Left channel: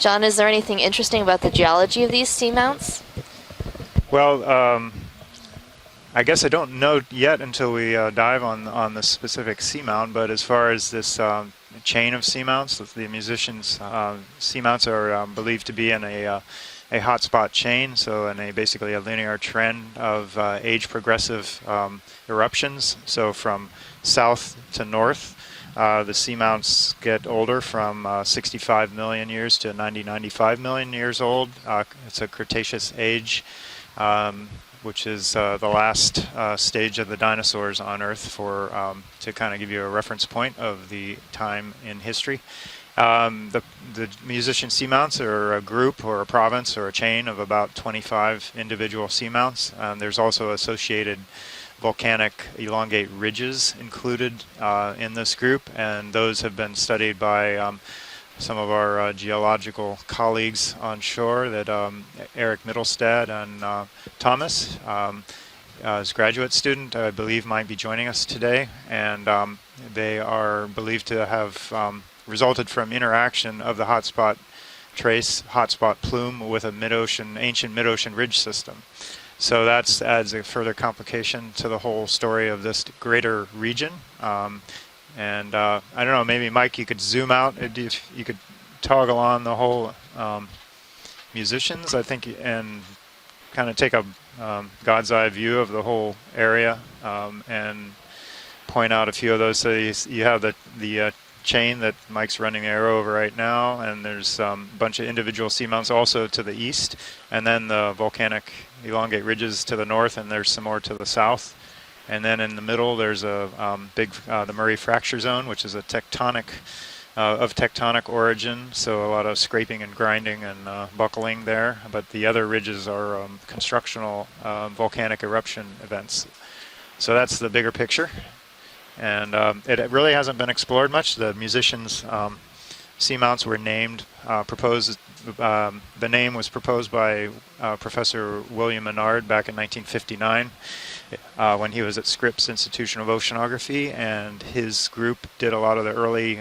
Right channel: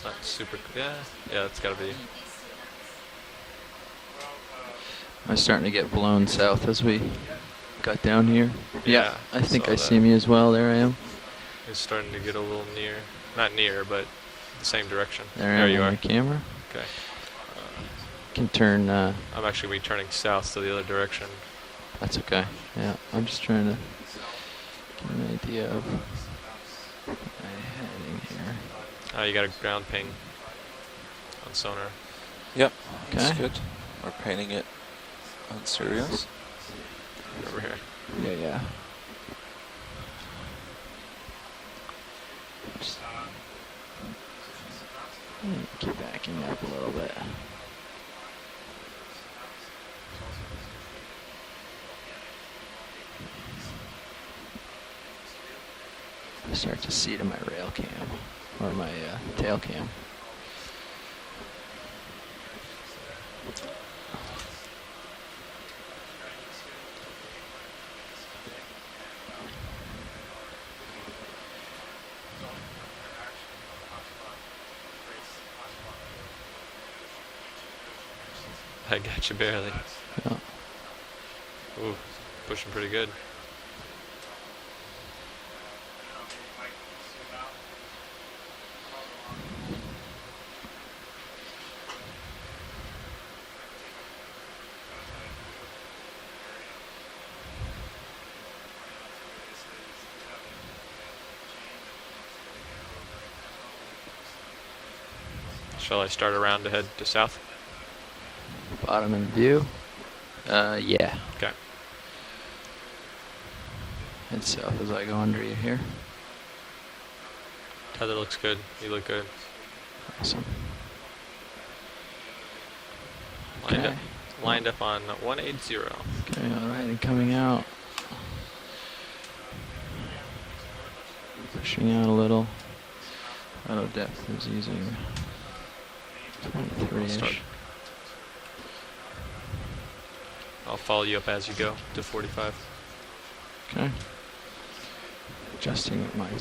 John, is there anything interesting about the geology of these seamounts? Well, I'm starting to get blown. I guess I don't know yet until we dive on the specific seamount. But as far as this chain of seamounts, the musicians' seamounts are believed to be in a hotspot chain, so in basically a linear trend of age-progressive eruptions. So from south to north, the seamounts get older from 65 million years to 95 million years old. It's a Cretaceous age. Which is the last stage of the dinosaurs on Earth, to kind of give you a reference point of the time in history. The musician seamounts are a group or a province or a chain of about 25 individual seamounts. There's also associated volcanic elongate ridges included in this group, and those have been studied by some of our geological colleagues on shore, that Eric Mittelstad and Thomas, his graduate student, I believe, might be joining us today, and they are believed to have resulted from interaction of the hotspot trace, hotspot plume, with a ancient mid-ocean ridge system. So that adds a further complication to the whole story of this greater region. And I don't know, maybe Mike, you could zoom out, you could toggle on the whole musicians, I think, and kind of take a God's eye view of the whole area, and point out a few of those. So you have the chain that Mike's running the arrow over right now, and there's a bunch of individual seamounts also to the east, and then the volcanic elongate ridges to the north, and there's some more to the south. Okay. And then in the middle, there's a big the Murray Fracture Zone, which is a tectonic origin, so a lot of scraping and grinding and buckling there. But the other ridges are constructional volcanic eruption events. So that's the bigger picture. And it really hasn't been explored much. The musicians' seamounts were named, proposed. The name was proposed by Professor William Menard back in 1959. I'll follow you up as when he was at Scripps Institution of Oceanography, and his group did a lot of the early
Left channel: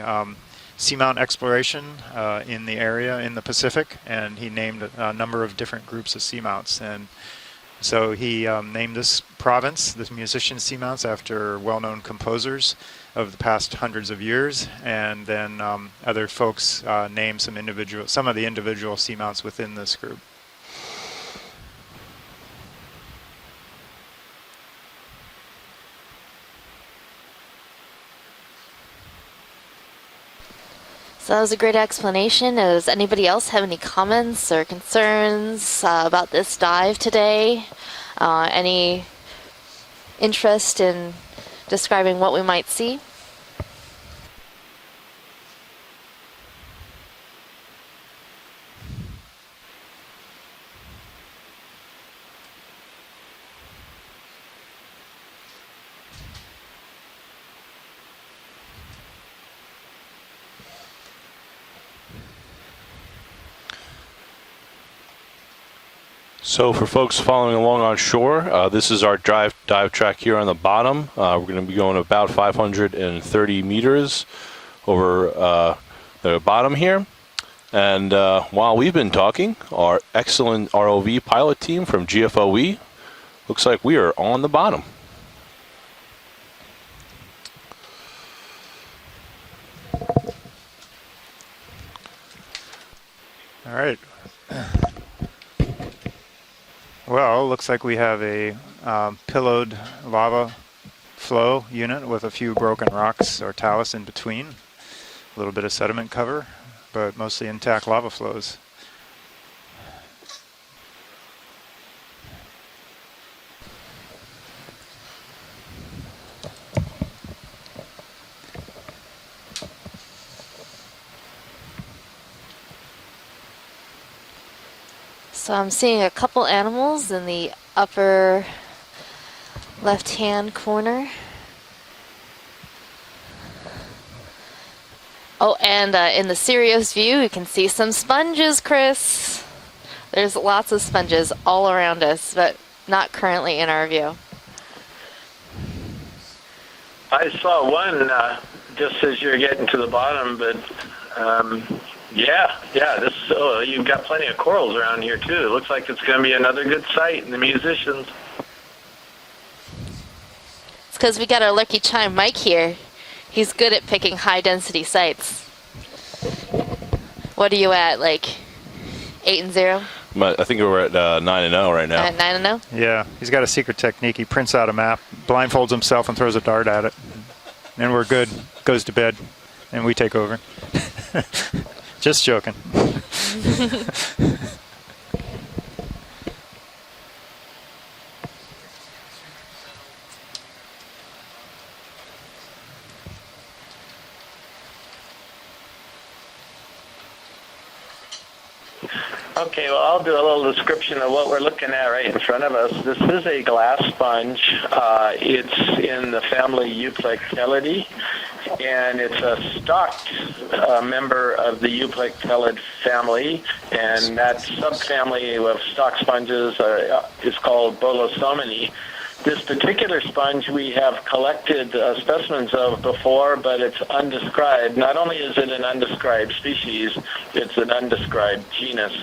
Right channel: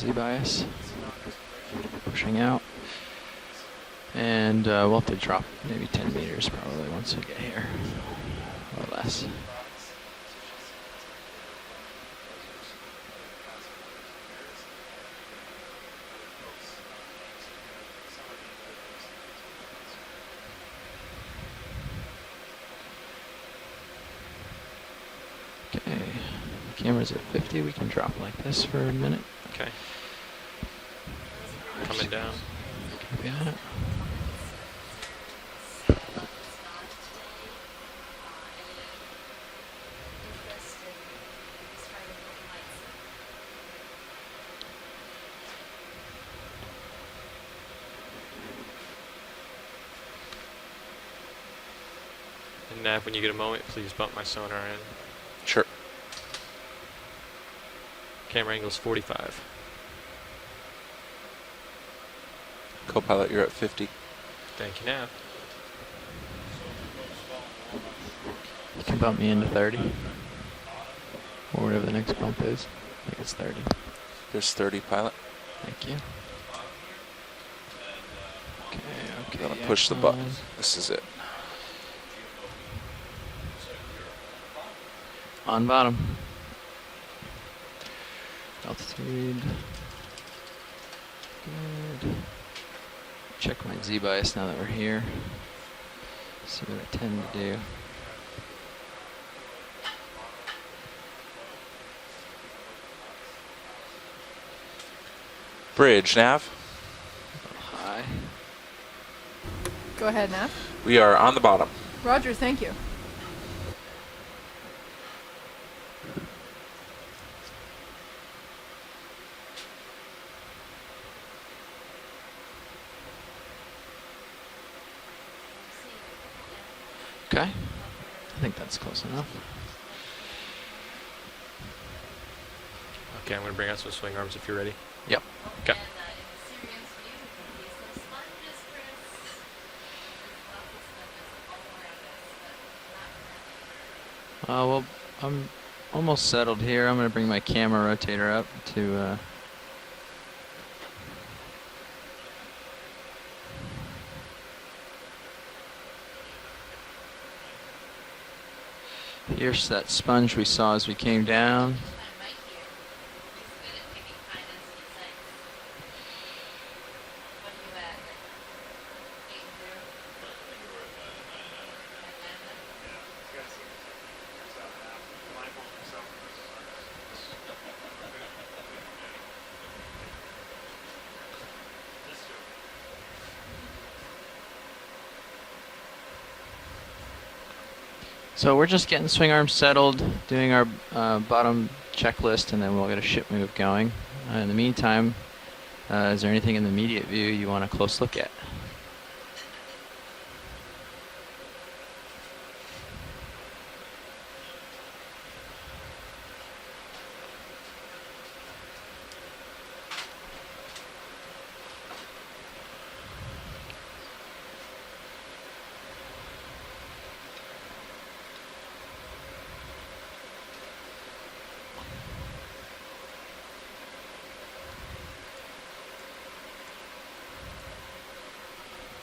seamount exploration in the area in the Pacific, and he named a number of different groups of seamounts. And so he named this province, the musician seamounts, after well-known composers of the past hundreds of years, and then other folks named some of the individual seamounts within this group. Okay, camera's at 50. We can drop like this for a minute. Okay. So that was a great explanation. Does anybody else have any comments or concerns about this dive today? Any interest in describing what we might see? And Nav, when you get a moment, please bump my sonar in. Sure. Camera angle is 45. Co-pilot, you're at 50. Thank you, Nav. So for folks following along on shore, this is our dive track here on the bottom. We're going to be going about 530 meters over the bottom here. And while we've been talking, our excellent ROV pilot team from GFOE, looks like we are on the bottom. On bottom. Altitude. Check my Z-bias now that we're here. Well, looks like we have a pillowed lava flow unit with a few broken rocks or talus in between. A little bit of sediment cover, but mostly intact lava flows. Go ahead, Nav. We are on the bottom. Roger, thank you. So I'm seeing a couple animals in the upper left-hand corner. Okay, I'm going to bring out some swing arms if you're ready. Yep. Oh, and in the Sirius view, you can see some sponges, Chris. There's lots of sponges all around us, but not currently in our view. Well, I'm almost settled here. I'm going to bring my camera up. Just as you're getting to the bottom, but Yeah. This you've got plenty of corals around here too. It looks like it's going to be another good site, and the musicians. Here's that sponge we saw as we came Because we got down. our lucky chime Mike here. He's good at picking high-density sites. What are you at, like 8-0? I think we're at 9-0 right now. At 9-0? Yeah, he's got a secret technique. He prints out a map, blindfolds himself, and throws a dart at it. And we're good. Goes to bed, and we take over. Just joking. So we're just getting swing arms settled, doing our bottom checklist, and then we'll get a ship move going. In the meantime, is there anything in the immediate view you want a close look at? Okay, well, I'll do a little description of what we're looking at right in front of us. This is a glass sponge. It's in the family Euplectellidae, and it's a stalked member of the Euplectellid family, and that subfamily of stalk sponges is called Bolosomini. This particular sponge we have collected specimens of before, but it's undescribed. Not only is it an undescribed species, it's an undescribed genus.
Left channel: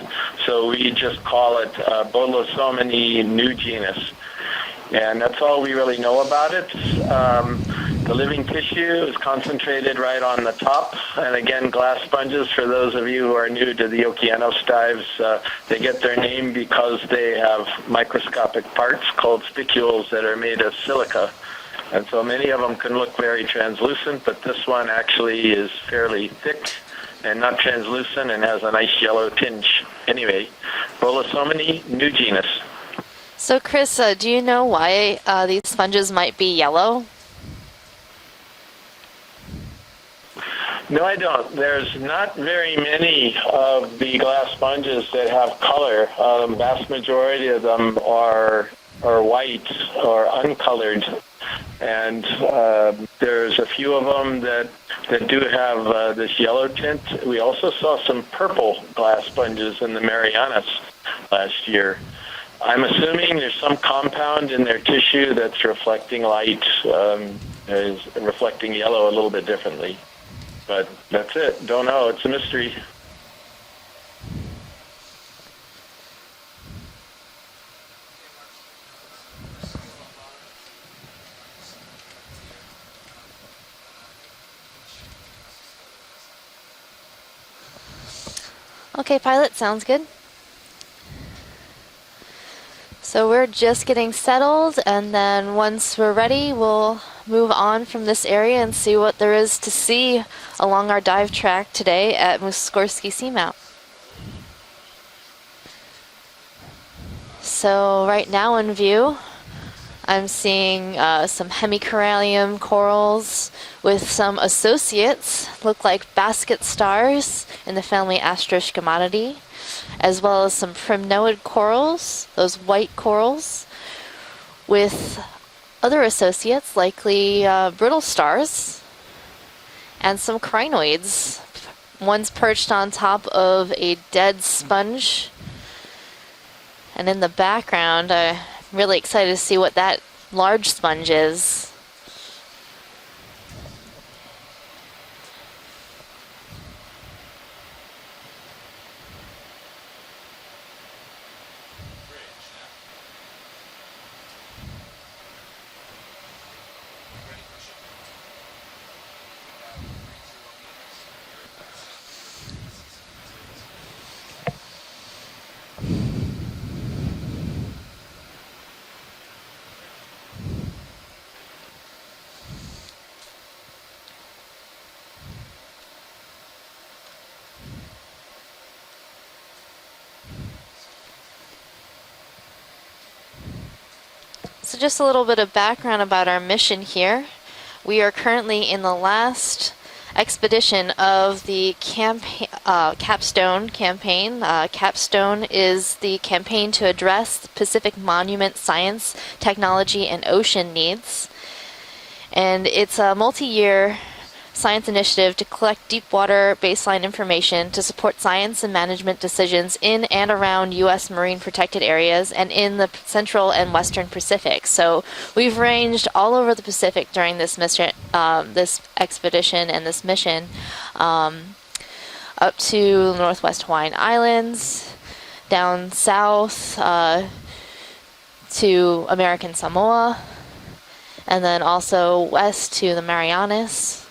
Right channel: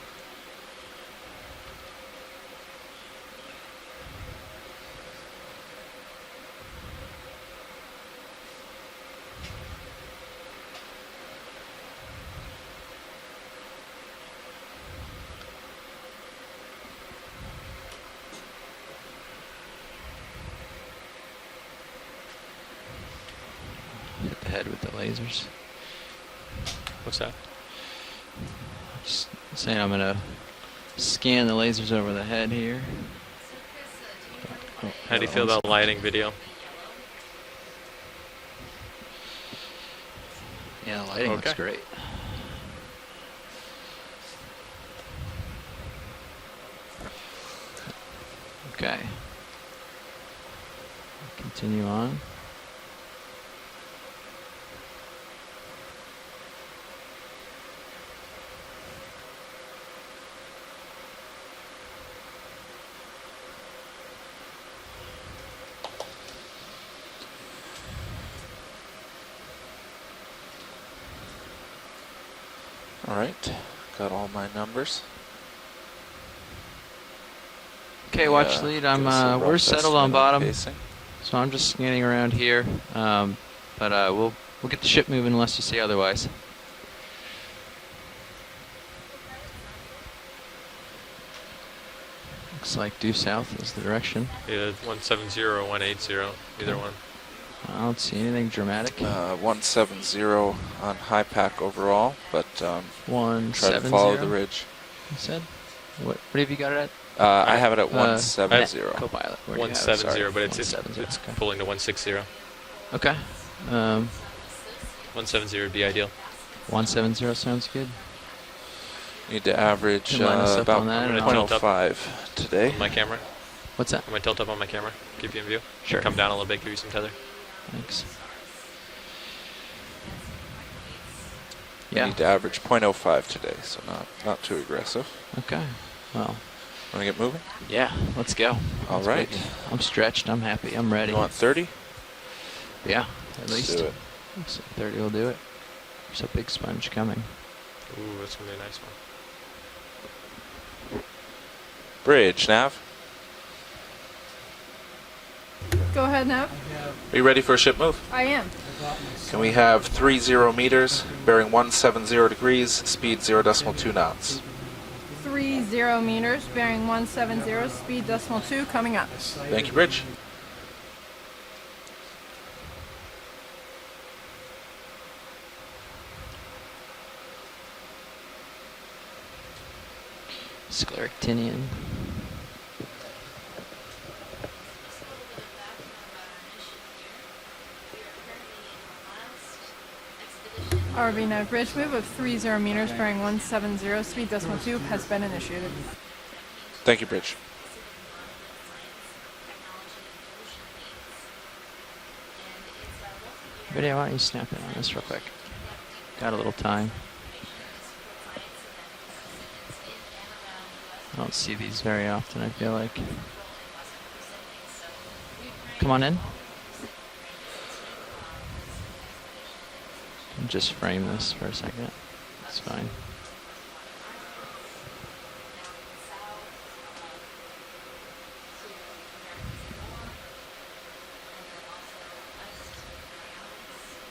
So we just call it Bolosomini new genus. And that's all we really know about it. The living tissue is concentrated right on the top. And again, glass sponges, for those of you who are new to the Okeanos dives, they get their name because they have microscopic parts called spicules that are made of silica. And so many of them can look very translucent, but this one actually is fairly thick and not translucent and has a nice yellow tinge. Anyway, Bolosomini new genus. So Chris, do you know why these sponges might be yellow? No, I don't. There's not very many of the glass sponges that have color. Vast majority of them are white or uncolored, and there's a few of them that do have this yellow tint. We also saw some purple glass sponges in the Marianas last year. I'm assuming there's some compound in their tissue that's reflecting light, is reflecting yellow a little bit differently. But that's it. Don't know. It's a mystery. All right. Got all my numbers. Okay, watch lead. We're settled on bottom, so I'm just scanning around here. But we'll get the ship moving unless you say otherwise. Okay, pilot, sounds good. Looks like due So south we're is just the getting direction. settled, Yeah, and then once we're 170, ready, we'll move on from this area and see what there is to see along our dive track today at Muskorski Seamount. Try to follow the ridge. You said? What have you got it at? I have it at So right now in 170. view, 170, I'm but it's seeing just some pulling the 160. hemicorallium corals with some associates, 170 would look be like ideal. basket 170 stars sounds in the good. family Astroscomatidae, Need to average as well as some about prinoid 1.5 corals, those today. white My camera. corals, What's that? Am I tilt up on my with camera? Keep you in view? other Sure, come down a little bit, associates, give you some likely brittle stars, and some crinoids. Yeah. One's average perched on 0.05 top today, of so a not dead too aggressive. sponge. Okay. Well, And in the background, let's I'm go. really All excited right. to see what I'm that stretched, I'm large happy, I'm sponge ready. is. 30? yeah, at Let's least. do it. So 30 will do it. There's a big sponge coming. Ooh, that's going to be a nice one. Bridge, Nav. Go ahead, Nav. Are you ready for a ship move? I am. Can we have 30 meters, bearing 170 degrees, speed 0.2 knots? 30 meters, bearing 170, speed decimal 2, coming up. Thank you, Bridge. Scleractinian. So just a little bit of background about our mission here. We are currently in the last expedition of the Capstone campaign. Capstone is the campaign to Thank you, address Pacific monument science, technology, and ocean needs. And it's a multi-year science initiative to collect deep water baseline information to support science and management decisions in and around U.S. marine protected areas and in the central and western Pacific. So we've ranged all over the Pacific during this mission, this expedition and this mission. Just frame this for a second. up to Northwest Hawaiian Islands, down south to American Samoa, and then also west to the Marianas,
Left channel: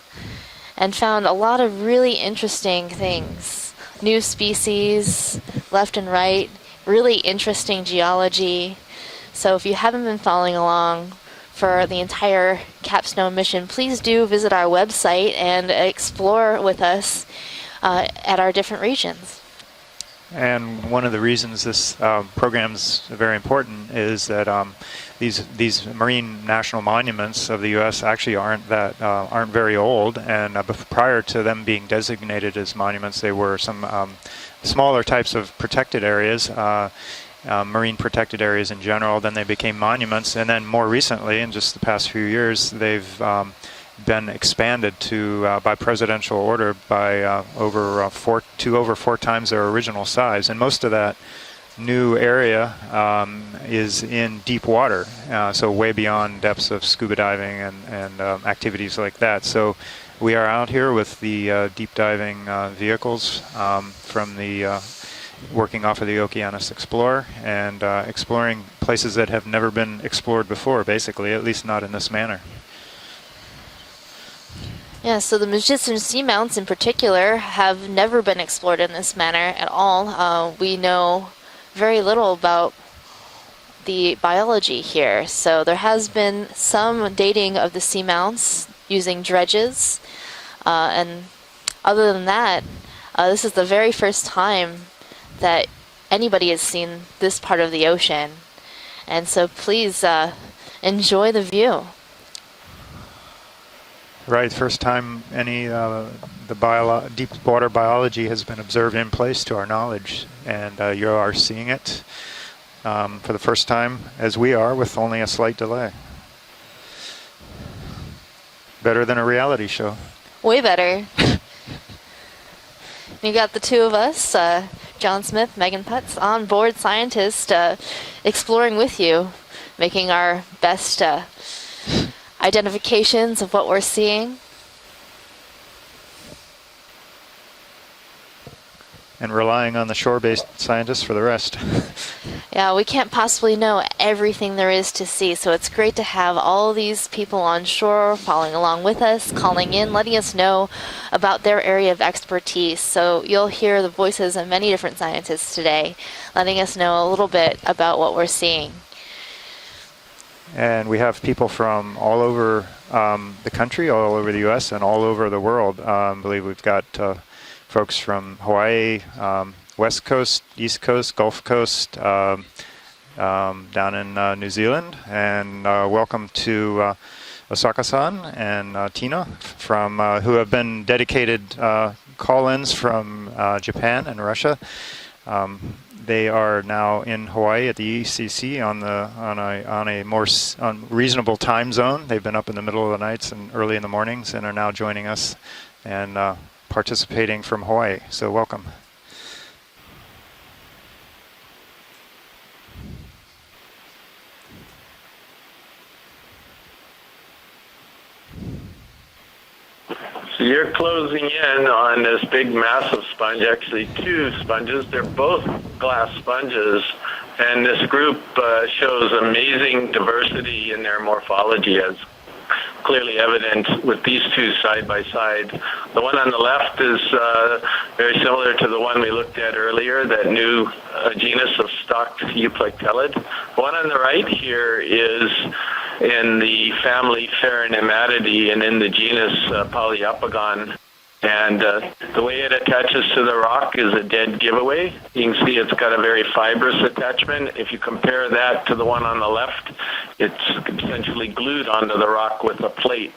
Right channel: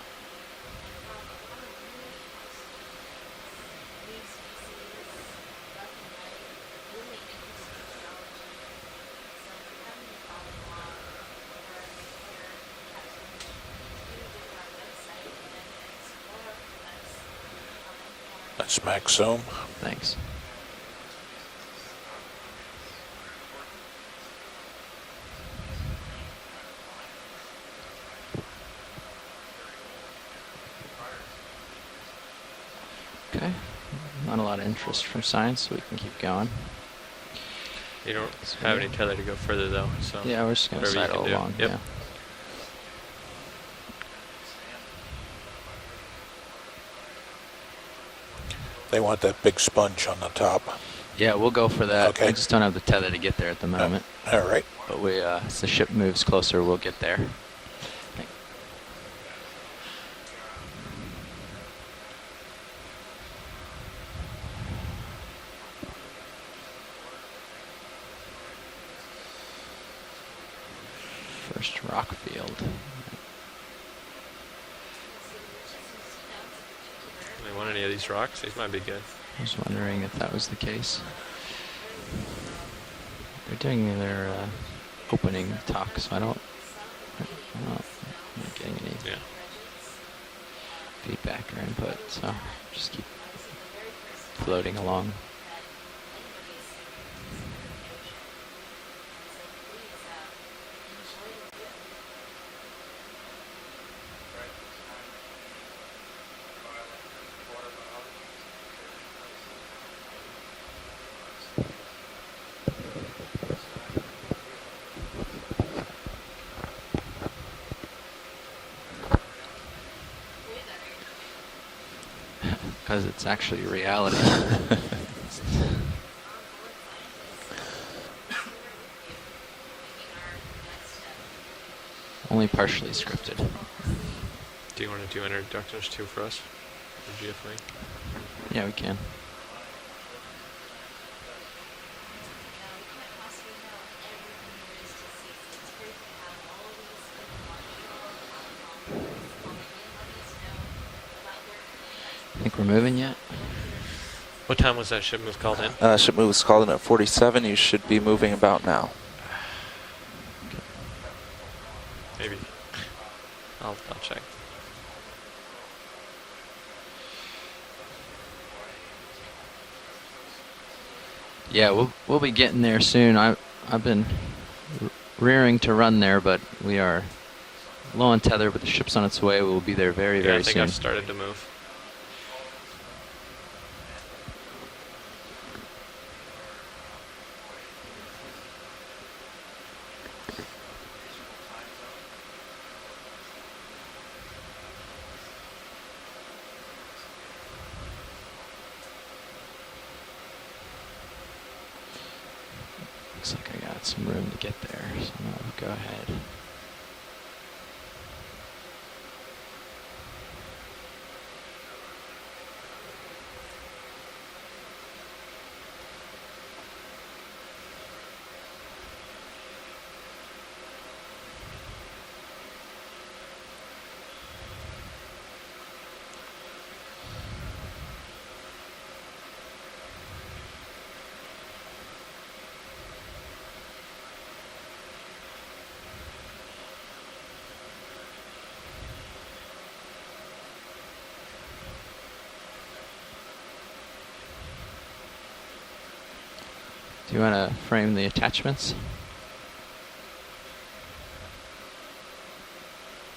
and found a lot of really interesting things. New species, left and right, really interesting geology. So if you haven't been following along for the entire capstone mission, please do visit our website and explore with us at our different regions. So. Thanks. And one of the reasons this program's very important is that these marine national monuments of the U.S. actually aren't very old, and prior to them being designated as monuments, they were some smaller types of protected areas. Marine protected areas in general, then they became monuments, and then more recently, in just the past few years, they've been expanded to by presidential order by over four times their original size, and most of that we'll go for new that. area is in deep water, so way beyond depths of scuba diving and activities like that. So we are out here with the deep diving vehicles from the working off of the Okeanos Explorer and exploring places that have never been explored before, basically, at least not in this manner. Yeah, so the Mujitsu seamounts in particular have never been explored in this manner at all. We know very little about the biology here. So there has been some dating of the seamounts using dredges, and other than that, this is the very first time that anybody has seen this part of the ocean. And so please enjoy the view. Right, first time any deep water biology has been observed in place to our knowledge, and you are seeing it for the first time, as we are, with only a slight delay. Better than a reality show. Way better. You got the two of us, John Smith, Megan Putz, on board scientists, exploring with you, making our best identifications of what we're seeing. Do you want to do introductions too for us? For GFA? Yeah, we can. And relying on the shore-based scientists for the rest. Yeah, we can't possibly know everything there is to see, so it's great to have all these people on shore following along with us, calling in, letting us know about their area of expertise. So you'll hear the voices of many different scientists today, letting us know a little bit about what we're seeing. And we have people from all over the country, all over the U.S., and all over the world. I believe we've got folks from Hawaii, West Coast, East Coast, Gulf Coast. Yeah, we'll be getting there soon. Down in New Zealand. Rearing to run there, but to we are Osaka-san and Tino, who have been dedicated call-ins from Japan and Russia. They are now in Hawaii at the ECC on a more reasonable time zone. They've been up in the middle of the nights and early in the mornings, and are now joining us and participating from Hawaii. So welcome. Looks like I got some room to get there, so go ahead. So you're closing in on this big massive sponge, actually two sponges. They're both glass sponges, and this group shows amazing diversity in their morphology, as clearly evident with these two side by side. The one on the left is very similar to the one we looked at earlier, that new genus of stalked euplectellid. The one on the right here is in the family Pheronematidae and in the genus Poliopogon. And the way it attaches to the rock is a dead giveaway. You can see it's got a very fibrous attachment. If you compare that to the one on the left, it's essentially glued onto the rock with a plate.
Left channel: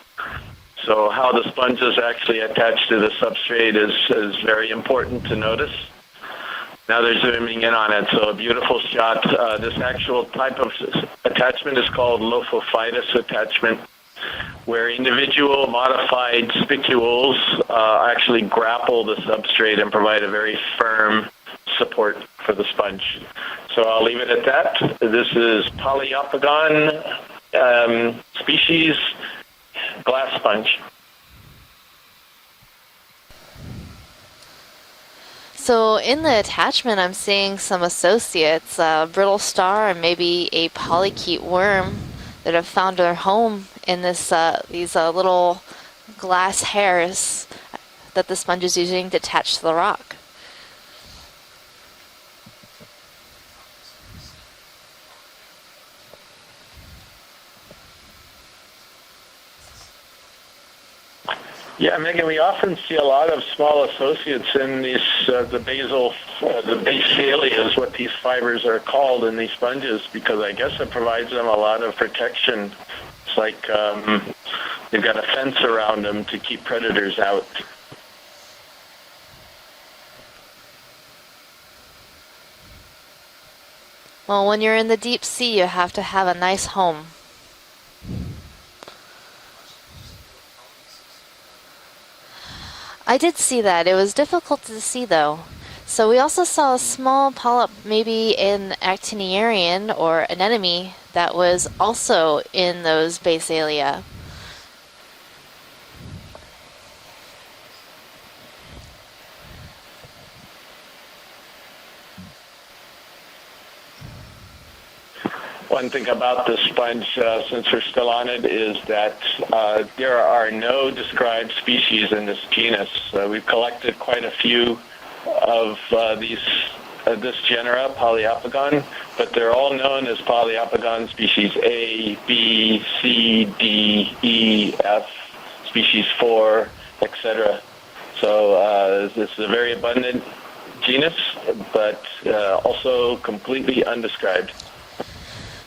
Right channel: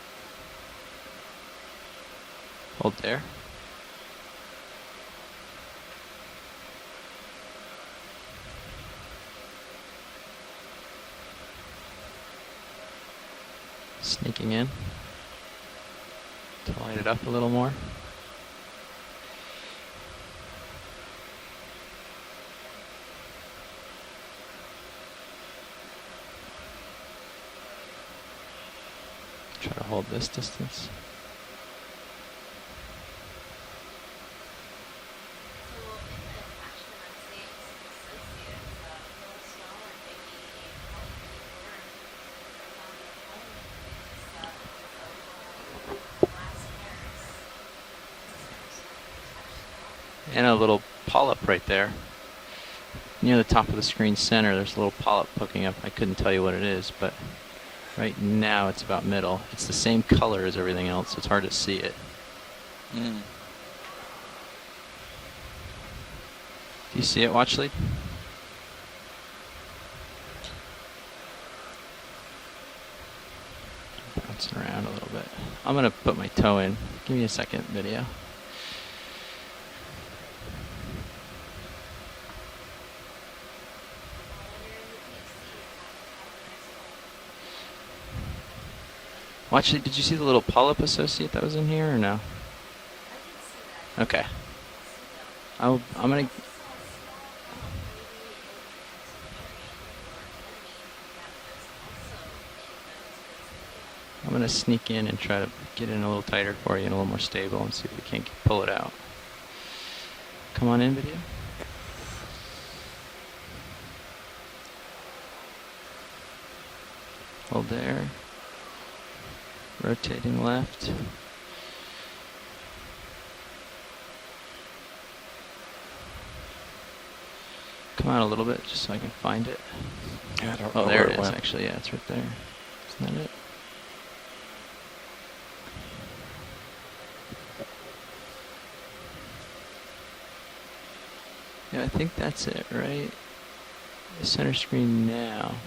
So how the sponges actually attach to the substrate is very important to notice. Now they're zooming in on it, so a beautiful shot. This actual type of attachment is called lophophytus attachment, where individual modified spicules actually grapple the substrate and provide a very firm support for the sponge. So I'll leave it at that. This is Poliopogon species glass sponge. So in the attachment, I'm seeing some associates, brittle star and maybe a polychaete worm that have found their home in this these little glass hairs that the sponge is using to attach to the rock. And a little polyp right there. Near the top of the screen center, there's a little polyp poking up. I couldn't tell you what it is, but right now it's about middle. It's the same color as everything else, so it's hard to see. Yeah, Megan, we often see a lot of small associates in these, the basal, the basalia is what these fibers are called in these sponges, because I guess it provides them a lot of protection. It's like they've got a fence around them to keep predators out. Second video. Well, when you're in the deep sea, you have to have a nice home. Well, actually, did you see the little polyp associate that was in here, or no? I did see that. It was difficult to see, though. So we also saw a small polyp, maybe an actiniarian or anemone, that was also in those basalia. I'm going to sneak in and try to get in a little tighter for you and a little more stable and see if we can't pull it out. Come on in, video. One thing about this sponge, since we're still on it, is that there are no described species in this genus. We've collected quite a few of this genera, Poliopogon, but they're all known as Poliopogon species A, B, C, D, E, F, species 4, etc. So this is a very abundant genus, but also completely undescribed.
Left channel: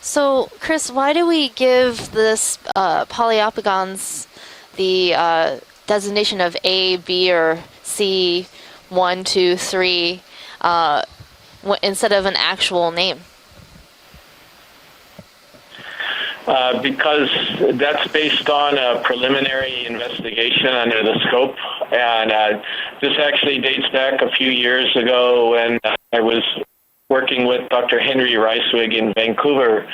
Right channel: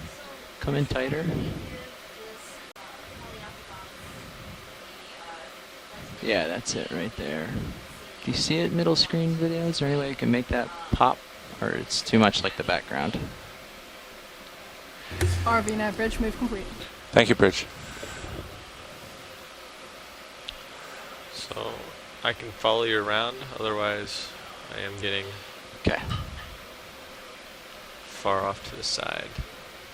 So, Chris, why do we give this Poliopogons the designation of A, B, or C, 1, 2, 3, instead of an actual name? Because that's based on a preliminary investigation under the scope, and this actually dates back a few years ago when I was working with Dr. Henry Reiswig in Vancouver,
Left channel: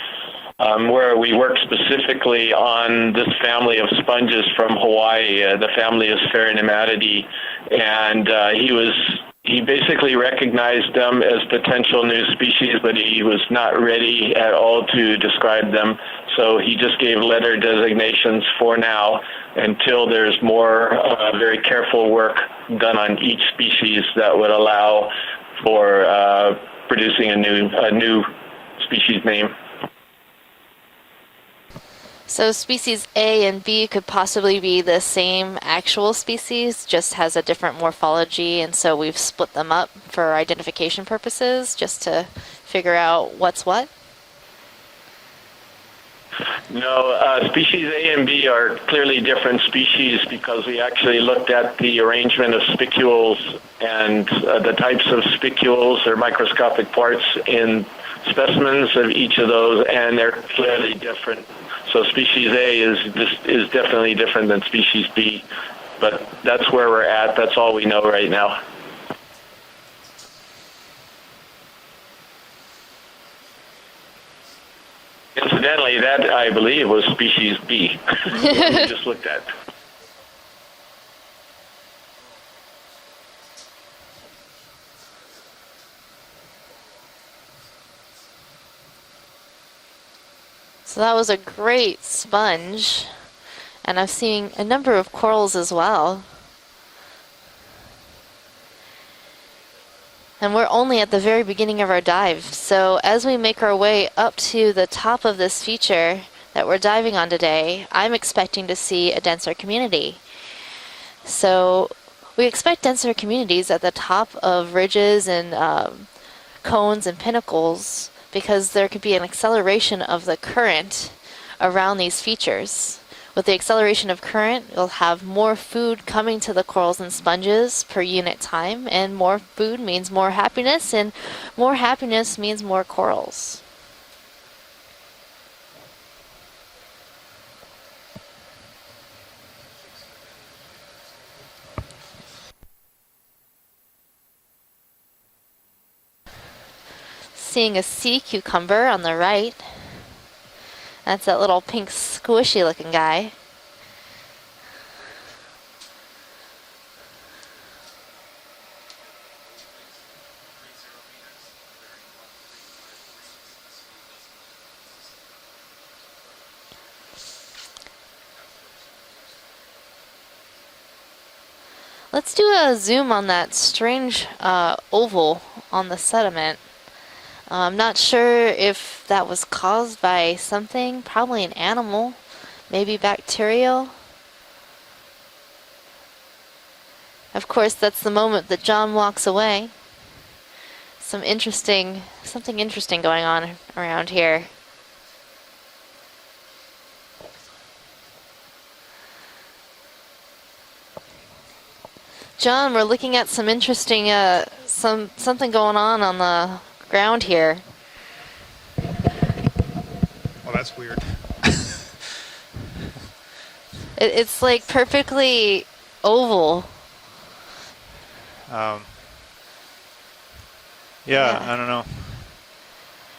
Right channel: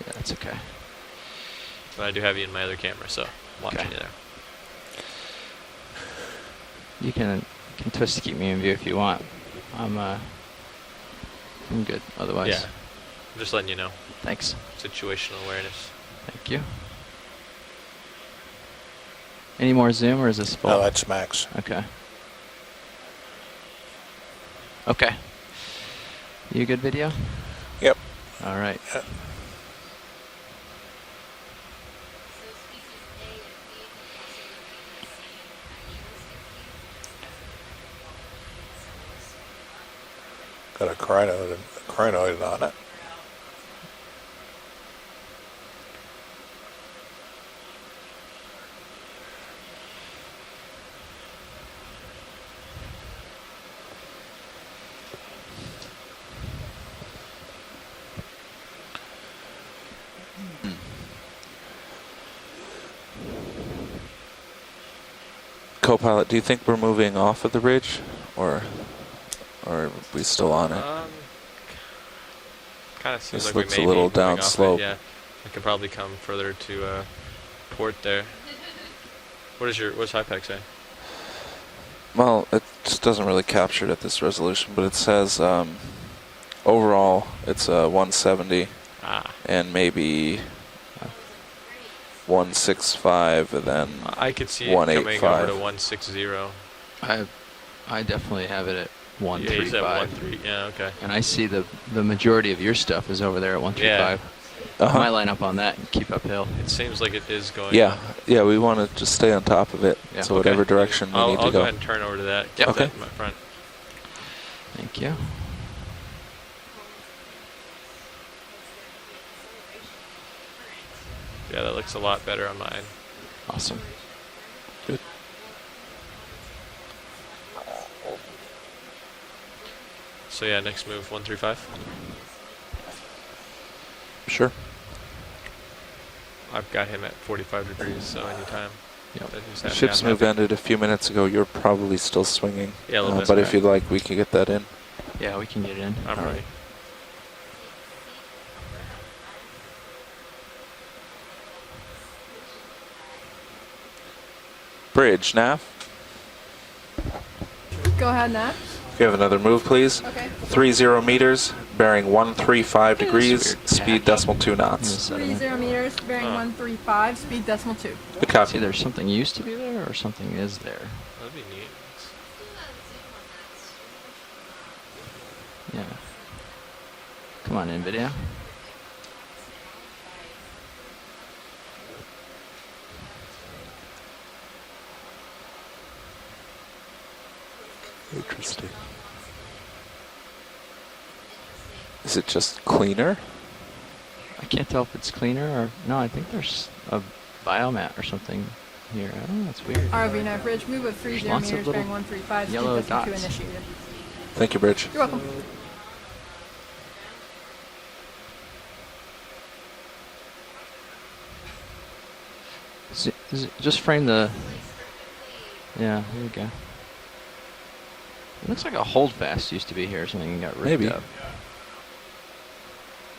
where we worked specifically on this family of sponges from Hawaii. The family is Pheronematidae, and he basically recognized them as potential new species, but he was not ready at all to describe them. So he just gave letter designations for now until there's more very careful work done on each species that would allow for producing a new species name. So species A and B could possibly be the same actual species, just has a different morphology, and so we've split them up for identification purposes, just to figure out what's what? No, species A and B are clearly different species because we actually looked at the arrangement of spicules and the types of spicules or microscopic parts in specimens of each of those, and they're clearly different. So species A is definitely different than species B. Copilot, do you think that's where we're at? That's all we know right now. Or are we still on it? Kind of seems this like looks a little down slope. Yeah. Incidentally, that I believe was species B. we just looked at. What's HIPAC say? Well, it just doesn't really capture it at this resolution, but it says overall it's 170 and maybe. So that was a great sponge. 165, and then I've seen a number of corals as well. I definitely have it at 135. And we're only at the very beginning of our dive. So as we make our way up to the top of this feature that we're diving on today, I'm expecting to see a denser community. So whatever direction we need so we expect denser communities at the top of ridges and cones and pinnacles, because there could be an acceleration of the current around these features. With the acceleration of current, you'll have more food coming to the corals and sponges per unit time, and more food means more happiness, and more happiness means more corals. Sure. I've got him at 45 degrees, so anytime. The ship's move ended a few minutes ago. You're probably still swinging. Yeah, a little bit. But if you'd like, we can get that in. Yeah, we can get it in. I'm ready. Seeing a sea cucumber on the right. That's that little pink squishy looking guy. Bridge, Nav. Go ahead, Nav. We have another move, please. Okay. 30 meters, bearing 135 degrees, speed .2 knots. 30 meters, bearing 135, speed .2. Good copy. See, there's something used to be there, or something is there. That'd be neat. Let's do a zoom on that strange oval on the sediment. I'm not sure if that was caused by something, probably an animal, maybe bacterial. Of course, that's the moment that John walks away. Some interesting, Is it just something interesting cleaner? going on around here. Can't tell if it's cleaner or no. I think there's a biomat or something here. Oh, that's weird. ROV knife ridge, move with 30 Lots of meters, little- bearing 135. John, we're Yellow looking at dots. some interesting, Thank you, Bridge. something going on the ground here. Well, that's weird. Just frame the. It's like perfectly yeah, oval. okay. Looks like a holdfast used to be here, or something and got ripped Maybe. up. Yeah, Yeah. I don't know.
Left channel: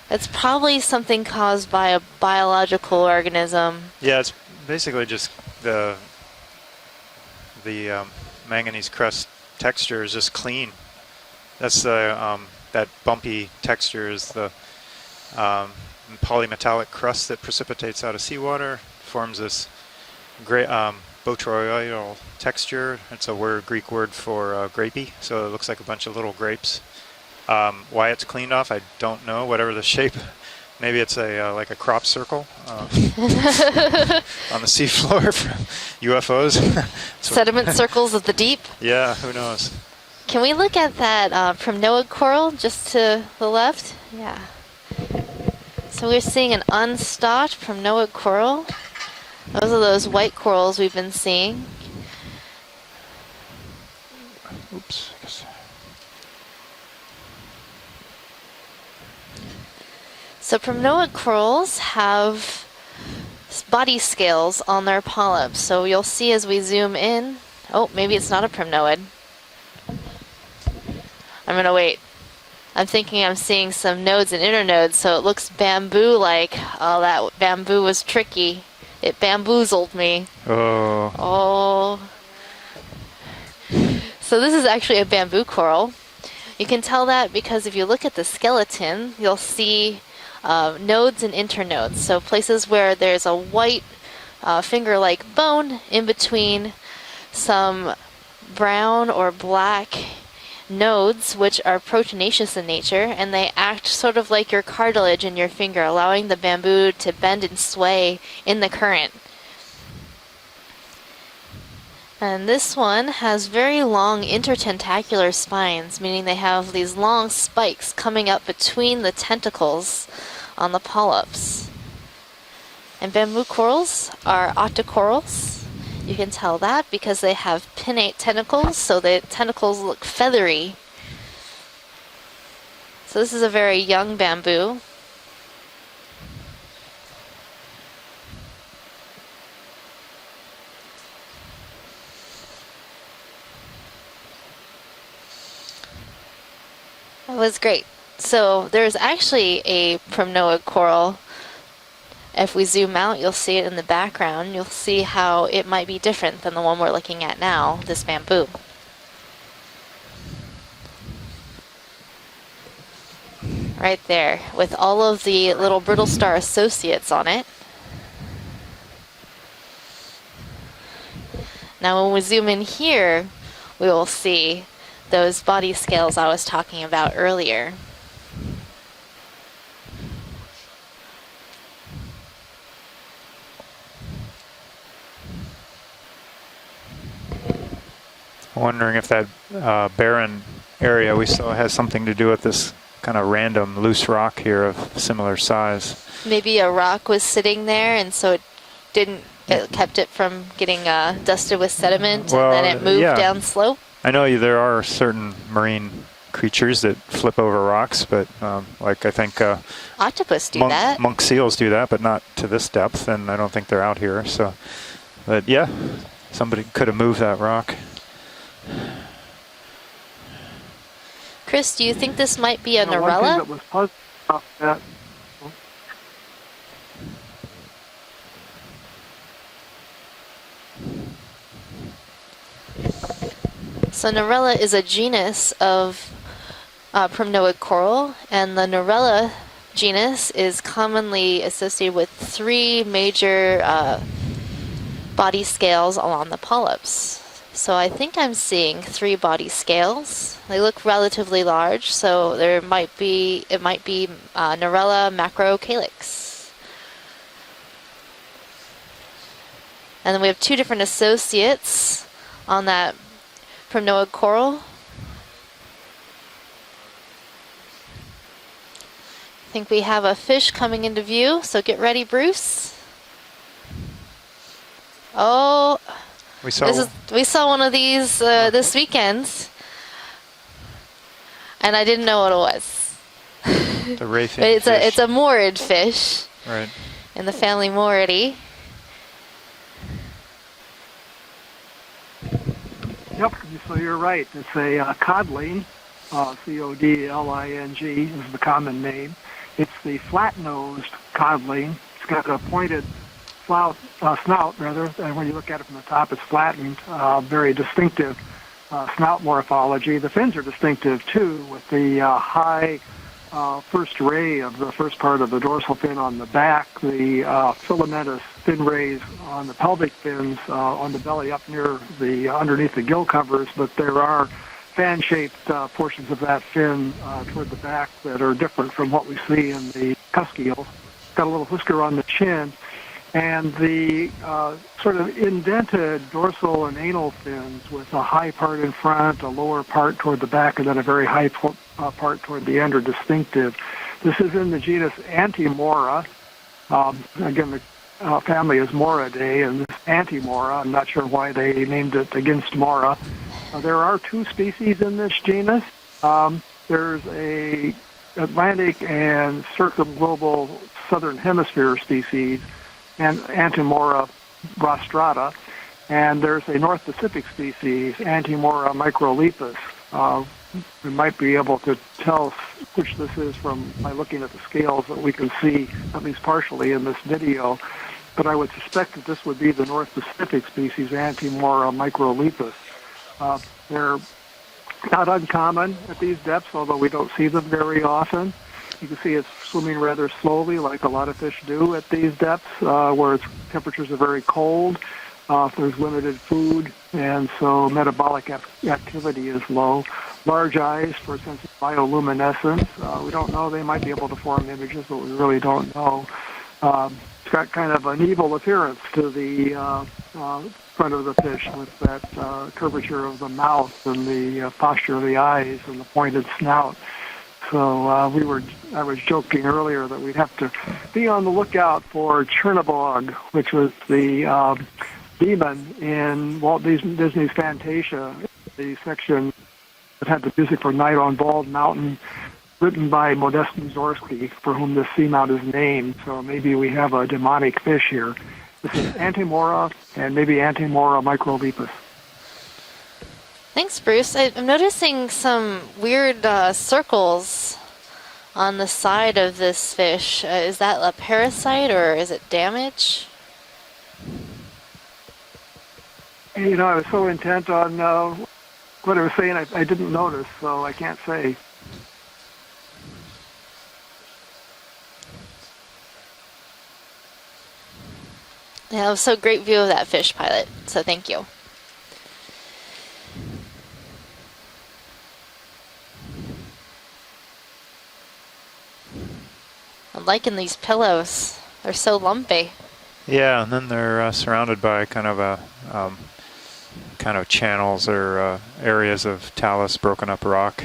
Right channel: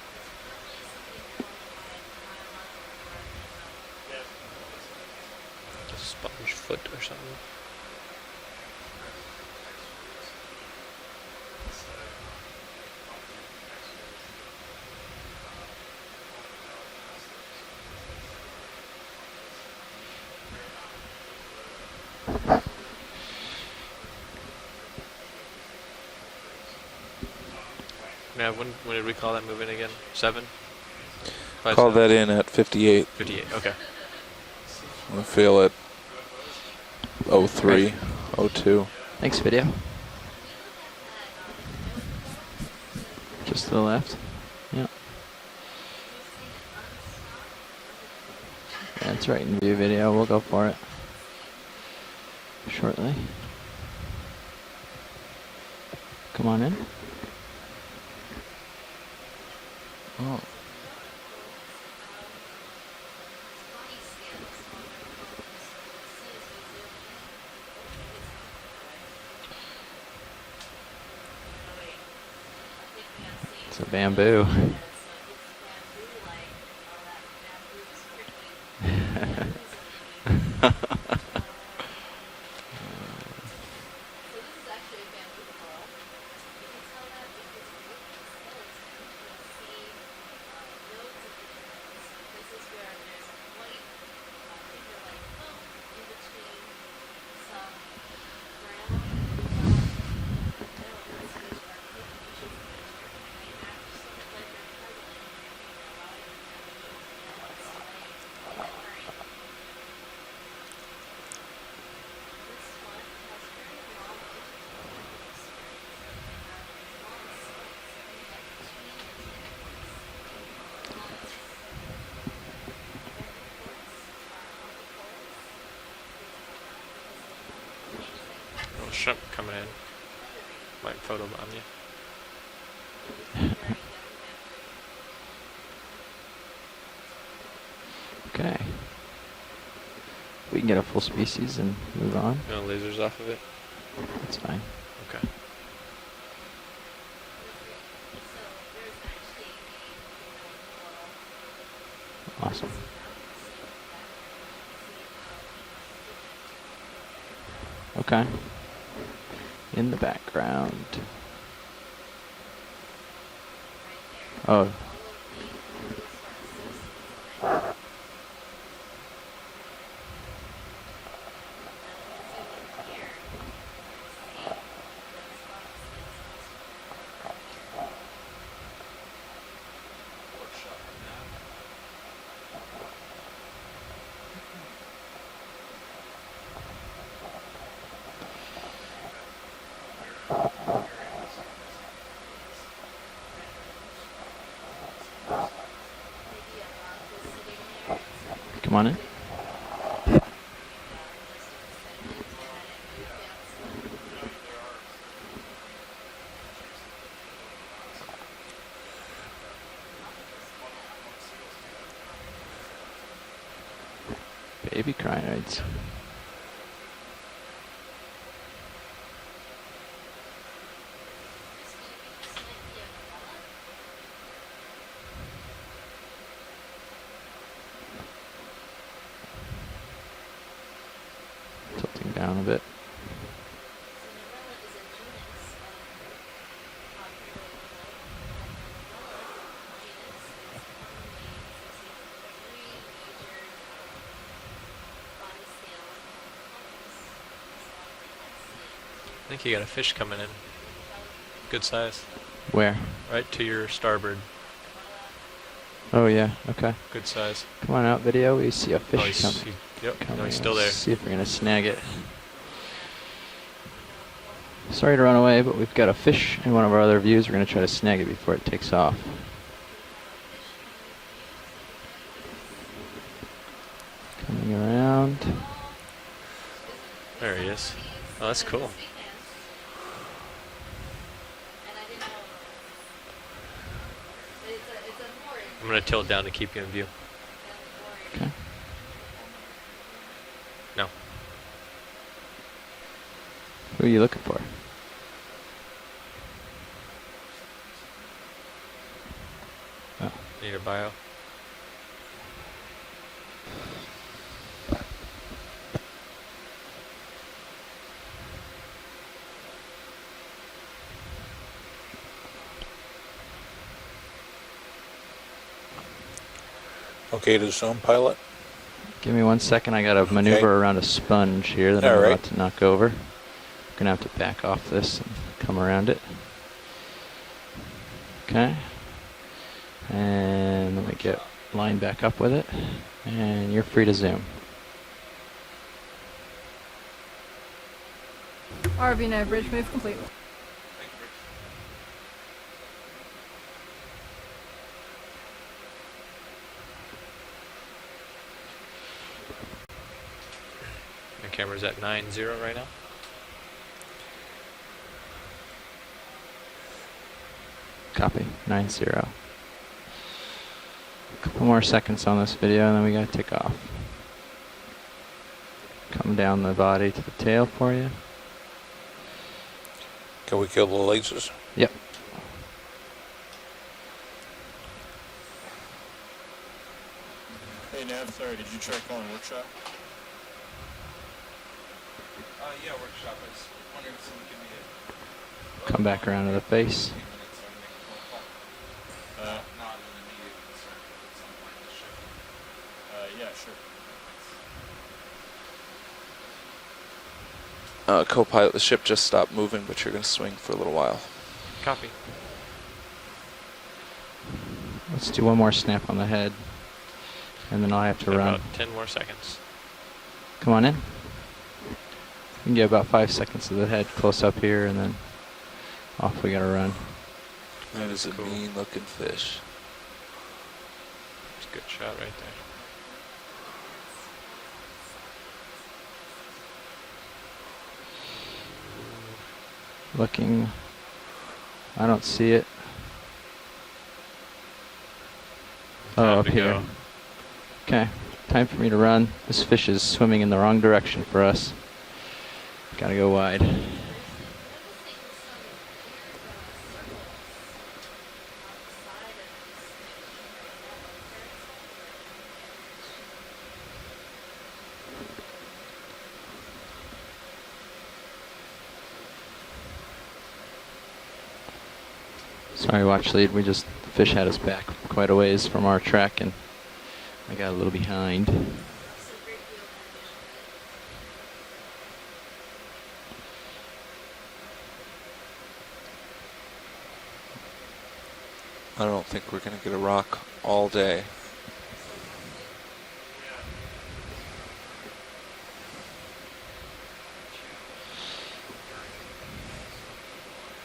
It's probably something caused by a biological organism. Yeah, it's basically just the Sponge foot or something. manganese crust texture is just clean. That's the that bumpy texture is the polymetallic crust that precipitates out of seawater, forms this great botryoidal texture. That's a Greek word for grapey, so it looks like a bunch of little grapes. Why it's cleaned Yeah, off, I what did we don't call know. it Whatever the again? shape. 7? Maybe it's a like a Call crop that in circle, at 58. on the seafloor. Feel it. UFOs. Sediment 03, circles of the deep. 02. Yeah. Thanks, who video. knows? Can we look at that primnoid coral just to the left? to the left? Yeah. Yeah, So we're seeing an unstopped primnoid coral. that's right. Those are those We'll white go for corals it we've been seeing. shortly. Oops. Come on in. So primnoid corals have body scales on their polyps. So you'll see as we zoom in. Oh, maybe it's not a primnoid. I'm gonna wait. I'm thinking I'm seeing some nodes and Bamboo. internodes, so it looks bamboo-like. Oh, that bamboo was tricky. It bamboozled me. Oh. Oh. So this is actually a bamboo coral. You can tell that because if you look at the skeleton, you'll see nodes and internodes. So places where there's a white finger-like bone in between some brown or black nodes, which are proteinaceous in nature, and they act sort of like your cartilage in your finger, allowing the bamboo to bend and sway in the current. And this one has very long intertentacular spines, meaning they have these long spikes coming up between the tentacles on the polyps. And bamboo corals are octocorals. You can tell that because they have pinnate tentacles, so the tentacles look feathery. Might photobomb you. So this is a very young bamboo. Okay. We can get a full species and move on. No lasers off of it. That's fine. Okay. That was great. So there's actually a primnoid coral. If we zoom out, you'll see it in the background. You'll see how it might be different than the one we're looking at now, this Okay. bamboo. In the background. Right there, Oh. with all of the little brittle star associates on it. Now when we zoom in here, we will see those body scales I was talking about earlier. Wondering if that barren area we saw has something to do with this kind of random loose rock here of similar size. Maybe a rock was sitting there, and so it Come on in. it kept it from getting dusted with sediment, Well, and then it moved yeah. down slope. I know there are certain marine creatures that flip over rocks, but like I think Octopus do monk, that. monk seals do that, but not to this depth, and I don't think they're out here. So, Baby crying. but yeah, somebody could have moved that rock. Chris, do you think this might be a One thing Norella? that was positive about that, Tilting down a bit. So Narella is a genus of primnoid coral, and the Narella genus is commonly associated with 3 major body scales along the polyps. So I think I'm seeing 3 body scales. They look relatively large, so there might be, it might be Narella macrocalyx. Oh yeah, okay. Good size. Come on out, video. We see a fish coming. Yep. And then we have 2 different associates on that primnoid coral. Sorry to run away, but we've got a fish in one of our other views. We're going to try to snag it before it takes off. I think we have a fish coming into view, so get ready, Bruce. Coming around. Oh, we saw one of these this weekend, and I didn't know what it was. The rayfin But fish. it's a morid fish Down to keep it in view. in the family Moridae. No. Yep, so you're right. It's a codling, C-O-D-L-I-N-G is the common name. It's the flat-nosed codling. It's got a pointed snout, and when you look at it from the top, it's flattened, very distinctive snout morphology. The fins are distinctive, too, with the high first ray of the first part of the dorsal fin on the back, the filamentous fin rays. Give me 1 second, I got to maneuver around a sponge here that I'm going to knock underneath over. the gill covers, but there are fan-shaped portions it. of that fin toward the back that are different from what we see in the cusk eel. Got a little whisker on the chin, and the sort of indented dorsal and anal fins with a high part in front, a lower part toward the back, and then a very high part toward the end are distinctive. This is in the genus Antimora. Again, the family is Moridae, and this Antimora, I'm not sure why they named it against Mora. There are 2 species in this genus. There's a Atlantic and circumglobal southern hemisphere species, on this video, and then we got Antimora rostrata, and there's a North Pacific species, Antimora microlepis. Can we kill the we might be able to tell which this is by looking at the scales that we can see, at least partially, in this video. But I would suspect that this would be the North Pacific species, Antimora microlepis. They're not uncommon at these depths, although we don't see them very often. You can see it swimming rather slowly, like a lot of fish do at these depths, where temperatures are very cold. There's limited food, and so metabolic co-pilot, the ship just stopped is moving, low. but you're gonna swing Large for a eyes while. for a sense of bioluminescence. We don't know. They might be able to form images, but Let's we do really one more don't snap know. on the head. It's got kind of an evil appearance to the front of the fish with that get about 5 curvature of the seconds mouth of the head and close up the here, posture of the eyes and the pointed hopefully get snout. around. So I was joking earlier that we'd have to be on the lookout for Chernobog, which was the demon in Walt Disney's Fantasia, the section that had the music for Night on Bald Mountain. I don't see it. Written by Modest Mussorgsky, for whom this seamount is named. Oh, okay. Maybe we have a demonic fish here. Time for me to run. Antimora, This fish is swimming in the and wrong maybe direction Antimora for us. microlepis. Gotta go wide. Thanks, Bruce. I'm noticing some weird circles on the side of this fish. Is that a parasite or is it damage? You know, I was so intent on what I was saying, I didn't notice, so I can't say. Sorry, watch lead. The fish had us back quite a ways from our track, and I got a little behind. Yeah, it was so great view of that fish, pilot. So thank you. I don't think we're going to get a rock. I'm liking these all pillows. They're so lumpy. Yeah, and then they're surrounded by kind of channels or areas of talus, broken up rock.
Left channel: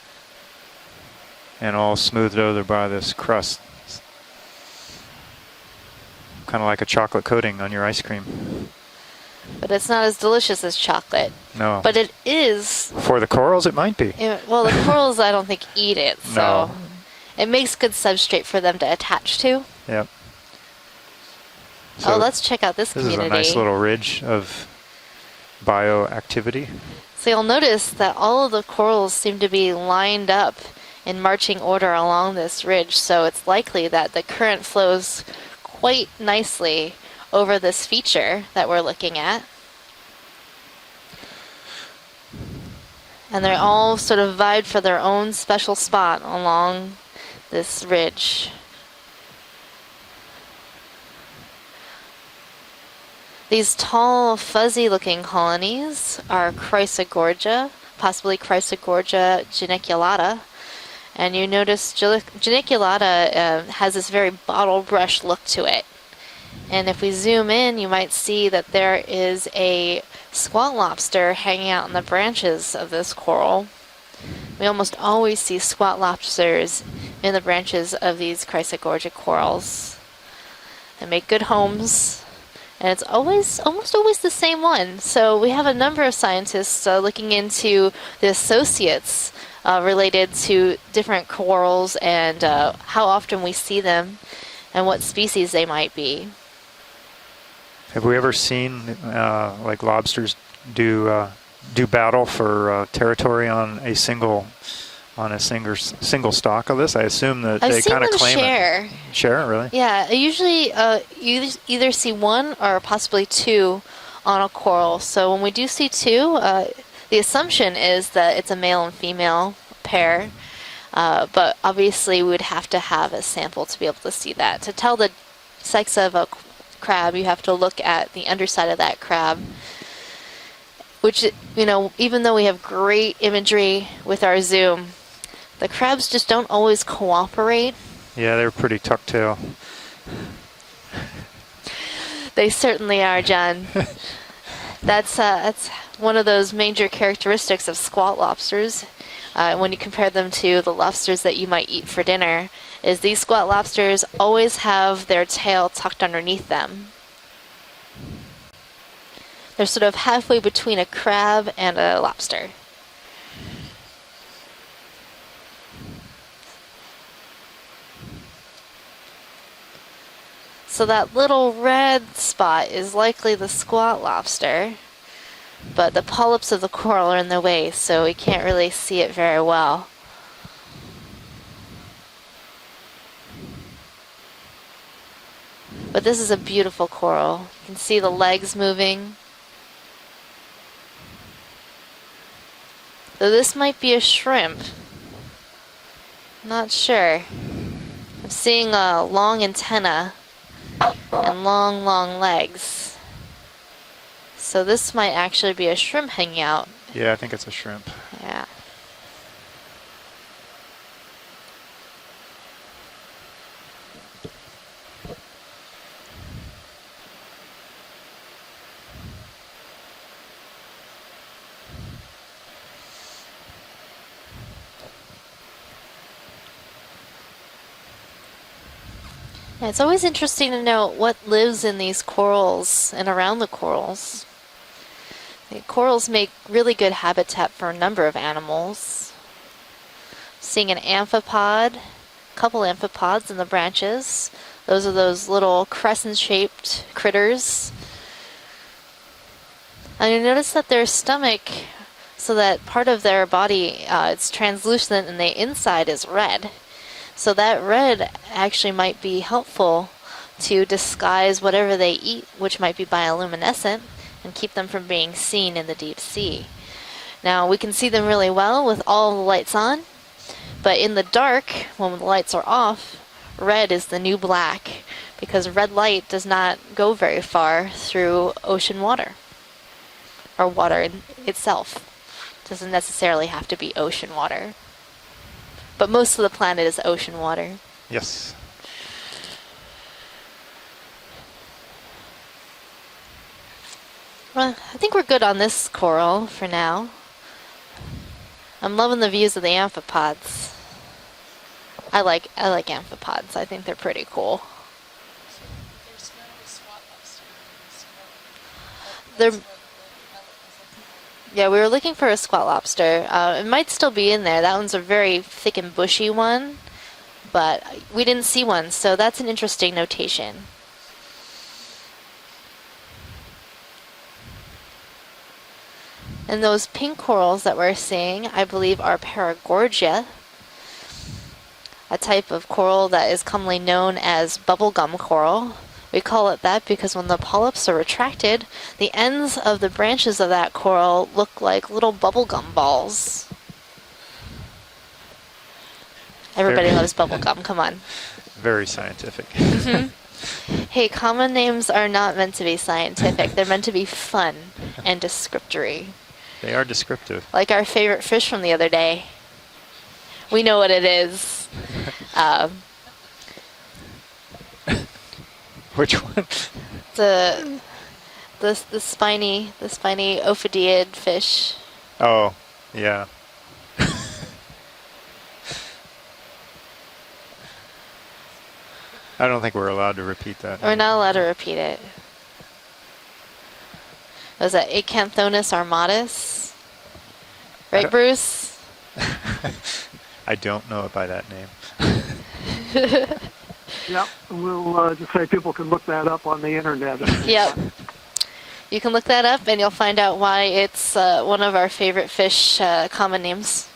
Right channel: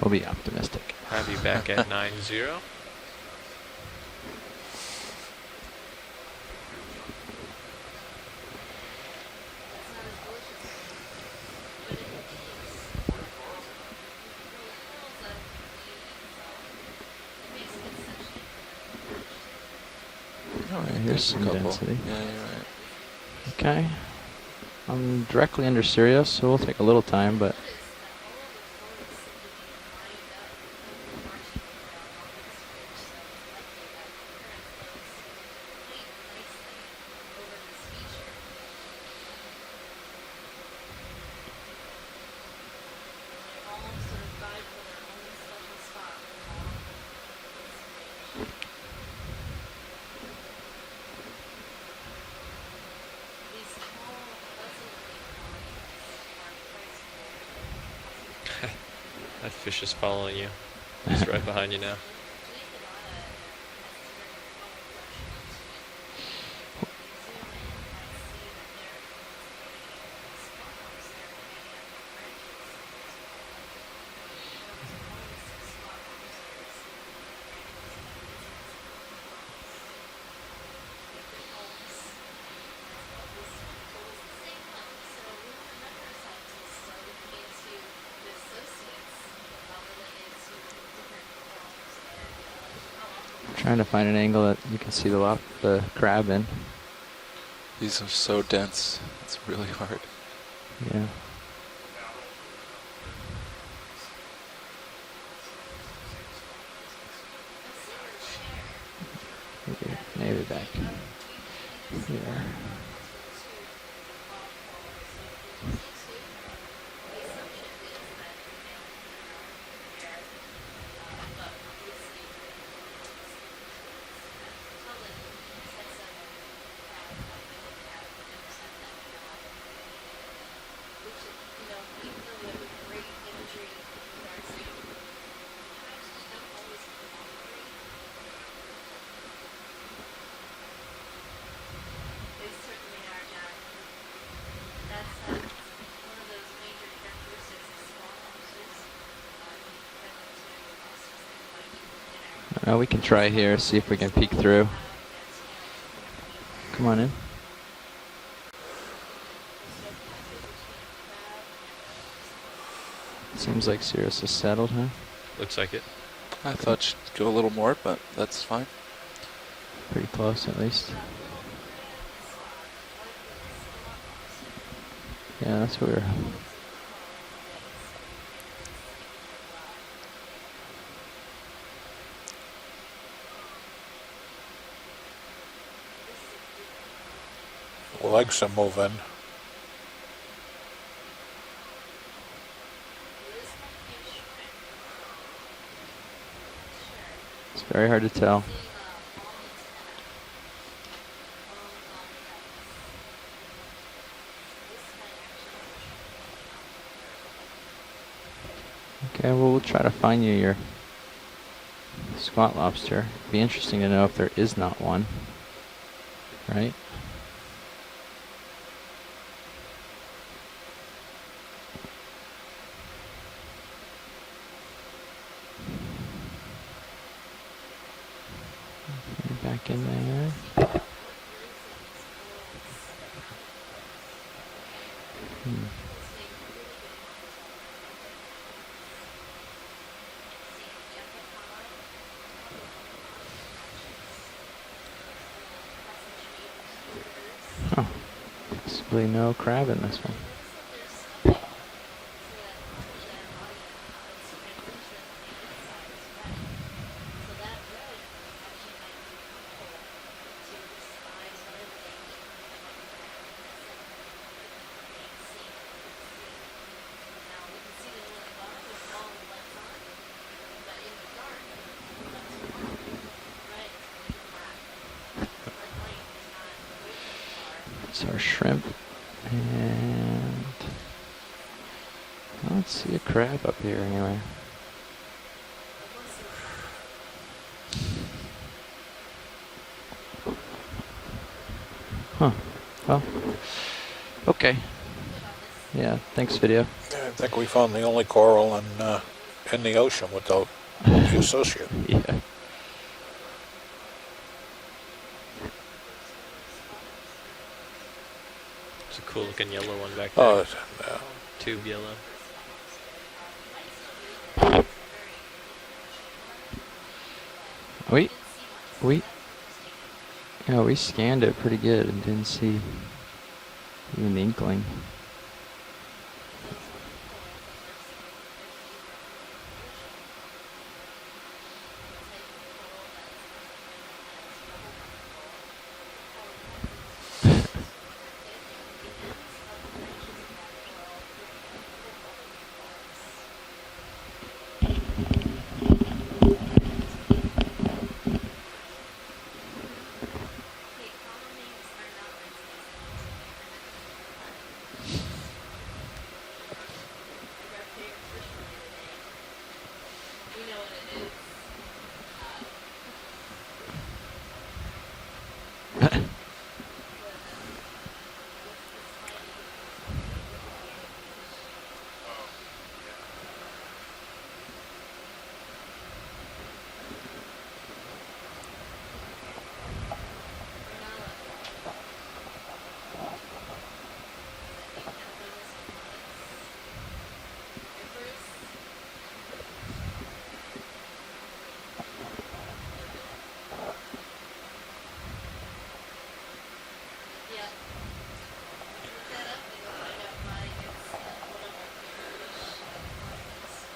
We'll be optimistic. Have you back And at all smoothed 9-0. over by this crust. Kind of like a chocolate coating on your ice cream. But it's not as delicious as chocolate. No. But it is. For the corals, it might be. Well, the corals, I don't think, eat it. So No. it makes good substrate for them to attach to. Yep. Oh, here's some density. Oh, let's check out this This community. is a nice little ridge of I'm directly under Sirius, so we'll bioactivity. take a little time. So you'll but notice that all of the corals seem to be lined up in marching order along this ridge, so it's likely that the current flows quite nicely over this feature that we're looking at. And they're all sort of vied for their own special spot along this ridge. These tall, fuzzy-looking colonies are Chrysogorgia, possibly Chrysogorgia geniculata. And you notice geniculata has this very bottle brush look to it. And if we zoom in, you might see that there is a squat lobster hanging out in the branches of this coral. We almost always see squat lobsters in the branches of these Chrysogorgia corals. They make good homes, and it's almost always the same one. So we have a number of scientists looking into the associates related to different corals and how often we see them and what species they might be. Have we ever seen like lobsters do battle for territory on a single stock of this? I assume that they kind of claim it. Share, really? Yeah, usually you either see one or possibly two on a coral. So when we do see two, the assumption is that it's a male and female pair, but obviously we would have to have a sample to be able to see that. To tell the sex of a crab, you have to look at the underside of that crab, which, you know, even though we have great imagery with our zoom, the crabs just don't always cooperate. Yeah, they're pretty tuck-tail. They certainly are, John. That's one of those major characteristics of squat lobsters. When you compare them to the lobsters that you might eat for dinner, is these squat lobsters always have their tail tucked underneath them. Come on in. They're sort of halfway between a crab and a lobster. Seems like Sirius is settled, huh? Looks like it. I thought she'd go a little more, but that's fine. Pretty close, at least. So that little red spot is likely the squat lobster. Yeah, that's but the polyps of the coral are in the way, so we can't really see it very well. But this is a beautiful coral. You can see the legs moving. Though this might be a shrimp. Not sure. It's very hard to tell. Seeing a long antenna and long, long legs. So this might actually be a shrimp hanging out. Yeah, I think it's a shrimp. Yeah. Okay, well, we'll try to find you your squat lobster. It'd be interesting to know if there is not one. Right? Yeah, it's always interesting to know what lives in these corals and around the corals. The corals make really good habitat for a number of animals. Seeing an amphipod, a couple amphipods in the branches. Those are those little crescent-shaped critters. Oh, possibly no crab in this one. And you notice that their stomach, so that part of their body, it's translucent and the inside is red. So that red actually might be helpful to disguise whatever they eat, which might be bioluminescent, and keep them from being seen in the deep sea. Now, we can see them really well with all the lights on, but in the dark, when the lights are off, red is the new black, because red light does not go very far through ocean water, or water itself. It doesn't necessarily have to be ocean water. But most of the planet is ocean water. Yes. Huh. Well, okay. Well, I think we're good on this coral for now. I think we found the only coral. I'm loving the views of the amphipods. The associate. I like amphipods. I think they're pretty cool. Cool looking yellow one back there. Yeah, we were looking for a squat lobster. It might still be in there. That one's a very thick and bushy one, but we didn't see one, so that's an interesting notation. Yeah, we scanned it pretty good and didn't see even the inkling. And those pink corals that we're seeing, I believe, are Paragorgia, a type of coral that is commonly known as bubblegum coral. We call it that because when the polyps are retracted, the ends of the branches of that coral look like little bubblegum balls. Everybody loves bubblegum, come on. Very scientific. Hey, common names are not meant to be scientific. They're meant to be fun and descriptory. They are descriptive. Like our favorite fish from the other day. We know what it is. Which one? The spiny ophidiid fish. Oh, yeah. I don't think we're allowed to repeat that. We're not allowed to repeat it. Was that Acanthonus armatus? Right, Bruce? I don't know it by that name. Yep, we'll just say people can look that up on the internet. Yep. You can look that up and you'll find out why it's one of our favorite fish common names.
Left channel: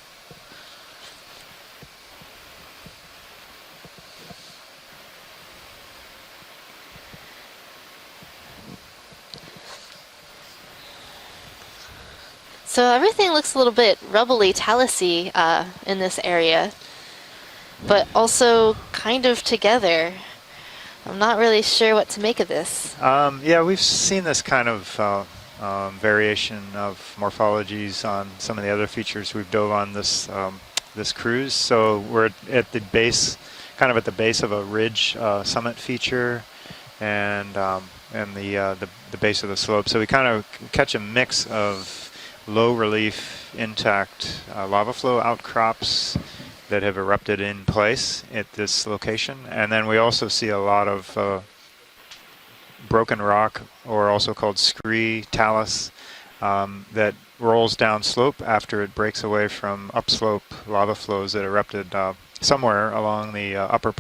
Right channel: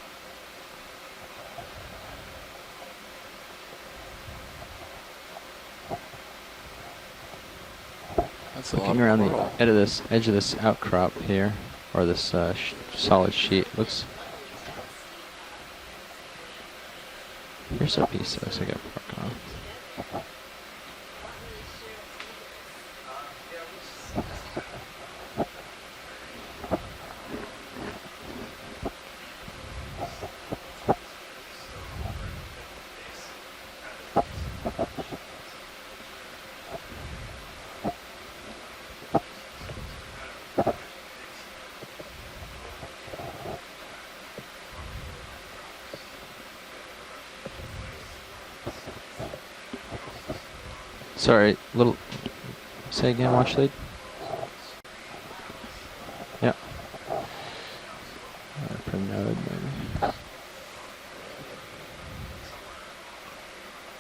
Looking around the edge of this outcrop here, or this so everything looks sheet. a little bit rubbly, talus-y in this area, but also kind of together. I'm not really sure what to make of this. Yeah, we've seen this kind of variation of morphologies on some of the other features we've dove on this this cruise. So we're at the base, kind of at the base of a ridge summit feature, and the base of the slope. So we kind of catch a mix of low relief, intact lava flow outcrops that have erupted in place at this location, and then we also see a lot of broken rock, or also called scree talus, that rolls down slope after it breaks away from upslope lava flows that erupted somewhere along the upper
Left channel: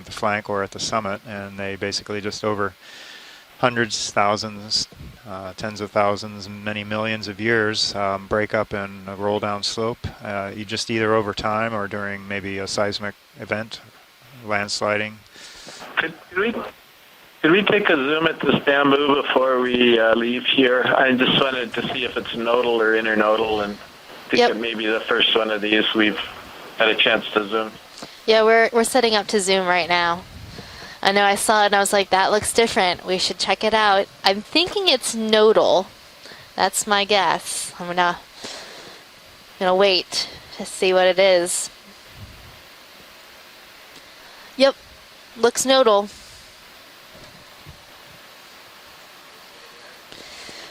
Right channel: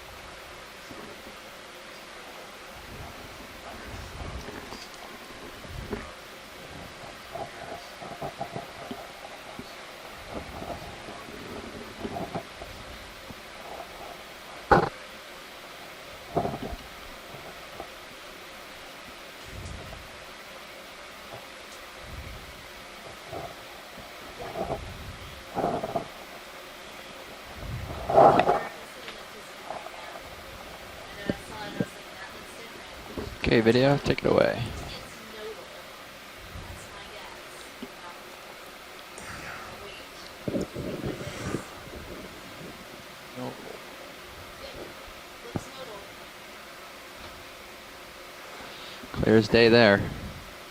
flank or at the summit, and they basically just over hundreds, thousands, tens of thousands, many millions of years break up and roll down slope. You just either over time or during maybe a seismic event, landsliding. Could we take a zoom at this bamboo before we leave here? I just wanted to see if it's nodal or internodal, and think that maybe the first one of these we've had a chance to zoom. Yeah, we're setting up to zoom right now. I know I saw it and I was like, that looks different. We should check it out. I'm thinking it's nodal. That's my guess. I'm gonna wait to see what it is. Yep, looks nodal. Clear as day there.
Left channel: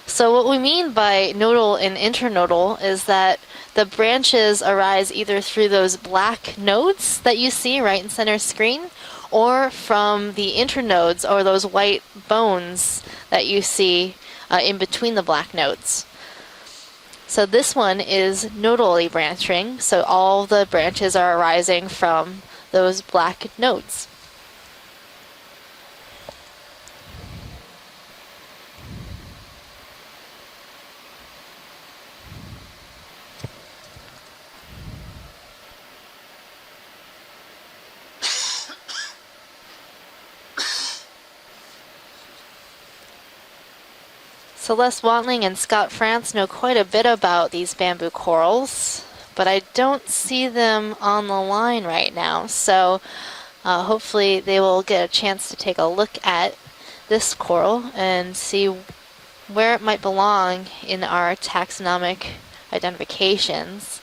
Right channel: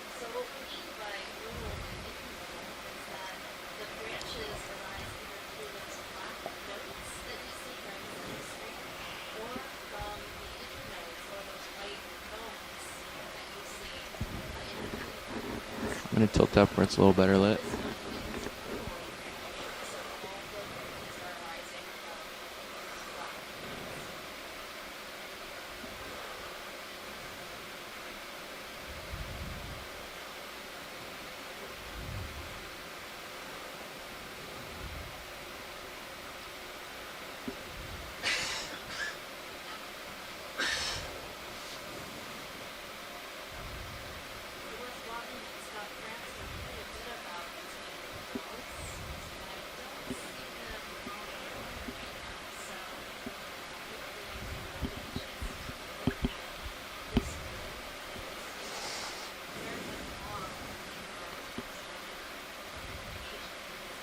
So what we mean by nodal and internodal is that the branches arise either through those black nodes that you see right in center screen, or from the internodes, or those white bones that you see in between the black nodes. Let me tilt upwards a little better. So this one is nodally branching, so all the branches are arising from those black nodes. Celeste Watling and Scott France know quite a bit about these bamboo corals, but I don't see them on the line right now, so hopefully they will get a chance to take a look at this coral and see where it might belong in our taxonomic identifications.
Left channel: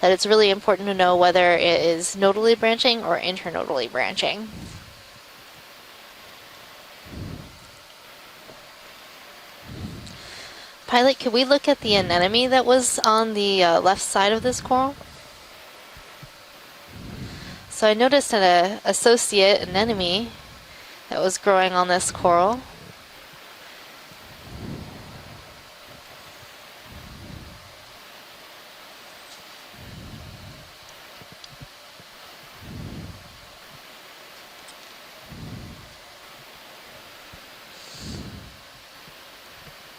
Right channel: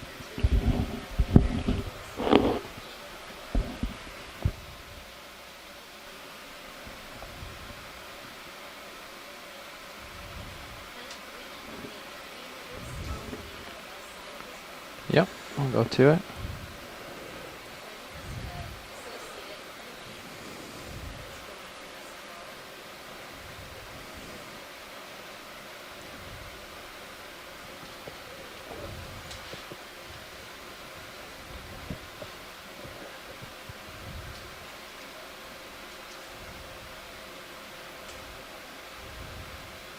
That it's really important to know whether it is nodally branching or internodally branching. Pilot, could we look at the anemone that was on the left side of this coral? Yep, I'll go to it. So I noticed an associate anemone that was growing on this coral.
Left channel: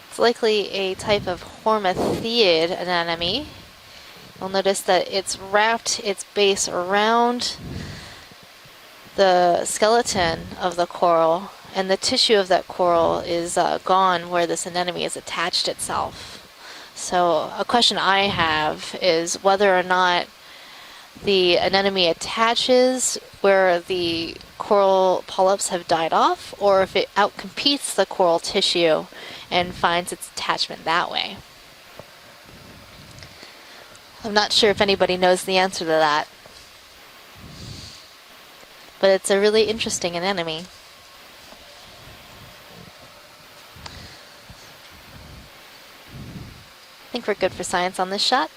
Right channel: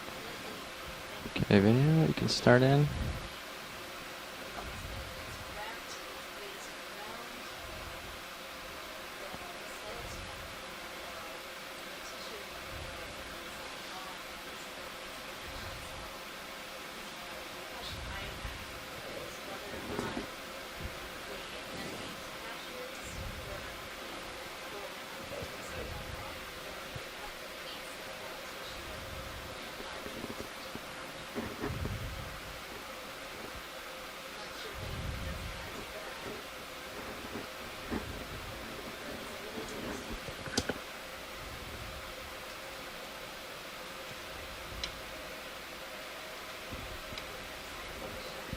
It's likely a type of hormathiid anemone. You'll notice that it's wrapped its base around the skeleton of the coral, and the tissue of that coral is gone where this anemone has attached itself. So a question I have is whether or not the anemone attaches where the coral polyps have died off, or if it outcompetes the coral tissue and finds its attachment that way. I'm not sure if anybody knows the answer to that, but it's a really interesting anemone. I think we're good for science on this shot.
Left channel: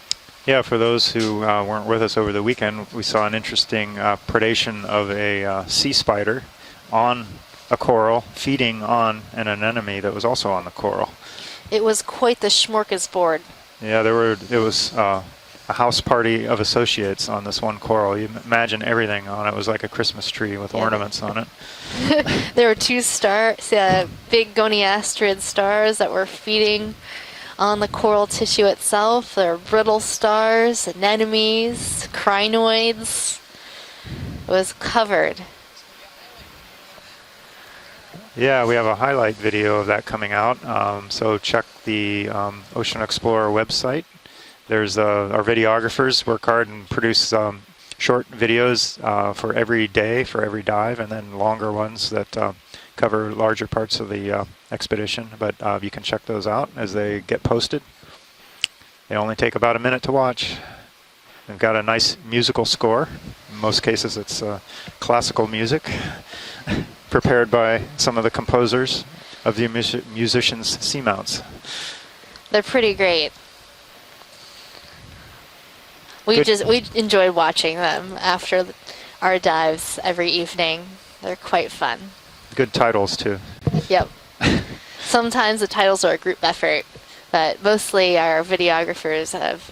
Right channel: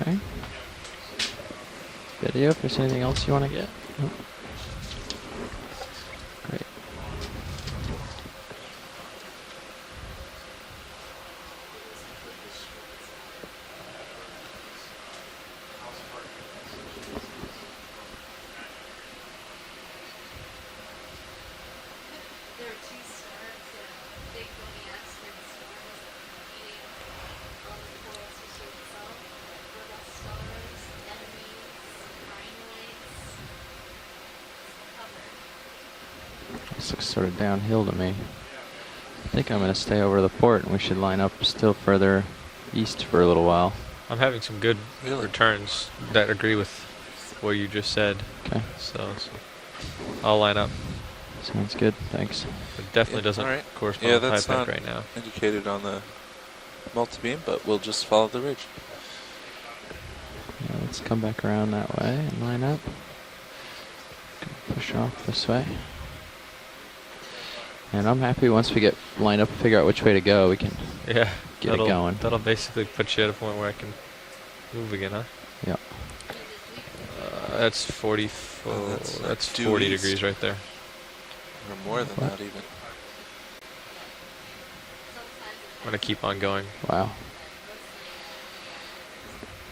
Okay. Yeah, for those who weren't with us over the weekend, we saw an interesting predation of a sea spider on a coral, feeding on an anemone that was also on the coral. It was quite the smorgasbord. Yeah, it was a house party of associates on this one coral. You imagine everything on it. It was like a Christmas tree with ornaments on it. There were two stars, big goniastrid stars that were feeding on the coral tissue itself. There are brittle stars, anemones, crinoids. It was covered. This looks sort of downhill to me. Yeah, we have a highlight video of that coming out. So check the Ocean Explorer website. I'm having some good. There's our videographers work hard and produce short videos for every day, for every dive, and then longer ones that cover larger parts of the expedition. But you can check those out as they get posted. We'll just follow the ridge. They only take about a minute to watch. Let's come back around. Got a nice musical score. In most cases, it's classical music. Prepared by some of the composers of the musicians' seamounts. Get it going. They're pretty great. Where I can move again, huh? Yeah. We enjoyed watching them 40, after our 40 dives degrees every right there. evening. They're quite fun. Good titles too. Yep. Sometimes the titles are a group effort, but mostly our videographers have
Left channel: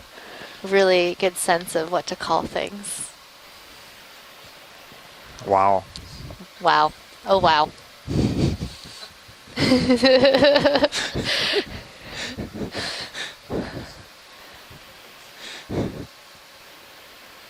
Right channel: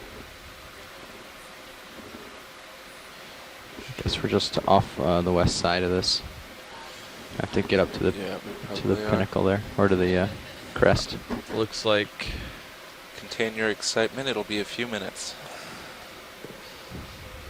really good sense of what to call things. I guess we're just off the west side of this. Wow. Oh, wow. To get up to the pinnacle there, or to the crest. Looks like. Contain your excitement. It'll be a few minutes.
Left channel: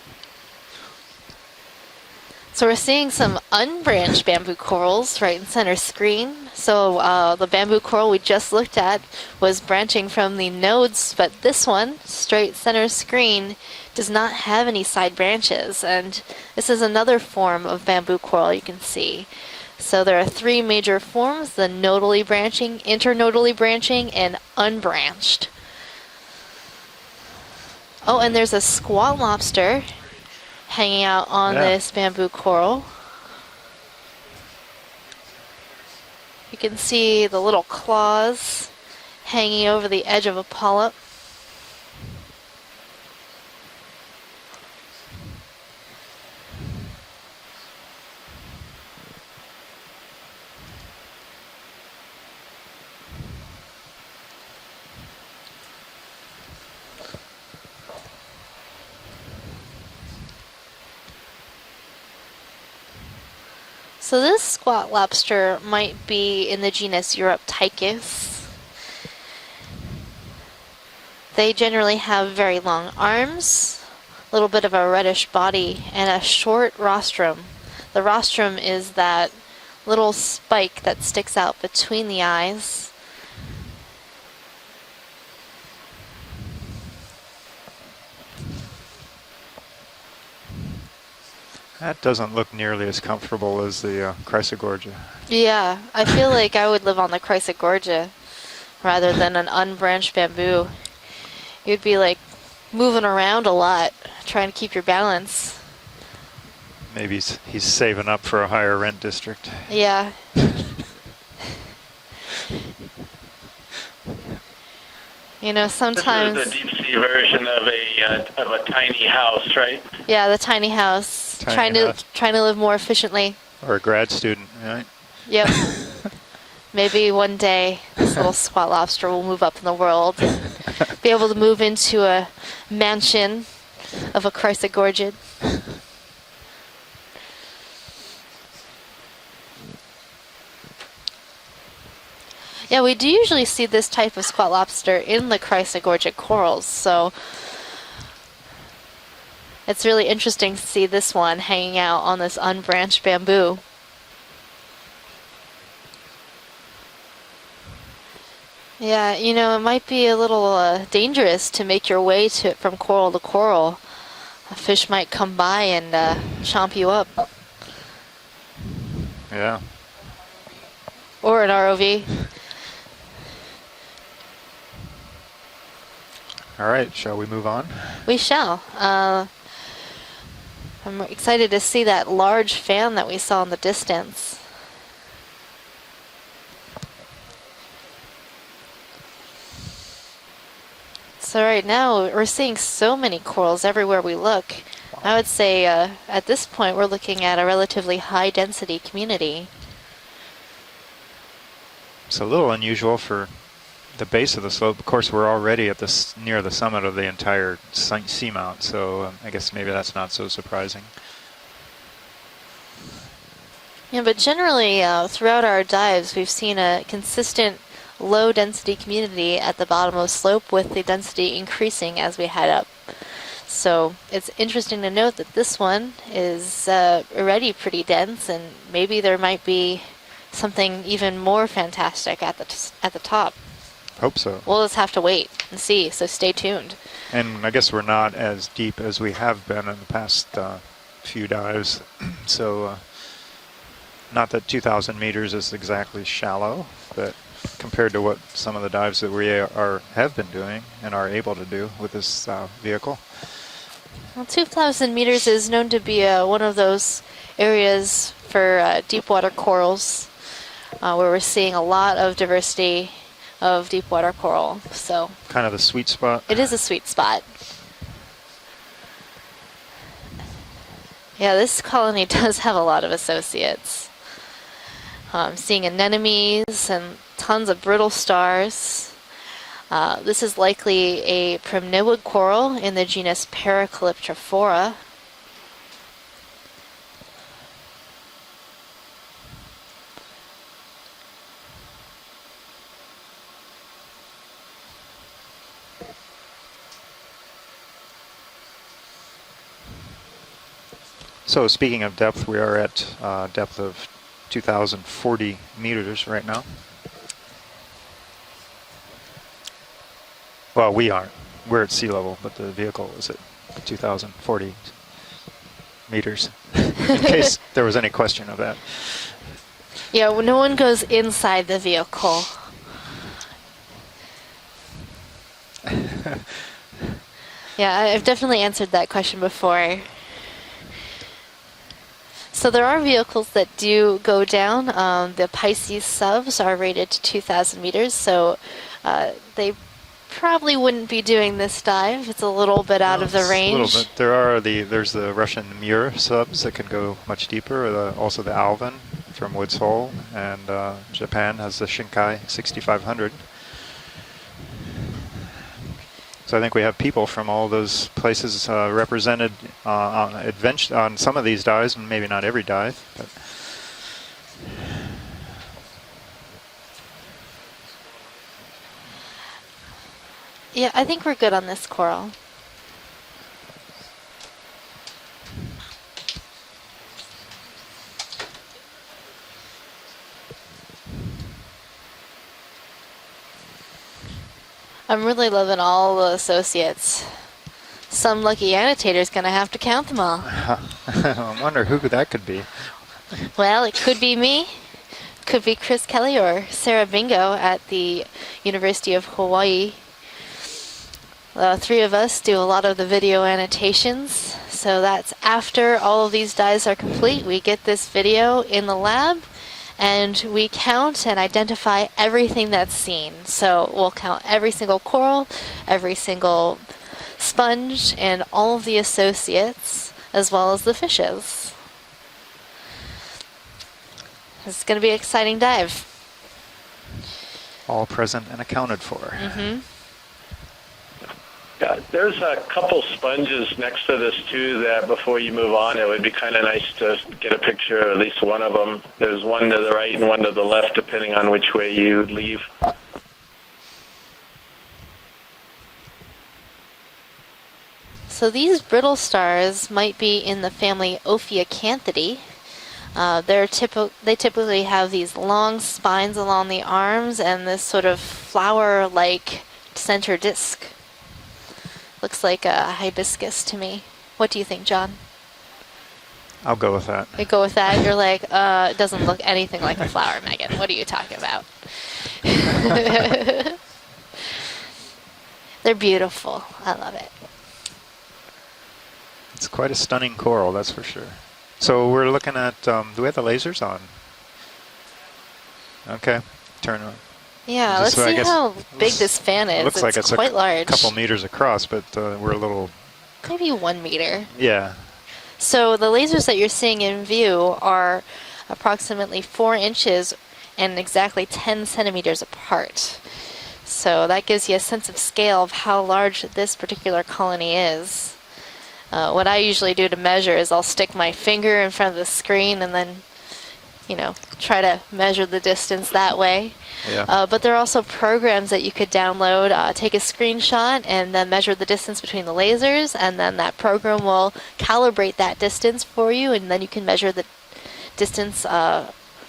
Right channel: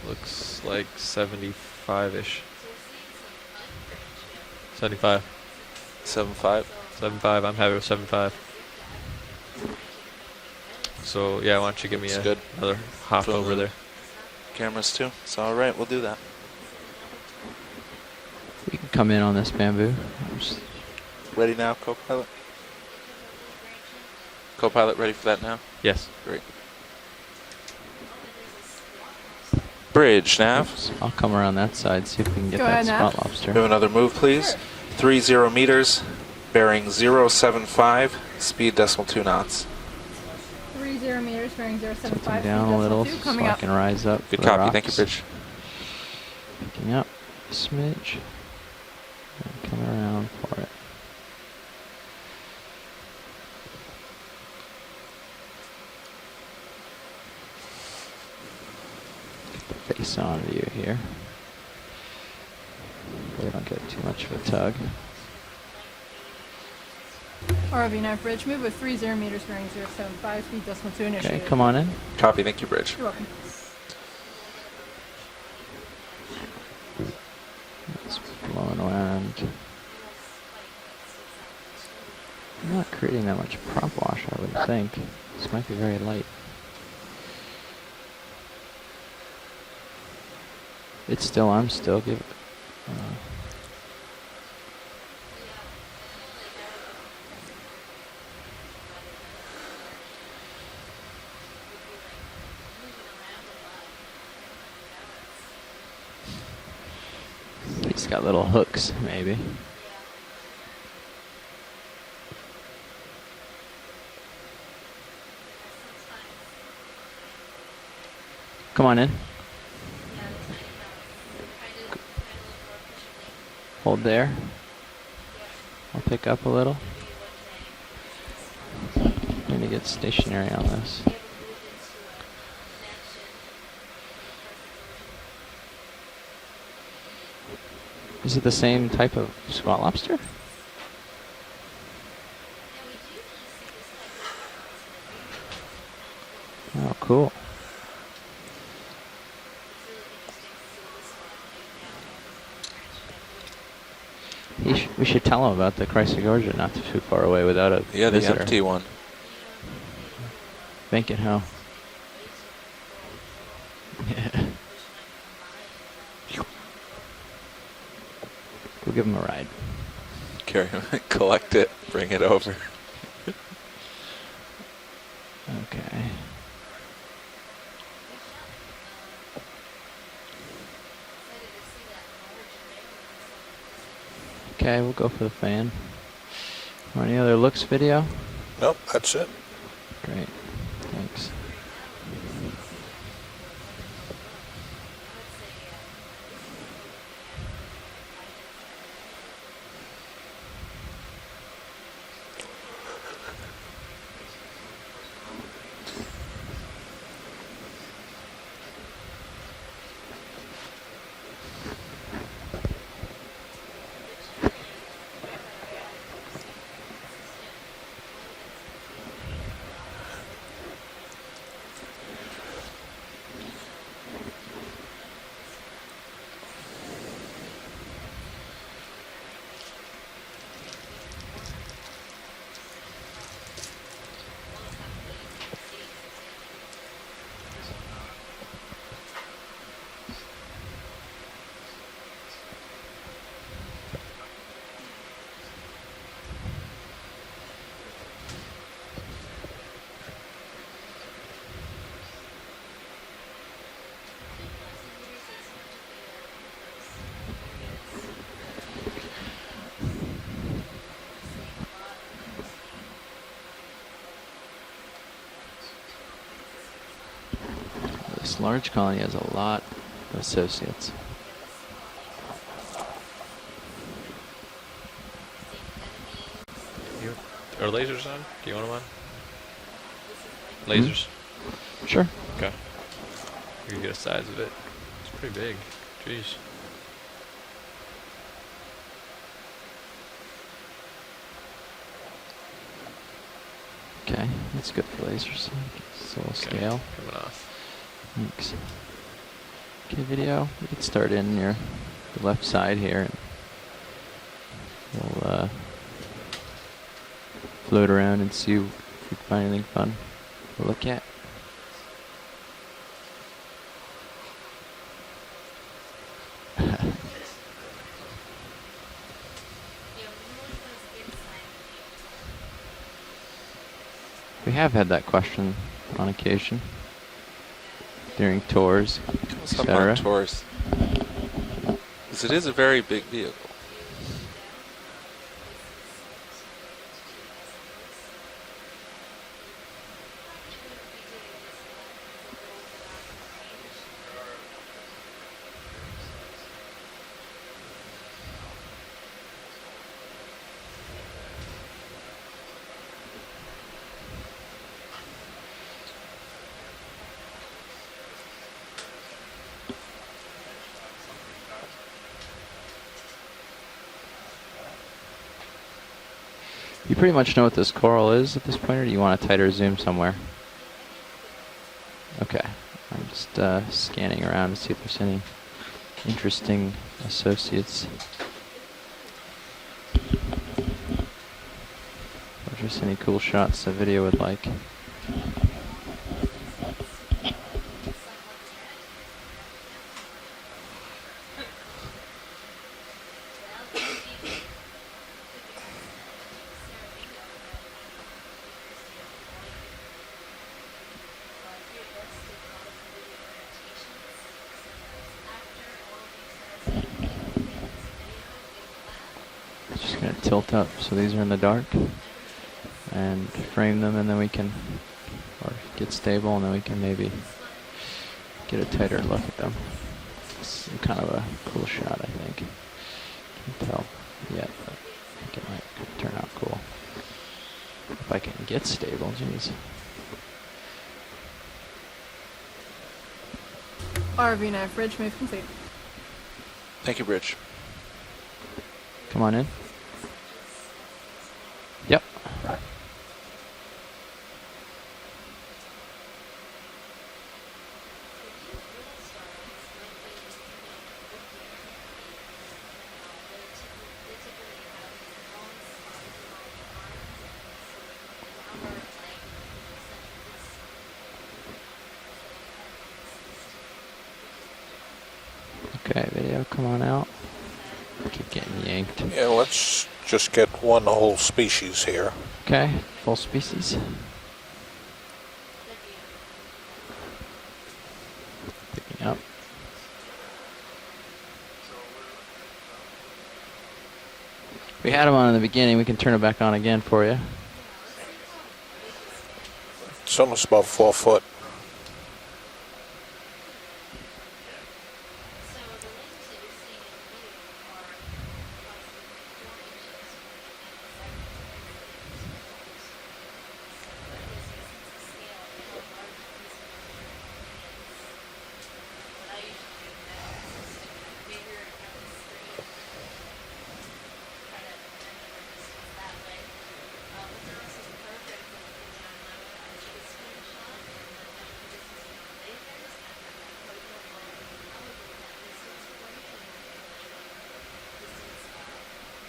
Looks like 75-ish. So we're seeing some unbranched bamboo corals 75. right in center screen. 75. So 75, the I'm bamboo having coral we 75. just looked at was branching from the nodes, So, but yeah, this why don't one, you give me straight a center hop over screen, there. does not have any side branches. All right, we'll do And that. this is another form of bamboo coral you can see. Come in on this bamboo. So there are three major forms: Ready the now, nodally co-pilot? branching, internodally branching, and Co-pilot, ready for that unbranched. now? Yes. Great. Oh, and there's a squat lobster Bridge nav. hanging I'll out come on around that this side, see if bamboo we can get coral. that Good spot enough. lobster. Do another move, please. 30 meters, bearing see the little 075, claws speed decimal 2 knots. hanging over the edge of a polyp. 30 meters bearing 075. Down a little, speed so coming I up. can rise up. Good for the copy. Thank you, rocks. Bridge. Yep. Smidge. Come around for it. Face on view here. We don't get too So much this tug. squat lobster might be in the genus Alright, now Europtychus. bridge move with 30 meters bearing 075, speed decimal 2 initial. Okay. They come on generally in. have Copy, very thank you, long Bridge. arms, a little bit of a reddish body, and a short rostrum. The rostrum Come is on that around. little spike that sticks out between the I'm eyes. not creating that much prop wash, I would think. This might be very light. I'm still. That doesn't look nearly as comfortable as the Chrysogorgia. Yeah, I feel like I would live on the Chrysogorgia rather than an unbranched bamboo. You'd be like moving around a lot, trying to keep your balance. Maybe he's saving got up for little a higher hooks, rent maybe. district. Yeah. You know, sometimes. This is the deep sea version of a Come on tiny in. house, right? Yeah, the tiny house. Tiny house. Trying to live more efficiently. Or a grad there. student, right? Yep. Pick up a little. Maybe one day this little squat lobster will move up in the Get world. stationary on this. Be able to move into a mansion of a Chrysogorgid. Is it the same type of squat lobster? Yeah, we do usually see this type of squat lobster in the Chrysogorgid corals. So Cool. It's really interesting to see this one hanging out on this unbranched bamboo. We should tell him about the Chrysogorgia not too far away without a the visitor. empty one. Yeah, you know, it might be a little dangerous to make your way from coral to coral. A fish might come by and chomp you up. We'll give him a ride. Yeah. Carry him, Or collect an it, ROV. bring it over. Okay. All right, shall we move on? We shall. I'm excited to see that large fan that we saw in the distance. Okay, we'll go for the fan. Any other looks video? Nope, that's it. Great. Thanks. So right now, we're seeing so many corals everywhere we look. I would say at this point, we're looking at a relatively high density community. It's a little unusual for the base of the slope. Of course, we're already at near the summit of the entire seamount, so I guess maybe that's not so surprising. Yeah, but generally, throughout our dives, we've seen a consistent low density community at the bottom of the slope, with the density increasing as we head up. So it's interesting to note that this one is already pretty dense, and maybe there might be something even more fantastic at the top. Hope so. We'll just have to wait and see, so stay tuned. And I guess we're not as deep as we have been in the past few dives. So not that 2,000 meters is exactly shallow, but compared to what some of the dives that we have been doing and are able to do with this vehicle. Well, 2,000 meters is known to be one of those areas for deep water corals where we're seeing a lot of diversity of deep water coral. So kind of the sweet spot. It is a sweet spot. This large colony has a lot of associates. Yeah, this colony does have a lot of associates. Seeing anemones and tons of brittle stars. This is likely a primnoid coral in the genus Paracalyptrophora. It's pretty big. Jeez. Okay, that's good for lasers. So we'll scale. Thanks. Okay, video. We can start in. So speaking of depth, we are at here. Depth of 2,040 meters right now. Float around and see if we find anything fun. Well, we aren't. We're at sea level, but the vehicle is at 2,040 meters, in case there was any question of that. Yeah, well, no one goes inside the vehicle. We have had that question on occasion. Yeah, I've definitely During answered that tours. question before. Tours. So there are vehicles that do go down. The Pisces subs are rated to 2,000 meters, so they probably wouldn't be doing this dive. It's a little bit out of the range. A little bit. There's the Russian Mur subs that can go much deeper. Also the Alvin from Woods Hole, and Japan has the Shinkai 6500. So I think we have people from all those places represented on some of these dives, and maybe not every dive. But You pretty much know what this coral is at this point, or do you want a tighter zoom somewhere? Yeah, I think we're good on this coral. Okay. I'm just scanning around to see if there's any interesting associates. Or just any cool shots the video would like. I'm really loving all the associates. Some lucky annotator's gonna have to count them all. I wonder who that could be. Well, it could be me, could be Chris Kelly or Sarah Bingo at the University of Hawaii. Three of us do a lot of the video annotations, so that's after all of these dives are complete. We get this video in the lab, and we count and identify everything that's seen. So we'll count every single coral, every single sponge, and all of the associates, as well as the fishes. Cool shot, I think. You can tell. Yeah. It's going to be an exciting dive. Turn out cool. All present and accounted for. Mm-hmm. Yeah, there's a couple sponges next to this too that before you move on, it would be kind of nice to get a picture of at least one of them. There's one to the right and one to the left, depending on which way you leave. So these brittle stars might be in the family Okeanos. They typically have these long spines along the arms and this sort of flower-like center disc. Looks like a hibiscus to me. What do you think, John? Okay, video. I'll go with that. You go with that? You're like, it doesn't look anything like a flower. Just Megan. get What are one you talking whole about? species here. Okay. Species. They're beautiful. I love it. Yep. It's quite a stunning coral, that's for sure. So we're looking at, do we have the lasers on? We had them on in the beginning. We can turn it back on again for you. Yeah, let's see how big this fan is. It looks like it's quite large. a couple of meters across, but we're a little... Maybe 1 meter. Yeah. So the lasers that you're seeing in view are approximately 4 inches and exactly 10 centimeters apart. So that gives you a sense of scale of how large this particular colony is. What I usually do to measure is I'll stick my finger in front of the screen and then, you know, try to measure the distance that way. Yeah. But there are also programs that you could download, take a screenshot and then measure the distance between the lasers, and then that program will calibrate that distance for you, and then you can measure the distance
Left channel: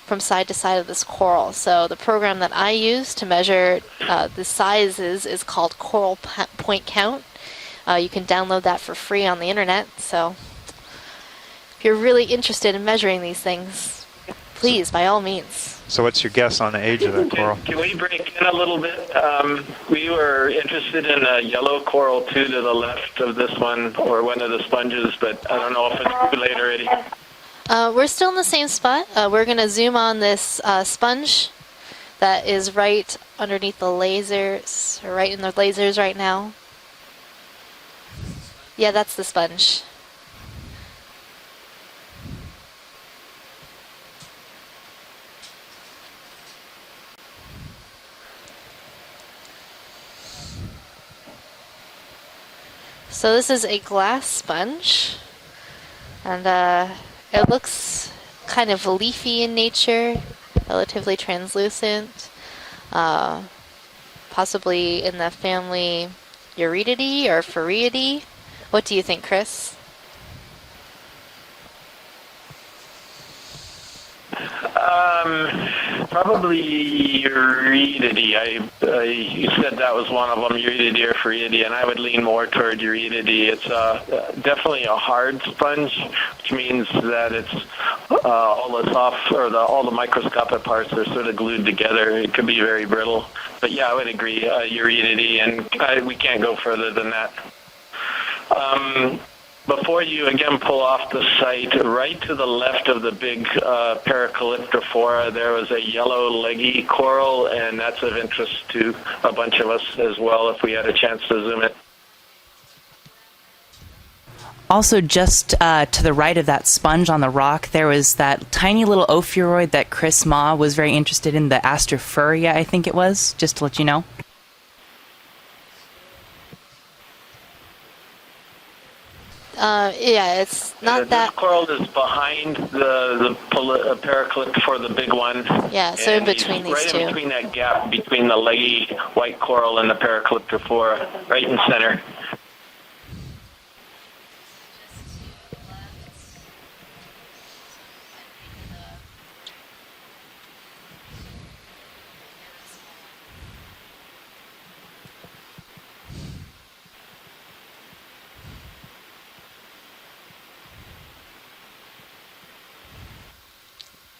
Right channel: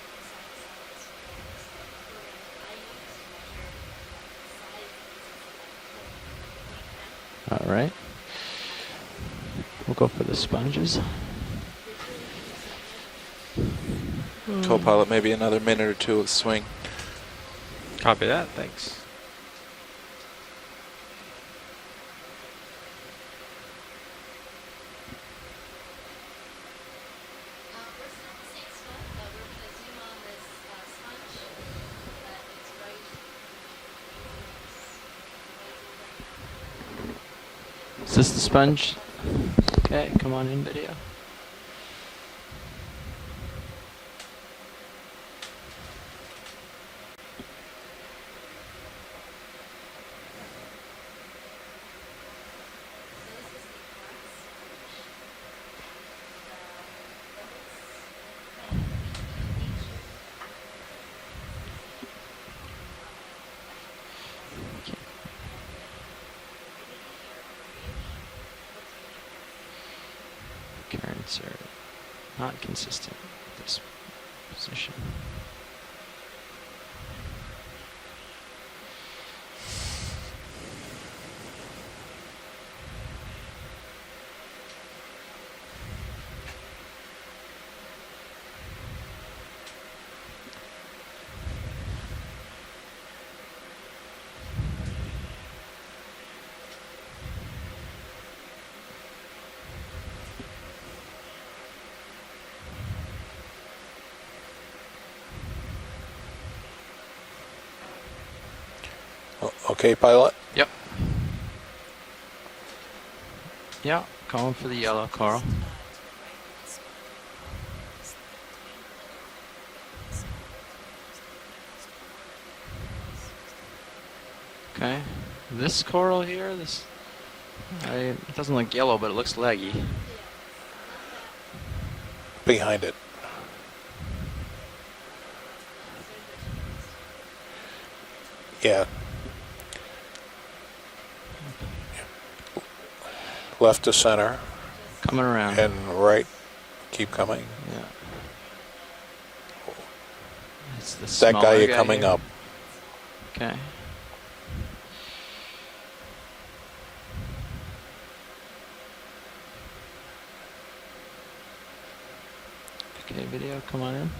from side to side of this coral. So the program that I use to measure the sizes is called Coral Point Count. All right. You can download that for free on the internet. We'll go so for the sponges. if you're really interested in measuring these things, please, by all means. So what's your guess on the age of that coral? Can we bring it in a little bit? We were interested in a yellow coral too to the left of this one, or one of the sponges, but I don't know if it's too late already. We're still in the same spot. We're going to zoom on this sponge that is right underneath the lasers, or right in the lasers right now. Is this the sponge? Yeah, that's the sponge. Okay, come on in video. So this is a glass sponge, and it looks kind of leafy in nature, relatively translucent, possibly in the family Eurydidae or Phoridae. What do you think, Chris? Currents are not consistent. Probably Eurydidae. You said that was one of them, Eurydidae or Phoridae, and I would lean more toward Eurydidae. It's definitely a hard sponge, which means that it's all the soft or all the microscopic parts are sort of glued together. It could be very brittle, but yeah, I would agree, Eurydidae, and we can't go further than that. Before you again pull off the site, right to the left of the big Paracalyptrophora, there was a yellow leggy coral, and that's of interest to a bunch of us as well if we had a chance to zoom in. Yeah, calling for the also, just to the right of that sponge on the rock, there was that tiny little ophiuroid that Chris Ma was very interested in, the Astrophuria, I think it was, just to let you know. Okay. This coral here, it doesn't look yellow, but it looks leggy. Yeah, it's not that. This coral is behind the Paracalypt for the big one. Yeah, so in between these two. Right in between that gap between the leggy white coral and the Paracalyptrophora, right in center. Left to center. Coming around. And right. Keep coming. Yeah. That guy you're coming up. Okay. Okay, video, come on in.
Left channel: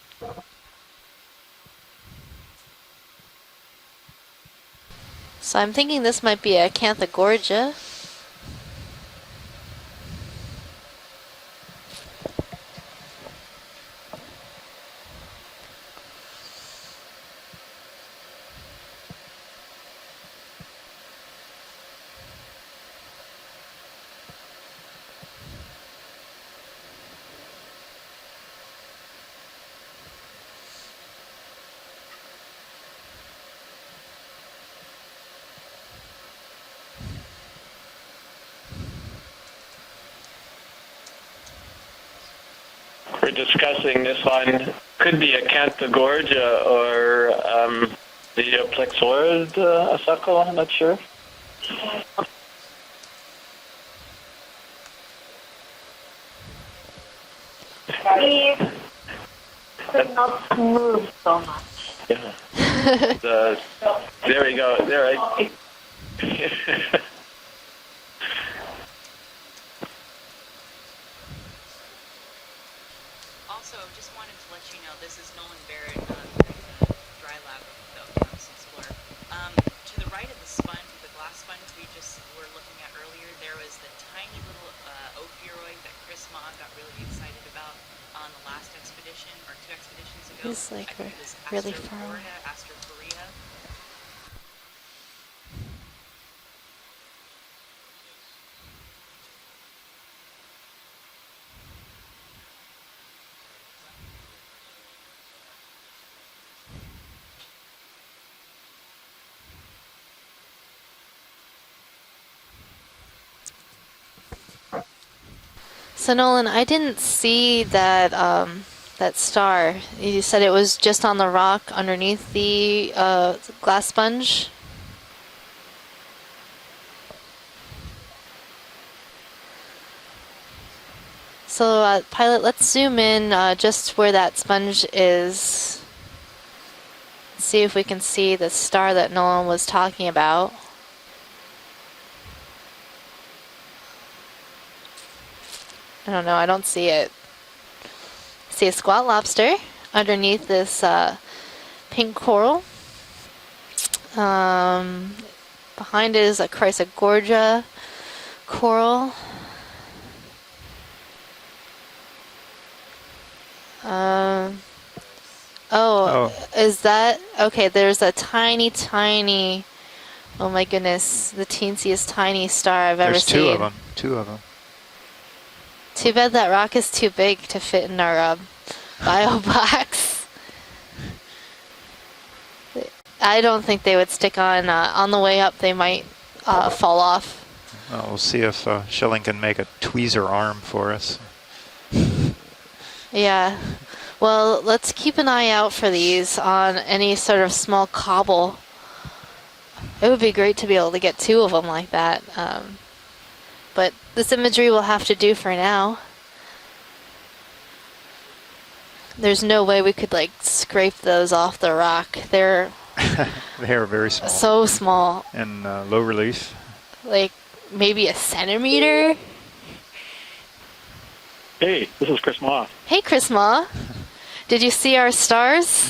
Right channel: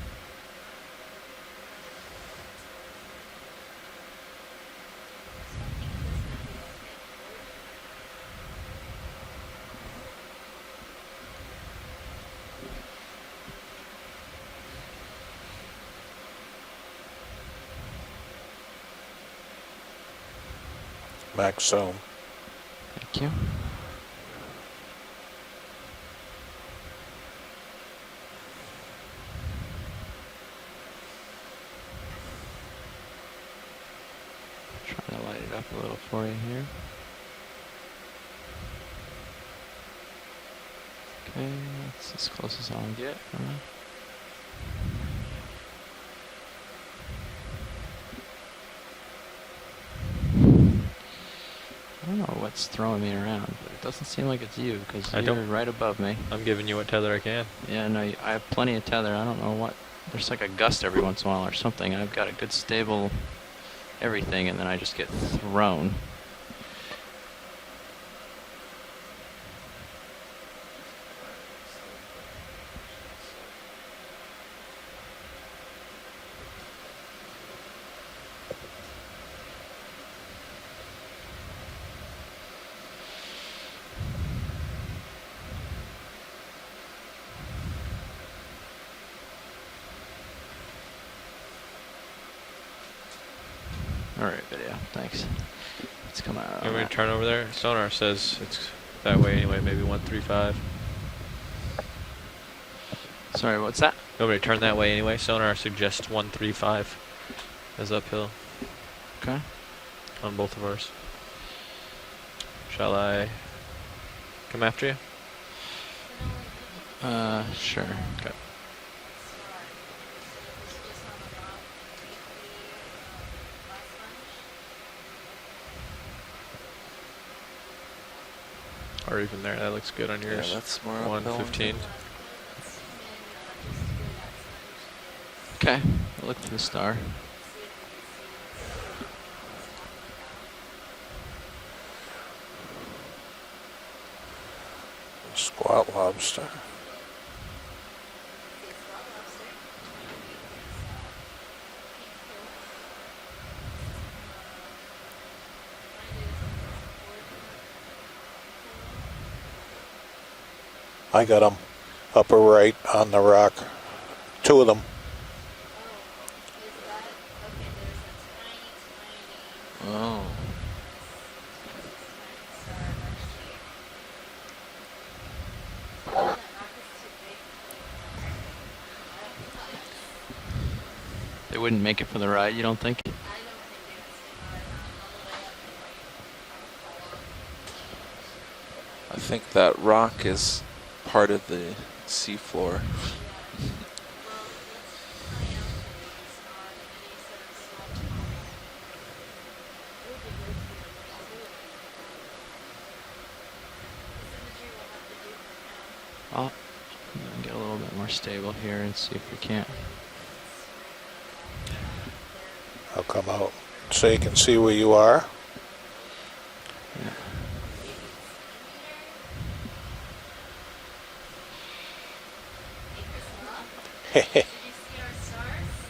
So I'm thinking this might be a Acanthogorgia. Max zoom. Thank you. Trying to light it up a little for you here. Okay, that's as close as I'll get. We're discussing this one. Could be a Acanthogorgia or the Plexorid Asacol, I'm not sure. I don't know what's throwing me around, but it Doesn't seem like it's you, because you're right above me. I'm giving you what tether I can. Yeah, no, I have plenty of tether. I don't know what. There's like a gust every once in a while or something, and I've got a good stable everything. There we go. There, right? Grown. He's like really far. Alright, video. Thanks. It's coming out. You want me to turn over there? Sonar says it's that way anyway, maybe 135. Sorry, what's that? You want me to turn that way anyway? Sonar suggests 135 as uphill. Okay. On both of ours. Shall I come after you? So Nolan, I didn't see sure. that star. You said it was just on the rock underneath the glass sponge? Or even there, that looks good on yours. Yeah, that's more 115. So pilot, let's zoom in just where that sponge is. Okay, look for the star. See if we can see the star that Nolan was talking about. Squat lobster. I don't know, I don't see it. See a squat lobster underneath this pink coral. Behind it is a Chrysogorgia coral. I got them upper right on the rock. 2 of them. Oh, is that okay? There's a tiny, oh my goodness, the teensiest tiny star I've ever seen. There's 2 of them. 2 of them. Too bad that rock is too big to fit in our bio box. They wouldn't make it for the ride, you don't think? I don't think they would stick on. On the way up, they might fall off. We'll see if Schilling can make a that rock tweezer is arm for us. Part of the seafloor. Yeah. Well, let's keep an eye out for these on any sort of small cobble. It would be great to be able to get 2 of them like that. But this imagery will have to do for now. I'll get a little bit more stable here and see. There's no way we could like scrape those off the rock. They're They're very small. so small. And low relief. Like maybe a centimeter. Hey, this is Chris Ma. Hey, Chris Ma. Did you see our stars?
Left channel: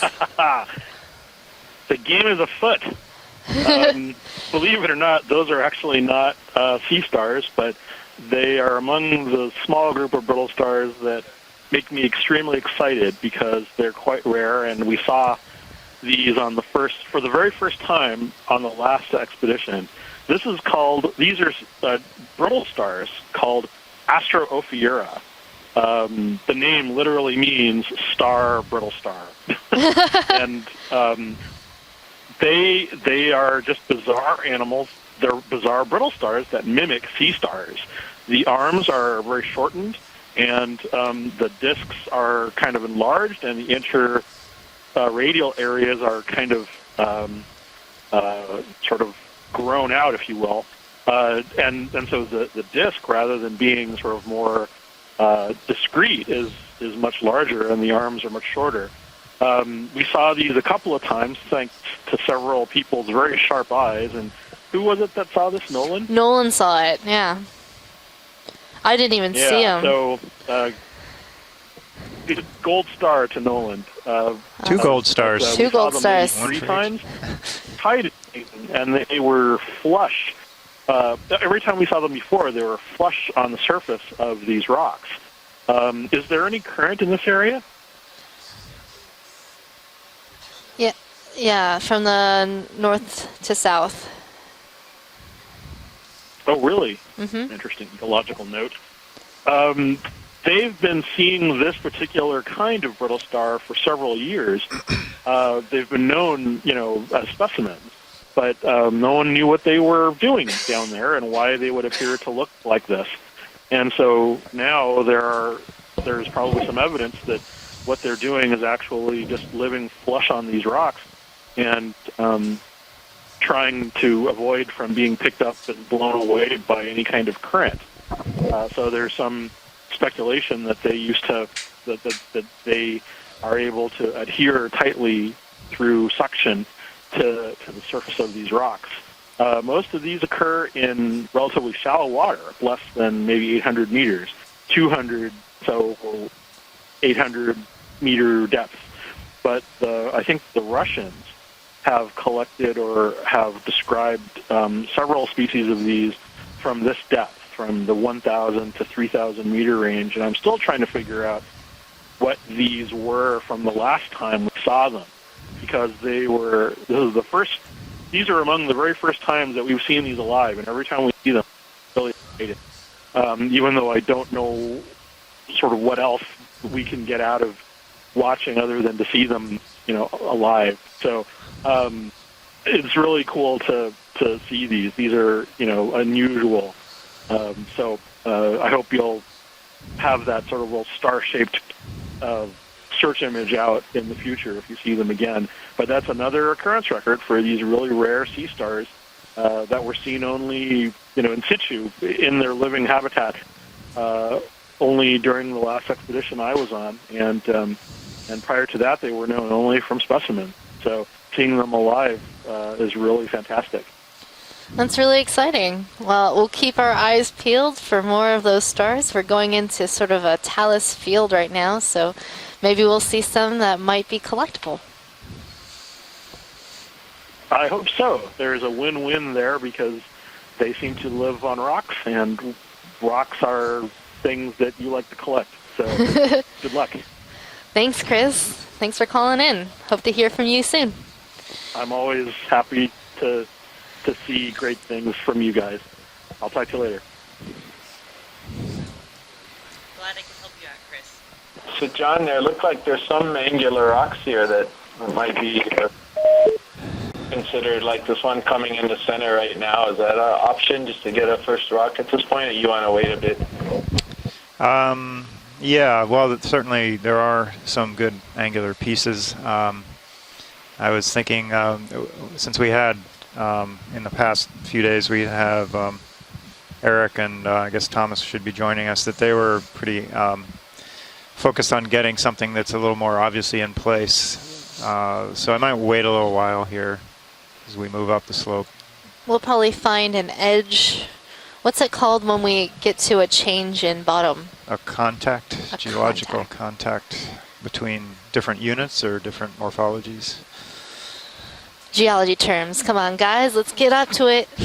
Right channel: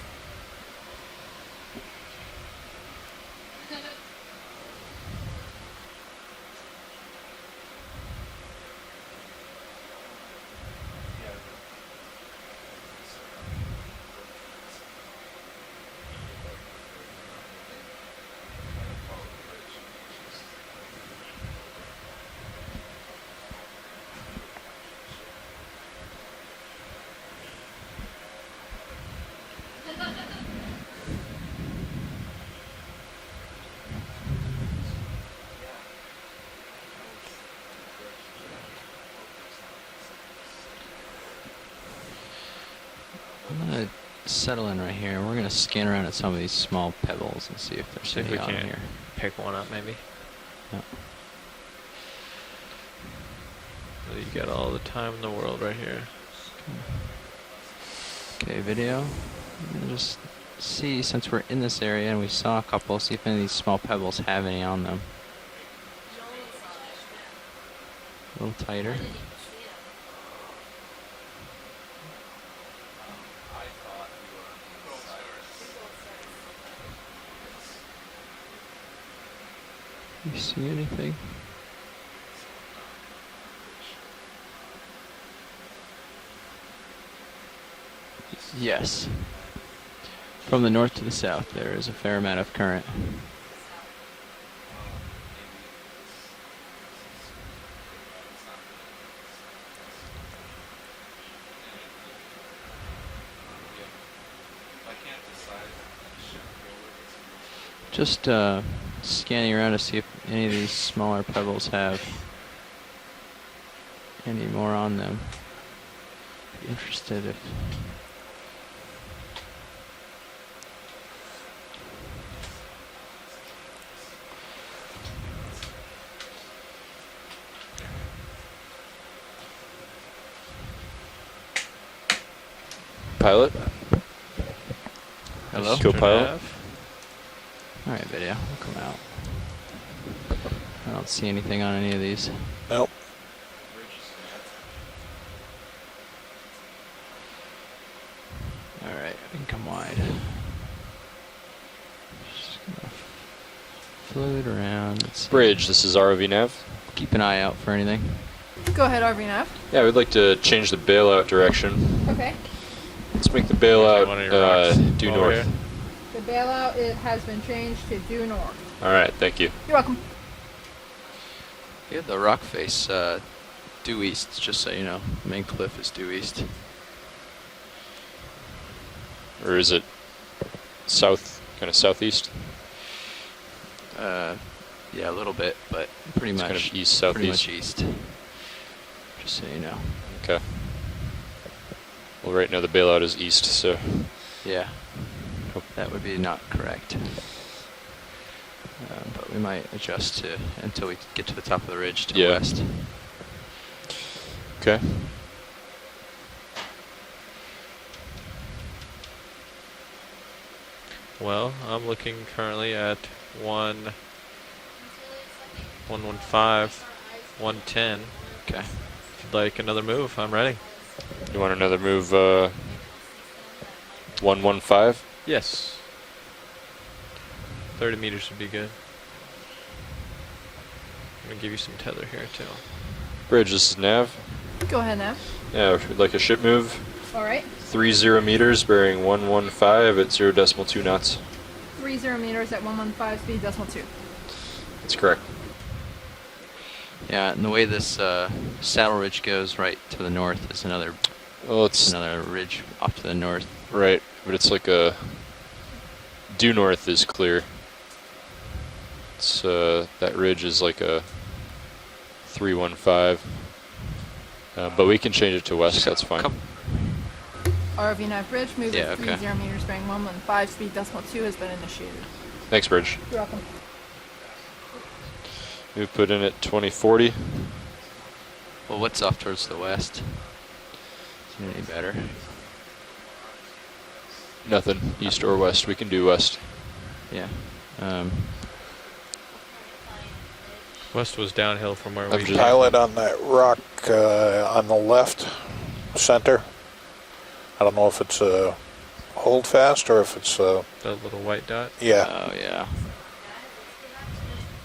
The game is afoot. Believe it or not, those are actually not sea stars, but they are among the small group of brittle stars that make me extremely excited because they're quite rare, and we saw these for the very first time on the last expedition. These are brittle stars called Astrophyra. The name literally means star, brittle star. And they are just bizarre animals. They're bizarre brittle stars that mimic sea stars. The arms are very shortened, and the discs are kind of enlarged, and the radial areas are kind of sort of grown out, if you will. And so the disc, rather than being sort of more discrete, is much larger, and the arms are much shorter. We saw these a couple of times, thanks to several people's very sharp eyes. Who was it that saw this, Nolan? Nolan saw it, yeah. I didn't even see him. So, gold star to Nolan. 2 gold stars. 2 gold stars. 3 times. Tied, and they were flush. Every time we saw them before, they were flush on the surface of these rocks. Is there any current in this area? Yes. From the north to the south. Yeah, from the north to south. Oh, really? Mm-hmm. Interesting. A logical note. They've been seeing this particular kind of brittle star for several years. They've been known, as specimens. But no one knew what they were doing down there and why they would appear to look like this. And so now there's probably some evidence that what they're doing is actually just living flush on these rocks. And trying to avoid from being picked up and blown away by any kind of current. So there's some speculation that they used to that they are able to adhere tightly through suction to the surface of these rocks. Most of these occur in relatively shallow water, less than maybe 800 meters, 200, so 800 meter depth. But I think the Russians have collected or have described several species of these ROV from this depth, from the 1,000 to 3,000 meter I would range. like to change the bailout direction. What these were Let's make the from the last time we saw bailout them, due north. because they were. This is the first. These are among the very first times that we've seen these alive, and every time we see them, Yeah, the rock face. even though I don't know, just so you know, sort of what else we can get out of watching other than to see them, or is it, alive. South, so, southeast? It's really cool to see these. These are unusual. East, southeast. So I hope you'll have that sort of little star-shaped right now the bailout search is image east, out in the future if you see them again. But that's another occurrence record for these really rare sea stars that were seen only in situ in their living habitat. Only during the last expedition I was on, and prior to that they were known only from specimens. So seeing them alive is really fantastic. That's really exciting. Well, we'll keep our eyes peeled for more of those stars. We're going into sort of a talus field right now, so maybe we'll see some that might be collectible. 115? Yes. I hope so. There's a win-win there because they seem to live on rocks, and rocks are things that you like to collect. Yeah, like a ship move. Good luck. All right. 30 meters bearing Thanks for calling in. 115. Hope to hear from you soon. Knots. I'm always happy to see great things from you guys. I'll talk to you later. Yeah, and the way this saddle ridge goes right to the north is another. Well, it's so John, there looks like there's some angular rocks here that might be due north is clear. Considered like this one coming in the center right now. Is that an option like to get a first rock at this point, or you want to wait a bit? But we can change it to west. Yeah, well, certainly there are some good angular pieces. I was thinking, since we had in the past few days, we have we put in at 2040, Eric and I guess Thomas should be joining us. That they were pretty focused on getting something that's a little more obviously in place. Nothing east or west. So I might wait a little while here as we move up the slope. We'll probably find an edge. West was downhill. What's it called when we get to a change in bottom? On the left, contact, geological contact. I don't know if it's different units or hold fast or if it's the little white dot. Yeah. Geology terms. Come on, guys, let's get up to it. I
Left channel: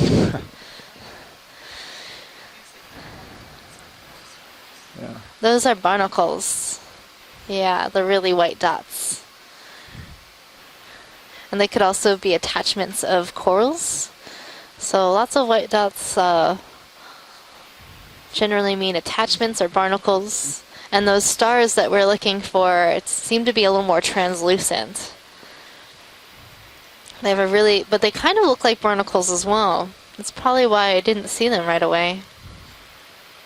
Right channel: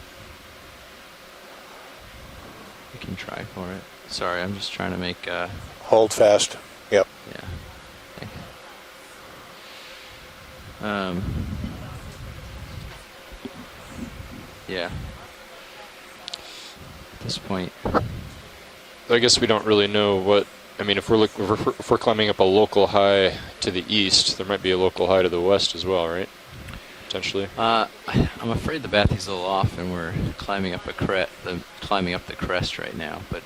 can try for it. Sorry, I'm just trying to make. Those are barnacles. Hold fast. Yep. Yeah, the really white dots. And they could also be attachments of corals. Yeah. So lots of white dots at this point generally mean So I guess we attachments don't or really know barnacles. what. I mean, And if we're those stars that we're looking for seem to be a little more translucent. Might be a local high to the west as well, right? They have a really, but they kind of look like barnacles as well. It's probably why I didn't see them right away. Up the crest right now, but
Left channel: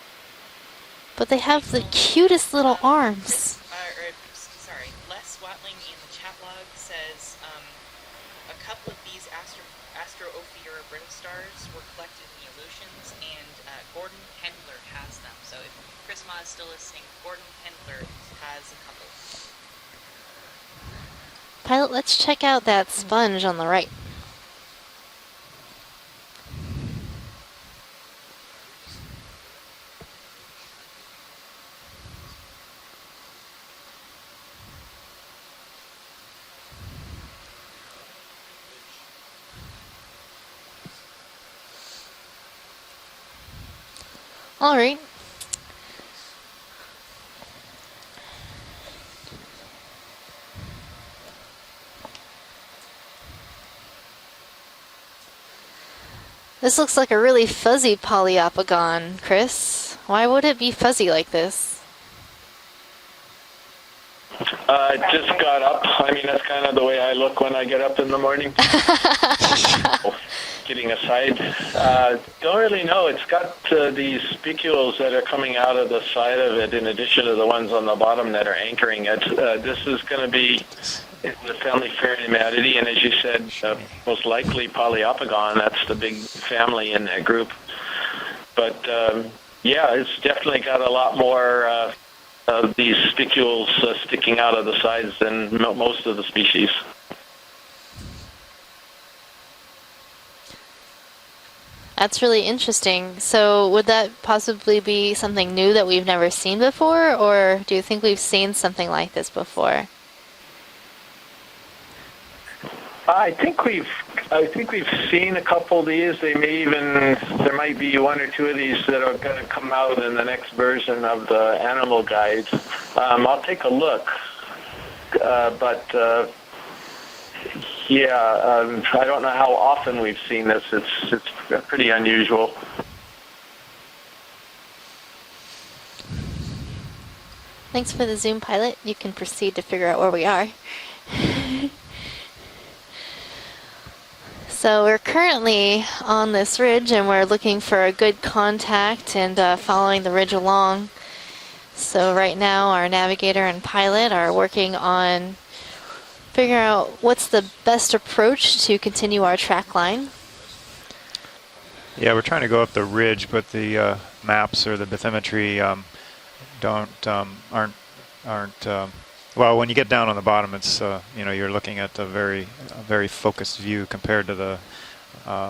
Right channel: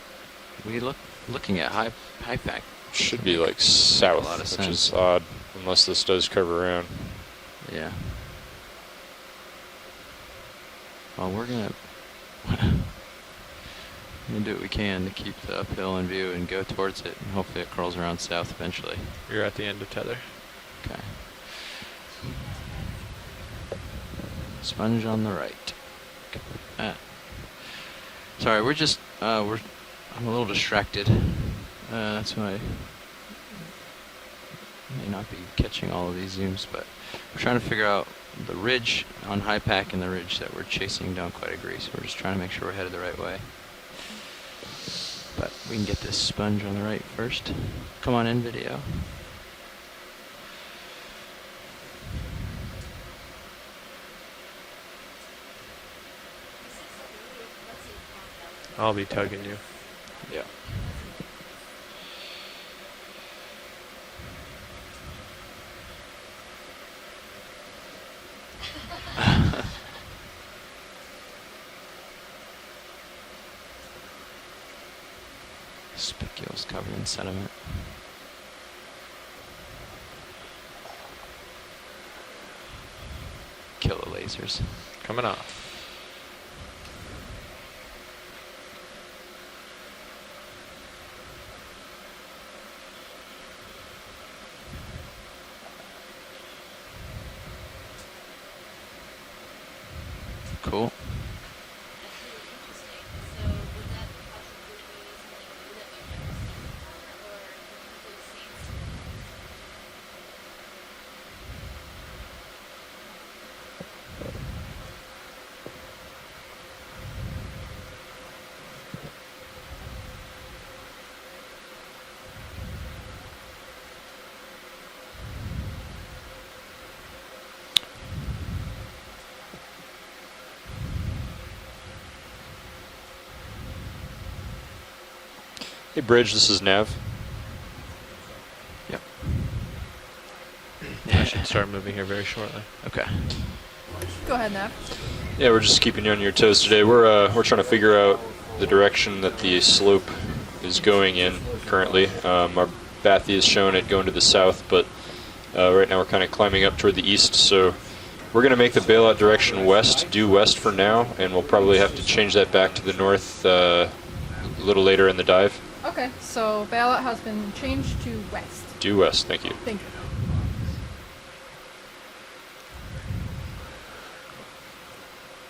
we look. But they have the cutest little arms. Should be like south, which is odd, unless this does curve around. Yeah. Well, we're gonna do what we can to keep the uphill in view and go towards it, and hopefully it curls around south eventually. You're at the end of tether. Okay. Pilot, let's check out that sponge on the right. Sponge on the right. Sorry, we're just I'm a little distracted. That's why I may not be catching all of these zooms, but we're trying to figure out the ridge on high pack and the ridge that we're chasing don't quite agree, so we're just trying to make sure we're headed the right way. All right. But we can get this sponge on the right first. Come on in, video. This looks like a really fuzzy polyopogon, Chris. Why would it be fuzzy like this? I just got up. I mean, that's kind of the way I look when I get up in the morning. Kidding aside, don't really know. It's got these spicules that are coming out of the side of it in addition to the ones on the bottom that are anchoring it. This is going to be in the family Pheronematida, and as you said, most likely Poliopogon. That's the big family in that group. But yeah, it's definitely got a lot more of these spicules sticking out of the sides than most of the species. Cool. That's really interesting. So would that possibly be something new that we've never seen before, or do you think we've seen something like this before? I think we've seen a couple of these. There might be one or two of these that are going to come out in the next version of the animal guides. I'll take a look, but yeah, I don't know how often we've seen this. It's pretty unusual. Hey, Bridge, this is Nav. Thanks for the Zoom pilot. You can proceed to figure out where we are. Should start moving here very shortly. Okay. Go ahead now. So we're currently on this ridge, and we're looking for a good contact and following the ridge along. Is going in currently. So right now our navigator and pilot are working on right now we're kind of climbing up toward the what's east. the So best approach we're going to make the bailout continue our direction track west, line. due west for now, and we'll probably have to Yeah, we're change trying that to go back up the to the ridge, north, but the maps a little later in the dive. Okay, so bailout has been changed to west. Due west, thank well, you. when you get down on the bottom, it's you know, you're looking at a very focused view compared to the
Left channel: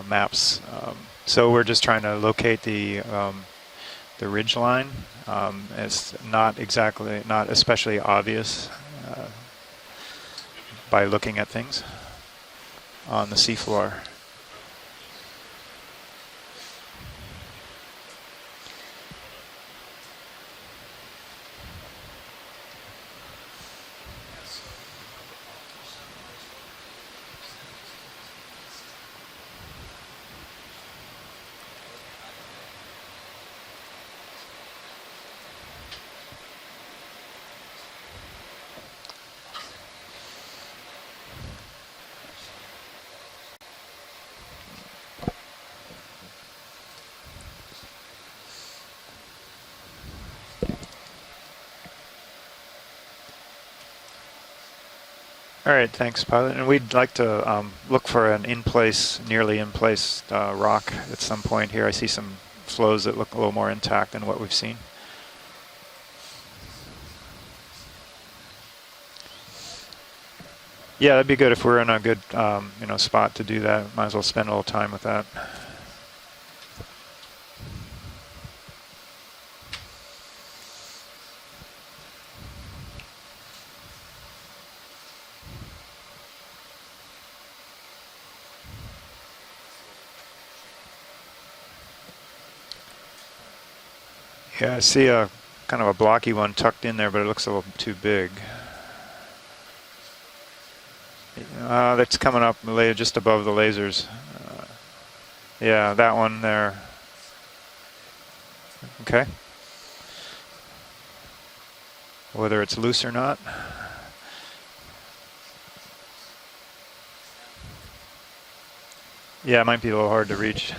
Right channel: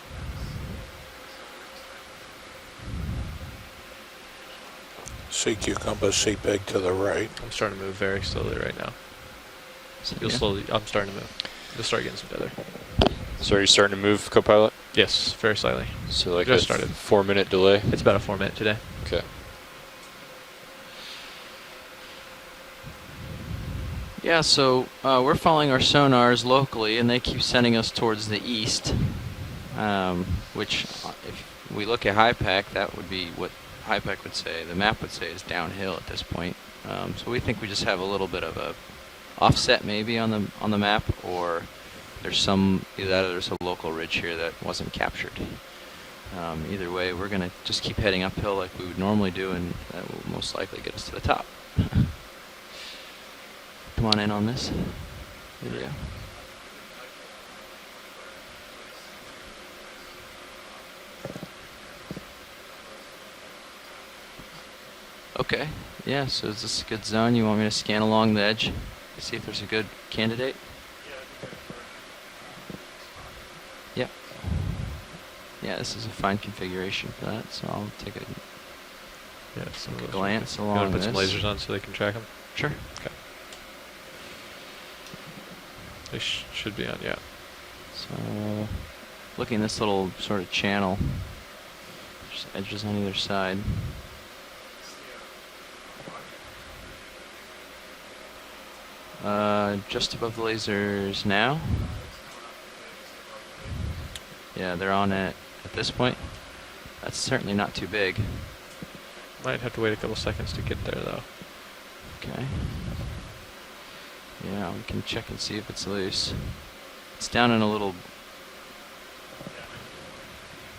maps. So we're just trying to locate the ridge line. Seek you compass, It's seek not big to the exactly, right. not It's starting to especially move very obvious slowly right now. So you'll yeah, slowly, by looking at things You'll start getting some better. on the So seafloor. are you starting to move, Copilot? Yes, very slightly. So like Just a started. 4-minute delay? It's about a 4-minute today. Okay. Yeah, so we're following our sonars locally, and they keep sending us towards the east, which if we look at HiPAC, that would be what HiPAC would say, the map would say is downhill at this point. So we think we just have a little bit of a offset maybe on the map, or there's either that or there's a local ridge here that wasn't captured. Either way, we're going to just keep heading uphill like we would normally do, and that will most likely get us to the top. Come on in on this. All right, thanks, pilot. And we'd like to look for an nearly in-place rock at some point here. I see some flows that look a little more intact than what we've seen. Okay. Yeah, so is this a good zone? You want me to scan along the edge to see if there's a good candidate? Yeah, that'd be good if we're in a good spot to do that. Might Yep. as well spend a little time with that. Yeah, this is a fine configuration for that, so I'll take a glance You want along to put this. some lasers on so they can track them? Sure. Okay. They should be on, yeah. So, looking at this little sort of channel, just edges on either side. Yeah, I see a kind of a blocky one tucked in there, but it looks a little too big. Just above the lasers now? That's coming up just above the lasers. Yeah, they're on it. Yeah, that one there. That's certainly not too big. Okay. Might have to wait a couple seconds to get there, though. Okay. Whether it's loose or not. Yeah, we can check and see if it's loose. It's down in a little... Yeah, it might be a little hard to reach.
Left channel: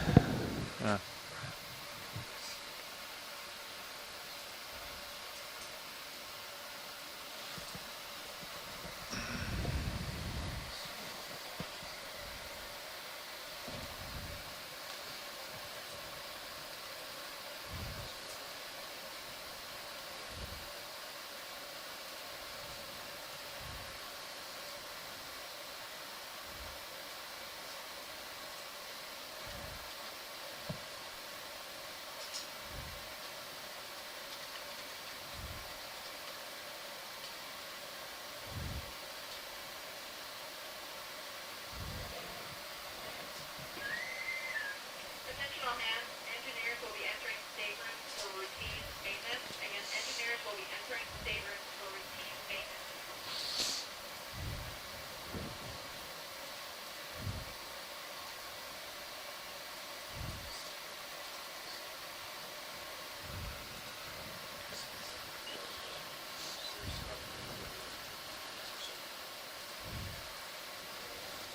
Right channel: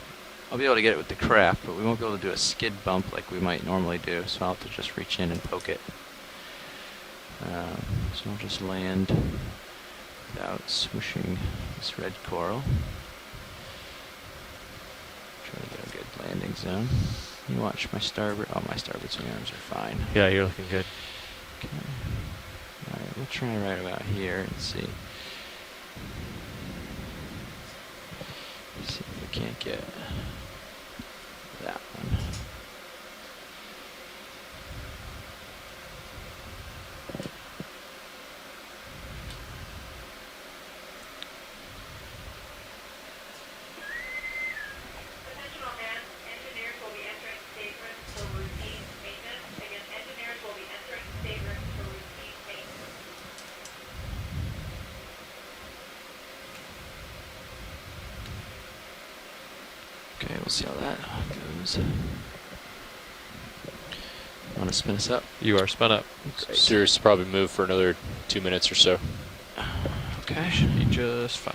I'll be able to get it with the craft, but we won't be able to do a skid bump like we might normally do, so I'll have to just reach in and poke it. So we'll just land without swooshing this red coral. Try to get a good landing zone. You watch my starboard. Oh, my starboard swing arms are fine. Yeah, you're looking good. Okay. Alright, we'll try right about here and see. See if we can't get that one. Okay, we'll see how that goes. Want to spin us up? You are spun up. Great. Sirius will probably move for another 2 minutes or so. Okay. Should be just fine.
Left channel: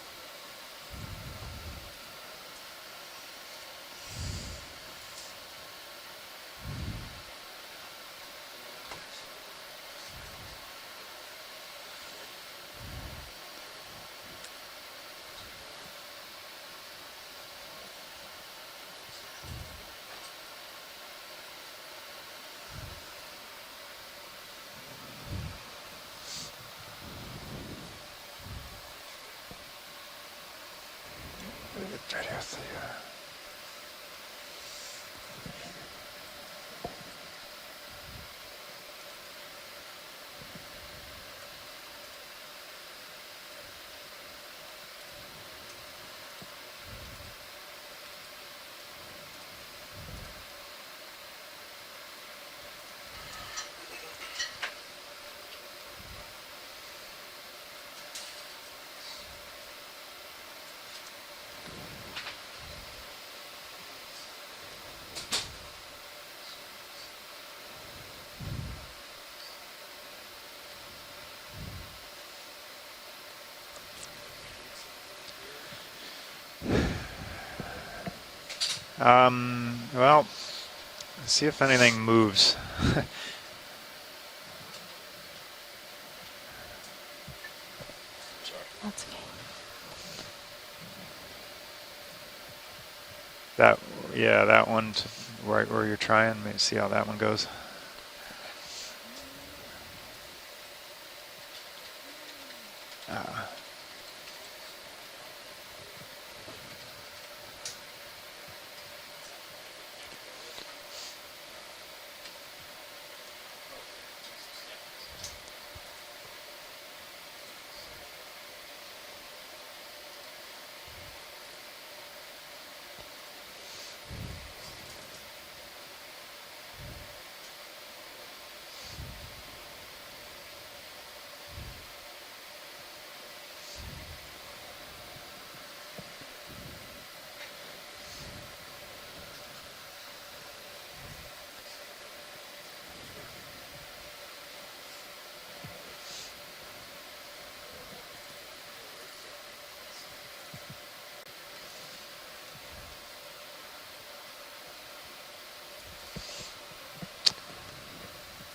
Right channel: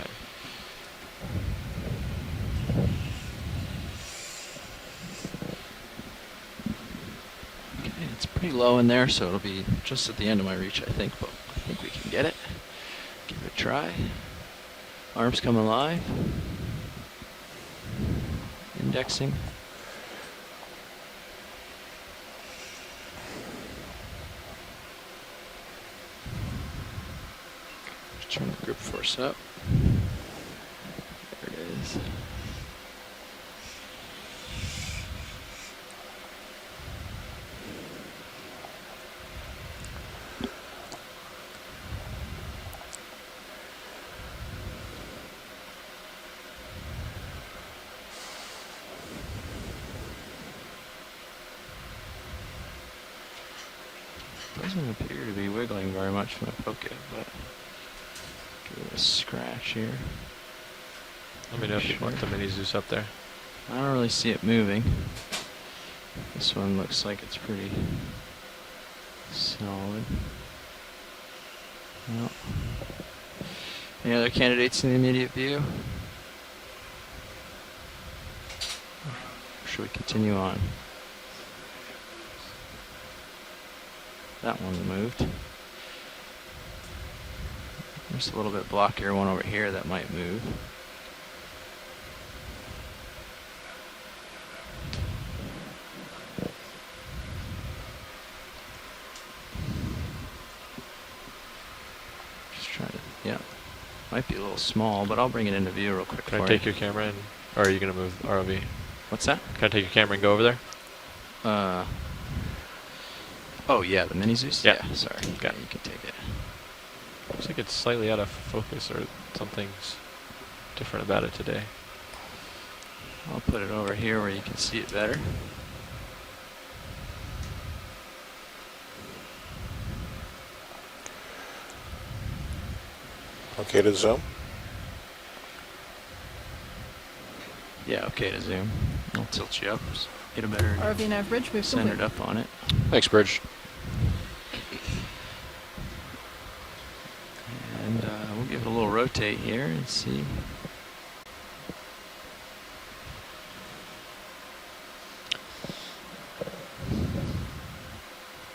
Okay, it's pretty low in there, so it'll be just at the end of my reach, I think, but I think we can get it. Quick try. Arms come alive. Indexing. Just turn the grip force up. There it is. Doesn't appear to be wiggling very much when I poke it, but give it a scratch here. Let me know if you want the mini Zeus up there. I don't really see it moving. This one looks like it's pretty solid. Well, any other candidates in the immediate view? Should we continue on? See if anything moves. That one moved. There's a little bit blockier one over here that might move. Yeah, that one's right where you're trying. Let me see how that one goes. Just try to, yeah. Might be a little small, but I'll bring it into view real quick. Can I take your camera in? Or are you going to move ROV? What's that? Can I take your camera and go over there? Oh yeah, the mini Zeus? Yeah. Sorry. Okay. Yeah, you can take it. Looks like it's slightly out of focus or something's different about it today. I'll put it over here where you can see it better. Okay to zoom? Yeah, okay to zoom. I'll tilt you up. Get a better RV nav bridge, we've centered up on it. Thanks, Bridge. And we'll give it a little rotate here and see.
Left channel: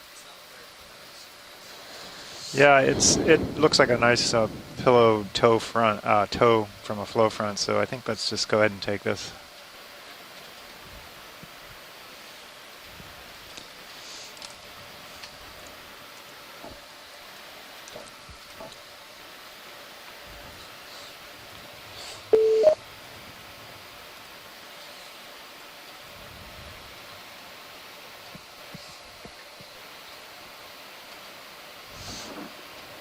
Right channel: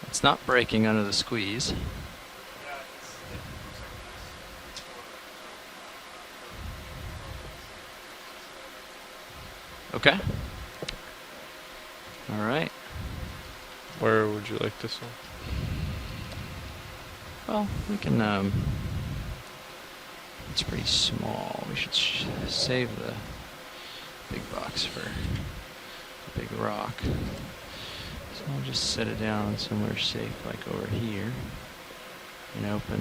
It's not breaking under the squeeze. Yeah, it looks like a nice pillow toe front toe from a flow front. So I think let's just go ahead and take this. Okay. All right. Where would you like this one? Well, we can. It's pretty small. We should save the big box for big rock. So I'll just set it down somewhere safe, like over here, and open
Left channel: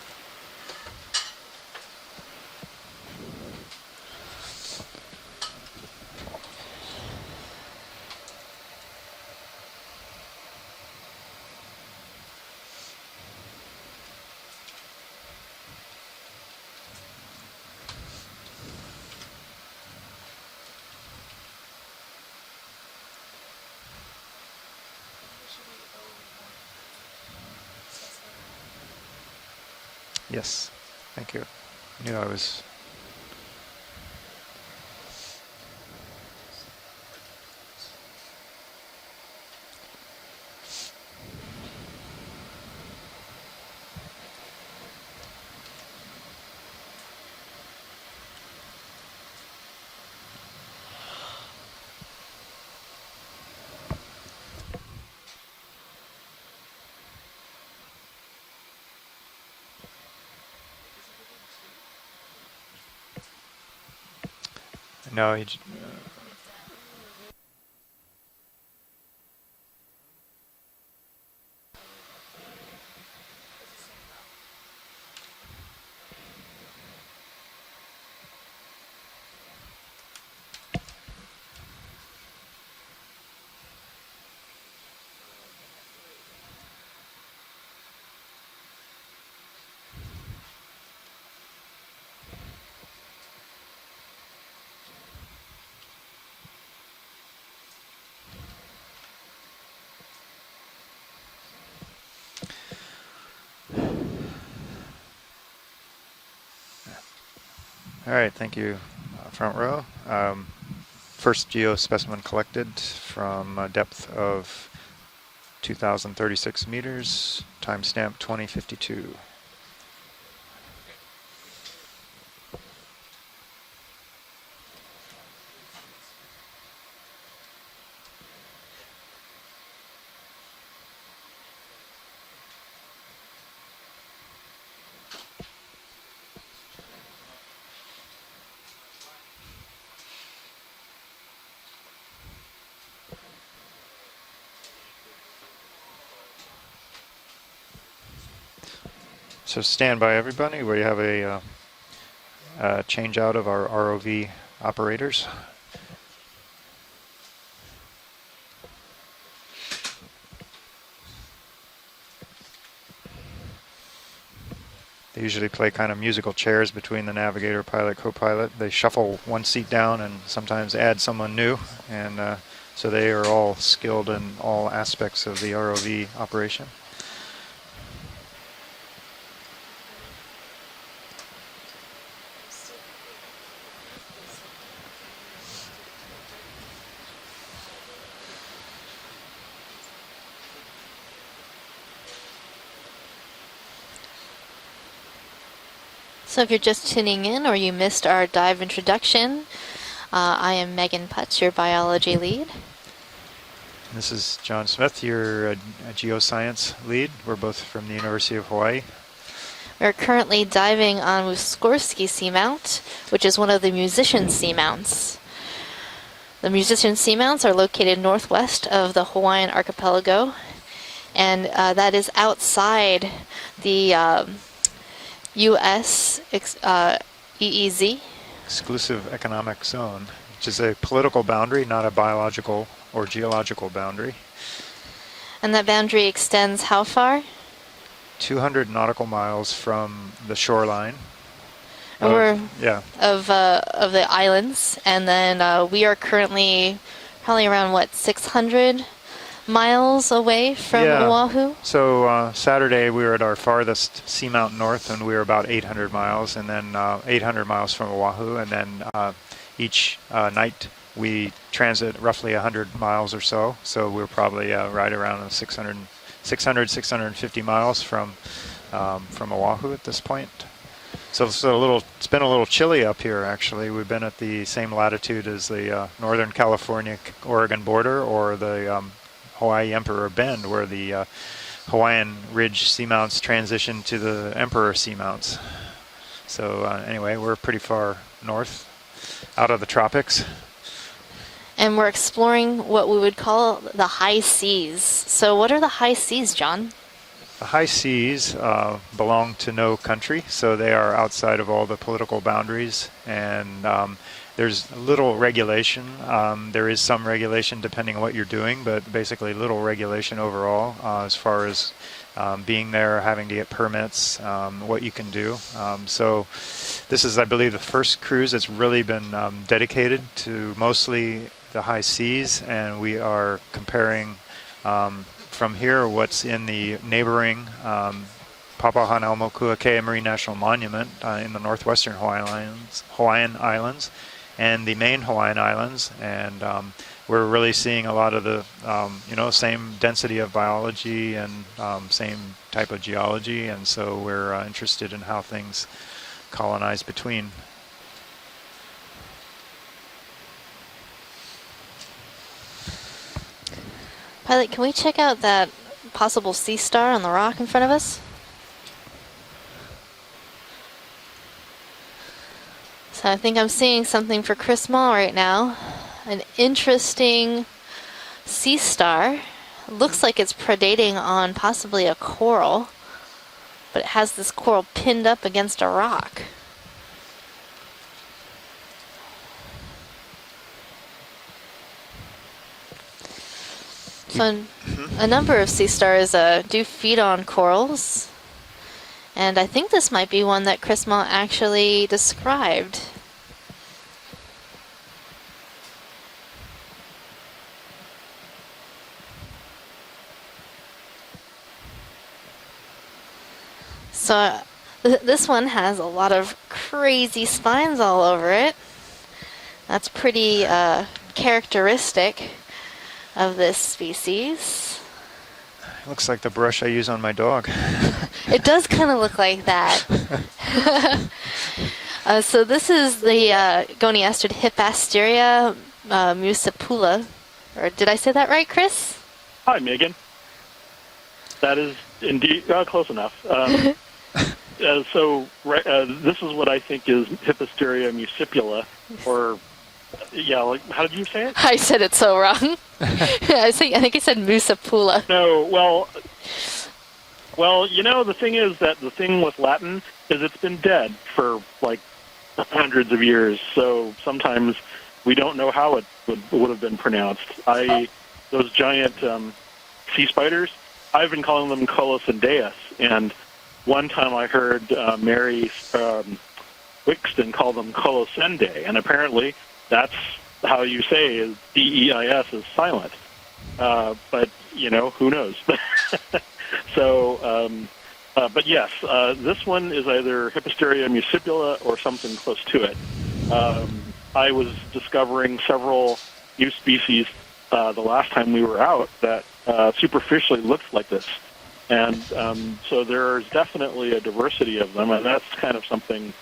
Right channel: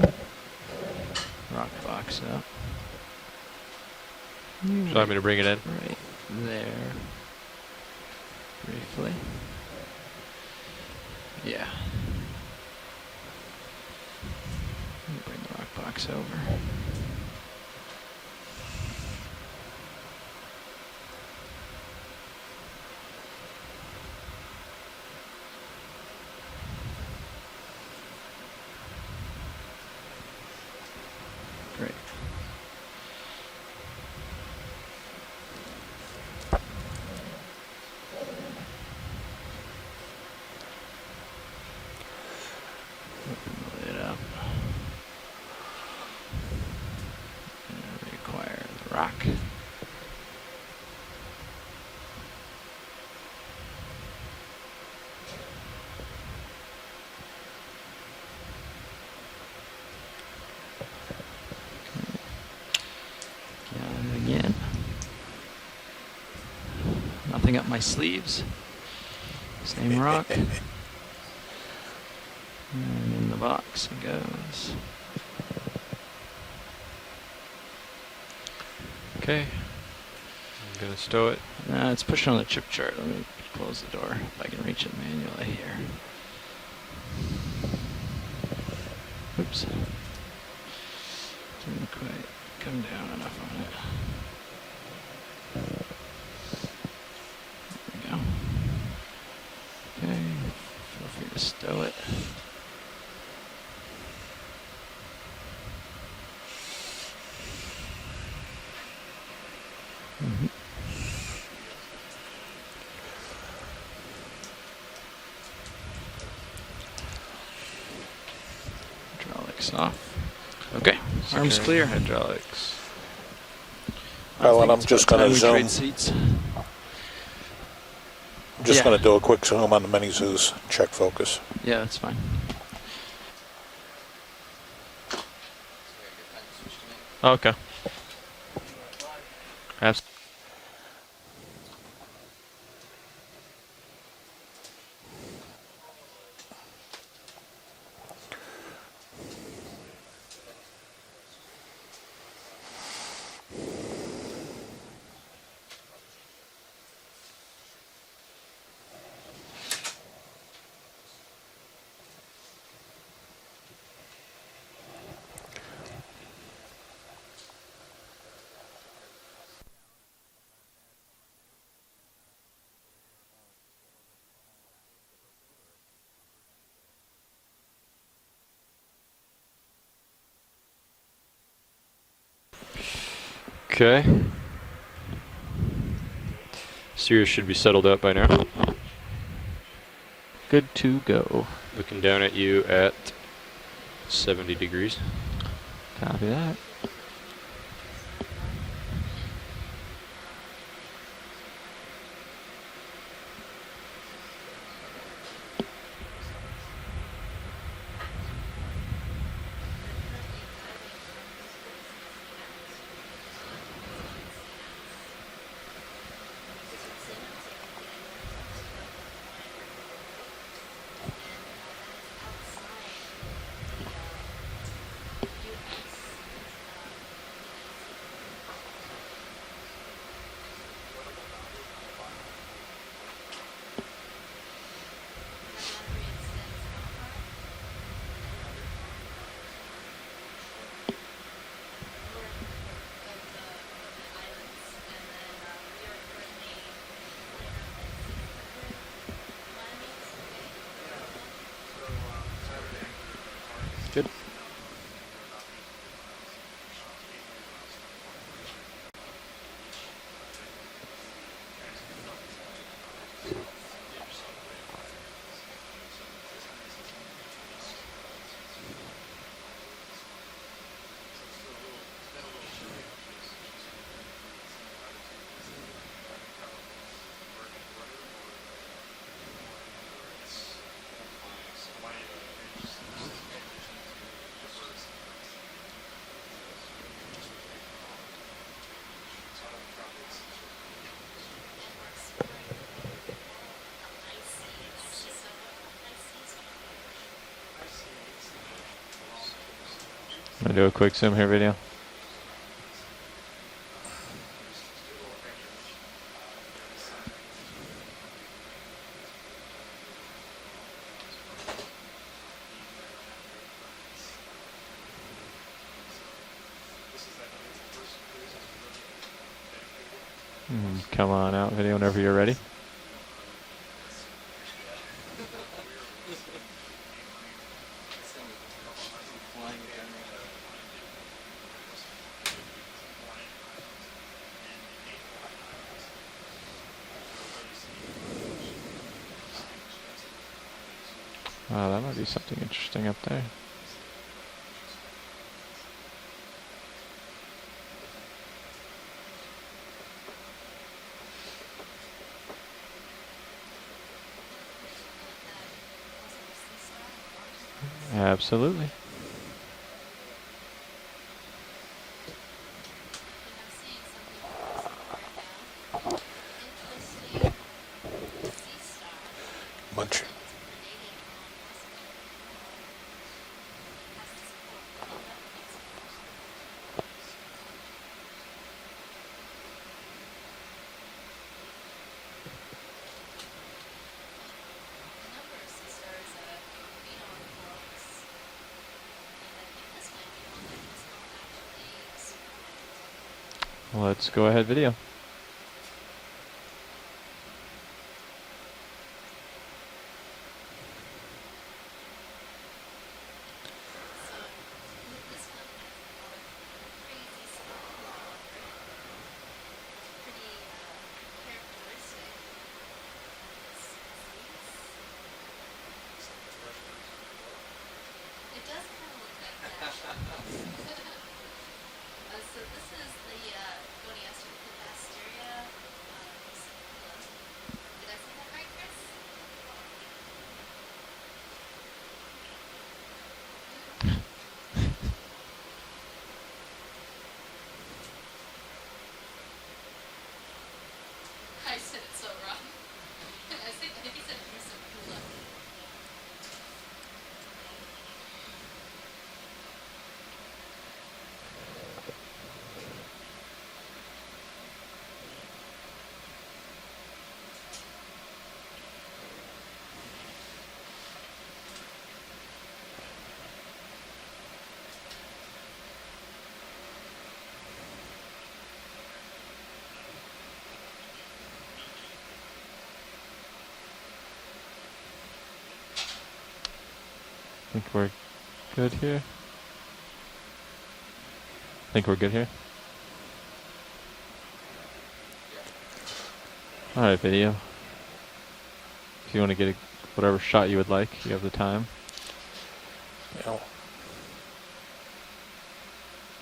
the rock box up. Do you want me to bring it in? Right from there. Briefly. Yeah. Bring the rock box over. Yes, thank you. Great. Yeah, I was. Open it up. And require the rock. Again. No, Nothing up my sleeves. Same rock. And in the box it goes. Okay. I'm going to stow it. It's pushing on the chip chart. Let me close the door if I can reach it manually here. Oops. Didn't quite come down enough on it. There we go. Okay. Feel free to stow it. All right, thank you, front row. First geo specimen collected from a depth of 2,036 meters, timestamp 2052. Hydraulics off. Okay, arms clear. Hydraulics. Well, and I'm just going to zoom. I'm just going to do a quick zoom on the mini zoos, check focus. Yeah, that's fine. Okay. So stand by, everybody. We have a change out of our ROV operators. They usually play kind of musical chairs between the navigator, pilot, co-pilot. They shuffle one seat down and sometimes add someone new. And so they are all skilled in all aspects of the ROV operation. Okay. Steers should be settled up by now. Good to go. Looking down at you at 70 degrees. So if you're just tuning in or you missed our dive introduction, I am Megan Putz, your biology lead. This is John Smith, your geoscience lead. We're both from the University of Hawaii. We're currently diving on Muskorski Seamount, which is one of the musician seamounts. The musician seamounts are located northwest of the Hawaiian archipelago, and that is outside the U.S. EEZ. Exclusive Economic Zone, which is a political boundary, not a biological or geological boundary. And that boundary extends how far? 200 nautical miles from the shoreline. Of the islands, and then we are currently probably around what, 600 miles away from Oahu. So Saturday we were at our farthest seamount north, and we were about 800 miles, and then 800 miles from Oahu, and then each night we transit roughly 100 miles or so. So we're probably right around 650 miles from Oahu at this point. So it's been a little chilly up here, actually. We've been at the same latitude as the Northern California-Oregon border, or the Hawaii Emperor Bend, where the Hawaiian Ridge seamounts transition to the Emperor seamounts. So anyway, we're pretty far north, out of the tropics. And we're exploring what we would call the high seas. So what are the high seas, John? The high seas belong to no country, so they are outside of all the political boundaries, and there's little regulation. There is some regulation depending on what you're doing, but basically little regulation overall as far as being there, having to get permits, what you can do. So this is, I believe, the first cruise that's really been dedicated to mostly the high seas, and we are comparing from here what's in the neighboring Papahanaumokuakea Marine National Monument in the northwestern Hawaiian Islands and the main Hawaiian Islands, and we're really seeing a lot of the same density of biology and same type of geology, and so we're interested in how things colonize between. Pilot, can we check out that possible sea star on the rock in front of us? Absolutely. So I think I'm seeing something for Chris Mall right now. An interesting sea star. Looks like it's predating on possibly a coral, but it has this coral pinned up against a rock. So a number of sea stars do feed on corals, and I think this might be one that Chris Mott actually described. Let's go ahead video. So this one has a lot of crazy spines all over it. That's pretty characteristic of this species. Looks like the brush I use on my dog. It does kind of look like that. So this is the Goniasterid Hippasteria muscipula. Or did I say that right, Chris? Hi, Megan. That is indeed close enough. This is what I think is Hippasteria muscipula, or like, how did you say it? I said it so wrong. I think I said muscipula. No, well, the thing is that the thing with Latin is it's been dead for like hundreds of years, so sometimes we don't know how it would have been pronounced. Those giant sea spiders, I've been calling them Colossendeus, and one time I heard Mary Wixton call them Colossende, and apparently that's how you say is D-E-I-S is silent. But, who knows? So, but yes, this one is either Hippasteria muscipula or something close to it. I was discovering several new species the last time we were out that superficially looked like this. You have the time. And so there's definitely a diversity of them, and that's kind of something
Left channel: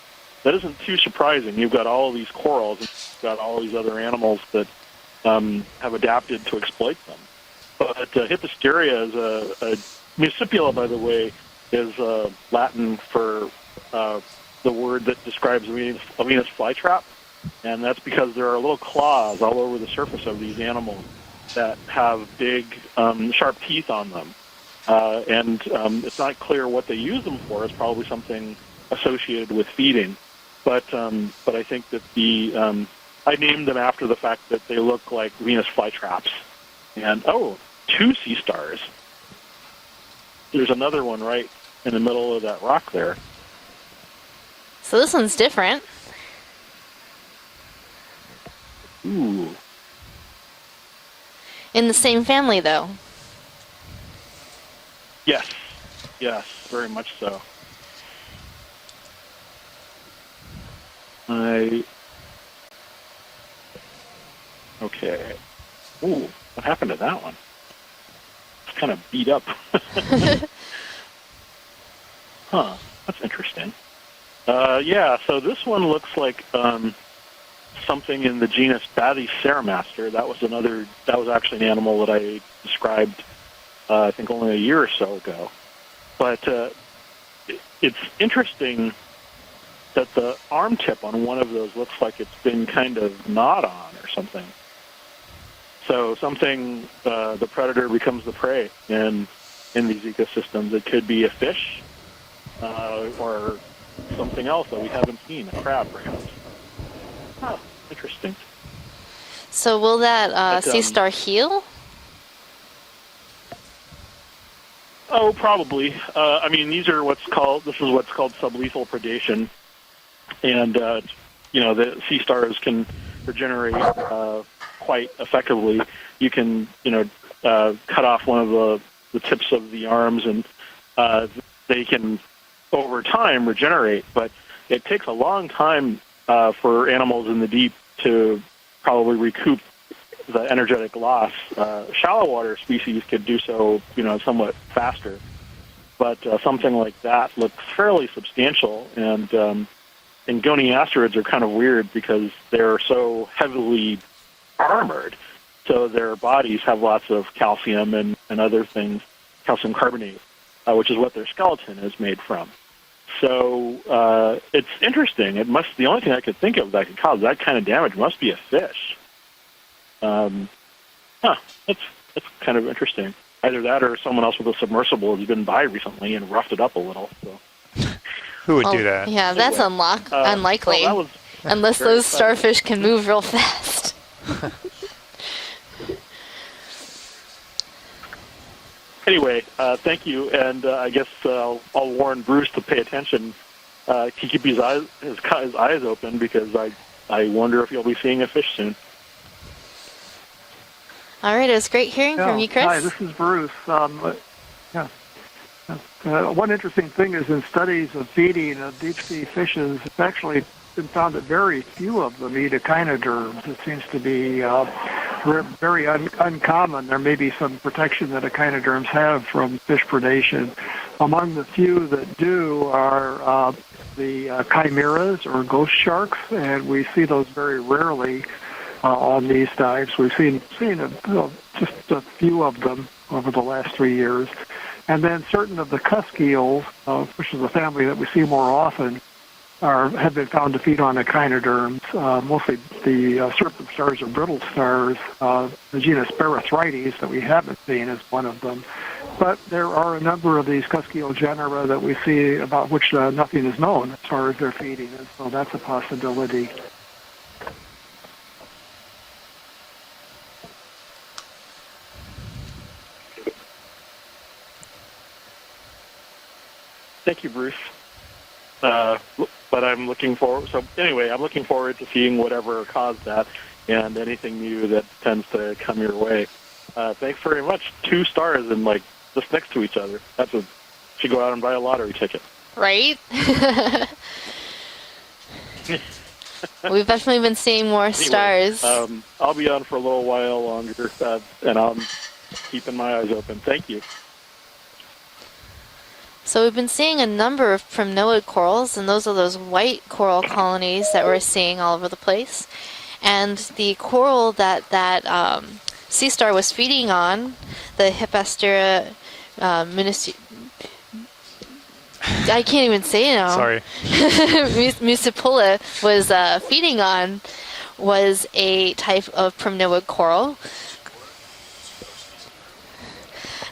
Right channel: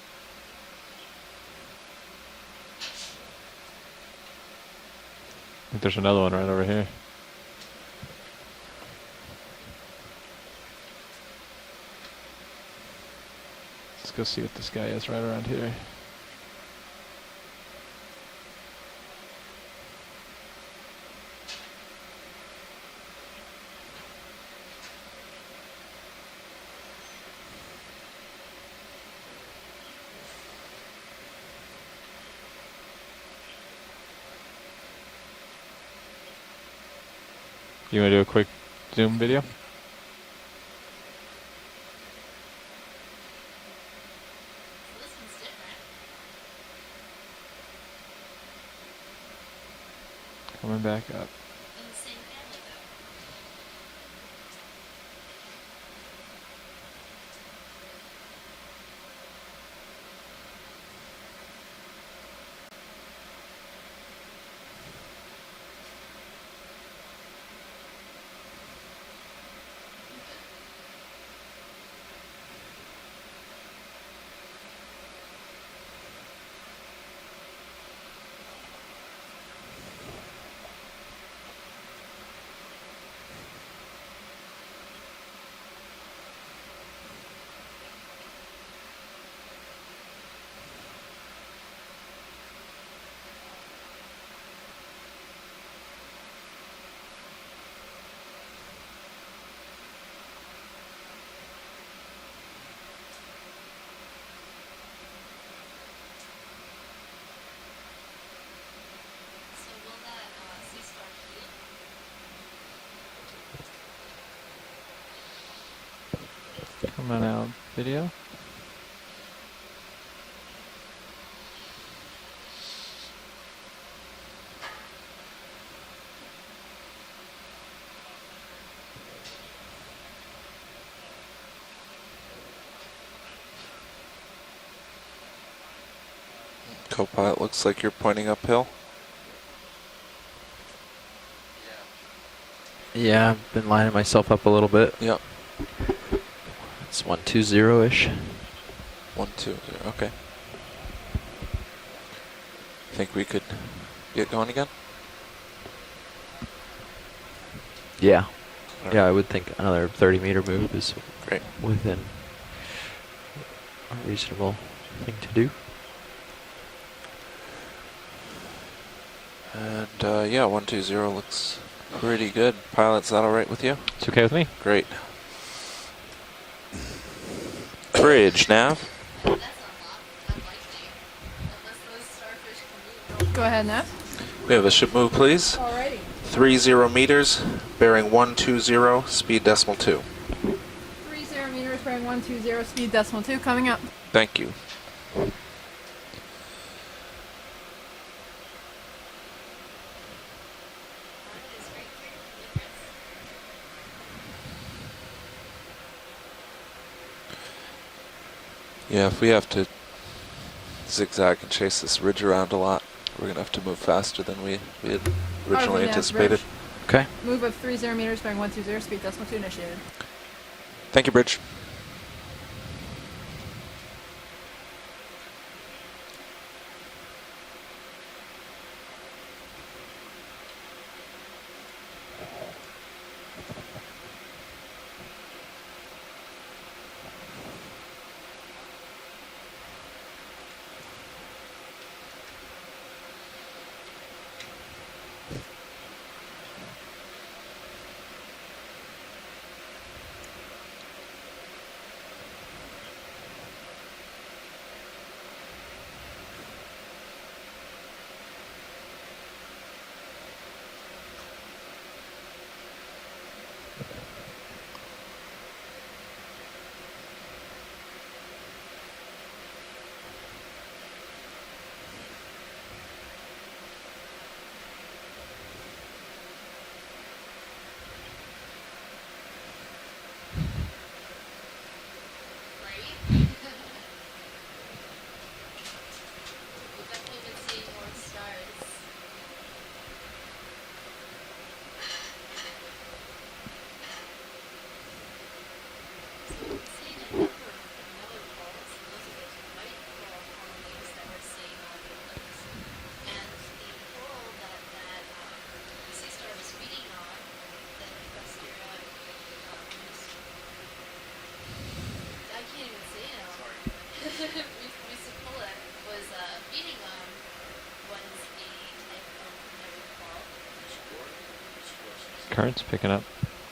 that isn't too surprising. You've got all of these corals, and you've got all these other animals that have adapted to exploit them. But Hippasteria is a muscipula, by the way, is Latin for the word that describes a Venus flytrap. And that's because there are little claws all over the surface of these animals that have big, sharp teeth on them. And it's not clear what they use them for. It's probably something associated with feeding. But I think that I named them after the fact that they look like Venus flytraps. And, two sea stars. Zoom video? There's another one right in the middle of that rock there. So this one's different. Ooh. Coming back up. In the same family, though. Yes, very much so. Okay. Ooh, what happened to that one? It's kind of beat up. Huh, that's interesting. So this one looks like something in the genus Bathyceramaster. That was actually an animal that I described, I think only a year or so ago. But it's interesting that the arm tip on one of those looks like it's been kind of gnawed on or something. So the predator becomes the prey in these ecosystems. It could be a fish or something else that we haven't seen, a crab perhaps. Huh, interesting. So will that sea star heal? Oh, probably. I mean, these are what's called sublethal predation, and the sea stars can regenerate quite effectively. You can cut off one of the tips of the arms, and they can over time regenerate, but it takes a long time for animals in the deep to probably recoup the energetic loss. Shallow water species can do so. Lining myself up a little bit. Faster. But something like that looks fairly substantial, and goniasterids are kind of weird because they're so heavily armored. So their bodies have lots of calcium and other things. Yeah, I would think calcium carbonate, 30-meter move, which is what their skeleton is made from. So it's interesting. The only thing I could think of that could cause that kind of damage must be a fish. And 120 looks pretty good. Kind of Pilot's that all right Either with that you? or someone else with a submersible has been by recently and roughed it up a little. Bridge. Who would do that? Yeah, that's unlikely. Well, unless those starfish can move real fast. We have a ship move, please. 30 meters, bearing 120, anyway, speed decimal 2. Thank you, and I guess I'll warn Bruce to pay attention. 2 coming up. Keep his eyes open because I wonder if you'll be seeing a fish soon. All right, it was great hearing from you, Chris. Hi, this is Bruce. One interesting thing is in studies of feeding of deep sea fishes, it's actually been found in very few of the echinoderms. It seems to be very uncommon. There may be some protection that echinoderms have from fish predation. Among the few that do are the chimeras or ghost sharks, and we see those very rarely on these dives. We've seen just a few of them over the last 3 years. And then certain of the cusk eels, which is a family that we see more often, have been found to feed on echinoderms, mostly the serpent stars or brittle stars. The genus Barythrites that we haven't seen is one of them. But there are a number of these cusk eel genera that we see about which nothing is known as far as their feeding, and so that's a possibility. Thank you, Bruce. But I'm looking forward. So anyway, I'm looking forward to seeing whatever caused that and anything new that tends to come your way. Thanks very much. 2 stars and just next to each other. Should go out and buy a lottery ticket. Right? We've definitely been seeing more stars. I'll be on for a little while longer, and I'm keeping my eyes open. Thank you. So we've been seeing a number of primnoid corals, and those are those white coral colonies that we're seeing all over the place. And the coral that sea star was feeding on, the Hipastera I can't even say it now. Sorry. Muscipula was feeding on was a type of primnoid coral. Current's picking up.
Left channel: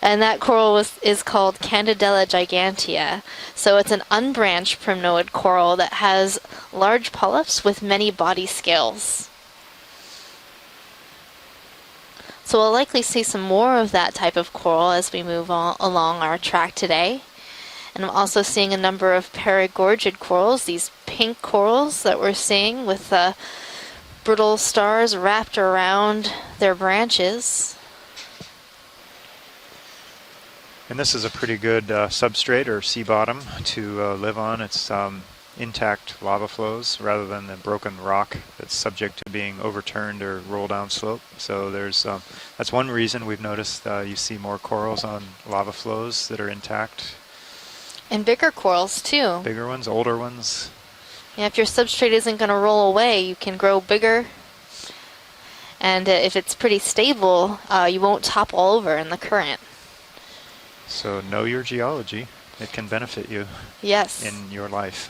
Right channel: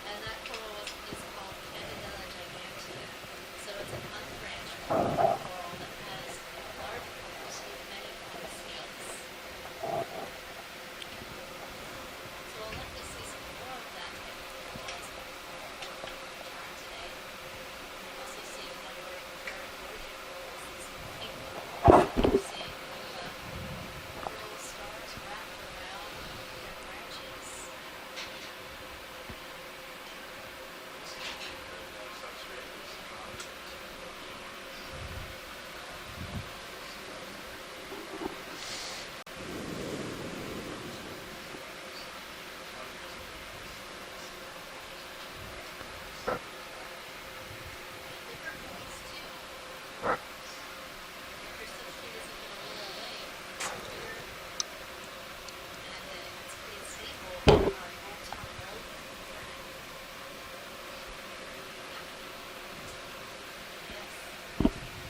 And that coral is called Candidella gigantea. So it's an unbranched primnoid coral that has large polyps with many body scales. So we'll likely see some more of that type of coral as we move along our track today. And I'm also seeing a number of paragorgid corals, these pink corals that we're seeing with brittle stars wrapped around their branches. And this is a pretty good substrate or sea bottom to live on. It's intact lava flows rather than the broken rock that's subject to being overturned or roll down slope. So there's that's one reason we've noticed you see more corals on lava flows that are intact. And bigger corals too. Bigger ones, older ones. Yeah, if your substrate isn't going to roll away, you can grow bigger. And if it's pretty stable, you won't topple over in the current. So know your geology. It can benefit you. Yes. In your life.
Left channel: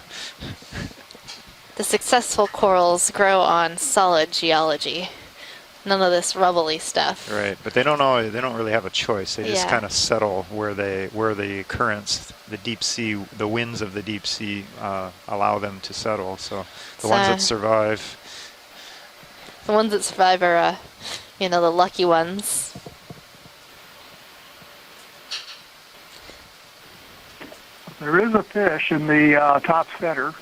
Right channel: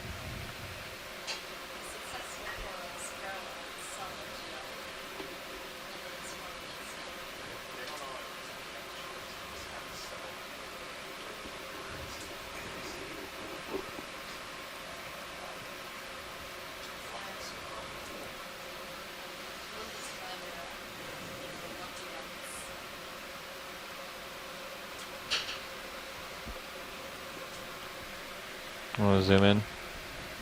The successful corals grow on solid geology. None of this rubbly stuff. Right, but they don't really have a choice. They just kind of settle where the currents, the deep sea, the winds of the deep sea allow them to settle. So the ones that survive. The ones that survive are, the lucky ones. There is a fish in the top center.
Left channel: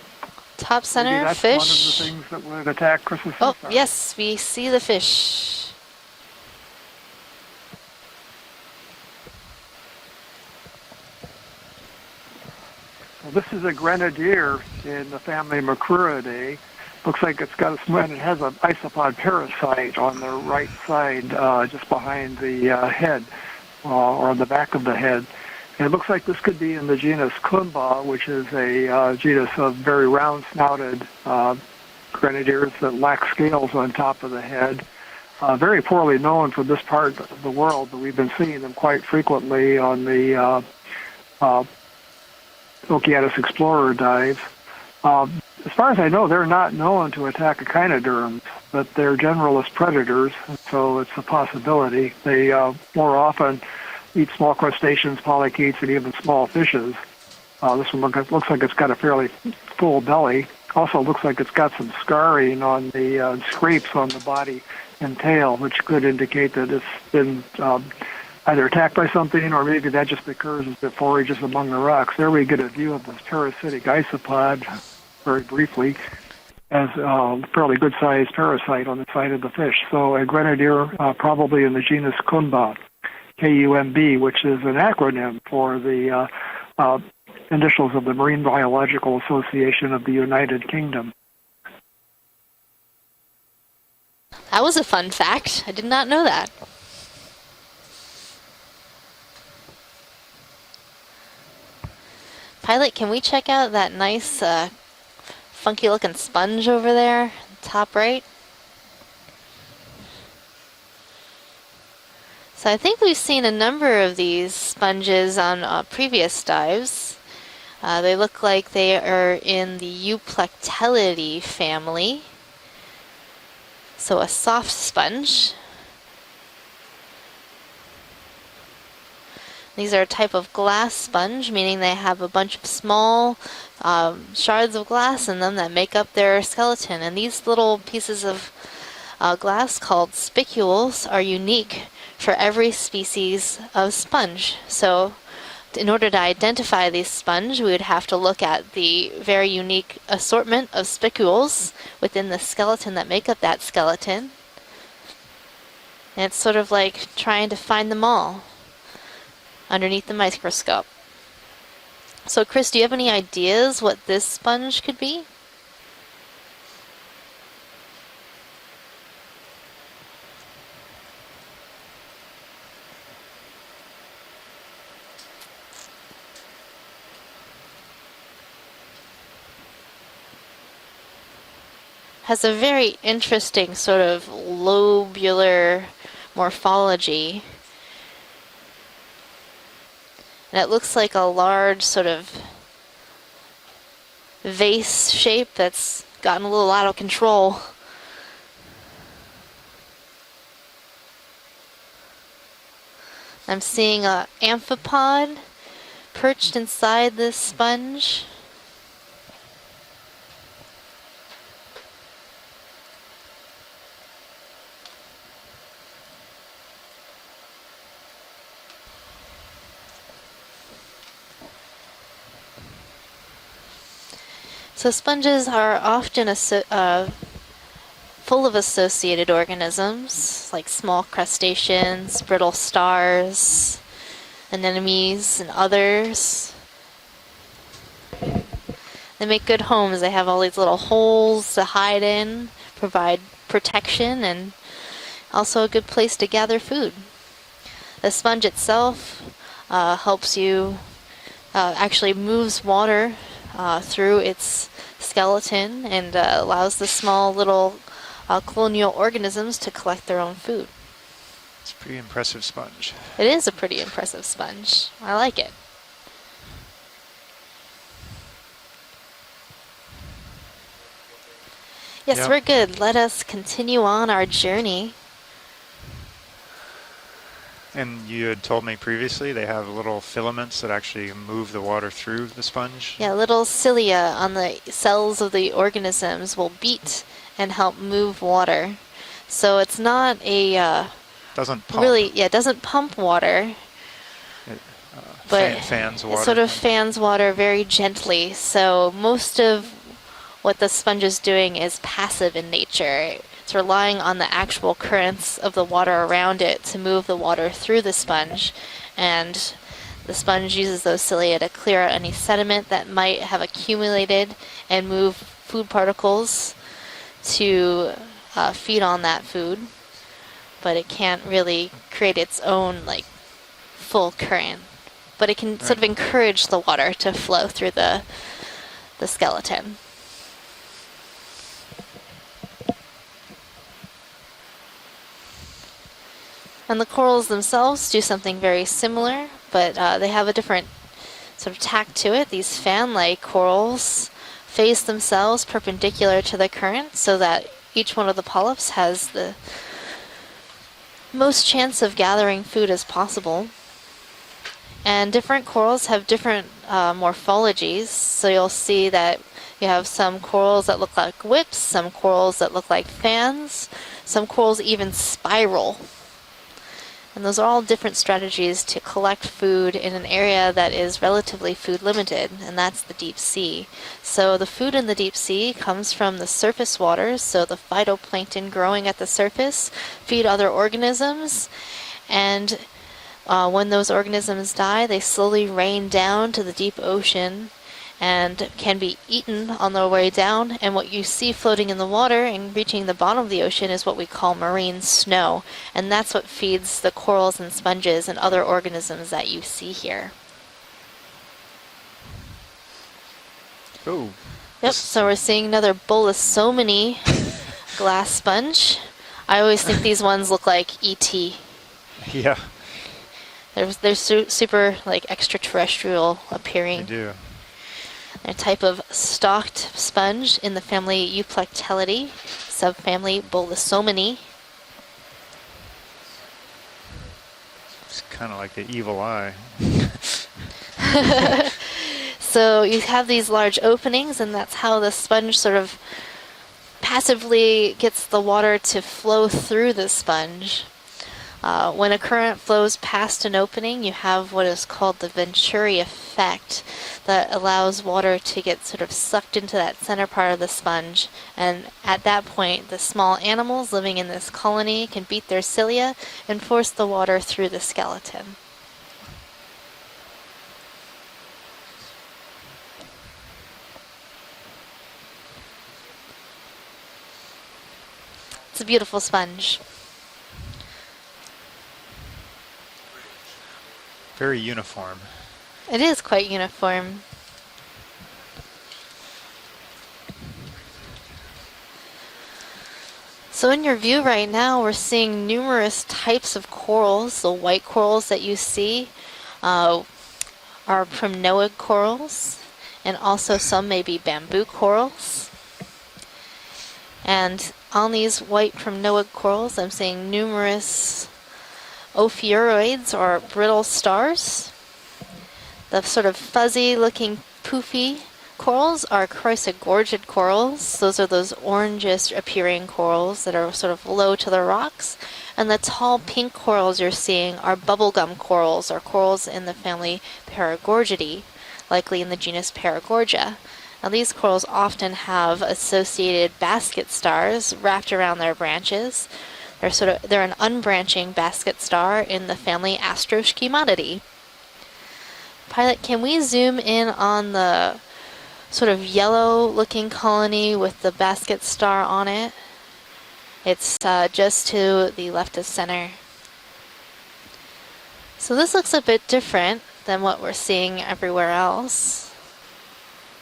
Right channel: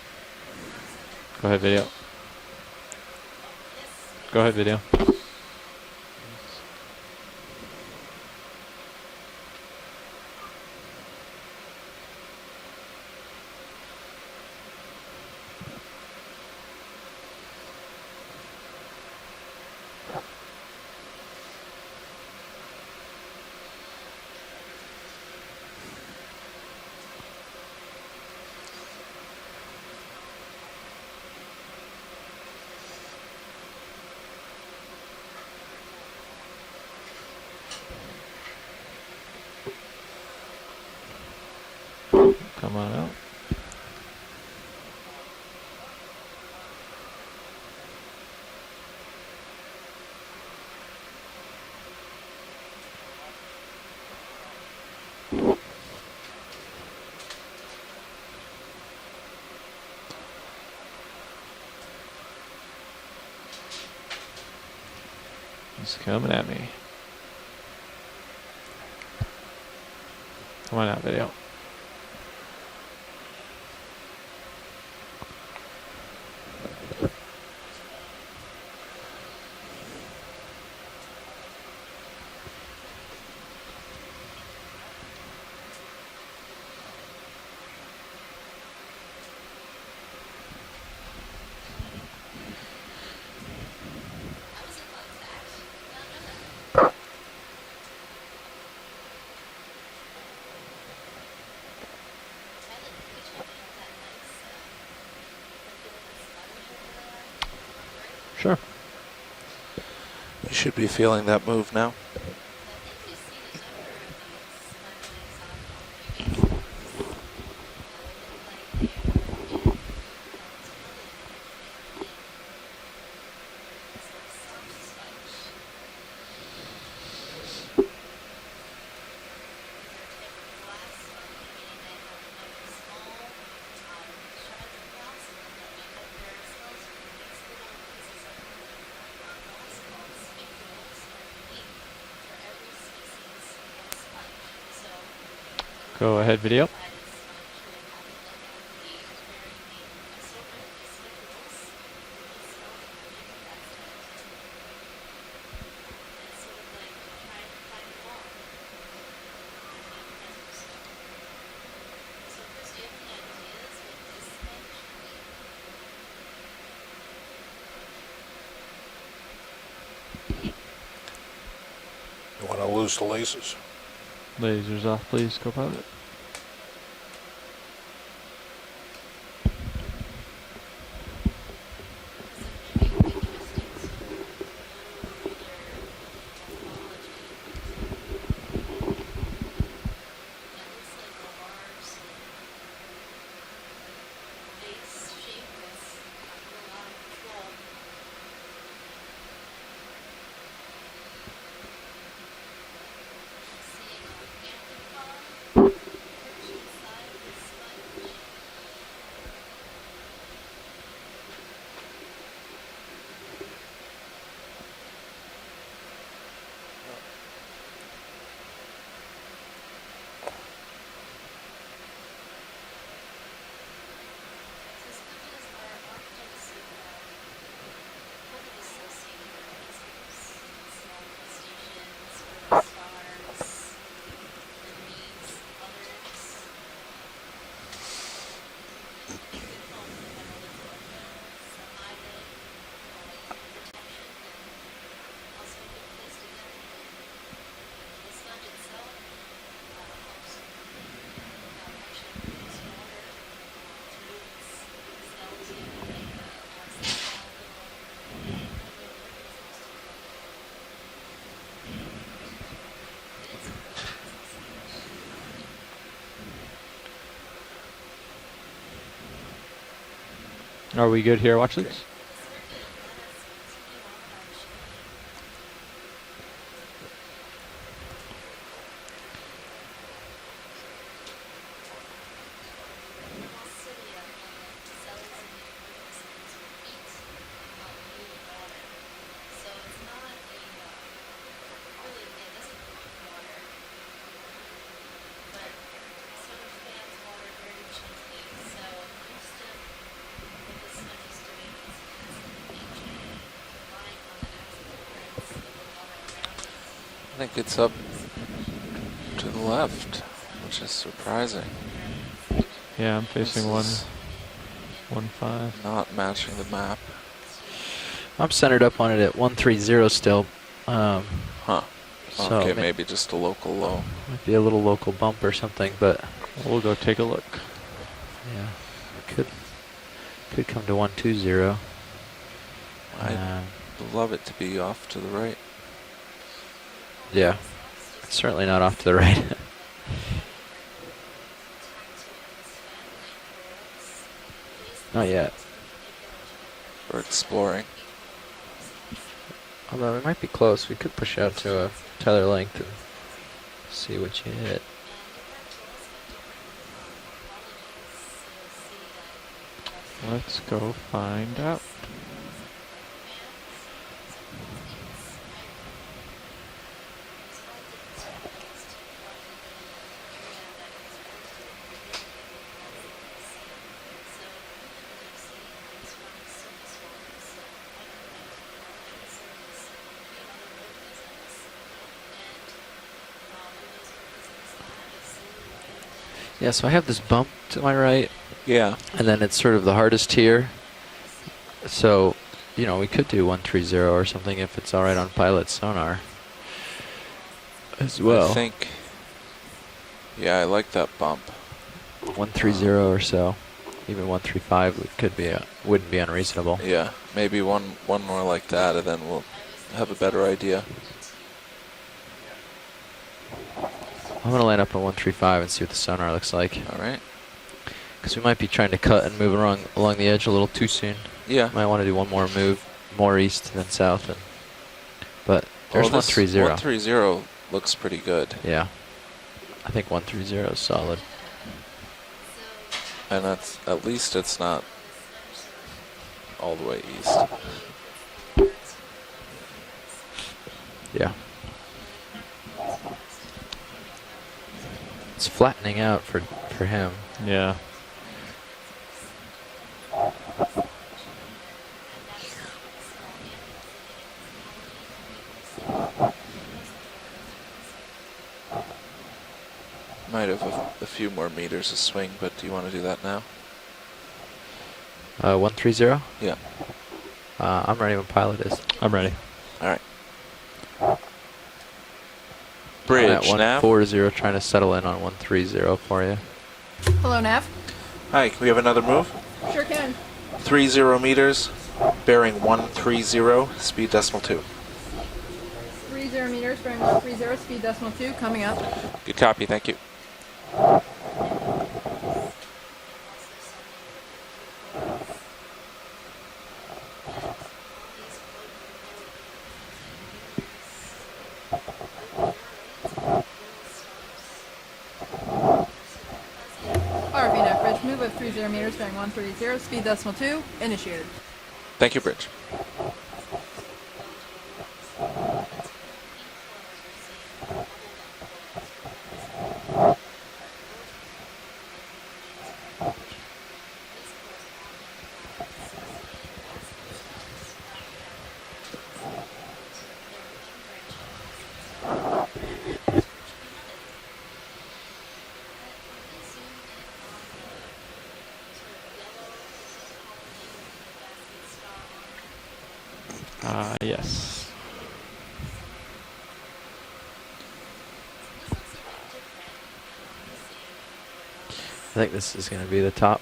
Top center that's fish. One of the things that would attack Christmas. Oh, yes, we see the fish. Well, this is a grenadier in the family Macruidae. Looks like it's got and it has an isopod parasite on the right side, just behind the head, or on the back of the head. And it looks like this could be in the genus Clumba, which is a genus of very round-snouted grenadiers that lack scales on top of the head. Very poorly known for this part of the world, but we've been seeing them quite frequently on the Okeanos Explorer dives. As far as I know, they're not known to attack echinoderms, but they're generalist predators, so it's a possibility. They more often eat small crustaceans, polychaetes, and even small fishes. This one looks like it's got a fairly full belly. Also looks like it's got some scarring on the scrapes on the body and tail, which could indicate that it's been either attacked by something, or maybe that just occurs as it forages among the rocks. There we get a view of this parasitic isopod, very briefly, as a fairly good-sized parasite on the side of the fish. So a grenadier probably in the genus Kumba. KUMB, which is an acronym for the initials of the Marine Biological Association of the United Kingdom. That was a fun fact. I did not know that. Pilot, can we check out that nice, funky looking sponge over there, top right? Sure. You should be feeling that move now. So I think we've seen a number of these sponges on previous dives. They look like they are in the Euplectellidae family. So a soft sponge. These are a type of glass sponge, meaning they have a bunch of small shards of glass in them that make up their skeleton. And these little pieces of glass called spicules are unique for every species of sponge. So in order to identify these sponge, we would have to look at the very unique assortment of spicules within the skeleton that make up that skeleton. And it's sort of like trying to find them all underneath the microscope. So Chris, do you have any ideas what this sponge could be? You want to lose the lasers? Lasers off, please, co-pilot. Has a very interesting sort of lobular morphology. And it looks like a large sort of vase shape that's gotten a little out of control. I'm seeing an amphipod perched inside this sponge. So sponges are often full of associated organisms, like small crustaceans, brittle stars, anemones, and others. They make good homes. They have all these little holes to hide in, provide protection, and also a good place to gather food. The sponge itself helps you, actually moves water through its skeleton and allows the small little colonial organisms to collect their own food. It's a pretty impressive sponge. It is a pretty impressive sponge. I like it. Are we good here? Watch this. Yes, Yep. we're good. Let us continue on our journey. And you had told me previously they have little filaments that actually move the water through the sponge. Yeah, little cilia on the cells of the organisms will beat and help move water. So it's not a Doesn't pump. really, yeah, it doesn't pump water, but fans it water. sort of fans water very gently. So most of what the sponge is doing is passive in nature. It's relying on the actual currents of the water around it to move the water through the sponge. And the sponge uses those cilia to clear out any sediment that might have accumulated and move food particles to I'm centered feed up on on it that at 130 food. still. But it can't really create its own Maybe like just a local low. full Maybe a current. little local bump But or it can something, sort of but encourage the we'll go water take a to look. flow through the skeleton. Could come to 120. I'd love it to be off to the right. And the corals Yeah. themselves do something Certainly very not off to the similar, right. but they have a different sort of tack to it. These fan-like corals face themselves perpendicular to the current so that each one of the polyps has the Although it might be close. We could push out most to a chance of better gathering length. food as possible. See what you hit. And different corals have different morphologies, so you'll see that you have some Let's corals go that look like find whips, out. some corals that look like fans, some corals even spiral. And those are all different strategies to collect food in an area that is relatively food limited, and that's the deep sea. So the food in the deep sea comes from the surface waters, so the phytoplankton growing at the surface feed other organisms, and when those organisms die, they slowly rain down to the so I deep have this ocean bump to my right. and can be And then eaten it's sort of on the their way hardest tier. down. And what you see floating in the So, water and you know, reaching we the could bottom do of the ocean is 130 what or we call something if marine it's all right on snow. pilot sonar. And that's what feeds the corals and sponges well. and other I think- organisms that you see here. Yeah, I like that bump. 130 or so. Even 135. Yep, so we're seeing another would be bowl of unreasonable. so many Yeah, maybe one glass one more like sponge. that, and then we'll I always think have a these better ones look idea. like ET. Yeah. They're super up on like 135 and see what the sonar extraterrestrial looks like, appearing. right? Yeah. Because we might be Type trying to of cut and move stalked along the edge sponge a little in the too family soon. Might want to do Euplactelidae, one more move, subfamily more east than south. Bolosomini. But there's Oh, this 130. 130 looks pretty good. Kind of like Yeah. the evil eye. I think 130 is solid. So you have these that's- large at least openings, and it's that's not how the sponge sort of all the way. passively gets the water to flow through the sponge. Yeah. When a current flows past an opening, you have what is called the It's Venturi flattening out effect for him. that Yeah. allows water to get sort of sucked into that center part of the sponge. And at that point, the small animals living in this colony can beat their cilia and force the water through the skeleton. Might have a few more meters of swing, but do you want to do that now? 130? Yeah. I'm ready when pilot is. It's a beautiful I'm ready. sponge. All right. I'm at Bridge, nav. 140, trying Very to settle in uniform. on 130 It is for you. quite uniform. Hello, Nav. Hi, can we have another move? Sure can. 30 meters, bearing 130. So in your speed view decimal right 2. now, we're seeing numerous types of corals. The white corals that you see Good copy, thank you. are primnoid corals, and also some may be bamboo corals. And on these white primnoid corals, I'm seeing numerous ophiuroids, or brittle stars. The sort of fuzzy-looking, poofy corals are chrysogorgid corals. Those are those orangish-appearing corals that are sort of low to the rocks. And the tall pink corals you're seeing are bubblegum corals, or corals in the family Paragorgidae, likely in the genus Paragorgia. Now, these corals often have associated basket stars wrapped around their branches. They're an unbranching basket star in the family Astroschematidae. Pilot, can we zoom in on the sort of yellow-looking colony with the basket star on it? It's Yes. just to the left of center. So this looks a bit different than what we're seeing everywhere else. I think this is going to be the top.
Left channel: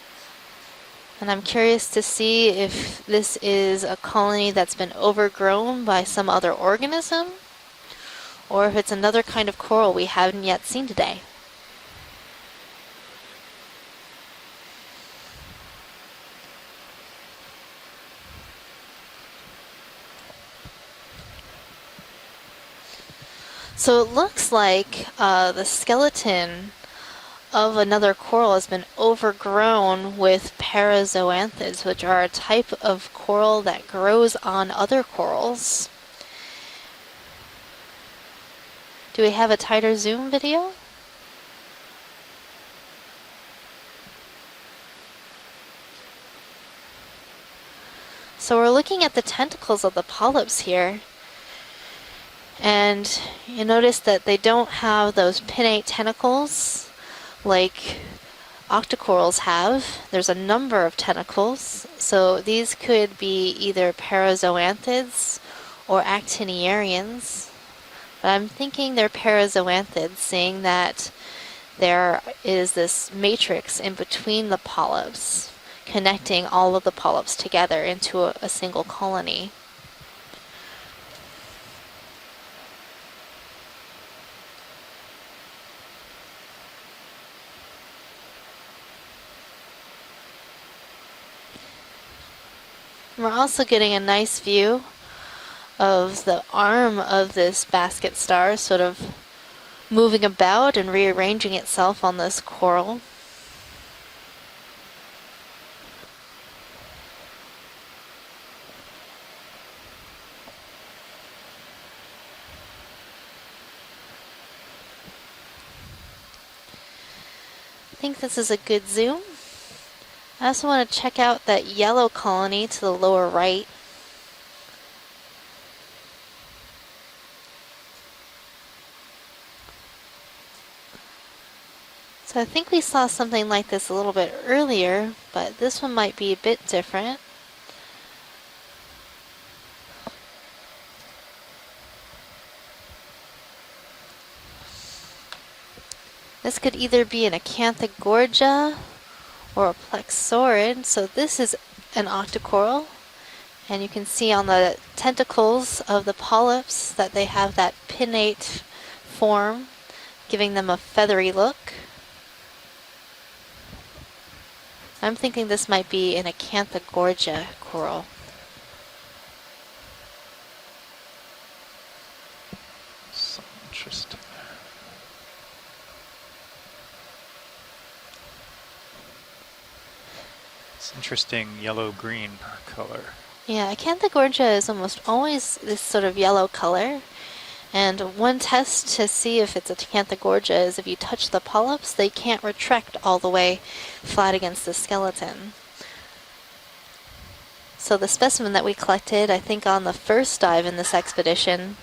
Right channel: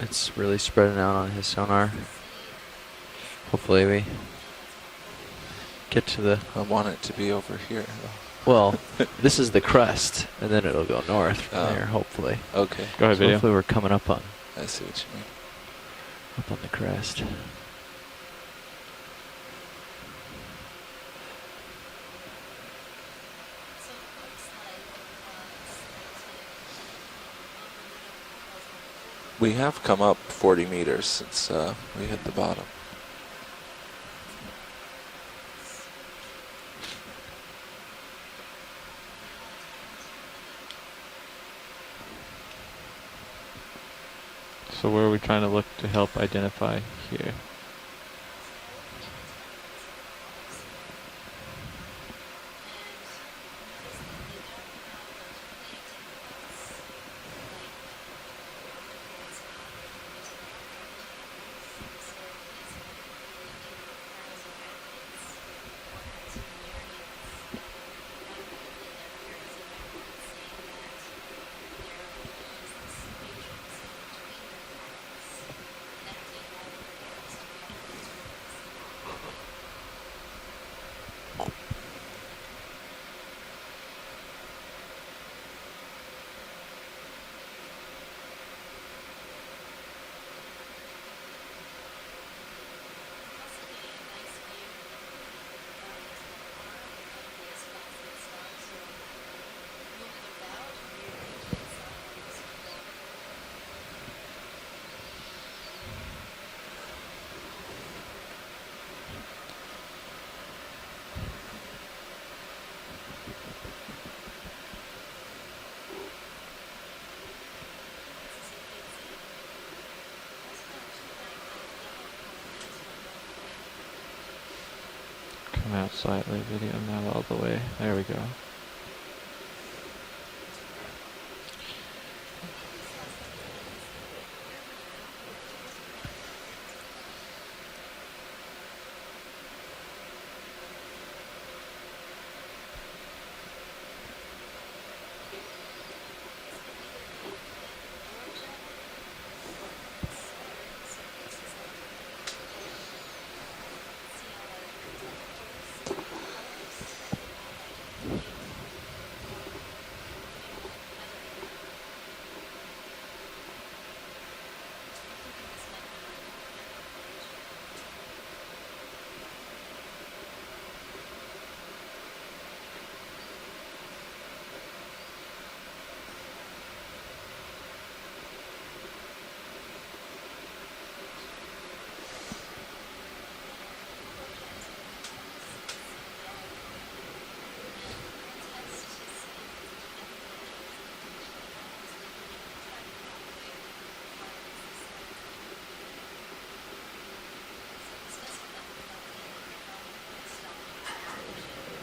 It's really spreading out on And I'm the curious sonar. to see if this is Hopefully a we colony that's been overgrown by get to some the- other I want it to be organism, over here. or if it's another this kind is of the coral we crest, haven't and yet then seen it'll go today. north from there, hopefully. Yeah. Okay, Go ahead, So video. hopefully we're coming up on I see what you mean. the crest. So it looks like the skeleton of another coral has been come overgrown up with 40 meters. It's, parazoanthids, which right are a at the bottom. type of coral that grows on other corals. Do we have a tighter zoom video? So where are we trying to look to help identify here? So we're looking at the tentacles of the polyps here. And you notice that they don't have those pinnate tentacles like octocorals have. There's a number of tentacles. So these could be either parazoanthids or actiniarians. But I'm thinking they're parazoanthids, seeing that there is this matrix in between the polyps, connecting all of the polyps together into a single colony. We're also getting a nice view of the arm of this basket star sort of moving about and rearranging itself on this coral. I think this is a good zoom. I also want to check out that yellow colony to the lower right. Come out slightly, video now all the way. There we go. I think we saw something like this a little bit earlier, but this one might be a bit different. This could either be an Acanthogorgia or a Plexaurid. So this is an octocoral, and you can see on the tentacles of the polyps that they have that pinnate form, giving them a feathery look. I'm thinking this might be an Acanthogorgia coral. So interesting. It's interesting yellow-green color. Yeah, Acanthogorgia is almost always this sort of yellow color. And one test to see if it's a Acanthogorgia is if you touch the polyps, they can't retract all the way flat against the skeleton. So the specimen that we collected, I think on the first dive in this expedition,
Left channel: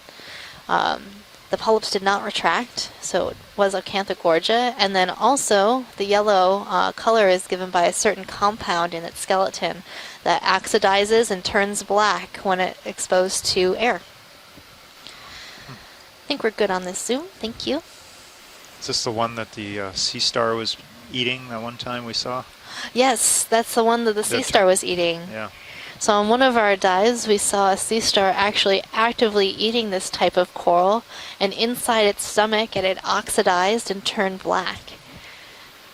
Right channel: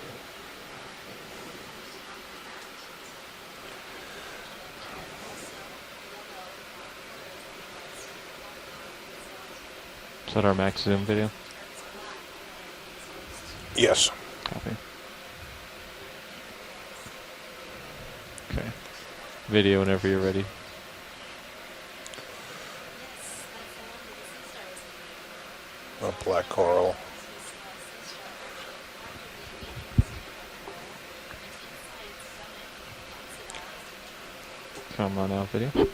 the polyps did not retract, so it was Acanthogorgia. And then also the yellow color is given by a certain compound in its skeleton that oxidizes and turns black when it exposed to air. Yes. Copy. I think we're good on this Zoom. Thank you. Okay. Is this the one that Video the sea star was eating that one time we saw? Yes, that's the one that the sea star was eating. Yeah. So on one of our dives, we saw a sea star actually actively eating this type of coral, and inside its stomach, it had oxidized and turned black. Come on out, video.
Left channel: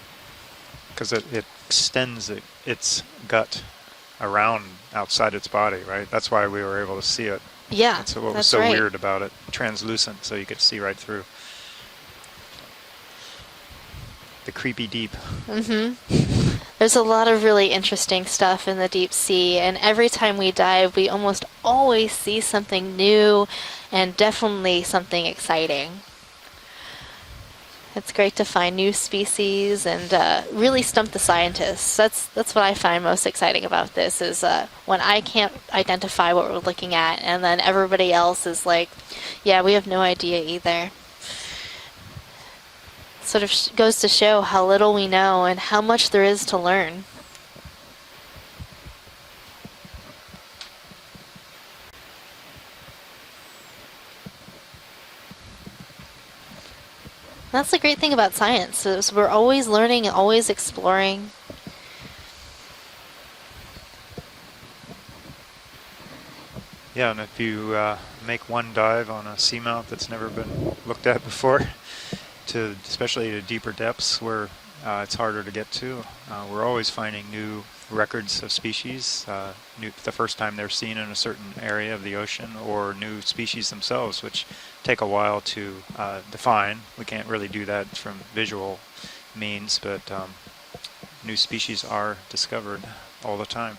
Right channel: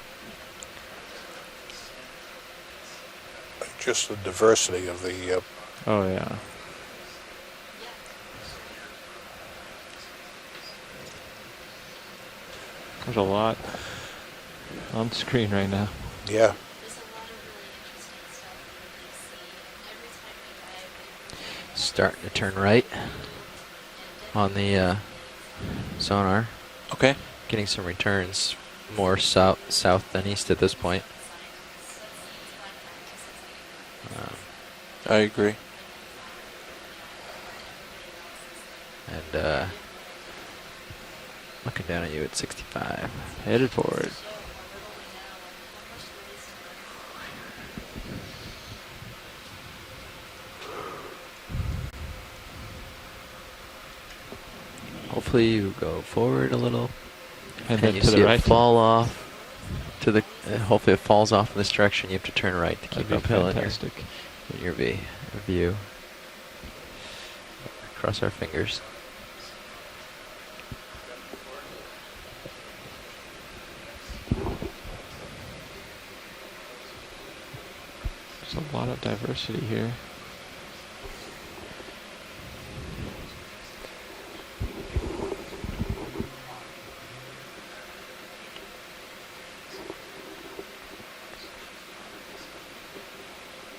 Because it extends its gut Just the around diversity of outside the, its body, Oh, right? yeah. That's why we were able to see it. Yeah, That's what was that's so right. weird about it. Translucent, so you could see right through. There's a lot The creepy on deep. the screen right now. yeah. There's a lot of really interesting stuff in the deep sea, and every time we dive, we almost always Start to see turn something right. new and definitely On the, something exciting. Sonar. Okay. Getting some returns. It's great to find new more species south and than east at this really point. stump the scientists. That's what I find most exciting about this is when I can't identify what we're looking at, and then everybody else is like, And, yeah, we have no idea either. Looking down at you at 65. Sort of Headed goes to forward. show how little we know and how much there is to learn. Hopefully you go forward a little. That's the And great you thing see about it fall science is off we're always learning and always and hopefully it exploring. falls off in this direction. You have to turn right to keep That'd be uphill in fantastic. your view. Yeah, and if you Cross our make one fingers. dive on a seamount that's never been looked at before, especially to deeper depths where it's harder to get to, we're always finding new records of species. diversity here. The first time they're seen in a certain area of the ocean, or new species themselves, which take a while to define. We can't really do that from visual means, but new species are discovered all the time.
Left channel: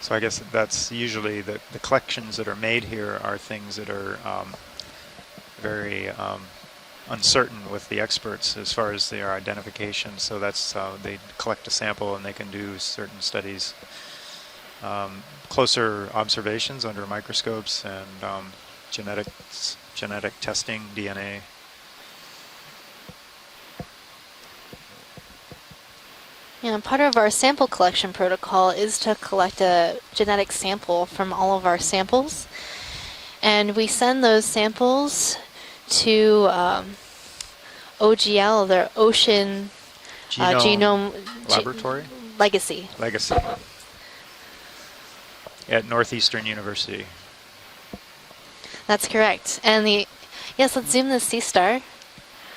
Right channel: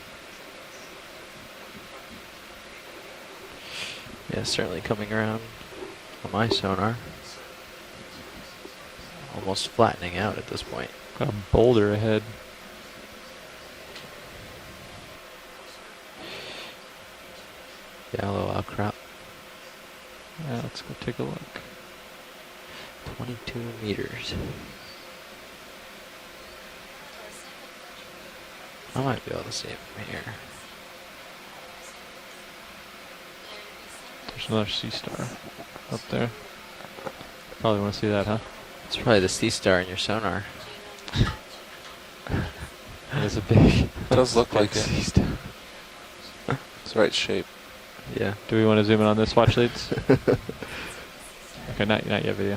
So I guess that's usually the collections that are made here are things that are Yeah, certainly coming around. very My sonar. uncertain with the experts as far as their Almost identification. flattening out So at that's this point. they Got a collect a boulder sample ahead. and they can do certain studies, closer observations under microscopes and Yellow outcrop. genetic testing, let's take a DNA. look. 22 meters. Yeah, part of our sample collection protocol is I to like those collect a right here. genetic sample from all of our samples. And we send those There's another samples to Probably want to see that, huh? OGL, their It's probably the sea ocean star in your sonar. genome Laboratory? legacy. Legacy. It does look like it. At Northeastern University. It's right shape. Yeah. Do we want to zoom That's in on correct. this watch, please? And the yes, let's zoom the sea star. Okay, not yet, video.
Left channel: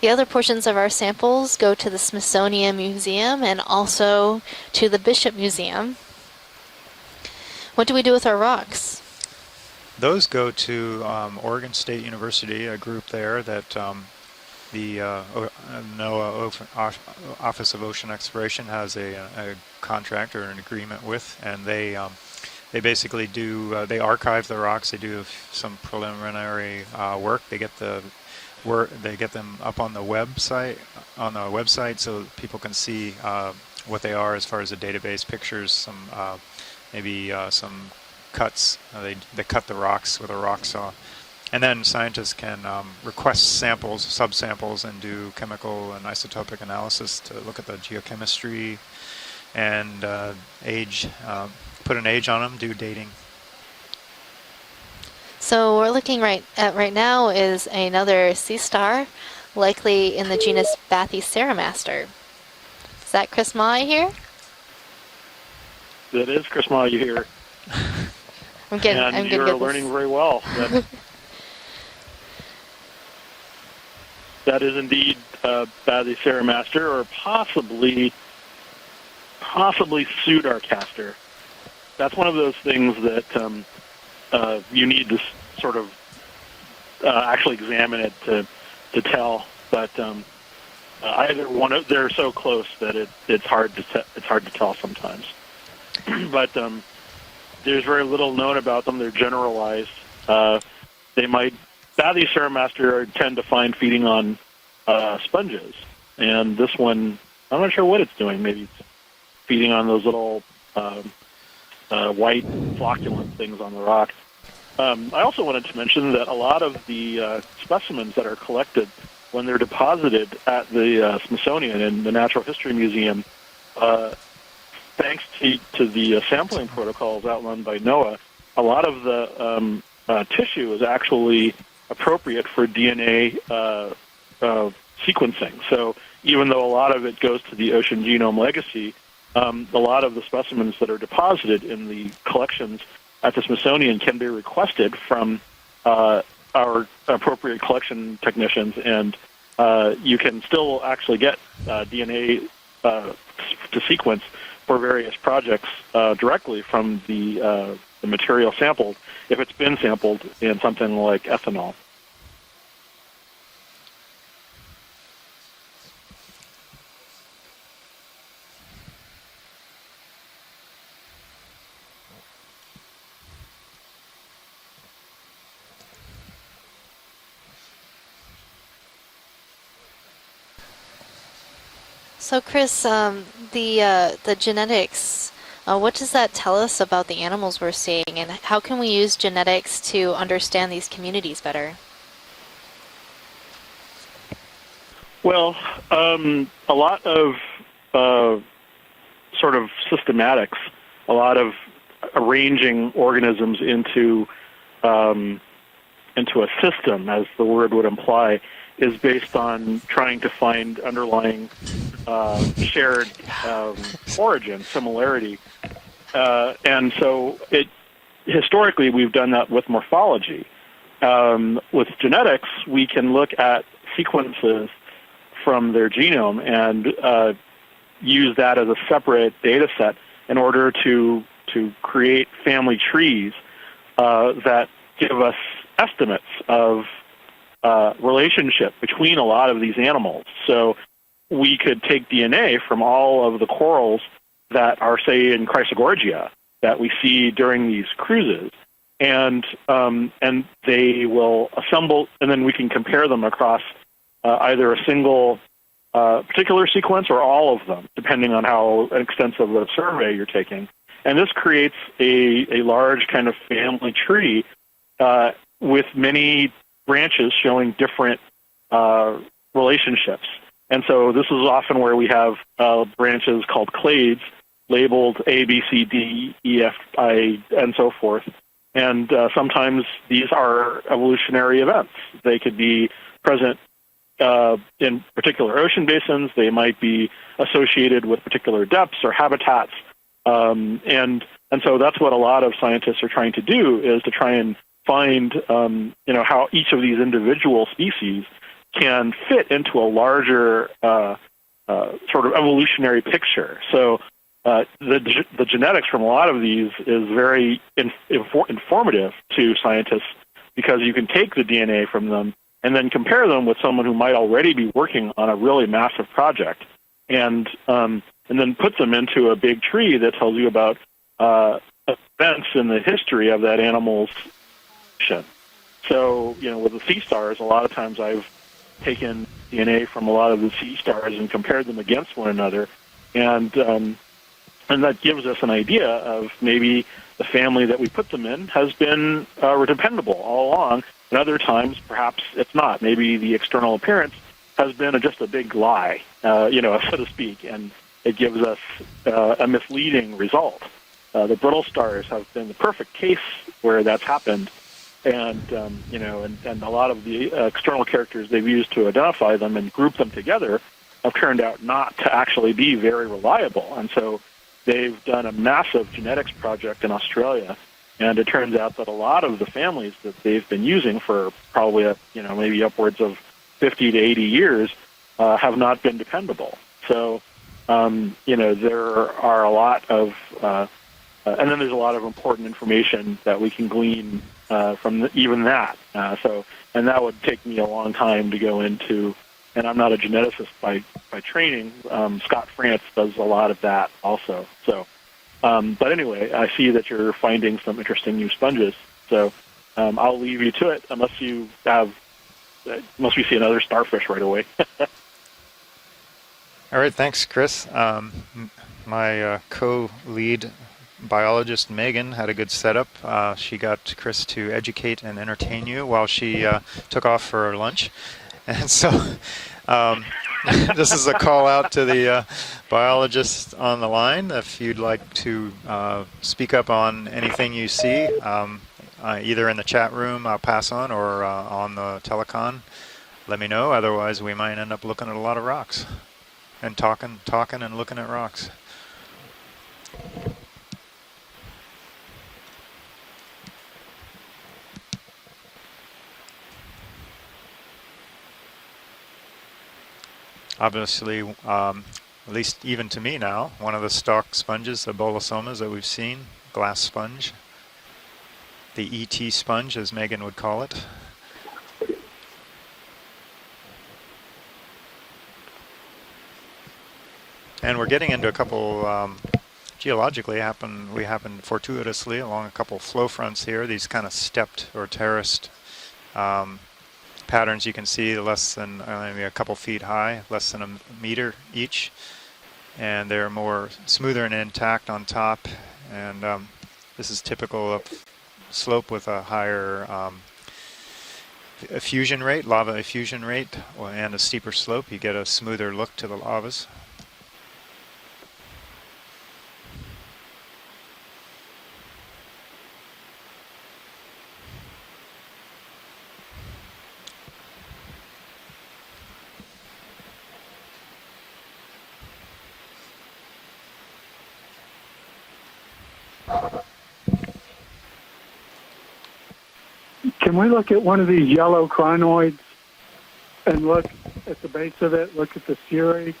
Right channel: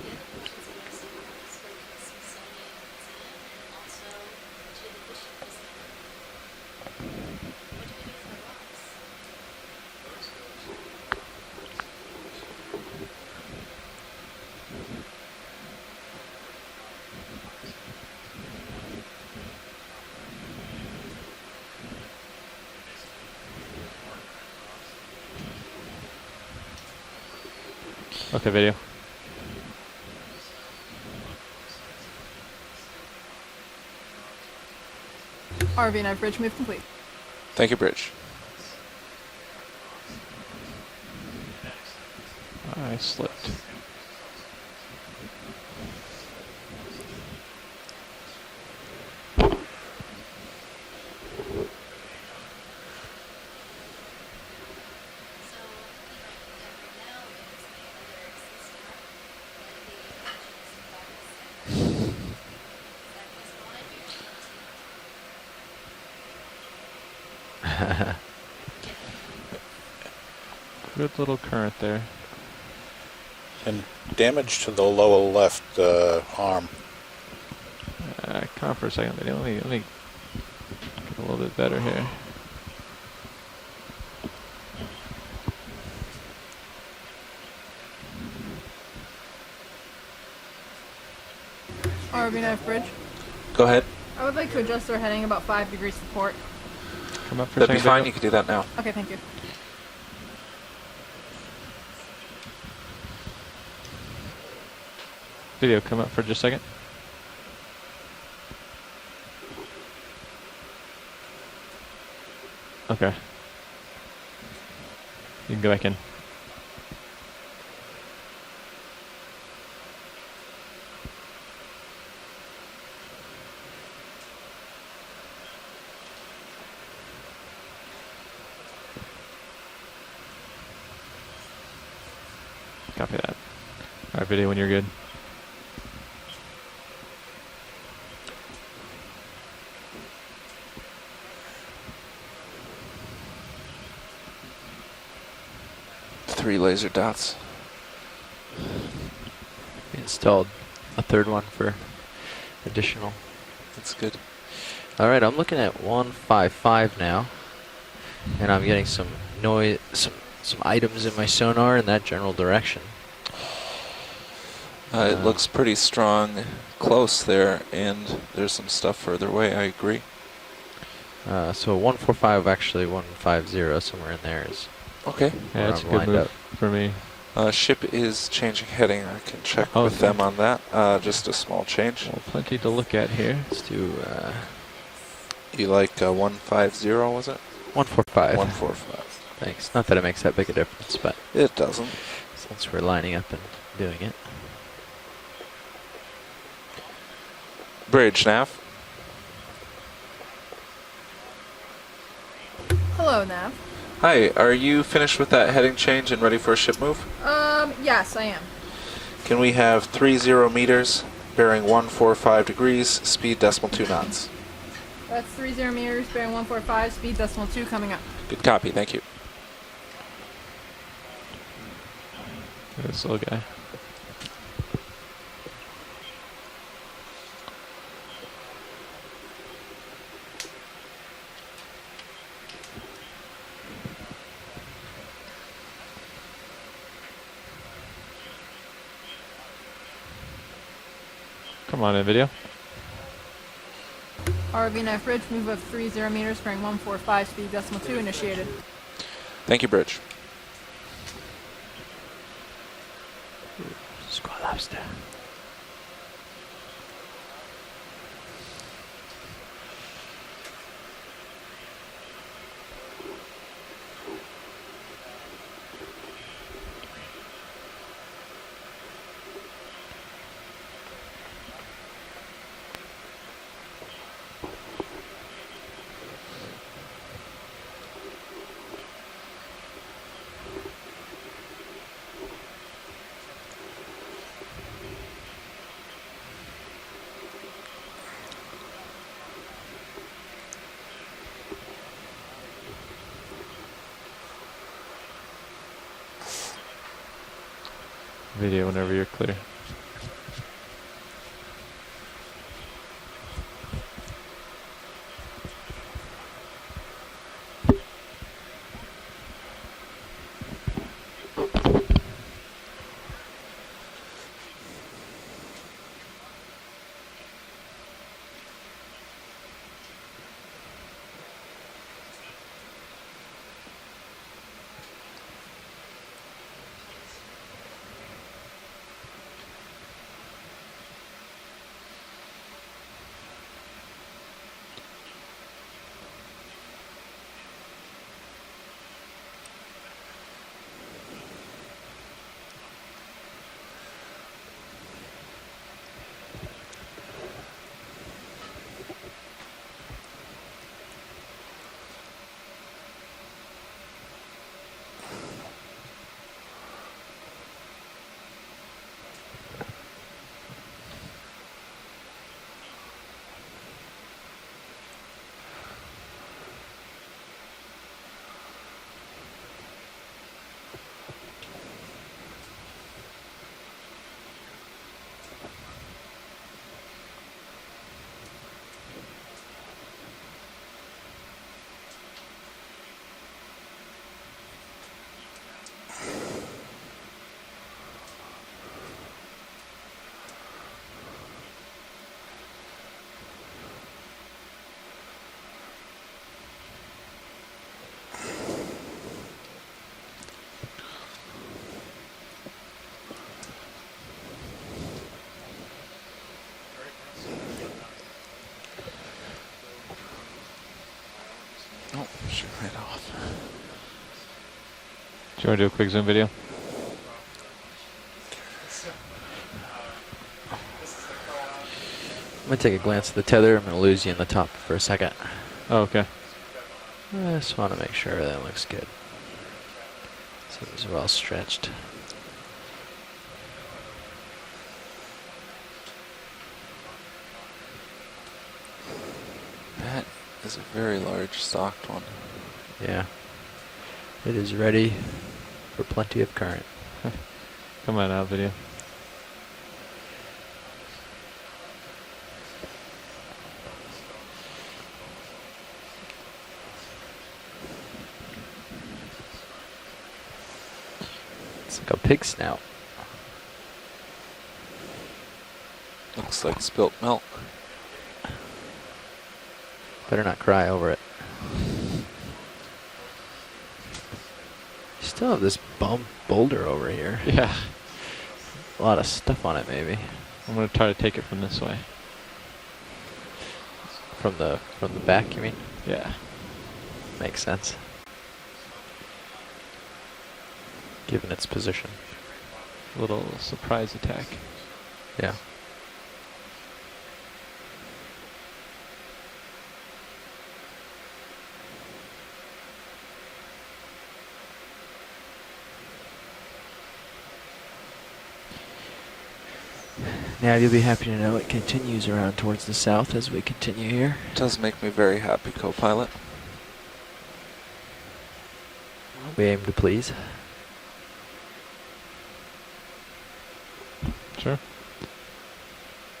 The other portions of our samples go to the Smithsonian Museum and also to the Bishop Museum. What do we do with our rocks? Those go to Oregon State University, a group there that the NOAA Office of Ocean Exploration has a contract or an agreement with, and they they basically do, they archive the rocks. They do some preliminary work. They get the they get them up on the website, so people can see what they are as far as the database pictures. RV9 bridge move complete. Maybe Thank you, Bridge. Cuts. They cut the rocks with a rock saw. And then scientists can request samples, subsamples, and do chemical and isotopic analysis to look at the geochemistry and age, put an age on them, do dating. So we're looking right now is another sea star, likely in the genus Bathyceramaster. Is that Chris Mai here? That is Chris Mai here. I'm you're learning very well. Good little current there. And damage that to is the indeed, lower left. Bathyceramaster, or possibly come on for a second. They don't possibly Pseudarcaster. A little bit better here. That's one of those things that you need to sort of actually examine it to tell. But either one of they're so close that it's hard to tell. They're heading about 5 degrees to port. But there's very little known about them. They're generalized. Bathyceramaster tend to find feeding on sponges. Video, come up for and a second. This one, I'm not sure what it's doing. Maybe it's feeding on those little white flocculent things on the rock. I also wanted to mention that a lot of the specimens that are collected when they're deposited at the Smithsonian and the Natural History Museum, thanks to the sampling protocols outlined by NOAA, a lot of the tissue is actually appropriate for DNA sequencing. So even though a lot of it goes to the Ocean Genome Legacy, a lot of the specimens that are deposited in the collections at the Smithsonian can be requested from our appropriate collection technicians, and you can still actually get DNA to sequence for various projects directly from the material samples if it's been sampled in something items like in my sonar in that general direction. It looks pretty strong close there, and there's some stuff further away. I agree. So 145, actually 150, somewhere in there is. Okay. Yeah, that's a good move for me. Ship is changing heading. I can check with them on that. Just a small change. So Chris, the genetics, what does that tell us about the animals we're seeing, and how can we use genetics to understand these communities better? Since we're lining up and doing it. Well, a lot of sort of systematics, a lot of arranging organisms into. Hi, are you finished with that heading change and ready for a system, as the word would imply, is based on. Can we have 30 meters, bearing 145 degrees, speed decimal 2 knots. Origin, similarity. 30 meters, and so historically we've done that with morphology. With genetics, we can look at sequences from their genome and use that as a separate data set in order to create family trees that give us estimates of relationship between a lot of these animals. So we could take DNA from all of the corals that are, say, in Chrysogorgia that we see during these cruises. And and they will assemble, and then we can compare them across either a single particular sequence or all of them, depending on how extensive a survey you're taking. And this creates a large kind of family tree with many branches showing different relationships. And so this is often where we have branches called clades, labeled A, B, C, D, E, F, I, and so forth. And sometimes these are evolutionary events. They could be present in particular ocean basins. They might be associated with particular depths or habitats. And so that's what a lot of scientists are trying to do, is to try and find how each of these individual species can fit into a larger sort of evolutionary picture. So the genetics from a lot of these is very informative to scientists, because you can take the DNA from them and then compare them with someone who might already be working on a really massive project, and then put them into a big tree that tells you about events in the history of that animal's evolution. So, with the sea stars, a lot of times I've taken DNA from a lot of the sea stars and compared them against one another, and that gives us an idea of maybe the family that we put them in has been dependable all along, and other times perhaps it's not. Maybe the external appearance has been just a big lie, so to speak, and it gives us a misleading result. The brittle stars have been the perfect case where that's happened, and and a lot of the external characters they've used to identify them and group them together have turned out not to actually be very reliable, and so they've done a massive genetics project in Australia, and it turns out that a lot of the families that they've been using for probably maybe upwards of 50 to 80 years have not been dependable. So there are a lot of and then there's a lot of important information that we can glean from even that. And that would take me a long time to go into, and I'm not a geneticist by training. Scott France does a lot of that also. So, but anyway, I see that you're finding some interesting new sponges. So I'll leave you to it unless we see another starfish right away. All right, thanks, Chris. My co-lead biologist, Megan, had a good setup. She got Chris to educate and entertain you while she took off for her lunch. And so this is a call out to the biologist on the line. If you'd like to speak up on anything you see, either in the chat room, I'll pass on, or on the telecon, let me know. Otherwise, we might end up looking at a lot of rocks and talking and looking at rocks. That is a very large stocked one. Yeah. It is ready for plenty of current. Come on out, video. Obviously, at least even to me now, one of the stalked sponges, the bolosomas that we've seen, glass sponge. The ET sponge, as Megan would call it. It's like a pig snout. Looks like spilt milk. And we're getting into a couple, geologically, we happen fortuitously along a couple flow fronts here, these kind of stepped or terraced. Still this boulder over here. Patterns you can see less than maybe a couple feet high, less than a meter each. And they're more smoother and intact on top. Yeah. And this is typical of slope with a higher given its position. Effusion rate, lava effusion rate, and a steeper slope, you get a smoother look to the lavas. Now you'll be happy to know it continues around towards the south as we continue here. It does make me very happy, co-pilot. We aim to please. Can we look at one of these yellow crinoids and look at the base of it, look at the cirri?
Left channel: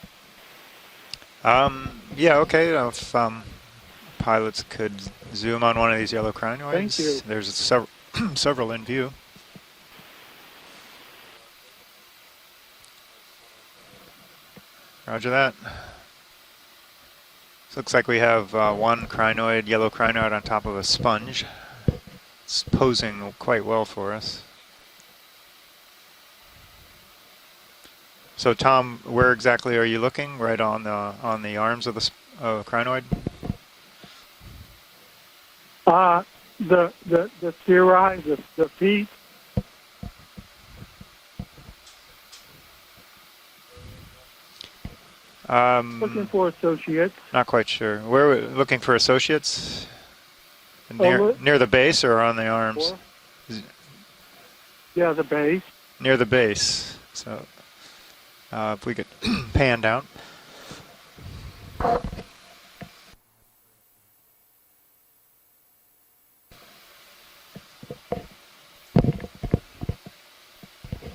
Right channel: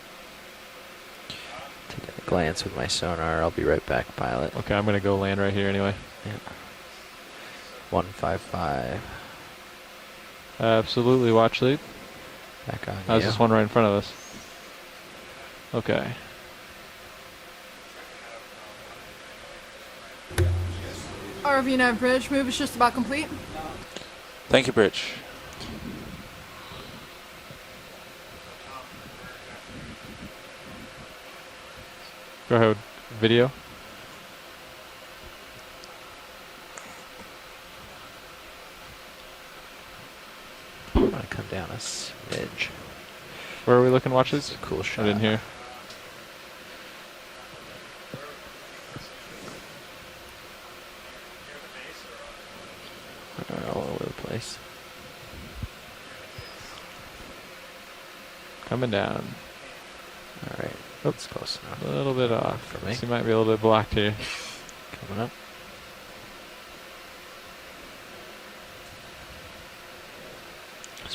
Yeah, okay. I'll be right back. Pilots, okay, I'm going to go land right here. Zoom on one of these yellow crinoids. Thank you. There's several in view. Absolutely, watch lead. Back on. How's this one right in front of us? Roger that. Okay. Looks like we have one crinoid, yellow crinoid on top of a sponge. ROV 9 bridge, move is just about complete. Posing quite well for us. Thank you, Bridge. So Tom, where exactly are you looking? Right on the arms of the crinoid? Video? The cirri, the feet. I'm going to come down a smidge. Where are we looking, watches? Cool shot. I didn't hear. Looking for associates. Not quite sure. Where are we looking for associates? Near the base or on the arms? They're all over the place. Yeah, the base. Near the base. So coming down. Pan down. All right. That's close enough. A little bit off for me. So you might be a little bit blocked here. Coming up.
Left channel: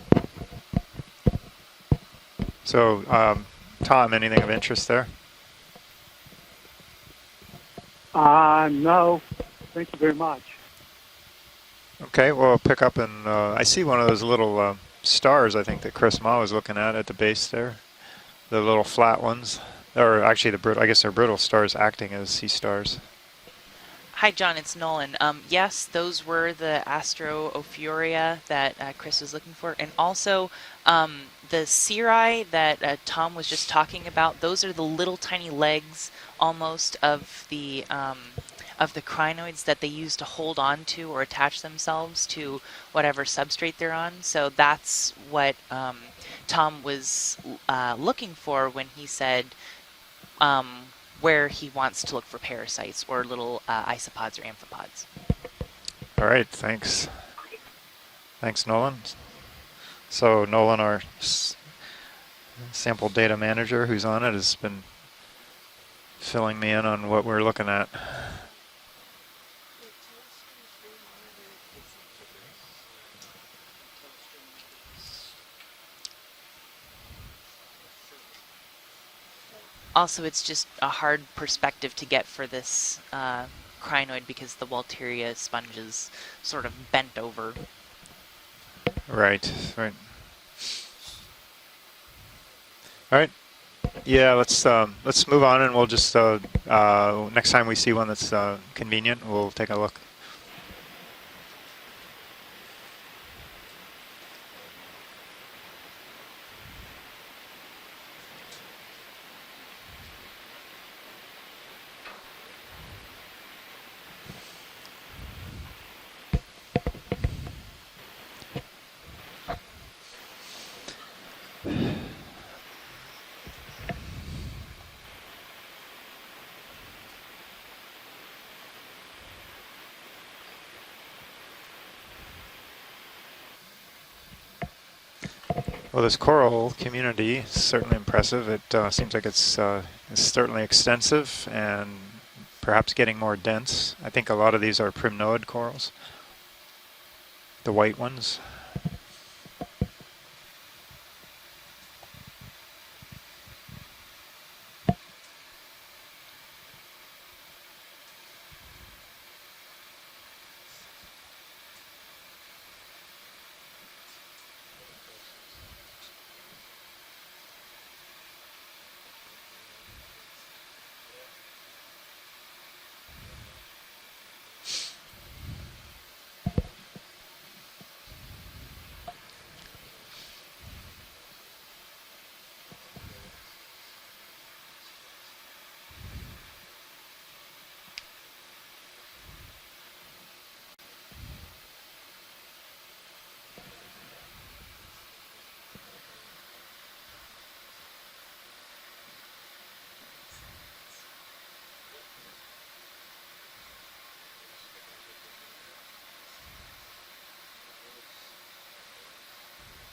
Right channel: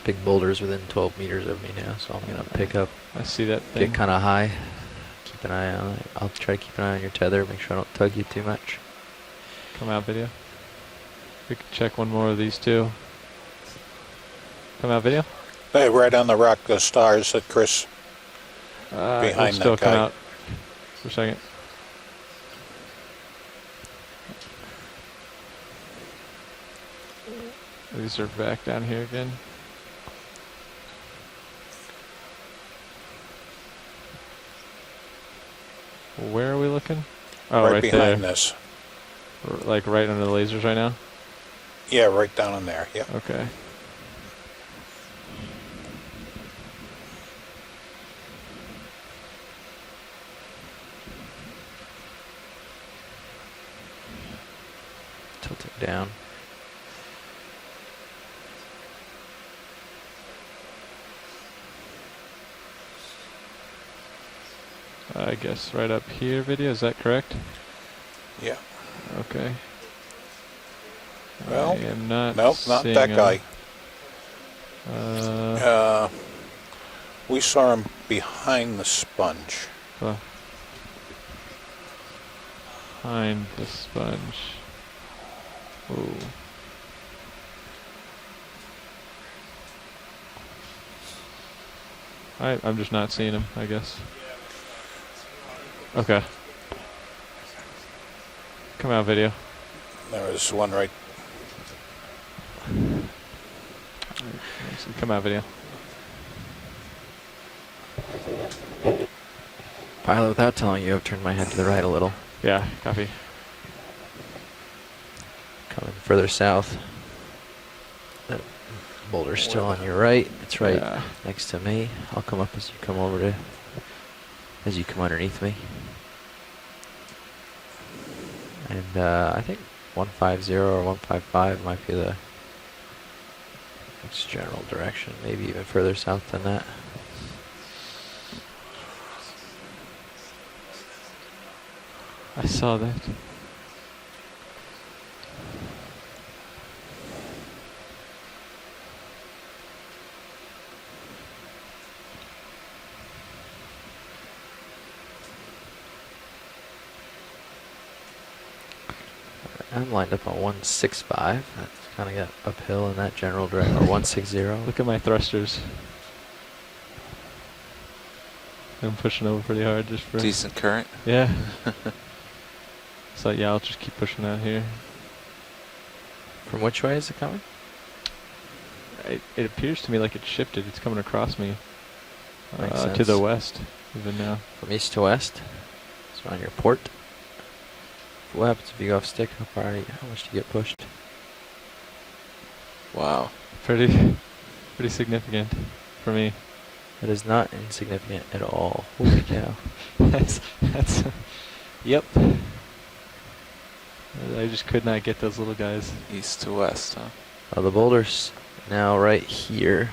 Big boulders within 12 meters of me now, so I'm going to pick up. See that thing Tom, anything of interest there? Keep an eye on it. I'll try to keep an eye on your tether, make sure I don't tug you too much. No. Thank you very much. We can check one more of these we'll pick up and I see one of those little stars, I think. Hey, right on the rock, the stars that Chris. The little flat behind ones, that guy. or actually I guess they're brittle stars acting as sea stars. Hi, John. It's Nolan. Yes, those were the Astro Ophiuria that Chris was looking for, and also the cirri that Tom was just talking about. Those are the little tiny legs, almost of the right behind this, of the crinoids that they right use to hold on to or attach themselves. Yeah, right to down in there. Whatever substrate they're on. So that's what Tom was looking for when he said where he wants to look for parasites or little isopods or amphipods. Tilt it down. All right, thanks. Thanks, Nolan. So Nolan, our sample data manager who's on it, has been, I guess, right up here. filling me in on what we're looking at. Yeah. Okay. Well, I am not nope, not that guy. We saw him behind the sponge. Also, it's just a hard perspective to get for this crinoid because the Walteria sponge is sort of bent over. Right, right. I'm just not seeing him, I guess. Yeah, let's move on, and we'll just next time we see one that's convenient, we'll take a look. There's one right. Come out, video. Pilot, without telling you, I've turned my head to the right a little. Yeah, copy. Coming further south. That boulder's still on your right. It's right next to me. I'll come up as you come as you come underneath me. And I think 150 or 155 might be the general direction, maybe even further south. Well, this coral community is certainly impressive. It seems like it's certainly extensive and perhaps getting more dense. I think a lot of these are primnoid corals, the white ones. I'm lined up on 165. That's kind of got uphill in that general direction. Or 160. Look at my thrusters. I'm pushing over pretty hard just for decent current. Yeah. So yeah, I'll just keep pushing out here. From which way is it coming? It appears to me like it shifted. It's coming across me to the west even now. From east to west. So on your port. What happens if you go off stick? How much do you get pushed? Wow. Pretty significant for me. It is not insignificant at all. Holy cow. that's yep. I just could not get those little guys. East to west, huh? The boulder's now right here.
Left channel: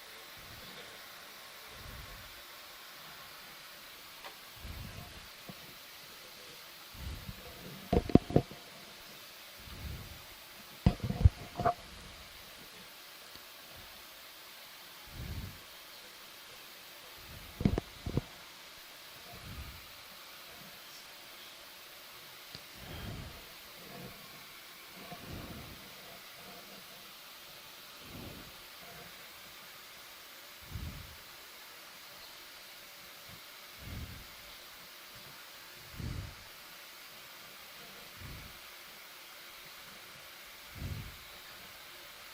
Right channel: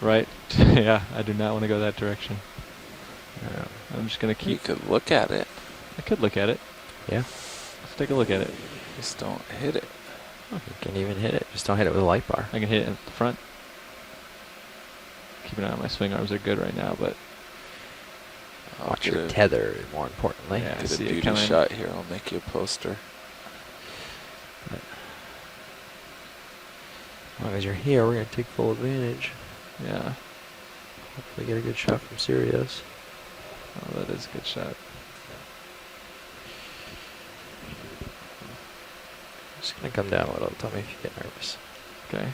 Right. Yeah, I do not want to go that direction. I'm just going to keep... You could look at it. I could look at it. Yeah. Let's take a look at it. Just don't hit it. You can even hit it. Just don't hit it with a light bar. I can hit it at the front. Keep an eye on my swing arms. They're good right now, but... Watch your tether, more importantly. Yeah, get a beauty shot here. I'll make you a poster. As long as you're here, we're going to take full advantage. Yeah. Hopefully get a good shot from Sirius. Oh, that is a good shot. Just going to come down a little. Tell me if you get nervous. Okay.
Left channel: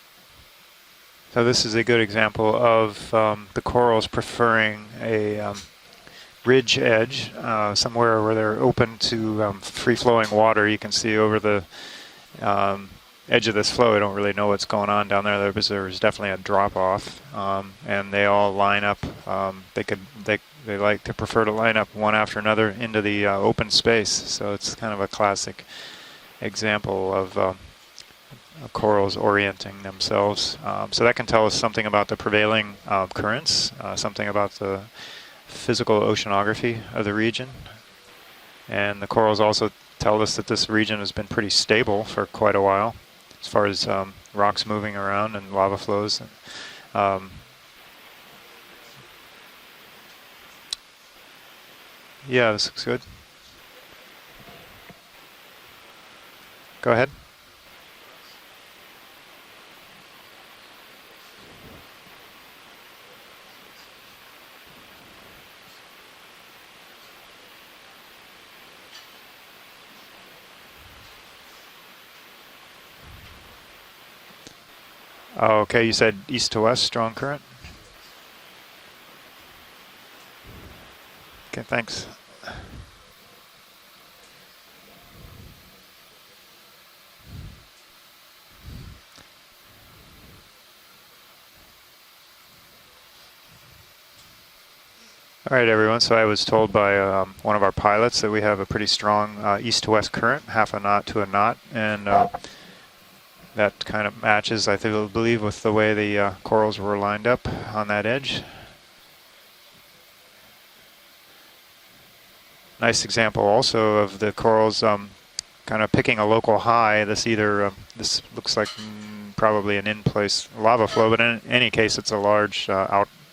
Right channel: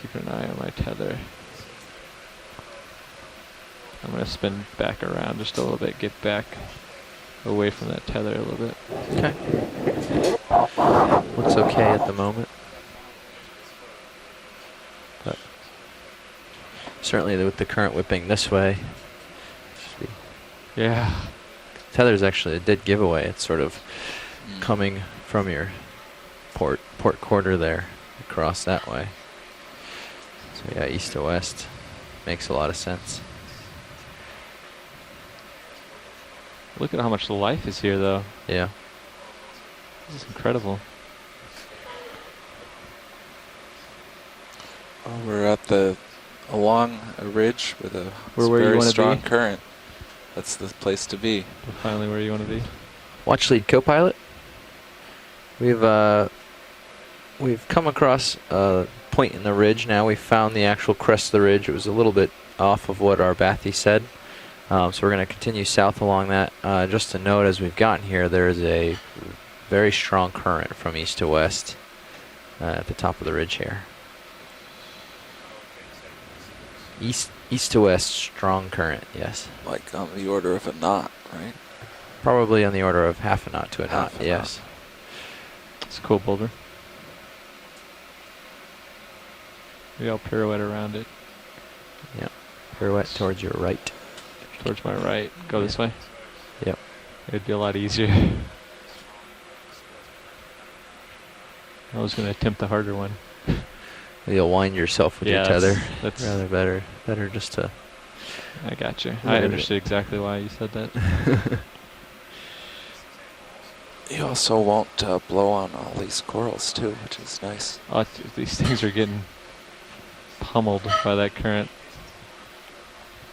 Keep an eye on my tether. So this is a good example of the corals preferring back around just a little bit. Get back. Ridge edge, somewhere where they're open to free-flowing water. You can see over the at the moment. Edge of this flow. I don't really know what's going on down there. There's definitely a drop-off. Certainly, the current would be this way. And they all line up. They like to prefer to line up one after another into the open space. So it's kind of a classic example of quarter there. Across that corals orienting themselves. So that can tell us something about the prevailing currents, something about the physical oceanography Look of at the how region. much life is here, though. Yeah. And the corals also tell us that this region has been pretty stable for quite a while, as far as rocks moving around and lava flows. Along a ridge with a very strong current. That's the place to be. Finally, where you want to be. Yeah, this looks good. Watch lead co-pilot. We've go ahead. We've come across a point in the ridge now. We found the actual crest of the ridge. It was a little bit off of what our bathy said. So we're going to continue south along that. Just to note, as we've gotten here, there is a very strong current from east to west at the top of the ridge here. Oh, okay, you said east to west, strong current? East to west, strong current, yes. Like on the order of a knot, right? Okay, thanks. Probably on the order of half a knot to a knot, yes. It's a cool boulder. Maybe I'll pirouette around it. Yeah, pirouette towards your right. Towards my right. All right, everyone, so I was told by one of our pilots that we have a pretty strong east to west current, half a knot to a knot. And I was going to attempt the harder one. That kind of matches, I believe, with the way the corals were lined up on that edge. I got you. I understood exactly why you said that. Nice example also of the corals kind of picking a local high. This either looks like things are getting probably an in-place lava flow, but in any case, it's a large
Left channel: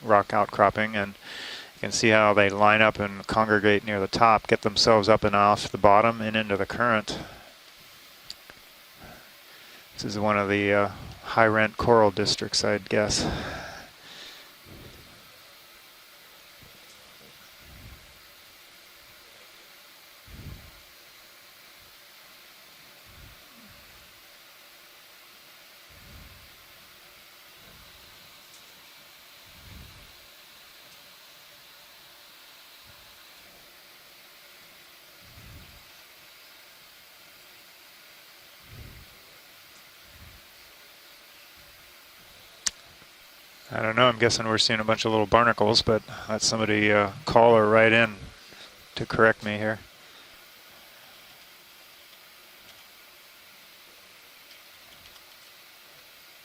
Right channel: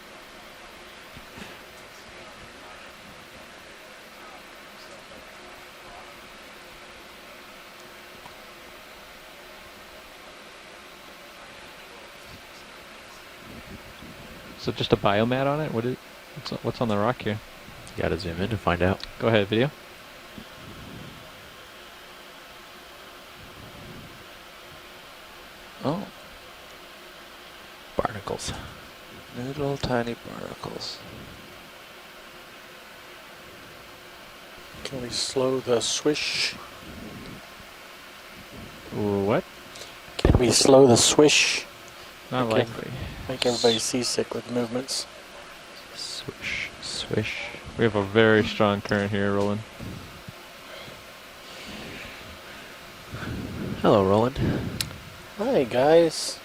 rock outcropping, and you can see how they line up and congregate near the top, get themselves up and off the bottom and into the current. This is one of the high-rent coral districts, I'd guess. So just a biomat on it? What's on the rock here? You gotta zoom in to find out. Go ahead, video. Oh. Barnacles. Little tiny barnacles. Can we slow the swish? What? Can we slow the swish? Not likely. Make everybody I don't know, I'm guessing we're seeing a bunch of little barnacles, but let somebody call or write in. Very strong current correct me here. Hello, Roland. Hi, guys.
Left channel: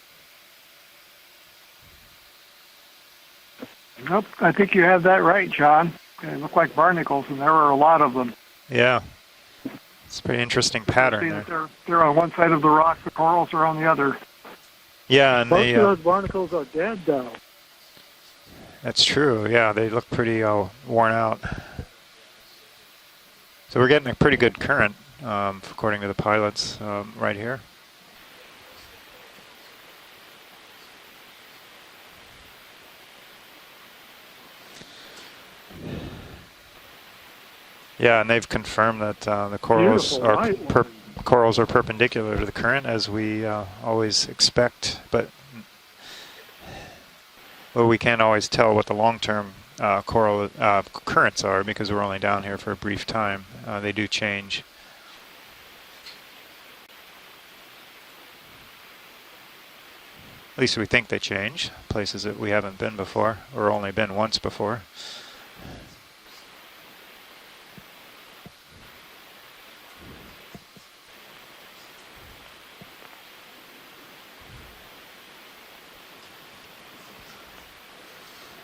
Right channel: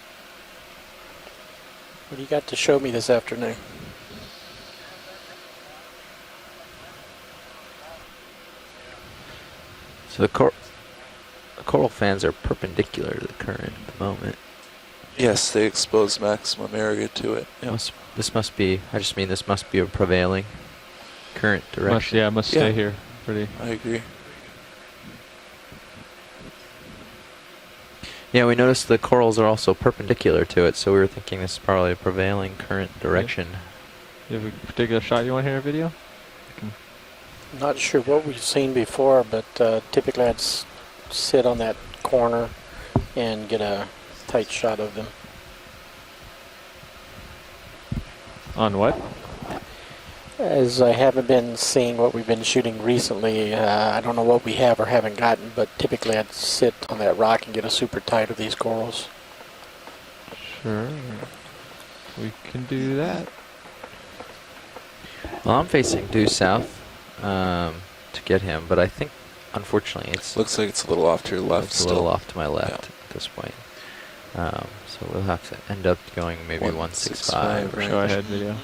What do you got to show me this afternoon? Nope, I think you have that right, John. They look like barnacles, and there are a lot of them. Yeah. It's a very interesting pattern there. Coral they're fans on are one side of the rock, perpendicular the to corals current are on the other. movement. Yeah, yes, and they expose barnacles maximum are area dead to it. Yeah. This must be. That's true. This must be they a look pretty prevailing worn out. current direction. It must stay here. Pretty. So we're getting a pretty good current, according to the pilots, right here. Yeah, we noticed the corals are also perpendicular to it, so we were thinking this is probably a prevailing current direction. Do you have a particular shot you want here, video? I'm not sure Yeah, what and we've they've seen confirmed before, that but the corals are that perpendicular corner to the current, as we and get a always tight shot of expect. them. But well, we can't always tell what the long-term coral As I haven't currents been are because seeing we're what only we've down been here for a shooting brief time. recently, I don't know what we have or haven't gotten, but typically I'd sit on that rock and get a super tight of these corals. At least we think they change. Places that we haven't been before, or only been once before. Well, I'm facing due south to get him, but I think, unfortunately, it's looks like it's a little off to your left. It's a little off to my left at this point. So we'll have to end up going maybe 165. Right. Go ahead, video.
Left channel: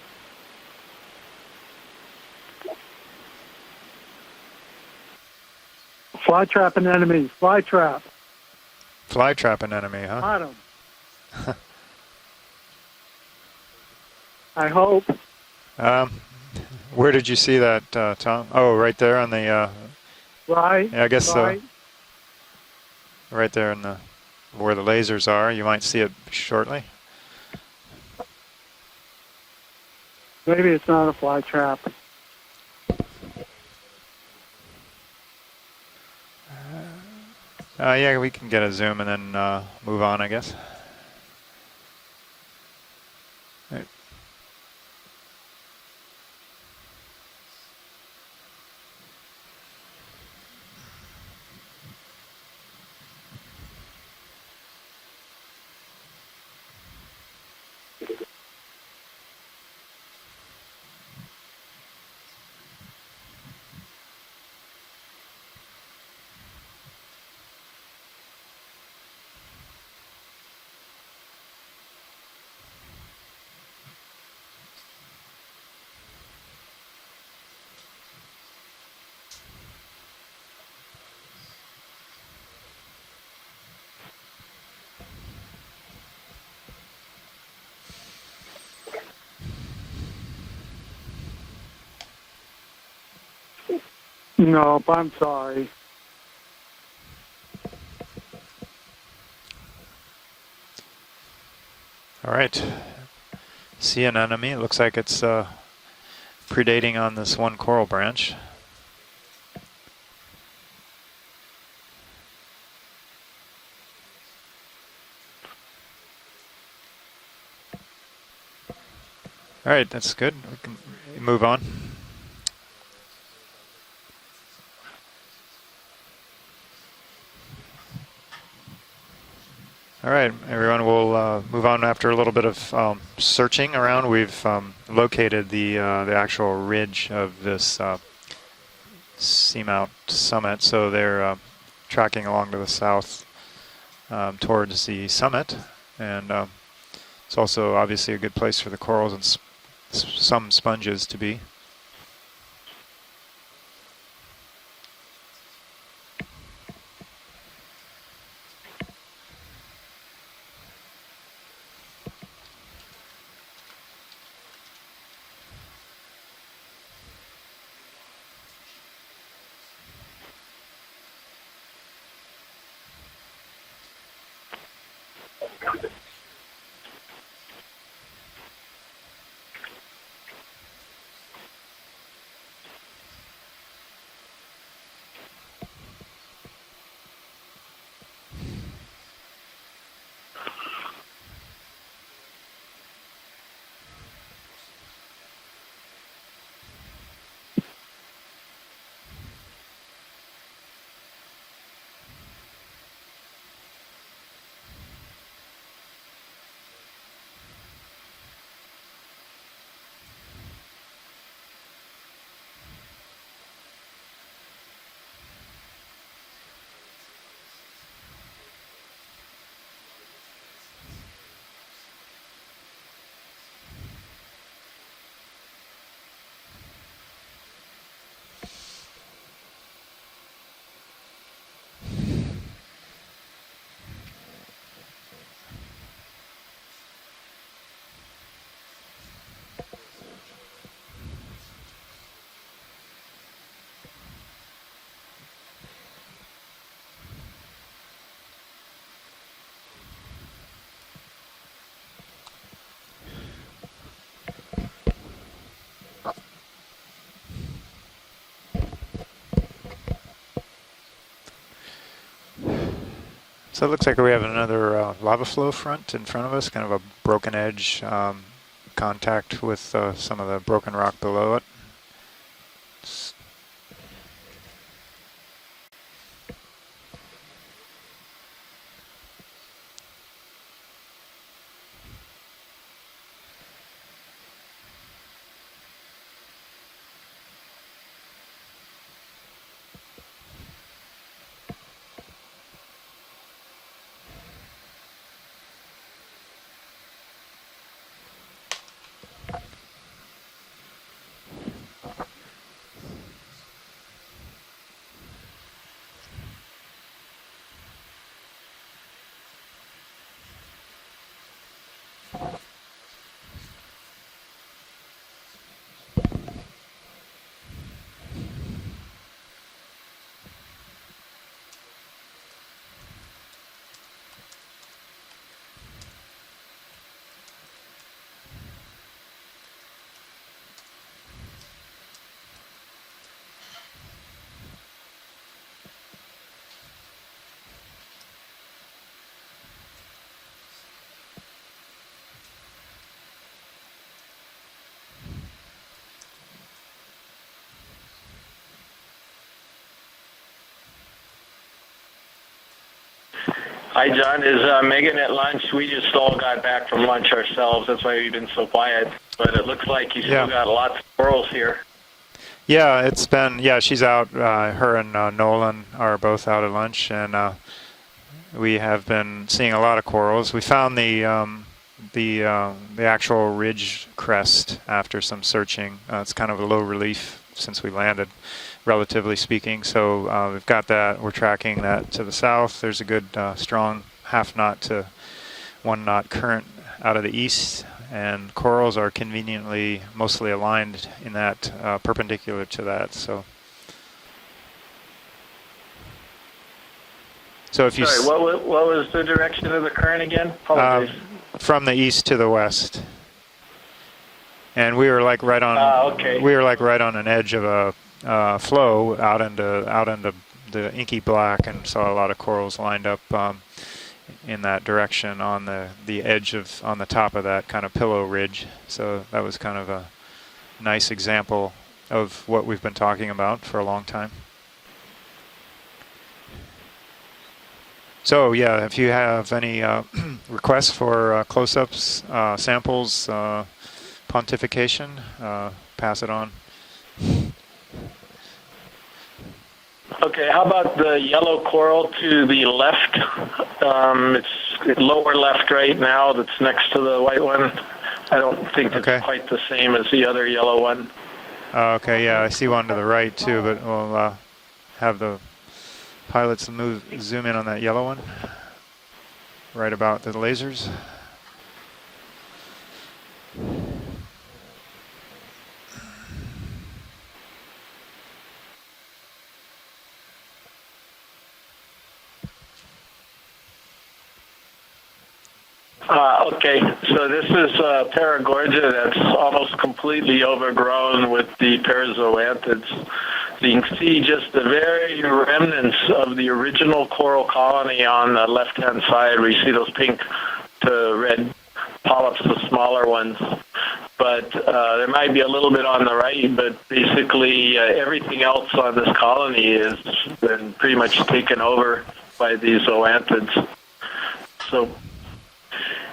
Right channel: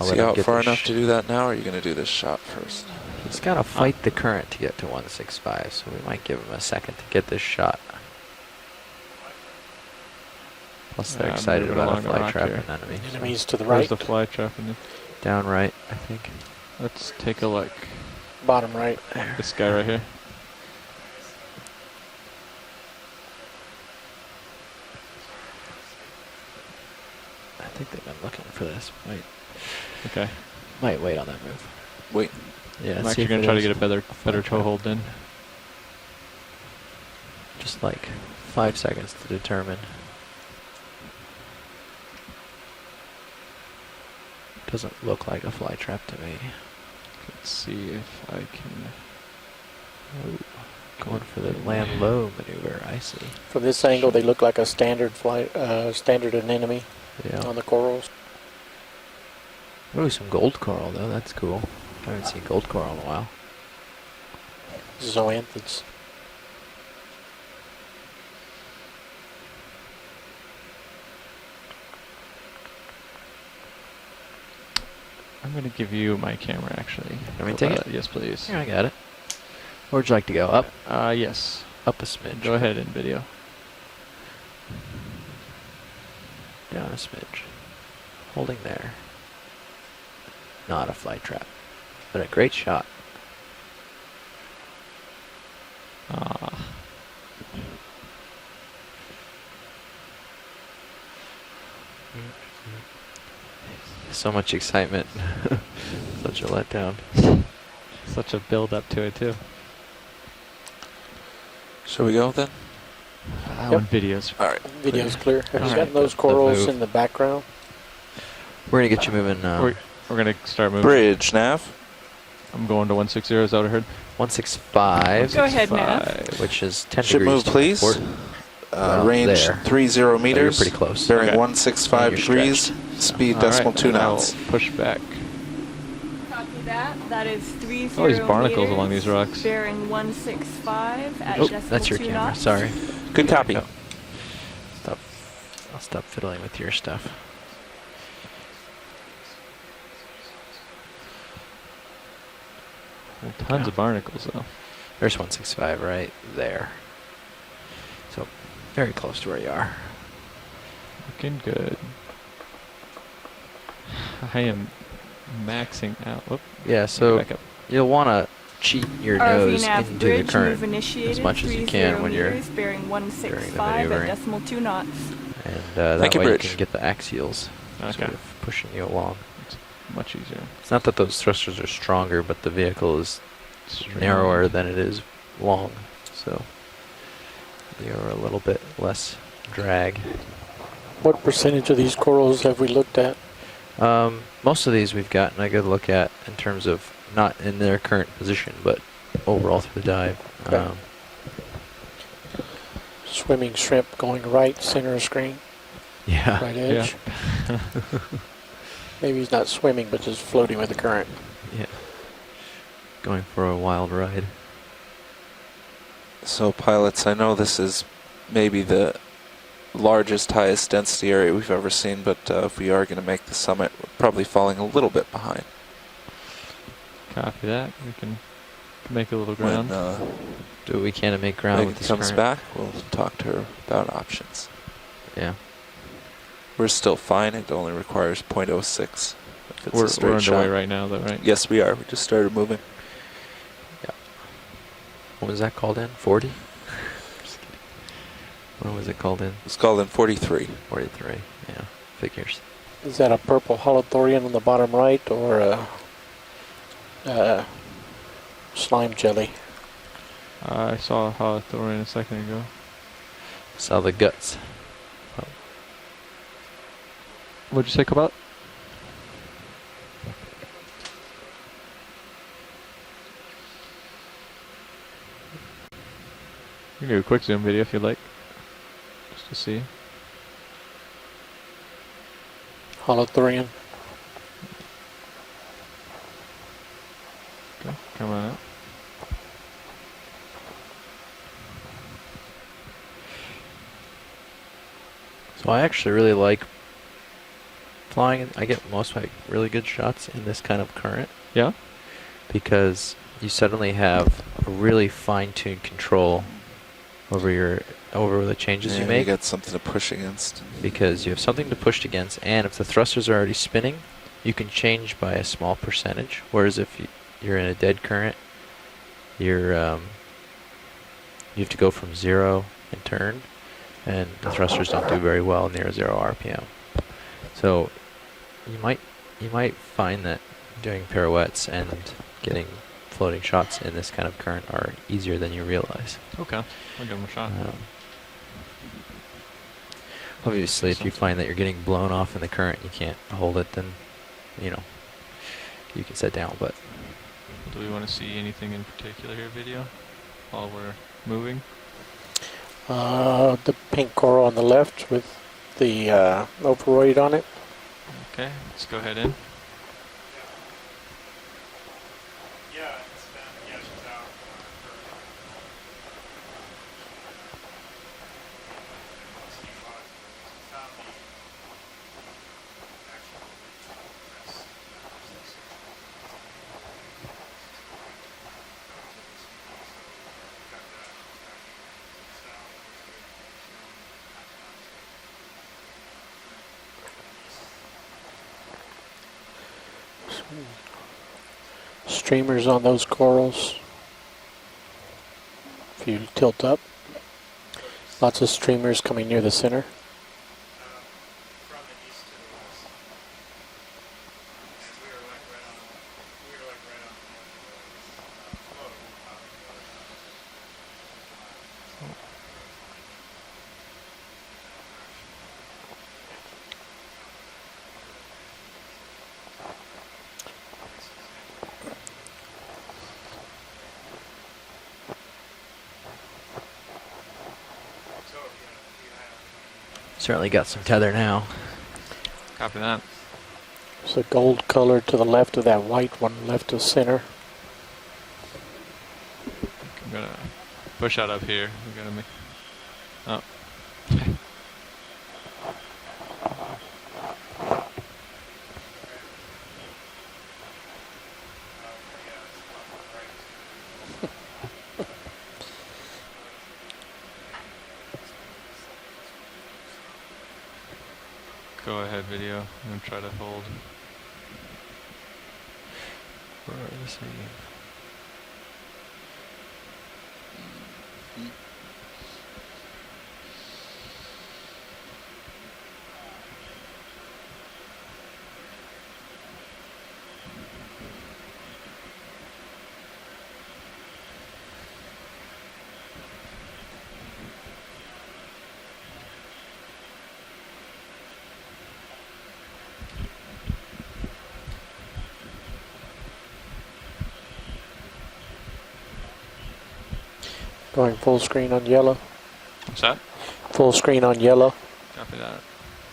Is he out far enough to do that now, or are you going to do this shot first? He's got to fight the current to get to 165, so we might Fly give him a trap second an to enemy. get this Fly shot. trap. Fly trap an enemy, huh? Got him. Plus they're excited about a fly trap an enemy. Enemies to the Where's right. the fly trap? I hope. Down right, I think. Where did you see that, Tom? Oh, right there on the... This guy right here. Right. Yeah, I guess right. right there in the where the lasers are. You might see it shortly. I think they've been looking for this. Wait. Okay. Maybe it's Might not wait a on fly that. trap. Wait. Yeah, I'm see actually if going it to try to is. get a better toehold in. Just Yeah, we can get a 5 zoom and seconds then to determine. move on, I guess. Doesn't look like a fly trap to me. Let's see if I can... Going for the land low maneuver, I see. From this angle, they look like a standard standard anemone on the corals. Ooh, some gold coral though, that's cool. I haven't seen gold coral in a while. Zoanthids. I'm going to give you my camera, actually. Let me take it? Yes, please. Here, I got it. Where'd you like to go? Up? Yes. Up a smidge. Go ahead in video. Down a smidge. Holding there. Not a fly trap, but a great shot. Nope, I'm sorry. All right. See an So enemy. much Looks like excitement. it's predating on this one coral branch. Such a build up to it too. Shall we go then? On videos. All right. Video's clear. Have you gotten those corals in the background? We're going to get you moving. All right, we're going to start moving. Bridge now. I'm going to 160, is that what I heard? 165. Go ahead, Nav. Which is 10 Ship degrees move, to please. port. Range 30 meters. We'll Bearing move on after a 165 little degrees. bit. Speed Searching decimal 2 around, knots. we've located the actual ridge of this all these barnacles along these rocks. seamount summit, so they're That's your tracking camera. along Sorry. the south. Good copy. Towards the summit. I'll stop And, fiddling with your stuff. It's also obviously a good place for the corals and some sponges to be. Well, tons of barnacles though. There's 165 right there. So very close to where you are. Looking good. I am maxing out. Whoop. Yeah, so Back up. you'll want to cheat your ROV nose nav into bridge the current move initiated, as much as you can when you're bearing during the 165 maneuvering. at decimal 2 knots. And that Thank you, way you Bridge. can get the axials sort of pushing you along. It's much easier. It's not that those thrusters are stronger, but the vehicle is narrower than it is long, so you're a little bit less drag. What percentage of these corals have we looked at? Most of these we've gotten a good look at in terms of not in their current position, but overall through the dive. Okay. Swimming shrimp going right, center of screen, Yeah. right edge. Maybe he's not swimming, but just floating with the current. Yeah. Going for a wild ride. So pilots, I know this is maybe the largest, highest density area we've ever seen, but if we are going to make the summit, we're probably falling a little bit behind. Copy that. We can make a little When ground. Do what we can to make ground Megan with this comes current. back, we'll talk to her about options. Yeah. We're still fine. It only requires 0.06. If it's a We're straight underway shot. right now, though, right? Yes, we are. We just started moving. Yeah. What was that called in? 40? What was it called in? It's called in 43. 43. Yeah. Figures. Is that a purple holothorian on the bottom right, or a slime jelly? I saw a holothorian a second ago. So it looks like we have another lava flow front in front of us, kind of a broken edge. What'd you think about? Contact with some of the broken rock below it. You can do a quick zoom video if you'd like, just to see. Holothorian. Okay, come on out. So I actually really like flying. I get most of my really good shots in this kind of current. Yeah? Because you suddenly have a really fine-tuned control over the changes you make. You got something to push against. Because you have something to push against, and if the thrusters are already spinning, you can change by a small percentage. Whereas if you're in a dead current, you have to go from 0 and turn, and the thrusters don't do very well near 0 RPM. So you might find that doing pirouettes and getting floating shots in this kind of current are easier than you realize. Okay, I'll give them a shot. Obviously, if you find that you're getting blown off in the current, you can't hold it, then you can set down. But do we want to see anything in particular here, video, while we're moving? Hi, John. This is Megan at lunch. We just all got back from lunch ourselves. That's why we've been so quiet. But it looks like you still got lots of corals here. Yeah, it's been, she's out. Her and Nolan are both out at lunch, and we have been seeing a lot of corals. We found the actual ridge crest after some searching. It's kind of a low relief since we landed, relatively speaking. So we've got that. We're tracking that to the south. There's a good strong half knot to 1 knot current out of the east, and corals are conveniently mostly aligned in that perpendicular Streamers on those corals. If you tilt up. So if you what was the direction of the current again? from the east to the west. And we were like right on. Okay. We were like right on an edge of a flow out into the inky black, and saw a lot of corals lined up in that direction on the edge on the top of that kind of pillow ridge. So that was kind of a nice example of what we've been talking about for a long time. So yeah, if you have any requests for close-ups, samples, so gold color to the left of that white one, left of center. Okay, how about the yellow coral to the left? It's lower left right now that's next to the white one. I don't think it's quite the same as the other yellow one. Okay, yeah, I see one to the right too, but we'll have the pilots zoom in on that yellow one, right about the lasers. Go ahead, video, and try to hold. Okay, so this is Paragorgia that's almost completely overgrown with the parazoanthids. So you can see just the very remnants of the original coral colony on the left-hand side, where you see those pink to red polyps, the smaller ones. But there might be a little bit on the right, but basically everything else on this colony has been pretty much taken over by these zoanthids. Full screen on yellow. So,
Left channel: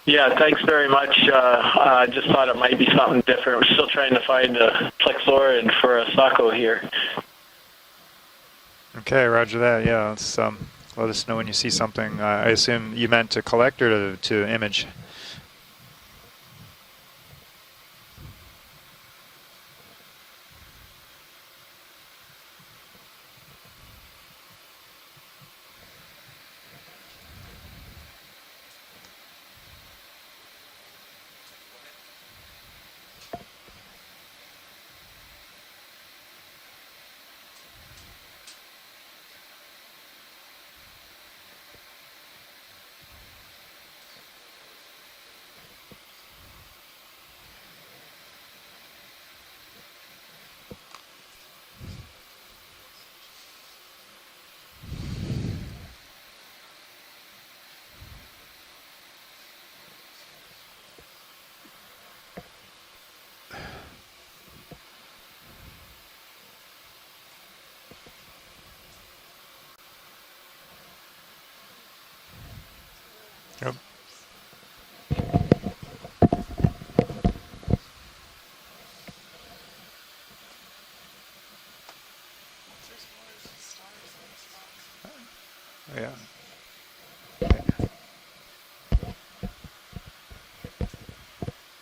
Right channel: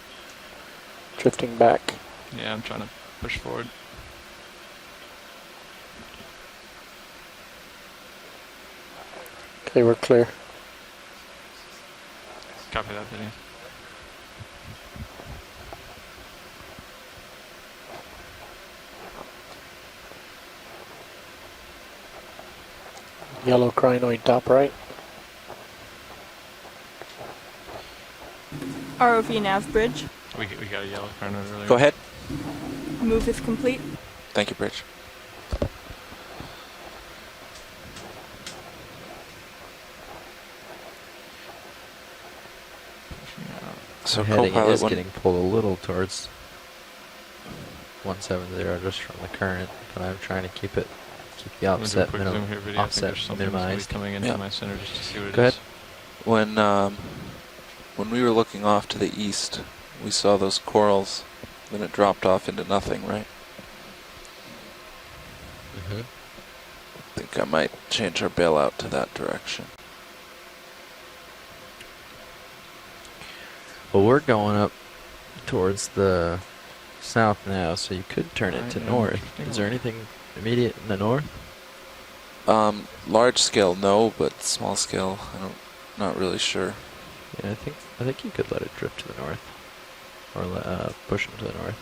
yeah, thanks very much. I just thought it might be something different. We're still trying to find a plexaurid for a Sacco here. Okay, roger that. Yeah, let us know when you see something. I assume you meant to collect or to image? Yellow crinoid top right. ROV nav bridge. We got a yellow crinoid earlier. Go ahead. Move is complete. Thank you, Bridge. So heading is getting pulled a little towards 170 just from the current, but I'm trying to keep the offset minimized. Coming into my center just to see what Go ahead. When we were looking off to the east, we saw those corals, then it dropped off into nothing, right? Mm-hmm. I think I might change our bailout to that direction. Yep. Well, we're going up towards the south now, so you could turn it to north. Is there anything immediate in the north? Large scale, no, but small scale, I'm not really sure. Yeah, I think you could let it drift to the north, or push it to the north.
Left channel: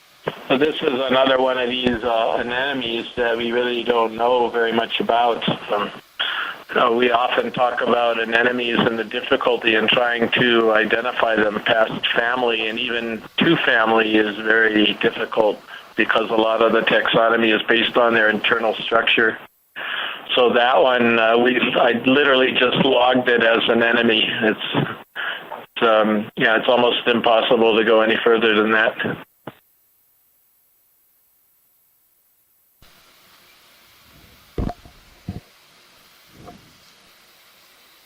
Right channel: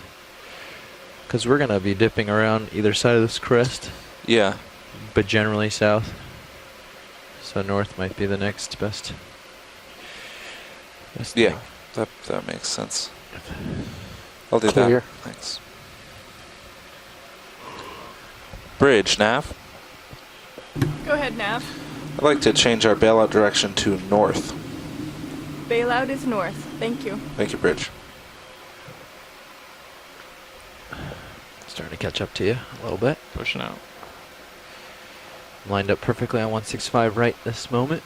So this is another one we're going to be dipping around either side of this crest, really don't know very much about, but generally south. We often talk about anemones and the difficulty in trying to identify them past family, and even to family is very difficult because a lot of the taxonomy is based on their internal structure. So that one, I literally just logged it as an enemy. It's almost impossible to go any further than that. Starting to catch up to you a little bit. Pushing out. Lined up perfectly on 165 right this moment.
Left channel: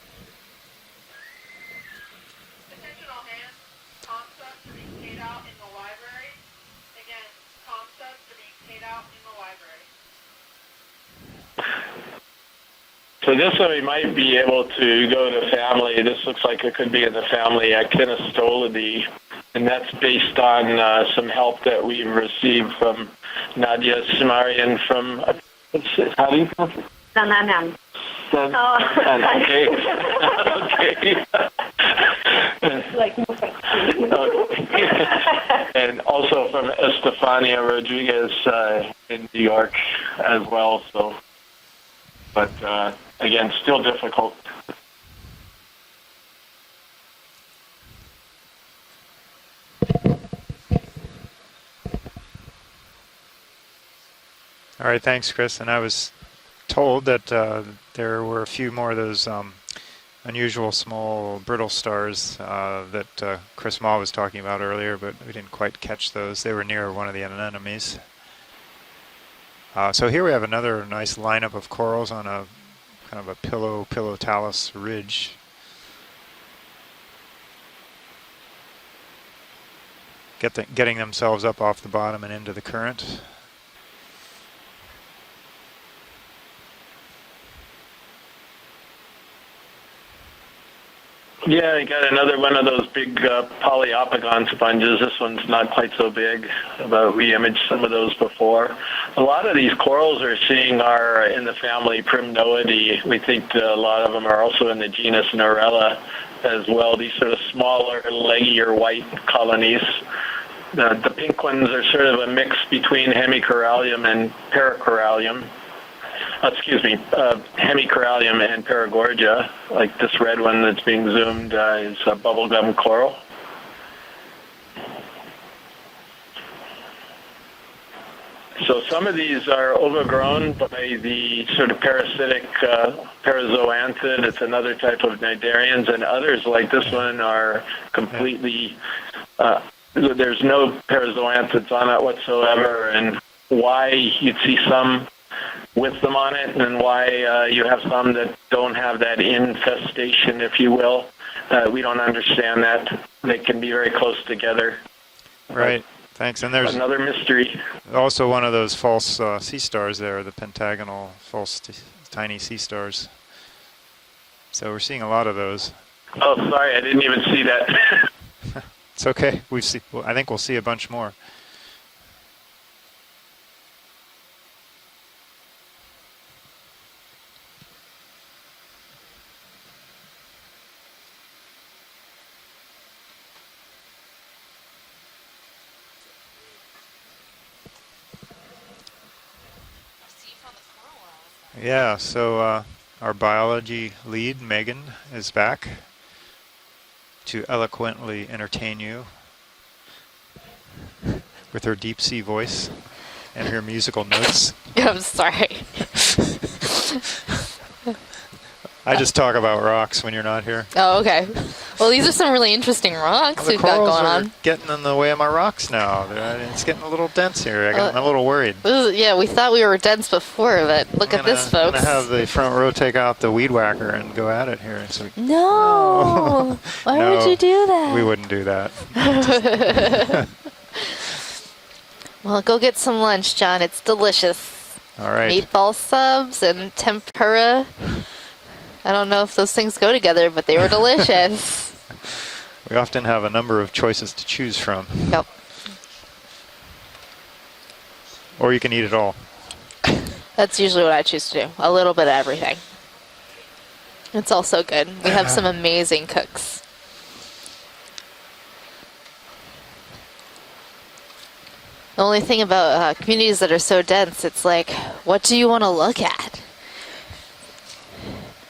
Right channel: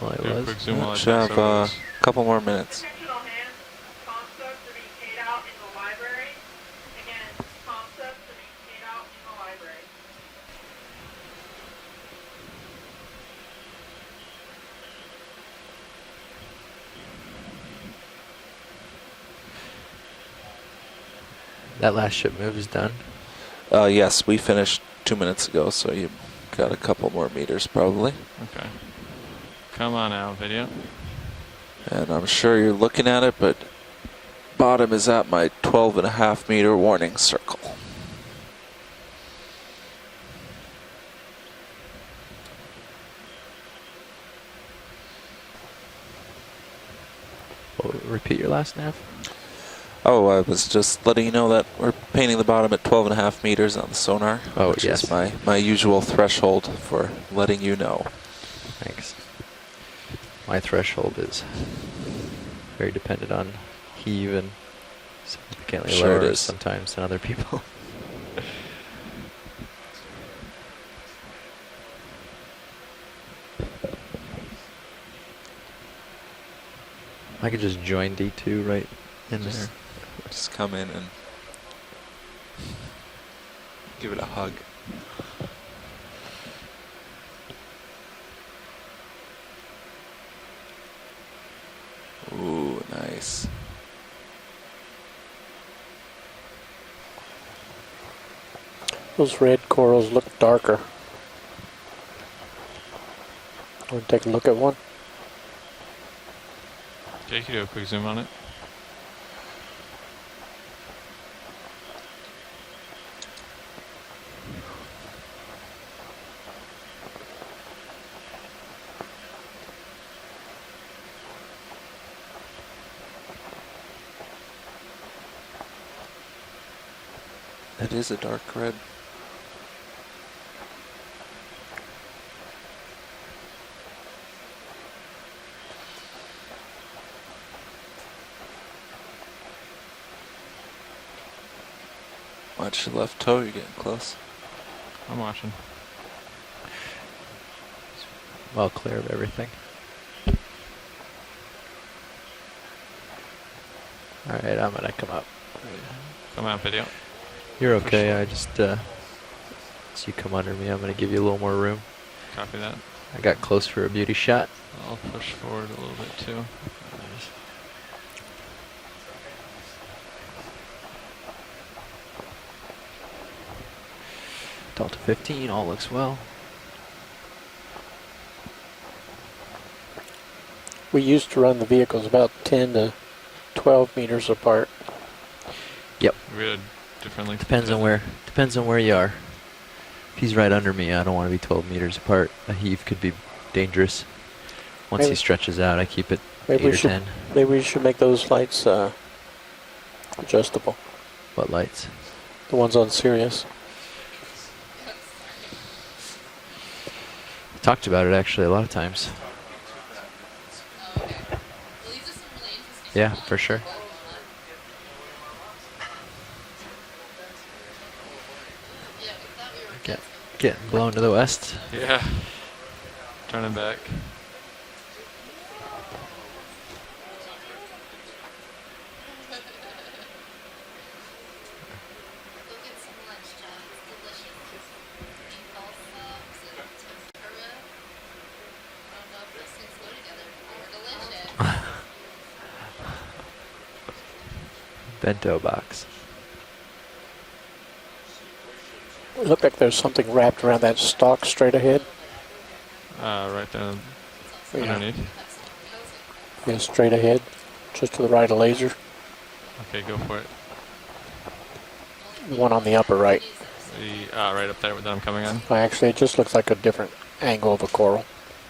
Well, I was. Should have a couple more minutes. So this one we might be able to go to family. This looks like it could be in the family Actinostolidae, and that's based on some help that we received from Nadia yes, we finished from 2 minutes ago, so you've got a couple more meters probably. Okay. And I'm sure you're looking at it, but bottom is at my 12.5 meter warning. Stefania Rodriguez in New York as well, so. But again, still difficult. Repeat your last nav. Oh, I was just letting you know that we're painting the bottom at 12.5 meters on the sonar. Oh, which right, is thanks, Chris. my and usual threshold told for that letting you know. There were a few more of those unusual small brittle stars that Chris Ma was talking about earlier, but we didn't quite catch those. They were near one of the anemones. So here we have another nice lineup of corals on a kind of a pillow talus ridge. I could just join D2 right in there. Getting themselves up off the bottom and into the current. Give it a hug. Yeah, you got another one of those big polyopagon sponges. This one's not quite so big, but we imaged some of those before. A lot of these corals we're seeing are in the family Primnoidae. We think a lot of them are also in the genus Narella as well. These sort of smaller, leggier white colonies. The pink ones are sort of a mix between hemicorallium and paracorallium. Hemicorallium and Paragorgia, like this red one that's being zoomed is a bubblegum coral. It is a dark coral. So some of these are overgrown by the sort of parasitic parazoanthid. It's another type of cnidarians, and others like this one are completely there's no parazoanthids on it whatsoever, and why you'd see some with them on it, and why you have some that don't have that infestation, if you will. We don't understand that. They can be very close together. Right. Thanks. And there's another mystery. There's also one of those false sea stars there. Come on, I'm going to give you a little more room. Tiny sea stars. I got close for a beauty shot. So we're seeing a lot of those. Oh, sorry, I didn't even see that. It's okay. I think we'll see a bunch more. Delta 15, all looks well. We used to run the vehicles about 10 to 12 meters apart. Yep. Depends on where you are. If he's right under me, I don't want to be 12 meters apart. So Heave could be our biology dangerous. lead, Megan, once he stretches out, I keep it 8 or 10. Maybe we should make those lights adjustable. What lights? With her deep sea voice. The ones on Sirius. And her musical notes. I'm sorry. Talked about it actually a lot of times. I just talk about rocks when you're not here. Oh, okay. Well, these are some really interesting rocks sure. we've got going on. Getting in the way of my rocks now. It's getting a little dense here. I'm a little worried. Yeah, we thought we were dense before, but look at this, folks. I'm going to have the front row take out the weed whacker and go at it here. So, no! Why would you do that? We wouldn't do that. Well, go get some lunch, John. It's delicious. All right. Meatball subs and tempura. I don't know if those things go together, but they were delicious. We often have a number of choices to choose from. Bento box. Or you can eat it all. Look like there's something wrapped around that That's usually what I choose straight to do. ahead. A little bit of everything. Right there. It's also good. We have some amazing cooks. Yeah, straight ahead, just to the right of laser. Okay, go for it. The only thing about communities that are so dense, it's like, what do you want to look at? It just looks at? like a different angle of a coral.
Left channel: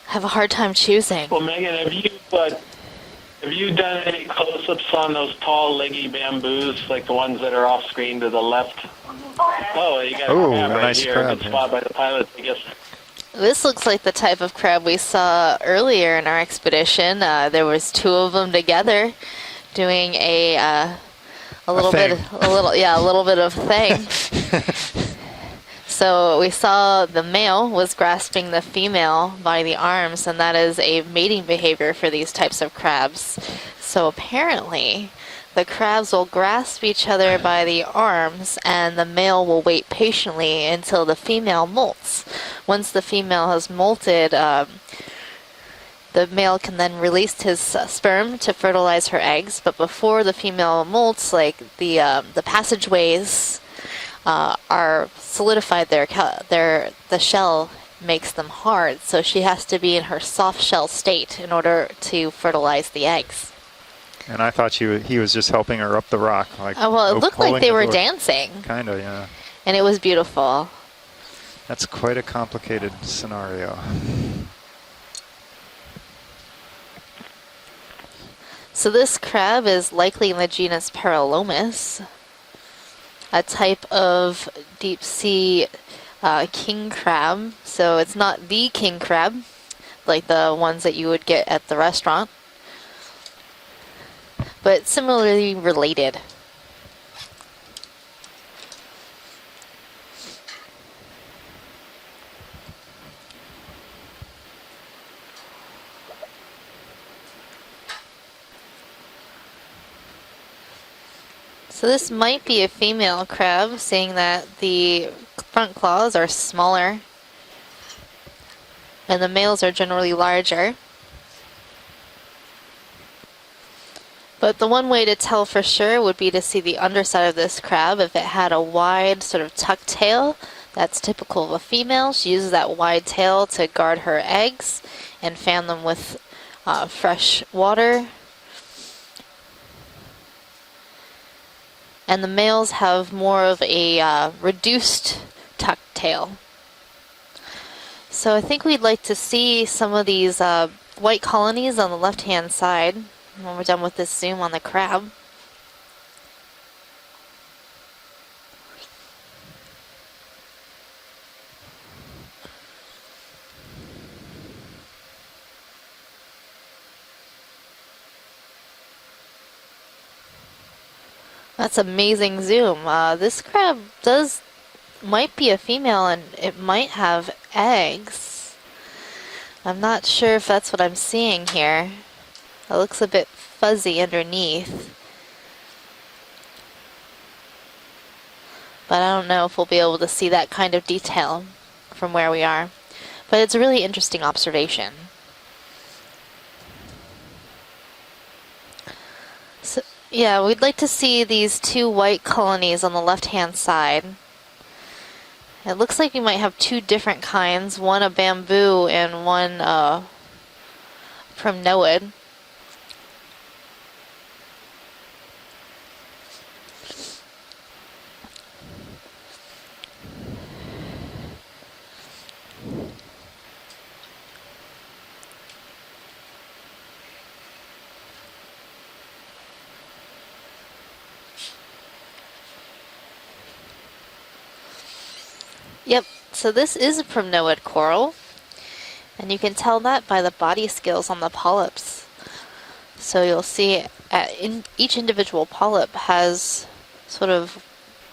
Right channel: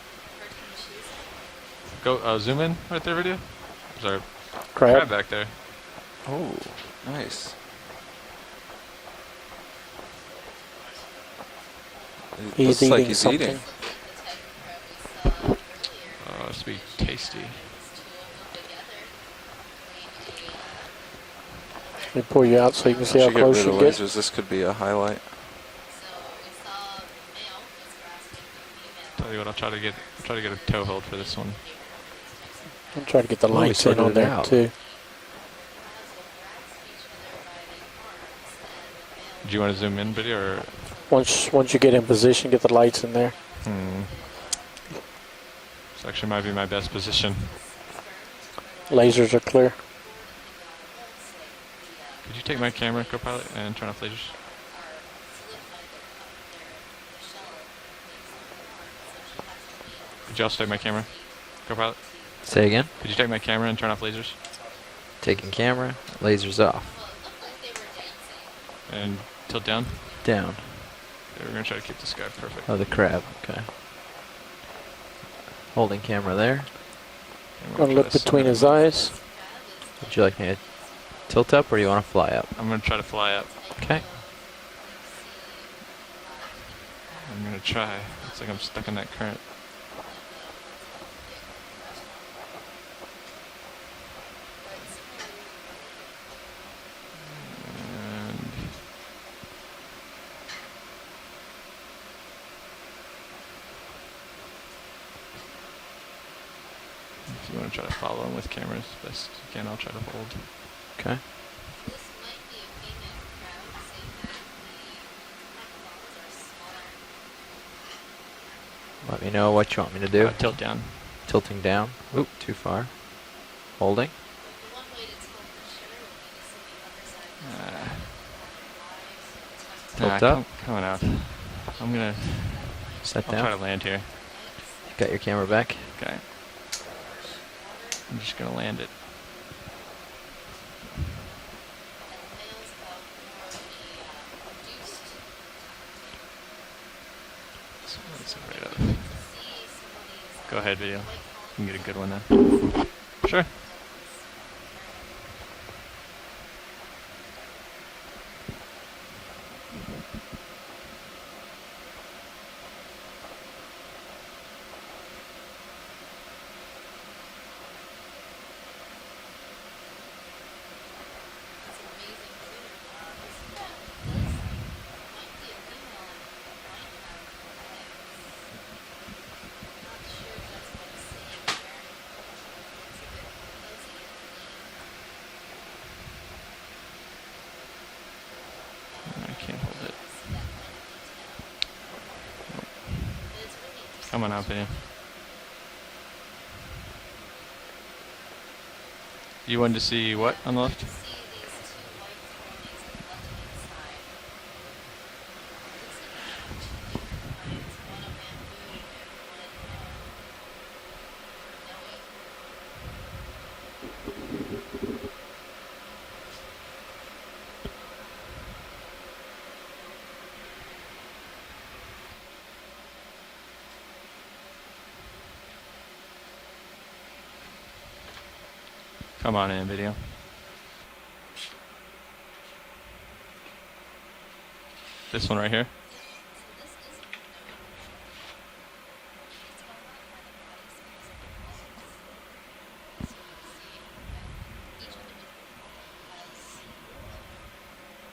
Have a hard time choosing. Well, Megan, have you zoom in right there, video? Have you done any close-ups on those tall, leggy bamboos, like the ones that are off screen to the left? Oh, you got a crab right nice here. crab. Good spot by the pilot. This looks like the type of crab we saw earlier in our expedition. There was 2 of them together doing a little bit of thing. This could be a highlight. So we saw the male was grasping the female by the arms, and that is a mating behavior for these types of crabs. So apparently, the crabs will grasp each other by the arms, and the male will wait patiently until the female molts. Once the female has molted, the male can then release his sperm to fertilize her eggs, but before the female molts, like the passageways are solidified. The shell makes them hard, so she has to be in her soft shell state in order to fertilize the eggs. Take my camera and turn off lasers. And I thought he was just helping her up the rock. Well, it looked like they were dancing. Kind of, yeah. And it was beautiful. That's quite a complicated scenario. Holding camera there. Gonna look between his eyes. So this crab is likely in the genus Paralomus. Tilt up, or you want to fly up? I'm gonna try to fly up. A type of deep sea king crab. So it's not the king crab, like the ones that you would get at the restaurant, but similarly related. If you want to try to follow them with cameras, best you can. I'll try to hold. Okay. So this might be a female crab, seeing that the front claws are smaller and the males are generally larger. Tilting down. Oop, too far. Holding. But the one way to tell for sure would be to see the underside of this crab. If it had a wide sort of tucked tail, that's typical of a female. She uses that wide tail to guard her eggs and fan them with fresh water. I'm just going to land it. And the males have more of a reduced tucked tail. So I think we'd like to see some of these white colonies on the left-hand side when we're done with this zoom on the crab. That's amazing zoom. This crab might be a female and it might have eggs. I'm not sure if that's what I'm seeing here. It looks a bit fuzzy underneath. But I don't know if we'll be able to see that kind of detail from where we are. But it's a really interesting observation. You wanted to see what? Yeah, we'd like to see these two white colonies on the left-hand side. It looks like you might have two different kinds, one a bamboo and one primnoid. Come on in, video. This one right here? Yep, so this is a primnoid coral, and you can tell that by the body scales on the polyps. So you'll see each individual polyp has sort of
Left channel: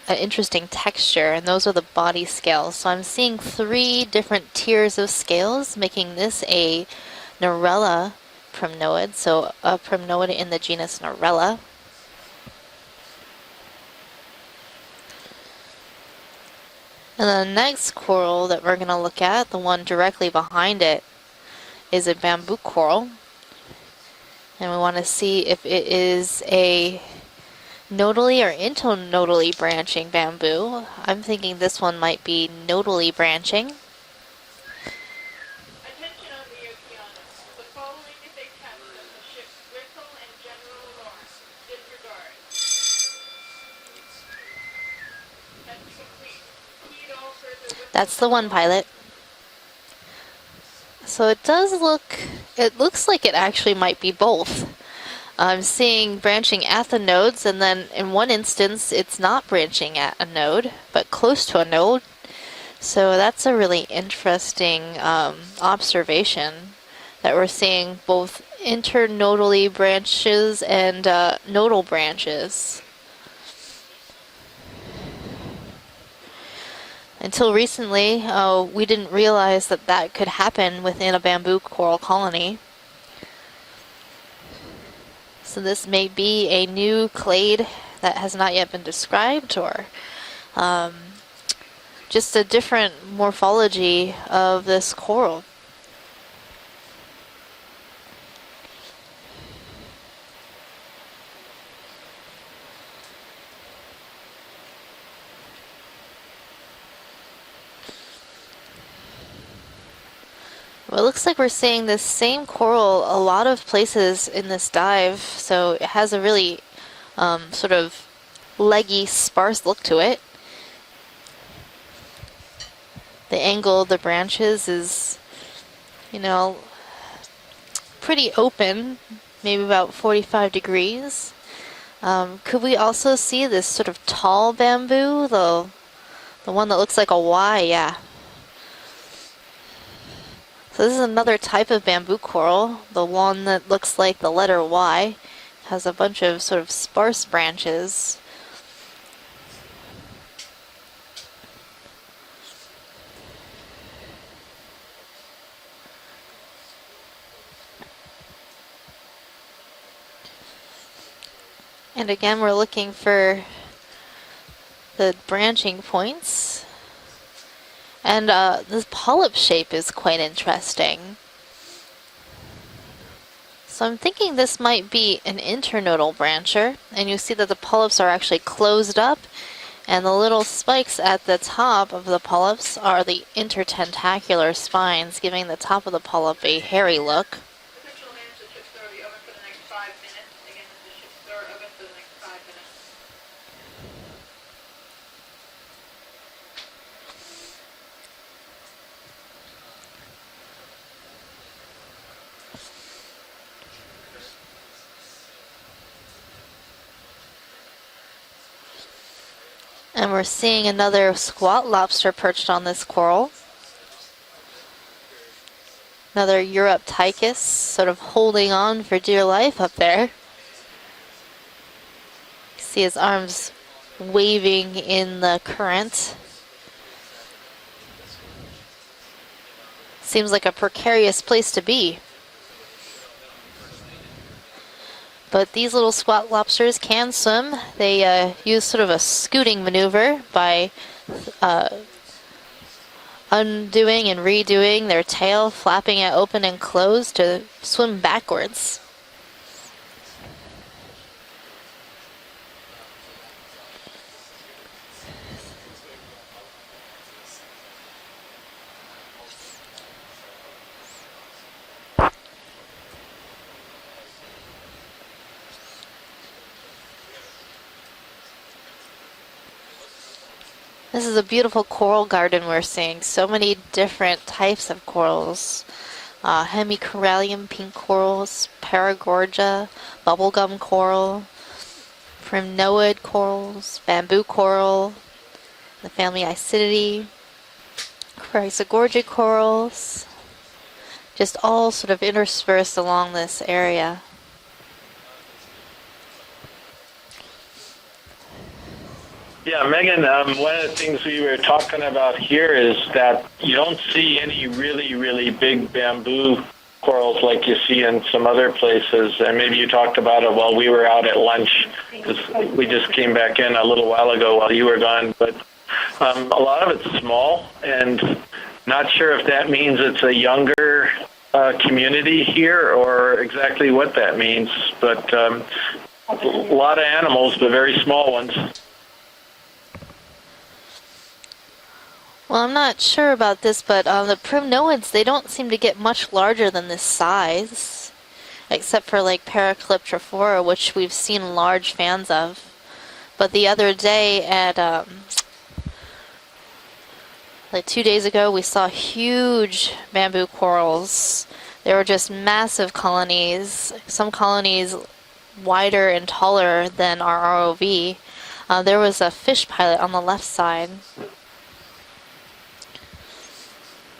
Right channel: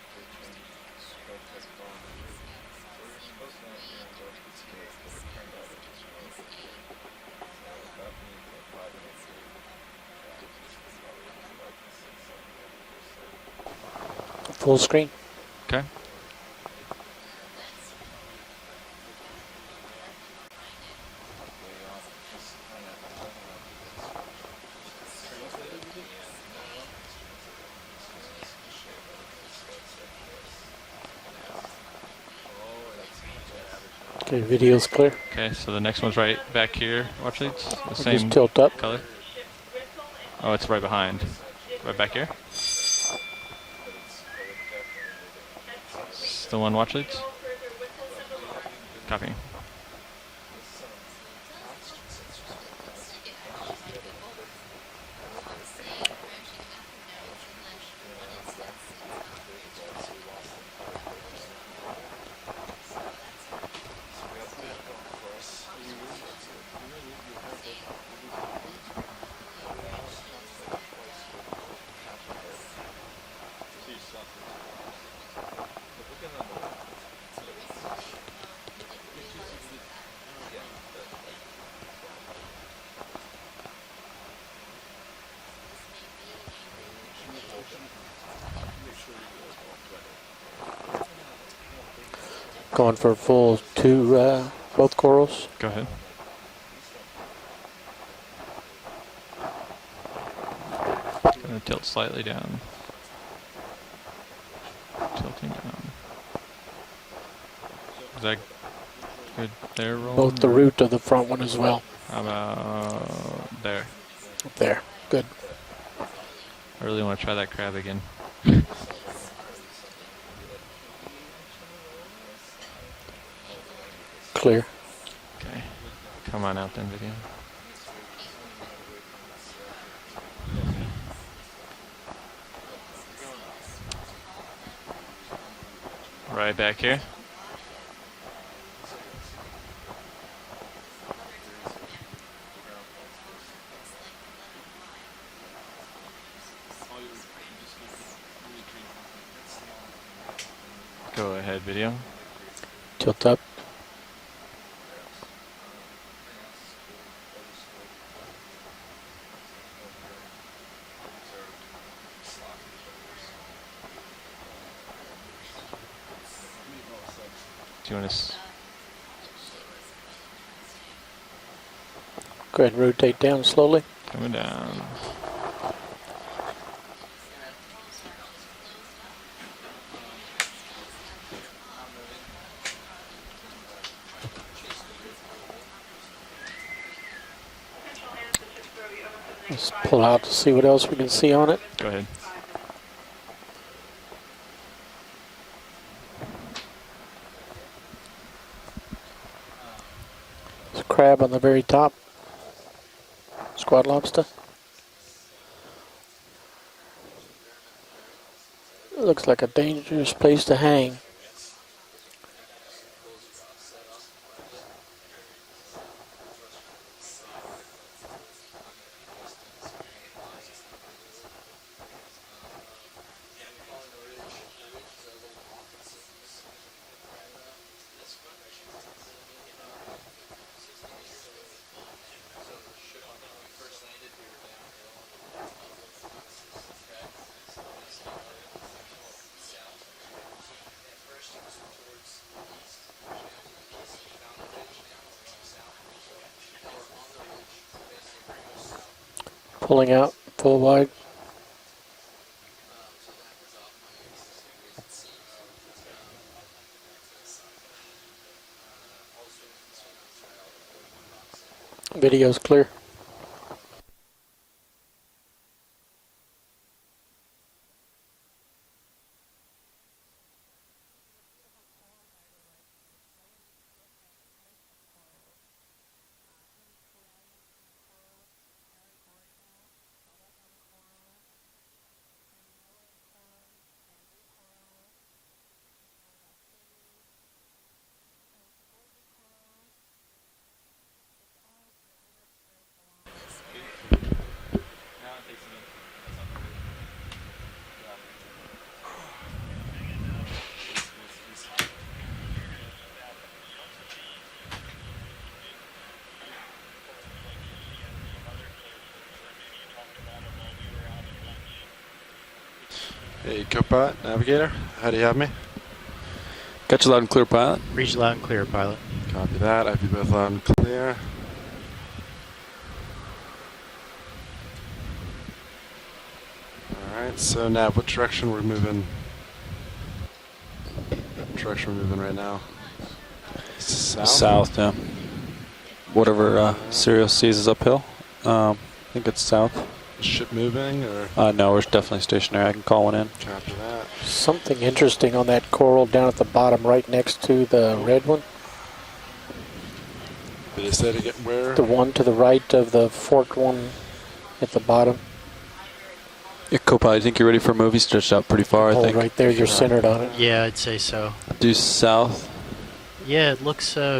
an interesting texture, and those are the body scales. So I'm seeing 3 different tiers of scales, making this a Narella primnoid, so a primnoid in the genus Narella. Full screen. Okay. And the next coral that we're going to look at, the one directly behind it, is a bamboo coral. And we want to see if it is a nodally or internodally branching bamboo. I'm thinking this one might be nodally branching. Okay, video's clear. Okay, so the next one's right back here. Watch leads. The Just same tilt up. color. Oh, it's right behind. Right back here. The one watch leads? That's the one, pilot. Copy. So it looks like it actually might be both. I'm seeing branching at the nodes, and then in one instance it's not branching at a node, but close to a node. So that's a really interesting observation, that we're seeing both internodally branches and nodal branches. Until recently, we didn't realize that that could happen within a bamboo coral colony. So this may be a new clade that has not yet been described, or just a different morphology of this coral. Go ahead. I'm going to tilt slightly down. Tilting down. Is that good there, Roland? Both the root of the It looks like we're seeing this same coral a lot of places in this dive, Good. so it has a really sort of leggy, sparse look to it. The angle of the branches is, you know, pretty open, maybe about 45 degrees. Could we also see this sort of tall bamboo, the one that looks like a Y? Yeah. So this is another type of bamboo coral, the one that looks like the letter Y. Has a bunch of sort of sparse branches. Go ahead, video. Tilt up. And again, we're looking for the branching points. And this polyp shape is quite interesting. Go ahead and rotate down slowly. So I'm thinking this might be an internodal brancher, and you see that the polyps are actually closed up, and the little spikes at the top of the polyps are the intertentacular spines, giving the top of the polyp a hairy look. Let's pull out to see what else we can see on it. Go ahead. There's a crab on the very top. Squat lobster. Looks like a dangerous place to hang. And we're seeing another squat lobster perched on this coral. Another Europtychus sort of holding on for dear life up there. You see his arms waving in the current. Seems like a precarious place to be. But these little squat lobsters can swim. They use sort of a scooting maneuver by undoing and redoing their tail, flapping it open and closed to swim backwards. Pulling out full wide. Video's clear. This is a beautiful coral garden we're seeing. So many different types of corals. Hemicorallium pink corals, Paragorgia, bubblegum coral, primnoid corals, bamboo coral, the family Isididae, Chrysogorgia corals. Just all sort of interspersed along this area. Yeah, Megan, one of the things we were talking about here is that you don't see any really, really big bamboo corals like you see in some other places. And maybe you talked about it while we were out at lunch, because we just came back in a little while ago while you were gone. But a lot of it's small, and not sure if that means it's a younger community here or exactly what that means. But a lot of animals, but very small ones. Direction we're moving right now. Well, I'm not sure about this, but the primnoids, they don't seem to get much larger than this size. Is uphill. Except for like Paraclyptrophora, which we've seen large fans of. I can call one in. But the other day something interesting on that coral down at the bottom right next to the like 2 days ago, we saw huge bamboo corals. They were just massive colonies. Some colonies wider and taller than I think you're ready for ROV. movies stretched out pretty far. There was a fish cut on the left side. Yeah, I'd say so. Due south. Yeah, it looks. You're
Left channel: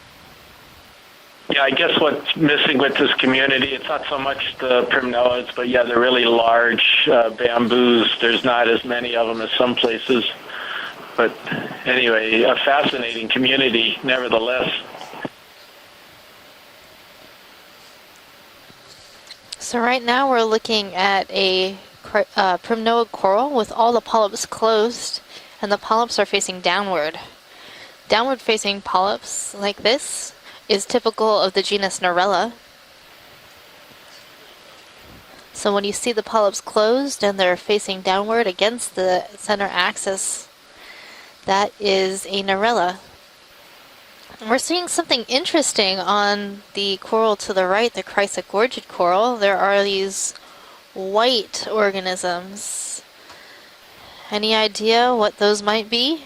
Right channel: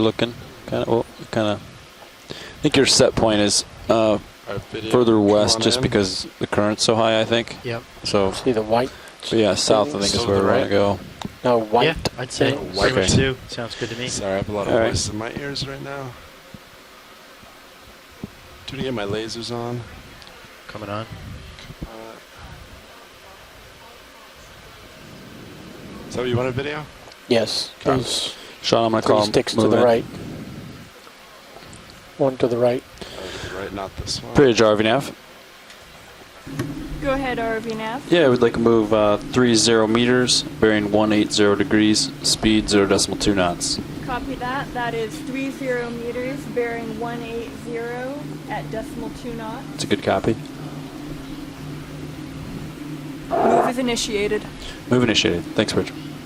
looking kind of. Yeah, I guess what's missing with this community, it's not so much the further west, just because really the current's so high, I think. Bamboos. So there's not as many of them in some south places. is where we're gonna go. But anyway, it's a fascinating community, nevertheless. My ears right now. To get my lasers on. So right now we're looking at a primnoid coral with all the polyps closed, and the polyps are facing downward. Yes. Downward facing polyps like this is typical of the genus Narella. To the right. Not this one. Bridge RVNAV. So when you see the polyps closed and they're facing downward we'd like against to move the 30 center meters, axis, bearing 180 degrees, speed 0.2 knots. We're seeing something interesting on the coral to the right, the Chrysogorgia coral. There are these white organisms. Move is initiated. Any idea what those might be?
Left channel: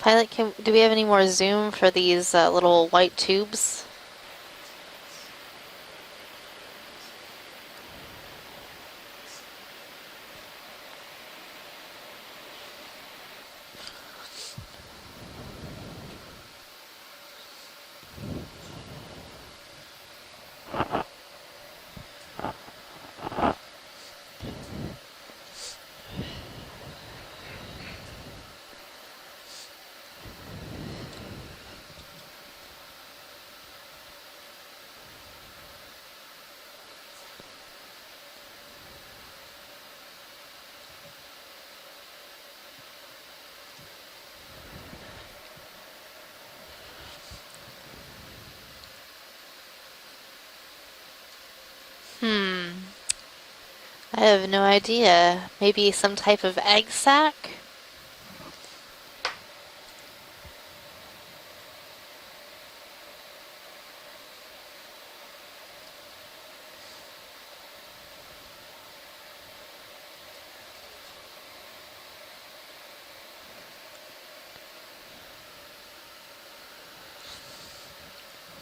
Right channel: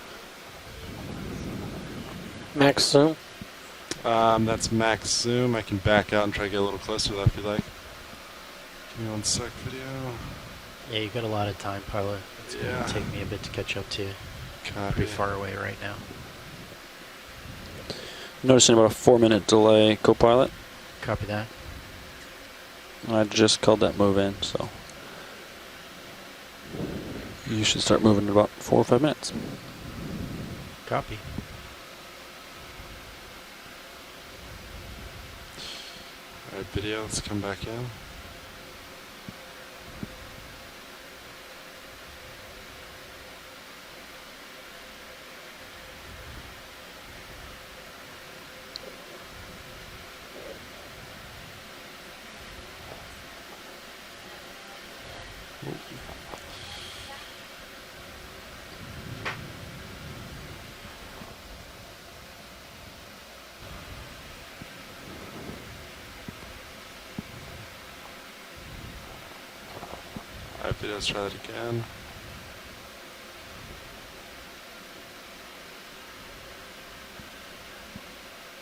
Pilot, do we have any more zoom for these little white tubes? That's max zoom. I can back out and try to get a little closer to that if you like. Give me 1 sec, video. Yeah, you got a lot of time, pilot. It's going to take me a bit to catch up to you. Copy. Pretty far away right now. Noticing about a 4-minute delay, co-pilot. Copy that. I just called that move in, so you should start moving in about 4 or 5 minutes. Copy. Alright, video, let's come back in. I have no idea. Maybe some type of egg sac? Alright, video, let's try that again.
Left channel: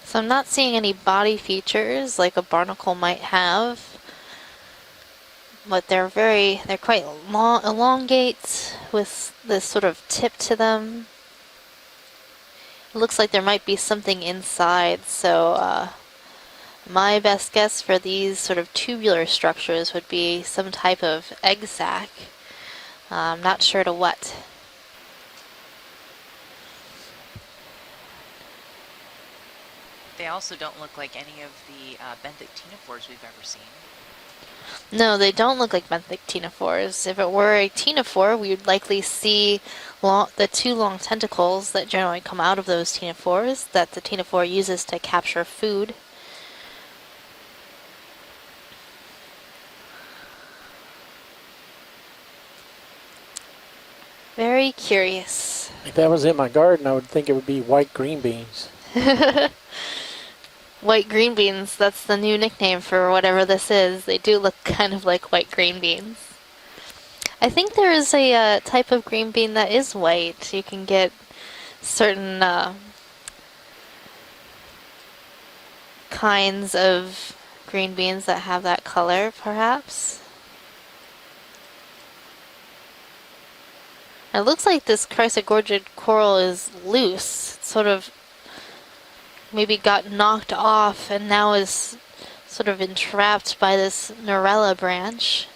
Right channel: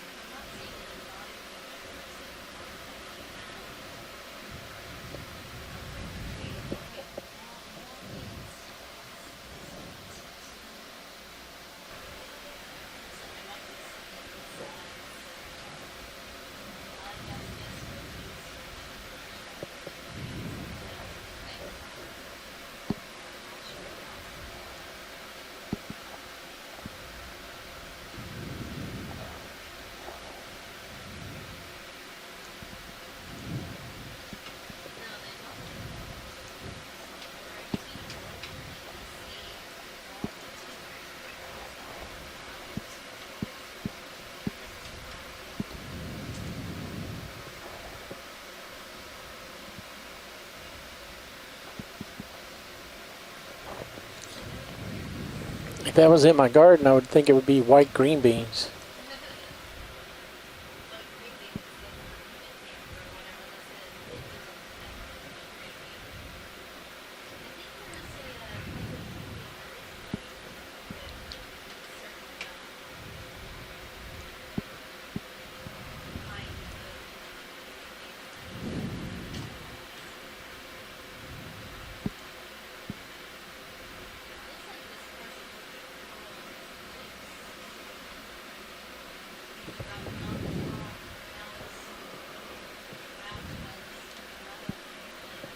So I'm not seeing any body features like a barnacle might have. But they're quite long, elongate with this sort of tip to them. It looks like there might be something inside, so my best guess for these sort of tubular structures would be some type of egg sac. I'm not sure to what. They also don't look like any of the benthic ctenophores we've ever seen. No, they don't look like benthic ctenophores. If it were a ctenophore, we would likely see the 2 long tentacles that generally come out of those ctenophores that the ctenophore uses to capture food. Very curious. If that was in my garden, I would think it would be white green beans. White green beans, that's the new nickname for whatever this is. They do look kind of like white green beans. I think there is a type of green bean that is white. You can get certain kinds of green beans that have that color, perhaps. It looks like this chrysogorgid coral is loose. It's sort of maybe got knocked off and now is sort of entrapped by this Norella branch.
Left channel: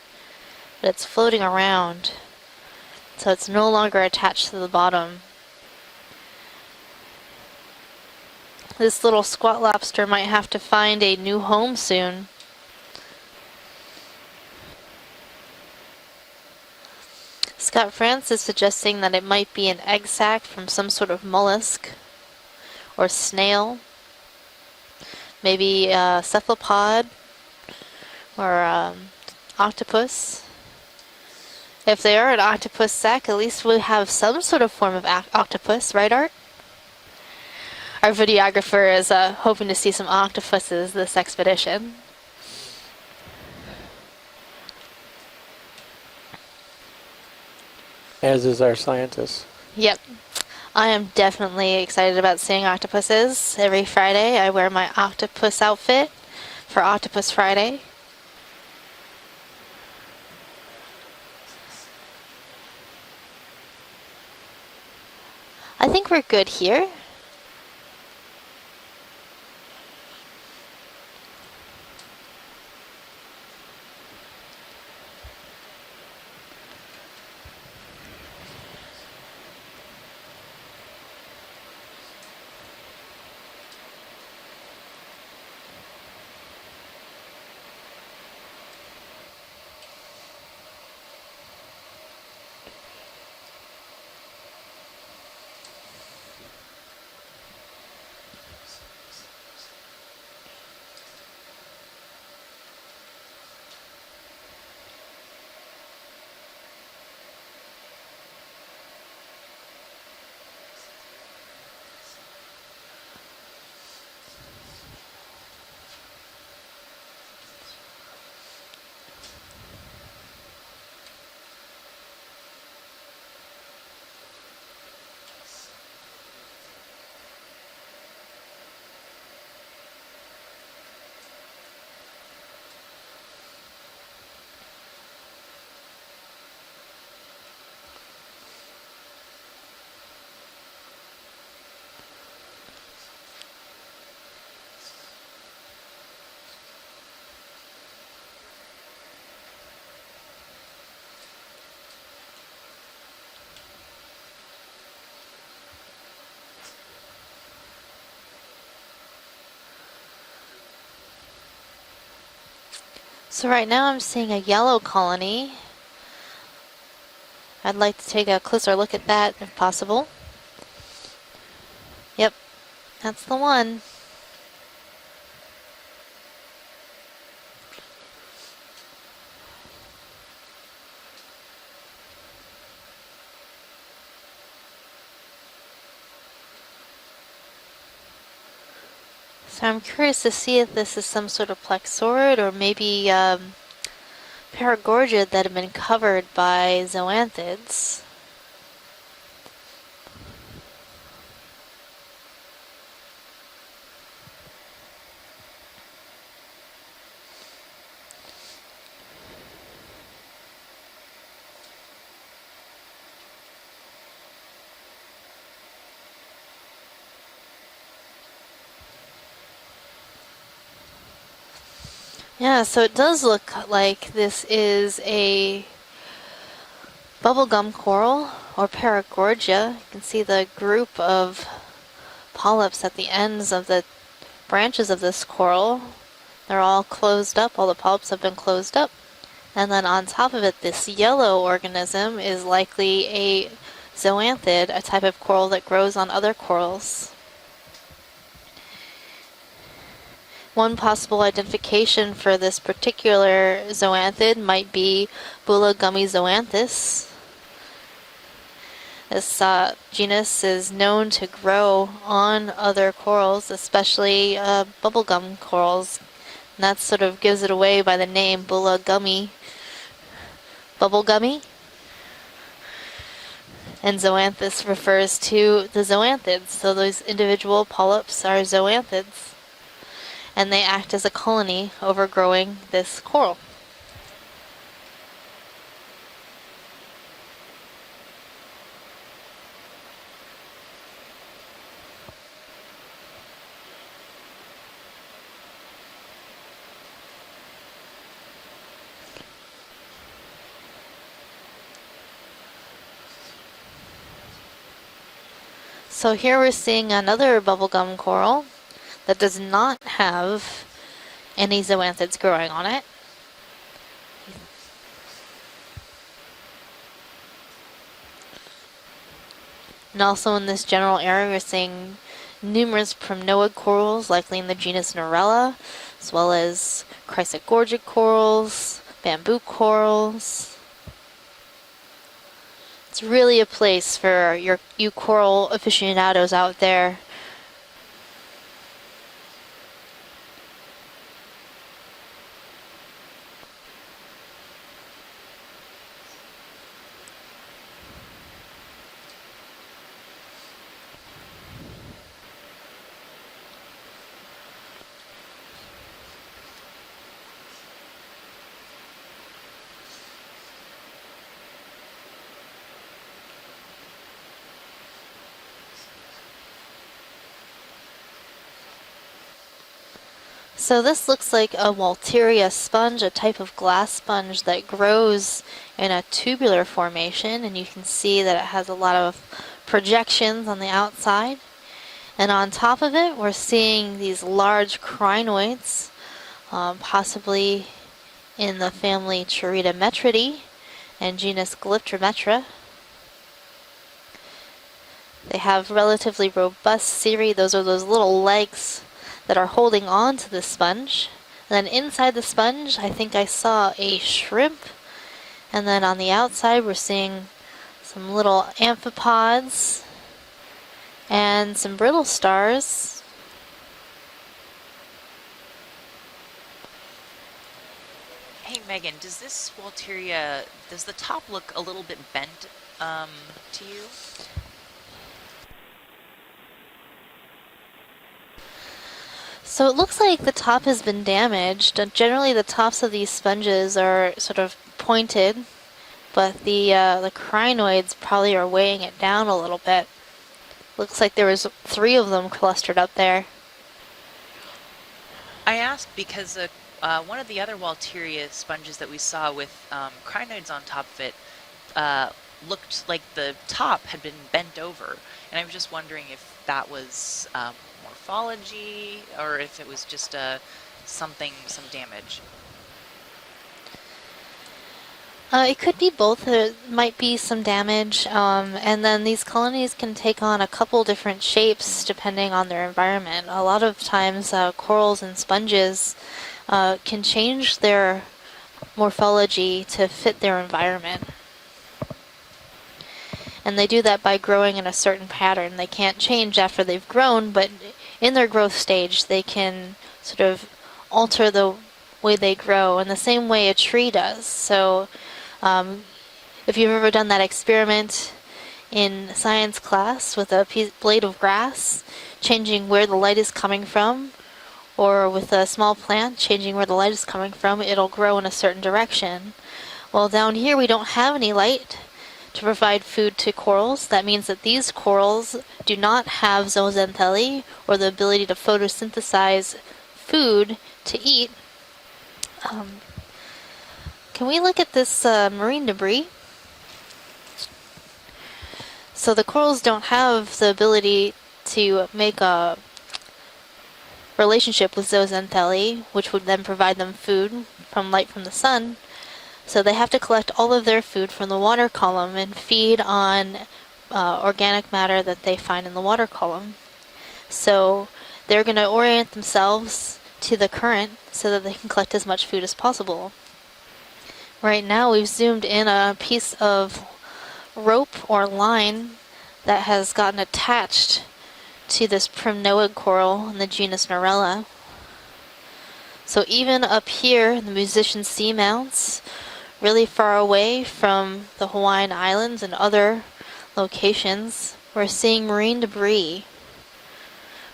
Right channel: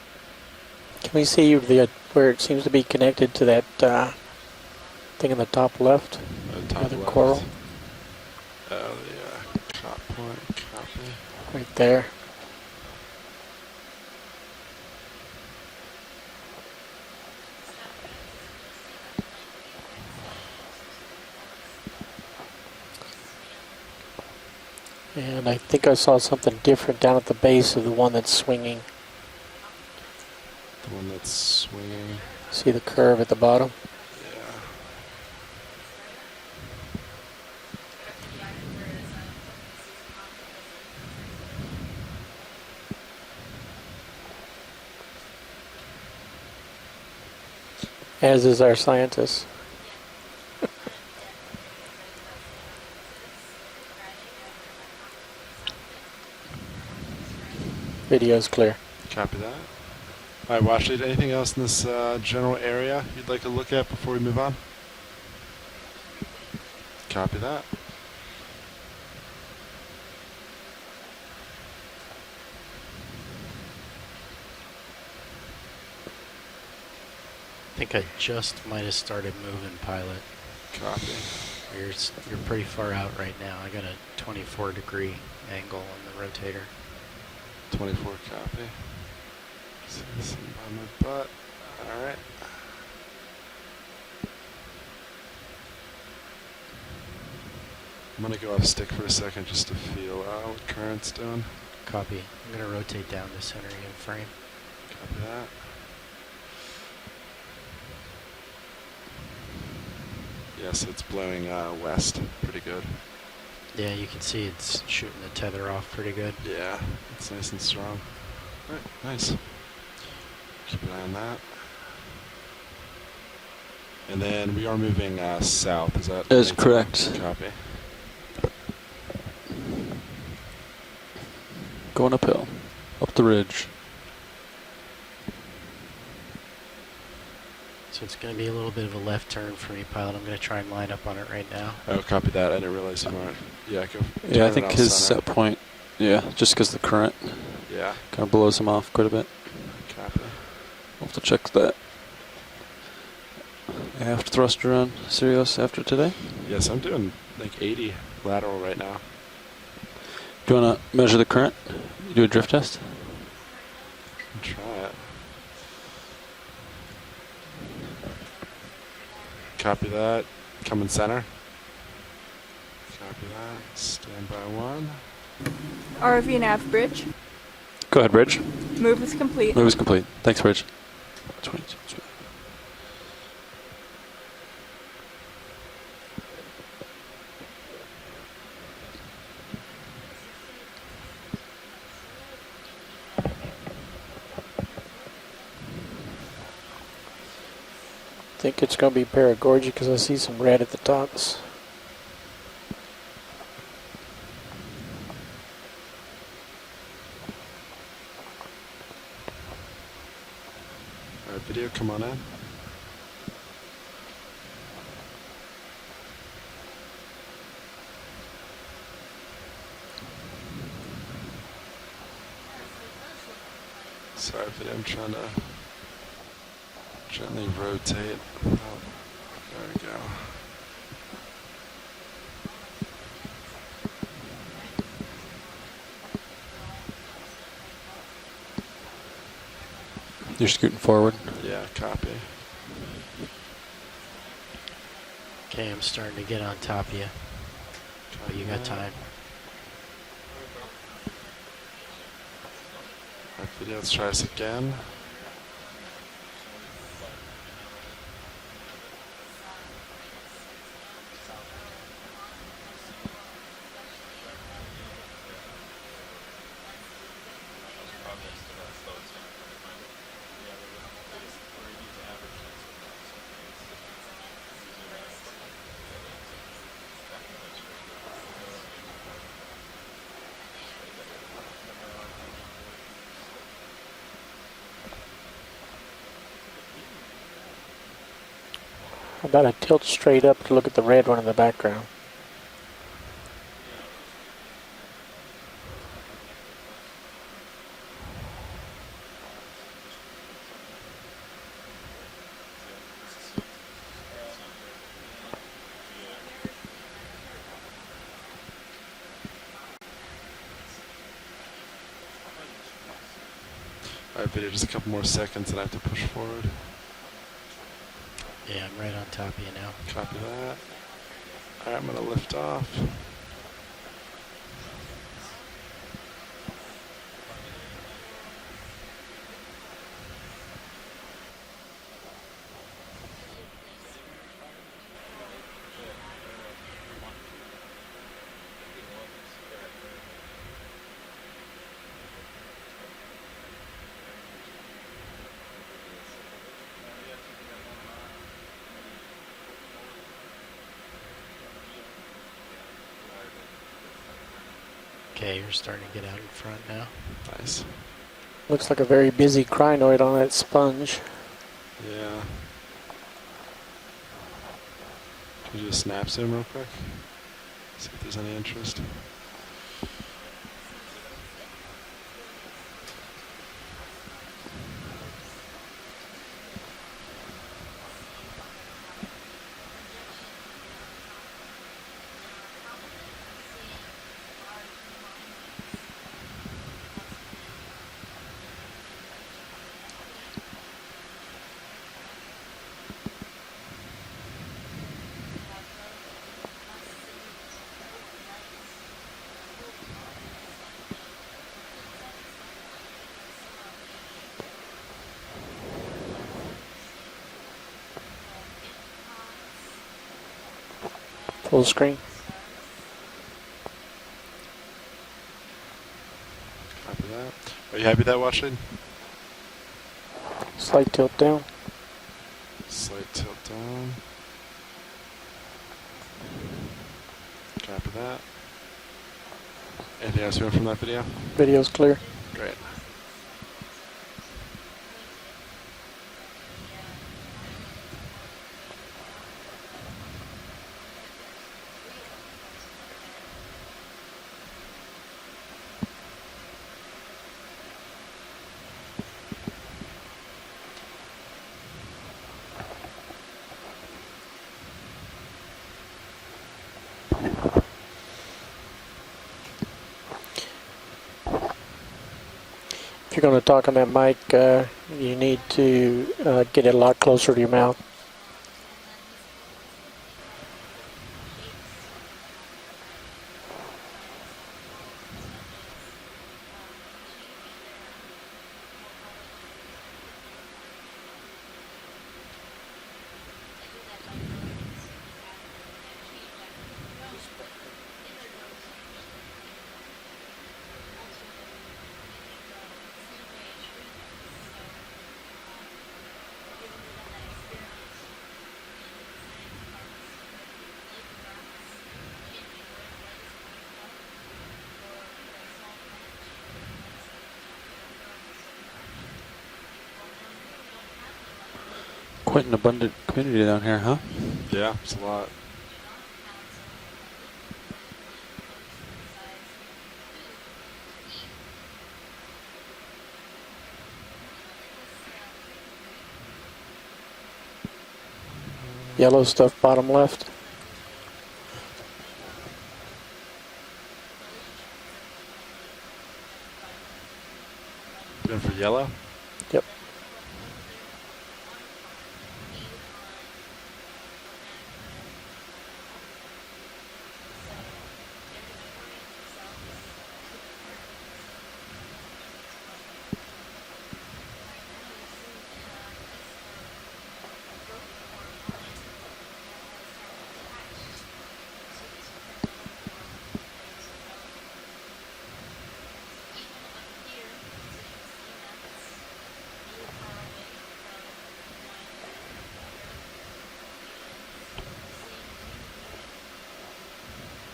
But it's floating around. Where it seems to be connected so to that. It's no longer attached to the bottom. Thing in the top left. Another coral. This little squat lobster might have to find a new home soon. Scott France is suggesting that it might be an egg sac from some sort of mollusk or snail. And maybe I think I saw something different cephalopod down at the base of the one that's swinging. or octopus. The one that's swinging. If they are an octopus sac, at least bottom? we have some sort of form of octopus, right, Art? Our videographer is hoping to see some octopuses this expedition. As is our scientist. Yep. I am definitely excited about seeing octopuses. Every Friday I wear my octopus outfit for Octopus Friday. Video's clear. Copy that. Alright, Washley, anything else in this general area you'd like to look at before we move on? I think we're good here. Copy that. I think I just might have started moving, pilot. Copy. You're pretty far out right now. I got a 24-degree angle on the rotator. 24 copy. See this by my butt. Alright. I'm going to go off stick for a second just to feel out what current's doing. Copy. I'm going to rotate down to center in frame. Copy that. Yes, it's blowing west pretty good. Yeah, you can see it's shooting the tether off pretty good. Yeah, it's nice and strong. Alright, nice. Keep an eye on that. And then we are moving south, is that? That is correct. Copy. Going uphill. Up the ridge. So it's going to be a little bit of a left turn for me, pilot. I'm going to try and line up on it right now. Oh, copy that. I didn't realize you weren't. Yeah, go. Yeah, I think his set point, yeah, just because the current kind of blows him off quite a bit. Copy. We'll have to check that. Aft thruster on Sirius after today. Yes, I'm doing like 80 lateral right now. Do you want to measure the current? Do a drift test? So right now I'm seeing a yellow colony. I'd like to take a closer look at that if possible. Copy that. Come in center. Yep, that's the one. Stand by one. ROV nav bridge. Go ahead, Bridge. Move is complete. Move is complete. Thanks, Bridge. 22. So I'm curious to see if this is some sort of plexaurid or maybe paragorgia that have been covered by zoanthids. I think it's going to be paragorgia because I see some red at the tops. All right, video, come on in. Yeah, so it does look like this is a bubblegum coral or paragorgia. You can see the group of polyps at the ends of the branches of this coral. They're all closed up, all the polyps have been closed up. And then on top of it, this yellow organism is likely a zoanthid, a type of coral that grows on other corals. You got time. One possible identification for this particular zoanthid might be Bulla gummy zoanthus. This genus is known to grow on other corals, especially bubblegum corals. And that sort of gives it away by the name Bulla gummy. Bubble gummy. And zoanthus refers to the zoanthids. So those individual polyps are zoanthids. And they act as a colony overgrowing this coral. How about I tilt straight up to look at the red one in the background? So here we're seeing another bubblegum coral that does not have any zoanthids growing on it. All right, video, just a couple more seconds and I have to push forward. Yeah, I'm right on top of you now. And also in this general area, we're seeing numerous primnoid corals, likely in the genus Norella, as well as chrysogorgic corals, bamboo corals. It's really a place for you coral aficionados out there. Okay, you're starting to get out in front now. Nice. Looks like a very busy crinoid on that sponge. Yeah. Can you do a snap zoom real quick? See if there's any interest. So this looks like a Walteria sponge, a type of glass sponge that grows in a tubular formation, and you can see that it has a lot of projections on the outside. And on top of it, we're seeing these large crinoids, possibly in the family Chiritometridae and genus Glyptrometra. They have relatively robust cirri. Those are those little legs that are holding on to the sponge. And then inside the sponge, I think I saw a shrimp. And then on the outside, we're seeing some little amphipods and some brittle stars. Copy that. Are you happy with that, Watcher? Hey, Megan, does this Walteria, does Slight the tilt top down. look a little bit bent to you? Copy that. So it looks like the top has been damaged. Generally, the tops of these sponges are sort of pointed, but the crinoids probably are weighing it down a little bit. Looks like there was 3 of them clustered up there. I asked because one of the other Walteria sponges that we saw with crinoids on top of it looked like the top had been bent over, and I was just wondering if that was morphology or if it was just some damage. If you're going to talk on that mic, you need it could be both. get it a might lot be closer some to your damage, and then these colonies can take on a couple different shapes depending on their environment. A lot of times, corals and sponges can change their morphology to fit their environment. And they do that by growing in a certain pattern. They can't change after they've grown, but in their growth stage, they can sort of alter the way they grow in the same way a tree does. So if you've ever done that experiment in science class with a blade of grass, changing where the light is coming from, or with a small plant, changing where the light is coming from, it'll grow in a certain direction. Well, down here we don't have any light to provide food to corals. That means that these corals do not have zooxanthellae, or the ability to photosynthesize food to eat. Can we look at this marine debris? So the corals don't have the ability to make a relationship with zooxanthellae, which would then provide them food from light from the sun. Yellow? So they have to collect all of their food from the water column and feed on organic matter that they find in the water column. So they're going to orient themselves to the current so that they can collect as much food as possible. Right now we've zoomed in a piece of rope or line that has gotten attached to this primnoid coral in the genus Marella. So even up here in the musician seamounts, really far away from the Hawaiian Islands and other locations, we're seeing marine debris,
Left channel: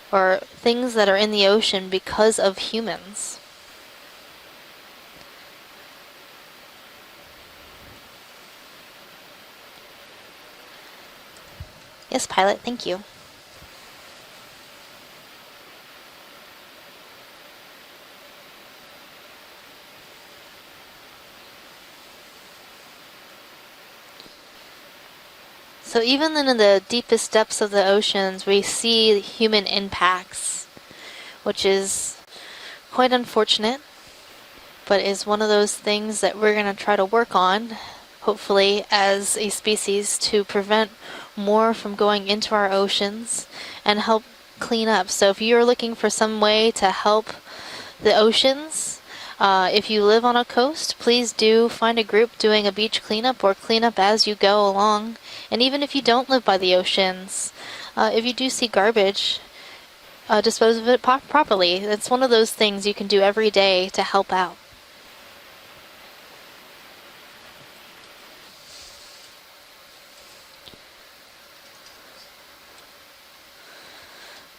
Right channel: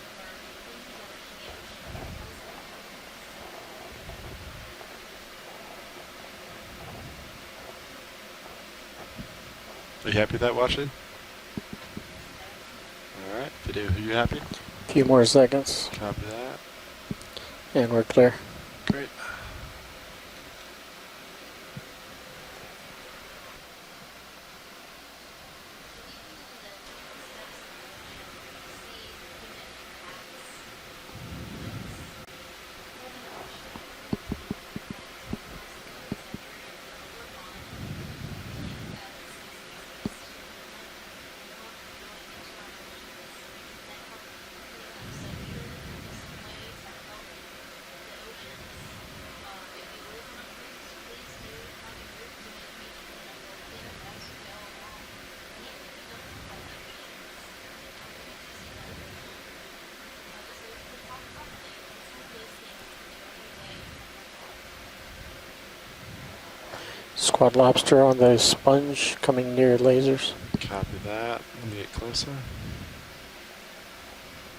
or things that are in the ocean because of humans. Are you happy with that, Washley? Yes, pilot, thank you. All right, Video, are you happy? A few more seconds. Copy that. And we're clear. Great. So even in the deepest depths of the oceans, we see human impacts, which is quite unfortunate, but is one of those things that we're going to try to work on, hopefully as a species, to prevent more from going into our oceans and help clean up. So if you're looking for some way to help the oceans, if you live on a coast, please do find a group doing a beach cleanup or cleanup as you go along. And even if you don't live by the oceans, if you do see garbage, dispose of it properly. It's one of those things you can do every day to help out. Squad lobster on the sponge coming near lasers. Copy that. Let me get closer.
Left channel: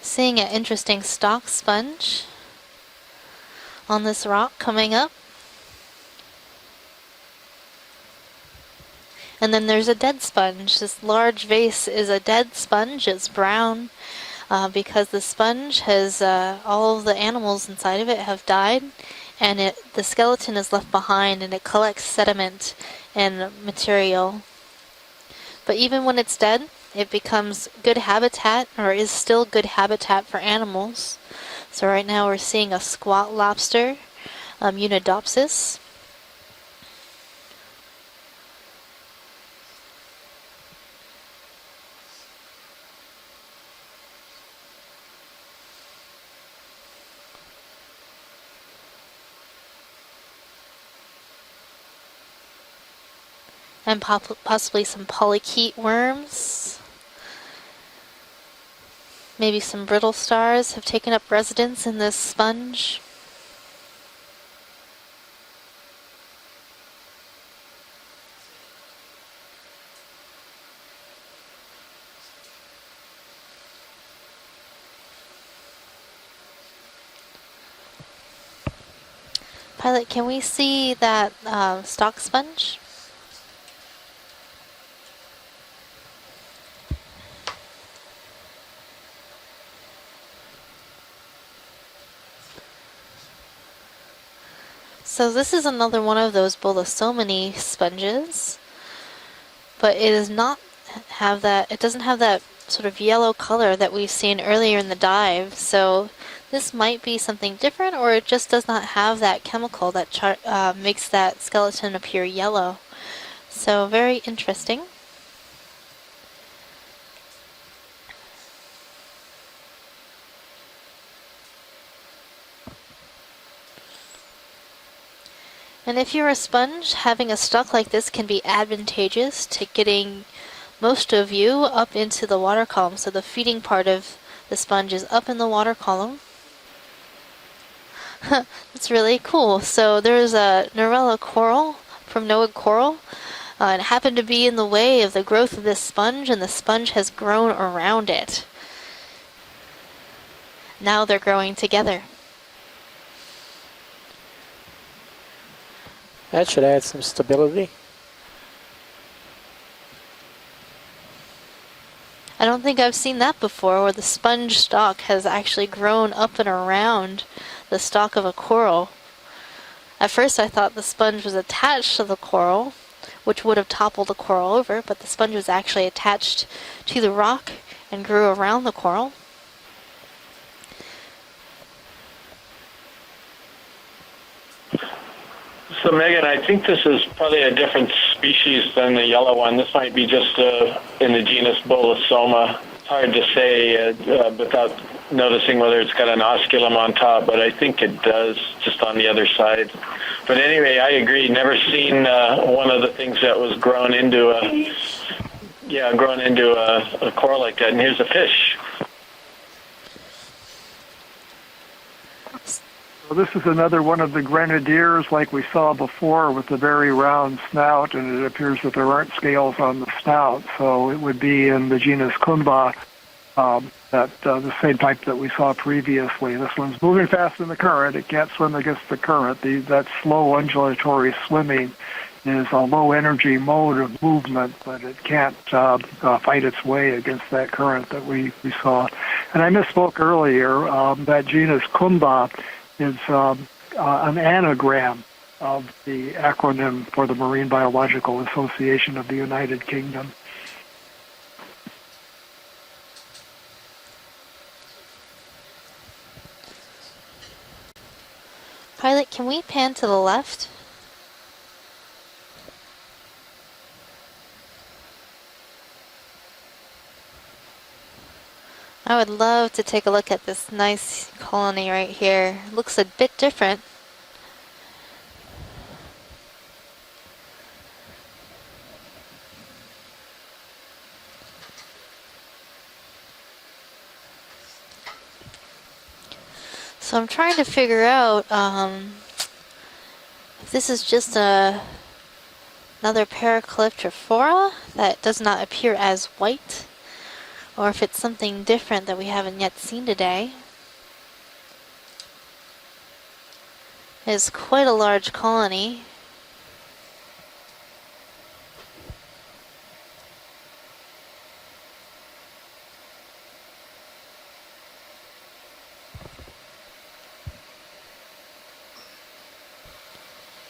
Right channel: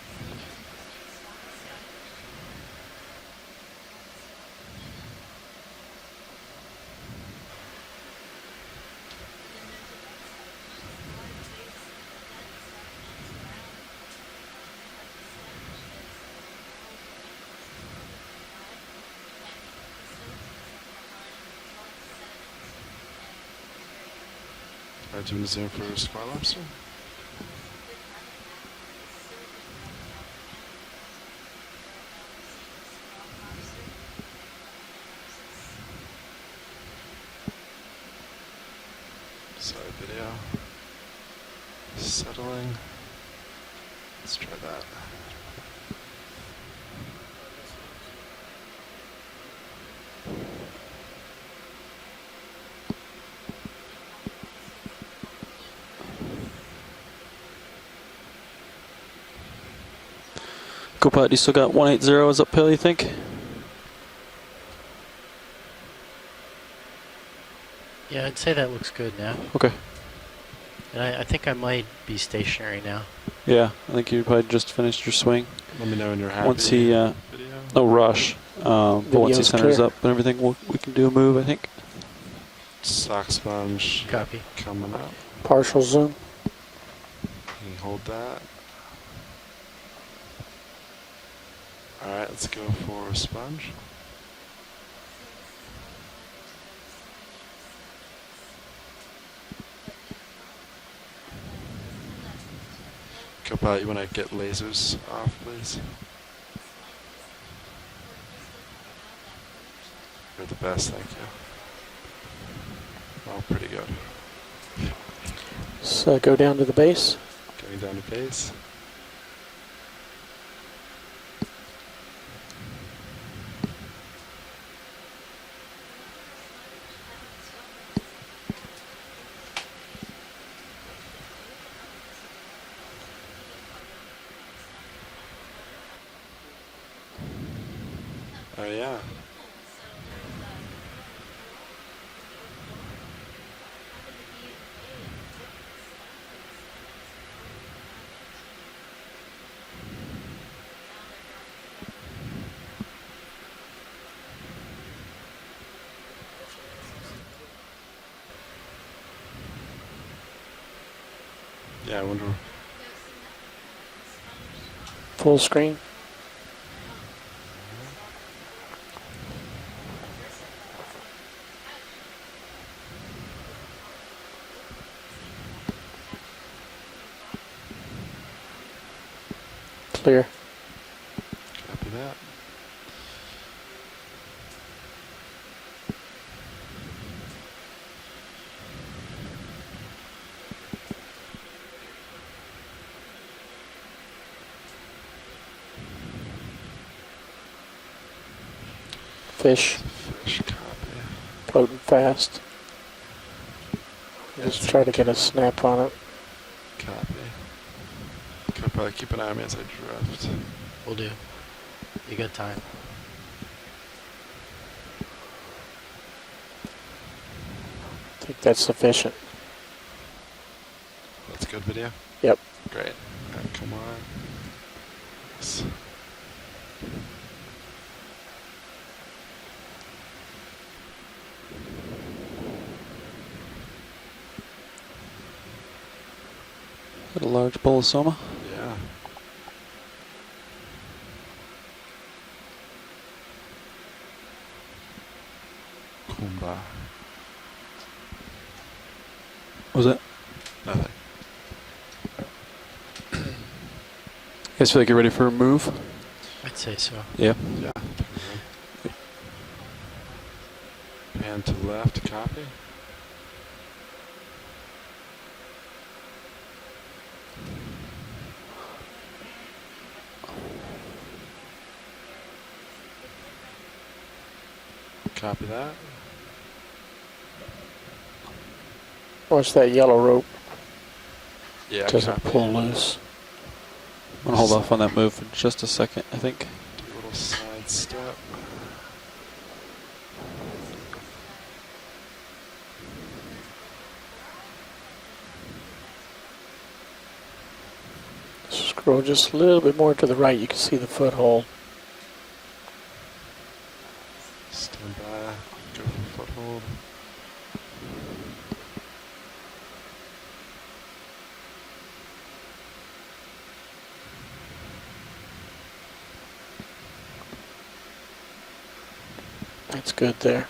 Seeing an interesting stalk sponge on this rock coming up. And then there's a dead sponge. This large vase is a dead sponge. It's brown because the sponge has, all of the animals inside of it have died, and the skeleton is left behind, and it collects sediment and material. But even when it's dead, it becomes good habitat, or is still good habitat for animals. So right now we're seeing a squat lobster, Unidopsis. Sorry, video. Settling. Let's try that. And possibly some polychaete worms. Maybe some brittle stars have taken up residence in this sponge. Still got 180 is uphill, you think? Yeah, I'd say that looks good now. Okay. And I think I might be stationary now. Yeah, I think you probably just finished your swing. Let me know when you're happy. Once he, no rush, but once he centers up and Can everything, we we see can do a move, I think. that stock sponge? Stock sponge. Copy. Coming up. Partial zoom. And hold that. Alright, let's go for sponge. So this is another one of those Bolosomini sponges, but it does not have that. It doesn't have that sort of yellow color that we've seen earlier in the dive. So this might be something different, or it just does not have that chemical that makes that skeleton appear yellow. So very interesting. So go down to the base. Going down to base. And if you're a sponge, having a stock like this can be advantageous to getting most of you up into the water column. So the feeding part of the sponge is up in the water column. It's really cool. So there's a Norella coral from Noad Coral. It happened to be in the way of the growth of this sponge, and the sponge has grown around it. Now they're growing together. That should add some stability. Yeah, I wonder. I don't think I've seen that before, where the sponge stalk has actually grown up and around the stalk of a coral. At first I thought the sponge was attached to the coral, which would have toppled the coral over, but the sponge was actually attached to the rock and grew around the coral. Clear. Copy that. So Megan, I think this is probably a different species than the yellow one. This might be just in the genus Bolosoma. It's hard to say without noticing whether it's got an osculum on top, but I think it does, just on the other side. Fish. But anyway, I agree. Never seen one of the things that was grown into a... Let's try to get a snap on it. grown into a coral like that. And here's a fish. We'll probably keep an eye on me as I drift. Will do. You got time. Well, this is another one of the grenadiers like we saw before with the very round snout, and it appears that there aren't scales on the snout, so it would be in the genus Kumba, the same type that we saw previously. This one's moving fast in the current. It can't swim against the current. That slow undulatory swimming is a low-energy mode of movement, but it can't fight its way against that current that we saw. And I misspoke earlier. That genus Kumba is an anagram of the acronym for the Marine Biological Association of the United Kingdom. You guys feel like you're ready for a move? I'd say so. Yeah. Pilot, can we pan to the left? Pan to the left, copy. I would love to take a look at this nice colony right here. Looks a bit different. Copy that. Watch that yellow rope. Yeah, doesn't pull loose. I'm going to hold off on that move for just a second, I think. So I'm trying to figure out if this is just another Paracalyptrophora that does not appear as white, or if it's something different that we haven't yet seen today. Just a little bit more to the right, you can see the foothold. It's quite a large colony. Foothold. That's good there.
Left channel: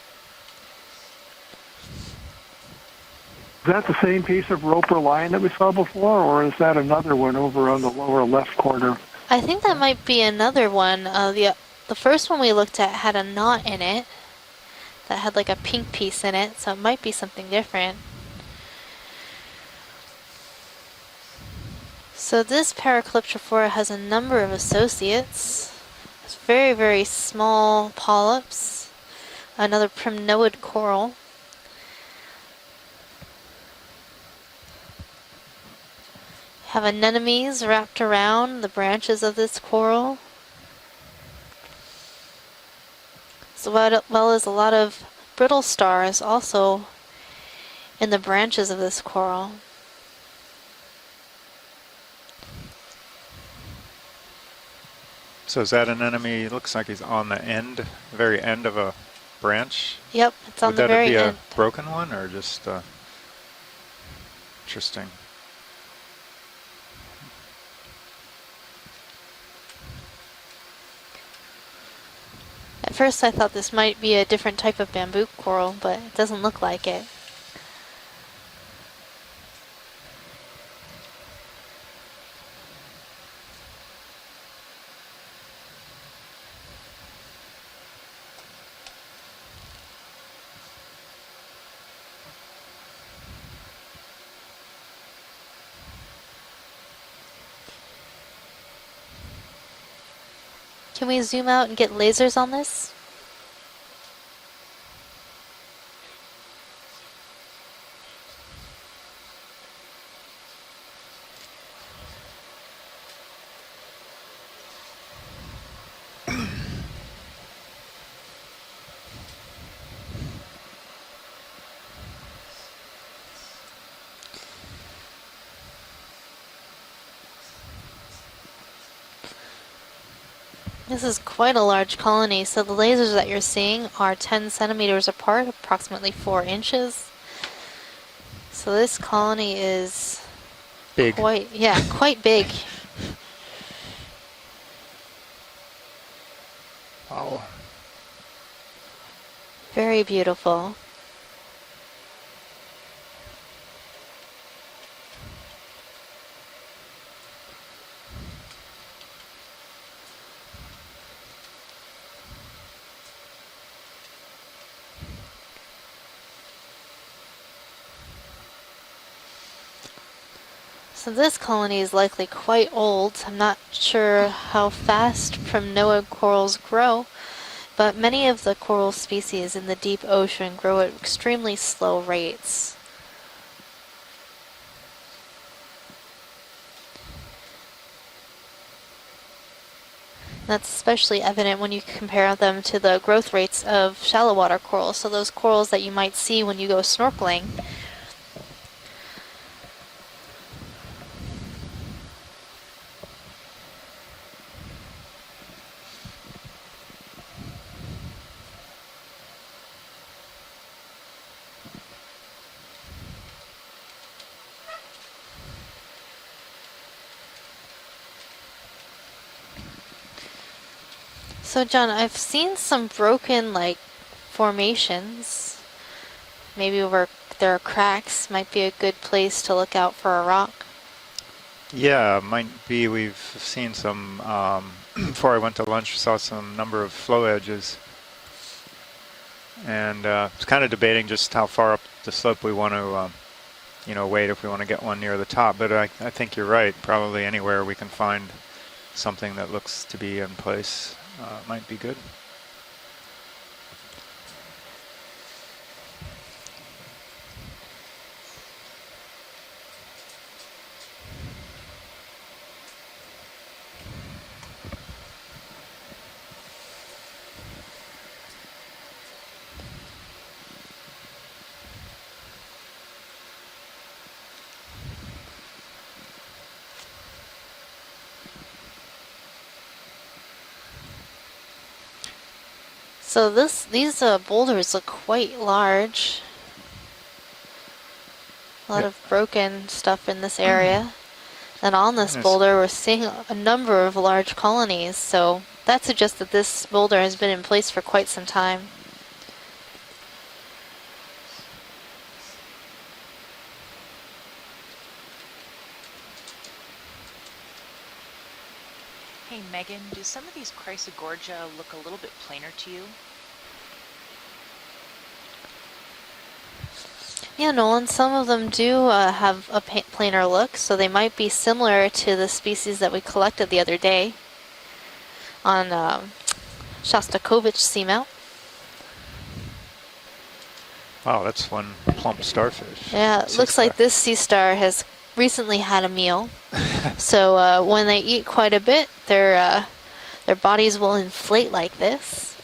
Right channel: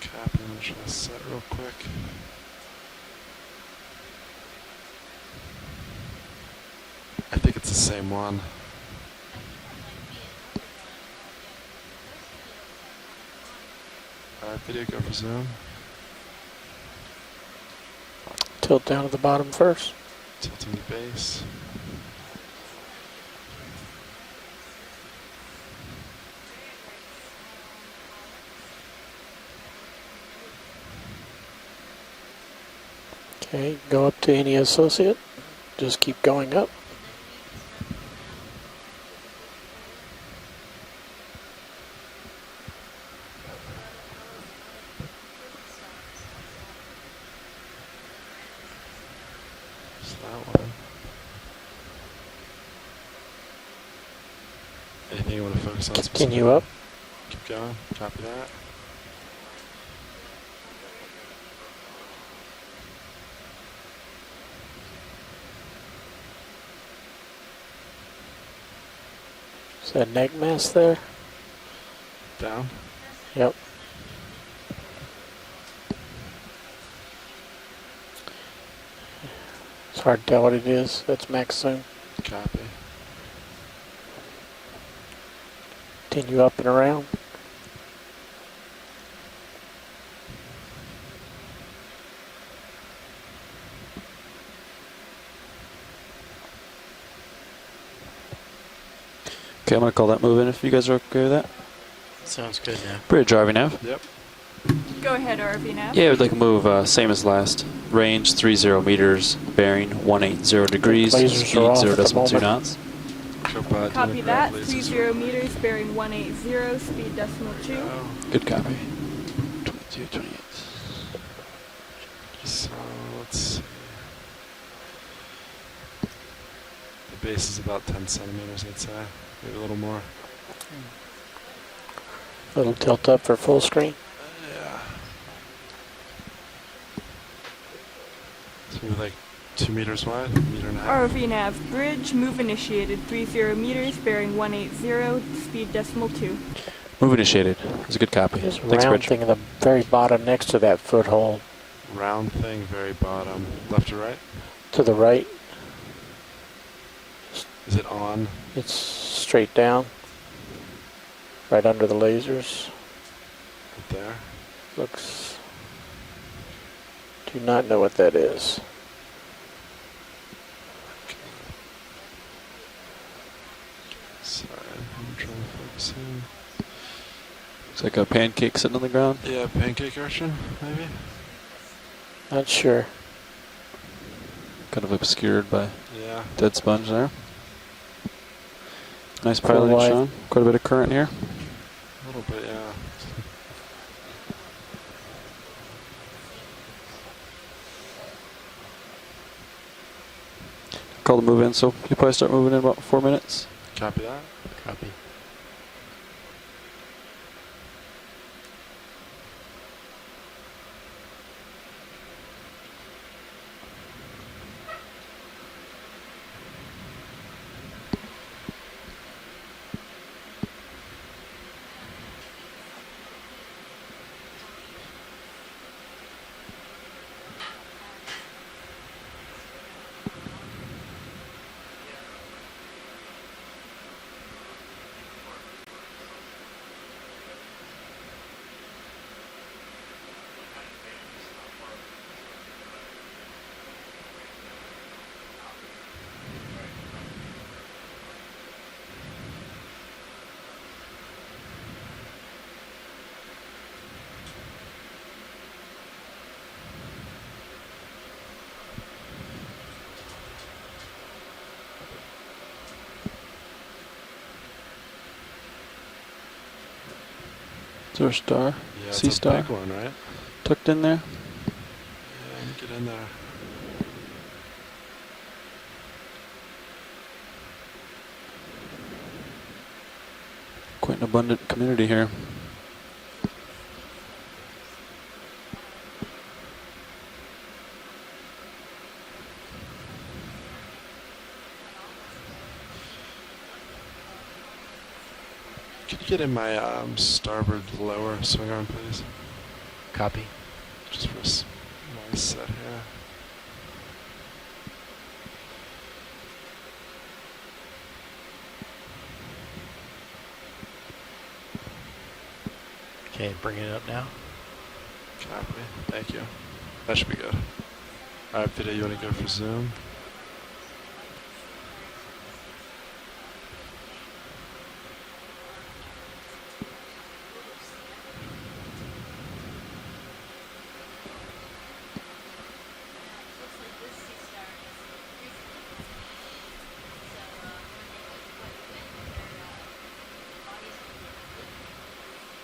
Copy, I'm just going to set real quick. Is that the same piece of rope or line that we saw before, or is that another one over on the lower left corner? I think that might be another one. The first one we looked at had a knot in it that had like a pink piece in it, so it might be something different. Tilt down to the bottom first. Tilting the base. So this Paracalyptrophora has a number of associates. It's very, very small polyps. Another primnoid coral. Okay, go up to any associate. Just keep going up. Have anemones wrapped around the branches of this coral, as well as a lot of brittle stars also in the branches of this coral. So is that an enemy? It looks like he's on the end, very end of a branch. Yep, it's on the very end. Would that be a broken one or just interesting? Is that neck mass there? Down. At first I thought this might be a different type of bamboo coral, but it doesn't look like it. It's hard to tell what it is. That's max zoom. Copy. Continue up and around. Okay, I'm gonna call that move in if you guys are Can okay we with zoom that. out and get lasers on this? Bridge RV nav. Yep. Go ahead, RV nav. Yeah, we'd like to move same as last. Range 30 meters, bearing 180 degrees, Lasers speed are off at the 0.2 moment. knots. Copy that. 30 meters, bearing 180, speed decimal 2. Good copy. 22, 28. So let's see. The base is about 10 centimeters, I'd say. Maybe a little more. This is quite a large colony, so the Little lasers tilt up that for you're full seeing screen. are 10 centimeters apart, approximately 4 inches. So this Like colony 2 meters is wide, meter and a half. RV Quite- nav yeah, bridge, quite move big. initiated 30 meters, bearing 180, speed decimal 2. Move initiated. That's a good copy. There's a Thanks, round Bridge. thing in the very, Very bottom next to beautiful. that foothold. Round thing, very bottom. Left or right? To the right, Is it on? it's straight down. Right under the lasers. Right there? Looks... Do not know what that is. So this colony is likely quite old. I'm not sure how fast Primnoid corals grow, but like a many of the pancake sitting on the coral ground. species Yeah, in the pancake deep Russian. ocean grow at extremely slow rates. Not sure. Kind of obscured by Yeah. dead sponge there. Nice Full piloting, wide. Sean. Quite a bit That's of current especially here. evident when you compare them to the growth rates of shallow water corals. So those corals that you might see when you go snorkeling. Call the move in, so you probably start moving in about 4 minutes. Copy that? Copy. So John, I've seen some broken like formations. Maybe where there are cracks might be a good place to look out for a rock. Yeah, might be. We've seen some, before I went to lunch, saw some number of flow edges. And it's kind of debating just how far up the slope we want to, wait if we want to get one near the top. But I think you're right. Probably anywhere we can find something that looks to be in place might be good. Is there a star? Yeah, Sea it's a star? big one, right? Tucked in there? Yeah, get in there. Quite an abundant community here. So these boulders look quite large. A lot of broken stuff in this area. And on this Yes. boulder, we're seeing a number of large colonies. So that suggests Get that in this my, boulder has been in starboard place for quite blower, some sit down, time. please. Copy. Just for a nice set here. Hey Megan, do some of these Chrysogorgia look a little bit plainer to you? Okay, bring it up now. Copy. Thank you. That should be good. Yeah, Nolan, some of them do have a zoom. planar look, so they might be similar to the species that we collected the other day on Shostakovich Seamount. Wow, that's one plump starfish. Yeah, it looks like this sea star has recently had a meal. So when they eat quite a bit, their bodies will inflate like this.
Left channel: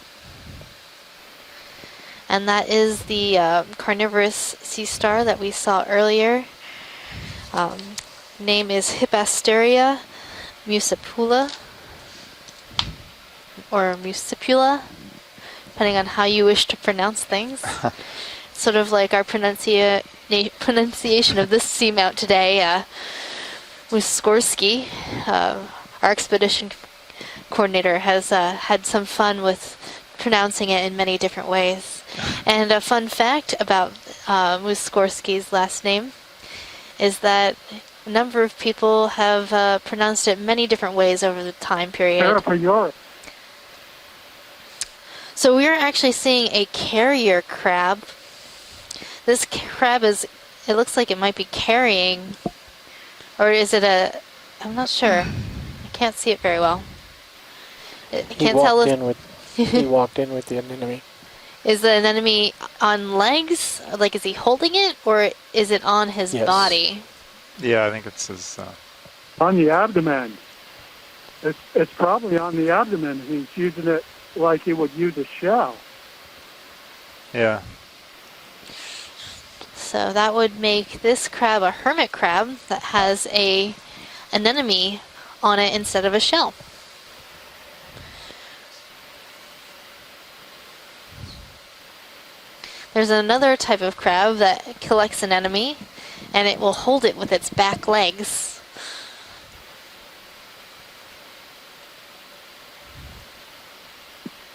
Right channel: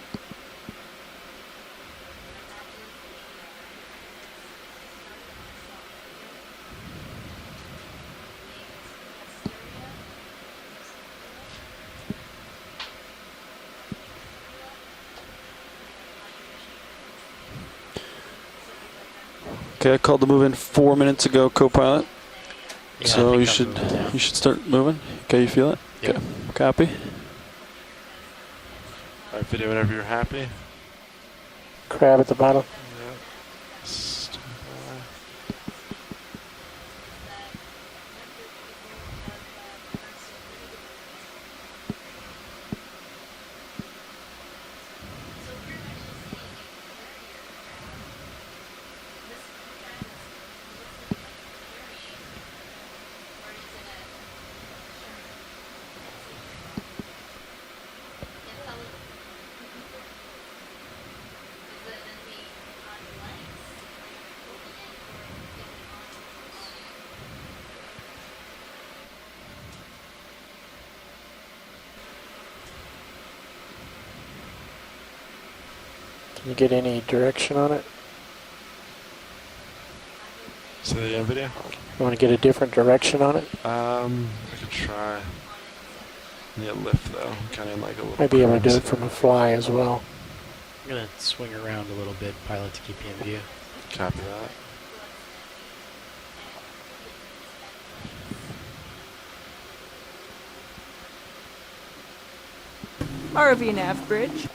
And that is the carnivorous sea star that we saw earlier. Name is Hippasteria muscipula, or muscipula, depending on how you wish to pronounce things. Sort of like our pronunciation of the seamount today. So you should start moving. Okay, you feel it? Our expedition Copy. coordinator has had some fun with pronouncing it in many different ways. Crab at the bottom. And a fun fact about Muskorski's last name is that a number of people have pronounced it many different ways over the time period. So we're actually seeing a carrier crab. This crab is, it looks like it might be carrying, or is it a, I'm not sure. I can't see it very well. I can't tell if he walked in with the anemone. Is the anemone on legs? Like, is he holding it, or is it on his body? Yeah, I think it's his... On the abdomen. It's probably on the abdomen. He's using it like he would use a shell. Can you get any direction on it? So that would make this crab a hermit crab that has an anemone on it instead of a shell. Yeah, lift though. Kind of like a little. Might be able to do it from a fly as well. I'm going to swing around a little bit, pilot. There's another type of crab that collects an anemone, and it will hold it with its back legs. ROV nav bridge.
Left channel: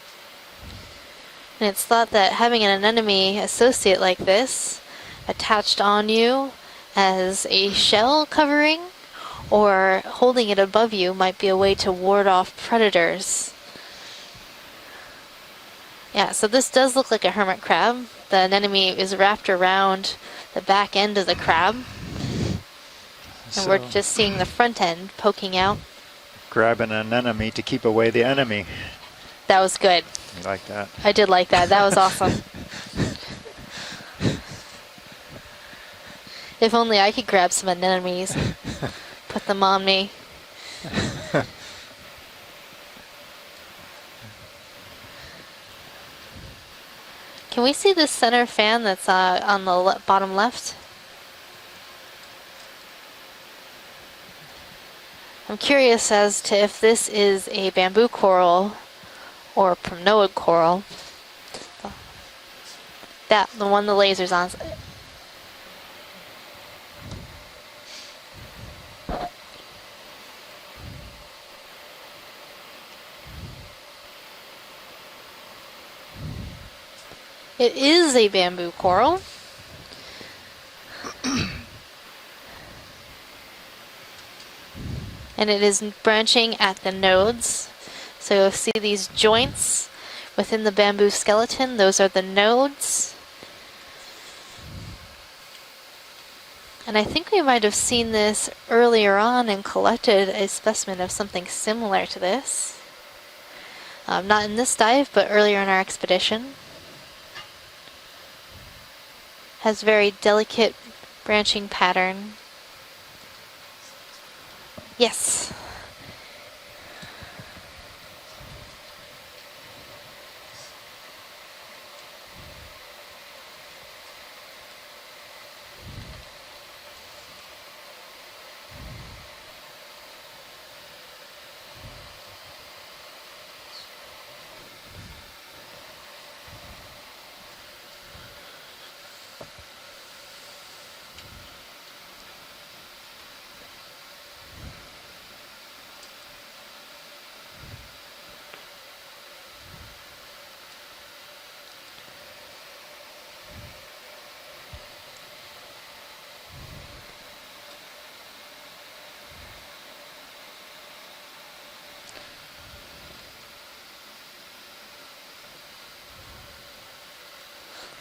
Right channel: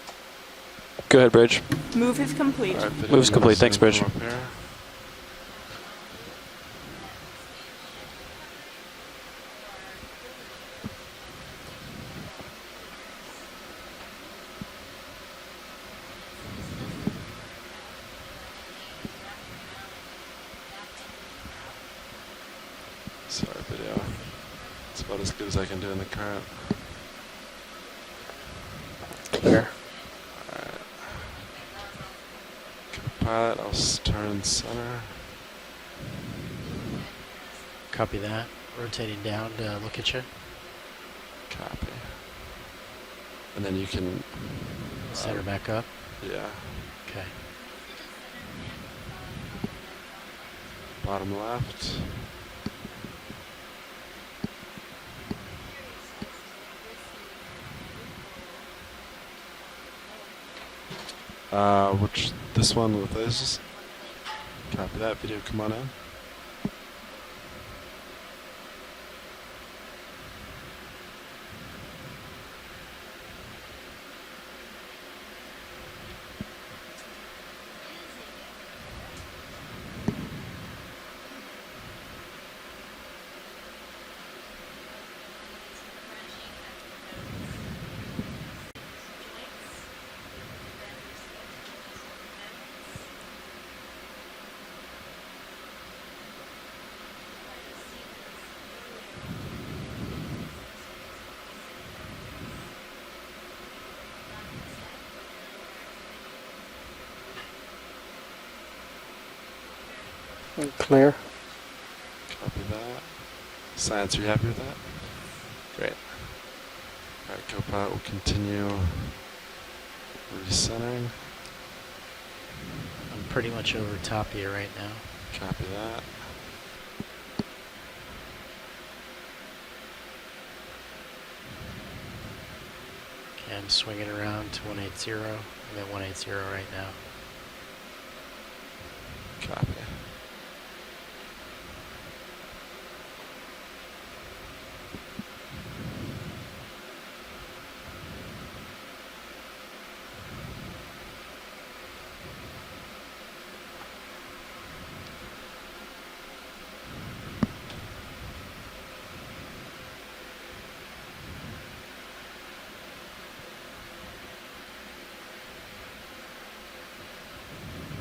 Go ahead, Bridge. And it's thought that having an anemone associate like this attached on you as a shell covering or holding it above you might be a way to ward off predators. Yeah, so this does look like a hermit crab. The anemone is wrapped around the back end of the crab. And we're just seeing the front end poking out. Grabbing an enemy to keep away the enemy. That was good. I like that. I did like that. That was awesome. I'll turn center. If only I could grab some anemones. Put them on me. And then you can center back up. Yeah. Okay. Can we see the center fan that's on the bottom left? Bottom left. I'm curious as to if this is a bamboo coral or primnoid coral. This one with this? That, the one the laser's on. Copy that. Video, come on in. It is a bamboo coral. And it is branching at the nodes. So you'll see these joints within the bamboo skeleton. Those are the nodes. And I think we might have seen this earlier on and collected a specimen of something similar to this. Not in this dive, but earlier in our expedition. Has very delicate branching pattern. Copy that. Science, are you happy with that? Yes. Great. Alright, GoPilot will continue recentering. I'm pretty much over top of you right now. Copy that. Okay, I'm swinging around to 180. I'm at 180 right now. Copy.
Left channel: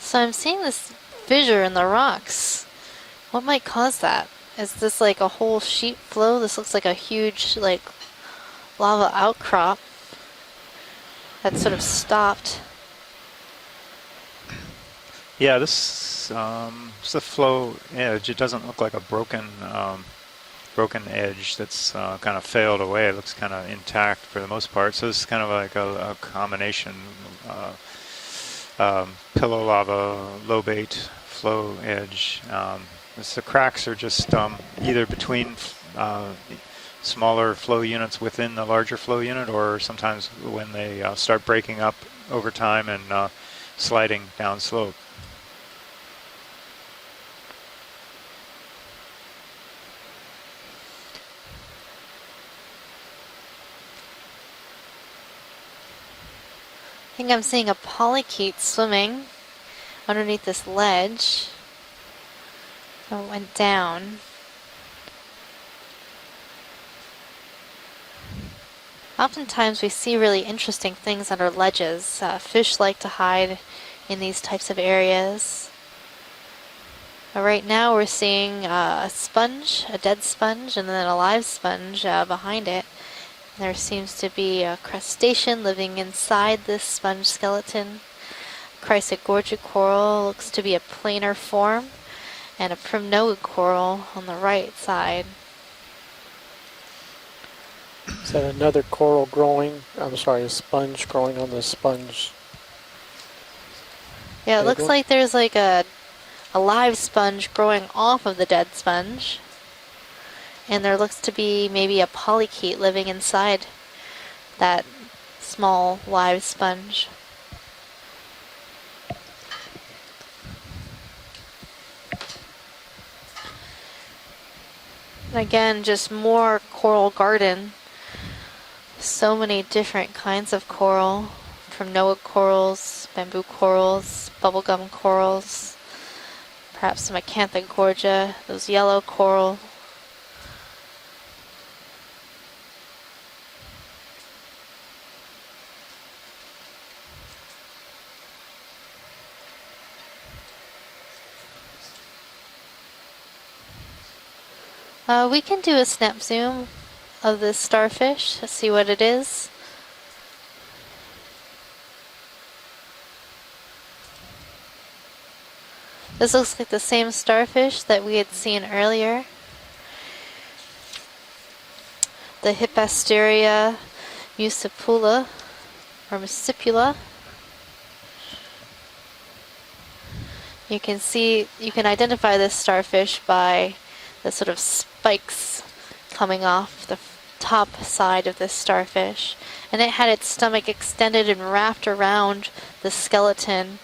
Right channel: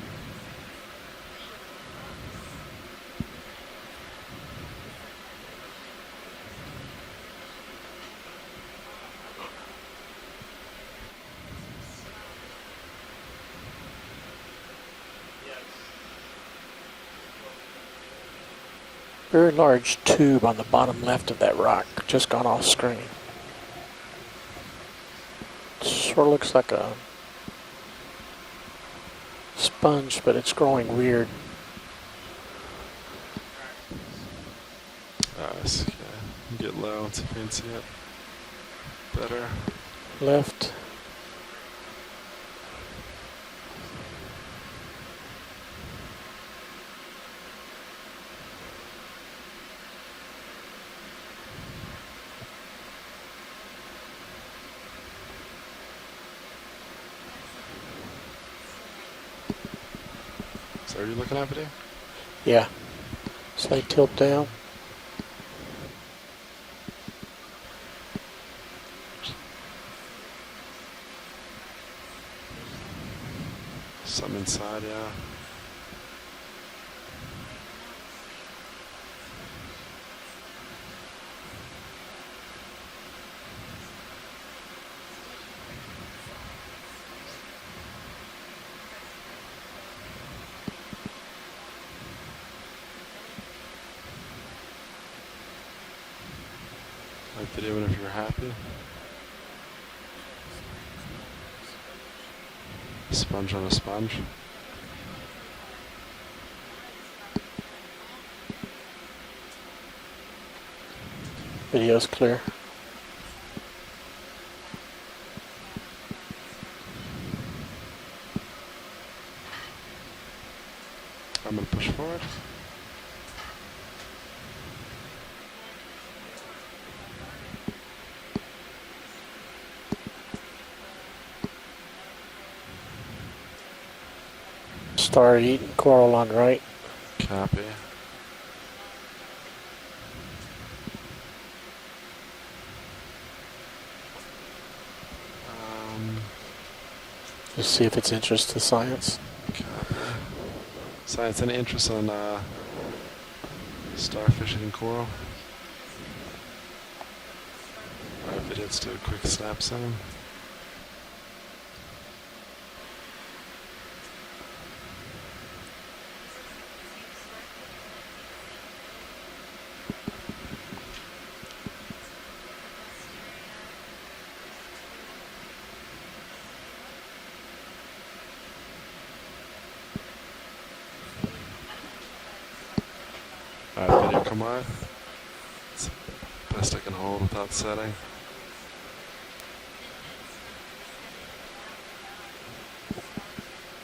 So I'm seeing this fissure in the rocks. What might cause that? Is this like a whole sheet flow? This looks like a huge like lava outcrop that sort of stopped. Yeah, this it's a flow edge. It doesn't look like a broken. Very large tube on the bottom left edge of that rock. that's, Just kind gone of off failed screen. away. It looks kind of intact for the most part. So it's kind of like a Sort of looks like combination pillow lava, Sponge, but it's low growing bait weird. flow edge. The cracks are just either between smaller flow units within the larger flow unit, or sometimes when they start breaking up over time and sliding down slope. I think I'm seeing a polychaete swimming underneath this ledge. Yeah. It went down. Tilt down. Oftentimes we see really interesting things under ledges. Fish like to hide in these types of areas. But right now we're seeing a sponge, a dead sponge, and then a live sponge behind it. There seems to be a crustacean living inside this sponge skeleton. Chrysogorgic coral looks to be a planar form, and a primnoid coral on the right side. Is that another coral growing? I'm sorry, a sponge growing on the sponge. Sponge on a sponge? Yeah, it looks like there's like a live sponge growing off of the dead sponge. And there looks to be maybe a polychaete living inside that small live sponge. I'm going to push forward. And again, just more coral garden. So many different kinds of coral. Primnoid corals, bamboo corals, bubblegum corals. Star-eating coral on right. Perhaps some acantha gorgia, those yellow coral. Just see if it's interest to science. Okay. Science, any interest in starfish and coral? We can do a snap zoom of this starfish to see what it is. Snap zoom. This looks like the same starfish that we had seen earlier. The Hippasteria muscipula, or muscipula. You can see, you can identify this starfish by the sort of spikes coming off the top side of this starfish. And it had its stomach extended and wrapped around the skeleton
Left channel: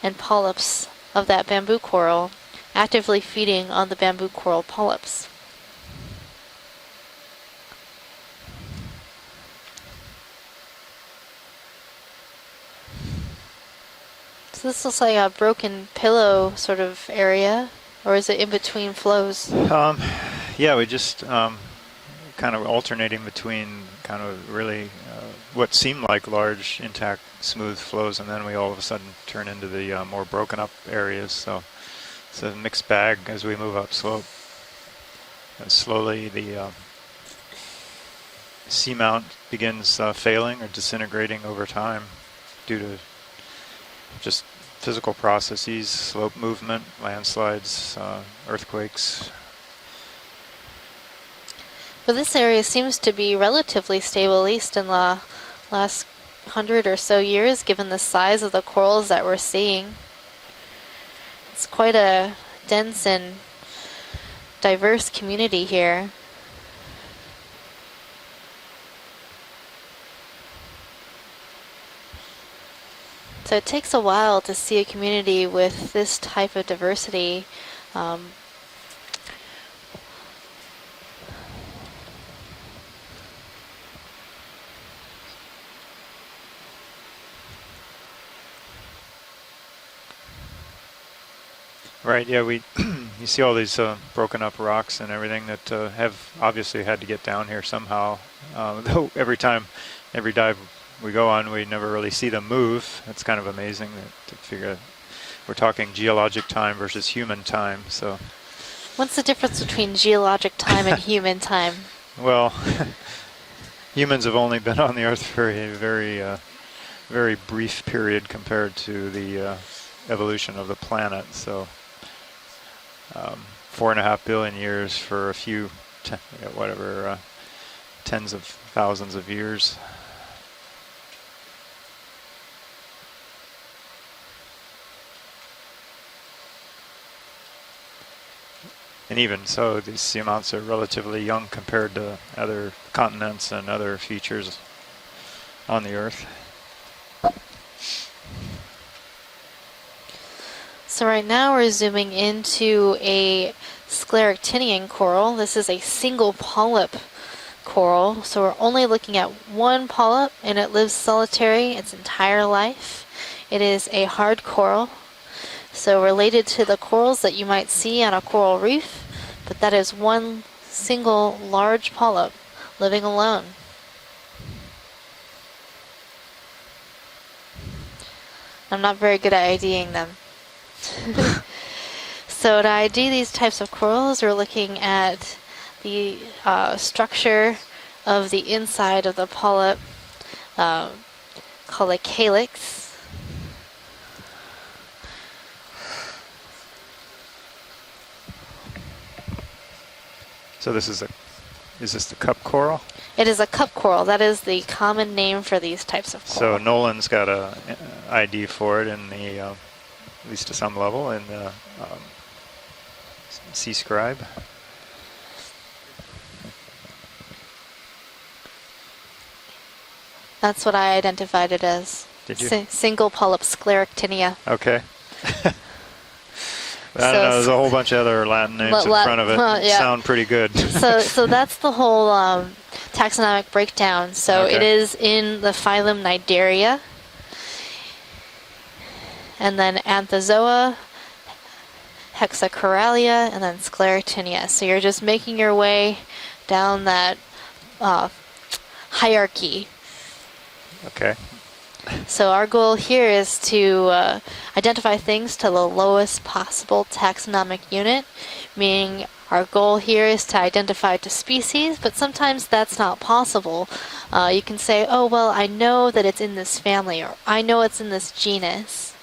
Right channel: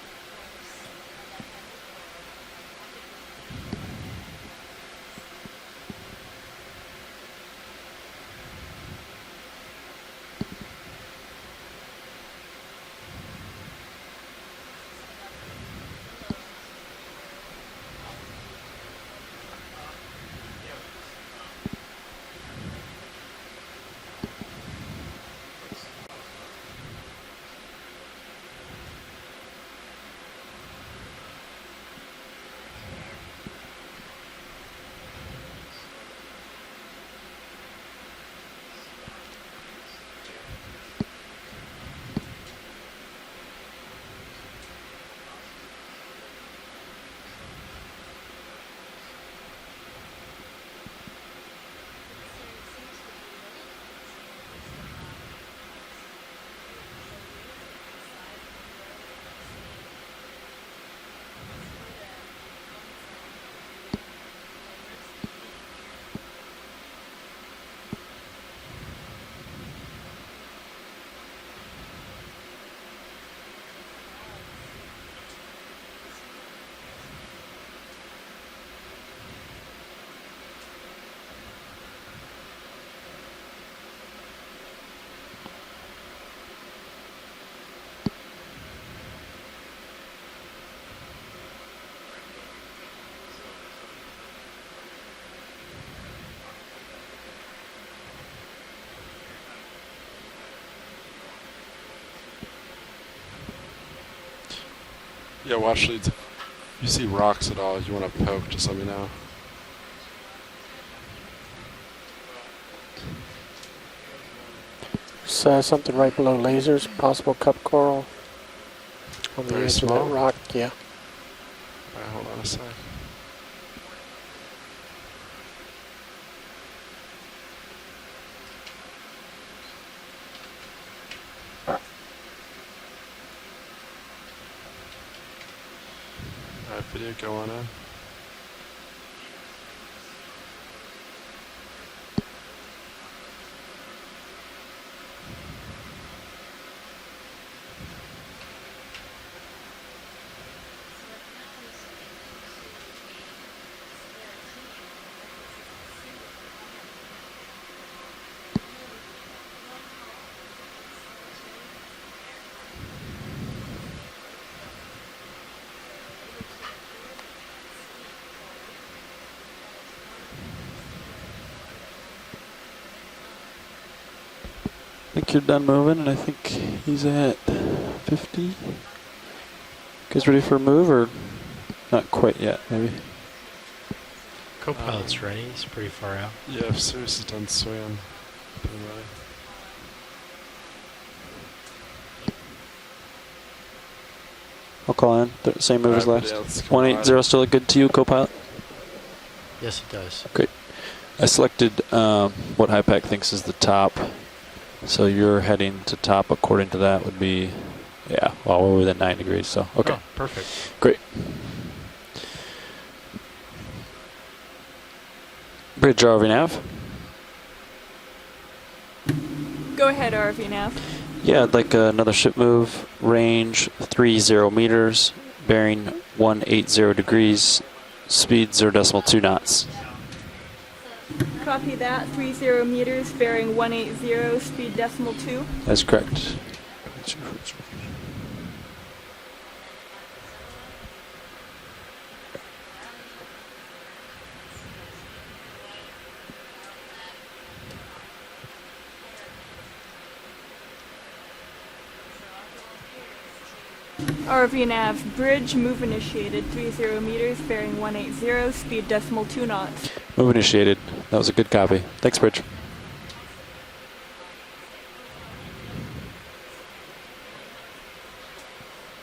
and polyps of that bamboo coral, actively feeding on the bamboo coral polyps. So this looks like a broken pillow sort of area, or is it in between flows? Yeah, we just kind of alternating between kind of really what seemed like large, intact, smooth flows, and then we all of a sudden turn into the more broken up areas. So it's a mixed bag as we move up slope. And slowly the seamount begins failing or disintegrating over time due to just physical processes, slope movement, landslides, earthquakes. But this area seems to be relatively stable, at least in the last 100 or so years, given the size of the corals that we're seeing. It's quite a dense and diverse community here. So it takes a while to see a community with this type of diversity. Right, yeah, you see all these broken up rocks and everything that have obviously had to get down here somehow. Though every dive we go on, we never really see them move. It's kind of amazing to figure out. We're talking geologic time versus human time. So. What's the difference between geologic time and human time? Well, humans have only been on the Earth for a very brief period compared to the evolution of the planet. So, hold on a sec. 4.5 billion years for a few, tens of thousands of years. video go on. And even so, these seamounts are relatively young compared to other continents and other features on the Earth. So right now we're zooming into a scleractinian coral. This is a single polyp coral, so we're only looking at one polyp, and it lives solitary its entire life. It is a hard coral, so related to the corals that you might see on a coral reef, but that is one single large polyp living alone. I think you're done moving, and I think he's at 50. I'm not very good at IDing them. Guys ready for a move, or not quite yet? So to ID these types of corals, we're looking at the structure of the inside of the polyp, called a calyx. I'll call in. Same move as last. 180 still look good to you, co-pilot? Yes, it does. Great. So this is I selected cup coral? what HiPAC thinks It is a the cup top. coral. That is the common name for these types of corals. So Nolan's got an ID well, for we're it. at 90 degrees, so okay. Oh, perfect. To some Great. level, and C-scribe. Bridge ROV nav. Go ahead, RV. That's what I identified Yeah, I'd like it as. another ship It's a move. single polyp Range scleractinia. 30 meters, bearing 180 degrees. There's a whole bunch of other Speed Latin 0 names in decimal front 2 of knots. it. Sound pretty good. So that's the whole taxonomic breakdown. So it is in the phylum Cnidaria, and then Anthozoa, Hexacoralia, and then Scleractinia. So you're just making your way down that hierarchy. Okay. So our goal here is to identify things to the lowest possible taxonomic unit, meaning our goal here is to identify the species, but sometimes that's not possible. You can say, oh, well, I know that it's in this family, or I know it's in this genus,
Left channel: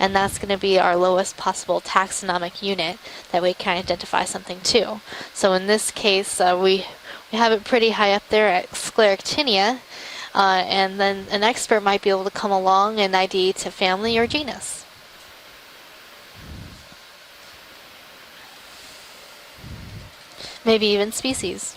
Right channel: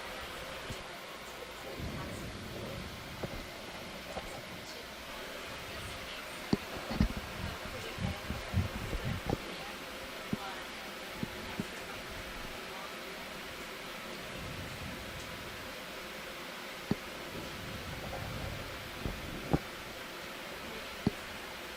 and that's going to be our lowest possible taxonomic unit that we can identify something to. So in this case, we have it pretty high up there at Scleractinia, and then an expert might be able to come along and ID to family or genus. Maybe even species.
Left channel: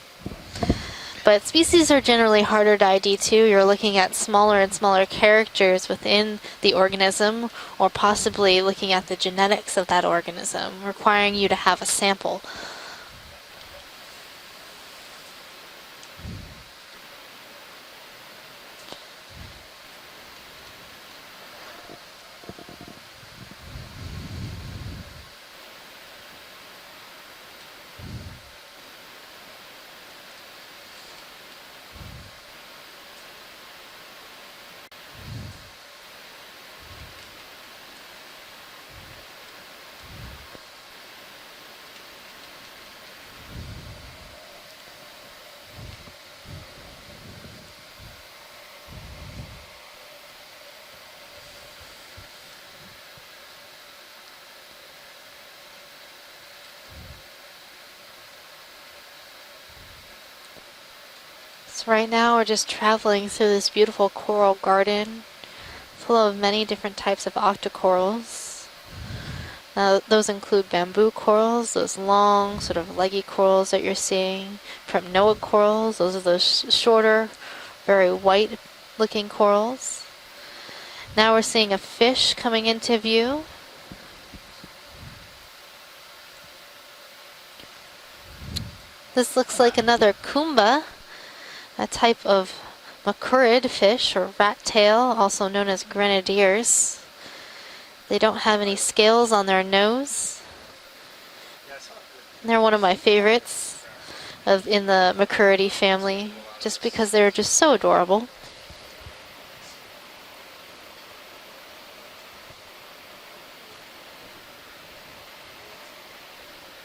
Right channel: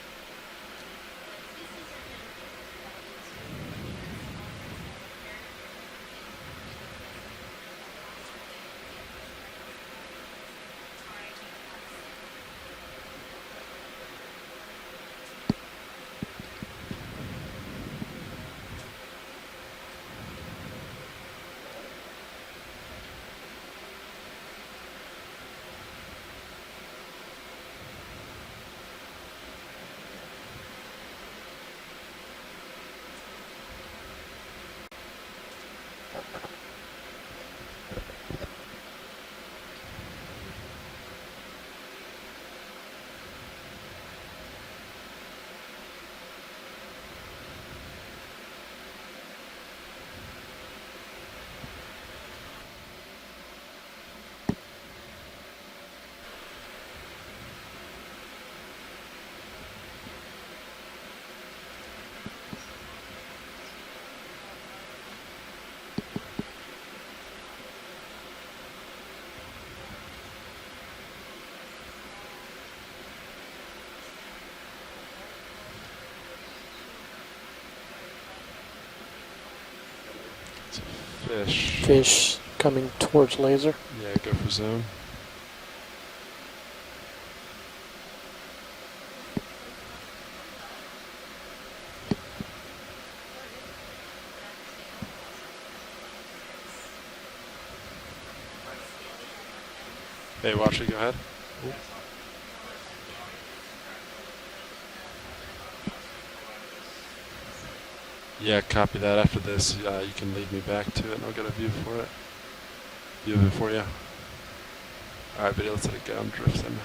But species are generally harder to ID too. You're looking at smaller and smaller characters within the organism, or possibly looking at the genetics of that organism, requiring you to have a sample. So right now we're just traveling through this beautiful coral garden full of many different types of octocorals. Those include bamboo corals, those long sort of leggy corals that you're seeing, premnoid corals, those are those shorter, very white looking corals. Now we're seeing a fish coming into view. Laser. Yeah, go for zoom. This looks like another kumba, a type of macourid fish or rat tail, also known as grenadiers. They don't have any scales on their nose. Hey, watch it, go ahead. They're one of my favorites in the macouridae family, just because they're just so adorable. Yeah, copy that. After this, you can lead me back to it, and I'll get a view for it. View of it for you. All right, video, let's let it go and drift them.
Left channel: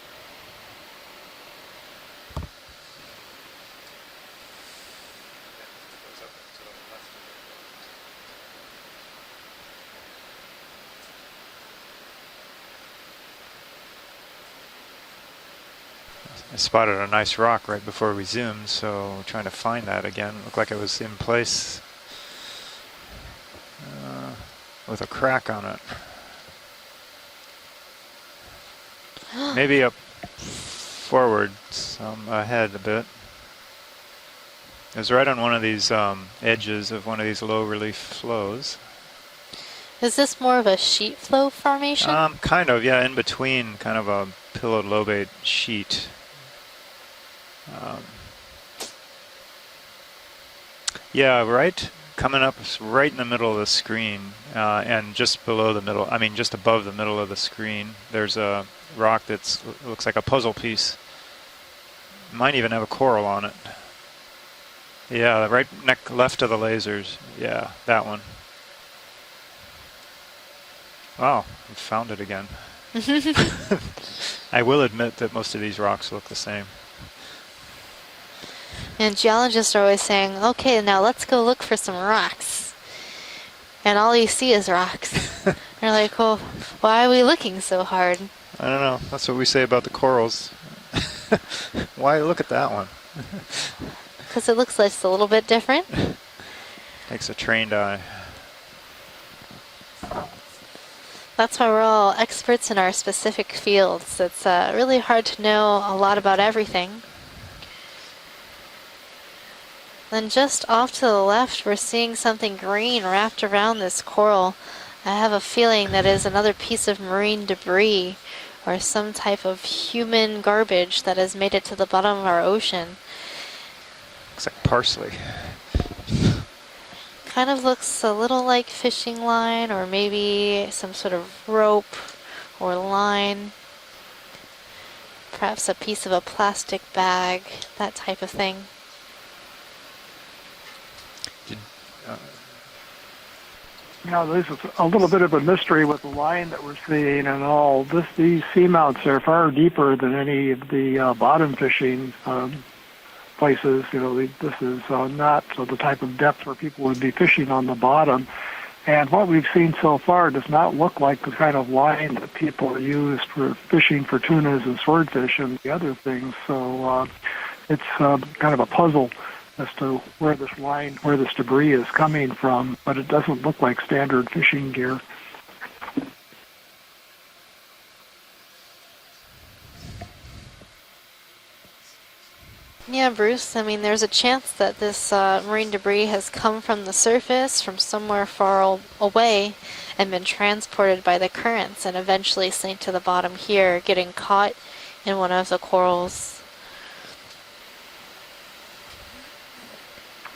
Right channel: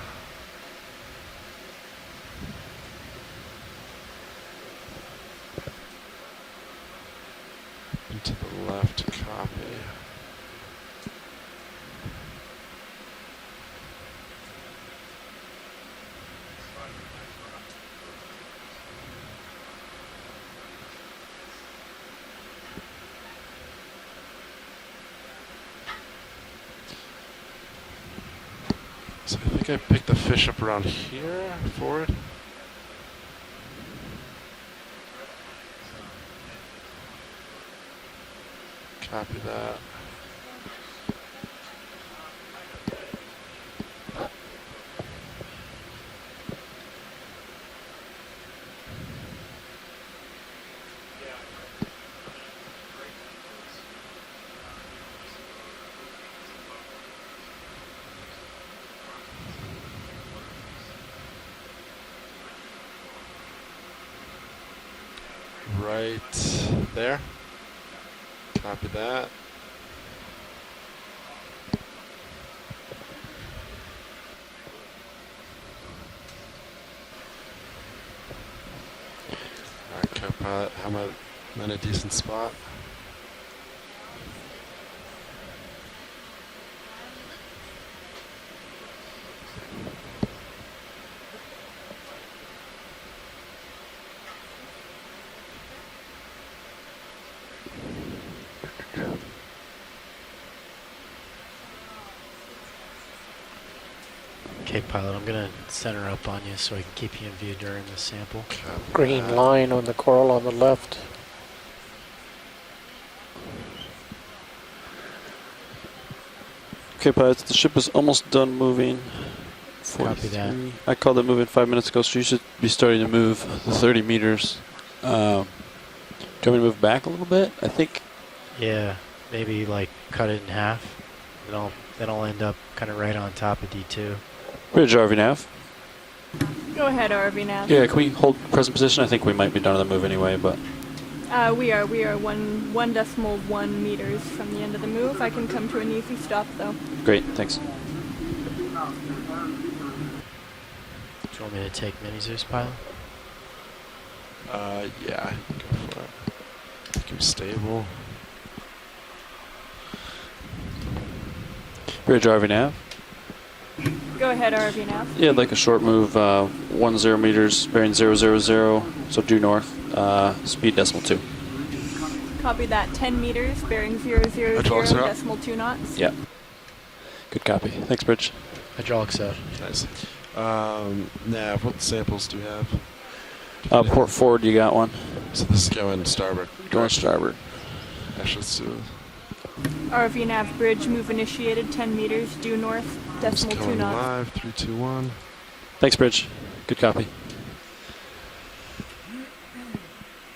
To the left, copy. I spotted a nice rock right before we zoomed, so I'm trying to find that again. It looked like it was in place with a crack on it. Maybe pick the fish up around forward, ahead a bit. It was right on one of these edges of one of these low relief flows. Copy that. Is this more of a sheet flow formation? Kind of, yeah, in between, kind of a pillowed lobate sheet. Yeah, right, coming up right in the middle of the screen, and just below the middle, I mean, just above the middle of the screen, there's a rock that's looks like a puzzle piece. Might even have a coral on it. Yeah, right left of the lasers. There? Yeah, that one. Copy that. Wow, found it again. I will admit that most of these rocks look the same. And geologists are always saying, okay, now let's go look for some rocks. And all you see is rocks. They're like, well, why are we looking so hard? I don't know. That's what we say about the corals. Why look at that one? Because it looks like it's a little bit different. Takes a trained eye. That's why we're all experts in our specific fields. It's really hard to know a lot about everything. Keep you in view during the sample. Green line on the coral Then on the just left. off to the left, we're seeing something green wrapped around this coral. I have a feeling that is another piece of marine the ship is debris almost done moving. or some type of human garbage I called that it has moving made it 5 to the minutes ago, bottom so of you our should be ocean. starting to move 30 meters. Parsley. Do you want me to move back a little bit? Kind of I looks think? a little like Yeah, fishing line, or cut it in maybe half. some sort of rope That'll end up or kind of right line. on top of D2. Bridge RV nav. Perhaps a piece of a plastic Go ahead, bag. RV nav. Yeah, that can we type of hold thing. present position? I think we might be done on the move anyway, but We are 1.1 meters. Now, this from the is end a of the little move. bit I of a can come mystery to with you the if line stuff, that though. we're seeing Great, and thanks. all. These seamounts are far deeper than any of the bottom fishing places. You know, this is not the type of depth where people would be fishing on the bottom. And what we've seen so far does not look like the kind of line Bridge that RV now. people use for fishing for Go ahead, tunas and RV. swordfish. yeah, like and a short other move, things. 10 meters, bearing it's, 000, kind of a puzzle so due north, as to where this speed line, decimal where 2. this debris is coming Copy from, that. but it 10 doesn't meters, look like bearing standard fishing. 0.002 knots. Yeah. Good copy. Thanks, Bridge. Hydraulics out. Nice. Nav, what samples do we have? Yeah, Bruce, I mean, there's a port forward, chance you got that one. this So marine just go debris in has starboard. come from Go the in starboard. surface from somewhere far away and been RV nav bridge transported move by the initiated currents 10 and meters eventually due sink north, to the bottom decimal here, 2 getting knots. caught 221. in one of the corals. Thanks, Bridge. Good copy.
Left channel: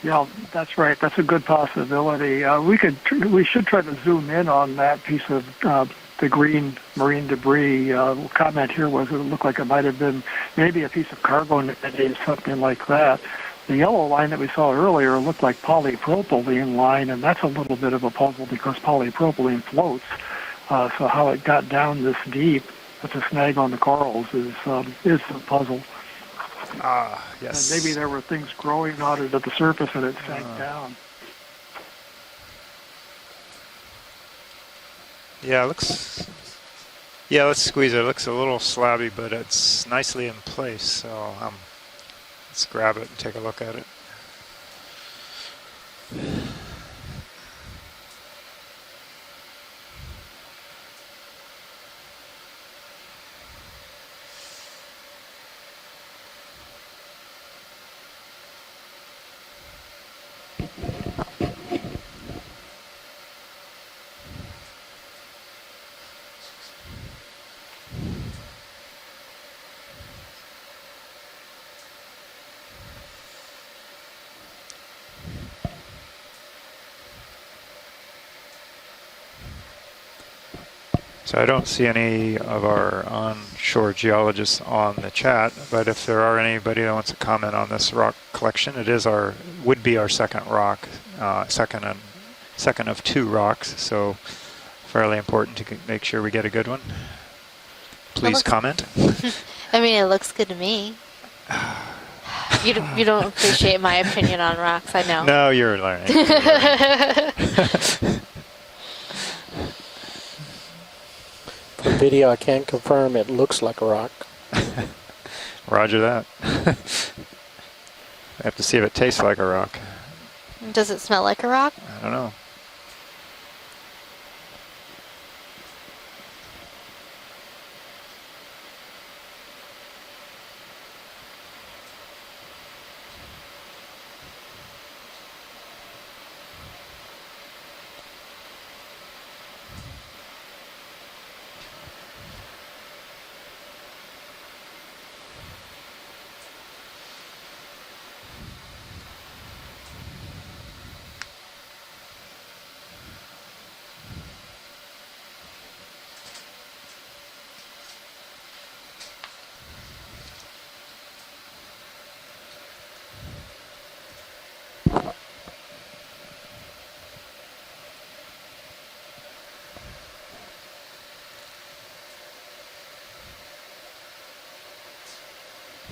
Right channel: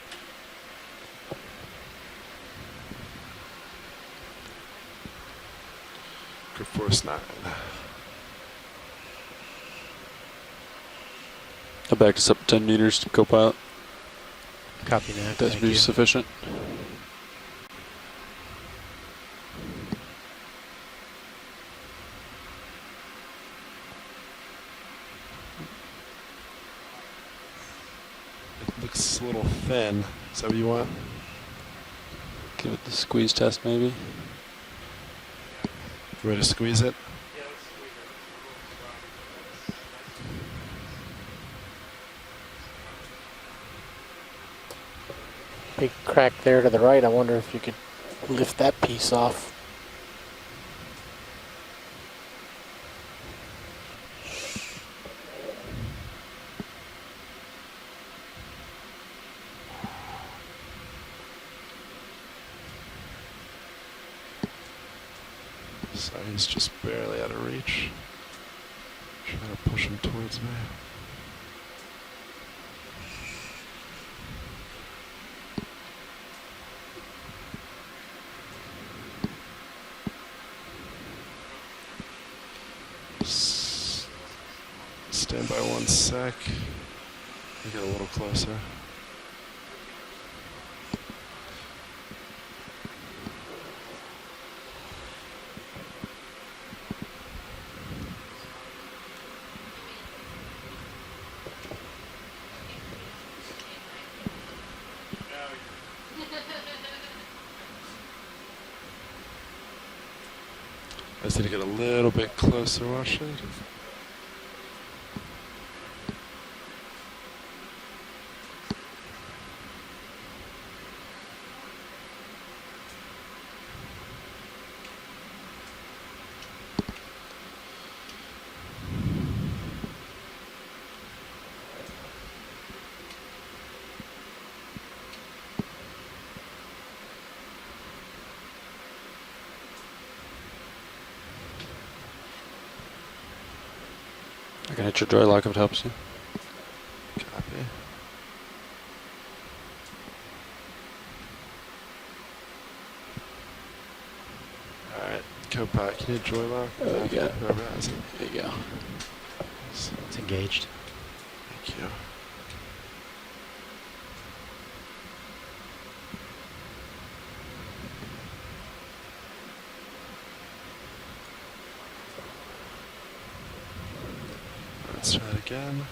Yeah, that's right. That's a good possibility. We should try to zoom in on that piece of the green marine debris. Comment here was it looked like it might have been maybe a piece of cargo net, Go back just up 10 like meters that. to co-pilot. The yellow line that we saw earlier looked like That's sufficient. polypropylene line, and that's a little bit of a puzzle because polypropylene floats. So how it got down this deep with the snag on the corals is a puzzle. Yes. And maybe there were things growing out at the surface thin. that it So sank you down. want- Give it the squeeze test, maybe. Yeah, it looks. Ready to squeeze it? Yeah, let's squeeze it. It looks a little slabby, but it's nicely in place. So let's grab it and take a look at it. Big crack there to the right. I wonder if you could lift that piece off. So he's just barely out of reach. Trying to push him towards me. So I don't see any of our onshore geologists on the chat, but if there are anybody that wants to comment on this rock collection, it is would be our second rock, second of 2 rocks. So fairly important to make sure we get a good one. Please comment. I mean, it looks good to me. You don't appreciate my opinion on rocks, I know. No, you're learning. The video, I can't confirm it looks like a rock. Roger that. I have to see if it tastes like a rock. Does it smell like a rock? I don't know. can hit your joy lock if it helps you. Copy. Alright, co-pilot, can you joy lock? Yeah. Whoever has it. There you go. It's engaged. Thank you. Let's try it again.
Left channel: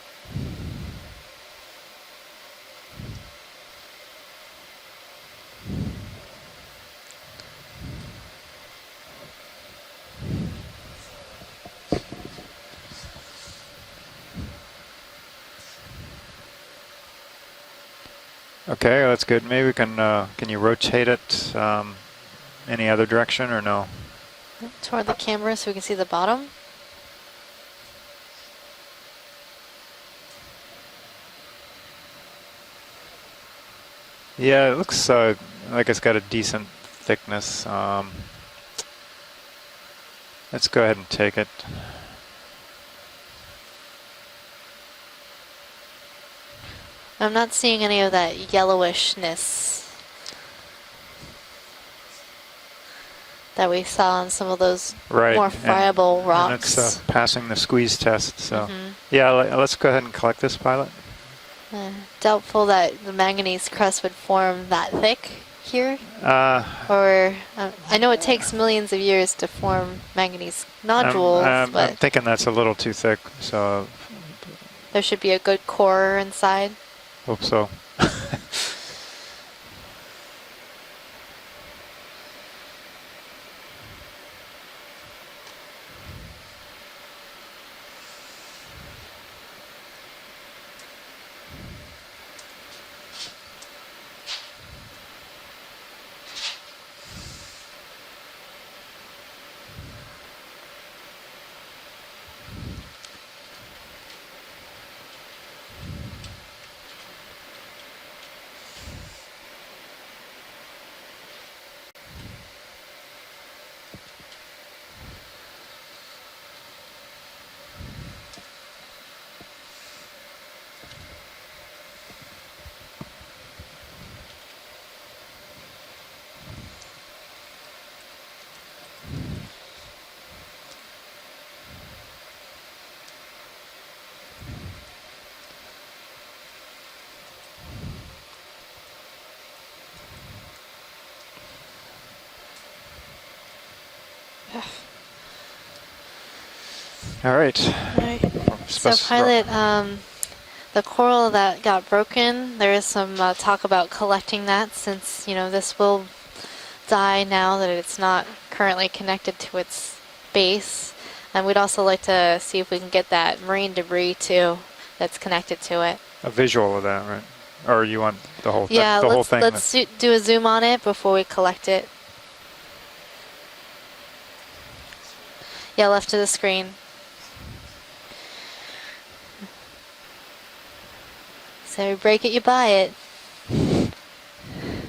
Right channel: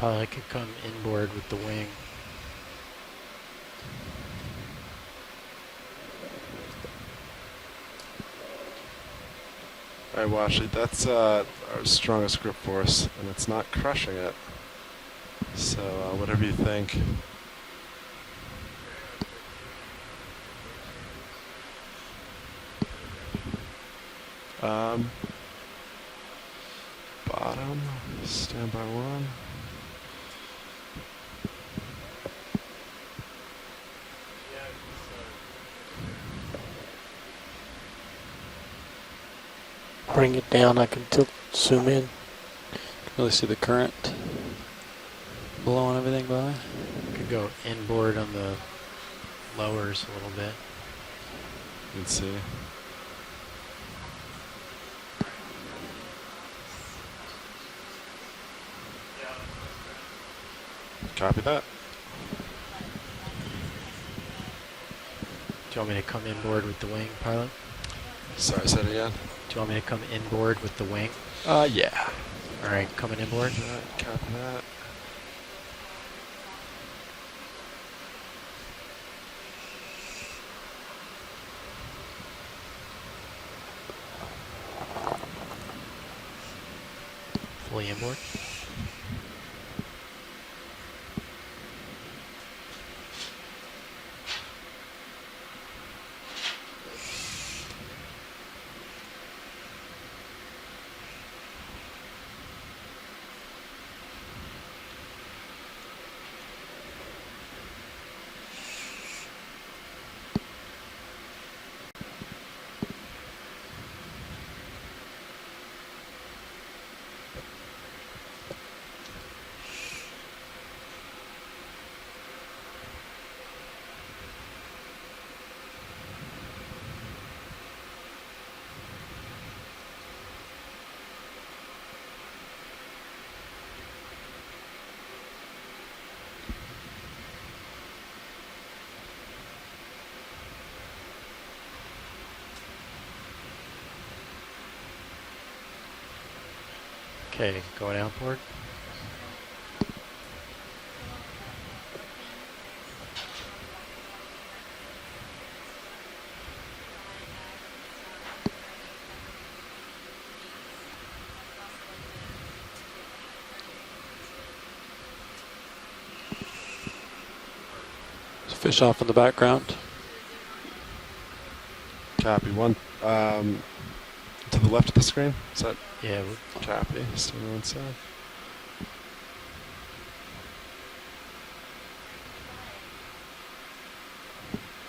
Pilot can come inboard with the wing. Alright, Washley, that's our strongest grip force, and it's not crushing it. So, whatever you think. Okay, that's good. Maybe we can you rotate it any other direction or no? Toward the camera so we can see the bottom. Bottom, standby 1. Yeah, it looks like it's got a decent thickness. Bring it down. Let's go ahead and take it. Zoom in. Really see the current blowing everything by. I'm not seeing any of that yellowishness Lowers a little bit. You can see. that we saw on some of those Right. more friable rocks. And it's passing the squeeze test. So yeah, let's go ahead and collect this, pilot. Copy that. Doubtful that the manganese crust would form that thick here. Or I know it takes millions of years to form manganese nodules, I'm but thinking that's a little too thick. So there should be a good core inside. hope so. Fully inboard. All right. So pilot, the coral that got broken, there is some talk about collecting that since, you know, this will die now that it's not currently connected to its base. And we'd also like to see if we can get that marine debris too that's connected to it. A visual of that, right? Or you want the whole, yeah, the whole thing? Let's do a zoom on it before we collect it. Copy. One. To the left of the screen? Yeah, left of the screen. Copy. So So you break it, you buy it.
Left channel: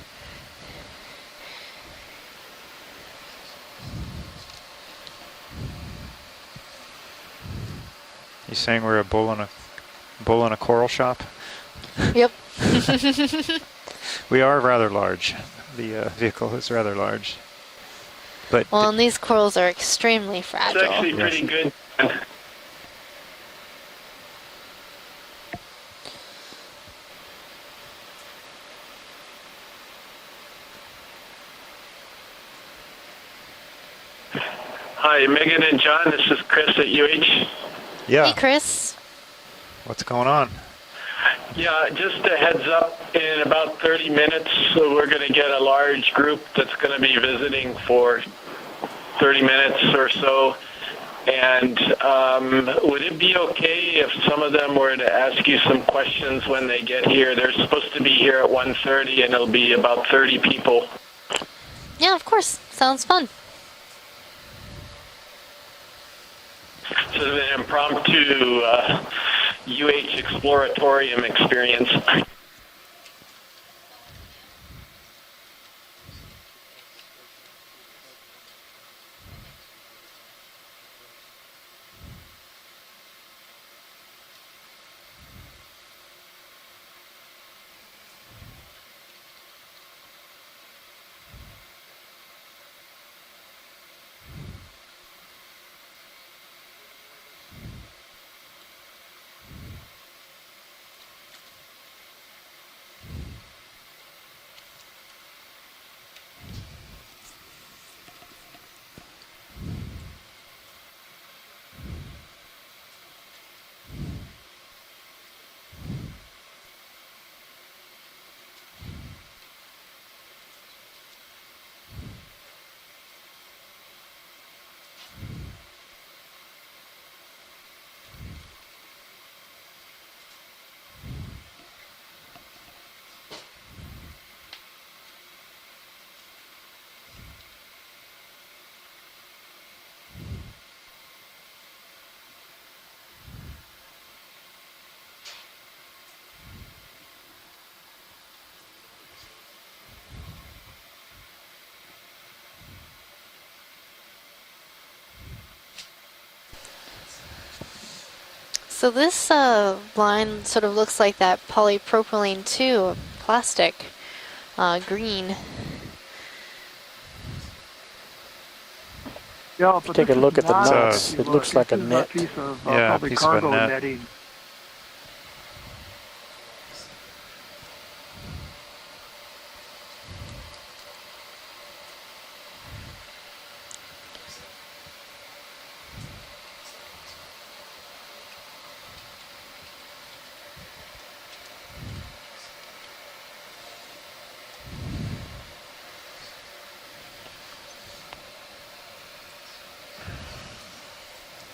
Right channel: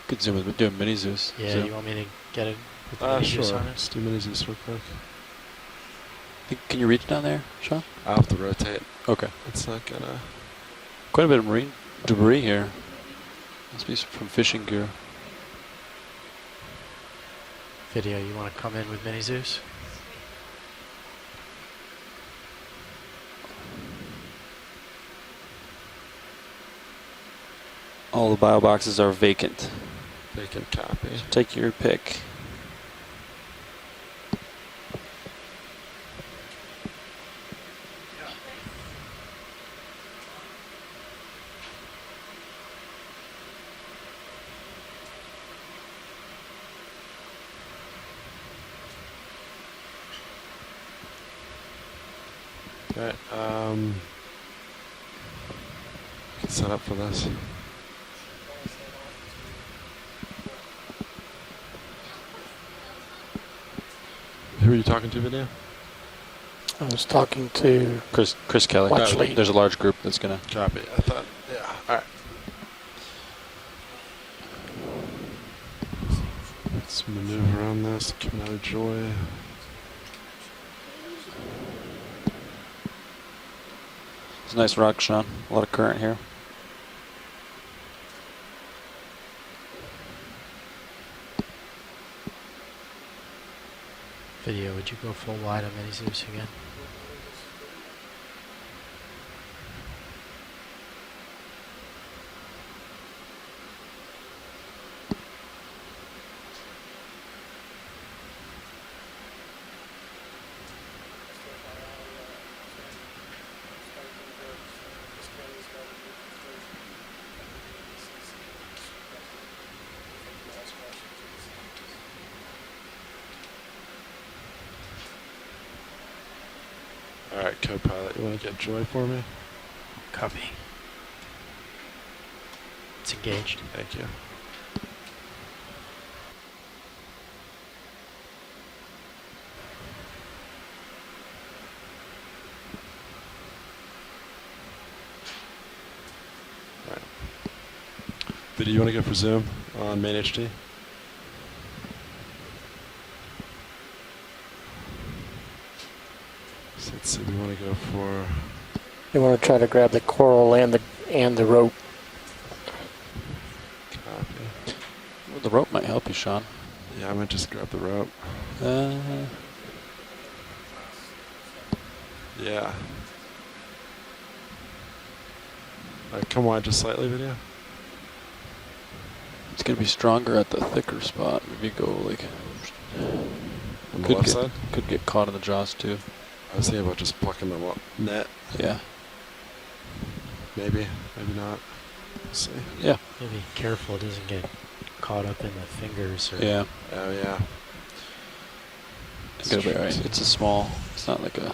Could zoom it. Do a mini Zeus. Yeah, zoom. you want me to get it? With the mini sure. Zeus on it? Let's do mini Zeus real quick. Can you reach down there, Sean? I'll have to rotate. Saying we're a bull in a It's not gonna... bull in a coral shop. Quite a bit of marine debris here. We are rather large. The vehicle is rather large. Video, you want to come well, in and these mini corals Zeus? are extremely fragile. It's actually pretty good. All the bio boxes are vacant. Vacant copy. So take your pick. Hi, Megan and John. This is Chris at UH. Yeah. Hey, Chris. What's going on? Yeah, just a heads up, in about 30 minutes, we're going to get a large group that's going to be visiting for 30 minutes or so. And would it be okay if some of them were to ask you some questions when they get here? They're supposed to be here at 1:30, and it'll be about 30 people. Yeah, of course. Sounds fun. Who are you talking to, Video? I was talking to Chris Kelly. There's a large group UH that's going to Exploratorium experience. Let's maneuver around this, coming out of Joy. It's a nice rock, Sean. A lot of current here. Video, would you go full wide on Mini Zeus again? Alright, co-pilot, you want to get Joy for me? Copy. It's engaged. Thank you. Alright. Video, you want to go for zoom on main HD? Let's see, we want to go for... So this You wanna try to grab the line coral sort of and the- looks like and that the rope. polypropylene 2 plastic, green. Well, the rope might help you, Sean. Yeah, I might just grab the rope. Yeah, but take a this look is at the not- knots. It looks like a this is net. piece of, Yeah, probably piece of a cargo net. netting. Alright, come wide just slightly, Video. It's going to be stronger at the thicker spot. If you go like... On the left side? Could get caught in the jaws too. I was thinking about just plucking the net. Yeah. Maybe, maybe not. We'll see. Yeah. Maybe careful it doesn't get caught up in the fingers. Or Yeah. Oh, yeah. It's gonna be alright. It's a small. It's not like a...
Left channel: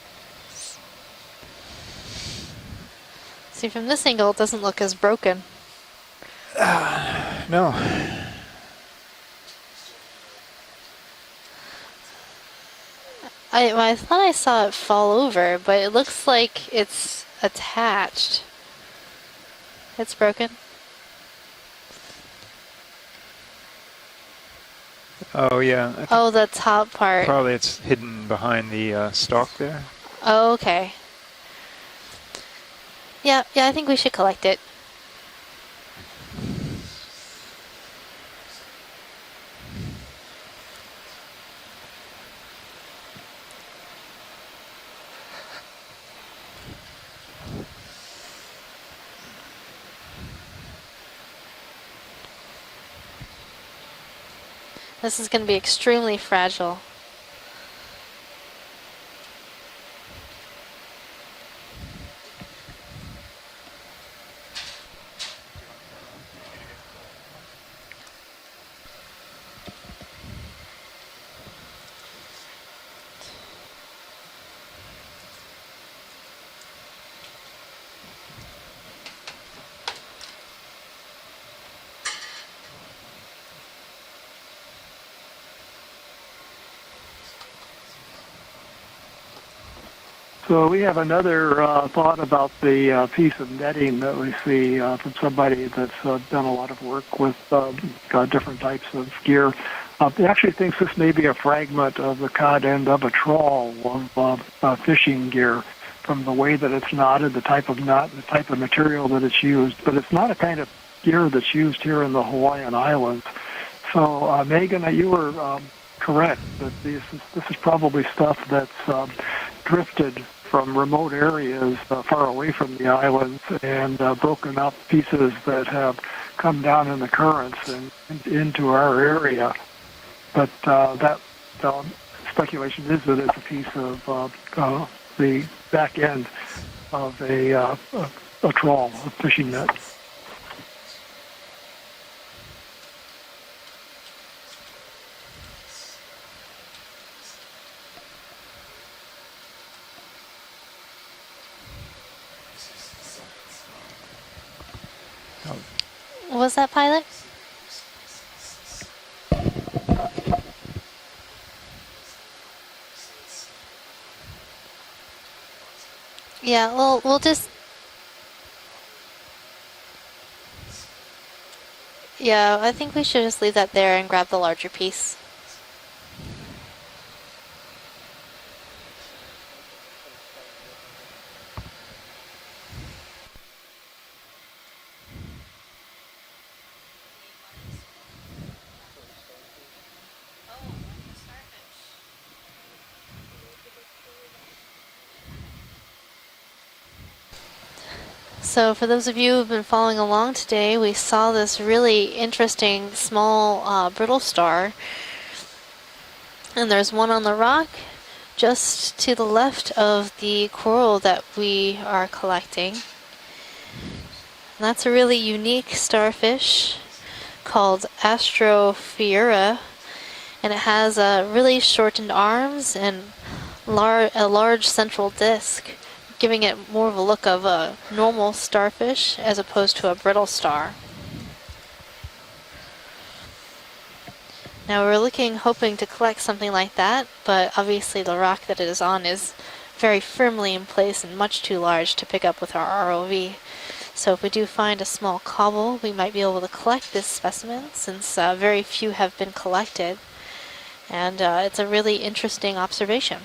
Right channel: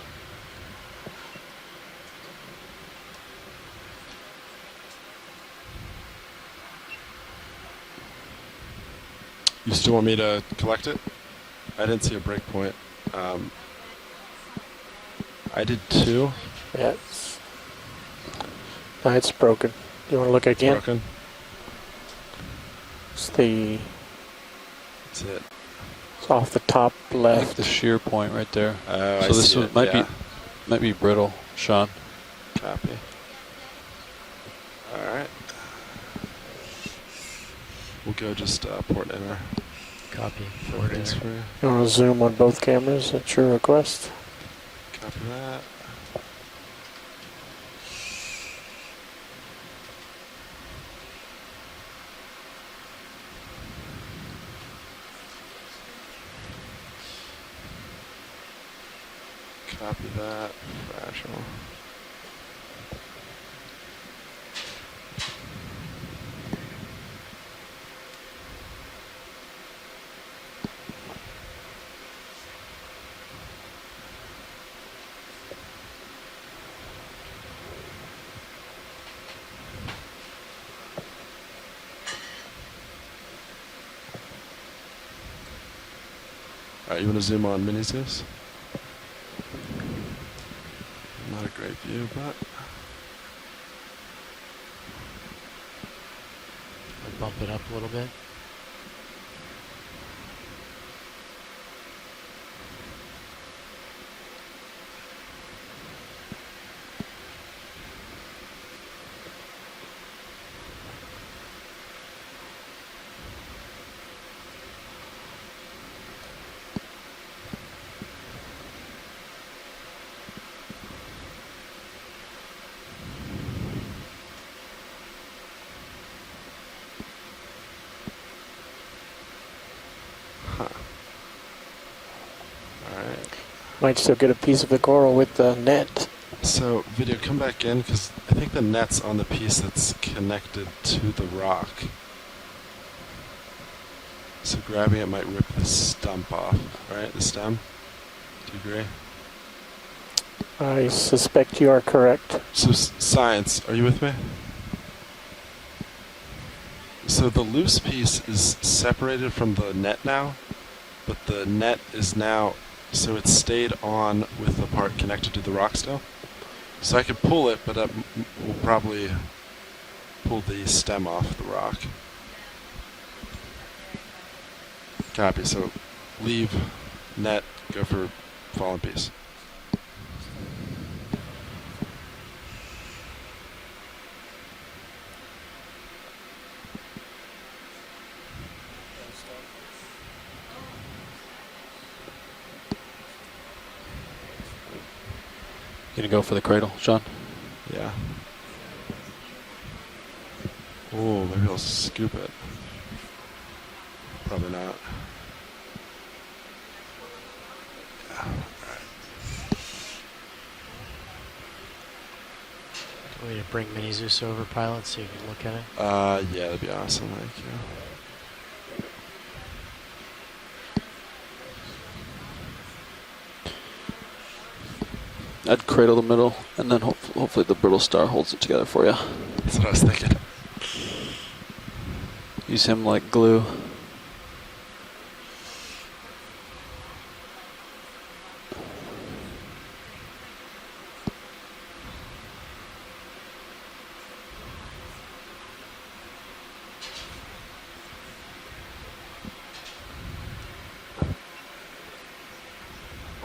See, from this angle, it doesn't look as broken. No. You still want me to collect it? I didn't see a break point. I thought I saw it fall over, I but did it looks too. like it's attached. No, it's broken. It's You wanna broken? look again? Broken. It's the... Oh, yeah. Oh, Off the the top top part. left. Probably the it's shear hidden point right behind there. the I see. Also, it might Yeah. be... Oh, Could be okay. brittle, Sean. Copy. Yeah, I think we should collect it. Alright. We'll go just port enter. Copy. Port enter for you. You want to zoom on both cameras at your request? Copy that. This is going to be extremely fragile. Copy that. Rational. Alright, you want to zoom on Mini Zeus? So we have another thought about the piece of netting that we see from somebody that's done a lot of work with different types of gear. He actually thinks this may be a fragment of the cod end of a trawl of fishing gear from the way that it's knotted, the type of knot, the type of material that it's used. But it's not a kind of gear that's used here in the Hawaiian Islands. So, Megan, you were correct that this is probably stuff that's drifted from remote areas far away from the islands and broken up pieces that have come down in the currents and into our area. But that speculation is that it's a piece of... Might still get a piece of the coral with the net. back end. So, video, come back in, because I think the net's on the piece that's connected to the rock. So grabbing it might rip the stump off, right? The stem? Do you agree? I suspect you are correct. So science, are you with me? What was that, pilot? So the loose piece is separated from the net now, but the net is now, so it's stayed on with the part connected to the rock still? Yeah, well, so I we'll can just... pull it, but we'll probably pull the stem off the rock. Yeah, I think we should just leave that there and grab the larger piece. Copy, so leave net, go for fallen piece. You gonna go for the cradle, Sean? Yeah. So for those of you who've been following along today, we saw this really interesting small brittle star. And there's one on the rock just to the left of the coral that we are collecting. Will you bring Jesus over, pilot? That's a really unique starfish called Astrophiura. And it has really shortened arms and a large central disc, I'd cradle the middle, giving it and then more of a look of a normal starfish as opposed to a brittle star. Use him like glue. Now we're hoping to collect something like that, but obviously the rock that it is on is very firmly in place and much too large to pick up with our ROV. So if we do find a small cobble, we might be able to collect this specimen, since very few have been collected. And it's a really interesting observation.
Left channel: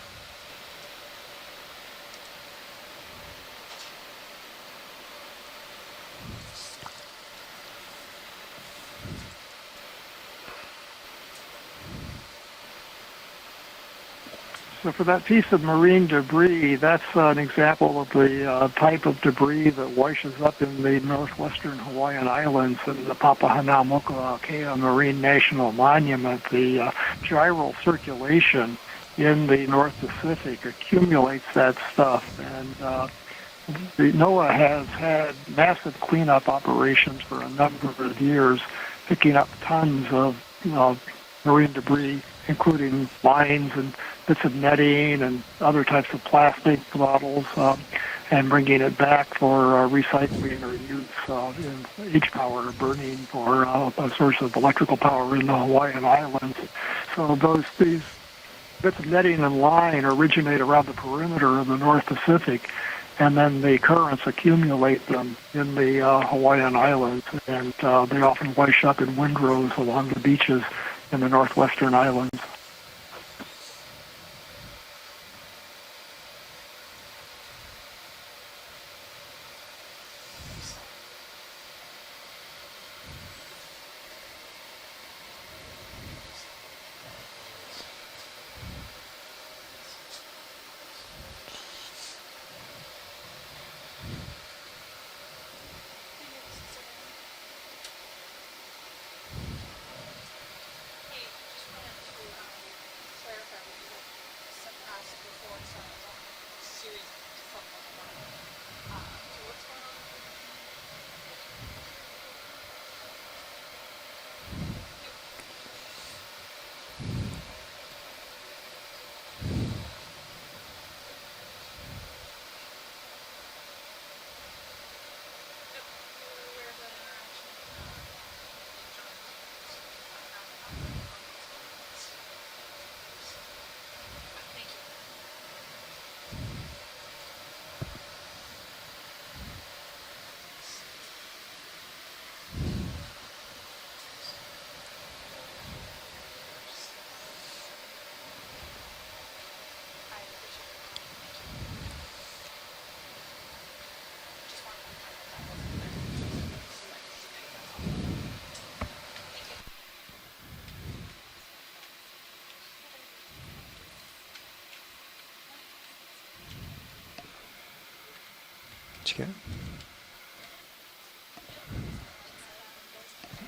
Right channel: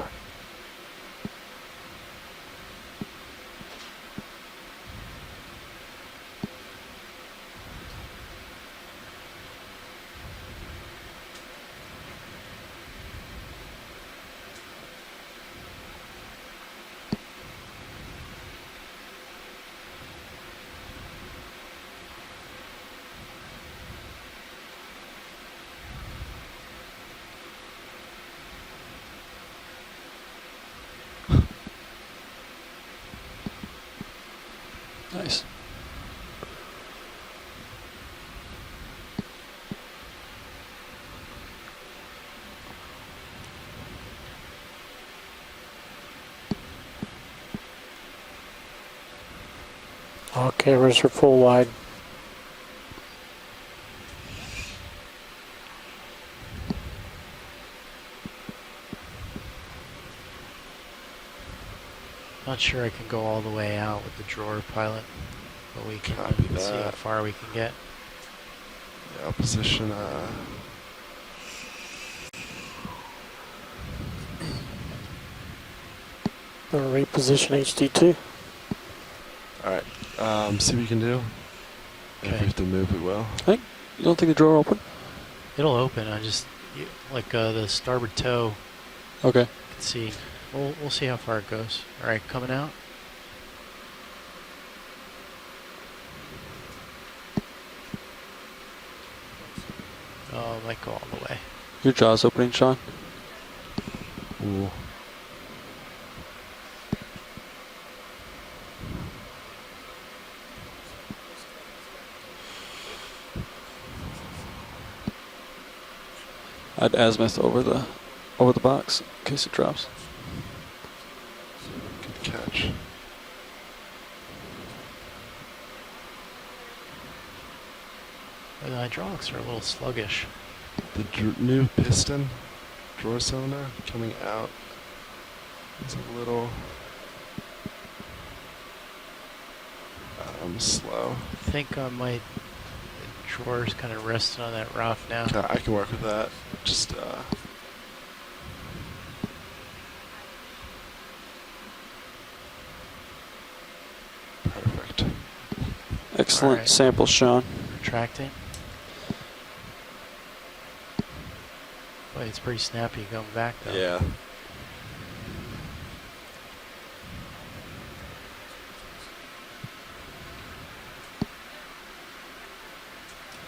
So for that piece of marine debris, that's an example of the type of debris that washes up in the northwestern Hawaiian Islands in the Papahanaumokuakea Marine National Monument. The gyral circulation in the North Pacific accumulates that stuff. And the NOAA has had massive cleanup operations for a number of years, picking up tons of marine debris, including lines and bits of netting and other types of plastic bottles, and bringing it back for recycling. Okay, raise for full wide. H-power burning for a source of electrical power in the Hawaiian Islands. So these bits of netting and line originate around the perimeter of the North Pacific, and then the currents accumulate them in the Hawaiian Islands, and they often wash up in windrows along the beaches in the northwestern islands. Reposition HD2. Alright, see what you can do. Okay. If we have to move, we will. You don't think the drawer open? It'll open. Like the starboard toe. Okay. Let's see. We'll see how far it goes. All right, coming out. Oh, it might go all the way. Your jaw's opening, Sean. Ooh. I'd azimuth over the box in case it drops. Good catch. The hydraulics are a little sluggish. The new piston drawer cylinder coming out is a little slow. I think my drawers kind of resting on that rock now. I can work with that. Just perfect. Excellent sample, Sean. Retracting. Boy, it's pretty snappy going back though. Yeah. Did you get it?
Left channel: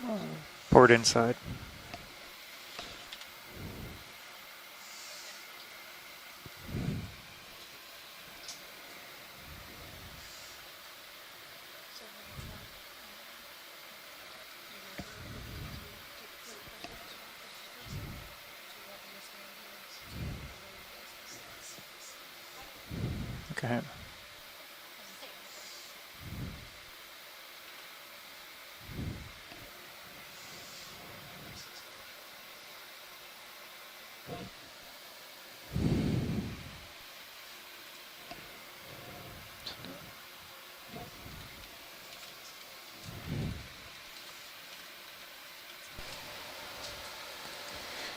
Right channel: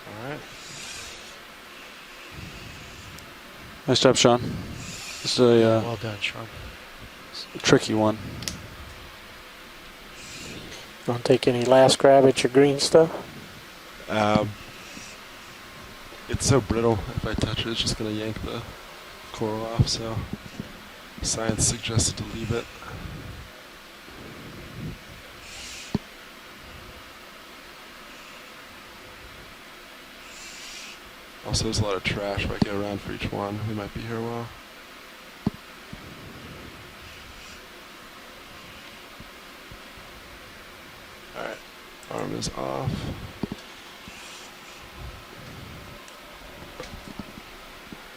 Alright. Port inside. Nice job, Sean. This is a well done, Sean. tricky one. Want to take any last grab at your green stuff? It's so brittle. If I touch it, it's just going to yank the coral off. So science suggested to leave it. Okay. Also, there's a lot of trash if I go around for each one. We might be here a while. Alright, arm is off.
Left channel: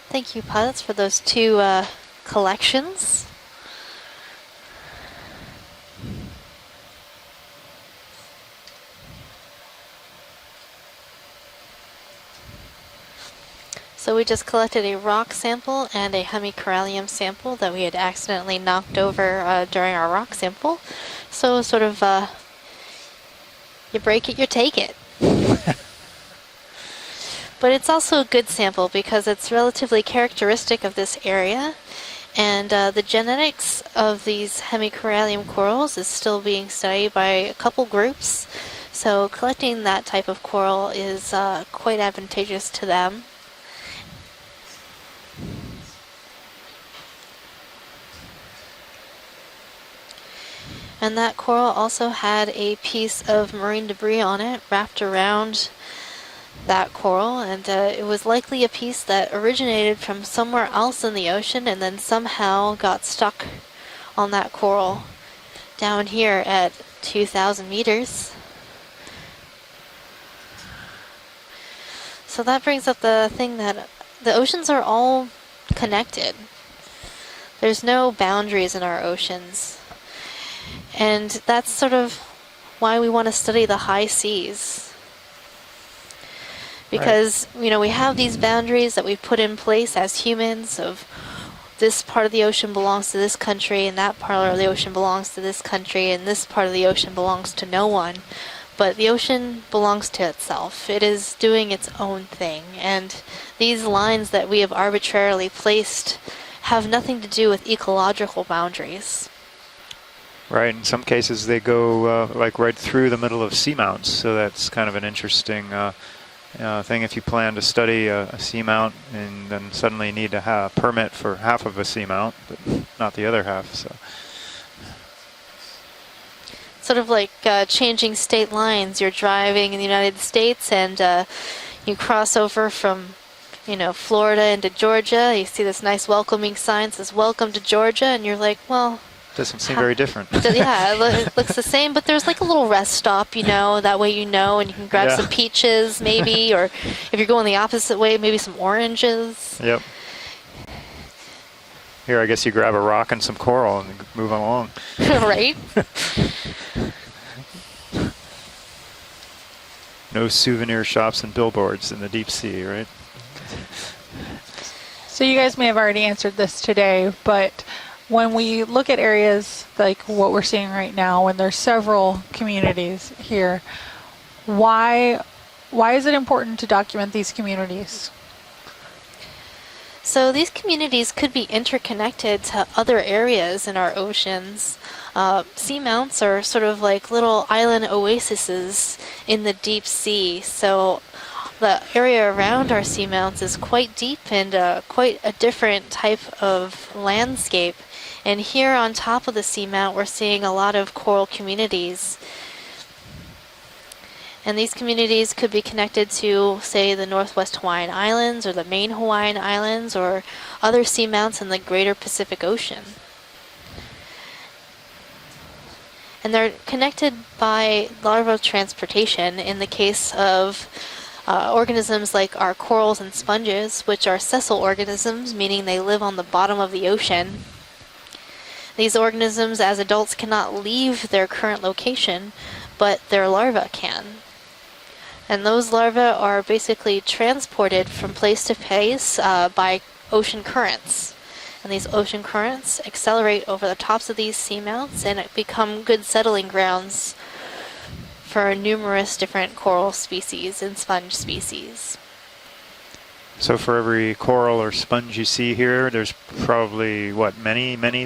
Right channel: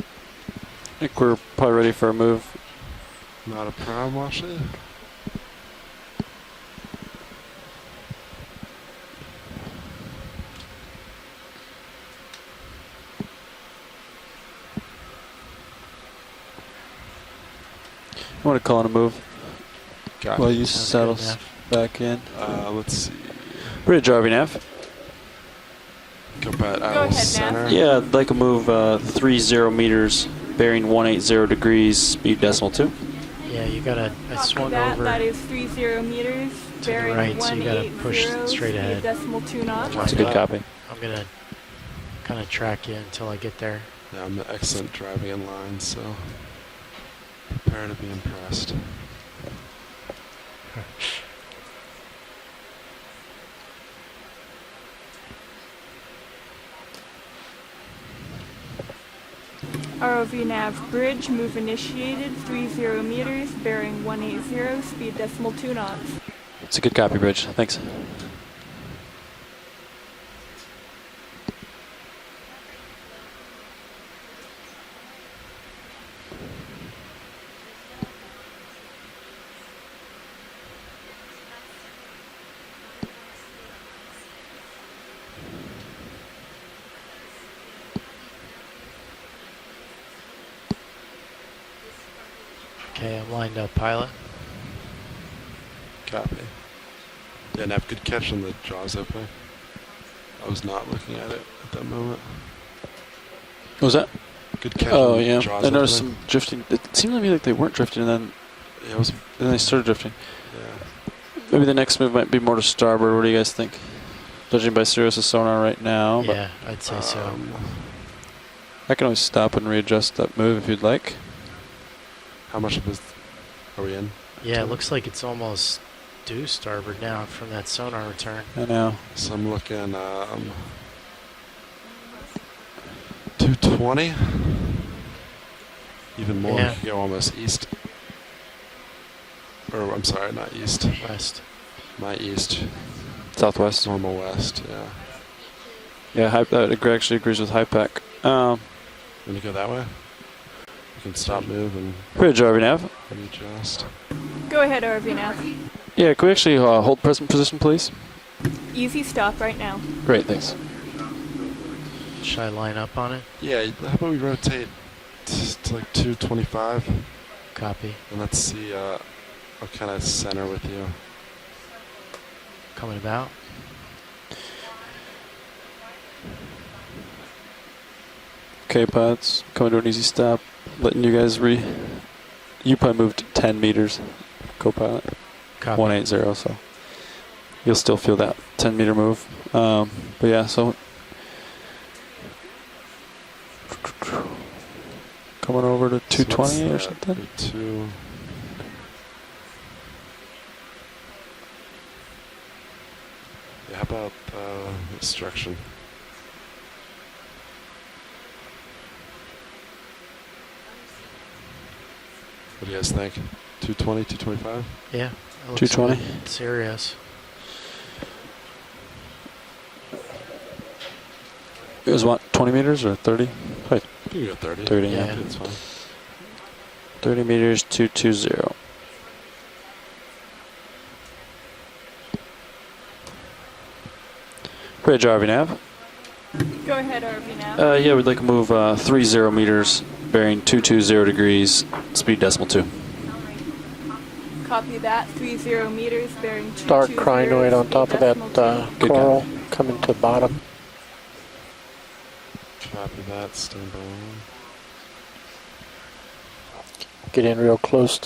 Thank you, pilots, for those two collections. Not a problem, actually. So we just collected a rock sample and a hemicorallium sample that we had accidentally knocked over during our rock sample. So sort of let's see. break you could take it. Go ahead, but it's also a good sample because it's relatively characteristic of this area. And the genetics of these hemicorallium corals is still being studied by a couple groups. So collecting that type of coral is quite advantageous to them. Yeah, I'm excellent driving in line, so prepare to be impressed. And that coral also had a piece of marine debris on it wrapped around that coral, and it was likely a piece that originated from somewhere else in the ocean and then somehow got stuck on that coral down here at 2,000 meters. So that brings up the thing that the oceans are all connected. There's no boundaries in our oceans. And that's sort of why we want to study the high seas. Because, you know, we have these boundaries that we put in place as humans of this part of the ocean belongs to this country, and that part of the ocean belongs to this country, and this part of the ocean belongs to no one. But the ocean belongs to itself. It is doing its own thing. And these lines that we have arbitrarily placed have nothing to do with ecological boundaries. Then they started drifting. Right, in some cases they go like right through the middle of seamounts, so that's kind of an interesting thing if you plan to study a seamount. I can always stop and readjust suddenly need to have a permit for half of a seamount. How much is not the other half? So. Yeah, it looks like it's almost due starboard. Sort of like changing state lines. You're driving in the United States and you cross over from Florida into Georgia. You see this nice welcoming sign that says "Welcome to Georgia," and you're like, well. Doesn't seem very different. Yeah, it looks the same, but there's like a little rest stop, you know, that way you know, and you can grab some peaches maybe, or if you're going the opposite way, maybe some oranges. Yep. You can stop moving. Here, I guess you could have a rock and some coral and move along. Go ahead, Irving. Right? Yeah, could we actually hold present position, please? Easy stop right now. Great. No souvenir shops and billboards in the deep sea, line right? up on it? Yeah, how about we rotate? So you guys may have already answered this today, but when we look at areas like what we're seeing right now, when there's several communities here, why is it important to document these communities? Okay, Pats, coming to an easy stop. So these communities could be interconnected to other areas in our oceans. Seamounts are sort of like little island oases in the deep sea. So the area around our seamounts is quite deep and quite a different type of landscape. And here on top of the seamount, we're seeing a lot of coral communities. And these communities could be connected to, say, the Northwest Hawaiian Islands or the main Hawaiian Islands or other seamounts in the greater Pacific Ocean. What do you guys think? 220, 225? Yeah. 220. And they're connected by larval transportation in the case of organisms like our corals and sponges, which are sessile organisms, meaning they live on the bottom of the ocean. 30 meters, 220. These organisms, as adults, cannot leave their current location, but their larvae can. And those larvae are basically transported from place to place by ocean currents. degrees, and these ocean currents accelerate over the tops of these seamounts and become good settling grounds Dark crinoid on top of that for numerous different coral species and sponge species. So for every coral or sponge you see here, there's probably many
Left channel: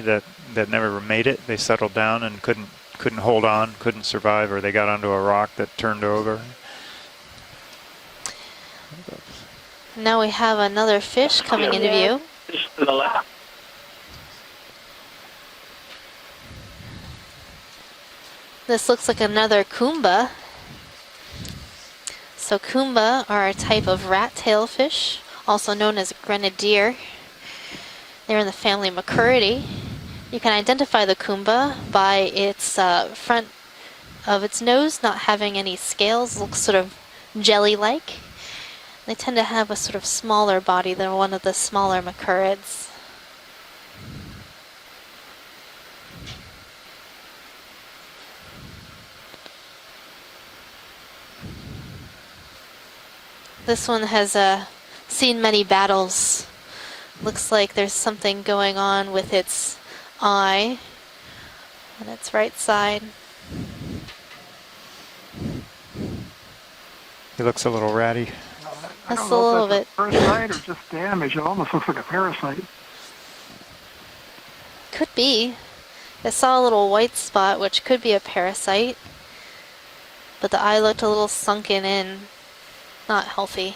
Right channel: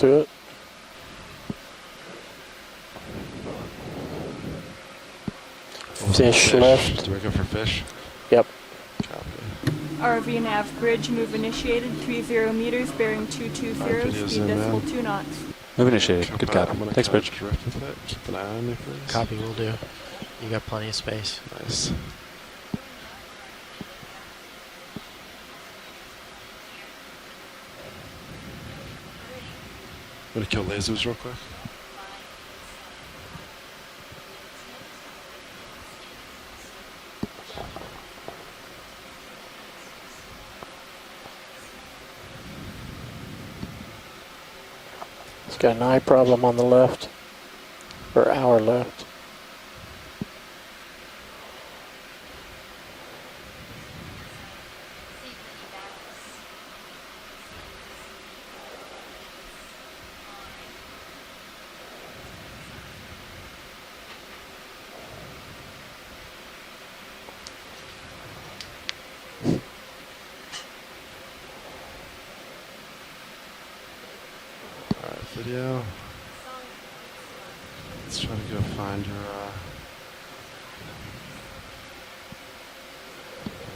that never made it. They settled down and couldn't hold on, couldn't survive, or they got onto a rock that turned over. Fish left. Looking for fish. Yep. Now we have another fish coming into view. 0 meters, bearing 220, speed decimal 2 knots. Move initiated. Good God. Thanks, Bridge. This looks like another Kumba. You got plenty of space. Nice. So Kumba are a type of rat-tailed fish, also known as grenadier. They're in the family Macuridae. You can identify the Kumba by its front of its nose not having any scales, looks sort of jelly-like. They tend to have a sort of smaller body than one of the smaller Macurids. It's got an eye problem on the left, or our left. This one has seen many battles. Looks like there's something going on with its eye on its right side. He looks a little ratty. Just a little bit. Parasite or just damage? It almost looks like a parasite. Could be. I saw a little white spot, which could be a parasite. But the eye looked a little sunken in. Not healthy.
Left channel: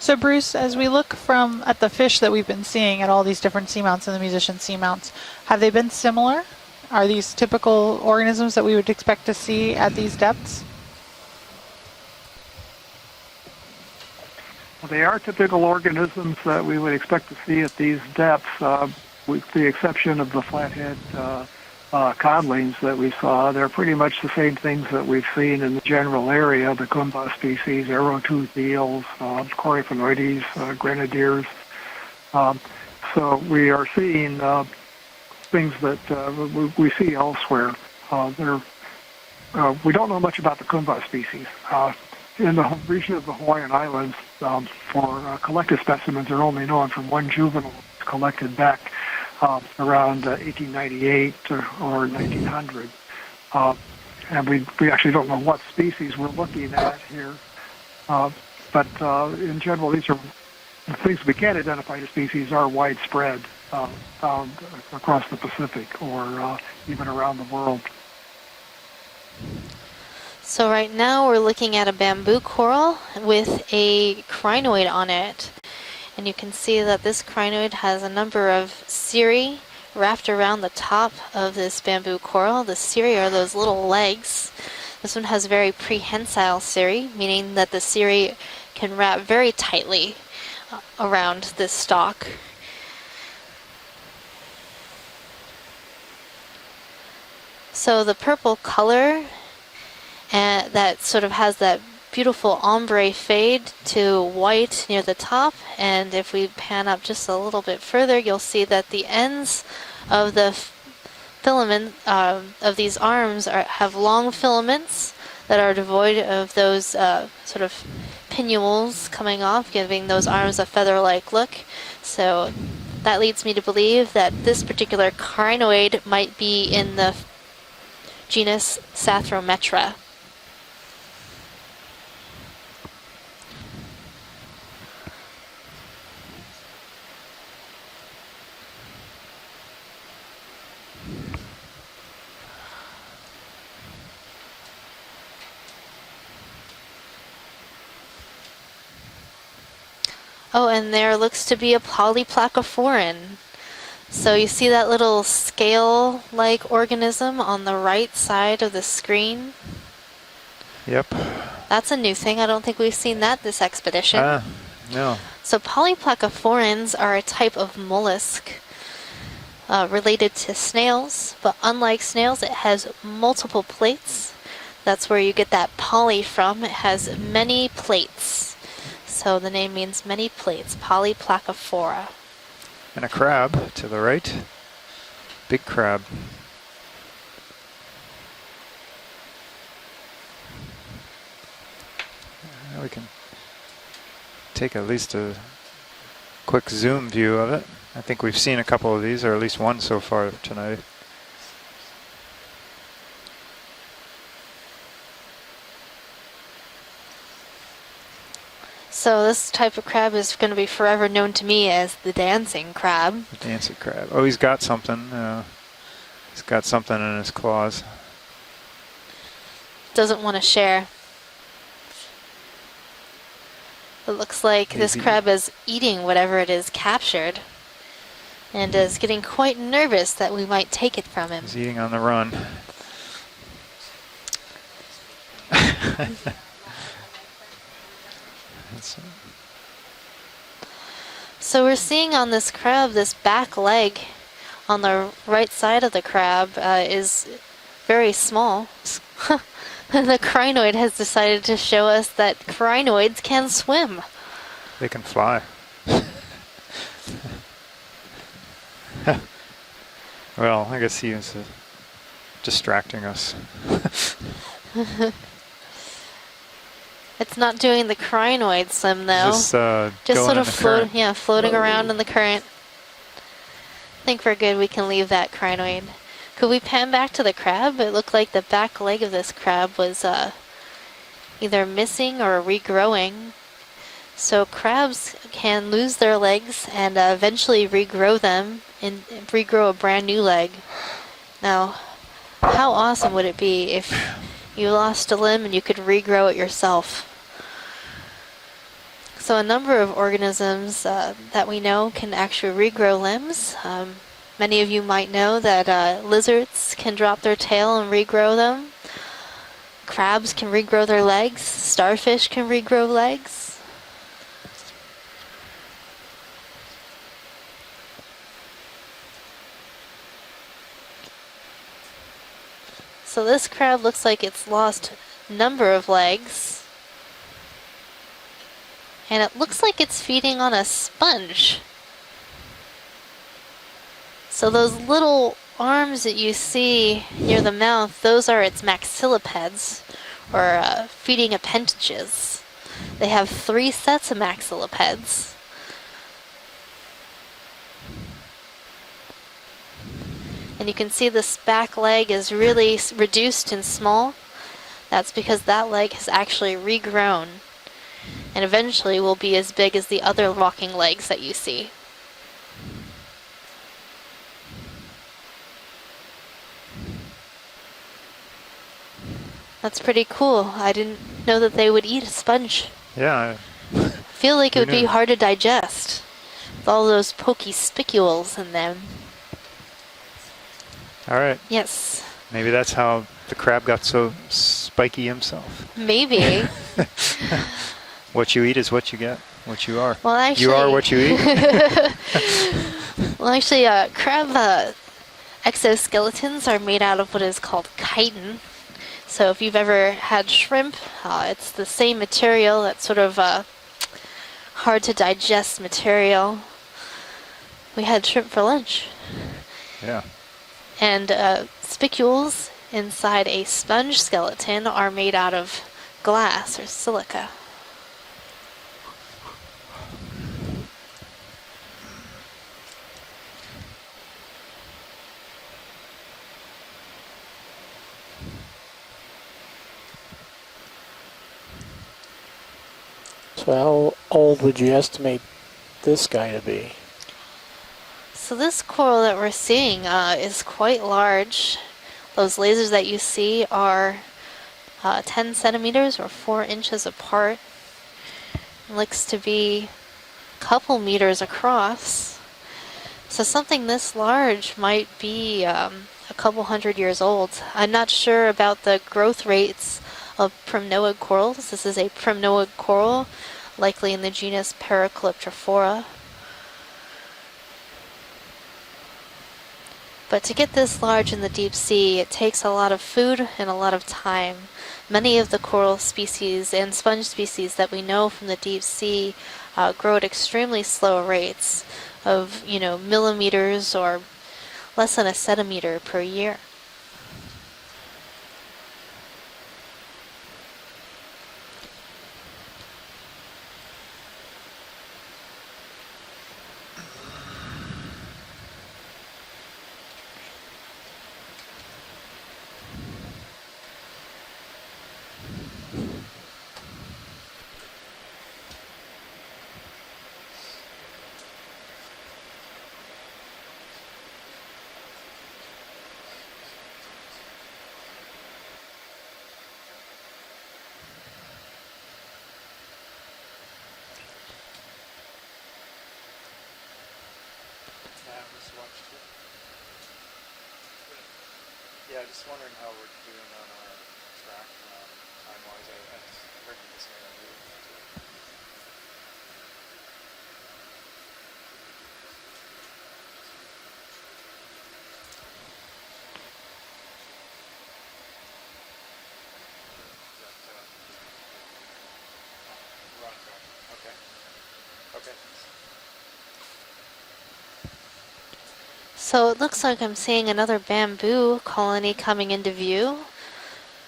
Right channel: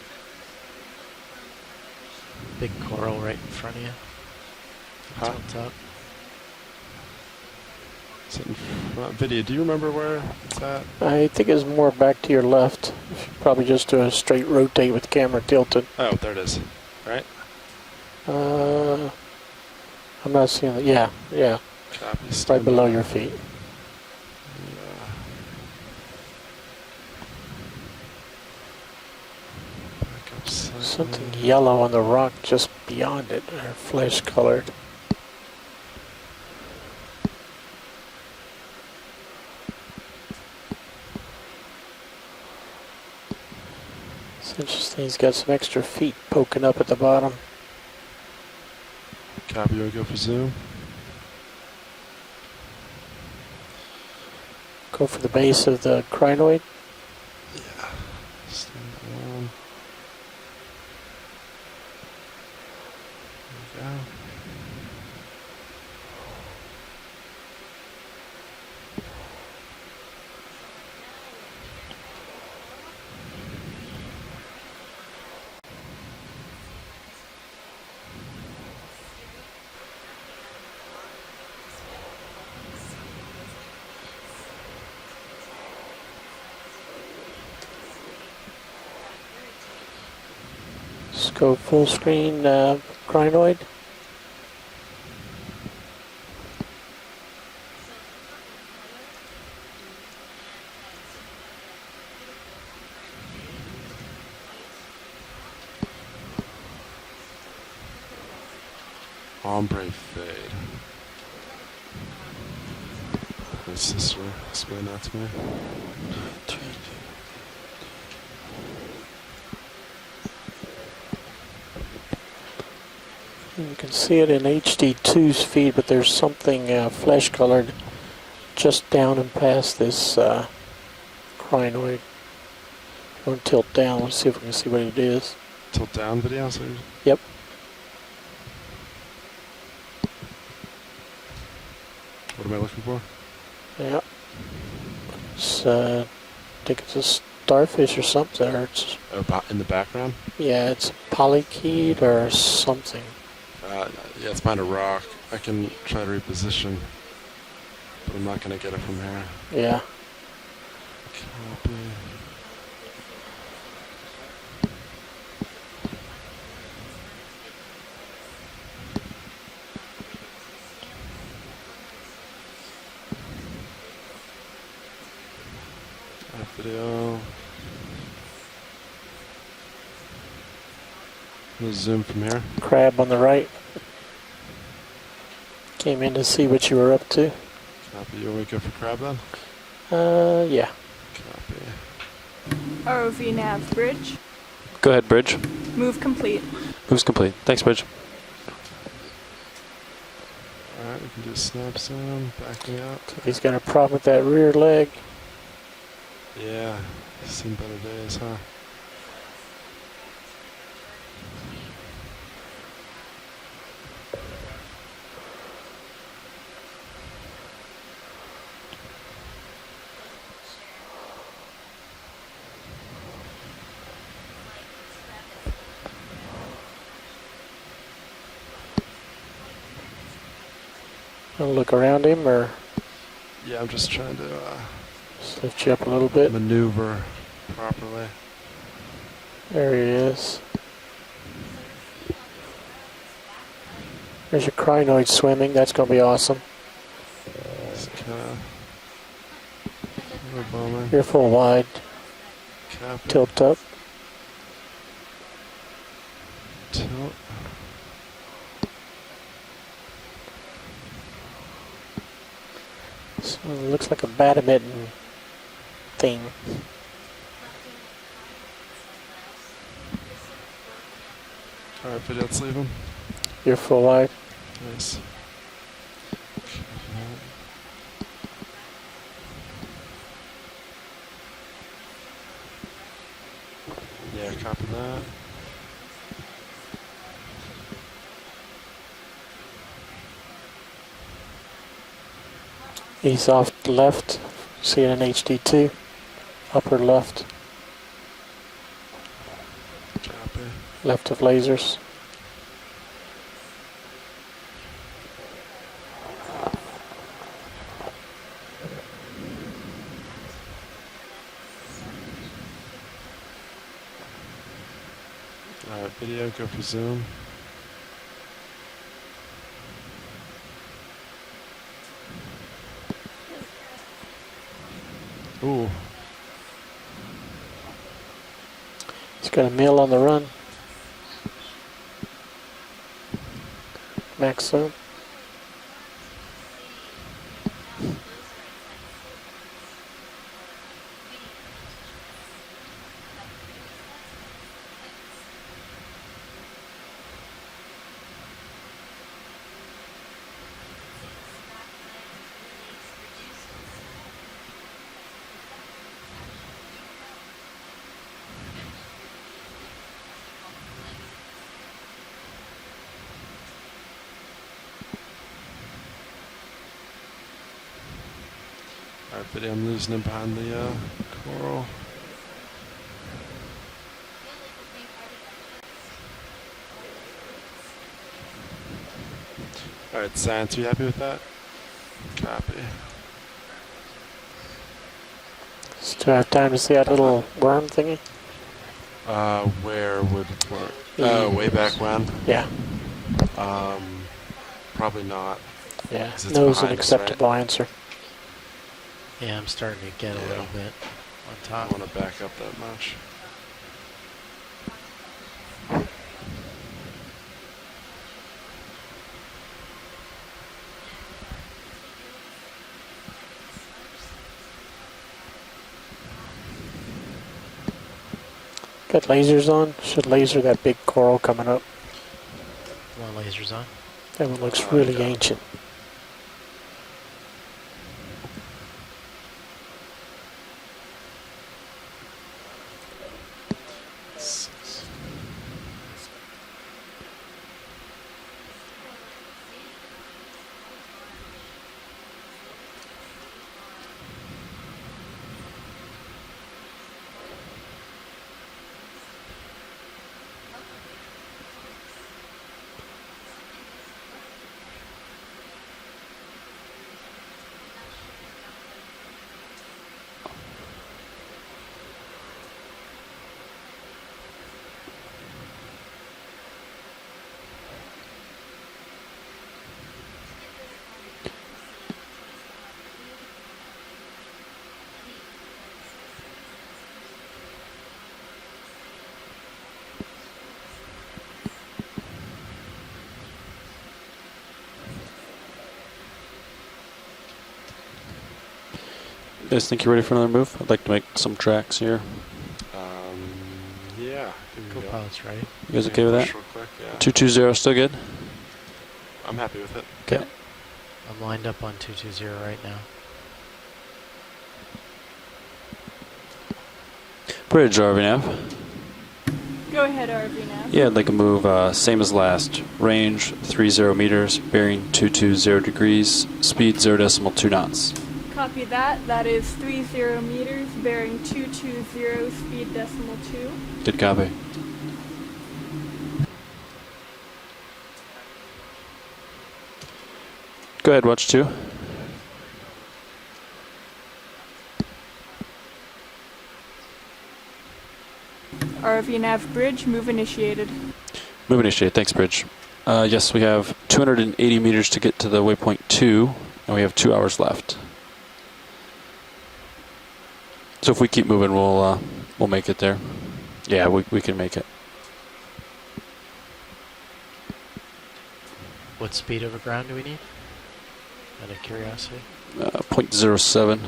So Bruce, as we look at the fish that we've been seeing at all these different seamounts and the musician seamounts, have they been similar? Are these typical organisms that we would expect to see at these depths? I think it's more back to your left. Probably just do a straight rotate They with are camera typical tilted. organisms that we would expect to see at these depths, with the exception of the flathead codlings that we saw. They're pretty much the same things that we've seen in the general area, the Kumba species, arrow-toothed eels, Coryphaenoides, grenadiers. Yellow on the rock just beyond so it. we are seeing things that we see elsewhere. We don't know much about the Kumba species. In the region of the Hawaiian Islands, collected specimens are only known from one juvenile collected back around 1898 or 1900. And we actually don't know what species we're looking at here. But in general, these are the things we can identify as species are widespread across the Pacific or even around the world. So right now we're looking at a bamboo coral with a crinoid on it. And you can see that this crinoid has a number of cirri wrapped around the top of this bamboo coral. The cirri are those little legs. This one has very prehensile cirri, meaning that the cirri can wrap very tightly around this stalk. Screen, crinoid. So the purple color that sort of has that beautiful ombre fade to white near the top, and if we pan up just a little bit further, you'll see that the ends of the filament of these arms have long filaments that are devoid of those sort of pinnules coming off, giving those arms a feather-like look. So that leads me to believe that this particular crinoid might be in the genus Sathrometra. This crinoid. Don't tilt down. Let's see if we can see what it is. Tilt down video? So yep. What am I looking for? Yeah. It's, I think it's a starfish or something. Or it's in the background? Yeah. Oh, and there looks to be a polyplacophoran. So you see that little scale-like organism on the right side of the screen? Yeah. Yep. That's a new thing. I don't think we've seen that this expedition. No. So polyplacophorans are a type of mollusk related to snails, but unlike snails, it has multiple plates. That's where you get that poly from. It has many plates. So the name means many plates, polyplacophora. Crab on the crab right. To the right. Big crab. Came in to see what you were up to. You want me to go for crab then? Yeah. ROV nav bridge. Take a Go ahead, Bridge. Move complete. Quick zoom view of Thanks, it. Bridge. I think we've seen a couple of these, or at least one so far tonight. Alright, we can do snap zoom, backing out. He's got a problem with that rear leg. Yeah, seen better days, huh? So this type of crab is going to be forever known to me as the dancing crab. The dancing crab. Oh, he's got something. He's got something in his claws. Doesn't want to share. It looks like this crab is eating whatever it is captured and is getting quite nervous that we might take it from him. Look around him, or Yeah, I'm just trying to lift you up a little bit. maneuver properly. There he is. So we're seeing on this crab, this back leg There's your on the crinoid swimming. right That's side gonna of the be awesome. crab is very small. The crinoid has Careful, decided to wide. show us that crinoids Tilt can up. swim. They can fly. Well, I guess he was distracting us. Looks like a badminton thing. It's not doing the crinoid swim though. Just Just sort of floating around in the current. You're full I wide. think we're good. We can leave that crinoid. Could we pan back to the crab? It looked like the back leg of this crab was either missing or regrowing. So crabs can lose their legs and eventually regrow them and regrow a brand new leg. Now, how awesome would it be if you lost a limb and you could regrow it yourself? Left. So a number of organisms that we know can actually regrow limbs. Many of you might know that lizards can drop their tail and regrow them. Crabs can regrow their legs. Starfish can regrow legs. Video, go for zoom. So this crab looks like it's lost a number of legs. And it looks like it's feeding on a sponge. So those little arms that you see near the mouth, those are its maxillipeds, or feeding appendages. They have 3 sets of maxillipeds. And you can see this back leg is really reduced and small. That's because that leg has actually regrown and eventually will be as big as the other walking legs that you see. That's pretty cool. I didn't know that they would eat a sponge. Yeah. I feel like it would be hard to digest with all those pokey spicules in them. Alright, Science, you happy with that? Alright. Yes. Maybe that's how the crab got so spiky himself. Maybe. Trying to see that little worm thingy. What you eat is what you get. What you are. Well, actually, you are what you eat. Well, actually, crab probably not. exoskeletons are made out of what is called chitin. So if you've ever had shrimp, it's the same material. That's sort of hard to digest material. We had shrimp for lunch. Yeah. And spicules inside a sponge skeleton are made out of glass or silica. Got lasers on. Should laser that big coral coming up. More lasers on. That one looks really ancient. So how old would you estimate this guy to be? So this coral that we're seeing is quite large. Those lasers that you see are 10 centimeters or 4 inches apart. It looks to be a couple meters across. So something this large might be a couple hundred years old. I'm not sure about the growth rates of primnoid corals. This is a primnoid coral, likely in the genus Paracalyptrophora. But to get this large in the deep sea, it takes a lot of food and a lot of time. Many of the coral species and sponge species that we know from the deep sea grow at extremely slow rates of, millimeters or less than a centimeter per year. You guys think you're ready for another move? I'd like to make some tracks here. Yeah. Cool close, right? You guys okay with that? Real quick, yeah. 220 still good? I'm happy with it. Okay. I'm lined up on 220 right now. Bridge, RVNav. Go ahead, RV now. Yeah, I'd like to move same as last. Range 30 meters, bearing 220 degrees, speed 0.2 knots. Copy that. That is 30 meters, bearing 220, speed decimal 2. Good copy. Go ahead, watch 2. RV nav bridge, move initiated. Move initiated. Thanks, Bridge. Yes, we have 280 meters to get to the waypoint 2, and we have 2 hours left. So if we keep moving, we'll make it there. Yeah, we can make it. So it looks like I'm seeing another bamboo colony coming into view. 0.07.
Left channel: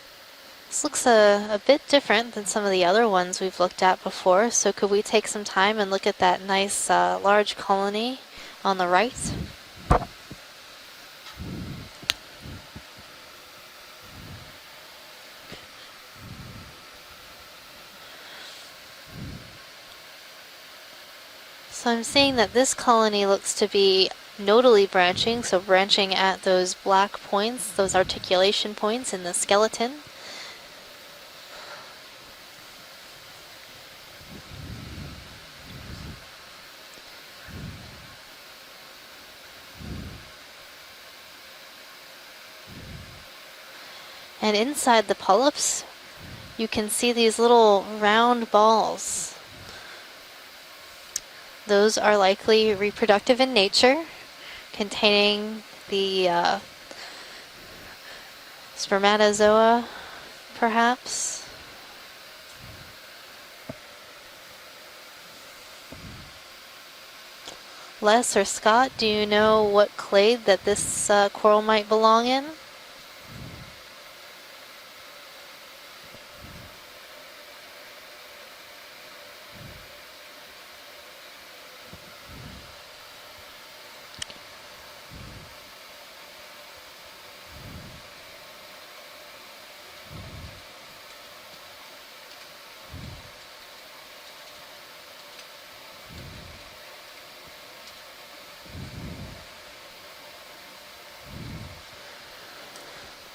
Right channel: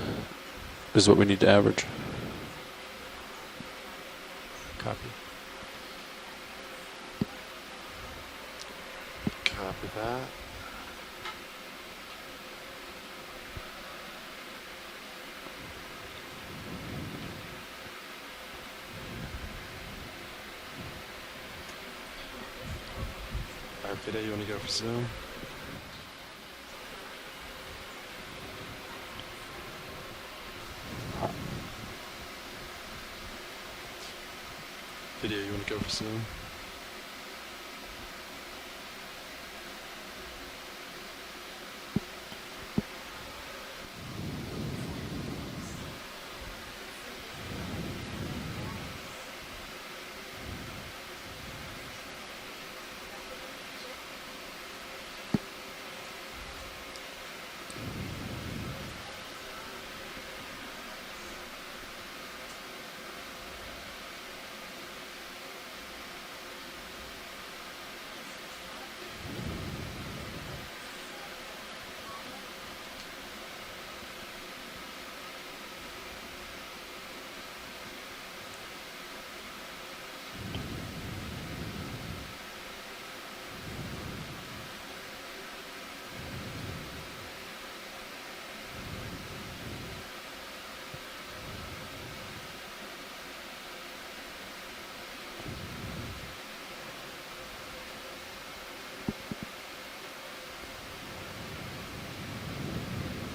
This looks a bit different than some of the other ones we've looked at before. So could we take some time and look at that nice large colony on the right? Copy that. So I'm seeing that this colony looks to be nodally branching, so branching at those black points, those articulation points in the skeleton. Video, you want to go for zoom? And inside the polyps, you can see these little round balls. Those are likely reproductive in nature, containing the spermatozoa, perhaps. Les or Scott, do you know what clade that this coral might belong in?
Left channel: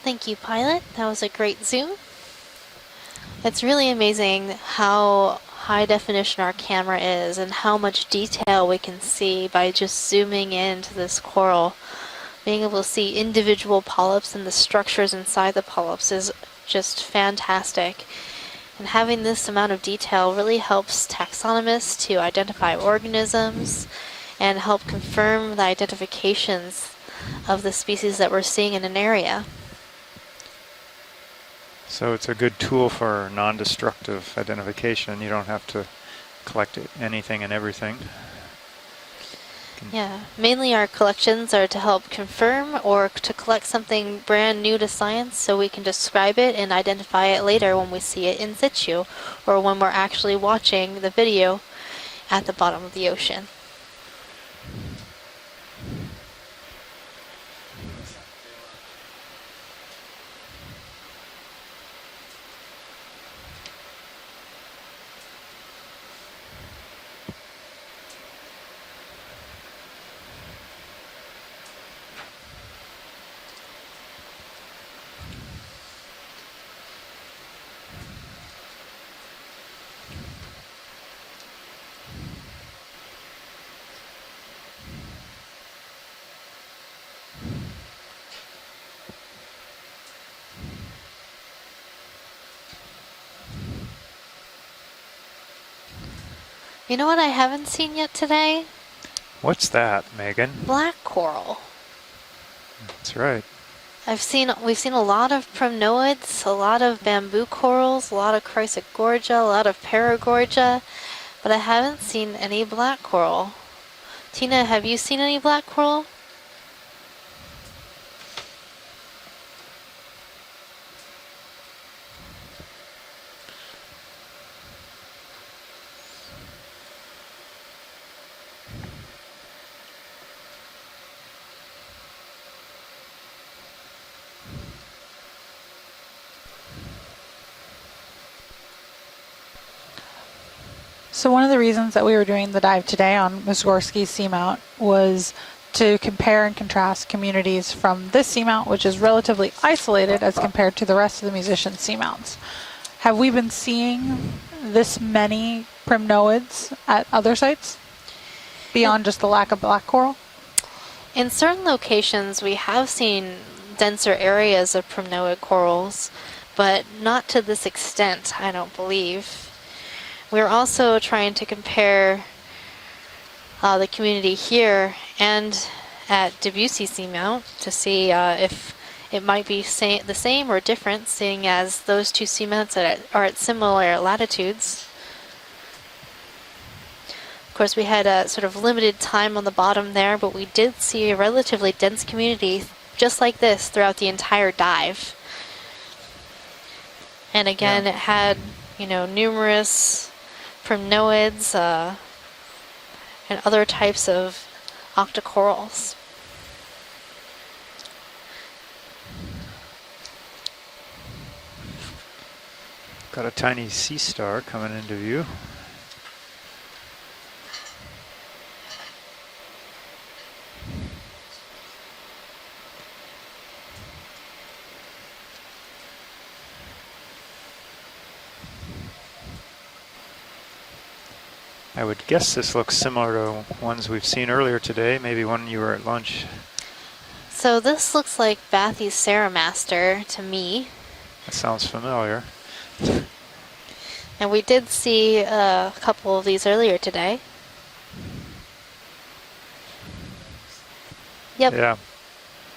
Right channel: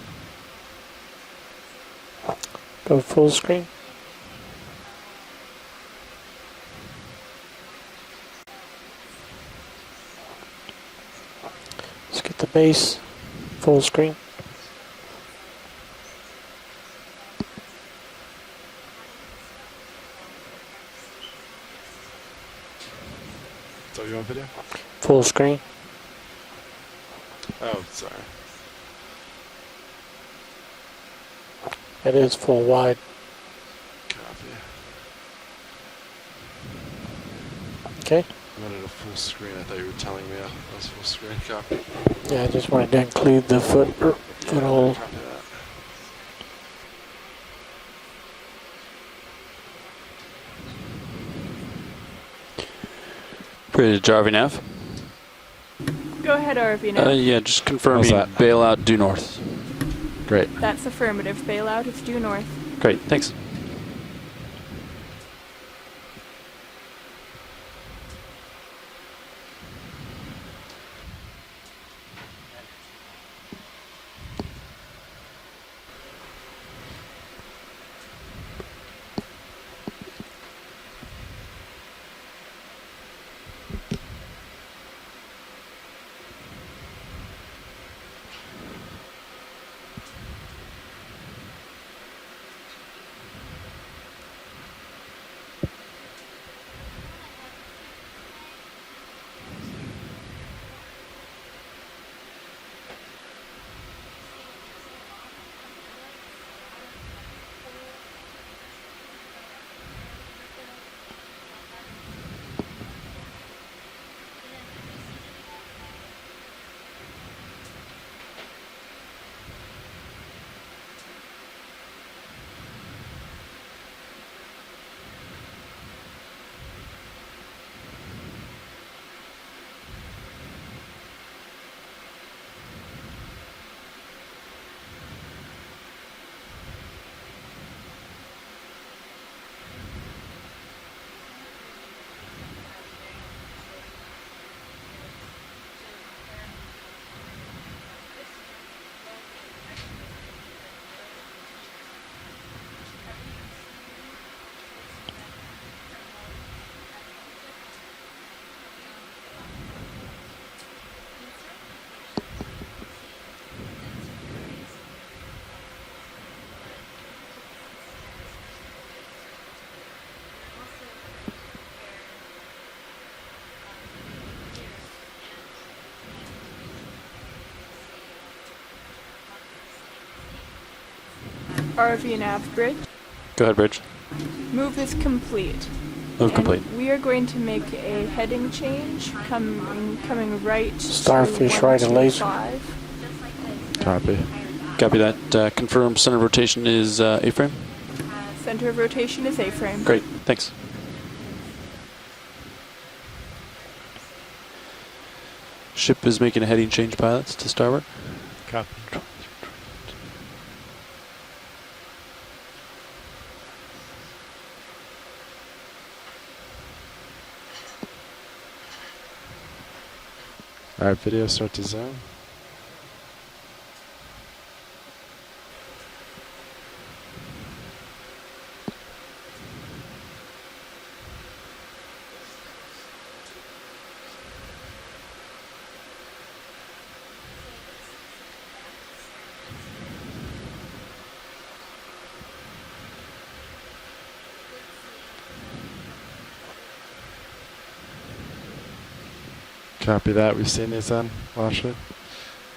Thank you, Pilot. That was a great zoom. Go full screen. It's really amazing how high definition our camera is and how much detail we can see by just zooming into this coral. Being able to see individual polyps and the structures inside the polyps is just fantastic. And having this amount of detail really helps taxonomists to identify organisms and help confirm the identifications of the species that we're seeing in an area. So it's a good tool for non-destructive identification. You don't have to collect anything and everything. Okay. Yeah, mainly our collections are to help confirm or to collect something brand new to science so we can describe it and identify it later when we see it in situ or when we're actually watching the video at the bottom of the ocean. Bridge, RVNav. Go ahead, RV now. Yeah, just confirming bailout due north. Great. That's affirmative. Bailout is due north. Great, thanks. You know what I haven't seen yet today? What's that, Megan? Black coral. That's right. We've seen a lot of primnoids, a lot of bamboo corals, a lot of chrysogorgia, a lot of paragorgia, but I haven't seen any black coral. Tina, have you seen any black coral? So one of the reasons that we were doing the dive today on Mussorgsky Seamount was to compare and contrast communities from this seamount, which is relatively isolated as compared to the rest of the musician seamounts. Have we been seeing this many primnoids at other sites beyond just the lack of black coral? In certain locations, we have seen denser areas of primnoid corals, but not to this extent, I don't believe. We're also trying to compare the community here and at Debussy Seamount to see if it might be the same or different, seeing as those two seamounts are at similar latitudes. Move is complete. Move complete. We are going to make Of course, we had a sort of limited time on the bottom there, but we did see a relatively dense community just like this throughout the entire dive. Copy that. Confirm center rotation is A-frame. And again, it had numerous Great, thanks. primnoids and other types of octocorals. Ship is making a heading change, pilots, to starboard. Copy. Got a tiny sea star coming into view. All right, video start to zoom. I would guess this looks similar to ones we've seen earlier today, maybe one you were at lunch. So this looks like Bathy's Ceramaster to me. That sounds familiar. And we did see a couple of these earlier today. Copy that. We've seen these then? Yep. Yeah.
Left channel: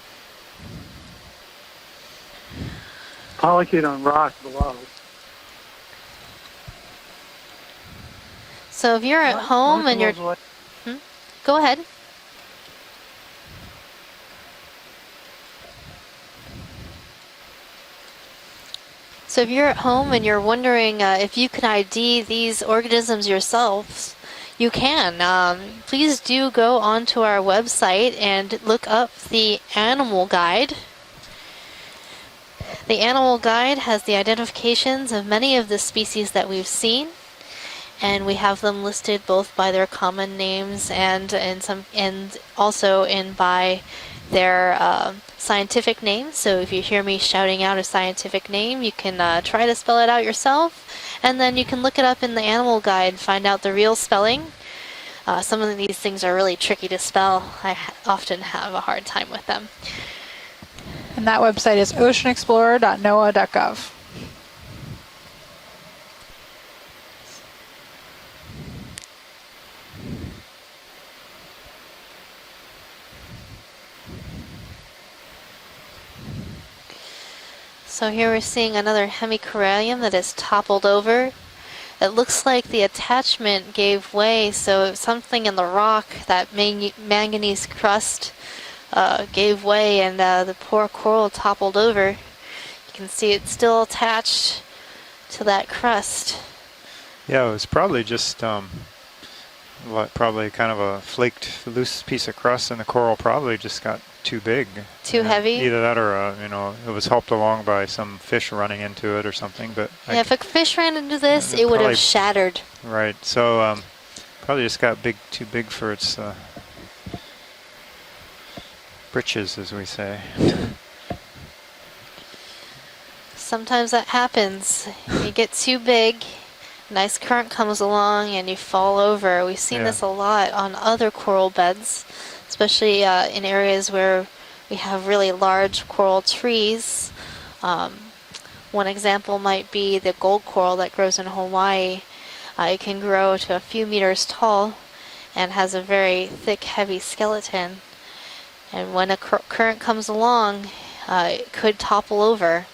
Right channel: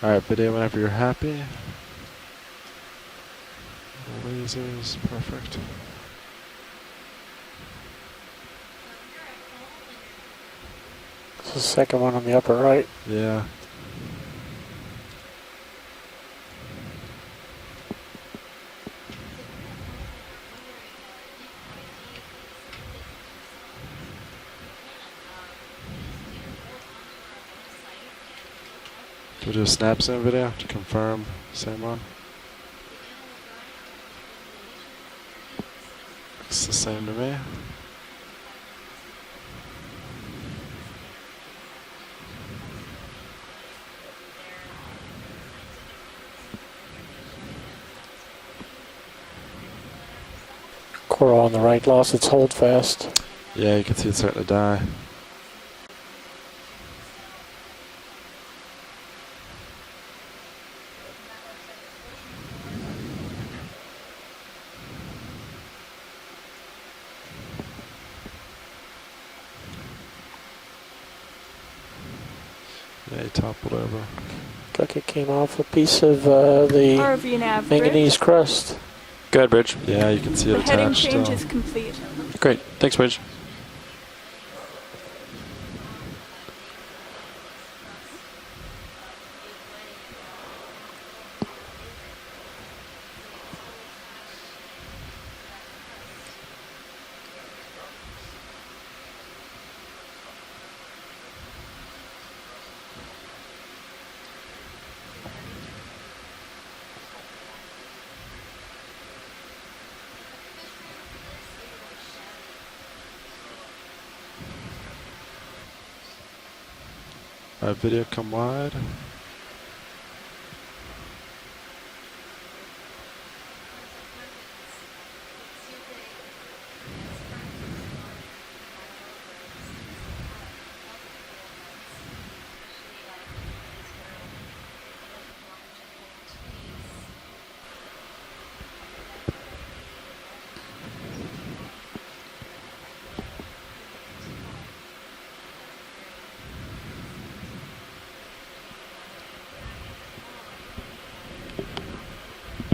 All right, video whenever you're happy. Polychaete on rock. Perfect. So if you're at home and you're... Go ahead. Second one on the upper right. Yeah. So if you're at home and you're wondering if you can ID these organisms yourselves, you can. Please do go onto our website and look up the animal guide. Confirm. Same one. The animal guide has the identifications of many of the species that we've seen. And we have them listed both by their common names and also by their scientific names. So if you hear me shouting out a scientific name, you can try to spell it out yourself, and then you can look it up in the animal guide and find out the real spelling. Some of these things are really tricky to spell. I often have a hard time with them. And that website is oceanexplorer.noaa.gov. Yeah, he toppled over. Looks like it came off a piece of the ROV nav manganese So here we're crust. seeing another hemicorallium that is toppled over. It looks like the attachment gave way, so something in the rock, that manganese crust, gave way, and the poor coral toppled over. You can see it's still attached to that crust. Yeah, it was probably just probably kind of a flaked, loose piece of crust, and the coral probably just got too big. Too heavy? Either that or, it was helped along by some fish running into it or something. But yeah, if a fish ran into this, it would have shattered. Right, so probably just got too big for its video come wide. britches, as we say. Sometimes that happens. You get too big, nice current comes along, and you fall over. We've seen this a lot on other coral beds, especially in areas where we have really large coral trees. One example might be the gold coral that grows in Hawaii. It can grow to a few meters tall and has a very thick, heavy skeleton. And when a current comes along, it could topple over.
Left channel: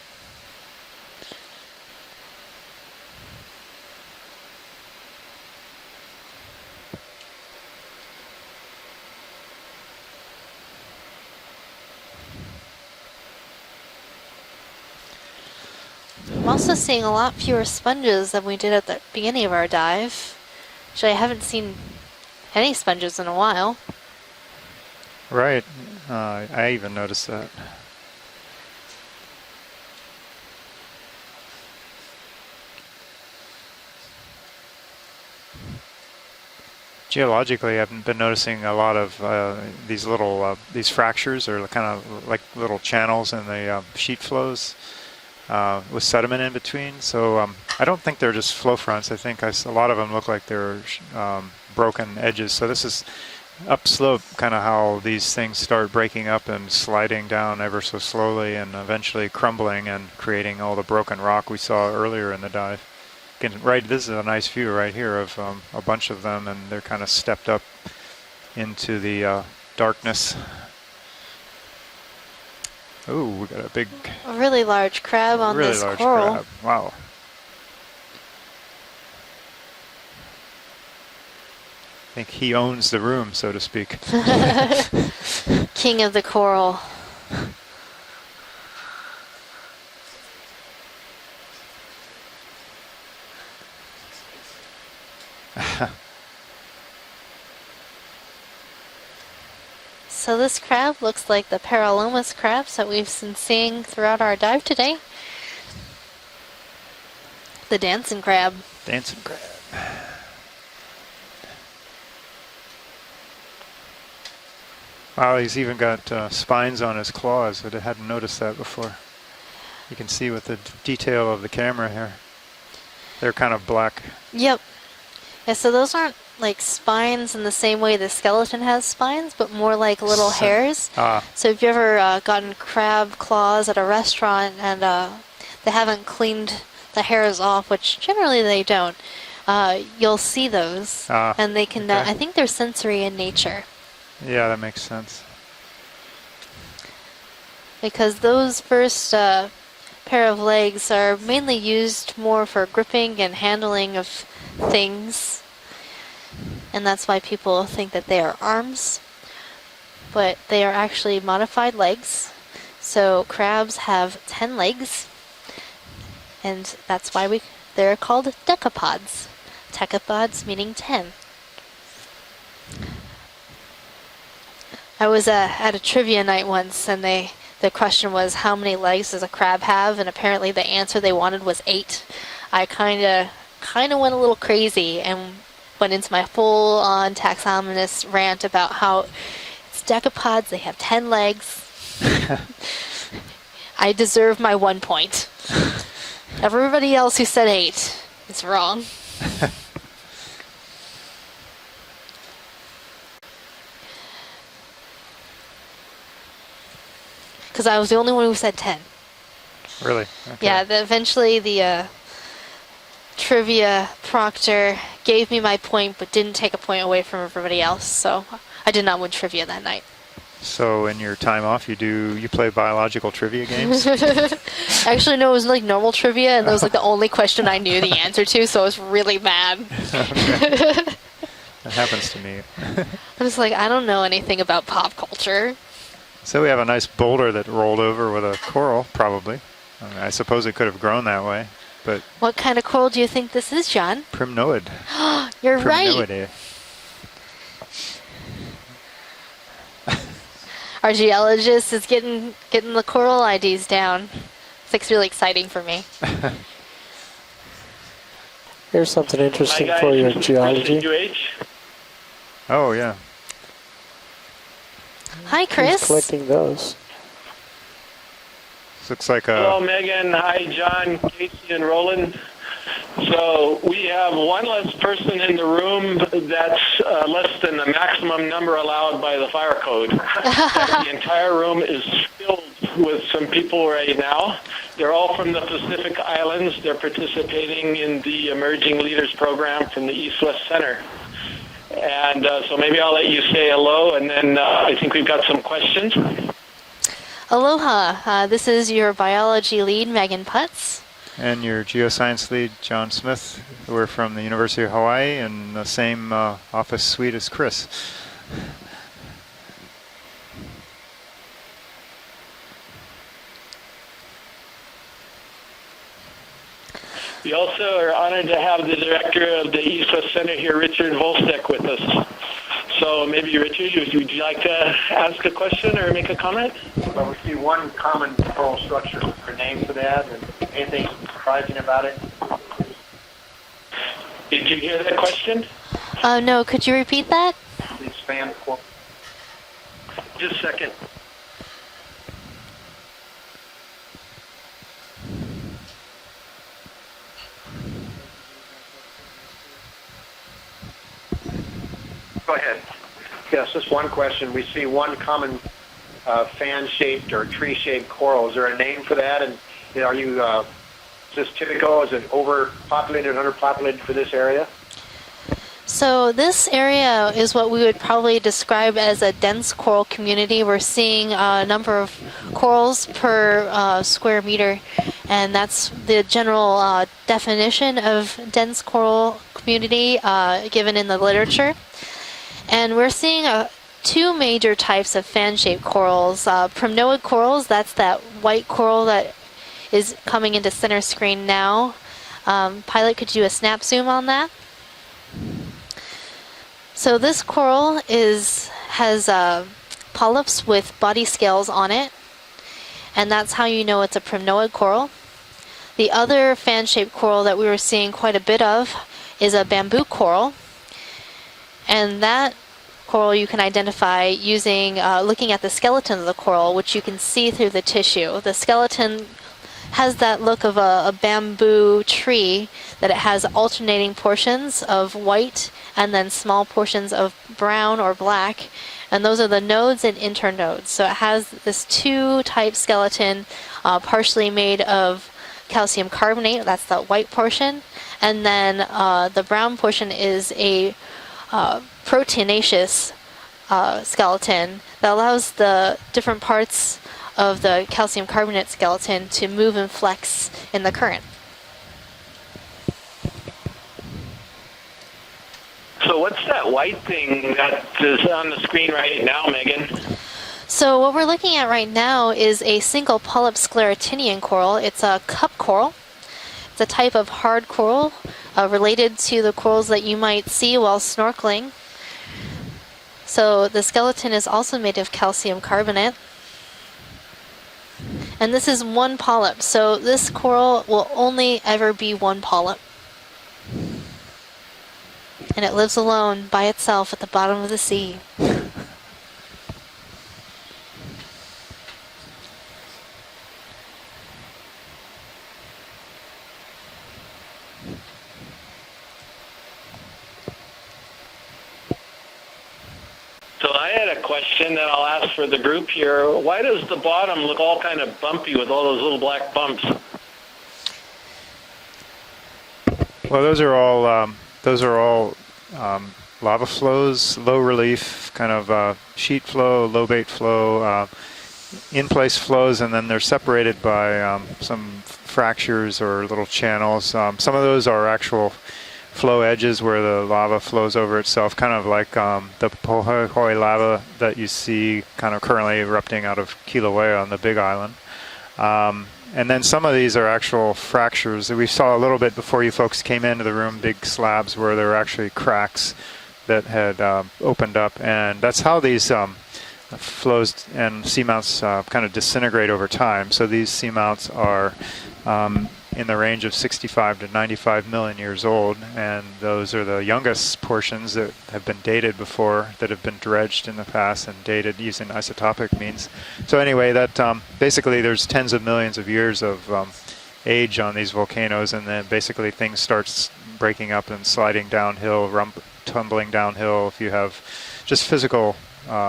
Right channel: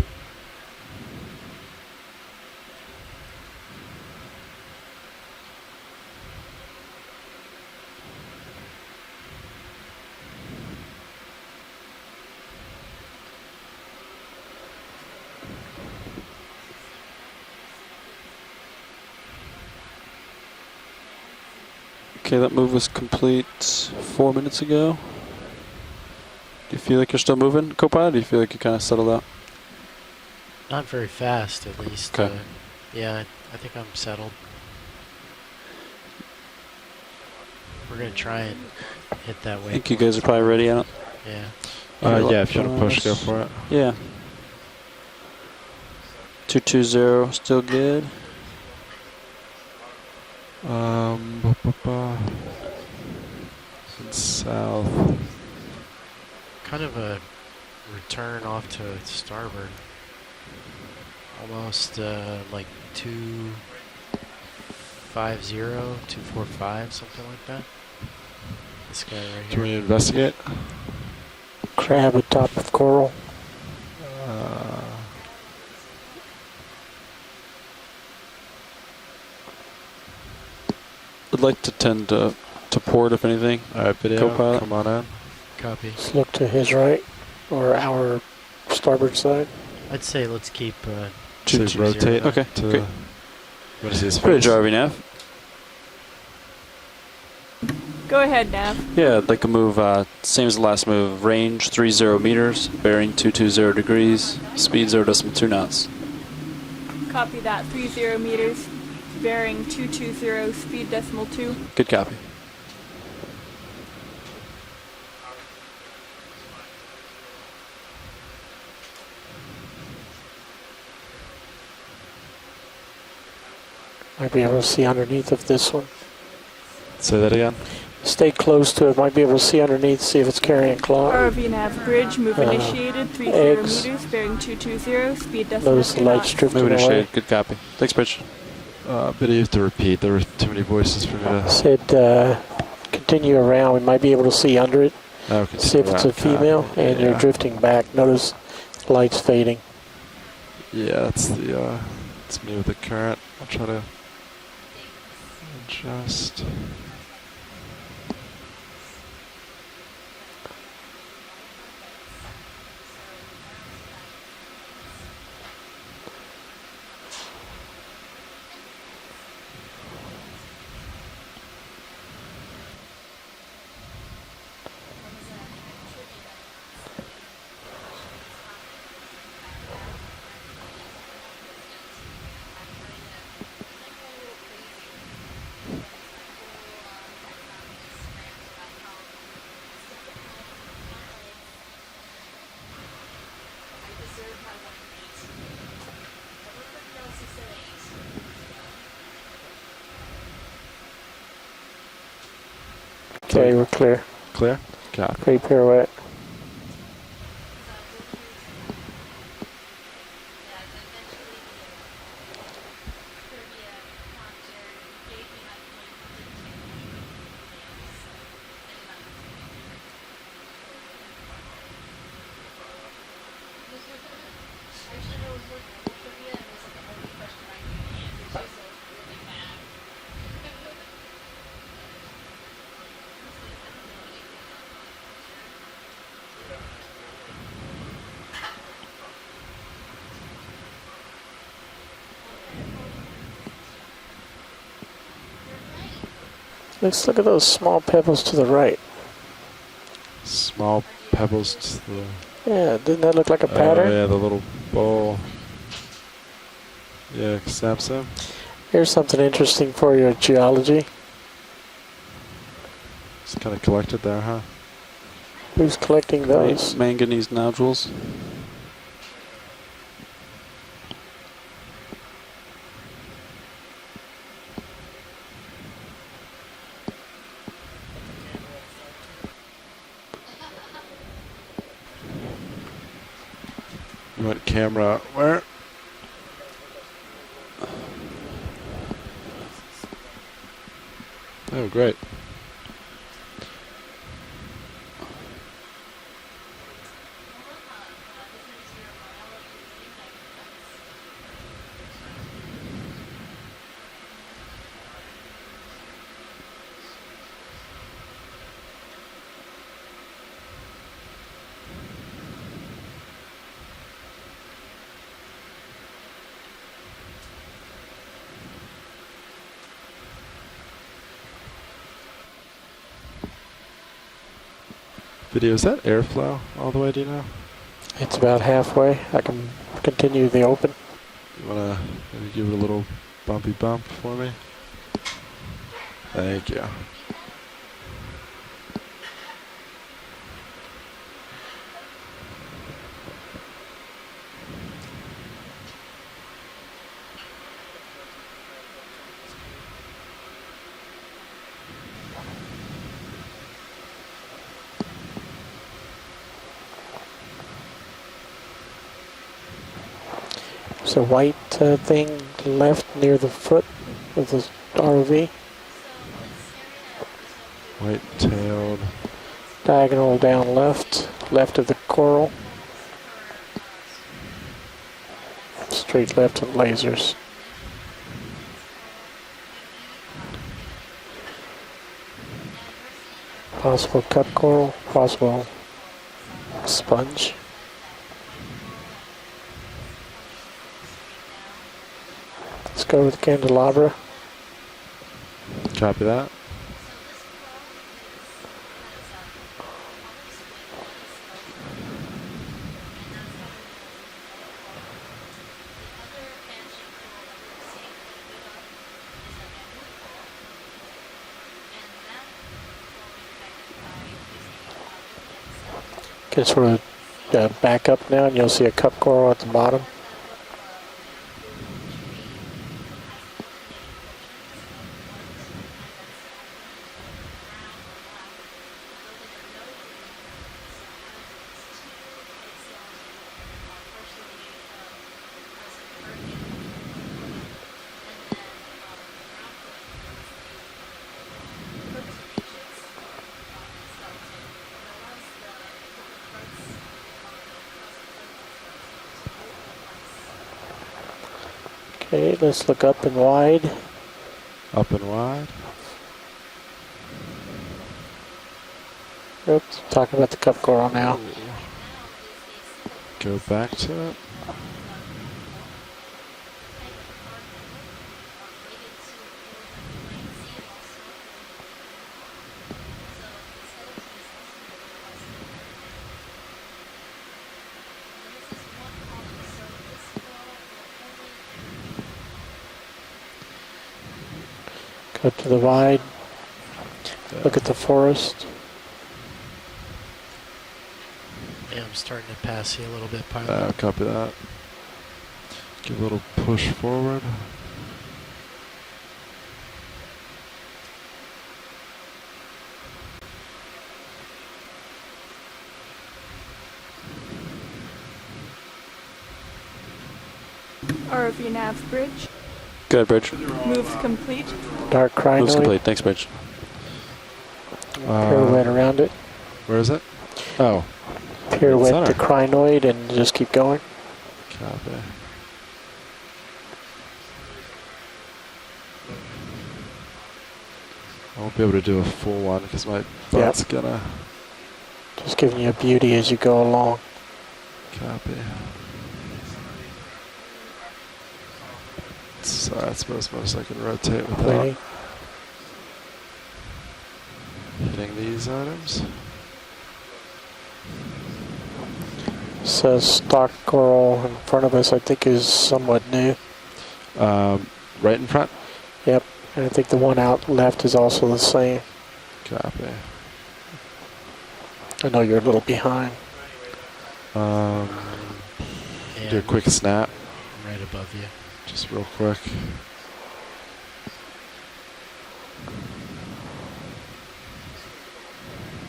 I'm also seeing a lot fewer sponges than we did at the beginning of our dive. Actually, I haven't seen any sponges in a while. 4 minutes ago. Right. I feel like you're still moving, co-pilot? Do you feel like you kind of settled out? Not very fast, at least. Okay. Yeah, I think I'm settled. Geologically, I've been noticing a lot of these little these fractures or kind of like little channels in the sheet flows with sediment in between. So I don't think they're just flow fronts. I think a lot of them look like they're broken edges. So this is upslope, kind of how these things start breaking up and sliding down ever so slowly and eventually crumbling and creating all the broken rock we saw earlier in the dive. This is a nice view right here of a bunch of them, and they're kind of stepped up into the darkness. Crab atop of coral. Ooh, we got a really large crab on this coral. Crab. Wow. I'd like to tend to port if anything. King of the coral. To his right, or our starboard side. I'd say let's keep. Rotate. Okay. Great. What is this? Bridge RV nav. Go ahead, Nav. Yeah, I'd like to move, same as the last move, range like 30 meters, bearing 220 degrees, speed 0.2 knots. Copy that. The dancing crab. Bearing 220, speed 0.2. Good copy. Wow, he's even got spines on his claws. I hadn't noticed that before. You can see with the detail of the camera here. They're kind of black. Might be able to see underneath of this so one. those aren't like spines in the same way the Stay skeleton close has to it. Might be able to spines, see but more like underneath, little see if hairs. it's got So if you ever gotten any crab claws at a restaurant and they haven't cleaned the hairs off, which generally they don't, you'll see those. And they can, I think they're sensory in Continue nature. around, we might be able to see under it. See if it's a female and you're drifting back. Because those first lights fading. pair of legs are mainly used more for gripping and handling of things, and that's why people think that they are arms, but they are actually modified legs. So crabs have 10 legs, and that's why they're called decapods. Decapods meaning 10. I was at a trivia night once, and the question was, how many legs does a crab have? And apparently the answer they wanted was 8. I kind of went a little crazy and went into my full-on taxonomist rant about how it's decapods, they have 10 legs. I deserve my 1 point. Everybody else who said 8 is wrong. Okay, we're clear. Clear? Got it. Great pirouette. Because I was the only one who said 10. Really? Okay. Yeah, eventually the trivia proctor gave me my point, but didn't take a point away from everybody else, so I did not win trivia that night. So in your time off, you play biological trivia games? Actually, no, it was like normal trivia, and that was like the only question I knew the answer to, so I was really mad. Okay. That happens to me. I was like, I don't know anything about pop culture. So we have a nice boulder that rolled over with a coral, probably. I suppose it could have grown that way, but... What kind of coral do you think this is, John? Primnoid. You're right. Let's look at those small pebbles to the right. Our geologist is getting the coral IDs down. Yeah, the little it's really exciting for me. Yeah, so. Here's something interesting for your geology. Oh, yeah. It's kind of collected there, huh? Hi, Chris. Who's collecting those? Manganese nodules. Looks like a... Hello, Megan. Hi, John, Casey, and Roland. So we have one less person in the room that's less than the maximum number allowed by the fire code. The entire room is filled with some people right now. They're all from the Pacific Islands. They're participating in the Emerging Leaders Program from the East-West Center. Oh, great. And so maybe I'll let you say hello, and then I think we've got some questions. Aloha. This is your biology lead, Megan Putz. And your geoscience lead, John Smith. We're from the University of Hawaii in the same office suite as Chris. We also are honored to have the director of the East-West Center here, Richard Volstek, with us. So maybe, Richard, would you like to ask a question or make a comment? All the way down here? It's about halfway. I can continue the open. Give a little bumpy bump for me. Did you hear that question? No, could you repeat that? Please fan. Just a second. Go ahead. Yes, just one question. We see one common fan-shaped or tree-shaped coral. Is there a name for that? And are you so white typical? Is it thing overpopulated, underpopulated for this area? ROV. So this area is what we would probably describe as a dense coral community. We're seeing a number of corals per square meter, and that's the general definition of dense coral community given in the literature. And we're seeing two major types of fan-shaped corals. Primnoid corals, that's that white coral that is coming into center screen now. Pilot, could you do a snap zoom on that? Copy that. So this coral has polyps with body scales on it, and that's how you know it's a primnoid coral. The other fan-shaped coral that we were seeing quite a bit of is a bamboo coral, and that coral you can identify using looking at the skeleton of the coral, which you can see through the tissue. The skeleton has that look of a bamboo tree, that it has alternating portions of white and then small portions of brown or black, and those are the nodes and internodes. So it has this two-type skeleton, partially made of calcium carbonate, that's the white portion, and then the brown portion is a proteinaceous skeleton that allows the different parts of the calcium carbonate skeleton to move and flex in the current. Okay, let's look up and wide. Up and wide. So what's that white thing that is on the screen right now, Megan? Talking about the cup so coral what we're now. Looking at right now is a single polyp sclerotinian coral. It's a cup coral. It's a type of hard coral related to the corals that you might see while snorkeling. So the skeleton is also made of calcium carbonate. And this is one polyp, so this coral will only ever be one polyp. And it lives alone by itself at the bottom of the sea. Look at the forest. Yeah, I'm starting to pass you a little bit, Pilot. Copy that. Give a little push forward. So I had a question that I'll ask for the group here. Why does the bottom look all kind of bumpy with all those little black bumps? ROV Nav's bridge. Good. Well, those are all Thanks, Bridge. lava flows, low relief, kind of sheet flow, low bait flow, in-place flows, and then they're separated by some fractures or little channels. Some of those are actual flow edges where the lava flows over itself, kind of like the Pohoi lava that you see kind of currently erupting out of Kilauea on the Big Island. And then some of these are actual fractures. We saw a little bit before you folks came into the room, big slabs where there were actually cracks that had opened up. And that's how these flows and seamounts kind of disintegrate over time. So these seamounts are in the range of 65 to 95 million years old, and those are the youngest portions that have been dated before, that have been dredged in the past and dated using isotopic means. So anyway, that basically there's tens of millions of years of age on these volcanoes, and then basically things starts breaking up and sliding downhill, tumbling downhill if you have just physical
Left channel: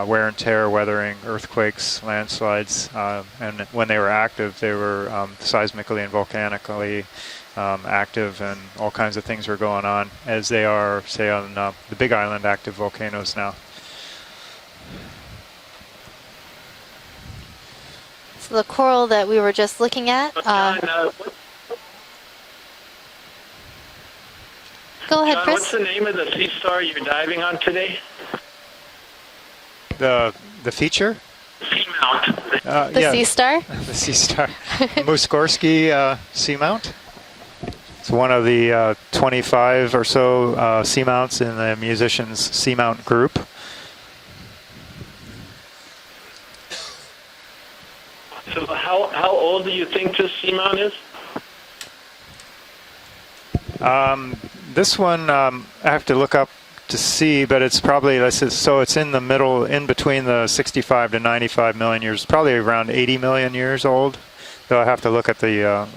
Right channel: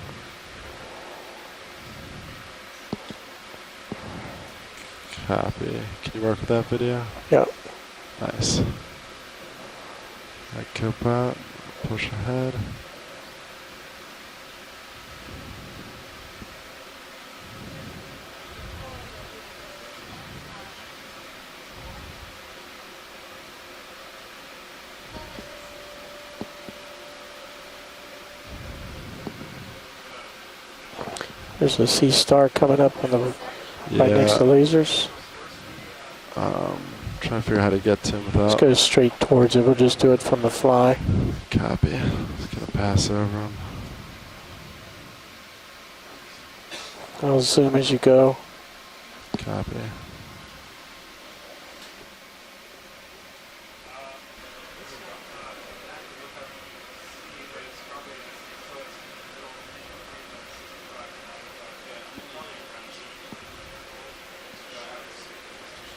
wear and tear, weathering, earthquakes, landslides, and when they were active, they were seismically and volcanically active, and all kinds of things were going on, as they are, say, on the Big Island active volcanoes now. So the coral that we were just looking at. Go ahead, Chris. What's the name of the sea star you're diving on today? The feature? There's a sea star coming up. The sea star? Muskorski seamount. Trying to figure out how to get to one of the 25 or so seamounts in the musicians seamount group. I'll zoom as you go. So how old do you think this seamount is? This one I have to look up to see, but it's probably, so it's in the middle, in between the 65 to 95 million years, probably around 80 million years old. Though I have to look at the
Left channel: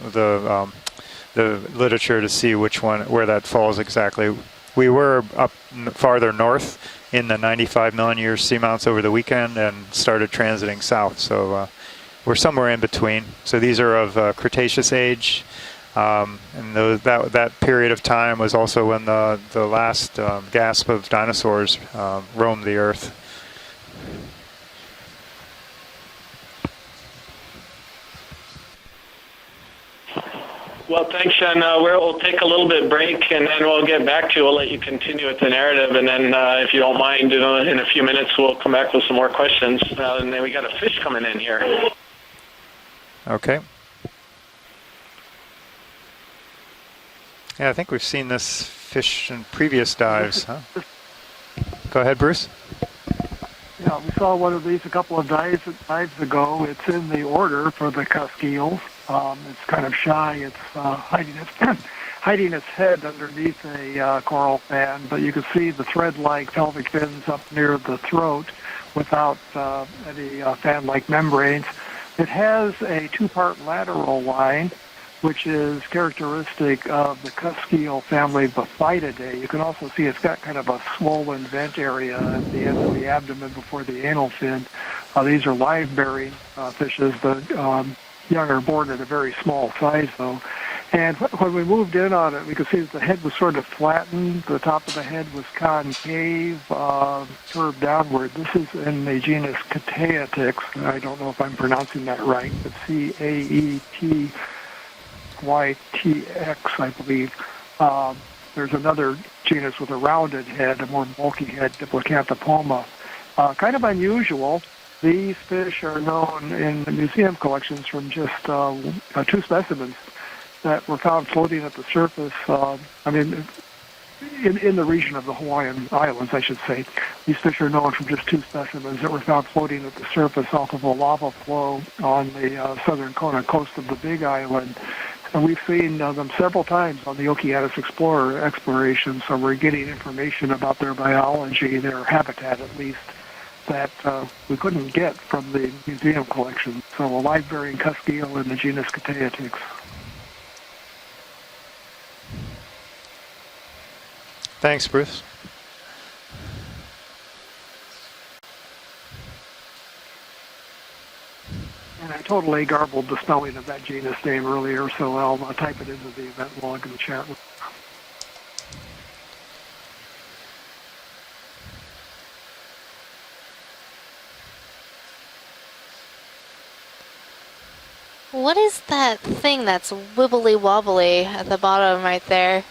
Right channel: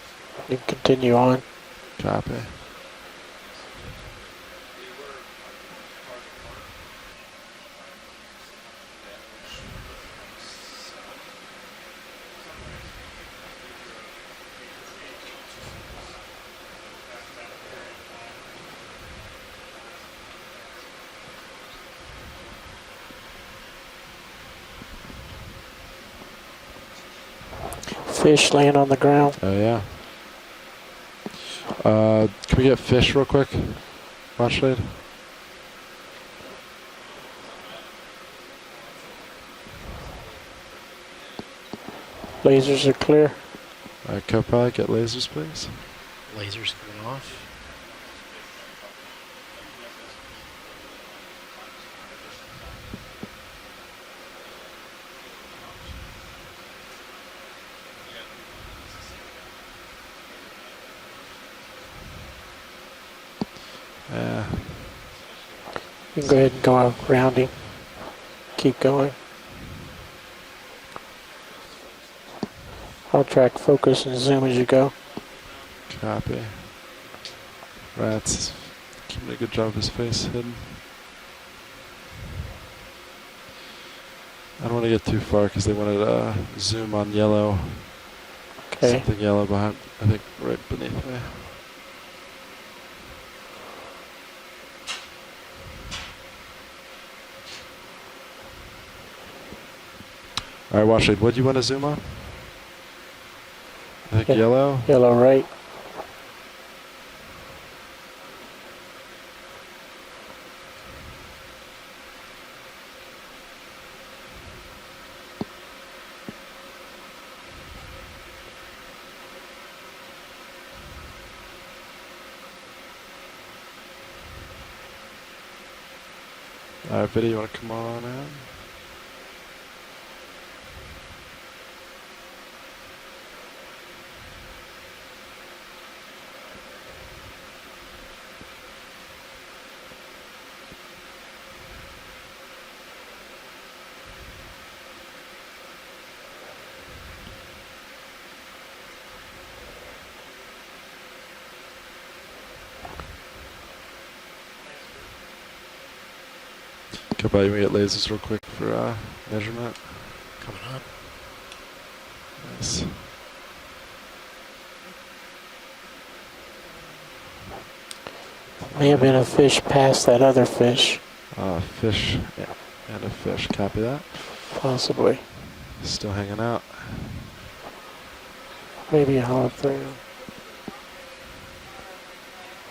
literature to see which one, where that falls exactly. We were up farther north in the 95 million year seamounts over the weekend and started transiting south. So we're somewhere in between. So these are of Cretaceous age. And that period of time was also when the last gasp of dinosaurs roamed the Earth. Fish laying on the ground. Oh, yeah. Well, thanks, and we'll take a little bit break, and then we'll get back to you. We'll let you continue with the narrative, and then if you don't mind, in a few minutes, we'll come back with some more questions. And then we got a fish coming in here. Lasers are clear. Okay. Co-pilot, get lasers, please. Lasers going off. Yeah, I think we've seen this fish in previous dives. Huh? Go ahead, Bruce. Yeah, we saw one of these a couple of dives ago. It's in the order for the cusk eels. It's kind of shy. It's hiding its head underneath a coral fan, but you can see the thread-like pelvic fins up near the throat without any fan-like membranes. It has a two-part lateral line, which is characteristic of the cusk eel family Baphididae. You can also see it's got kind of a swollen vent area at the end of the abdomen before the anal fin. These are line-bearing fishes, but young are born at a very small size, though. And when we moved in on it, we could see that the head was sort of flattened. The top of the head was concave, curved downward. This is in the genus Cateatix. All right, watch it. What do you want to say? I'm pronouncing that right. It's C-A-E-T. Yellow? Yellow, right. Y-T-X, I believe. There's another genus with a rounded head, a more bulky head, Diplocanthopoma. Kind of unusual. These fish are known in the museum collections from just two specimens that were found floating at the surface. In the region of the Hawaiian Islands, I should say. These fish are known from just two specimens that were found floating at the surface off of a lava flow on the southern Kona coast of the Big Island. And we've seen them several times on the Okeanos Explorer exploration, so we're getting information about their biology, their habitat at least, that we couldn't get from the museum collection. So a live-bearing cusk eel in the genus Cateatix. Thanks, Bruce. Can you get lasers real quick for measurement? Coming up. And I totally garbled the spelling of that genus name earlier, so I'll type it into the event log in the chat. May have been a fish past that other fish. Fish. Yeah. And a fish. Copy that. Possibly. Still hanging out. What is that thing that's wibbly wobbly at the bottom right there?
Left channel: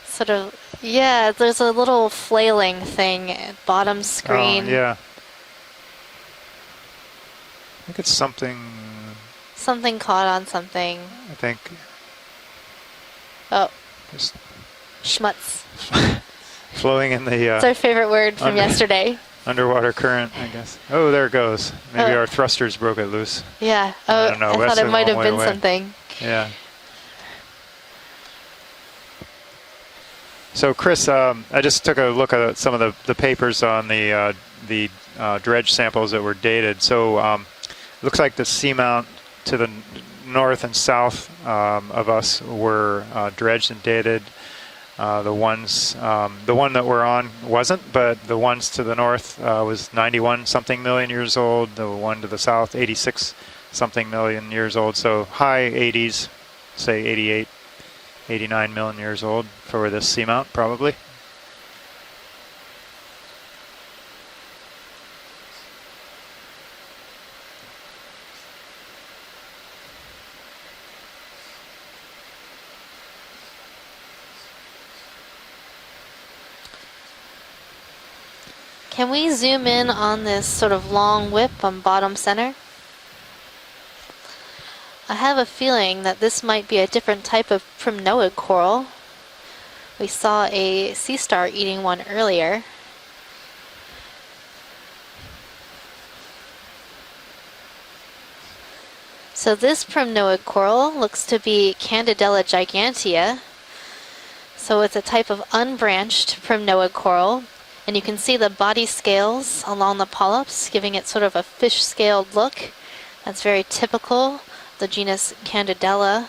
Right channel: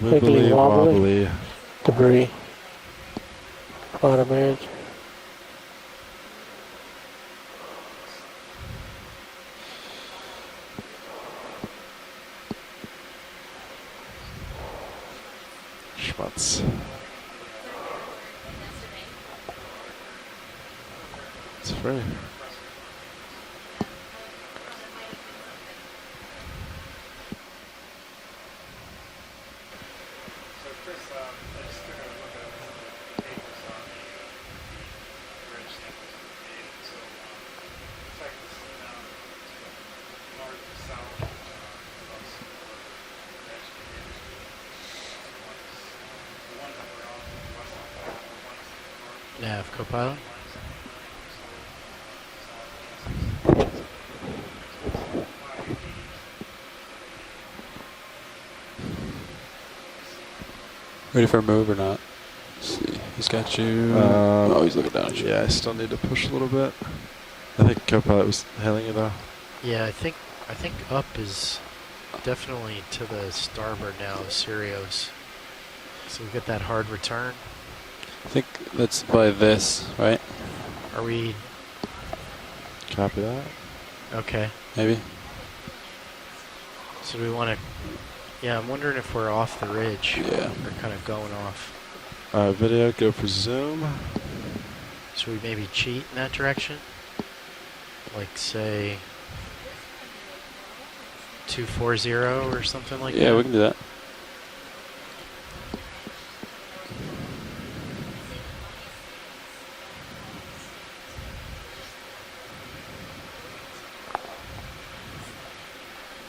Sort of, yeah, there's a little flailing thing, bottom screen. Yeah. I think it's something. Something caught on something. I think. Oh. Schmutz. Schmutz. Flowing in the. It's our favorite word from yesterday. Underwater current, I guess. Oh, there it goes. Maybe our thrusters broke it loose. Yeah. I don't know. I thought it might have been something. Yeah. So, Chris, I just took a look at some of the papers on the dredge samples that were dated. So, looks like the seamount to the north and south of us were dredged and dated. The one that we're on wasn't, but the ones to the north was 91 something million years old. The one to the south, 86 something million years old. So high 80s, say 88, 89 million years old for this seamount, probably. Ready for a move or not? Let's see. He's got you. Oh, he's looking down at you. Yeah, I still need to push a little bit. I think co-pilot was hailing you though. Yeah, I think up is definitely to the starboard now of Sirius. So we get that hard return. I think that's. Can we zoom in on this sort of long whip on bottom center? Copy that. Okay. Maybe. I have a feeling that this might be a different type of primnoid coral. Yeah, I'm wondering if we're off the ridge. We saw a sea star eating one earlier. Video, go for zoom. Should we maybe cheat in that direction? Like say So this primnoid coral looks to be Candidella gigantea. Yeah, we can do that. So it's a type of unbranched primnoid coral, and you can see the body scales along the polyps, giving it sort of a fish-scaled look. That's very typical, the genus Candidella.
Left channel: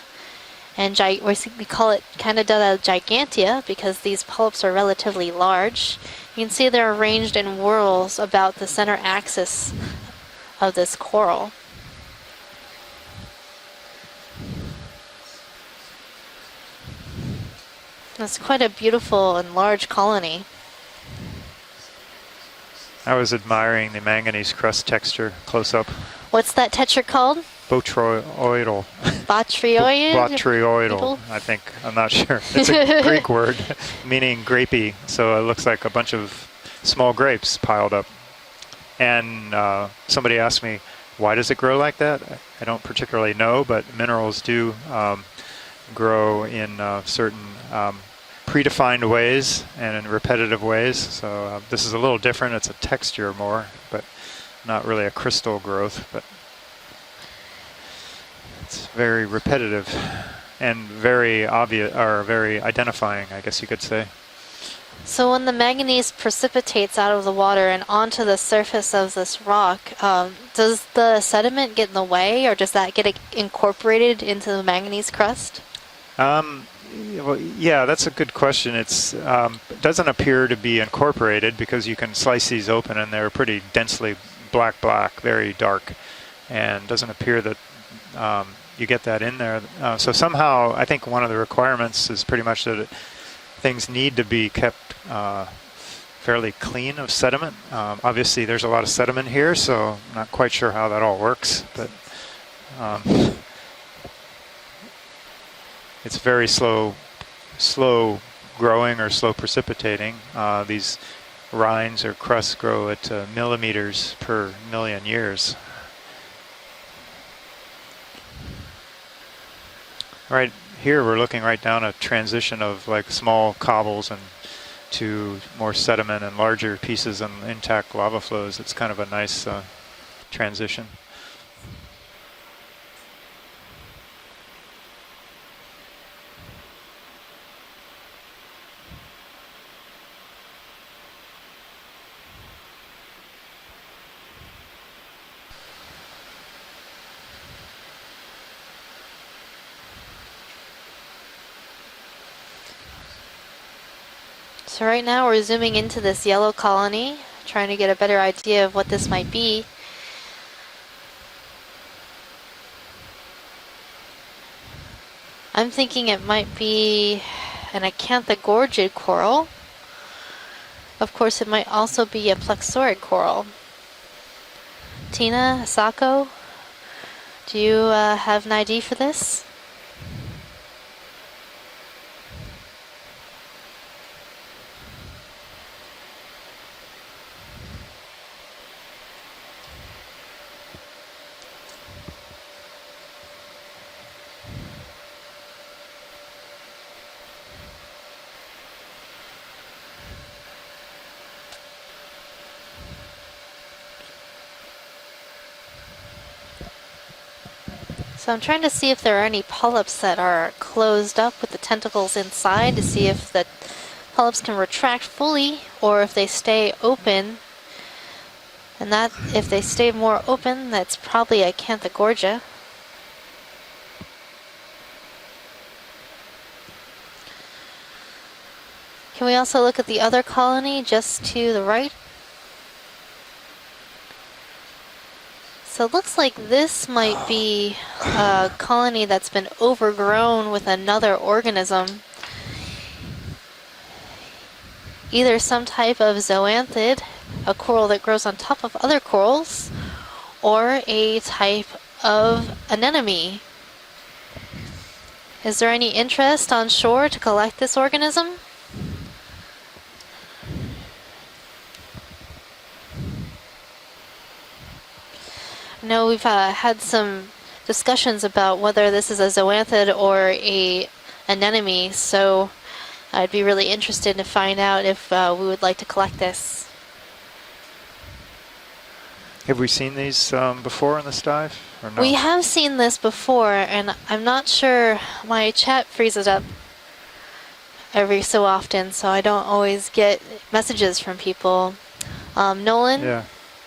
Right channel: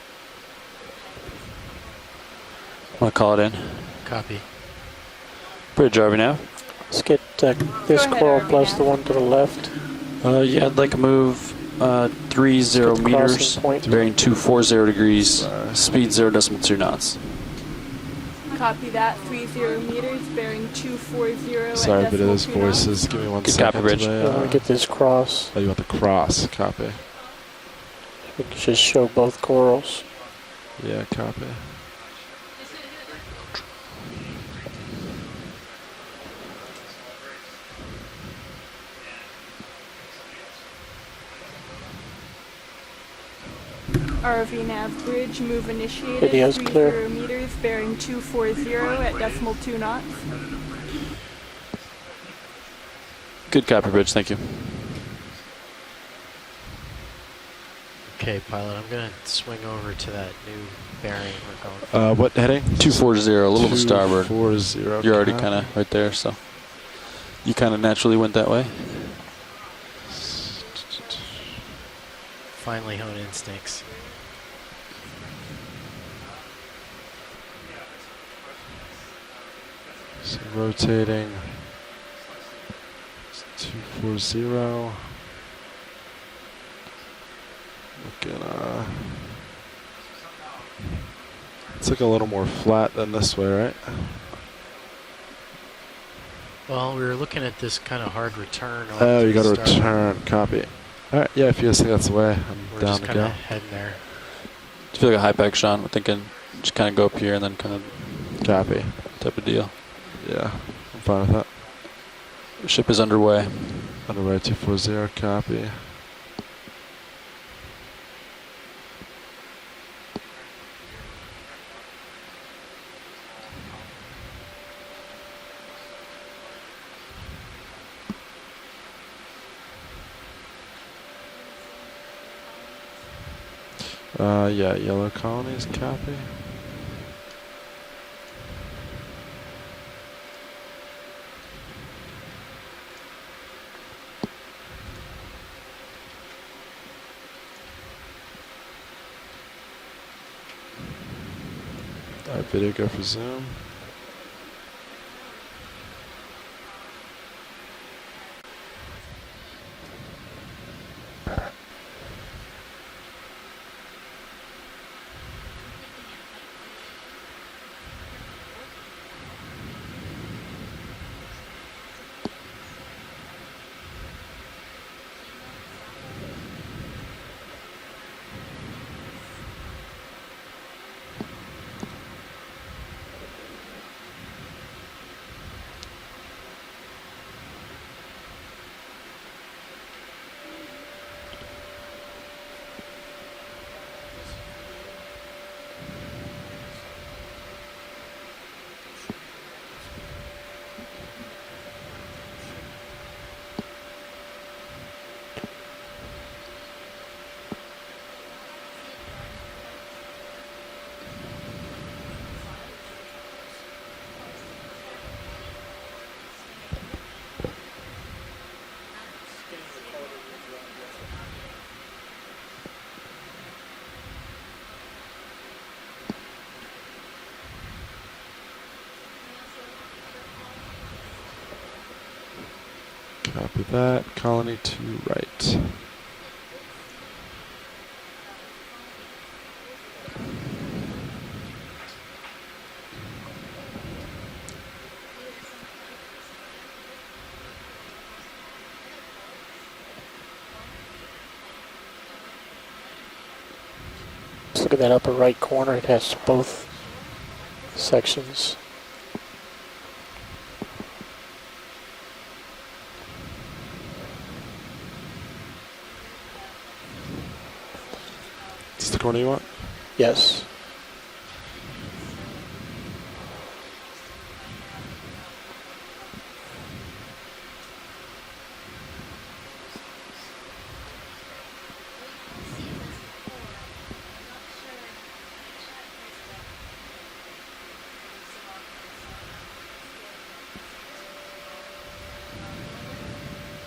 And we call it Candidella gigantea because these polyps are relatively large. You can see they're arranged in whorls about the center axis yeah, of I'd like this to coral. move 30 meters, bearing 240 degrees, speed 0.2 knots. That's quite a beautiful and large colony. Sorry, but those voices. I was admiring the manganese crust texture close up. What's that texture called? Botryoidal. Botryoidal, I think. I'm not sure. It's a Greek word meaning grapey, so it looks like a bunch of small grapes piled up. And somebody asked me, why does it grow like that? I don't particularly know, but minerals do grow in certain predefined ways and in repetitive ways. So this is a little different. It's a texture more. Good copy, Bridge. Thank you. Not really a crystal growth, but okay, pilot. It's very repetitive and very obvious, or very identifying. 240, a little bit starboard. So when the manganese precipitates out of the water and onto the surface of this rock, does the sediment get in the way, or does that get incorporated into the manganese crust? Well, yeah, that's a good question. It doesn't appear to be incorporated because you can slice these open and they're pretty densely black, very dark, and doesn't appear that you get that in there. So somehow, I think one of the requirements is pretty much that things need to be kept fairly clean of sediment. Obviously, there's a lot of sediment here, so I'm not quite sure how that all works. Yeah, if you think that's the way. I'm down there. I feel like a high pack, Sean. I'm thinking it's very slow. Just kind of go up here and then slow growing or slow precipitating. These rinds or crusts grow at millimeters per million years. Right here, we're looking right down a transition of like small cobbles and to more sediment and larger pieces and intact lava flows. It's kind of a nice transition. Yeah, yellow colonies, copy. Video go for zoom. So right now we're zooming into this yellow colony, trying to get a better idea of what this might be. I'm thinking it might be an acanthogorgid coral. Of course, it might also be a plexaurid coral. Tina, Asako, do you have an ID for this? So I'm trying to see if there are any polyps that are closed up with the tentacles inside to see if the polyps can retract fully or if they stay open. And that, if they stay more open, that's probably a acanthogorgia. Can we also look at the other colony just to the right? Copy that. Colony to right. So it looks like this might be a colony that's been overgrown with another organism. Either some type of zoanthid, a coral that grows on top of other corals, or a type of anemone. Let's look at that upper right corner. Is there any interest on shore to collect this organism? Sections. No, we've had some discussions about whether this is a zoanthid or a anemone, so I'd be really interested to find out if we would like to collect this. Have we seen these before in this dive? Or no? We have seen this before, and I'm not sure. My chat freezes up every so often, so I don't always get messages from people. Nolan, Yeah.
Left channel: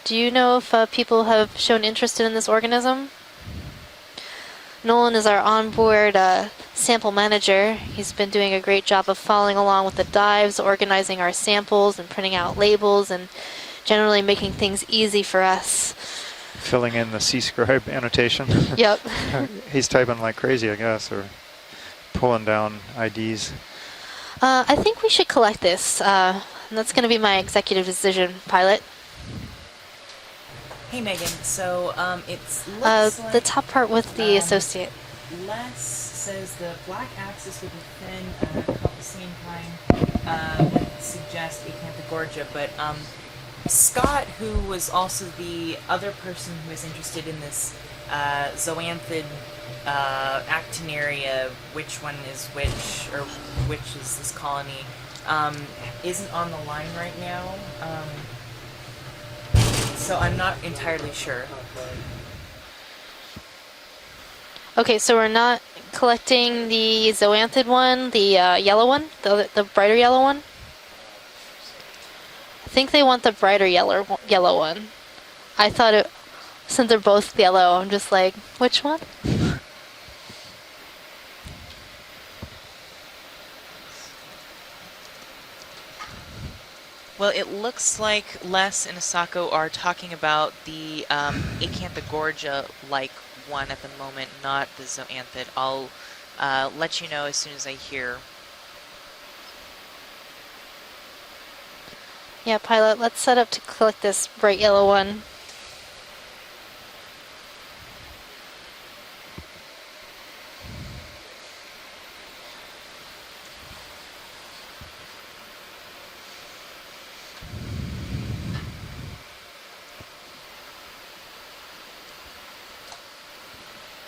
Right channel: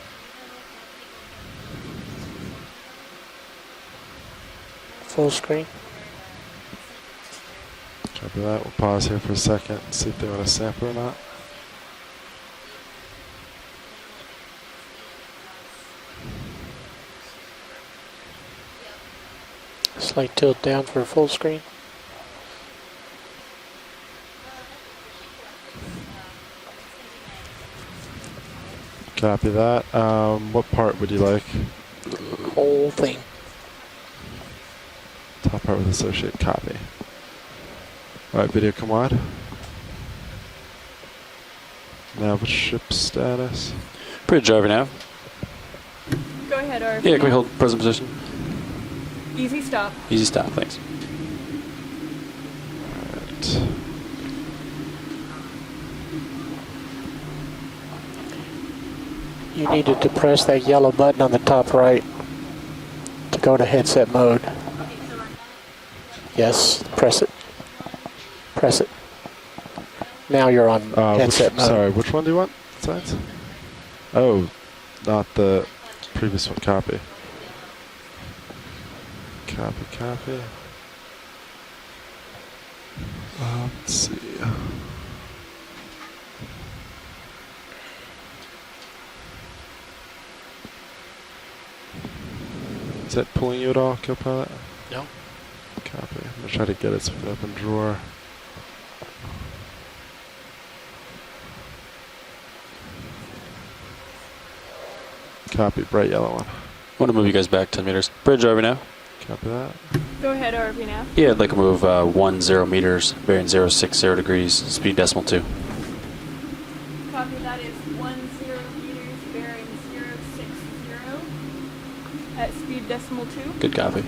do you know if people have shown interest in this organism? Nolan is our onboard sample manager. He's been doing a great job of following along with the dives, organizing our samples and printing out labels and generally making things easy for us. Filling in the C-scribe annotation. Yep. He's typing like crazy, I guess. For full screen. Pulling down IDs. I think we should collect this. And that's going to be my executive decision, pilot. Copy that. What part would you like? So it's the top part with the associate. Top part with associate. Copy. All right, video come on. Ship status. Scott Bridge over now. was also the other person. Go ahead, RC. Yeah, can we hold present position? Zoanthid. Easy stop. Easy stop, thanks. Actinaria, which one is which, or which is this colony, isn't on the line right now. You needed to press that yellow button on the top right to go to headset mode. Okay, so we're not collecting the Zoanthid one, the yellow one, the brighter yellow one? Now you're on headset mode. Sorry, which one do you want? I think they want the brighter yellow one. Not the I thought it, previous one. Copy. since they're both yellow, I'm just like, which one? Copy. Let's see. Well, it looks like Les and Asako are talking about the Acanthogorgia-like one at the moment, not the Zoanthid. I'll let you know as soon as I hear. Yeah, pilot, let's set up to collect this bright yellow one. Copy, bright yellow one. I want to move you guys back 10 meters. Bridge over now. Copy that. Go ahead, RV now. Yeah, I'd like to move 10 meters, bearing 060 degrees, speed decimal 2. Copy, that is 10 meters, bearing 060 at speed decimal 2. Good copy.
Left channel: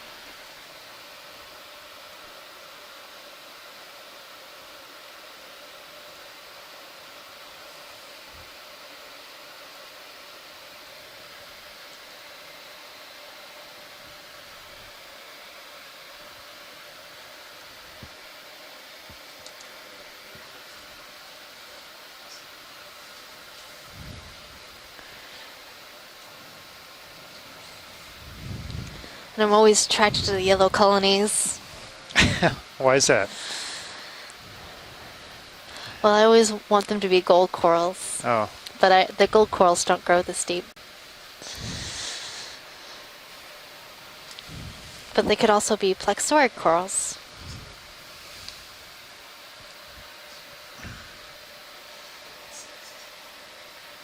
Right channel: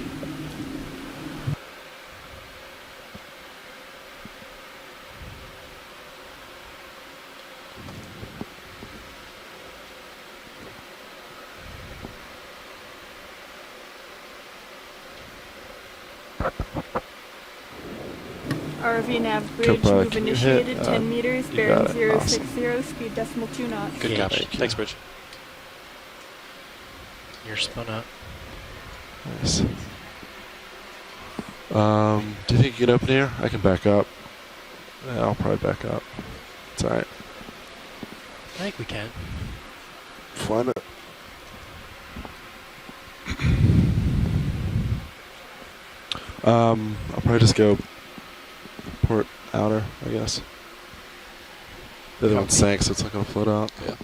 RV nav bridge, move initiated 10 meters, bearing 060, speed decimal 2 knots. Good copy. Thanks, Bridge. You're spun up. And I'm always attracted to the yellow colonies. Do you think you can get up there? I can back up. Yeah, I'll probably back up. Well, I always want them to be gold corals. Oh. But the gold corals don't grow this deep. But they could also be plexoric corals. I'll probably just go port outer, I guess. The other one sank, so it's not going to float out. Yeah.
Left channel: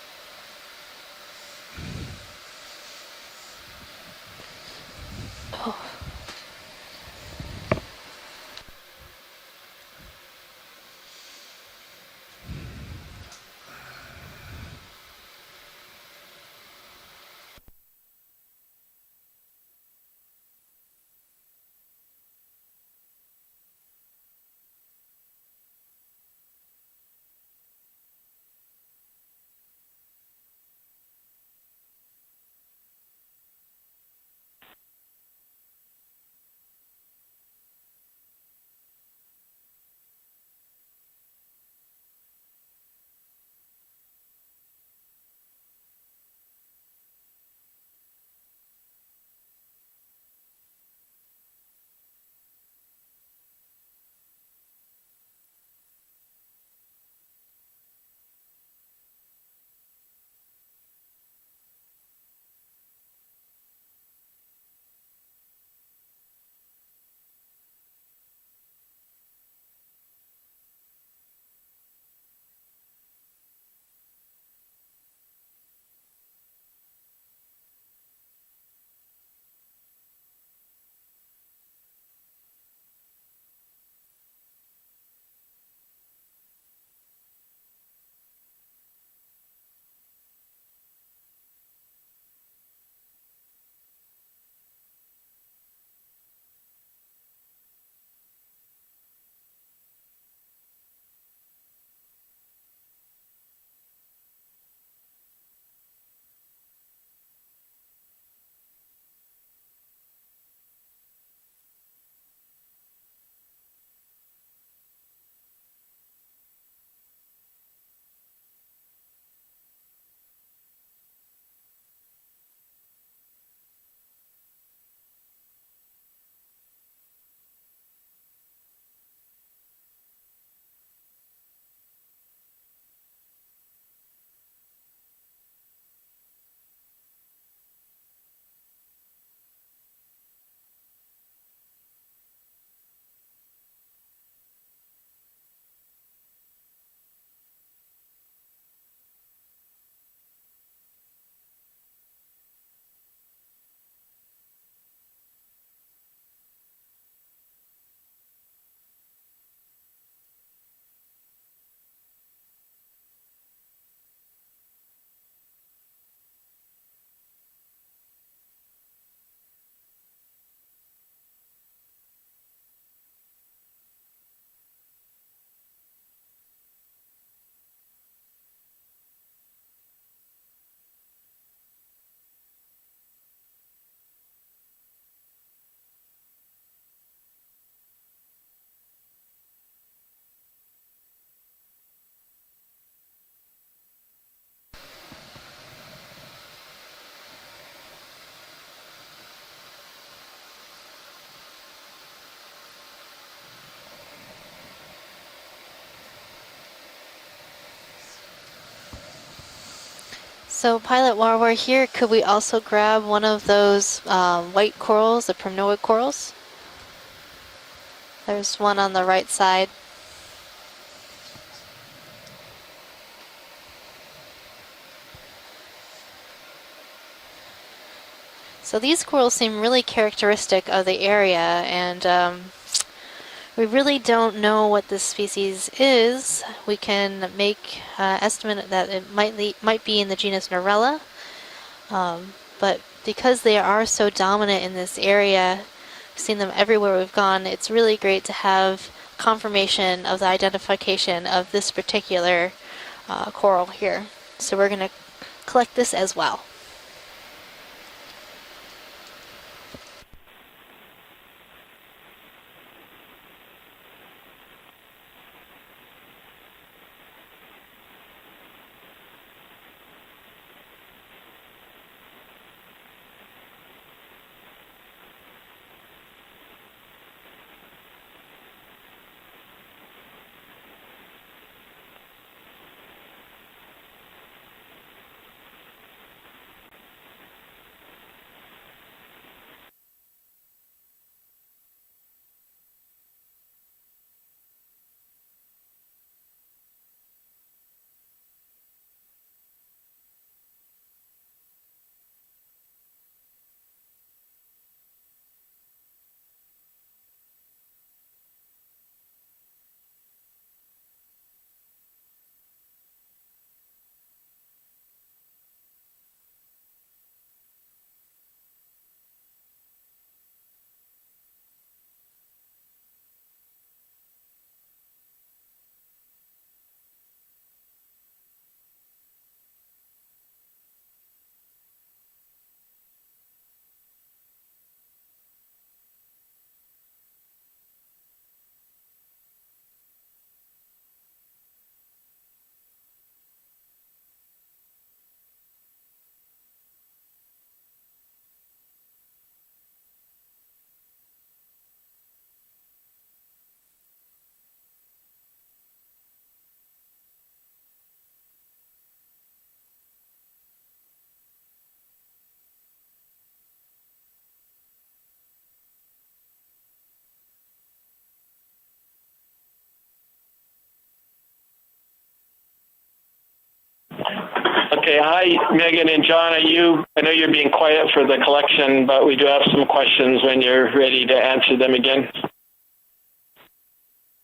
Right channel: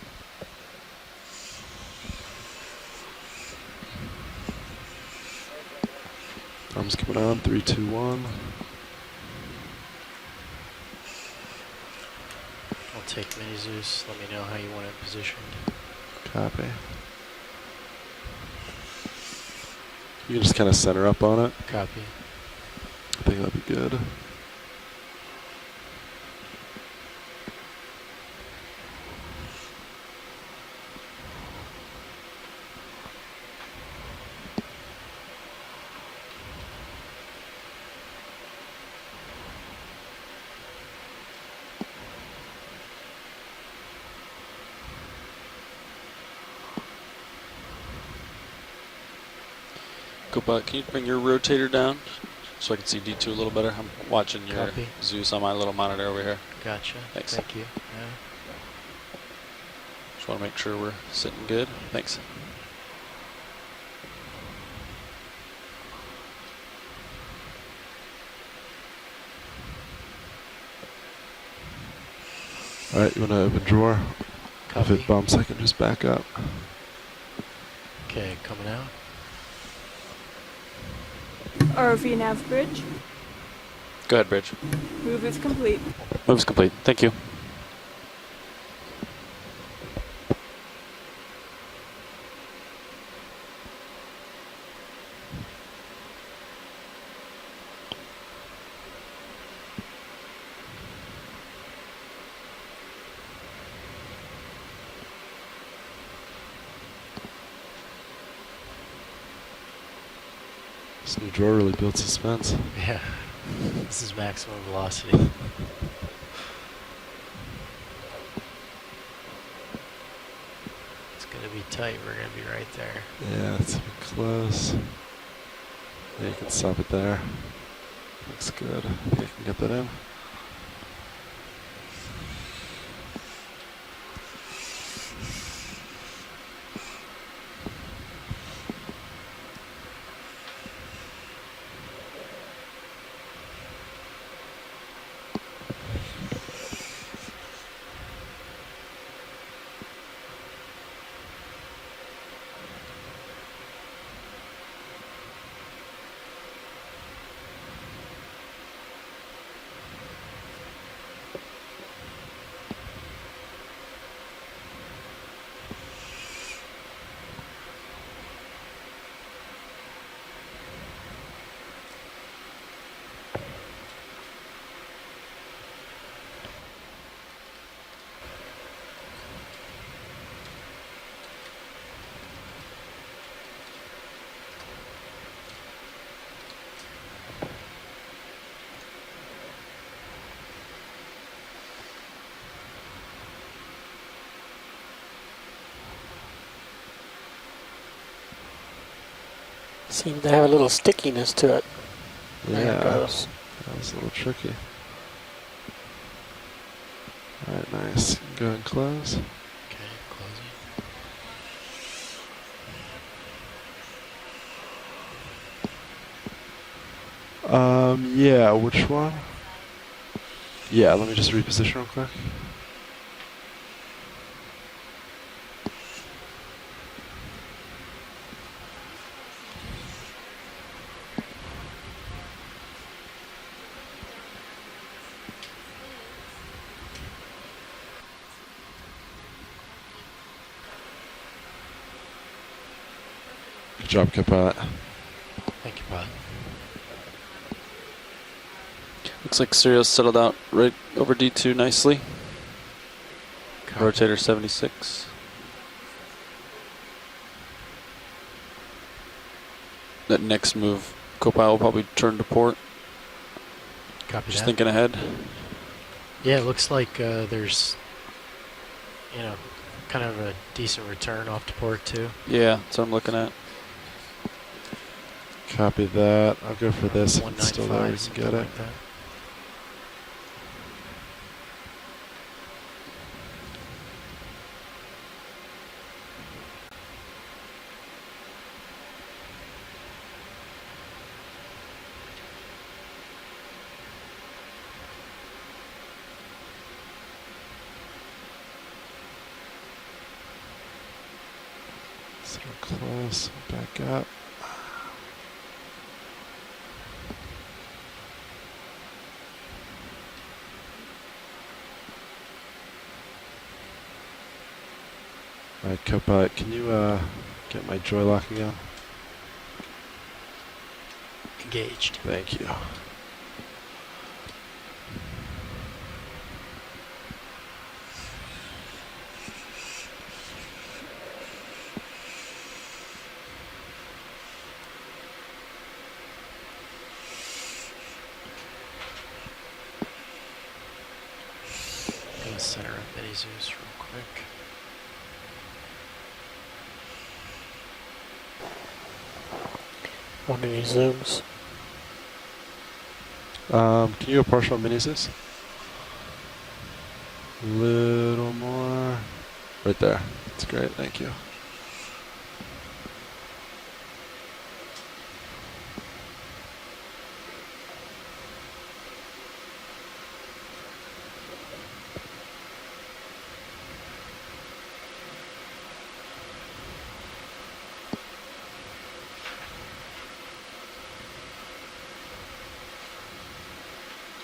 Thumbs coming on, 3, 2, 1. I'll take Mini Zeus. Let me know how you want it positioned. Copy. You can just kind of center up on it. Copy. I think that'd be good. Can you bring your rotator down so I can see D2 a little better? I'm watching your Copy. Zeus on my little monitor over here. Gotcha. Thanks. Thank you. Yeah. Just want to make sure we're sitting good. Thanks. All right, you want to open drawer? Copy. If it bumps, I can just back up. Okay, coming out. ROV nav bridge. Go ahead, Bridge. Move is complete. Move's complete. Thank you. This new drawer really built suspense. Yeah. This is maximum velocity. be tight. We're going to be right there. Yeah, it's close. Yeah, you can stop it there. Looks good. I think I can get that in. Seemed to have a little stickiness to it. Yeah, there it that goes. was a little tricky. All right, nice. Go ahead and close. So Pilot, while we're here, could we also grab one of those white corals, the primnoid corals? Yeah, There's one which on the right side. Yeah, let me just reposition real quick. So these corals seem really characteristic of the area, and we really don't know what this species is. We can make estimate that it might be in the genus Norella, but because they are so dominant in this area, we've seen them everywhere we've gone, it's really great to have confirmation of the identification of this particular coral here. Rotator 76. So we're going to collect this as well. That next move, Copilot will probably turn to port. Copy Just that. thinking ahead. Yeah, it looks like there's, you know, kind of a decent return off to port too. Yeah, that's what I'm looking at. Copy that. I'll go for this. If it's still there, we 195, can get it. like that. So close. Back up. All right, Copilot, can you get my joy locking on? Engaged. Thank you. I'm gonna center up Betty Zeus real quick. Want any zooms? Can you go partial mini Zeus? Little more. Right there. That's great. Thank you. Okay, hi, Megan and John. I know you're being quiet for the collection, but we do have some questions when you're ready to answer them again.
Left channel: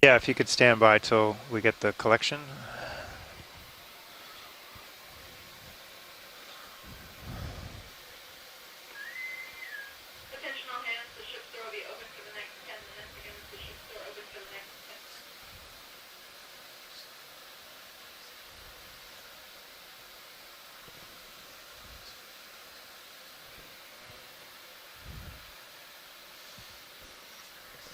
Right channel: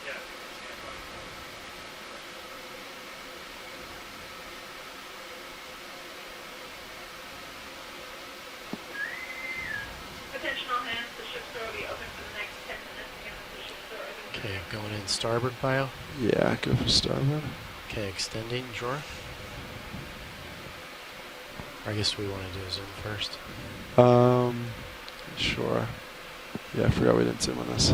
Yeah, if you could stand by till we get the collection. Attention all hands, the ship's door will be open for the next 10 minutes. The ship's door open. Okay, going in starboard pile. Yeah, go for starboard. Okay, extending drawer. I guess we want to do a zoom first. Sure. Yeah, I forgot we didn't zoom on this.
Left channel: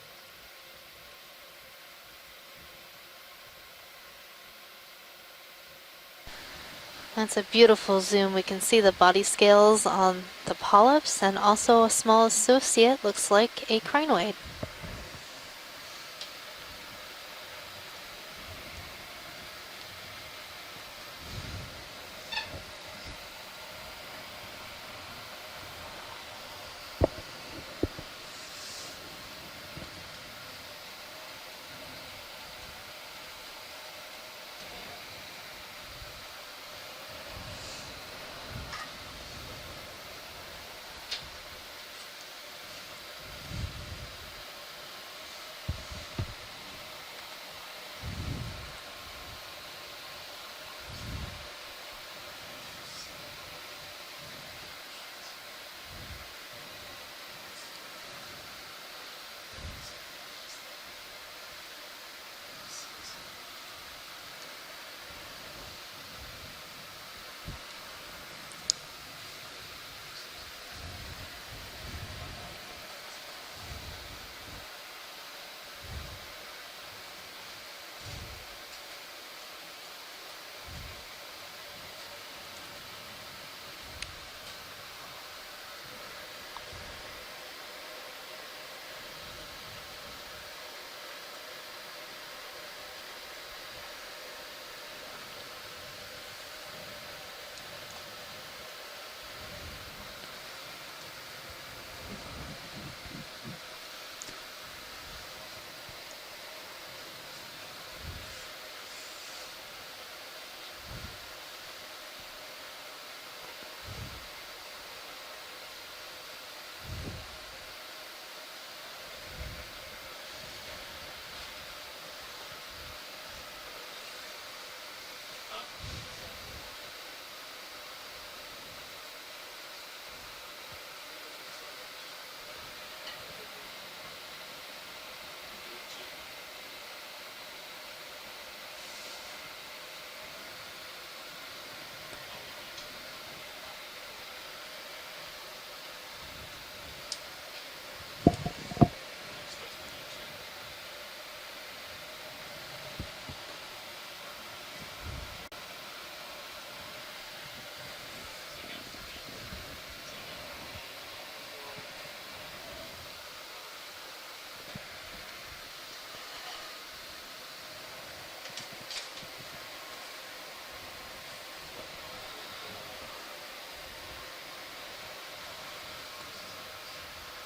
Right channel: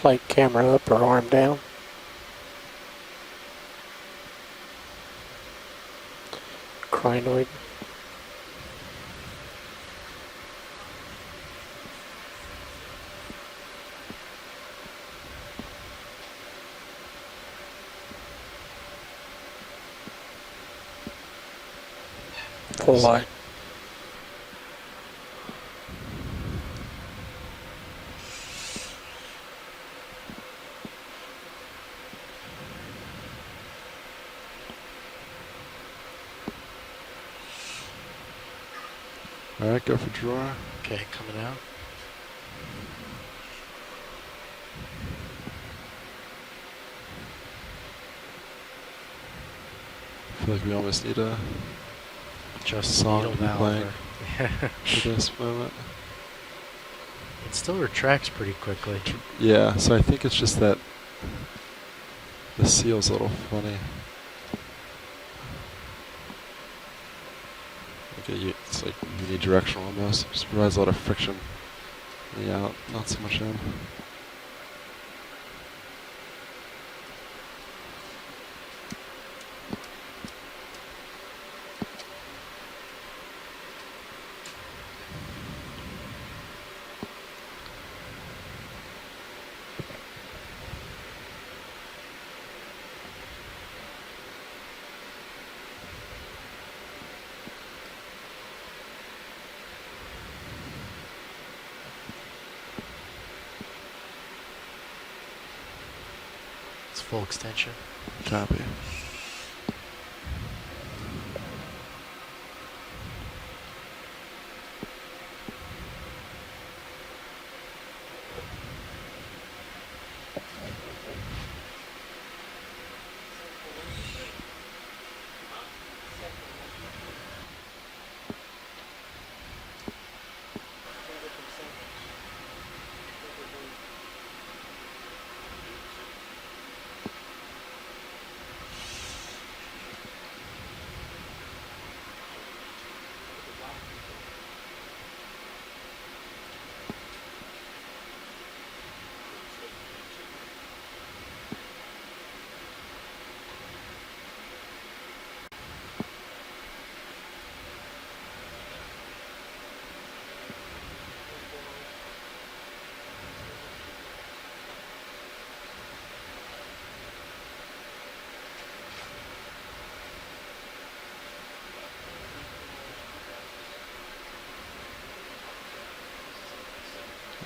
Slight camera up or arm down. That's a beautiful zoom. We can see the body scales on the polyps and also a small associate, looks like a crinoid. Full light. All right, go for draw. Okay, coming out. I feel like we almost need a just song to be playing Yeah. for this moment. It still retracts pretty quickly. Yeah, so I think it's just that the seal's a little funny. Okay, it's like unidirectional almost. It just provides a lot of friction. Yeah, not so much in. Full extension. Copy.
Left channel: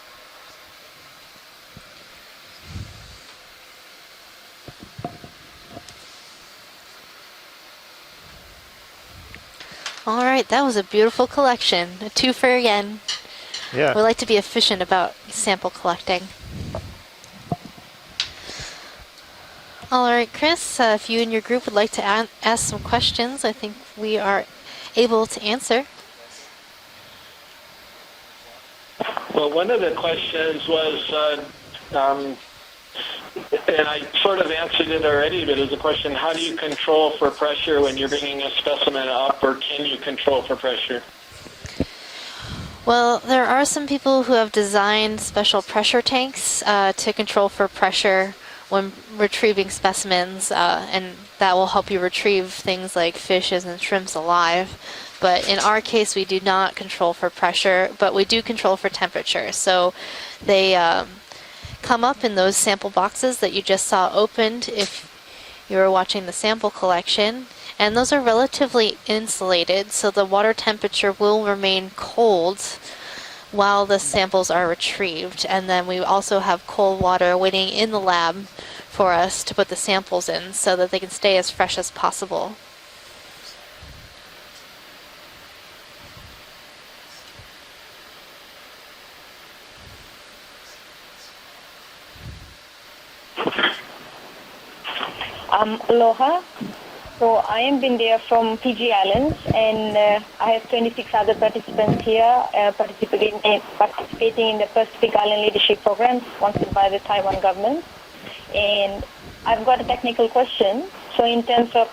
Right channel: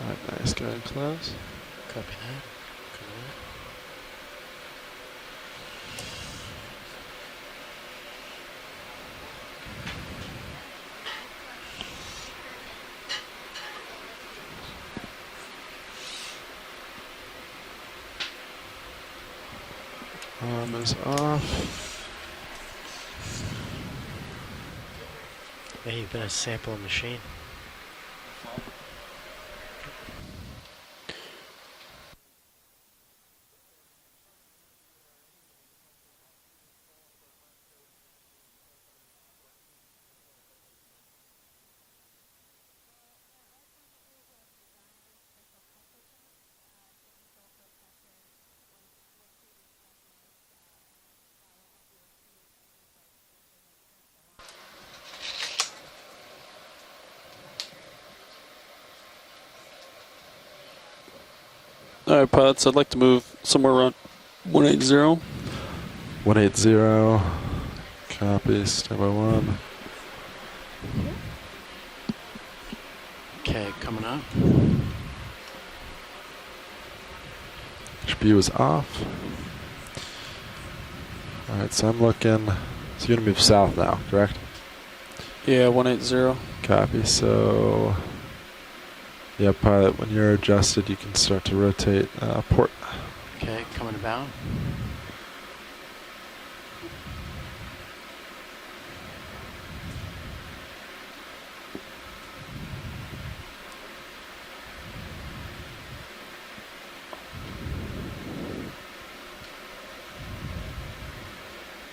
Alright, nice, go ahead and close. Copy All right, that was a beautiful collection. A twofer again. Yeah. We like to be efficient about sample collecting. All right, Chris, if you and your group would like to ask some questions, I think we are able to answer. And you've been a sample machine. Well, one of the questions was, and I sort of answered it already, but it's a question, how do you control for pressure when you're bringing a specimen up, or can you control for pressure? Well, there are some people who have designed special pressure tanks to control for pressure when retrieving specimens, and that will help you retrieve things like fishes and shrimps alive. But in our case, we do not control for pressure, but we do control for temperature. So they come up in those sample boxes that you just saw opened if you were watching the sample collection. And those are relatively insulated, so the water temperature will remain cold while the samples are retrieved. And then we also have cold water waiting in the lab for us to put the samples in so that they can stay as fresh as possible. So you're going to move south now, correct? Yeah, 180. Copy. So, yeah, pilot, when you're adjusted, you can start to rotate port. Coming down. Aloha. So I am Bindia from PG Islands, and I have 26 other participants here participating in the Pacific Island Leadership Program sponsored by the Taiwan government. And I've got a technical question. So in terms of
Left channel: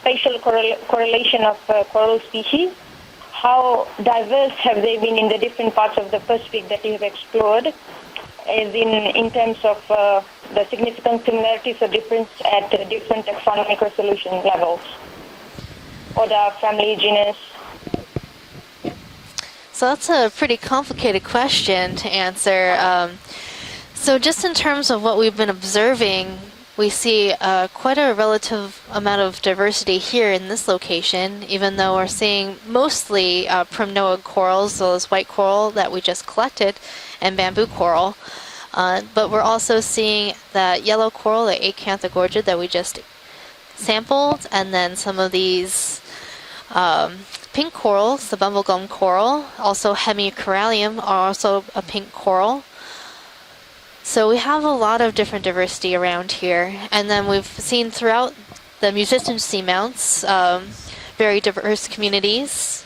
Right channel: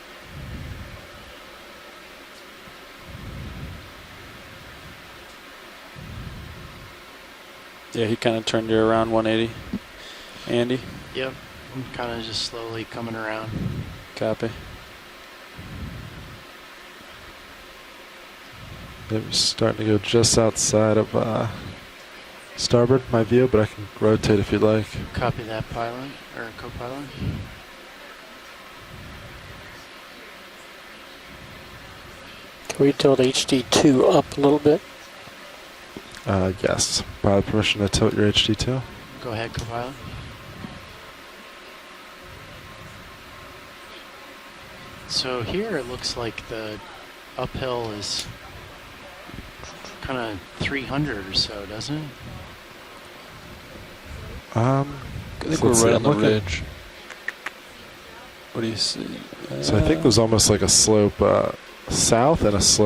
spatial correlation of coral species, how diverse have they been in the different parts of the Pacific that you have explored? Yeah, he kind of As turned you around in 180. terms of the Andy? significant similarities or difference at the different taxonomic resolution Copy. levels? Order, family, genus? So that's a pretty complicated question to answer. So just in terms of what we've been observing, we see quite a relative amount of diversity here in this location, even though we're seeing mostly primnoid corals, those white coral that we just collected, and bamboo coral. But we're also seeing that yellow coral, the acanthogorgid, that we just sampled, and then some of these pink corals, the bumblegum coral, also hemicorallium are also a pink coral. So we have a lot of different diversity around here, and then we've seen throughout the musician seamounts very diverse communities,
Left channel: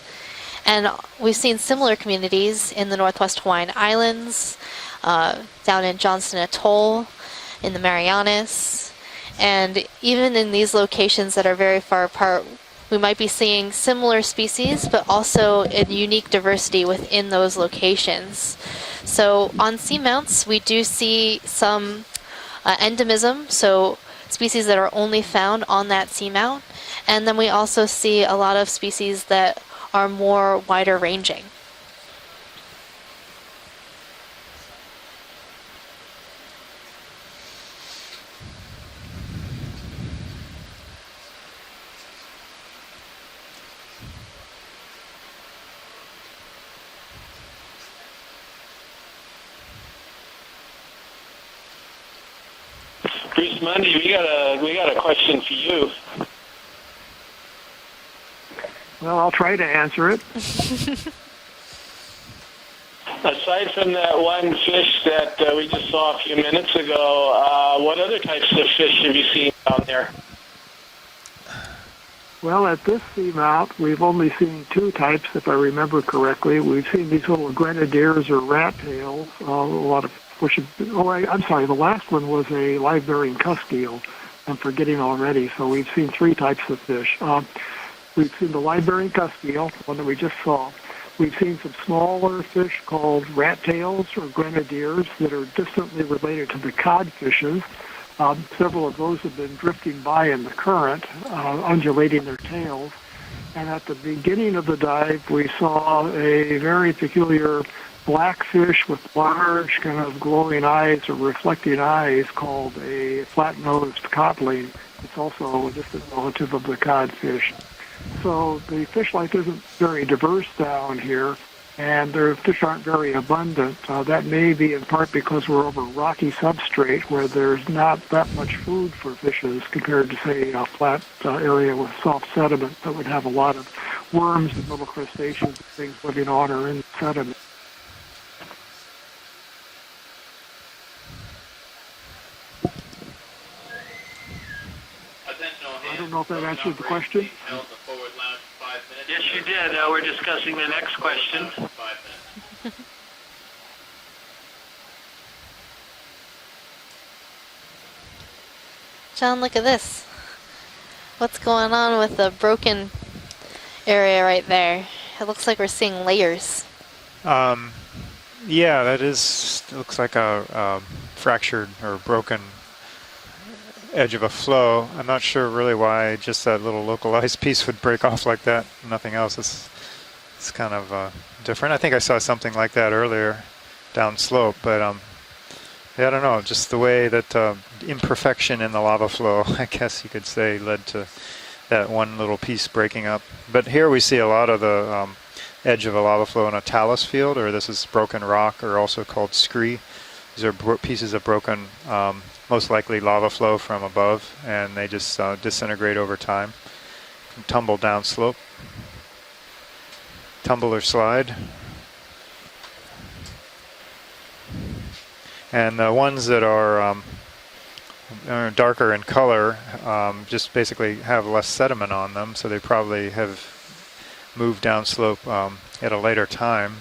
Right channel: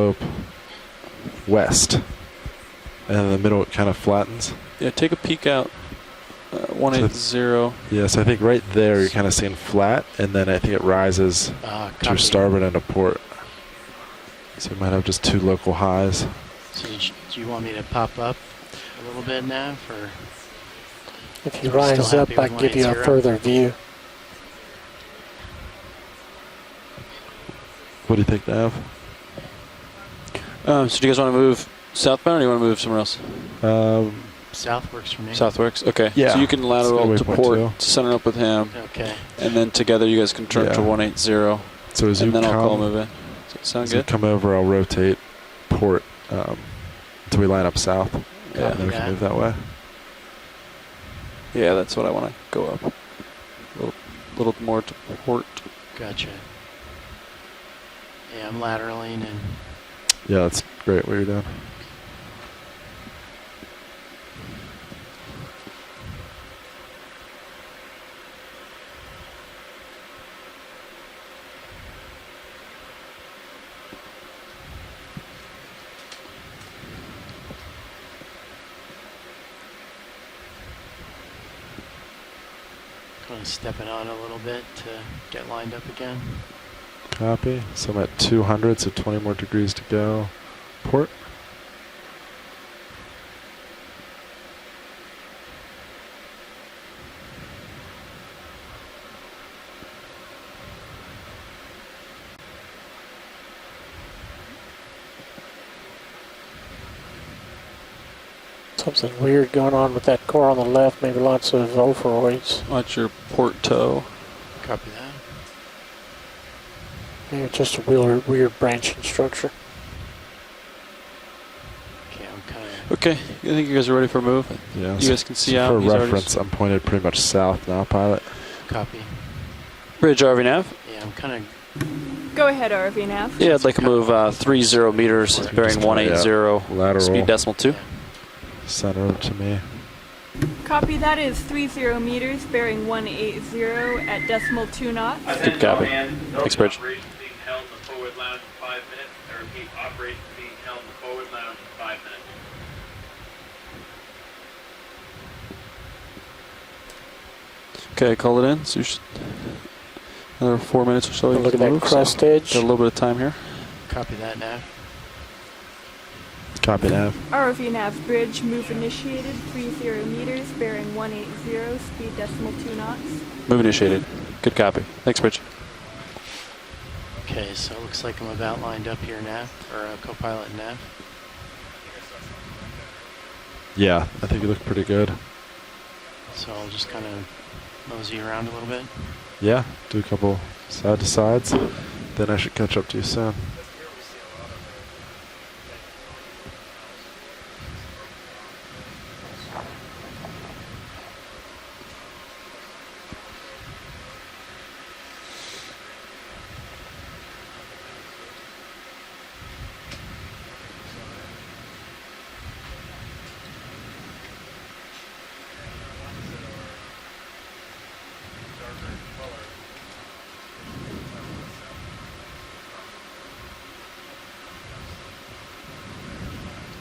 and we've seen similar communities in the Northwest Hawaiian Islands, Yeah, take a peek out. down in Johnston Atoll, 180. in the Marianas, right there you're kind of seeing and flat, even in these locations that are very far to apart, starboard and to we port. might be seeing similar species, So but just two also local in highs. unique diversity within those locations. So on seamounts, we do see some endemism, so species that are only found on that seamount, and then we also see a lot of species that are more wider So do you guys want to ranging. move southbound, or do you want to move somewhere else? South works for me. South works? Okay. Yeah. So you can lateral That's to a good way port, center up with him. Okay. And then together you guys can turn to 180. So as and you then I'll call come, move in. Does that sound as you good? come over, I'll rotate port until we line up south. Yeah, and then we can move that way. Yeah, that's what I want to go up. Grease Monday, we got a question for you. Gotcha. Yeah, I'm laterally. Well, I'll try to answer it. Yeah, that's great what you're doing. Aside from that one fish that we just saw a few minutes ago, what other types of fish have you seen down there? Well, at this seamount, we've only seen two types, if I remember correctly. We've seen these little grenadiers or rat tails, a lot of bushes. Oh, I'm sorry, the last one was a live-bearing cuspeel. I'm forgetting already. So we've seen three types of fish. Copy. So I'm at We've seen the 200, so live-bearing 20 more cuspeel, degrees to one that we go. just saw. Port. We've seen some smaller fish called rat tails or grenadiers that are distantly related to the codfishes. Several of those have been drifting by in the current, undulating their tails. And at the beginning of the dive, we saw a very peculiar blackfish with large, kind of glowing eyes or reflected eyes called a flat-nosed codling. It's also just a relative of the codfish. Just a weird branch the fish life structure. isn't very diverse down here, and their fish aren't very abundant. I think you guys are ready for a that move. may be in part because of the rocky substrate where there's not that much food for fishes compared Bridge to RV say, now. a flat area with soft Go sediment ahead, that would RV have a now. lot Yeah, of I'd like to move worms. 30 meters, bearing 180, Lateral. speed decimal 2. Center over to me. Copy, that is 30 meters, bearing 180 at decimal 2 knots. Good copy. Thanks, Bridge. Question? Yes, you did. We're discussing the next question. Okay, call it in. So you should John, look at this. another 4 minutes or so. What's You can going get on with the a little bit broken of time here. area right there? It looks like we're seeing layers. Copy that. RV nav bridge. Yeah, that initiated, is 30 looks like a meters, bearing 180, fracture or speed broken decimal 2 knots. Move initiated. edge of a Good flow. copy. I'm Thanks, not Bridge. sure really why just that little localized piece would break off like that. Nothing else. It's kind of different. I think I saw something like that earlier down slope, but good. yeah, I don't know. Just the way that imperfection in the lava flow, I guess you could say, led to that one little piece breaking up. But here we see a lot of the edge of a lava flow in a talus field, or this is broken rock, or also called scree. These are pieces of broken, most likely lava flow from above, and they just disintegrate over time, tumble down slope, tumble or slide. And the ones that are darker in color just basically have less sediment on them, so they probably have moved down slope at a later time.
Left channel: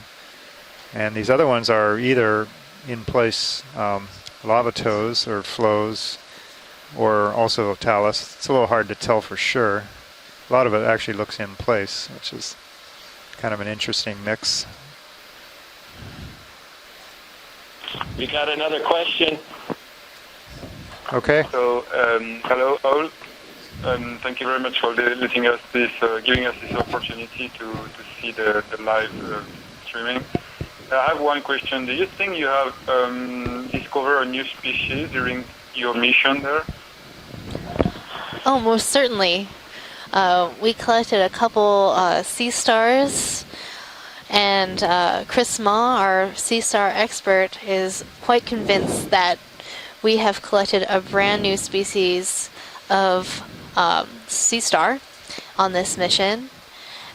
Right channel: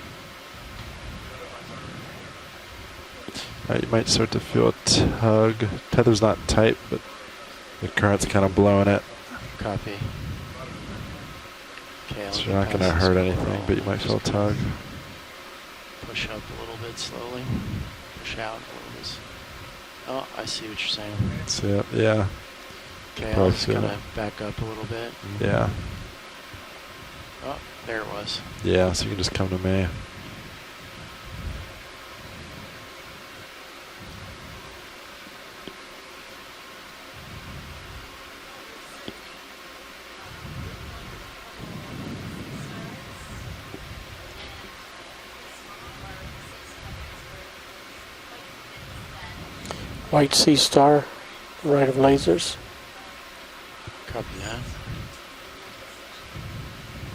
And these other ones are either in place might start to lava float. toes or flows, Tether's not tight, but or also talus. current's It's kind a of little hard blowing to it. tell for sure. a lot of it actually looks in place. It's not going to hurt anything. Kind of an interesting mix. Push up a little bit slowly. We got another question. Oh, I see what you're saying. Okay. So, hello all. Thank you very much for letting us this, giving us this opportunity to see the live so you can just come to me. streaming. I have one question. Do you think you have discovered a new species during your mission there? Oh, most certainly. We collected a couple sea stars, and Chris Ma, our sea star expert, is quite convinced that we have collected a brand new species of sea star on this mission.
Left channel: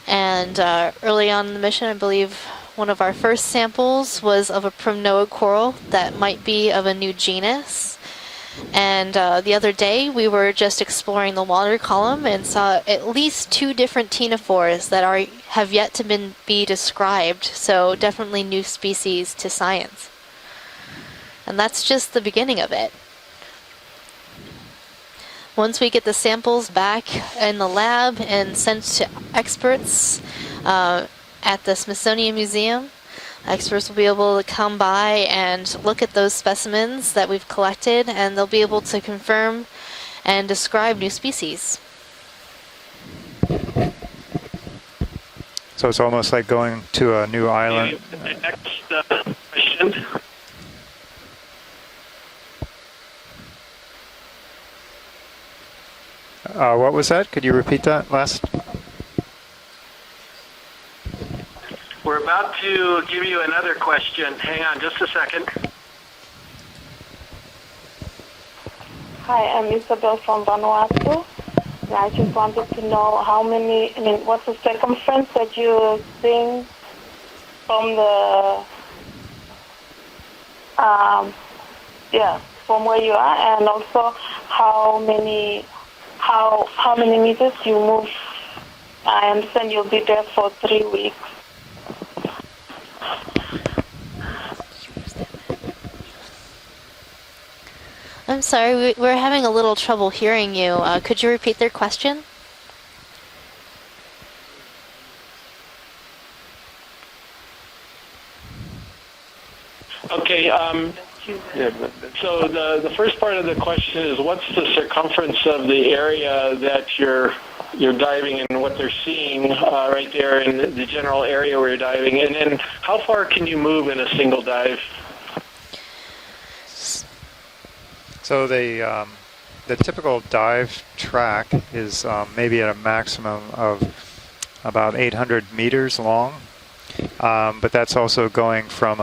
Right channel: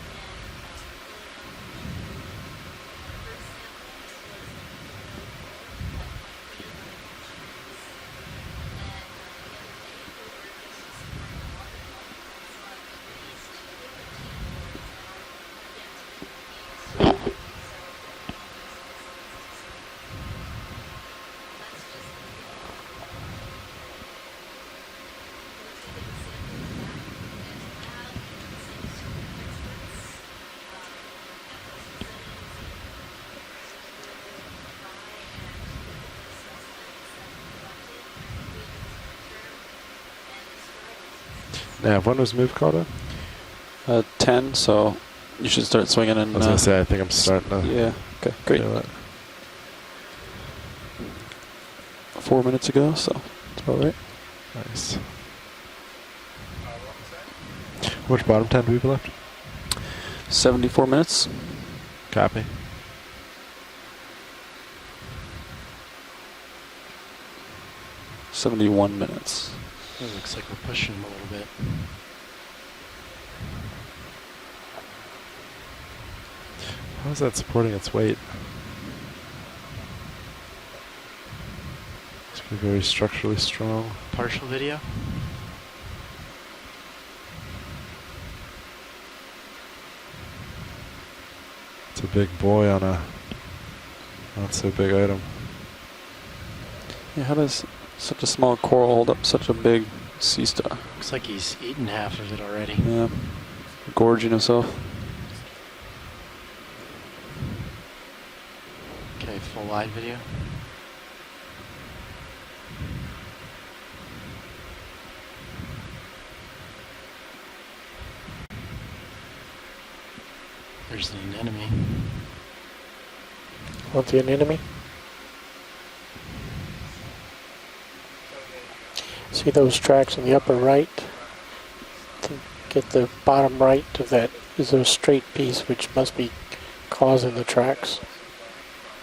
And early on in the mission, I believe one of our first samples was of a primnoid coral that might be of a new genus. And the other day, we were just exploring the water column and saw at least 2 different ctenophores that have yet to be described. So definitely new species to science. And that's just the beginning of it. Once we get the samples back in the lab and sent to experts at the Smithsonian Museum, experts will be able to come by and look at those specimens that we've collected, and they'll be able to confirm and describe new species. Yeah, when was move called in? 10, so you should start. So it's almost like going to a new island. Okay, great. 4 minutes ago, so that's about right. Nice. What was that? Could you repeat that last? Bottom 10 people left? 74 minutes. We're about to give you another question. Hang on just a second. 71 minutes. Hi, I'm Isabel from Vanuatu. And I just wanted to know how many, what's the circumference that you're seeing How's that supporting from its weight? from where you are, and also how many meters you move. I understand you'll be there for 3 weeks. It's a big boy on a. That's a big item. Yeah, how does such a I'm small sorry, coral we're hold up having such a little big trouble hearing sea you. star? Could you repeat their question? Yeah, gorging himself. Okay, full live video. Okay, so the first part of the question is, what's the circumference of the area that you're diving in, what they're seeing right there in the general area where you're diving, and then how far can you move in a single dive? So the See those tracks typical in the upper dive right? track is maybe at a Get the maximum bottom of right of that is those about straight 800 piece, which meters must be long. causing the But tracks. that's also going from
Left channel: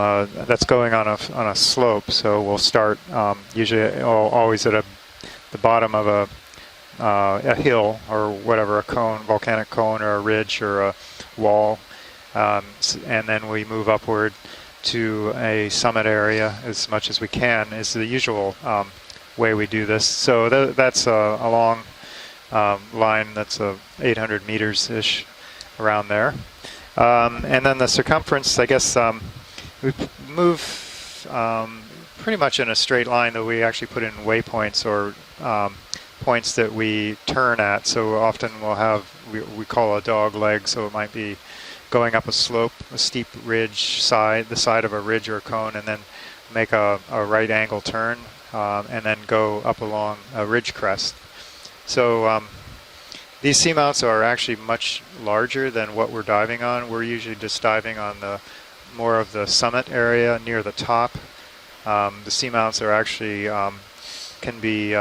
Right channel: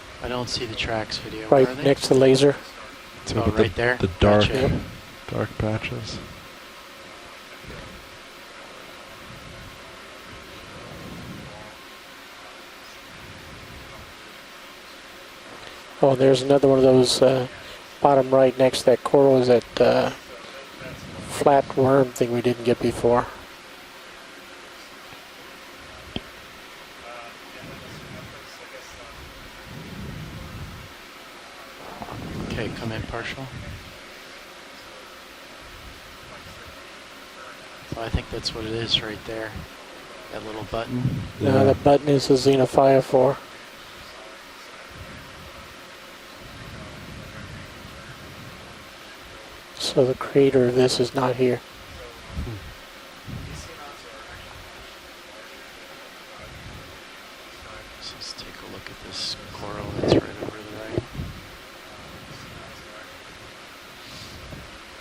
that's going on a Right slope. next to So laser. we'll start the usually dark always at dark the bottom of a hill or whatever, a cone, volcanic cone, or a ridge or a wall, and then we move upward to a summit area there's another one as of much those, as we can. Is the bottom usual right next to that coral is way we that, do this. So that's a flat long worm thing we didn't get before. line that's 800 meters-ish around there. And then the circumference, I guess we move pretty much in a straight line, though we actually put in waypoints or points that we turn at. So often we'll have, we call a dog leg, so it might be going up a slope, steep ridge side, the side of a ridge or a cone, and then make a right angle turn, and then go up along a ridge crest. This is not here. So these seamounts are actually much larger than what we're diving on. We're usually just diving on the more of the summit area near the top. The seamounts are actually can be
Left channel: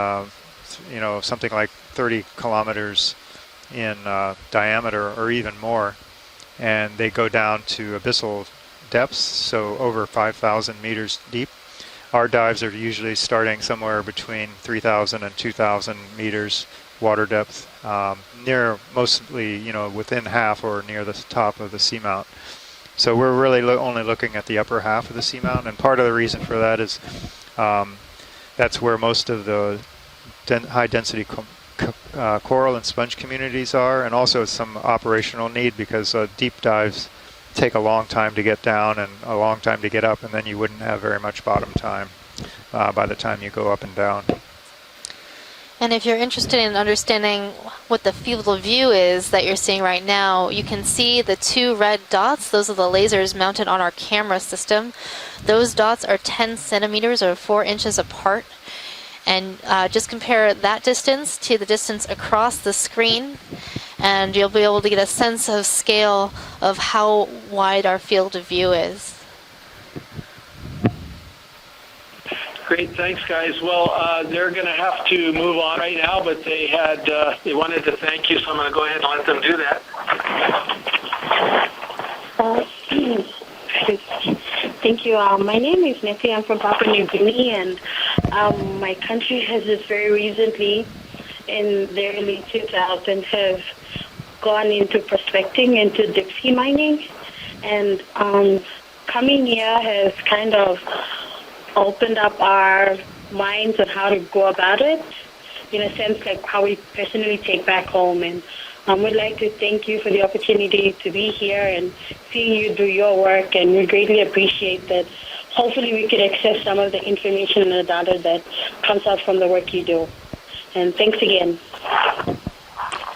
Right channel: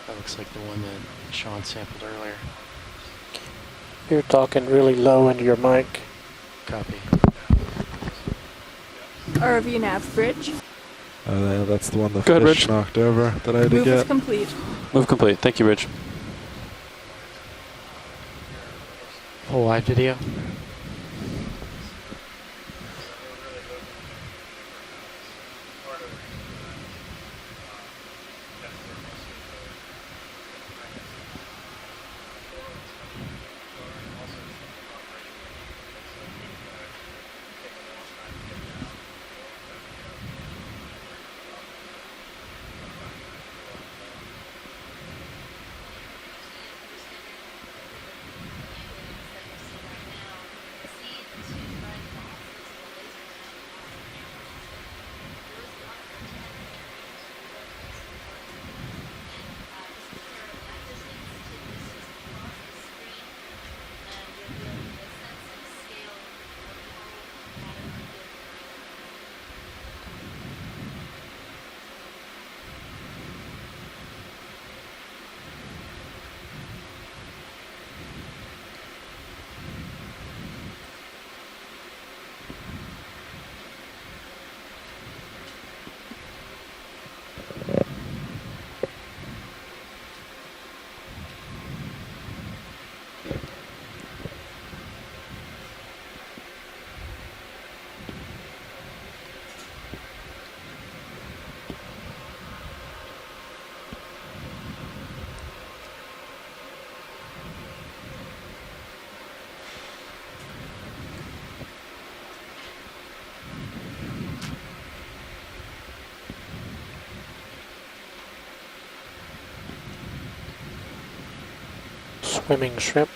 something like 30 kilometers in diameter or even more, and they go down to abyssal depths, so over 5,000 meters deep. That's the one. Our dives are usually starting somewhere between 3,000 and 2,000 meters water depth, near mostly within half or near the top of the seamount. So we're really only looking at the upper half of the seamount, and part of the reason for that is that's where most of the high-density coral and sponge communities are, and also some operational need because deep dives take a long time to get down and a long time to get up, and then you wouldn't have very much bottom time by the time you go up and down. And if you're interested in understanding what the field of view is that you're seeing right now, you can see the 2 red dots. Those are the lasers mounted on our camera system. Those dots are 10 centimeters or 4 inches apart. And just compare that distance to the distance across the screen, and you'll be able to get a sense of scale of how wide our field of view is. Great, thanks, guys. Well, they're going to have to move on right now, but they wanted to thank you, so I'm going to go ahead and let them do that. Thank you. My name is Nessie. I'm from Papua New Guinea, and my country has just very recently, in the early 2000s, have gone into prospecting, into deep sea mining, and coming here has kind of opened up our minds on how to go about it, in a sense like how we personally take back home. And we'd like to thank you for the opportunity to be here and seeing you do your work, and we greatly appreciate that. Hopefully we could access some of the information and the data that comes out from the work you do. And thanks again. Swimming shrimp.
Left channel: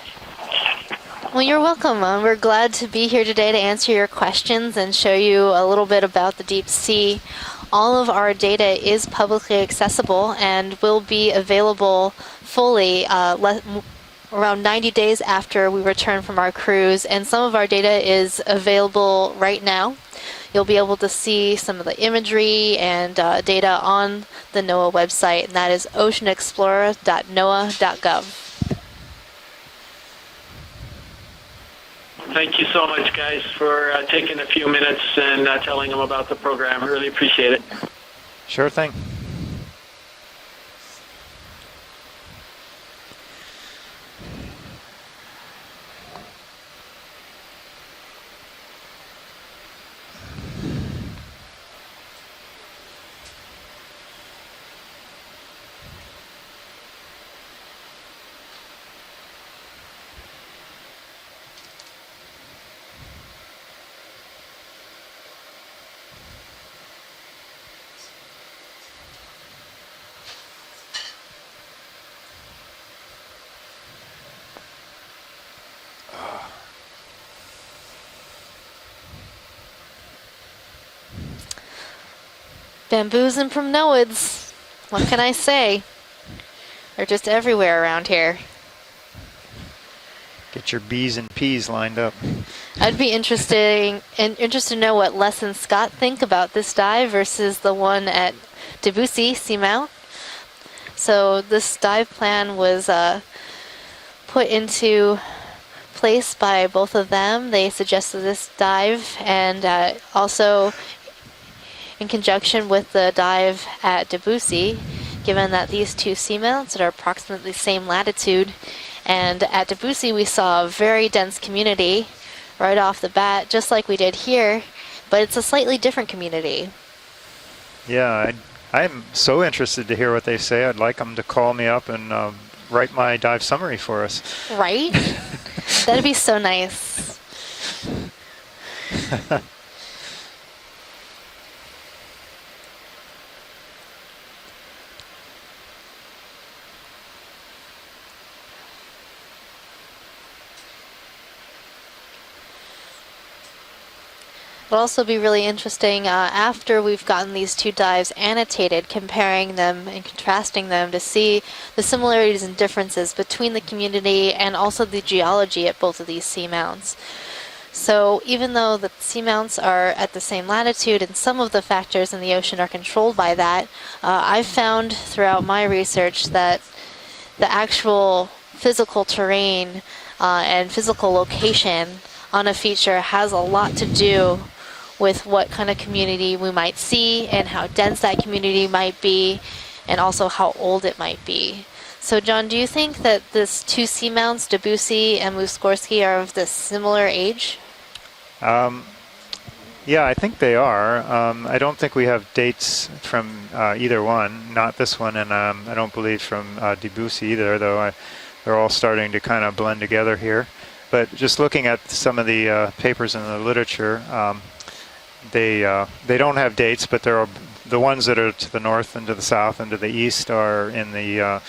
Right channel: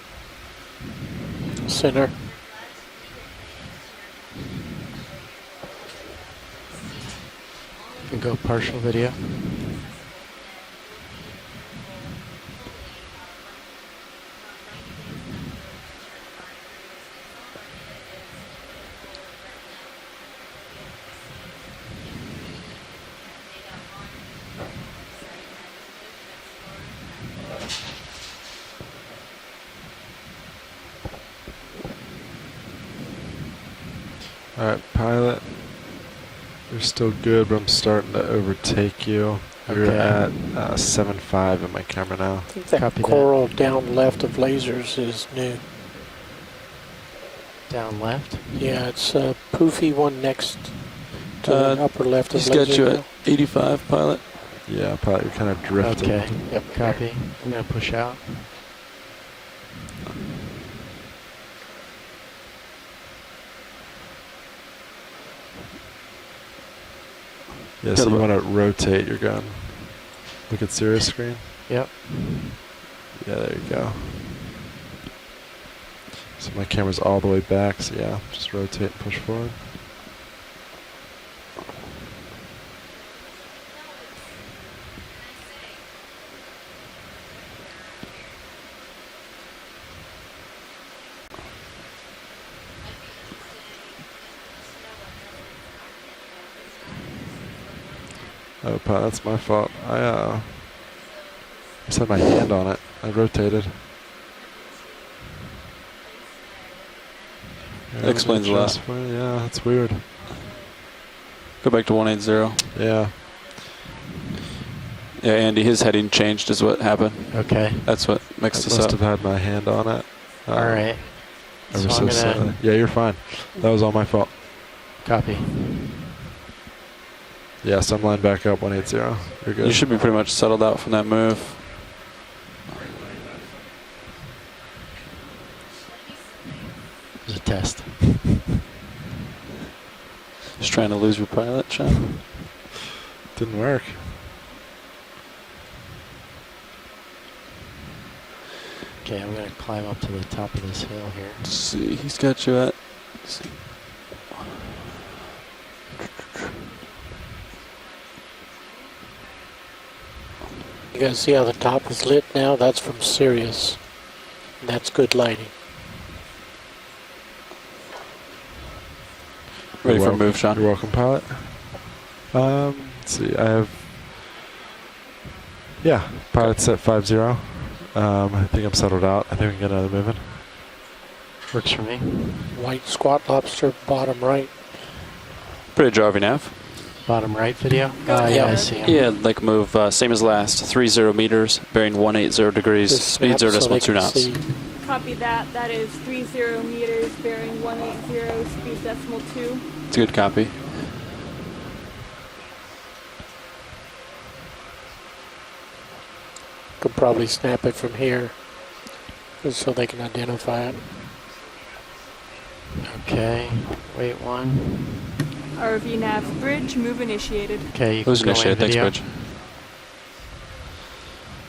Well, you're welcome. We're glad to be here today to answer your questions and show you a little bit about the deep sea. All of our data is publicly accessible and will be available fully around 90 days after we return from our cruise, and some of our data is available right now. You'll be able to see some of the imagery and data on the NOAA website, and that is oceanexplorer.noaa.gov. Thank you so much, guys, for taking a few minutes and telling them about the program. Really appreciate it. I'm starting to overtake you. We're at 7.5 in my camera now. I think that coral down left of lasers is new. Down left? Yeah, it's a poofy one next to the upper left of he's laser. He's got you at 85, pilot. Yeah, probably kind of drifting. Okay, yep, copy. I'm going to push out. Yeah, so you want to rotate your gun. Look at Sirius screen? Yep. Yeah, there you go. So my camera's all the way back, so yeah, just rotate and push forward. Bamboos and primnoids. What can I say? They're just everywhere around here. Get your B's and P's lined up. I'd be interested to know what Les and Scott think about this dive versus the one at Debussy Seamount. So this dive plan was put into place by both of them. They suggested this dive, and also go back to in conjunction with the dive at Debussy. Given that these two seamounts are approximately the same latitude, and at Debussy we saw a very dense community right off the bat, just like we did here, but it's a slightly different community. Yeah, so line back up 180. I'm so interested to hear what they say. I'd like them to call me up and write my dive summary for us. Right? That'd be so nice. Test. Just trying to lose your pilot, Sean. Didn't work. Okay, I'm going to climb up to the top of this hill here. Let's see, he's got you at. It'll also be really interesting after we've gotten these two dives annotated, comparing them and contrasting them to see the similarities and differences between the community and also the geology at both of these seamounts. So even though the seamounts are at the same latitude and some of the factors in the ocean are controlled by that, I've found throughout my research that the actual physical terrain and physical location on a feature has a lot to do with what kind of community we might see and how dense that community might be, like move and same as also last, how old 30 meters, bearing 180 degrees, speed 0 so John, do you think that decimal 2 the two knots. seamounts, Debussy and Muskorski, are of this similar age? Yeah, I think they are. I don't think we have dates from either one, not this one, and I don't believe from Debussy either, though. They're all starting to kind of blend together here. But just looking at some of the papers in the literature, they don't have dates, but they're the ones that are to the north and to the south and to the east are in the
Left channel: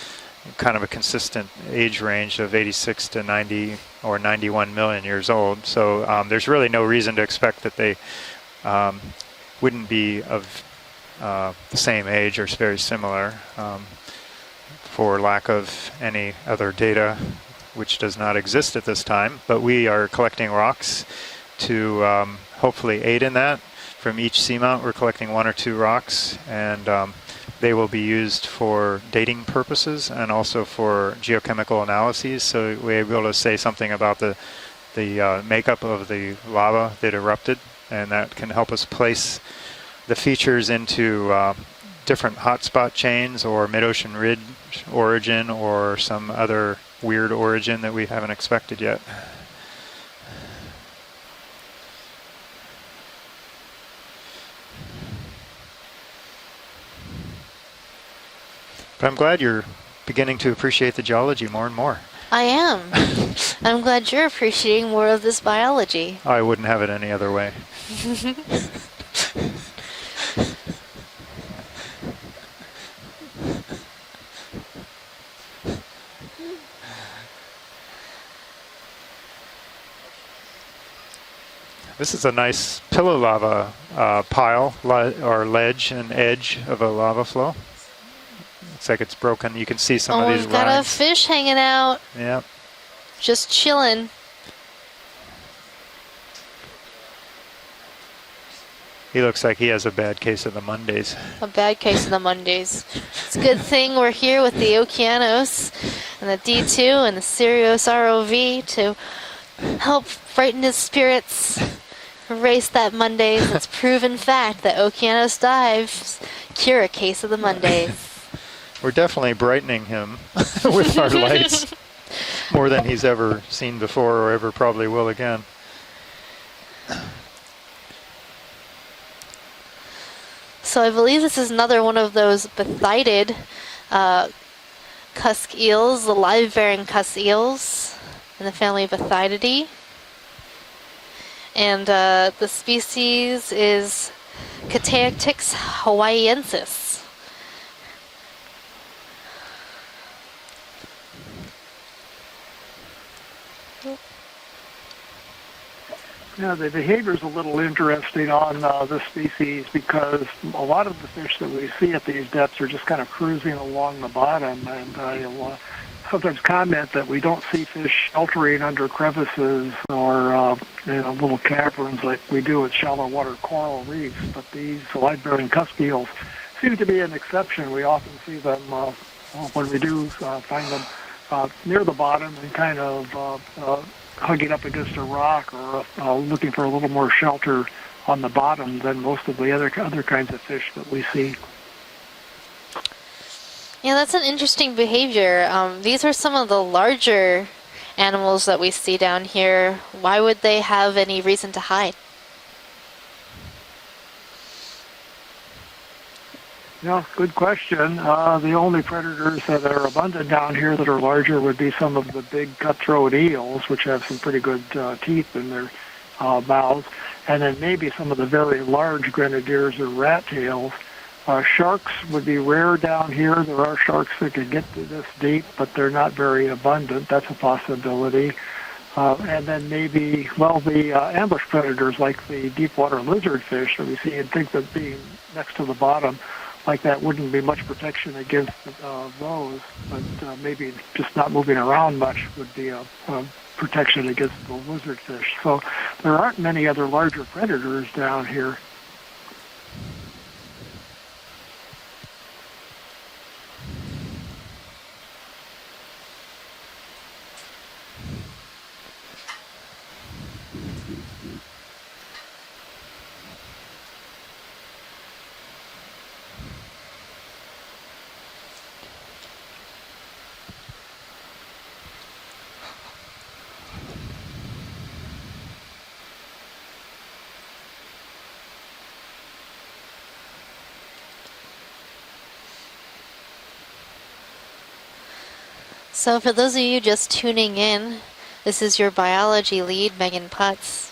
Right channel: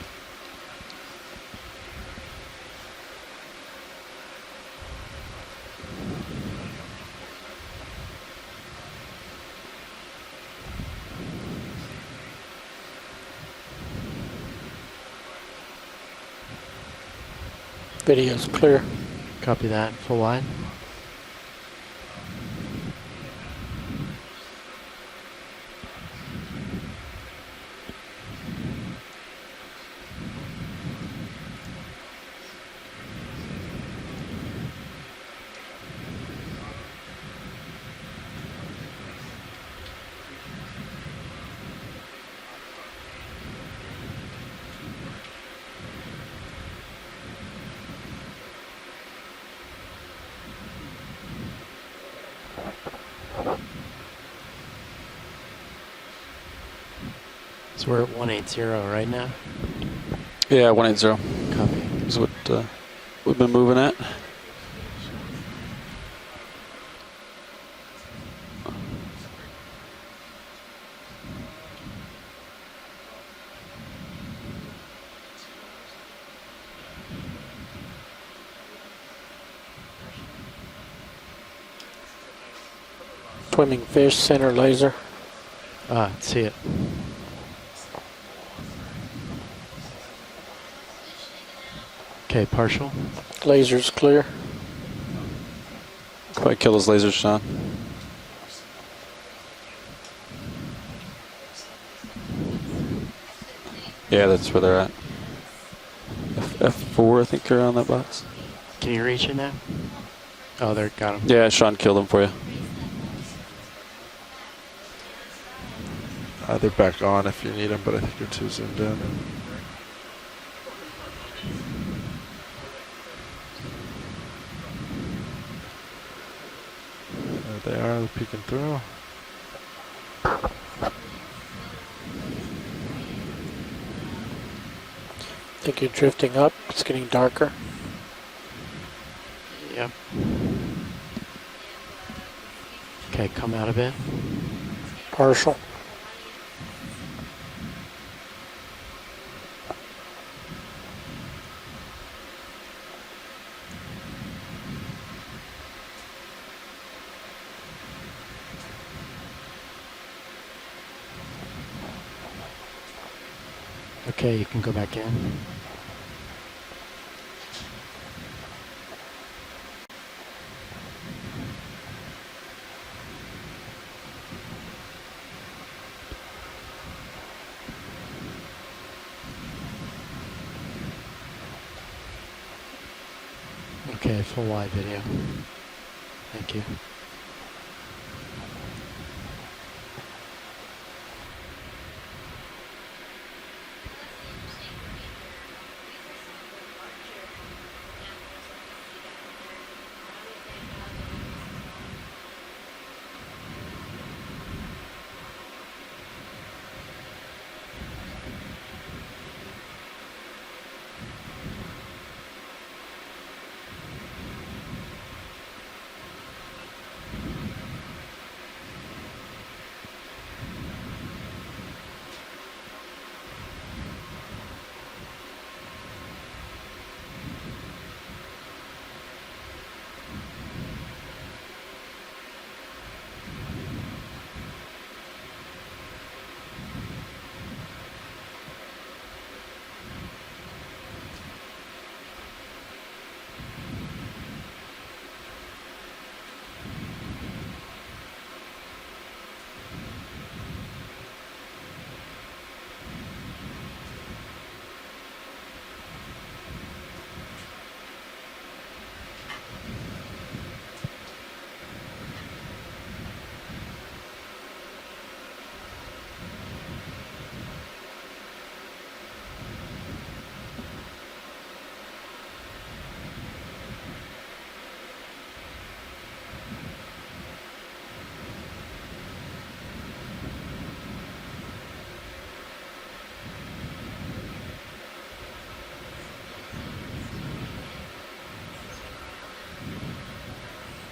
kind of a consistent age range of 86 to 90 or 91 million years old. So there's really no reason to expect that they wouldn't be of the same age or very similar for lack of any other data, which does not exist at this time. But we are collecting rocks to hopefully aid in that. From each seamount, we're collecting 1 or 2 rocks, and they will be used for dating purposes and also for geochemical analyses. So we're able to say something about the makeup of the lava that erupted, and that can help us place the features into different hotspot chains or mid-ocean ridge origin or some other weird origin that we haven't expected yet. So we're at 180 right I'm now. glad you're beginning to appreciate the geology more and more. I am. I'm glad you're appreciating more of this biology. I wouldn't have it any other way. This is a nice pillow lava pile or ledge and edge of a lava flow. Looks like it's broken. You can see some of these we've got a fish hanging out. Yeah. Okay, partial. Just Lasers chilling. Clear. Quite kill those lasers, Sean. He looks like he has a bad case of the Mondays. A bad case of the Mondays. It's a good thing we're here with the Okeanos and the D2 and the Sirius ROV to help brighten his spirits. Yeah, Sean killed him for you. Erase that Mondays. It's proven fact that Okeanos dives cure a case of the Mondays. We're definitely brightening him with our lights more than he's ever seen before or ever probably will again. There they are, peeking through. So I believe this is another one of those bathyted cusk eels, the live-bearing cusk eels in the family of Bathydidae. Yep. And the species is Cateatrix hawaiiensis. Yeah, the behavior is a little interesting on this species because a lot of the fish that we see at these depths are just kind of cruising along the bottom. And you'll sometimes comment that we don't see fish sheltering under crevices or little caverns like we do at shallow water coral reefs. But these live-bearing cusk eels seem to be an exception. We often see them when we do find them near the bottom and kind of hugging up against a rock or looking for a little more shelter on the bottom than most of the other kinds of fish that we see. Yeah, that's an interesting behavior. These are some of the larger animals that we see down here. Why would they have any reason to hide? Yeah, good question. The only predators that are abundant down here that are larger would be some of the big cutthroat eels, which have some pretty good teeth in their mouths, and then maybe some of the very large grenadiers or rat tails. Sharks would be rare down here. There are sharks that can get to this deep, but they're not very abundant. That's a possibility. And then maybe, the ambush predators like the deep water lizardfish that we see and think that being next to the bottom like that wouldn't be much protection against those, but maybe just not moving around much would be a protection against the lizardfish. So there aren't many other larger predators down here. So for those of you just tuning in, this is your biology lead, Megan Putz.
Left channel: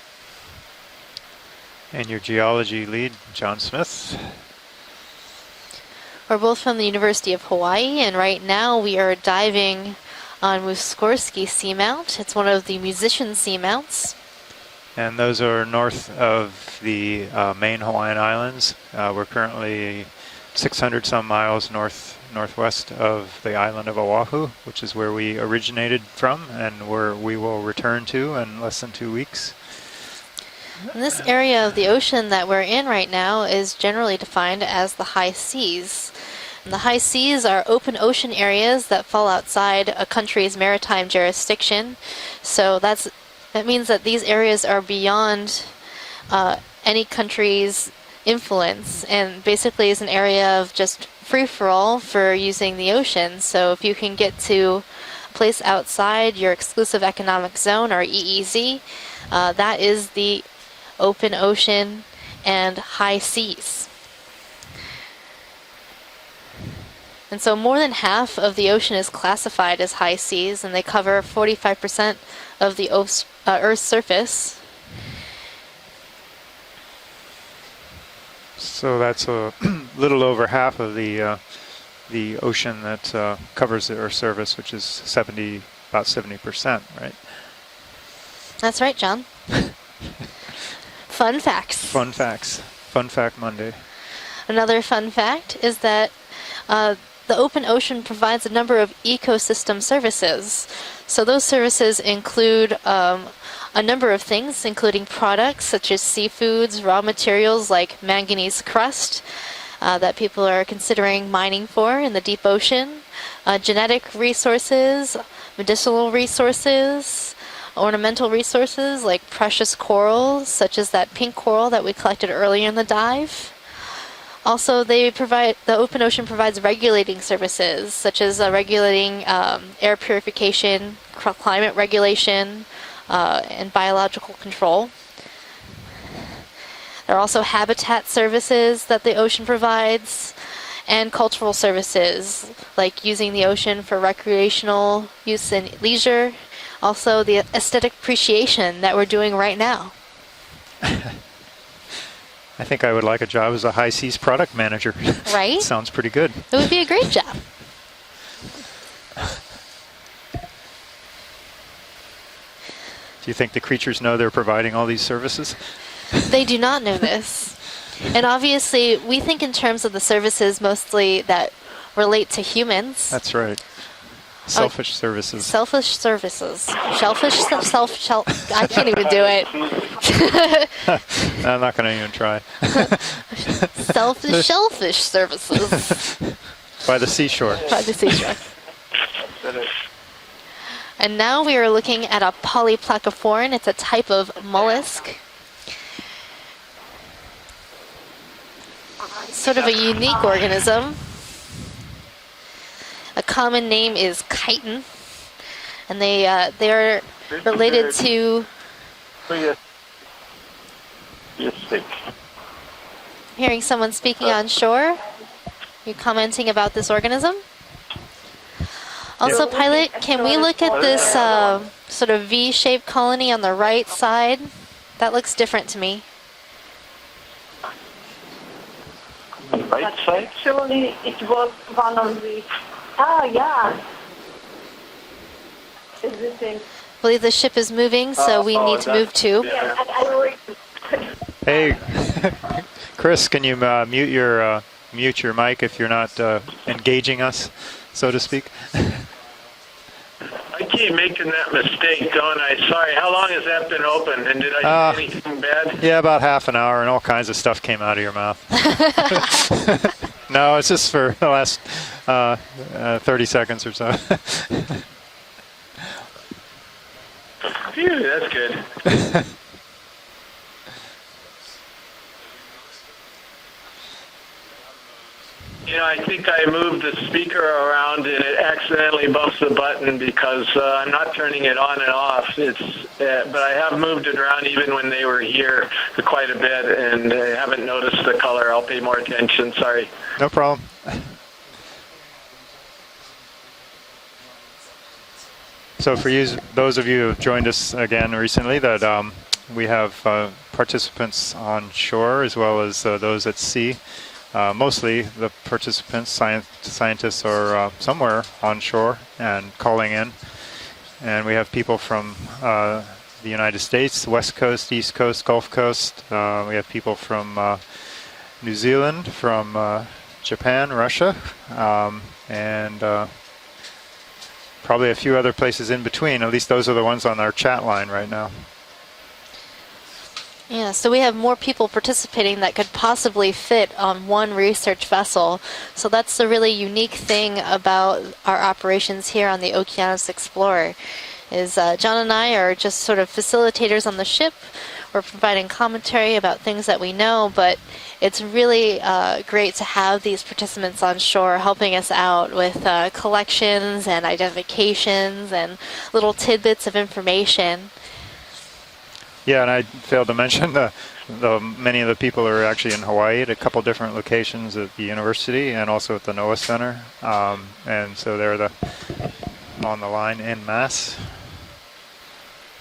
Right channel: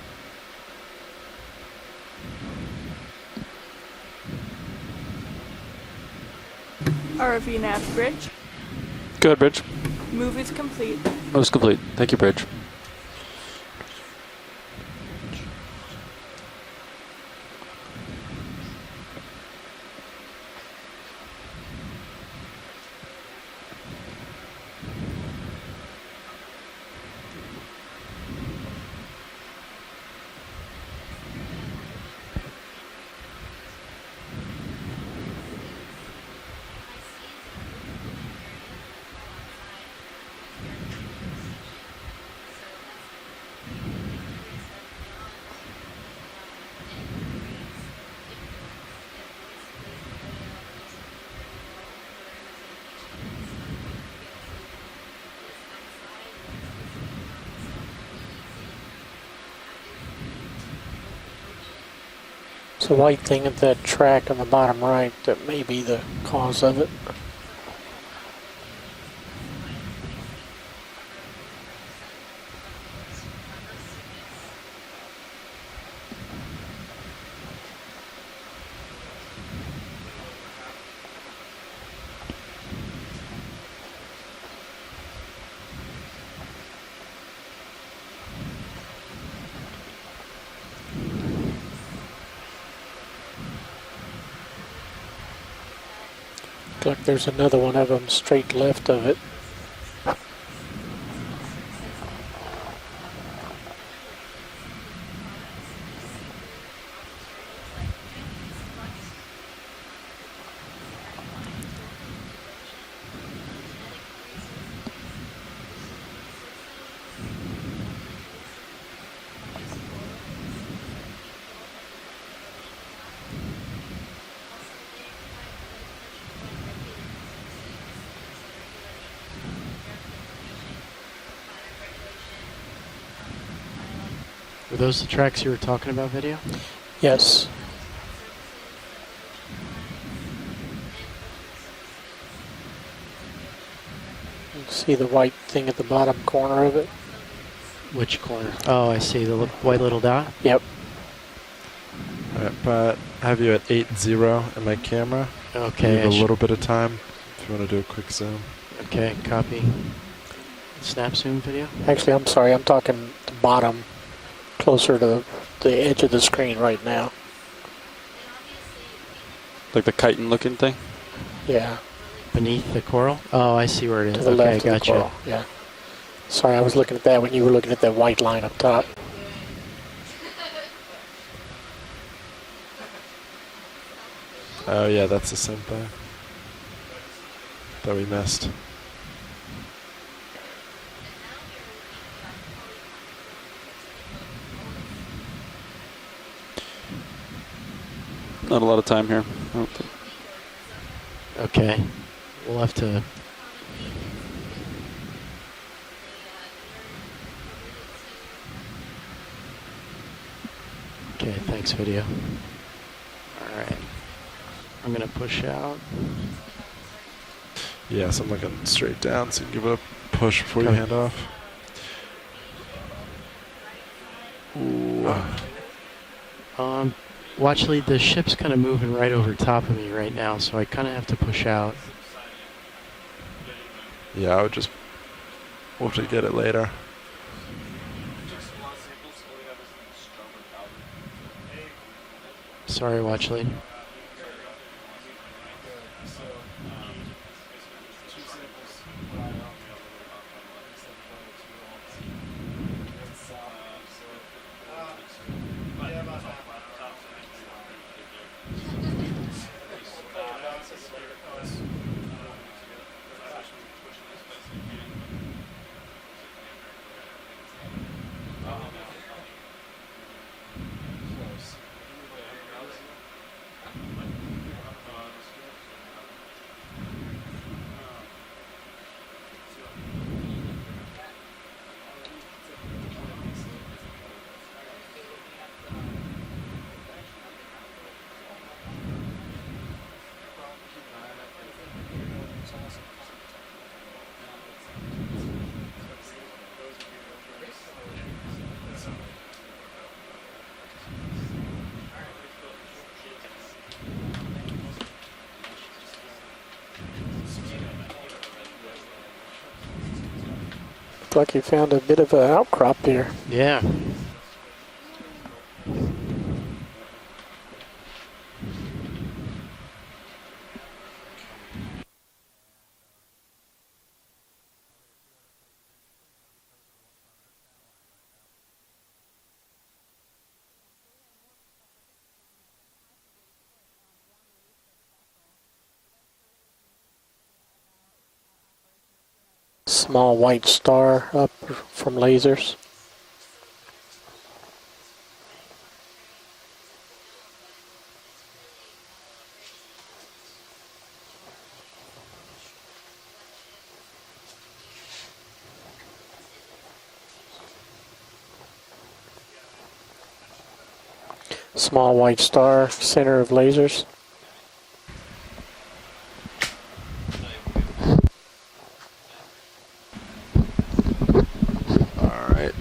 And your geology lead, John Smith. We're both from the University of Hawaii, and right now we are diving on Muskorski seamounts. It's one of the musician seamounts. And those are north of the main Hawaiian Islands. We're currently 600 some miles northwest of the island of Oahu, which is where we originated from and where we will return to in less than 2 weeks. And this area of the ocean that we're in right now is generally defined as the high seas. And the high seas are open ocean areas that fall outside a country's maritime jurisdiction. So that means that these areas are beyond any country's influence, and basically is an area of just free-for-all for using the ocean. So if you can get to a place outside your exclusive economic zone, or EEZ, that is the open ocean and high seas. That track on the bottom right that may be the cause of it. And so more than half of the ocean is classified as high seas, and they cover 45% of the Earth's surface. So that's a little over half of the ocean that covers the Earth's surface, which is about 70%, right? That's right, John. Fun facts. Fun facts. Fun Fact Monday. Another fun fact is that the open ocean provides a number of ecosystem services. So those services include a number of things, including products such as seafoods, raw materials like manganese crust that people are considering mining for in the deep ocean, genetic resources, medicinal resources, ornamental resources like precious corals, such as that pink coral that we collected earlier in the dive. Also, the open ocean provides regulating services, such as regulating air purification, climate regulation, and biological control. Are those the tracks you were talking about, video? Yes. There are also habitat services that the ocean provides, and cultural services, like using the ocean for recreational use and leisure. Also, the aesthetic appreciation that we're doing right now. Little dot? Yep. I think I would like a job as a high seas product manager. Right? Sounds pretty good. It would be a great job. If you want to do a quick zoom. Okay, copy. Snap zoom video? Actually, I'm sorry, I'm talking. Do you think the creatures know they're providing all these services? They do not know this. And obviously, we think in terms of the services mostly that relate to humans. That's right. Oh, I see where it is. Selfish services. Selfish services. Sorry, I was looking at I can't even do it. I'm not going to even try. Selfish services. By the seashore. By the seashore. And now we are looking at a polyplacophorine. It's a type of mollusk. Not a lot of time here. Sort of a unique organism. Okay. We'll have to... A common name is chitin. And they are related to... Okay, thanks, video. Hearing someone speaking on shore. I'm going to push out. You commenting about this organism? Yes, I'm looking straight down. Also, pilot, can we look at this sort of V-shaped colony on the right side? That looks different to me. Well, actually, the ship's kind of moving right over top of me right now, so I kind of have to push out. Oh, yeah. Yeah, I would just... We'll have to get it later. I believe the ship is moving, so we need to move too. Hey, sorry, Chris, can you mute your mic if you're not engaging us, so to speak? I keep making that mistake, don't I? Sorry, how long has that been open? And did I do anything bad? Yeah, about half an hour, and all kinds of stuff came out of your mouth. No, it's just for the last 30 seconds or so. Phew, that's good. You know, I think I moved the speaker around and it accidentally bumps the button because I'm not turning it on and off. But I have moved it around even when they were here quite a bit, and I haven't noticed the color. I'll pay more attention. Sorry. No problem. So for those of you who have joined us again recently, that we have participants on shore as well as those at sea. Mostly the participants, scientists, are somewhere on shore and calling in. And we have people from the United States, West Coast, East Coast, Gulf Coast. We have people from New Zealand, from Japan, Russia, and probably a few other places in between. At least those are the ones on our chat line right now. Yeah, so we have more people participating that could possibly fit on one research vessel. So that's the really unique thing about our operations here on the Okeanos Explorer. Is John and I are just sort of facilitators on the ship. We're providing commentary about things that we know, but it's really great to have these participants on shore helping us out with collections and identifications and little tidbits of information. Yeah, and I failed to mention many of the people are actually in Hawaii at a couple different locations at the university and also at the NOAA Center. And so they're on the line en masse. All right.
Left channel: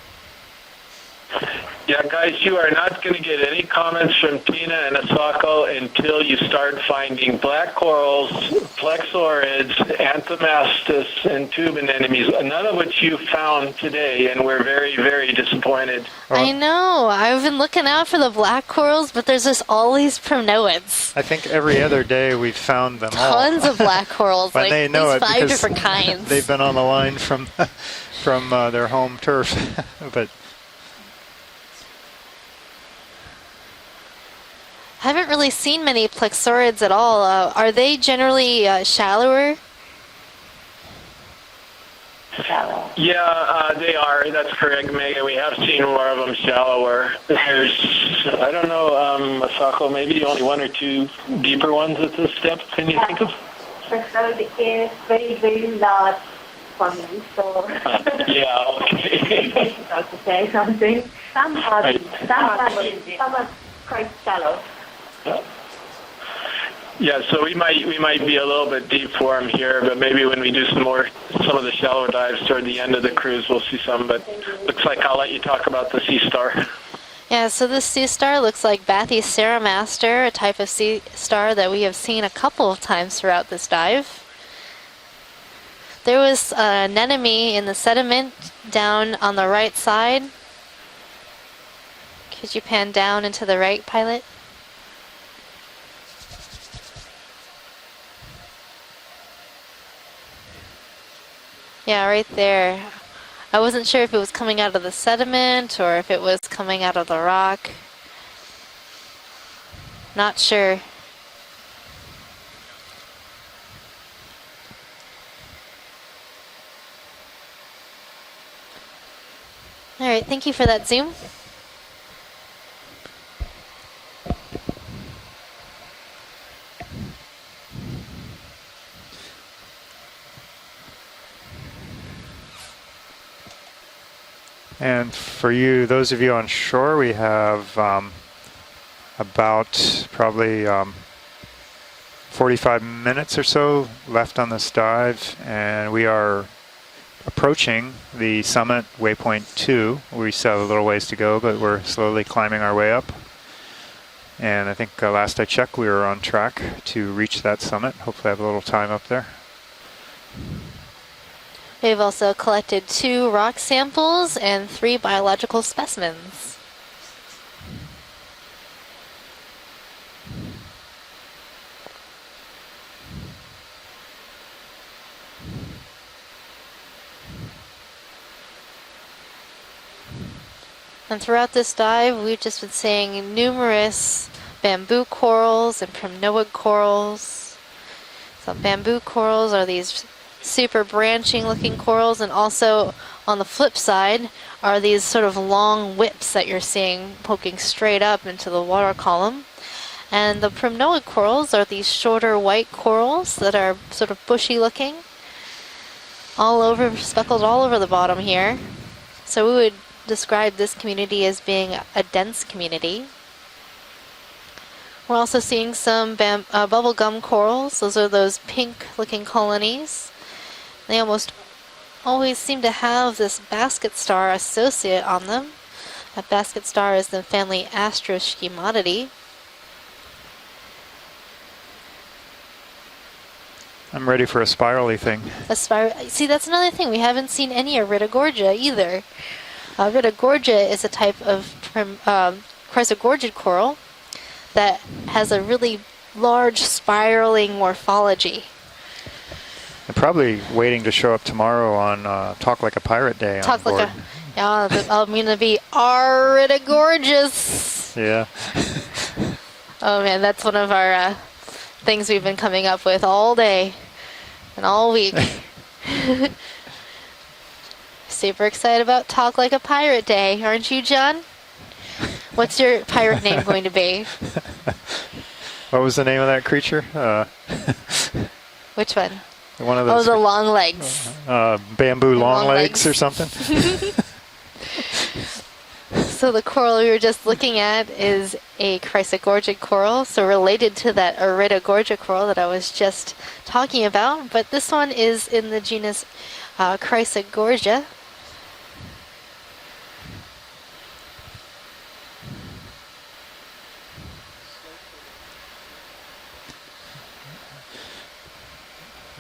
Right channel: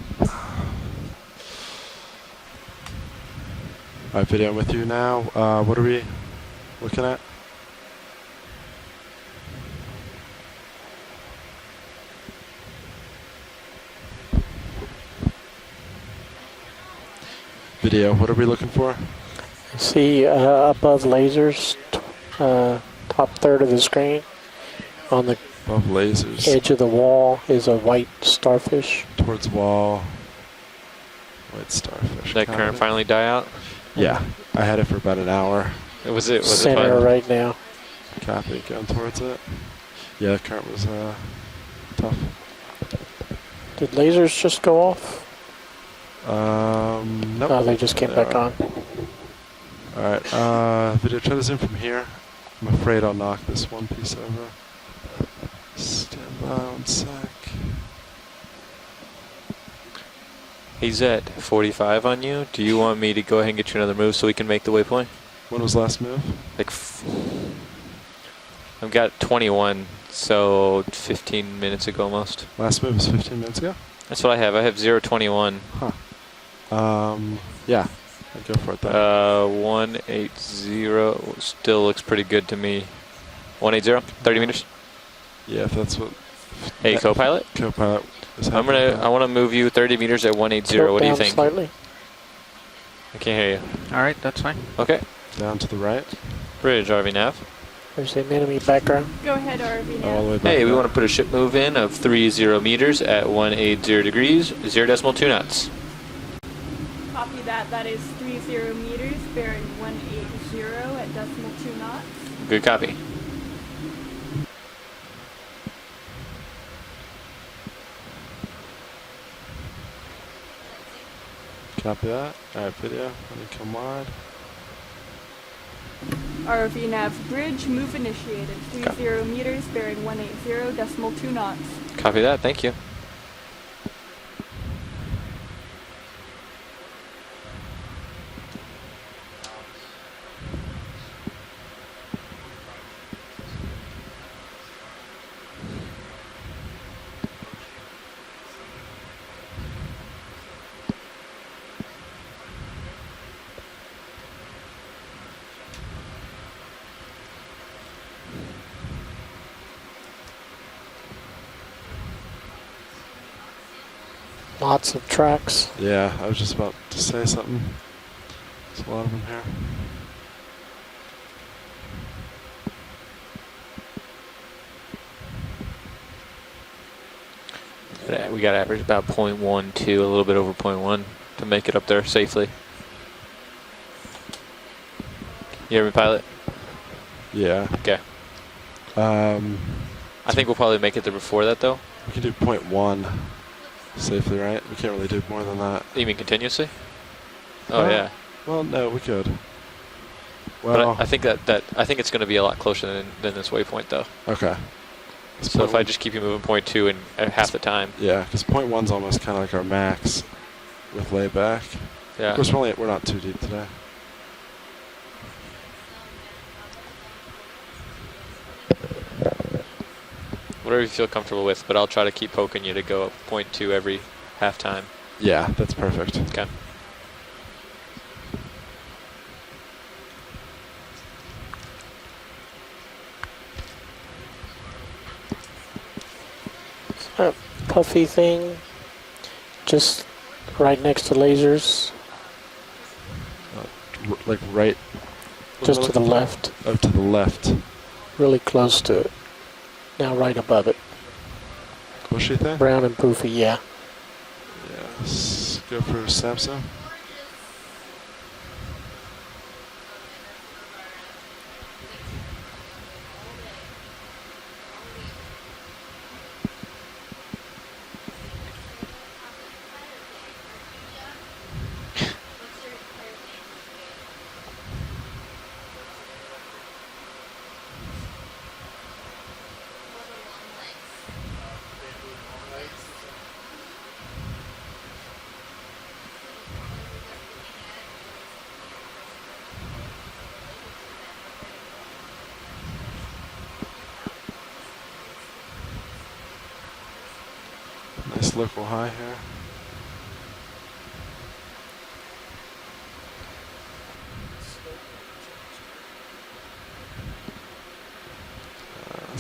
Yeah, guys, you are not going to get any comments from Tina and Asako until you start finding black corals, plexaurids, anthomastus, and tube anemones, none of which you found today, and we're very, very disappointed. I know. I've been looking out for the black corals, but there's just always pronoids. I think every other day we found them. Tons of black corals, like these 5 different kinds. They've been on the line from their home turf. But white starfish. Did that current finally die out? Yeah, I had it for about I haven't really an hour. seen many plexaurids at all. Right are they generally shallower? Yeah, the current was tough. Yeah, they are. That's correct, Megan. We have seen more of them shallower. I don't know, Masako, maybe you want one or two deeper ones at this step. Can you think of? Especially became very, very large for me. So yeah, okay. say something. He's at 45 on you. Do you want me to go ahead and get you another move so we can make the waypoint? What was last move? Yeah, so we might be a little bit deep for 21, here, but maybe when we do some more 15 some of the shallow dives toward the end of the cruise, we'll see some. But that's what I have. I have 021. Talk about the Sea Star. Yeah, so this Sea Star looks like Bathy's Ceramaster, a type of sea star that we have seen a couple of times throughout this dive. 30 meters. Yeah, if that's what. There was an enemy in the sediment down on the right 30 side. meters at 180. What do you think? Slightly. Could you pan down into the right, pilot? Alright, that's fine. Okay. Down to the right. Bridge, RV nav. There's an enemy background. Go ahead, RV All the way nav. back Hey, we up. want to put a ship move in of Yeah, 30 right there. meters at 180 I wasn't sure if it degrees. was coming out of the 0.2 knots. sediment or if it was coming out of the rock. That is 30 meters, bearing 180 Not sure. at decimal 2 knots. Good copy. All right, thank you for that zoom. Copy that. All right, video. Let me come wide. ROV nav bridge, move initiated. 30 meters, bearing 180, decimal 2 knots. Copy that. Thank you. And for you, those of you on shore, we have about probably 45 minutes or so left on this dive, and we are approaching the summit, waypoint 2. We still have a little ways to go, but we're slowly climbing our way up. And I think last I checked, we were on track to reach that summit. Hopefully I have a little time up there. We've also collected 2 rock samples and Lots 3 of biological tracks. specimens. Yeah, I was just about to say something. There's a lot of them here. We got to average about 0.12, a little bit over 0.1. And throughout to make this it up there dive, safely. we've just been seeing numerous bamboo corals, You and ever pilot? pronoid corals. Yeah. Okay. Some bamboo corals are these I think we'll probably super make it there branching before that, looking though. corals, and also 0.1 on the flip side safely, right? are I these can't sort of really do more than long that. You mean whips that you're continuously? seeing poking straight yeah. up into the Well, no, water we could. column. And the I pronoid think corals that- are I these think it's gonna be shorter a lot white closer corals than this that are waypoint, though. sort of bushy Okay. looking, So if I just keep you moving all 0.2 over, and speckled half all the over the time. bottom yeah, here. 0.1's almost kind So of we our would max. describe this community way as back. being a dense We're community. not too deep today. We're also seeing some bubblegum corals. Those are those pink looking colonies. Whatever you They feel almost comfortable with, but I'll try to keep always poking seem you to to go have this 0.2 basket every star half time. associate on Yeah, them. that's perfect. And basket star is the family Astroschematidae. I'm ready for a spirally thing. See, that's another thing. We haven't seen any puffy Iridogorgia thing. either. Just Iridogorgia right is a next to type lasers. of chrysogorgid coral Like that has a really Just to the left. large to the spiraling left. morphology. Really close to it. I'm probably right above waiting it. to show up tomorrow on Talk brown Like a and Pirate poofy, Day. yeah. Talk like a, yeah, I'm gonna be Iridogorgeous. Yeah. Oh man, that's one of our things we've been coming up with all day and all week. Super excited about Talk Like a Pirate Day, aren't you, John? What's your pirate name going to be? What was the name of that creature? Which one? One of those. Oh, the long legs. Bamboo long Long legs legs. or something. So the coral we were just looking at is a chrysogorgic coral, so related to that Iridogorgia coral that I was just talking about. But this one is in the genus Chrysogorgia. Nice local high here.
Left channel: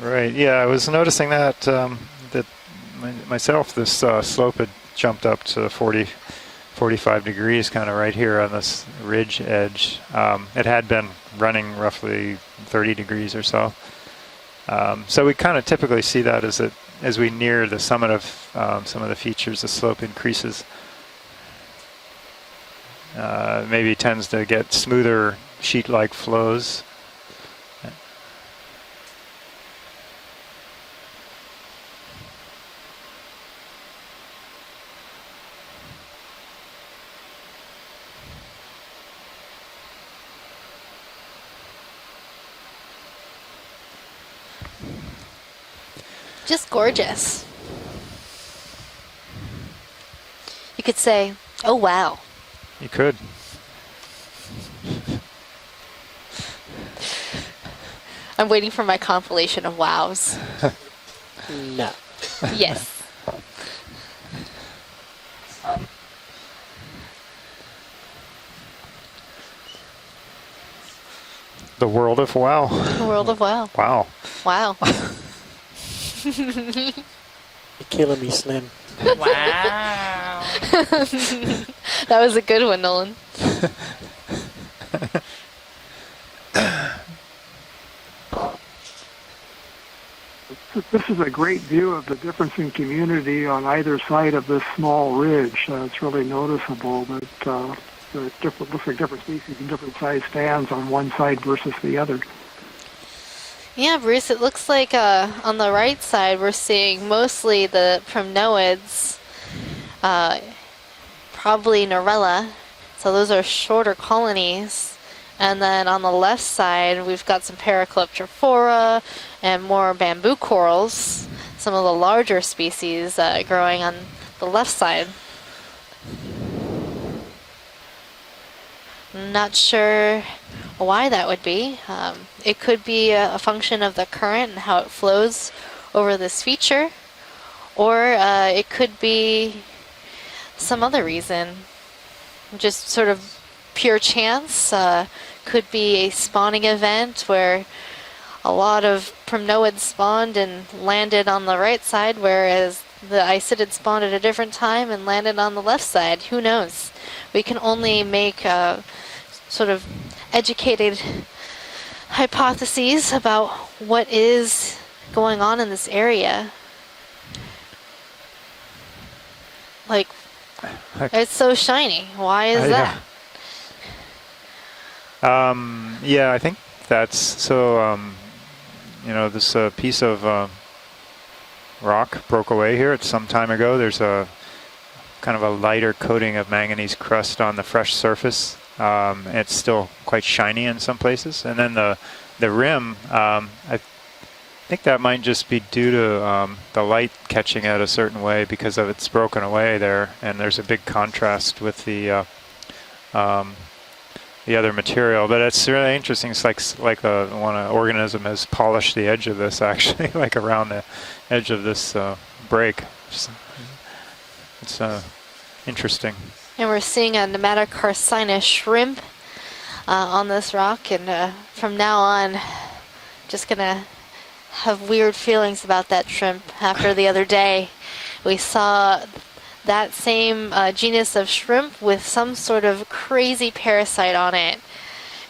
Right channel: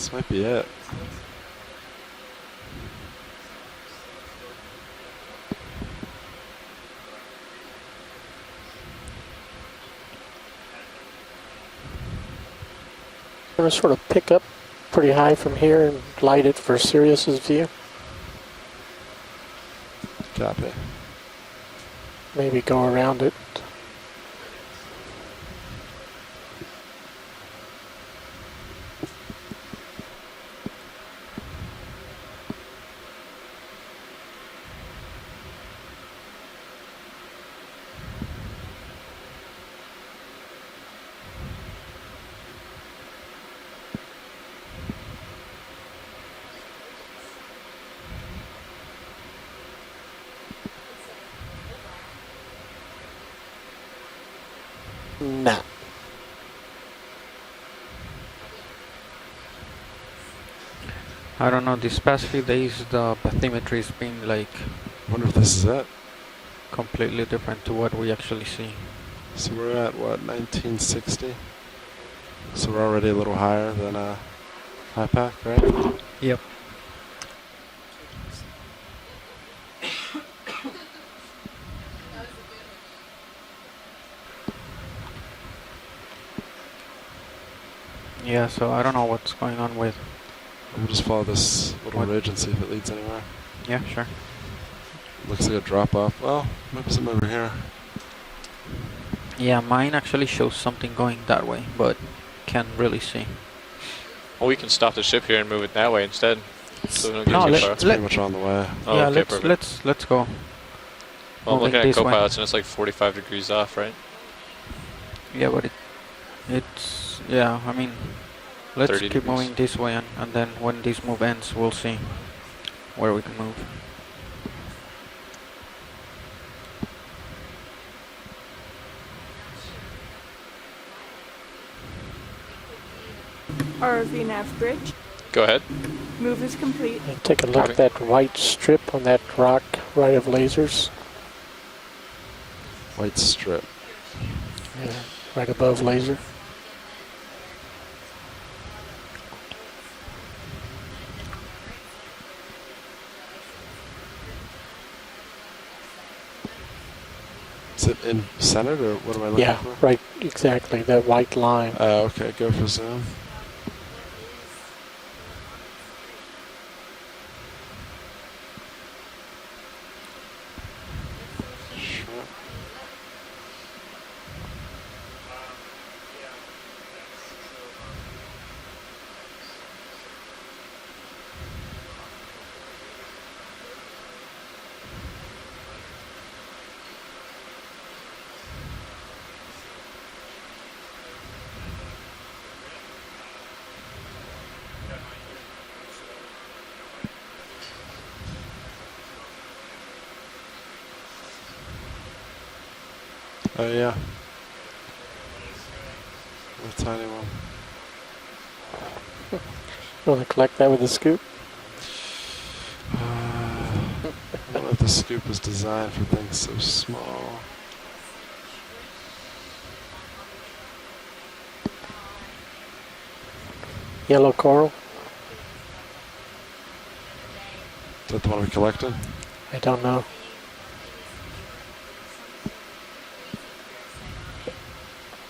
Right. Yeah, I was noticing that myself. This slope had jumped up to 45 degrees, kind of right here on this ridge edge. It had been running roughly 30 degrees or so. I'll sort of pick up pretty so high we kind of from here typically and see that light as, it for as we Sirius's near view. the summit of some of the features, the slope increases. Maybe go around it. Maybe tends to get smoother sheet-like flows. Just gorgeous. You could say, oh wow. You could. Nah. I'm waiting for my compilation of wows. I don't know, these past few days Yes. the bathymetry's been like I wonder if this is it. completely different to what we actually see. So we're at what, 1960? The world of wow. So we're already The world a of little wow. higher Wow. than, Wow. my path, right? Yep. You're killing me, Slim. Wow. That was a good one, Nolan. Yeah, so I don't know what's going on with This is a great view of the difference in community on either side of this small ridge. Is it a It's drop-off? really Oh, noticeable there's another that here. the different, looks like different species. yeah, of mine different actually size shows bands something on one going side that way, versus but the other. can't really see. Yeah, Bruce, it Well, we looks can like stop the ship here and on move the it that right way side instead. we're seeing So mostly that's the pretty much on the way. Promnoids, Oh, yeah, okay, let's go. probably Okay, Norella. it's like 45 So those are degrees off, shorter right? colonies. Yeah, And but then on the left side, we've got yeah, some I mean, Paracleptrophora let's keep moving and this more way, bamboo then when corals. these move ends, we'll Some of the see larger species where we can- growing on the left side. Not sure why that would be. It could be a function of the current and how it flows Go ahead. over this feature, Take a look at that or white it strip could on be that rock right of lasers. some other reason. Just sort White of strip. pure chance. Right Could above be a laser. spawning event where a lot of Promnoids spawned and landed on the right side, whereas the Isidid spawned at a different time and landed on the left side. Who knows? We can only Is it in make center, or what am I looking Yeah, at? sort of right, exactly, educated that white line. Okay, hypotheses about what is going on in this area. Like, it's so shiny. Why is that? Yeah, I think that's so. You know, this piece of rock broke away here some time ago. There's a kind of a lighter coating of manganese crust on the fresh surface. It's still quite shiny in some places, and then the rim. I think that might just be due to the light catching it a certain way because of it's broken away there, and there's a big contrast with the yeah. the other material. But it's really interesting. It's like when an organism has polished the edge of this, actually, like around the edge of this break. It's interesting. And we're seeing a Nematocarcina shrimp on this rock, and from now on, just gonna yellow coral. Have weird feelings about that shrimp. After the other day, we saw that same genus of shrimp with some sort of crazy parasite on it.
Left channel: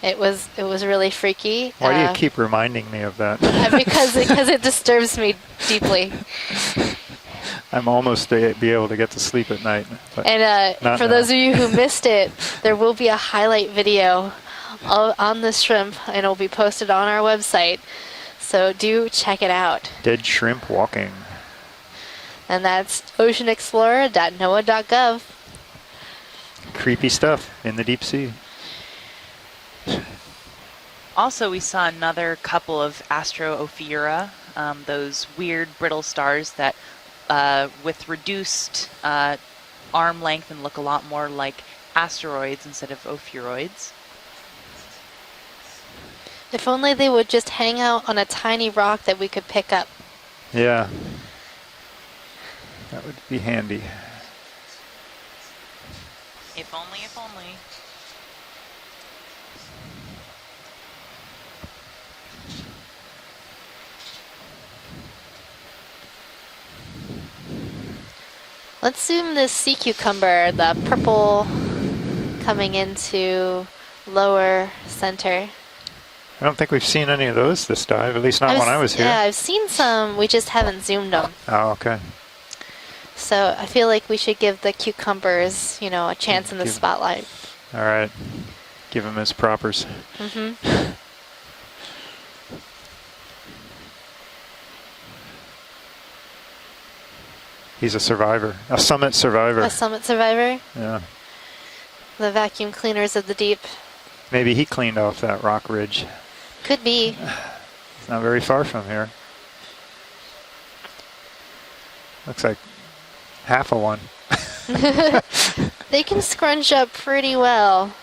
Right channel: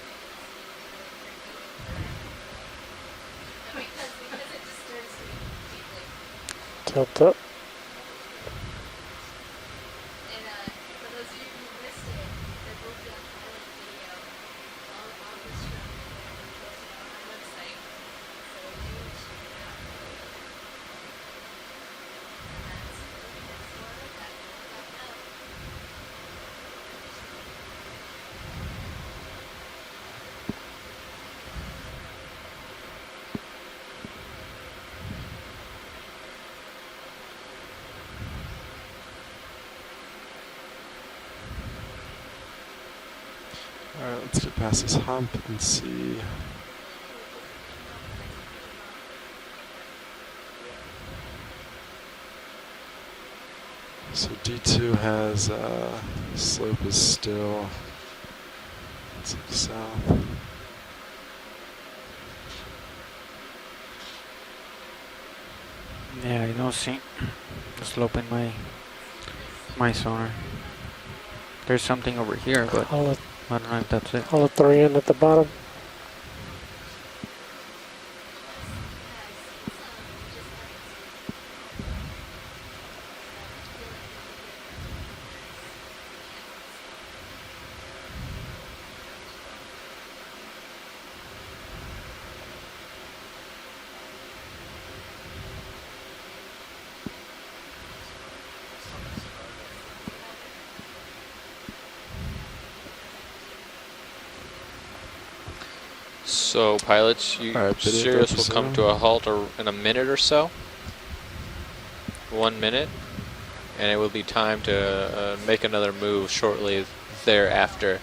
It was really freaky. Why do you keep reminding me of that? Because it disturbs me deeply. I'm almost be able to get to sleep at night. And for those of you who missed it, there will be a highlight video on this shrimp, and it'll be posted on our website. So do check it out. Dead shrimp walking. And that's oceanexplorer.noaa.gov. Creepy stuff in the deep sea. Also, we saw another couple of Astro-Ophiura, those weird brittle stars that with reduced arm length and look a lot more like asteroids instead of ophiuroids. Alright, let's get past this hump and see. If only they would just hang out on a tiny rock that we could pick up. Yeah. That would be handy. So D2 has slope is still south. Yeah, you don't see the slope in my... Let's zoom this sea cucumber, the purple. There's something over coming here. into lower center. I don't think we've seen any of those this dive, at least not when I was here. Yeah, I've seen some, we just haven't zoomed them. Oh, okay. So I feel like we should give the cucumbers, you know, a chance in the spotlight. All right. Give him his propers. Mm-hmm. He's a survivor, a summit survivor. A summit survivor? Yeah. The vacuum cleaners of the deep. Maybe he cleaned off that rock ridge. So, Could pilots, Sirius will come to a halt in a minute or so. Looks 1 like minute. Half a one. And it will be time to make another they move. They can scrunch up pretty well.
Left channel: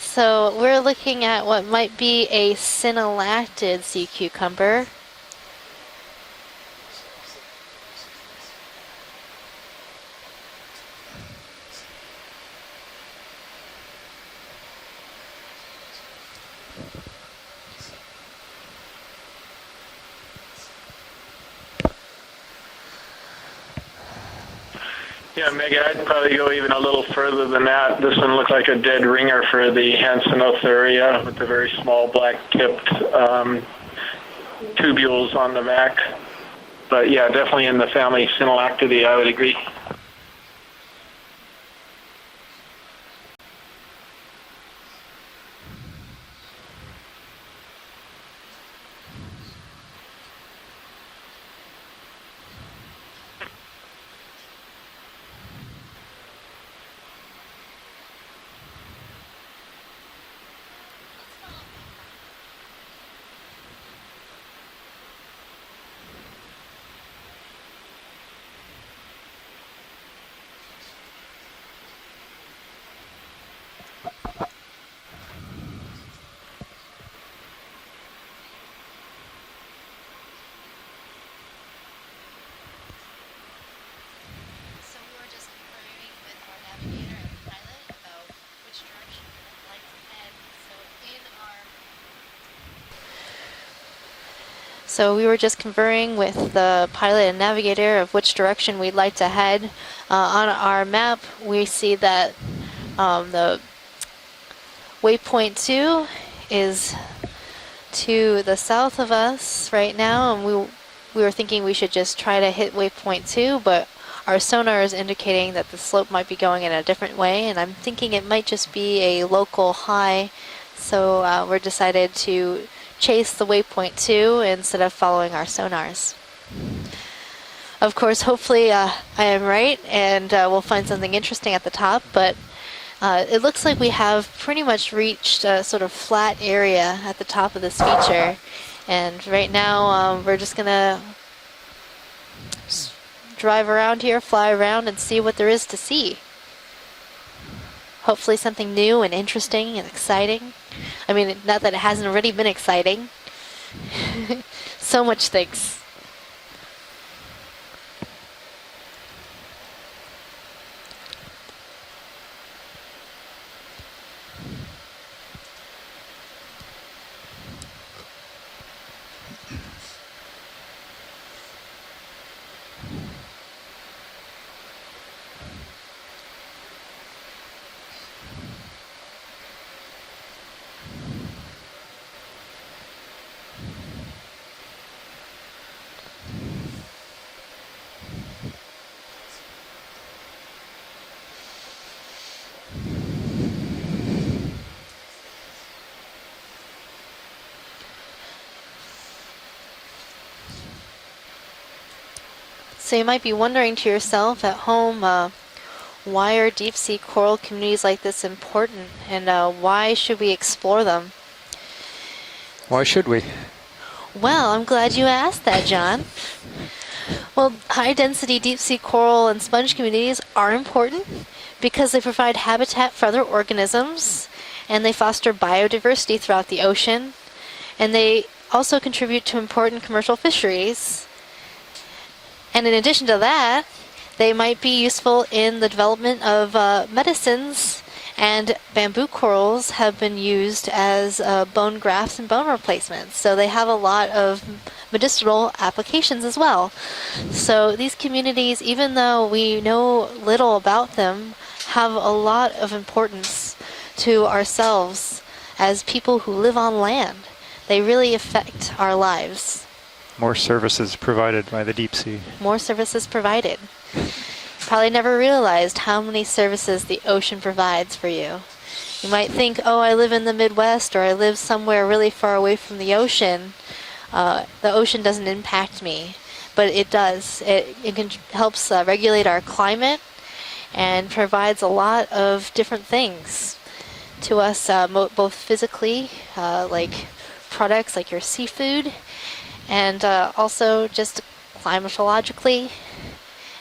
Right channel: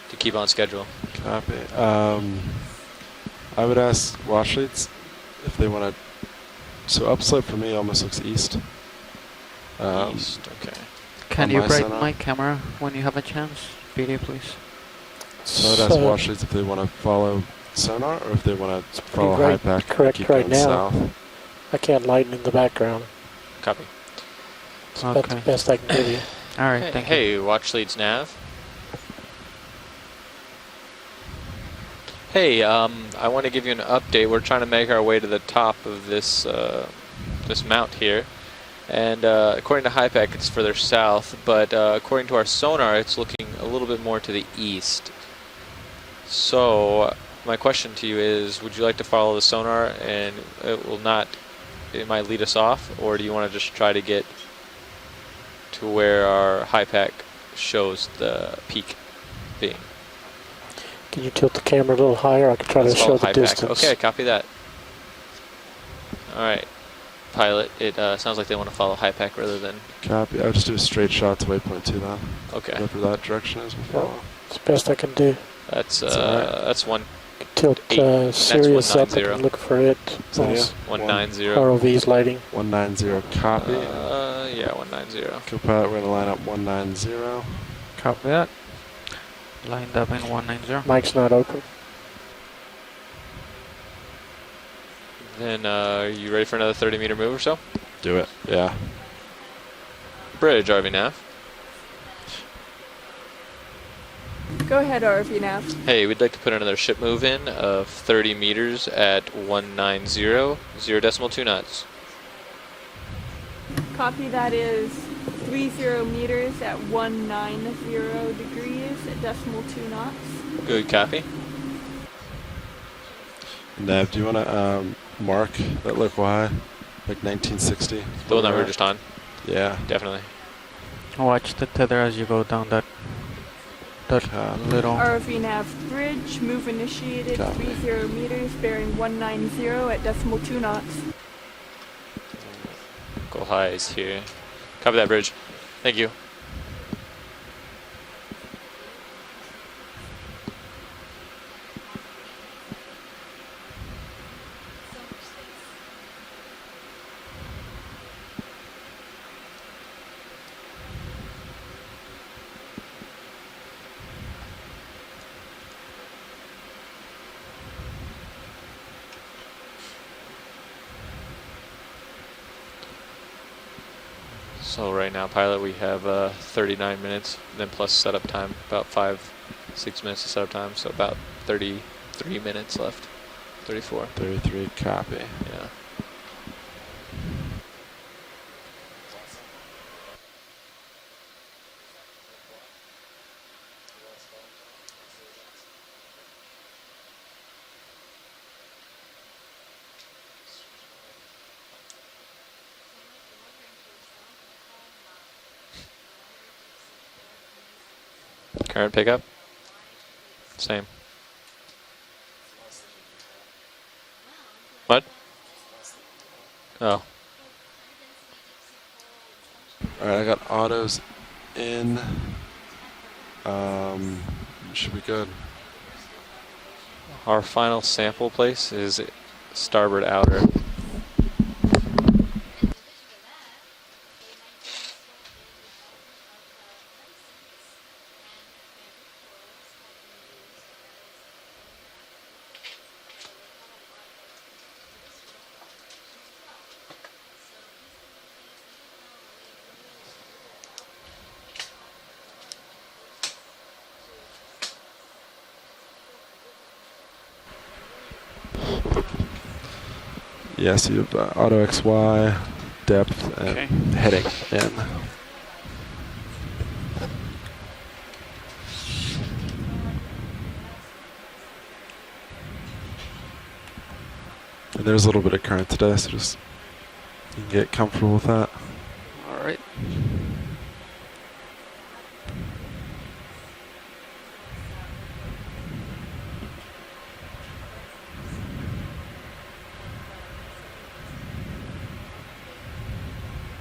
So we're looking at what might be a synallactid sea cucumber. If they want to, so upslope for me almost looks east. East, okay. Can you brighten my camera when you have a chance? Video, please. So I'd ask watchers if they want to follow sonar or if they want to follow high pack. Correct right now. South. I can't lighten in the background. Copy. Okay. Yeah, maybe I could probably go even a little further than that. This one looks like a dead ringer for the Hansenothuria with the very small black tips. I want to give you an update. We're trying to make our way to the top of this. But yeah, definitely in the family Synallactidae, I would agree. According to HIPAC, it's further south, but according to our sonar, it's looking a little bit more to the east. So my question to you is, would you like to follow the sonar and it might lead us off, or do you want to just try to get to where our HIPAC shows the peak being? Can you tilt the camera a little higher? I can try to show the distance. Okay, copy that. All right, pilot. It sounds like they want to follow HIPAC rather than... Copy. I would just do a straight shot to waypoint 2 then. Okay. Whatever that direction is. That's the best I can do. That's one. Tilt Sirius up and look for it. 190. ROV's lighting. 190. Copy. Yeah, 190. Co-pilot, we're going to line up 190. Copy that. Lined up in 190. Mic's not open. So we were just conferring with the pilot and navigator of which direction we'd like to head. On our map, we see that the waypoint 2 hey, we'd like to put another ship move in of 30 meters the south at of us 190, right now. We were 0.2 thinking knots. we should just try to hit waypoint 2, but our sonar is indicating that the slope might be going in a different way, and I'm thinking it might just be a local high. Good so we're decided to chase the waypoint 2 instead of following our sonars. Local high, like 1960. Of course, hopefully I am right, and we'll find something interesting at the top, but it looks like we have pretty much reached a sort of flat area at the top of this feature, and right now we're just going to drive around here, fly around, and see what there is to see. hopefully something new and interesting and exciting. I mean, not that it hasn't already been exciting. So much things. So right now, pilot, we have 39 minutes, then plus setup time, about 5-6 minutes of setup time, so about 33 minutes left. 34. 33, copy. Yeah. So you might be wondering to yourself at home, why are deep sea coral communities like this important, and why should we explore them? Why should we? Well, I'm glad you asked that, John. Oh. Well, high-density deep-sea coral and sponge communities are important because they provide habitat for other organisms, and they foster biodiversity throughout the ocean. Our final and they sample place also is contribute to important starboard commercial outer. fisheries. And in addition to that, they might be useful in the development of medicines, and bamboo corals have been used as bone grafts and bone replacements. So they have a lot of medicinal applications as well. So these communities, even though we know little about them, have a lot of importance to ourselves as people who live on land. They really affect our lives. More services provided by the deep sea. More services provided. Heading. Yeah. Probably never realized how many services the ocean provides for you. You might think, oh, I live in the Midwest, or I live somewhere really far away from the ocean. The ocean doesn't impact me, but it does. It helps regulate our climate and provides a lot of different things to us, both physically, like products like your seafood, and also just climatologically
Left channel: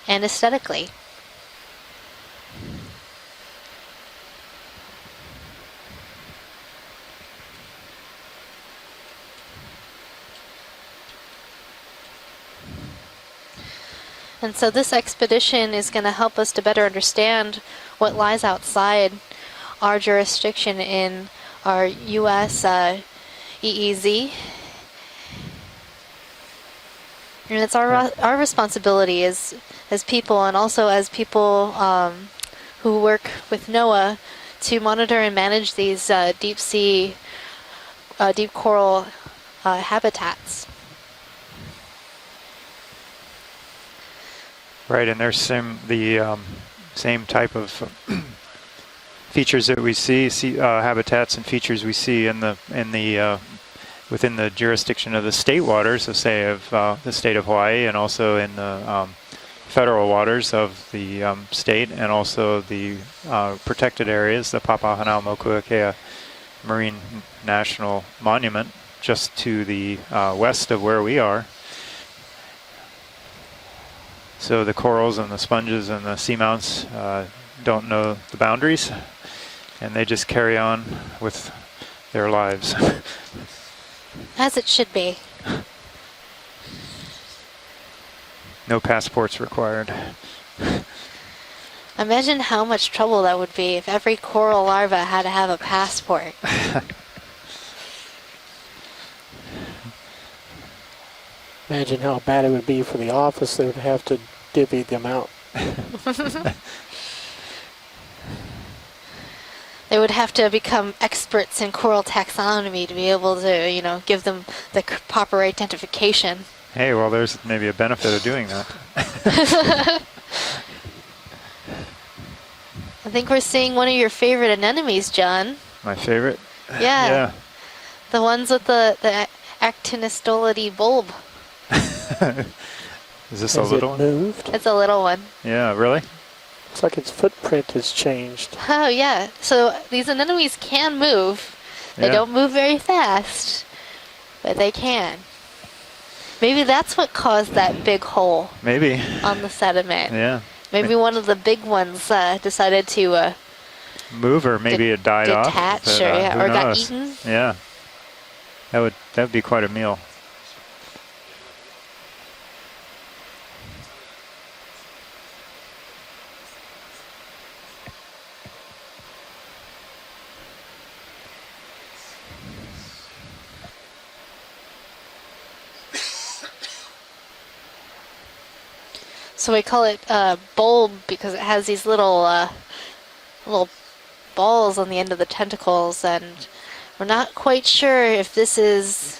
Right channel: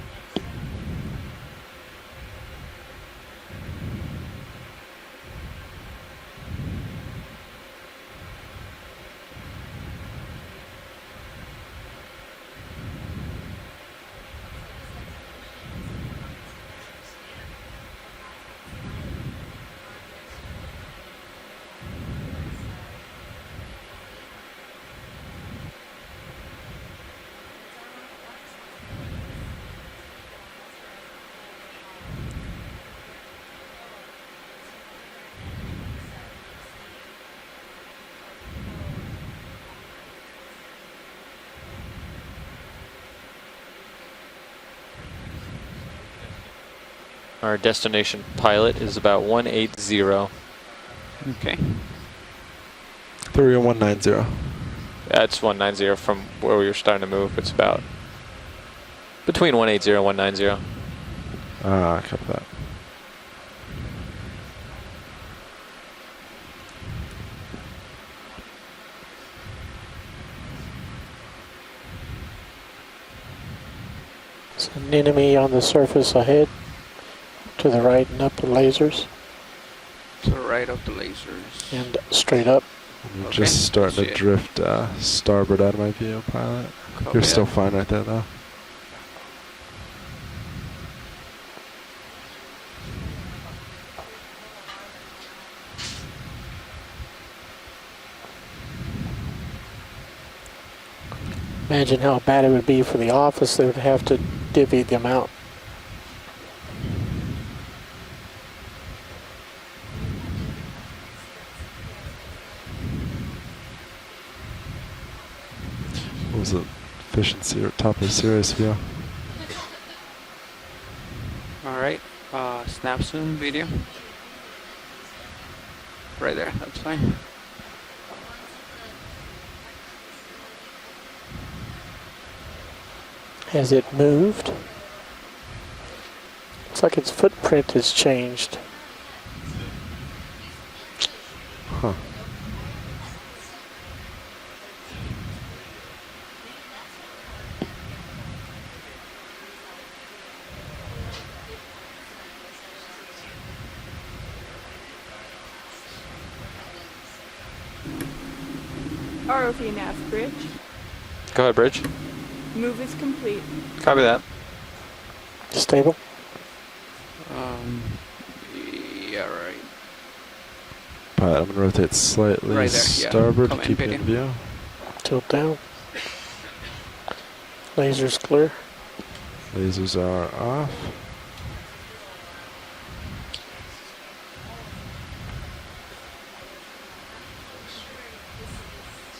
and aesthetically. And so this expedition is going to help us to better understand what lies outside our jurisdiction in our U.S. EEZ. And it's our responsibility as people, and also as people who work with NOAA, to monitor and manage these deep sea, deep coral habitats. Right, and there's same type Our of destination pilot is about 180. features that we see habitats and features we see in the 30190 within the jurisdiction of the state waters, so say of the state of Hawaii, and also in the between 180 federal and waters of the state, and also the protected areas, the Papahanaumokuakea Marine National Monument, just to the west of where we are. So the corals and the sponges and the seamounts don't know the boundaries, and they just carry on with their lives. Just starting to drift As it should be. starboard out of my view, pilot. You're still fine right there, though. No passports required. Imagine how much trouble that would be if every coral larva had to have a passport. Imagine how bad it would be for the office. They would have to divvy them out. They would have to become experts in coral taxonomy to be able to, give them the proper identification. Hey, well, there's maybe a benefit of doing that. All right. Snaps. I think we're seeing one of your favorite anemones, John. My favorite? Yeah. The ones with the actinostolidae bulb. Is this Has a little it moved? It's a little one. Yeah, really? Looks like its footprint has changed. Oh, yeah. So these anemones can move. They don't move very fast, but they can. Maybe that's what caused that big hole. Maybe. On the sediment. Yeah. Maybe one of the big ones decided to move, or maybe it died off. Detach, But, or got knows? eaten. Yeah. That'd be quite a meal. Bridge. Go ahead, Bridge. Move is complete. Copy that. Stable. Yeah, right. Pilot, I'm going to rotate slightly Right there, yeah. starboard to Come keep in, you in Petey. view. Tilt down. Laser's clear. So we call it Lasers are off. bulb because it has these little balls on the end of the tentacles, and we're not quite sure if this is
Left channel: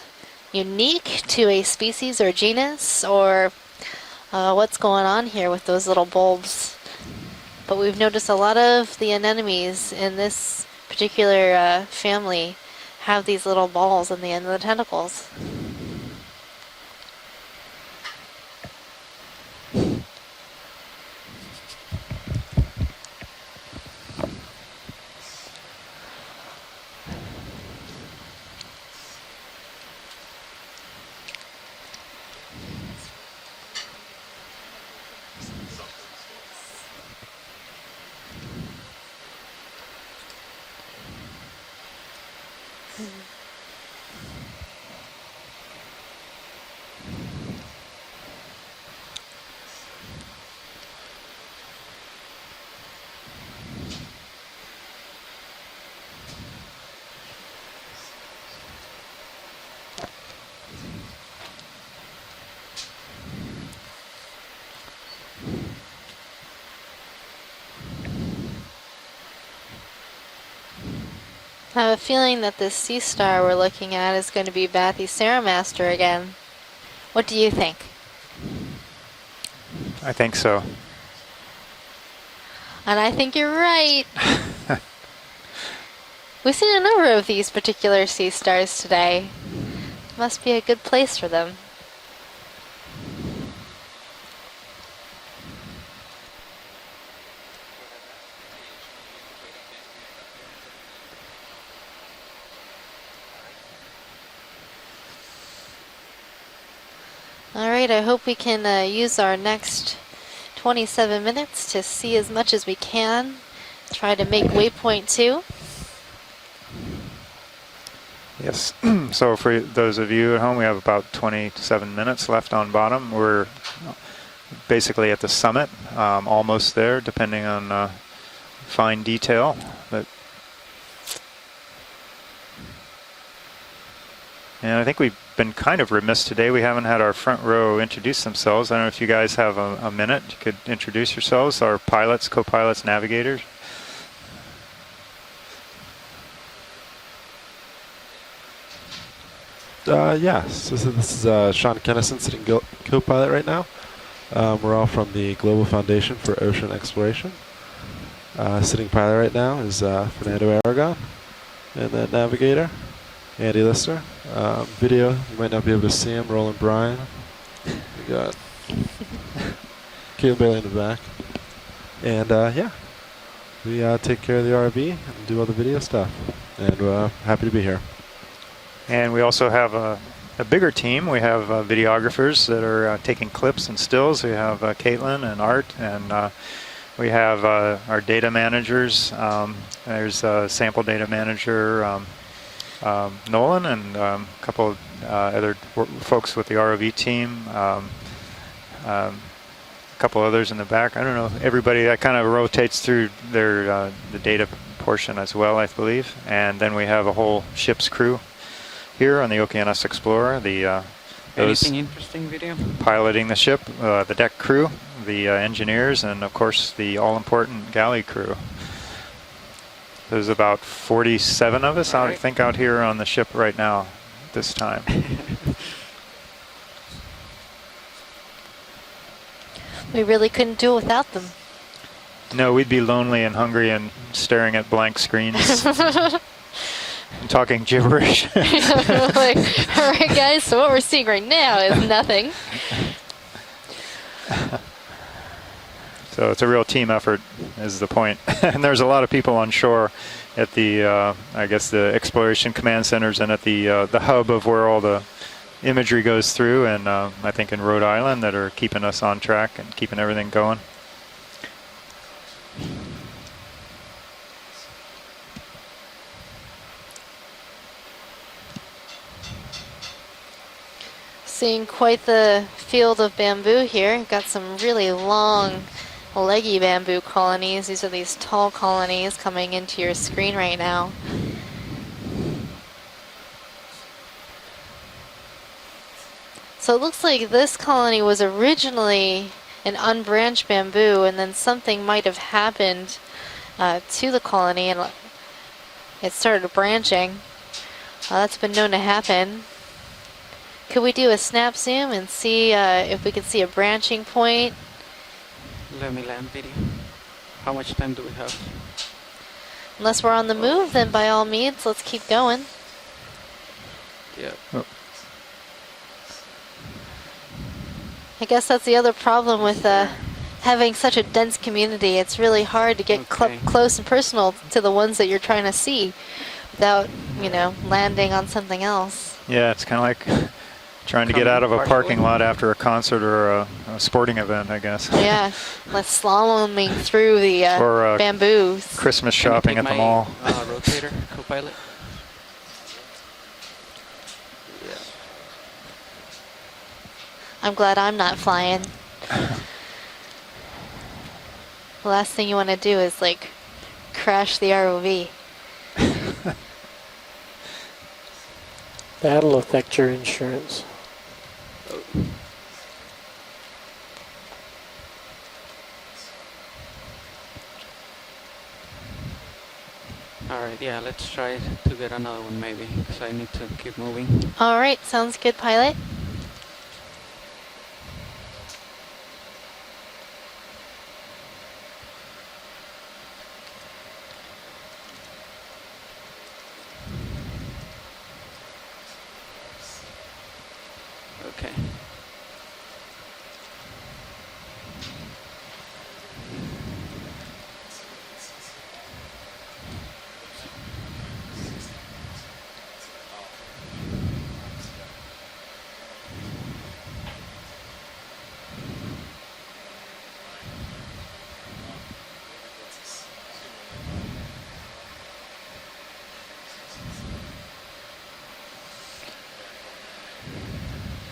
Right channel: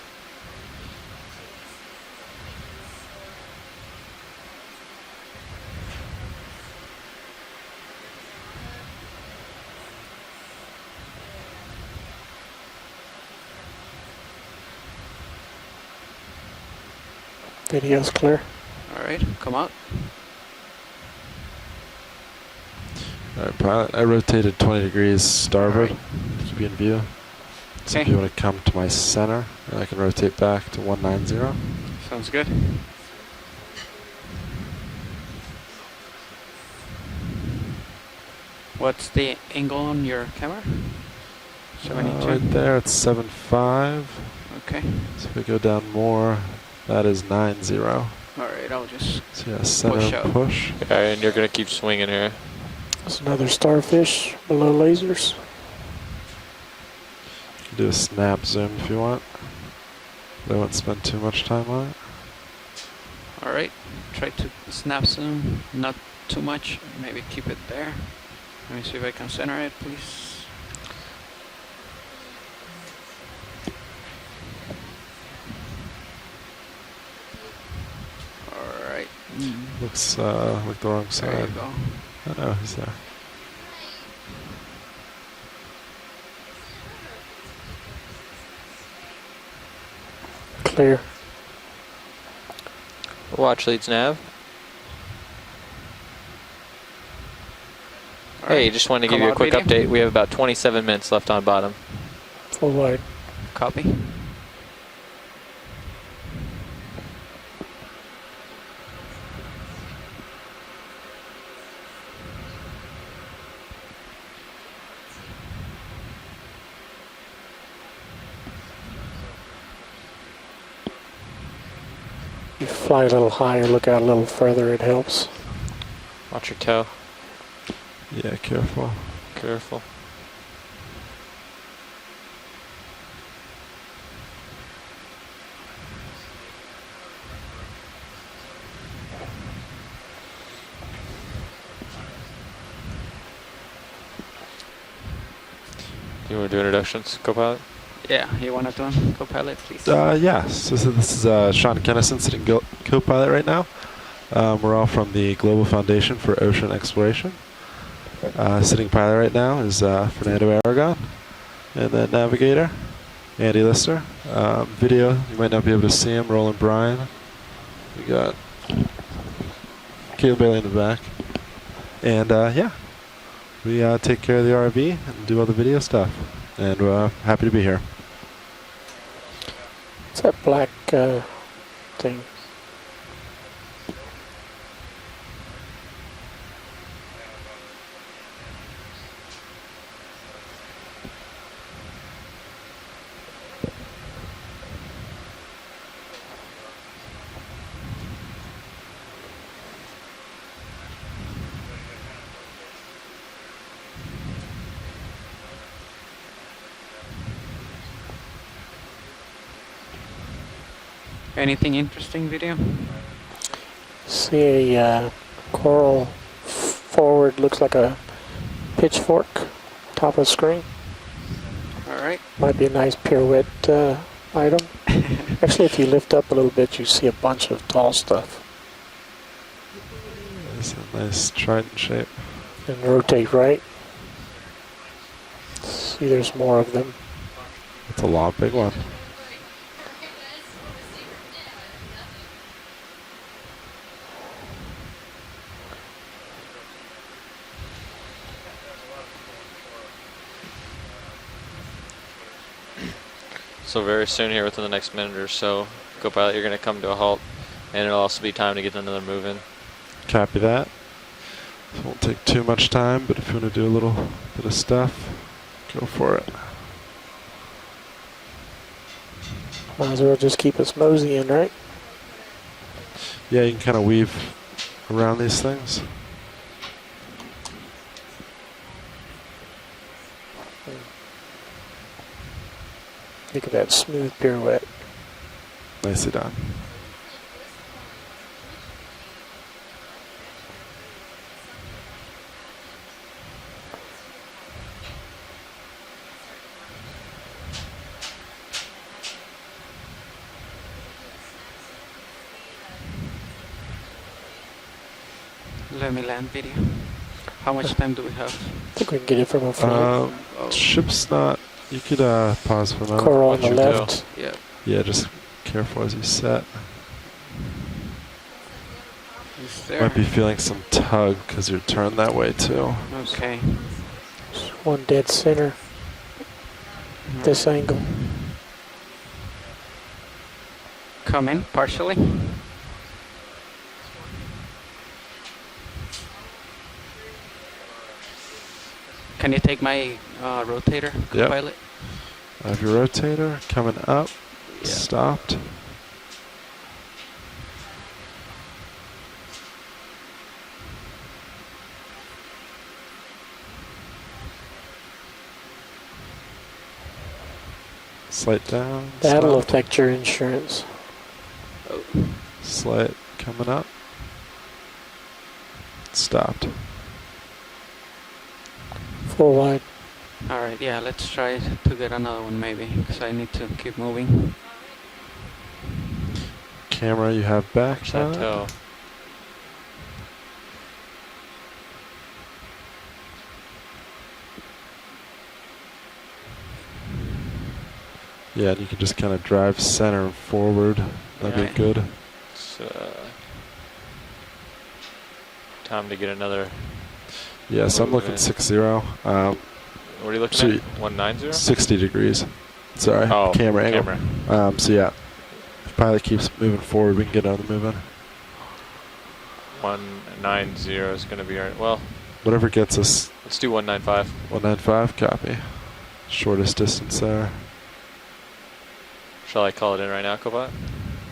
unique to a species or genus, or what's going on here with those little bulbs. But we've noticed a lot of the anemones in this particular family have these little balls on the end of the tentacles. Video's clear. All right, come out. Alright, pilot, I rotated 20 degrees starboard to be in view. So if Okay. you want to come to my center, and I can rotate back to 190. Sounds good. What's the angle on your camera? 72? Right there, it's 7.5. Okay. So if we go down more, that is 90. All right, I'll just So yeah, center push up. push. Yeah, and you're gonna keep swinging here. There's another starfish below lasers. Do a snap zoom if you want. I won't spend too much time on it. All right. Try to snap zoom, not too much. Maybe keep it there. Let me see if I can center it, please. I have a feeling that this sea star we're looking at is going to be Bathyceramaster again. What do you think? All right. Looks, I think so. Like the wrong side. There you go. Oh, he's there. And I think you're right. We've seen a number of these particular sea stars today. Must be a good Clear. place for them. Watch leads nav. Hey, just wanted to give Come you a out, quick Petey. update. We have about 27 minutes left on bottom. Full wide. Copy. All right, I hope we can use our next 27 minutes to see as much as we can. Try to make waypoint 2. Yes. So for those of you at home, we have about 27 minutes left on Fly a bottom. little We're higher, look out a little further. basically it at the helps. summit, almost your toe. there, depending on Yeah, careful. fine detail. Careful. But and I think we've been kind of remiss today. We haven't had our front row introduce themselves. I don't know if you guys have a minute. You could introduce yourselves, our pilots, co-pilots, navigators. You want to do introductions, co-pilot? Yeah, you want to do co-pilot, please? Yes. So this is Sean Kennison sitting co-pilot right now. We're all from the Global Foundation for Ocean Exploration. Sitting pilot right now is Fernando Aragon, and then navigator Andy Lister. Video, you might not be able to see him. Roland Bryan. We got Caleb Bailey in the back, and yeah, we take care of the RV and do all the video stuff. And we're happy to be here. And we also have a bigger team. We have videographers that are taking clips and stills. We have Caitlin and Art, and we have our data managers. There's a sample data manager, Nolan, and a couple of other folks with the ROV team. A couple others in the back. I don't know. Everybody that kind of rotates through their the data portion as well, I believe. And then we have a whole ship's crew here on the Okeanos Explorer. The Anything interesting video? piloting the ship, the deck See, crew, the engineers, and of course the all-important like galley crew. Pitchfork. Top of There's screen. about 47 of us, All I right. think, out That'd be here a nice on the ship pirouette, right now this item. time. Actually, if you lift up a little bit, you see a bunch of tall stuff. We really couldn't do it without them. Nice trident shape. No, we'd be They lonely rotate and right. hungry and staring at blank screens, See, there's more of them. talking gibberish. Like, all right, guys, so what we're seeing right now is nothing. So it's a real team effort, is the point. And there's a lot of people on shore at the, I guess, the exploration command centers and at the, So the very hub soon here of where within all the the next minute or so, imagery co-pilot, goes you're gonna through, come and to a halt. I think in Rhode And it'll also Island be that time are to get keeping them us moving. on track and keeping Copy everything going. that. Won't take too much time, but if you want to do a little bit of stuff, go for it. Might as well just keep us moseying, right? Seeing quite the field of bamboo here. Got some really long, leggy bamboo colonies. These are these tall colonies coming into your screen right now. Look at that smooth pirouette. Nicely done. So it looks like this colony was originally an unbranched bamboo, and then something might have happened to the colony, and it started branching. That's been known to happen. Could we do a snap zoom and see if we can see a branching point? Let me land video. How much time do we have? I think we can get it from a phone. Unless we're on the move, then by all means, let's keep going. Pause for now. Car on the left. Yeah. Yeah, just careful as you set. I guess that's the other problem with having such a dense community. It's really hard to get close and personal to the ones that you're trying to see without, you know, landing on something else. Yeah, it's kind of like trying to get out of a parking lot after a concert or a sporting event, I guess. Yeah, like slaloming through the bamboos. Christmas shopping at the mall. Can you take my rotator, co-pilot? I have your rotator coming up. Yeah. Stopped. I'm glad I'm not flying. The last thing you want to do is like crash the ROV. Slight down. That'll affect your insurance. Oh. Slight coming up. Stopped. Full wide. Alright, yeah, let's try to get another one maybe, because I need to keep moving. Alright, sounds good, pilot. Camera you have back. Chateau. Yeah, and you can just kind of drive center and forward. That'd be good. So, time to get another. Yeah, so I'm looking 6-0. What are you looking at? 190? 60 degrees. Sorry, oh, camera angle. So yeah, if pilot keeps moving forward, we can get another moving. 190 is going to be our, well. Whatever gets us. Let's do 195. 195, copy. Shortest distance there. Shall I call it in right now, Cobot?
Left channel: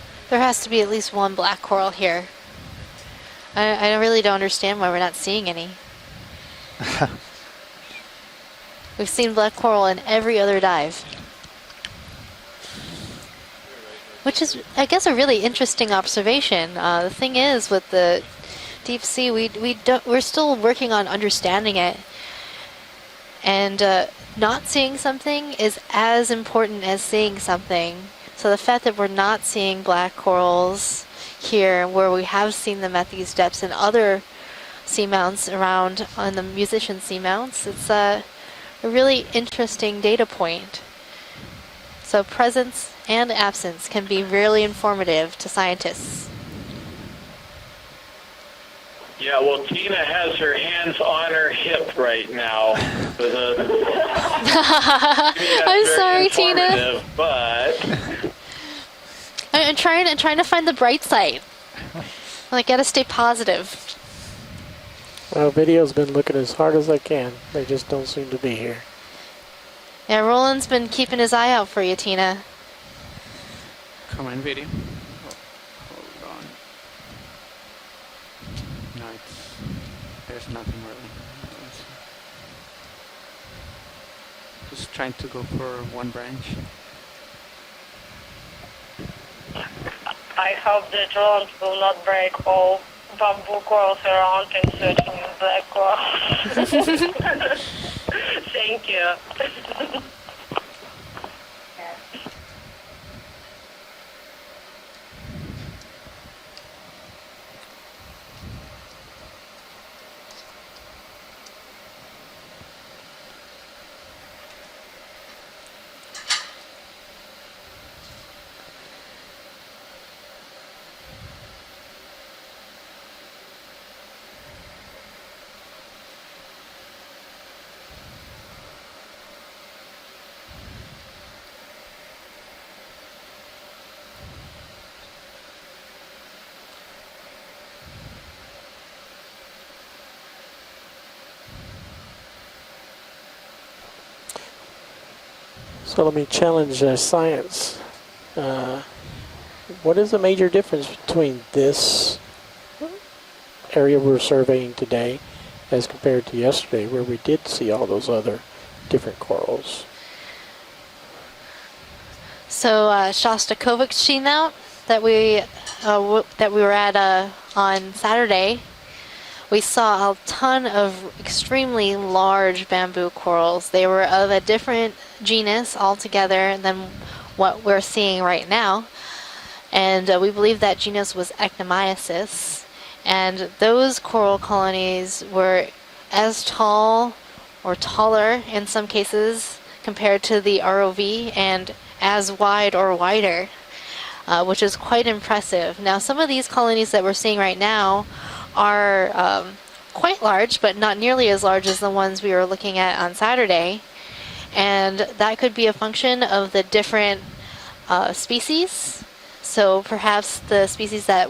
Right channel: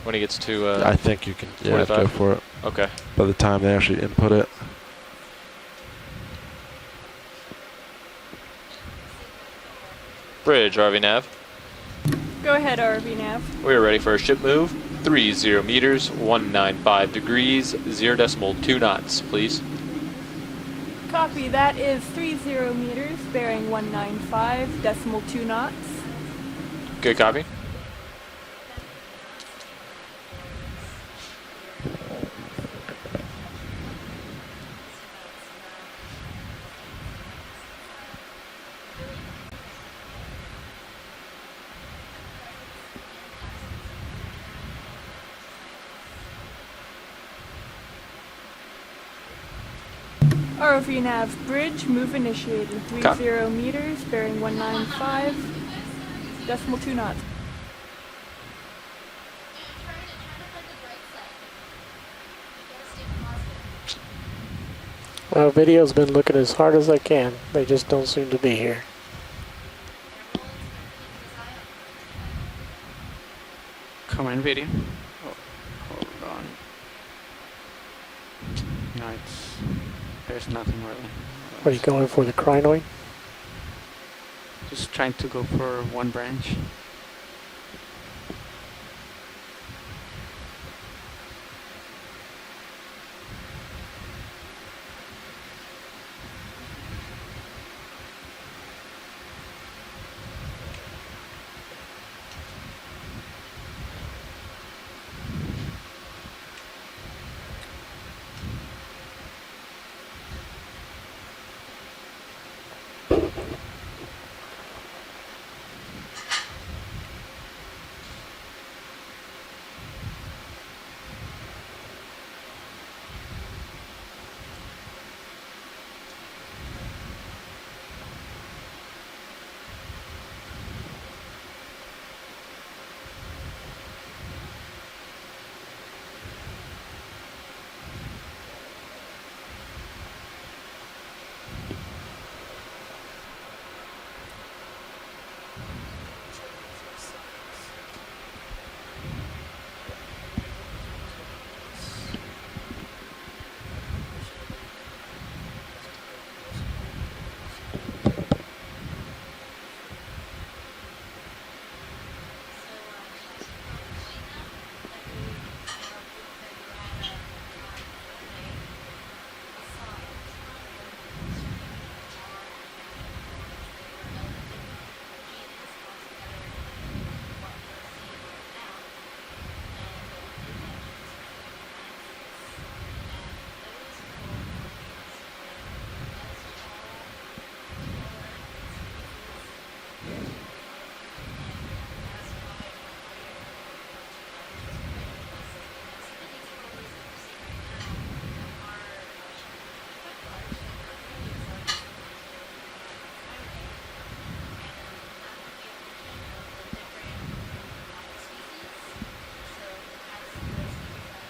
When he gets there has to be at least one black coral here. Okay. By the time I really don't understand why we're not seeing any. We've seen black coral in every other dive. ROV nav. Go ahead, ROV nav. We're ready for a ship move. I guess a really interesting observation. The thing is, with the deep sea, we're still working on understanding it. And not seeing something is as important as seeing something. So the fact that we're not seeing black corals here, where we have seen them at these depths and other seamounts around on the musician seamounts, it's a really interesting data point. So presence and absence can be really informative to scientists. Yeah, well, Tina has her hands on her hip right now. I'm sorry, Tina. But I'm trying to find the bright side. I gotta stay positive. Well, video's been looking as hard as I can. They just don't seem to be here. Yeah, Roland's been keeping his eye out for you, Tina. Come on, video. Oh, hold on. No, there's nothing really. Are you going for the crinoid? Just trying to go for one branch. I hope the drones will not break all bamboo corals around and searching in black coral. Thank you. So let me challenge science. What is the major difference between this area we're surveying today as compared to yesterday, where we did see all those other different corals? So Shostakovich seamount that we were at on Saturday, we saw a ton of extremely large bamboo corals. They were of a different genus altogether than what we're seeing right now, and we believe that genus was Ectomyiasis, and those coral colonies were as tall or taller in some cases compared to the ROV, and as wide or wider, which is quite impressive. Now, some of these colonies that we're seeing right now are quite large, but not nearly as large as the ones we were looking at on Saturday, and that could be a function of the different species. So perhaps the species that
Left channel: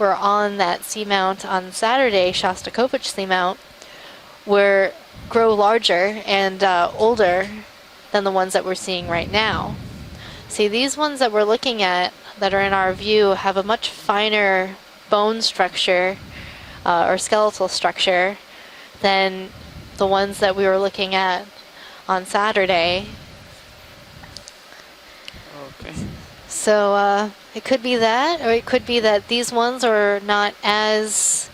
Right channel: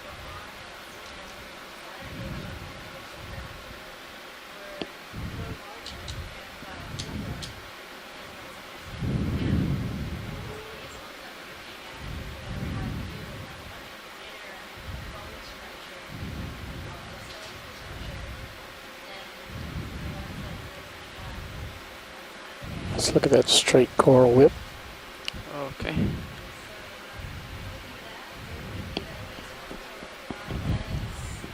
were on that seamount on Saturday, Shostakovich seamount, grow larger and older than the ones that we're seeing right now. See, these ones that we're looking at that are in our view have a much finer bone structure or skeletal structure than the ones that we were looking at on Saturday. Let's look at that straight coral lip. Okay. So it could be that, or it could be that these ones are not as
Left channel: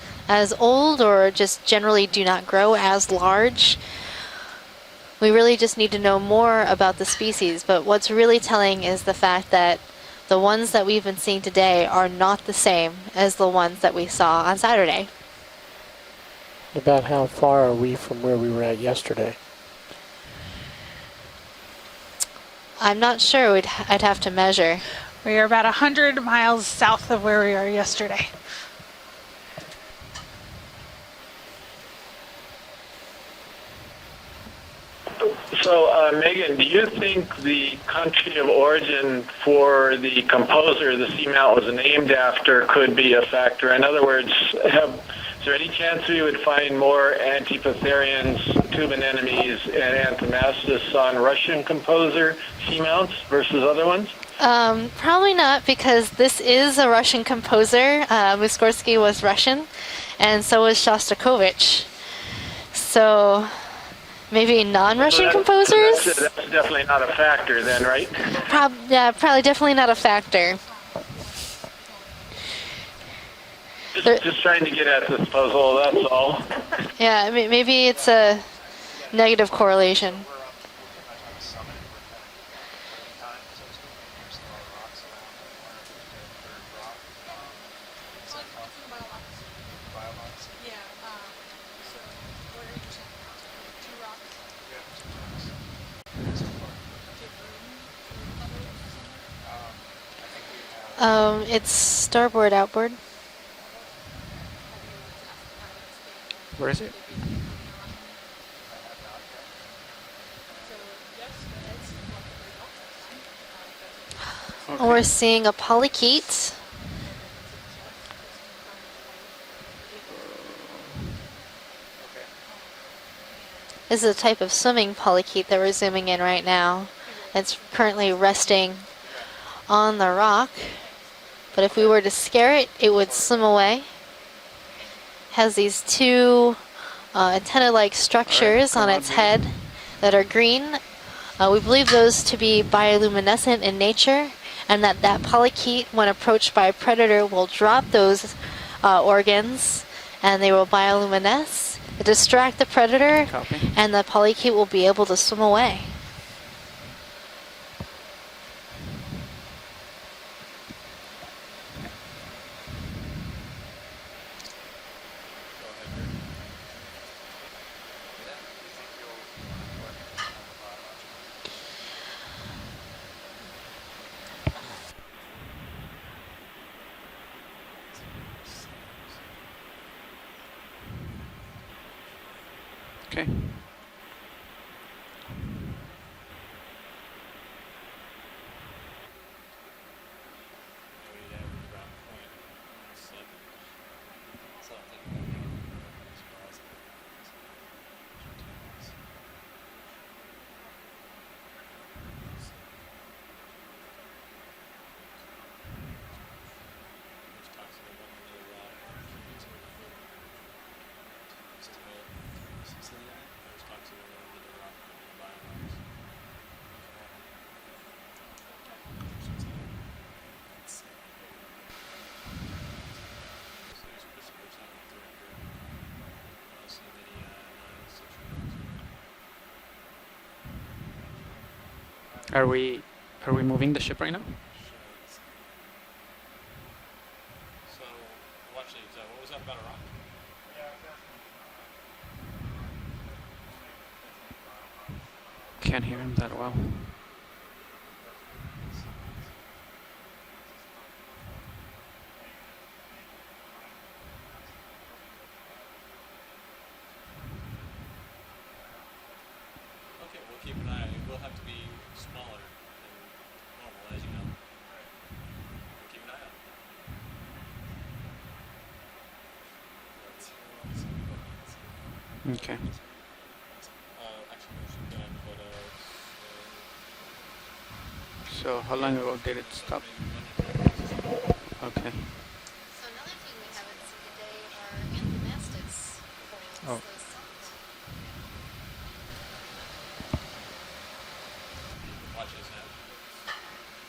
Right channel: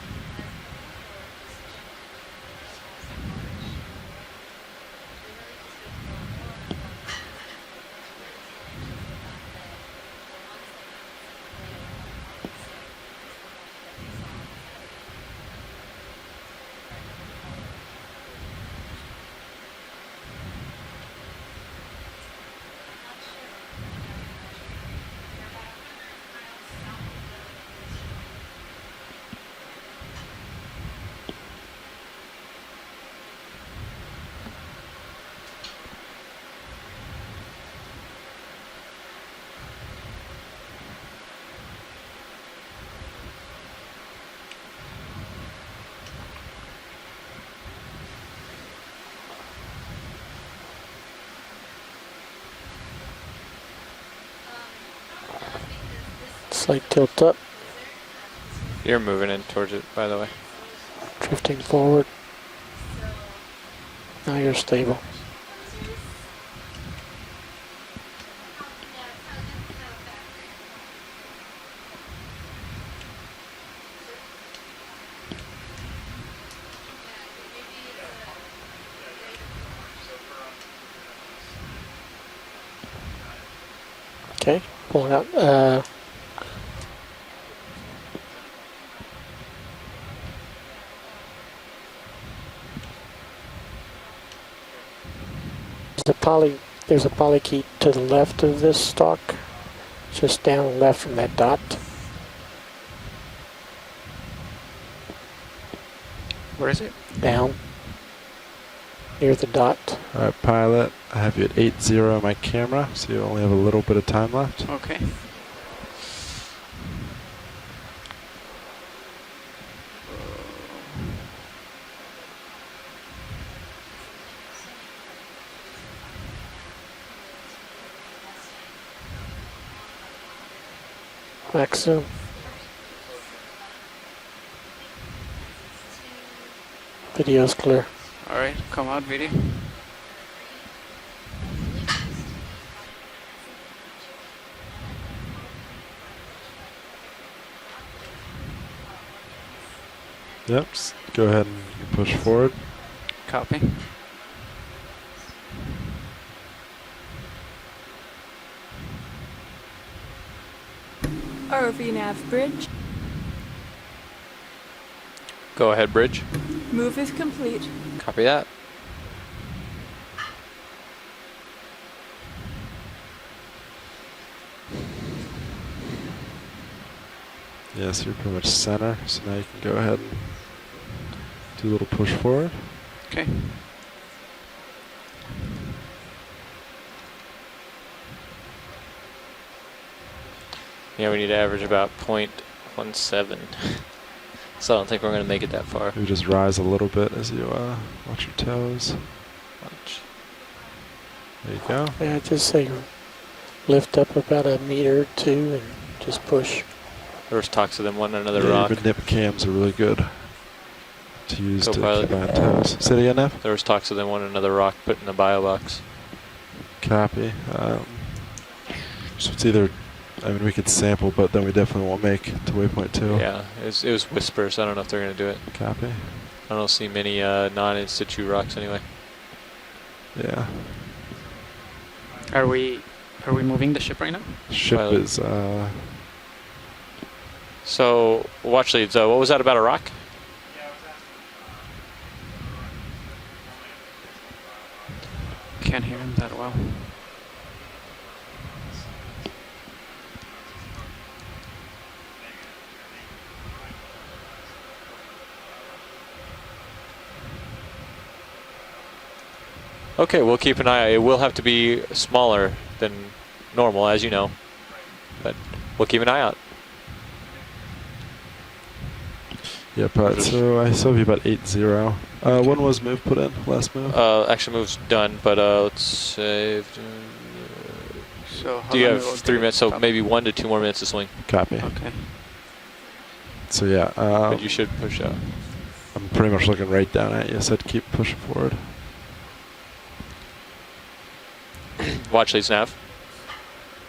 old, or just generally do not grow as large. We really just need to know more about the species, but what's really telling is the fact that the ones that we've been seeing today are not the same as the ones that we saw on Saturday. About how far are we from where we were at yesterday? I'm not sure. I'd have to measure. We are about 100 miles south of where we were yesterday. So, Megan, do you think the country of origin for the composer the seamount was named after could be a factor? In other words, is there any chance we would find more Antipatherians, tubin enemies, and Anthemastys on Russian composer seamounts versus other ones? Probably not, because this is a Russian composer. Muskorsky was Russian, and so was Shostakovich. So maybe non-Russian composers? That's definitely not a factor then, right? Yeah, probably definitely not a factor. Just trying to get at this puzzle, that's all. Yeah, maybe it's a negative correlation. Okay, pulling out. There's a polychaete to the left of this stalk, just down left from that dot. It's starboard, outboard. Where is it? Down. Near the dot. Alright, pilot, I have you at 80 on my camera, so you only have a little bit of time left. Okay. We're seeing a polychaete. This is a type of swimming polychaete that we're zooming in right now. It's currently resting on the rock. But if we were to scare it, it would swim away. Has these two antenna-like structures on its head that are green. We believe those to be bioluminescent in nature, and that polychaete, when approached by a predator, will drop those organs, and they will bioluminesce, distract the predator, and the polychaete will be able to swim away. ROV nav bridge. Go ahead, bridge. Move is complete. Copy that. Yes, you're pretty much center, so now you can go ahead and do a little push forward. Okay. Yeah, we need to average about 0.17. So I don't think we're going to make it that far. You just rise a little bit as you watch your toes. There you go. Yeah, just say lift up about a meter or two and just push. There was talks of them wanting another Yeah, rock. even nip cams are really good to use to Co-pilot. keep on toes. Say it again, Nev? There was talks of them wanting another rock put in the bio box. Copy. So it's either, I mean, we could sample, but then we definitely won't make to waypoint 2. Yeah, it was whispers. I don't know if they're going to do it. Copy. I don't see many non-in-situ rocks anyway. Yeah. Are we moving the ship right now? Ship Pilot. is, So, watch leads. What was that about a rock? Can't hear him that well. Okay, we'll keep an eye out. It will have to be smaller than normal, as you know. But we'll keep an eye out. yeah, but so I saw you about 8-0. Okay. When was move put in? Last move? Actually, move's done, but let's say. So how Do you long have will 3 it minutes? So take? maybe 1 to 2 more minutes to swing. Copy. Okay. So yeah, But you should push out. I'm pretty much looking right down at you, so I'd keep pushing forward. Watch leads nav.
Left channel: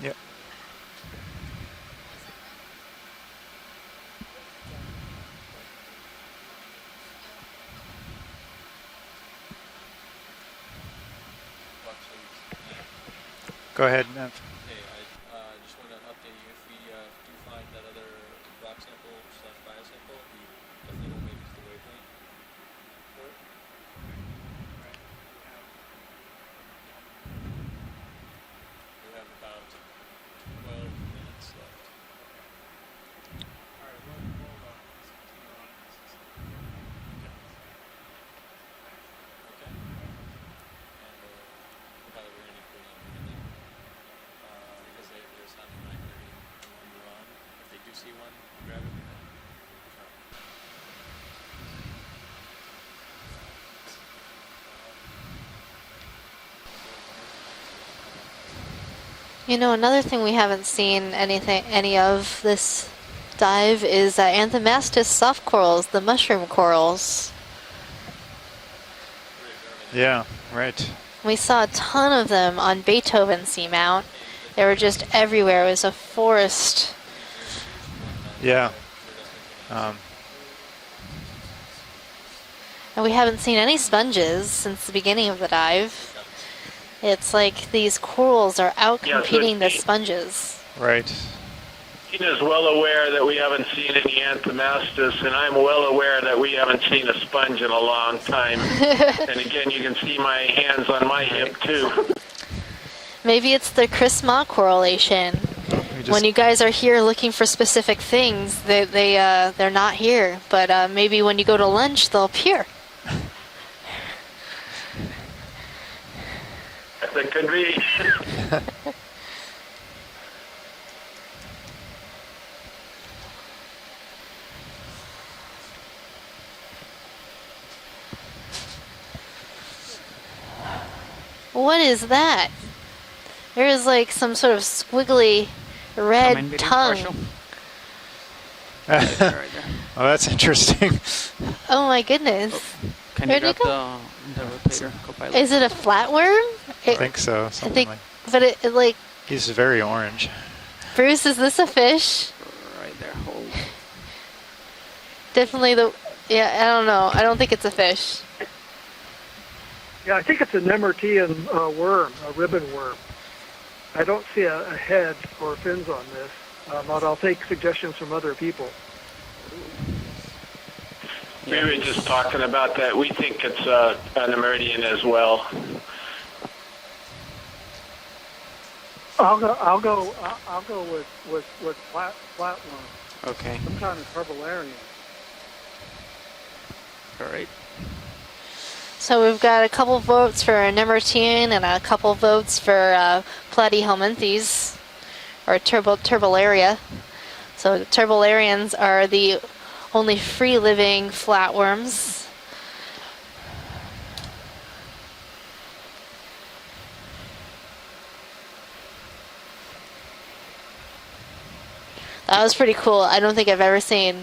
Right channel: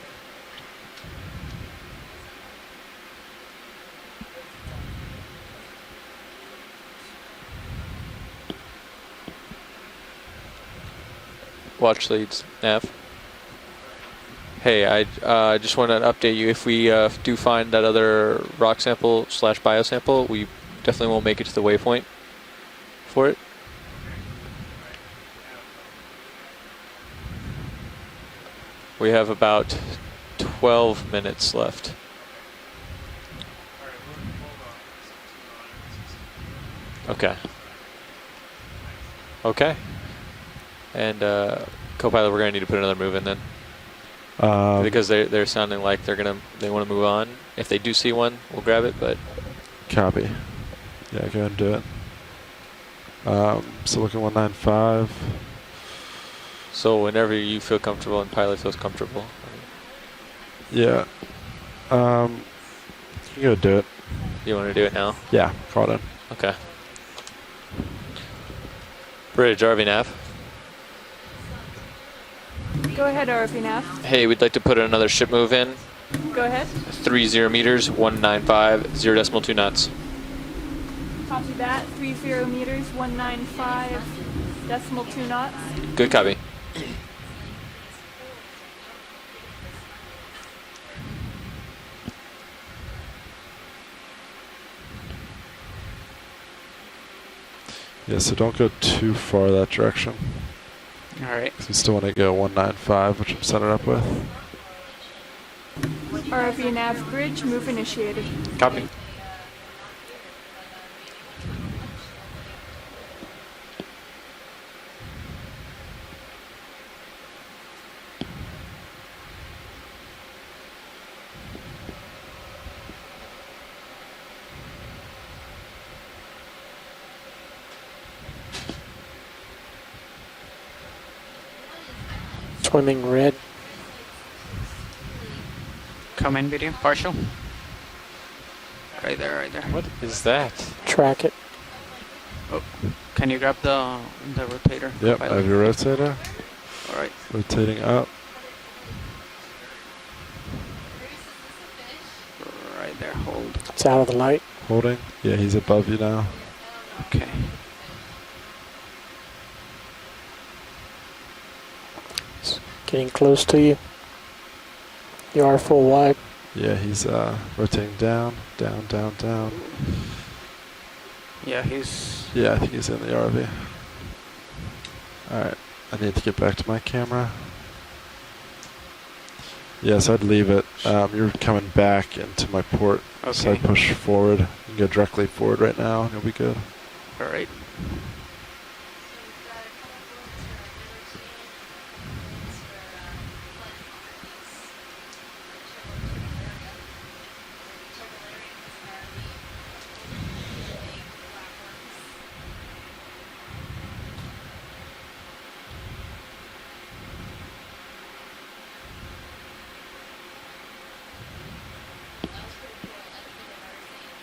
Yep. Watch leads nav. Go ahead, Nev. Hey, I just wanted to update you. If we do find that other rock sample / bio sample, we definitely won't make it to the waypoint for it. We have about 12 minutes left. Okay. Okay. And co-pilot, we're gonna need to put another move in then. Because they're sounding like they want to move on. If they do see one, we'll grab it. But Copy. Yeah, go ahead and do it. So looking 195. so whenever you feel comfortable and pilot feels comfortable. You know, another thing we haven't seen any of this gonna do dive it. is Anthomastus soft Yeah, corals, caught the it. mushroom Okay. corals. Bridge, RV nav. Yeah, right. We saw a ton of them on Beethoven RV nav. Seamount. Hey, we'd like to They put were just another ship move everywhere. in. It was a forest. 30 meters, 195, 0.2 knots. Copy that. 30 meters. And we haven't seen any 195 sponges since the decimal beginning of the knots. dive. Good copy. It's like these corals are out Yeah, so competing the sponges. Right. Dean is well aware that we haven't seen any Anthomastus, and I'm well aware that we haven't seen a sponge in a long Yeah, so time. don't go too And far again, that you can direction. see my hands on my hip, too. Still gonna go 195. which Maybe I'm it's set the it up with. Chris-Ma correlation. When you guys are here looking for specific things, they're not here. But maybe when you go to lunch, they'll appear. That could be. What is that? Swimming red. There is like some sort of squiggly red Comment video, tongue. partial. Right there, right there. Oh, that's that? interesting. Track it. Oh my goodness. Can you Where'd grab it the rotator? Yep. co-pilot? Is it a Rotator? flatworm? I think so. I think, Oh. but it like, He's very orange. Bruce, is this a fish? Right there, hold. It's out of the light. Holding? Yeah, Definitely he's above the, you now. yeah, I don't know. I don't think it's a fish. Yeah, I think it's a Nemertean worm, a ribbon worm. Getting close to you. I don't see a head. You are full wide. Yeah, he's I'll take rotating suggestions from other down, people. down. Yeah, We were just talking yeah, about he's that. in We the think RV. it's a Nemeridian as well. Alright, I need to get back to my camera. I'll go. Yes, I'd leave it. I'll go You're with coming back into my port. So I Okay. push forward. You can go directly forward right now, and it'll be good. All right. So we've got a couple votes for Nemertean and a couple votes for Platyhelminthes, or Turbularia. So the Turbularians are the only free-living flatworms. That was pretty cool. I don't think I've ever seen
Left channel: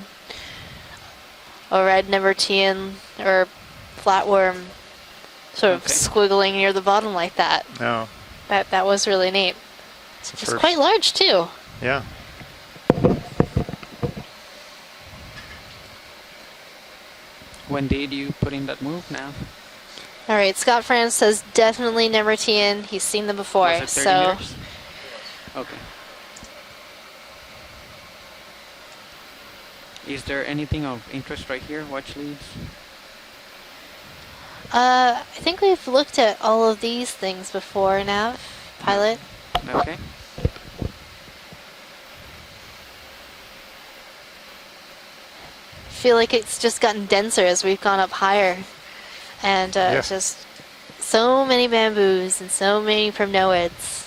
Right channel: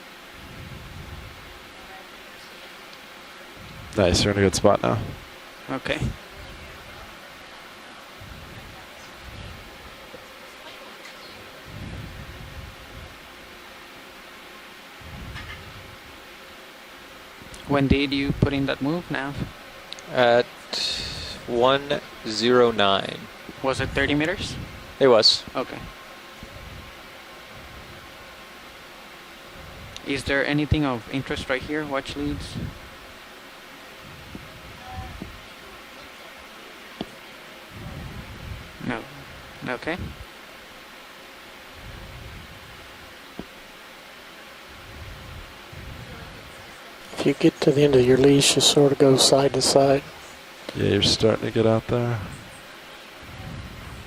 a red Nemertean or Nice, we're in a good flatworm spot now. sort of squiggling near the bottom like that. No. That was really neat. It's first. quite large too. Yeah. When did you put in that move, Nav? All right, Scott France says definitely Nemertean. 109. He's seen them before. Was it 30 so meters? It was. Okay. Is there anything of interest right here? Watch leads? I think we've looked at all of these things before, Nav, pilot. Okay. I feel like it's just gotten denser If you get as to we've the gone end up of your higher. leash, you sort of go side to And side. just Yeah, you're so starting to many get out there. bamboos and so many primnoids.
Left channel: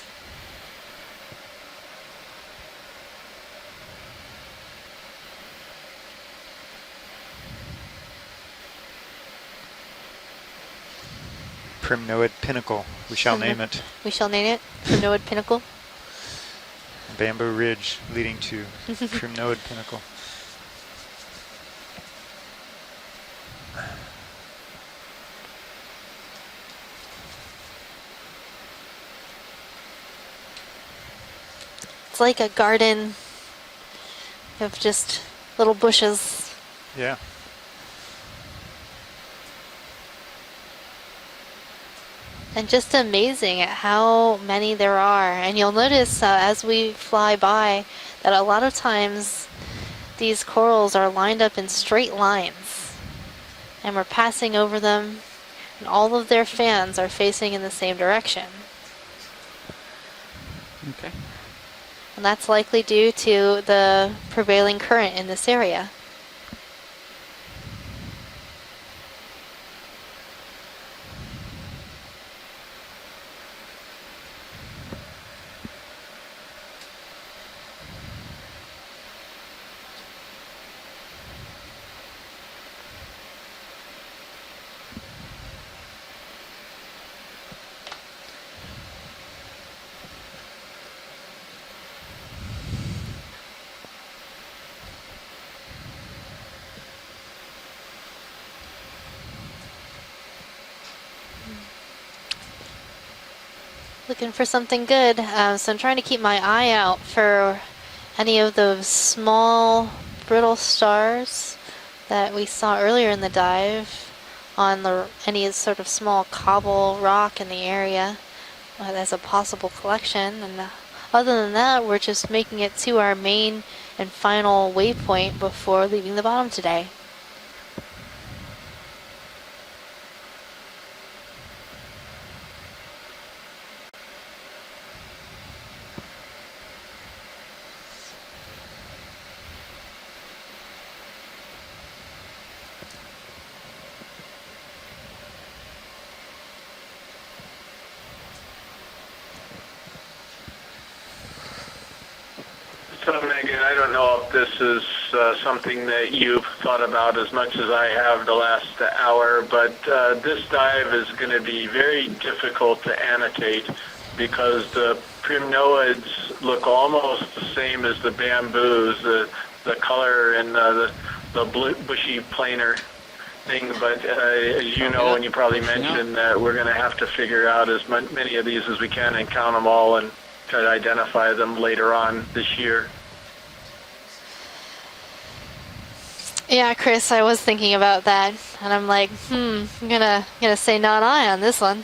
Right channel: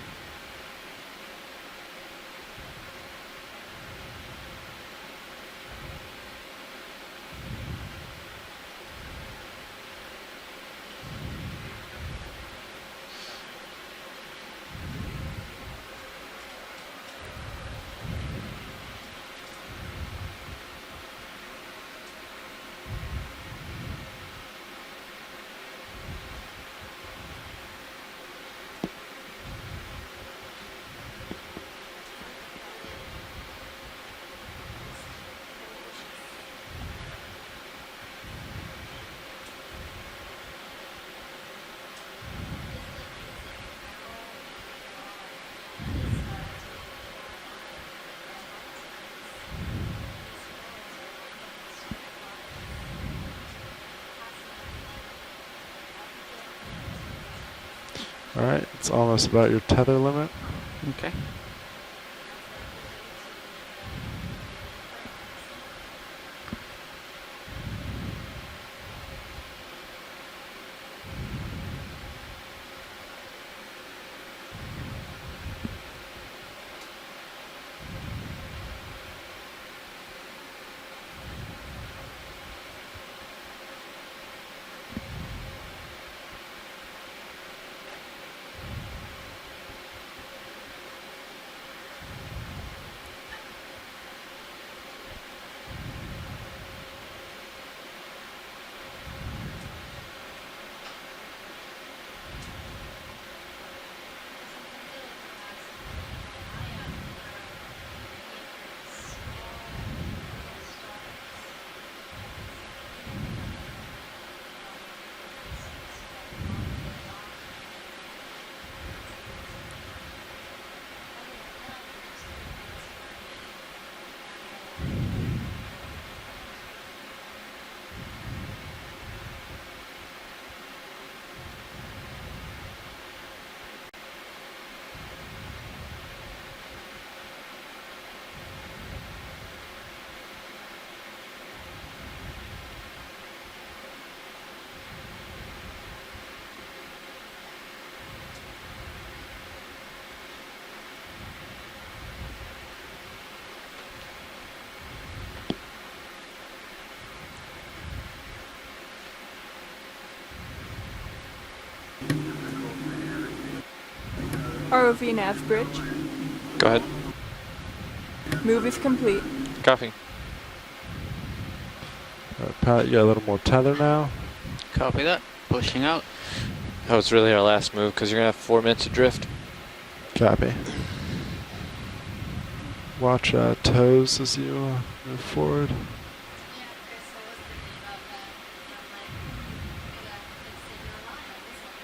Primnoid Pinnacle. We shall name it. We shall name it Primnoid Pinnacle. Bamboo Ridge leading to Primnoid Pinnacle. It's like a garden of just little bushes. Yeah. And just amazing at how many there are. And you'll notice as we fly by that a lot of times these corals are lined up in straight lines. And we're passing over them, and all of their fans are facing in the same direction. All right, it's almost about your tether limit. Okay. And that's likely due to the prevailing current in this area. Looking for something good, so I'm trying to keep my eye out for any of those small brittle stars that we saw earlier in the dive on any sort of small cobble rock in the area as a possible collection. And other than that, we're just making it to our main and final waypoint before leaving the bottom today. So, Megan, I don't know if this is something that you've thought about as much as I have the last hour, but this dive is going to be very difficult to annotate because the primnoids look almost the same as the bamboos, the color and the bushy planar. You got a little more tether now. As you know, and you probably mentioned that we're going to have to figure out as many of these as we can and count them all and try to identify them later on this year. Watch toes as you move forward. Yeah, Chris, I was thinking about that, and I'm like, I'm gonna say not I on this one.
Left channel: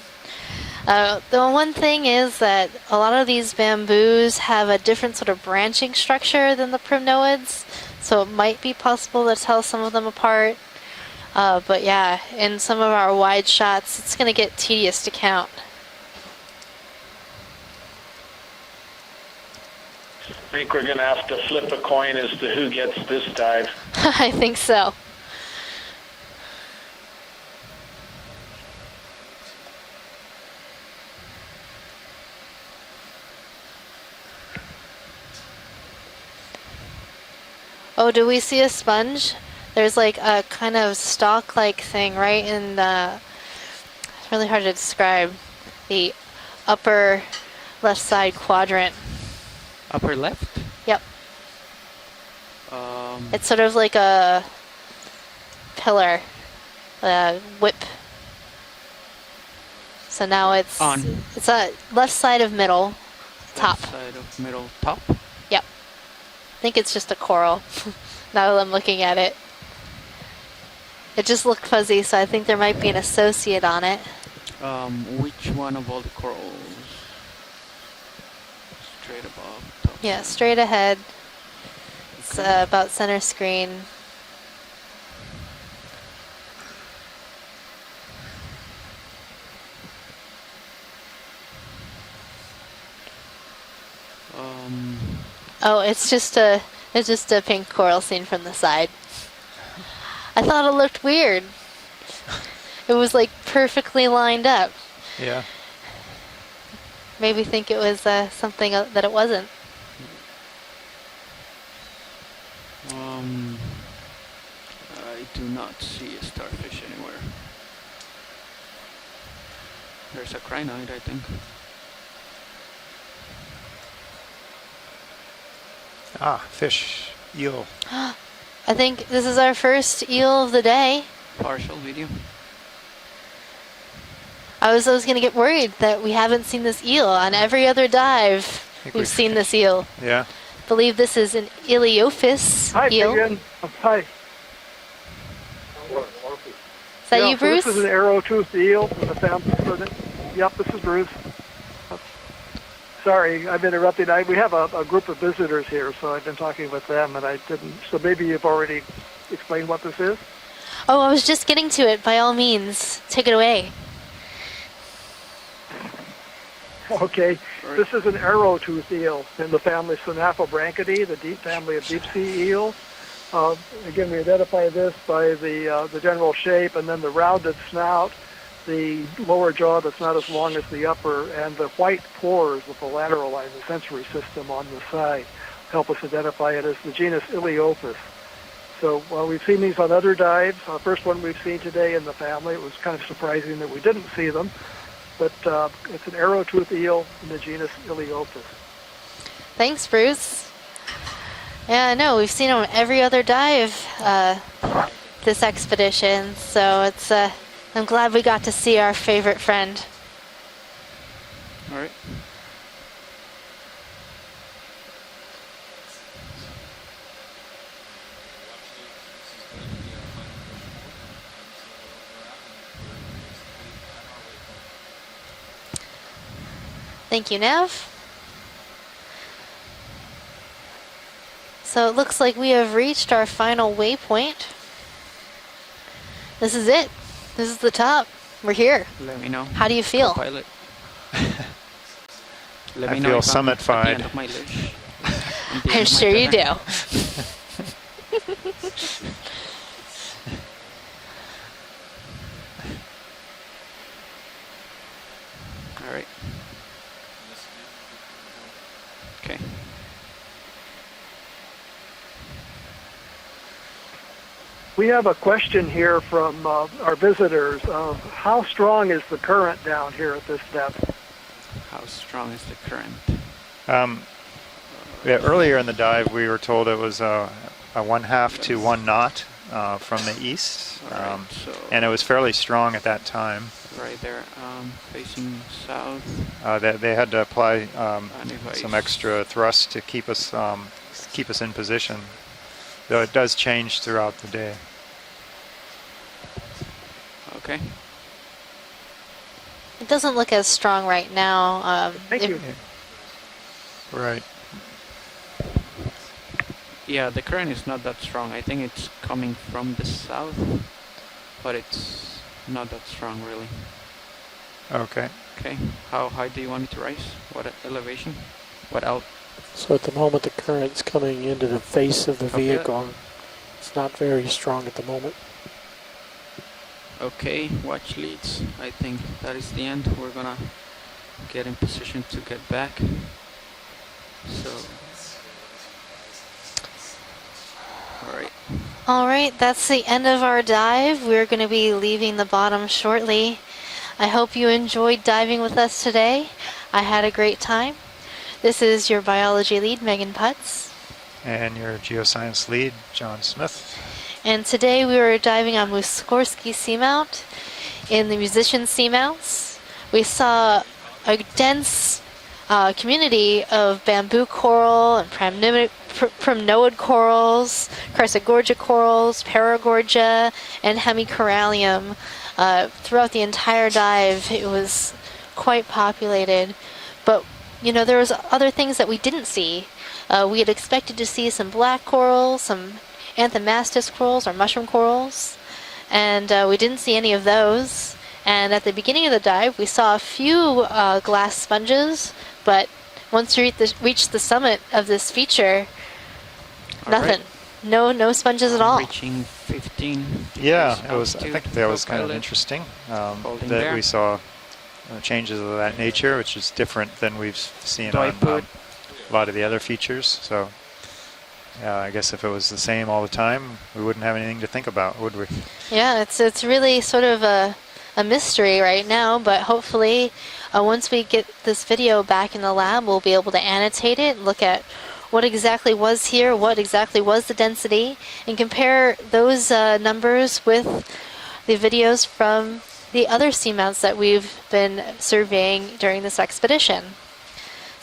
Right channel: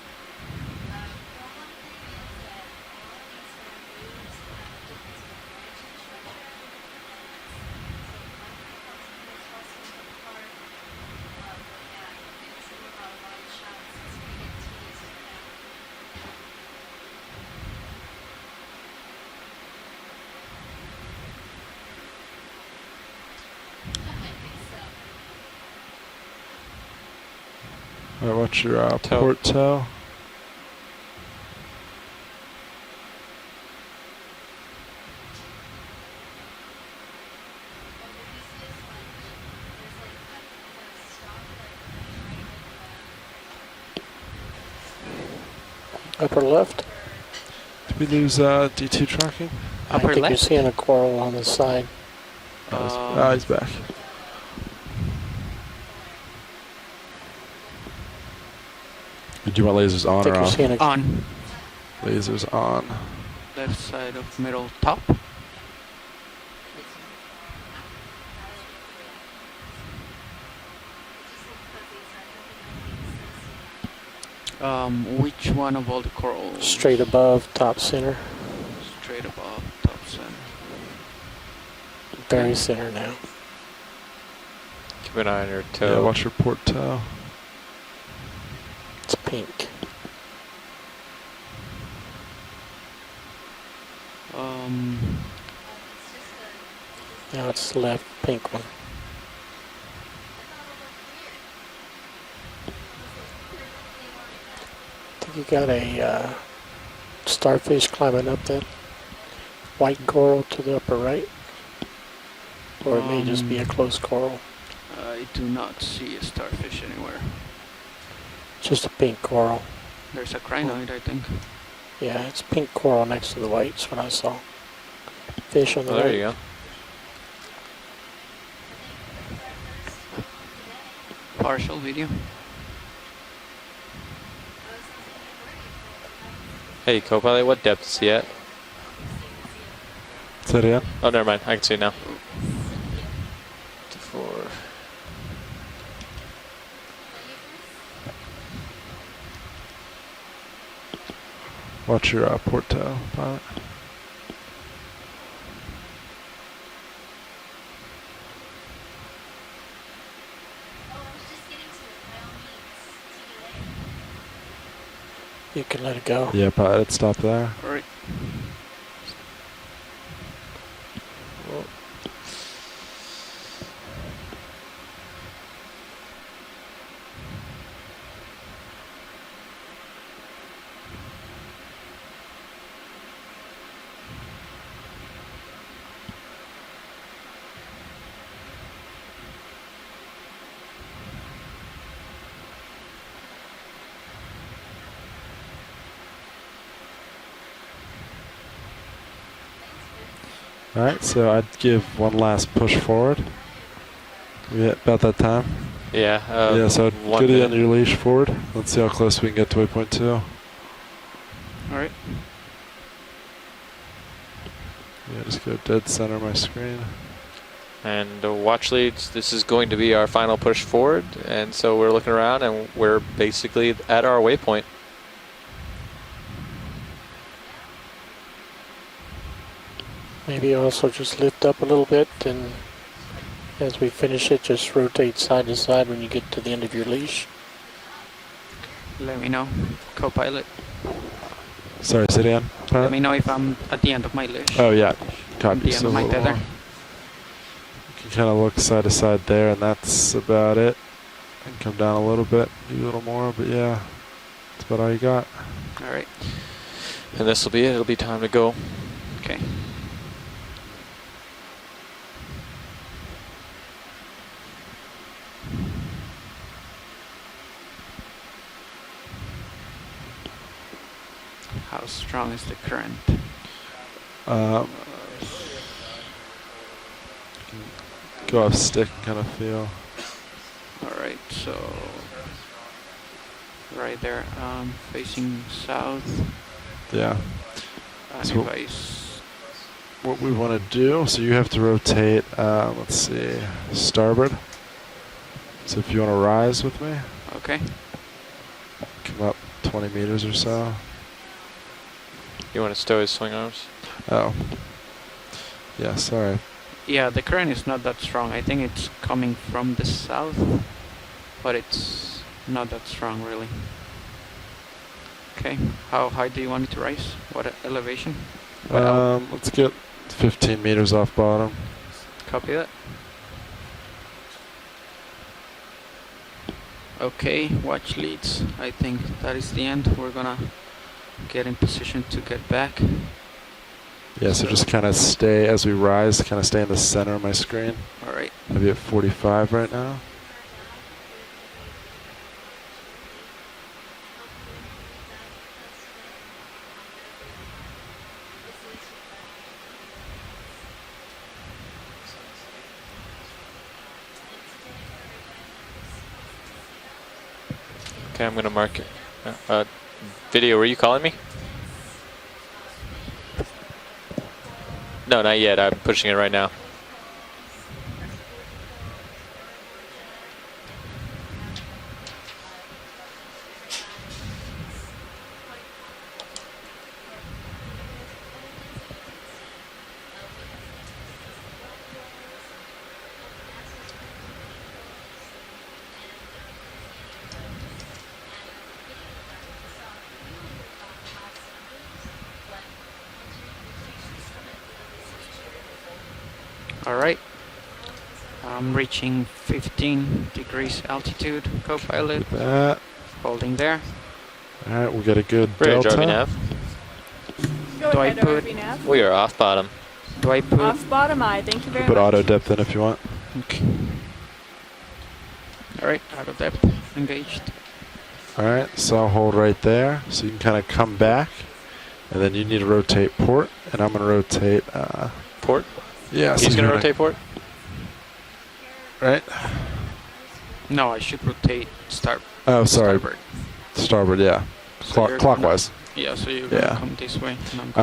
The one thing is that a lot of these bamboos have a different sort of branching structure than the primnoids, so it might be possible to tell some of them apart. But yeah, in some of our wide shots, it's gonna get tedious to count. I think we're going to have to flip a coin as to who gets this dive. I think so. All right, watch your port toe. Oh, do we see a sponge? There's like a kind of stalk-like thing right in the, it's really hard to describe, the upper left side quadrant. D2 tracking? Upper left? You're seeing a coral on the side. It's sort of like a pillar, whip. Did you want lasers on? So now it's on. It's a left side of middle, top. Left side of middle, top. Yep. I think it's just a coral. Now that I'm looking at it, it just looked fuzzy, so I think there might be an associate on it. Which one of all the corals? Straight above, top center. Straight above, top Yeah, center. straight ahead. It's about center now. screen. Keep an eye on your toe. Yeah, watch your port toe. It's pink. Oh, it's just a pink coral seen from the side. I thought it looked weird. It was like perfectly lined up. Yeah. You got a Maybe think it was something that it wasn't. White coral to the upper right. Or it may just be a close coral. I do not see a starfish anywhere. Just a pink coral. There's a crinoid, I think. Yeah, it's pink coral next to the whites when I saw. Fish on the There right. you go. Fish. Eel. I think this is our first eel of the day. Partial video. I was gonna get worried that we haven't seen this Hey, eel Cobalt, on every look other at- yeah. dive. We've seen this eel. Yeah. I believe this never is mind. an I can see now. Iliophis Hi, eel. Vivian. Hi. Is that you, Bruce? This is an arrow-toothed eel from the family. Yep, this is Bruce. Watch your port toe. Sorry, I'm interrupting. We have a group of visitors here, so I've been talking with them, and I didn't. So maybe you've already explained what this is? Oh, I was just getting to it. By all means, take it away. You can let it go. Yeah, pilot, stop Okay, there. this is an arrow-toothed eel in the family Synaphobranchidae, the deep family of deep-sea eel. Again, we identify this by the general shape, and then the rounded snout, the lower jaw that's not as long as the upper, and the white pores with the lateral line, the sensory system on the side, help us identify it as the genus Iliophis. So we've seen these on other dives. First one we've seen today in the family. It was kind of surprising that we didn't see them. But it's an arrow-toothed eel in the genus Iliophis. Thanks, Bruce. All right, so I'd give Yeah, no, one we've last seen them push every forward. other dive Yeah, about that time. this expedition. Yeah, so I'd it's do the end of your I'm leash glad we forward. got to Let's see how our close we can favorite get to friend. 0.2. All right. Yeah, just go dead center of my screen. And watch leads, this is going to be our final push forward. And so we're looking around and we're basically at our waypoint. Thank you, Nev. Maybe also just lift up a little So bit. it looks like and we have reached our final as we finish it, waypoint. just rotate side to side when you get to This the is end it. of your leash. This is the top. We're here. Let me know. How do you feel? Co-pilot. Sorry, sit down. Let me know if I'm at the end of my leash. Oh, yeah. Copy. I'm sure you do. You can kind of look side to side there, and that's about it. Come down a little bit, maybe a little more, but yeah, that's about all you got. All right. And this will be it. It'll be time to go. Okay. We have a question here from our visitors. How strong is the current down here at this depth? How strong is the current? Yeah, earlier in the dive, we were told it was a 1/2 Go to stick 1 knot kind of feel. from the east. All right. So. And it was fairly strong at that time. Right there, facing south. They had to apply Anyways. some extra thrust to keep What us. we want to do, so keep you us have in to position. rotate. Though Let's it does see, change throughout starboard. the day. So if you want to rise with me, Okay. come up 20 It doesn't meters look or as so. strong right now. Thank you. You want to stow his swing arms? Right. Oh. Yeah, sorry. Yeah, the current is not that strong. I think it's coming from the south, but it's not that strong really. Okay. Okay. How high do you want me to rise? What elevation? What Let's get So at the moment, 15 the current's meters off coming into bottom. the face of the Copy that. vehicle. It's not very strong at the moment. Okay, watch leads. I think that is the end. We're gonna get in position to get back. Yeah, so just kind of stay, as we rise, kind of stay in the center of my screen. All right. Maybe at 45 All right, that's right the now. end of our dive. We're going to be leaving the bottom shortly. I hope you enjoyed diving with us today. I had a great time. This is your biology lead, Megan Putz. And your geoscience lead, John Smith. And today we were diving on Muskorski Seamount in the Musician Seamounts. We saw Video, were you calling me? a dense community of bamboo coral, no, not yet. I'm pushing it right now. Primnoid corals, Chrysogorgia corals, Paragorgia, and Hemicorallium. Throughout the entire dive, it was quite populated. But, you know, there was other things that we didn't see. We had expected to see some black corals, some Anthomastus corals or mushroom corals, and we didn't see any of those. And at the beginning of the dive, we saw a few glass sponges, but once we reached the summit of this feature, nothing. No sponges at all. Reaching 15 degrees altitude. That was kind of interesting. Holding that there. we saw. All right, we'll get a good delta, which is different than we've seen. Do I put? We are a lot off of the bottom. other features. Do I put? Off bottom eye. Thank you very put much. auto If it was depth in the if you same want. all the time, we wouldn't have anything to think about, would we? Yeah, it's really sort of a mystery right now, but hopefully once we get this video back in the lab, we'll be able to annotate it, look at what exactly was here, what exactly was the density, and compare those numbers with the videos from the other seamounts that we've been surveying during this expedition.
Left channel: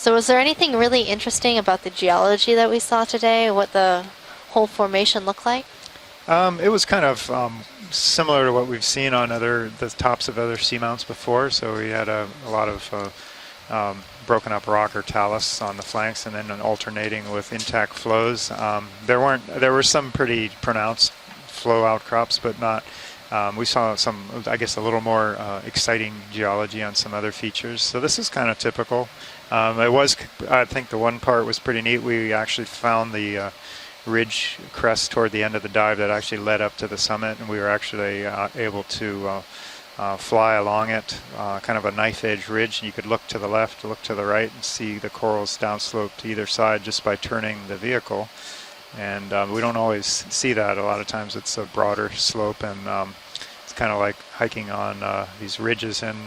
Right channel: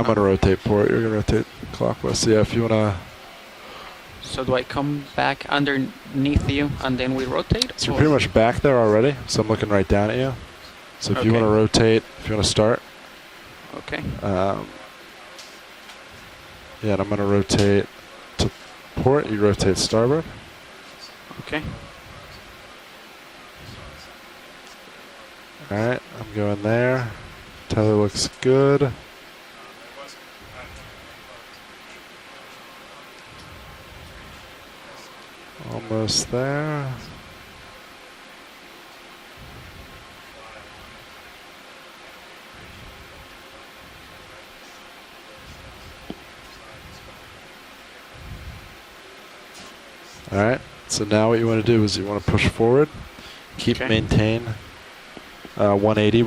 So was there anything really interesting about the geology that we saw today, what the whole formation looked like? It was kind of similar to what we've seen on the tops of other seamounts so before. If you want to rotate, if you want to start. Broken up rock or talus on the flanks, and then alternating with intact flows. There were some pretty pronounced flow outcrops, but not. We saw some, I guess, a little more exciting geology and some other features. So this is kind of typical. It was, I think, the one part was pretty neat. We actually found the ridge crest toward the end of the dive that actually led up to the summit, and we were actually able to fly along it, kind of a knife edge ridge, and you could look to the left, look to the right, and see the corals downslope to either side just by turning the vehicle. And we don't always see that a lot of times. So now what you want to do is you want to push forward, keep maintain. Like hiking on these ridges 180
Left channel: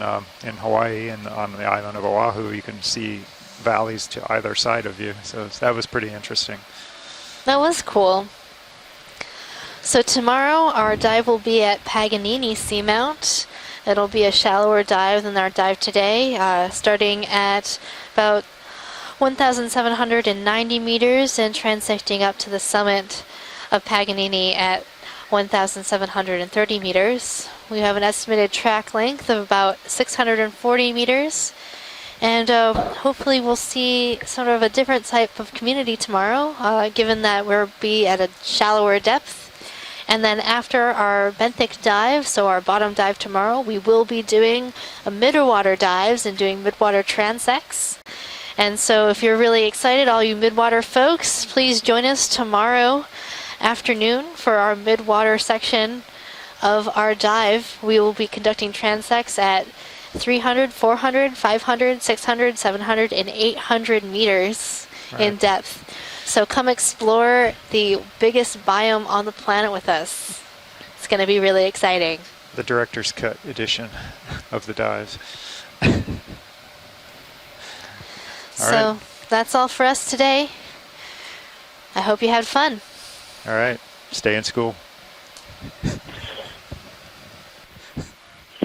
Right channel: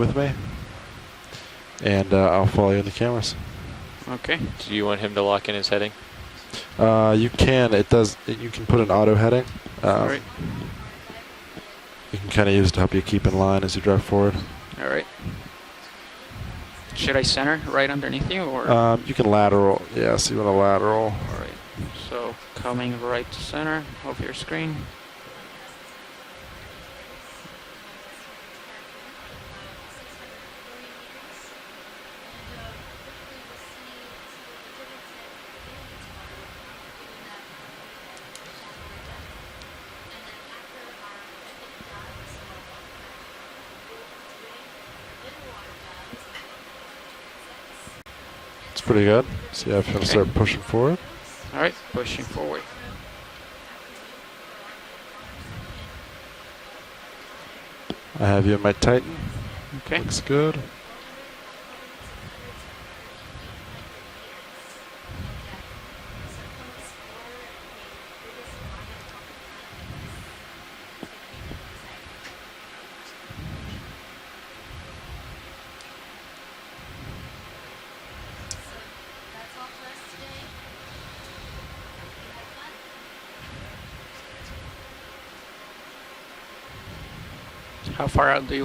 in Hawaii and on the island of Oahu. Oahu, I'll follow you you can see cameras. valleys to either side. You want him to lock in his That was heading? pretty interesting. You can. That was cool. You can put an auto heading. So tomorrow our dive will be at Paganini Seamount. It'll be a shallower dive than our dive today, starting at about 1,790 meters and transecting up to the summit of Paganini at 1,730 meters. We have an estimated track length of about 640 meters. And hopefully we'll see sort of a different type of community tomorrow, given that we'll be at a shallower depth. And then after our benthic dive, so our bottom dive tomorrow, we will be doing a midwater dives and doing midwater transects. And so if you're really excited, all you midwater folks, please join us tomorrow afternoon for our midwater section of our dive. We will be conducting transects at 300, 400, 500, 600, 700, and 800 meters in depth. So come explore the biggest biome on the planet with us. It's going to be really exciting. The director's cut edition of the dives. So that's all for us today. I hope you had fun. All right. Stay in school. How far out do you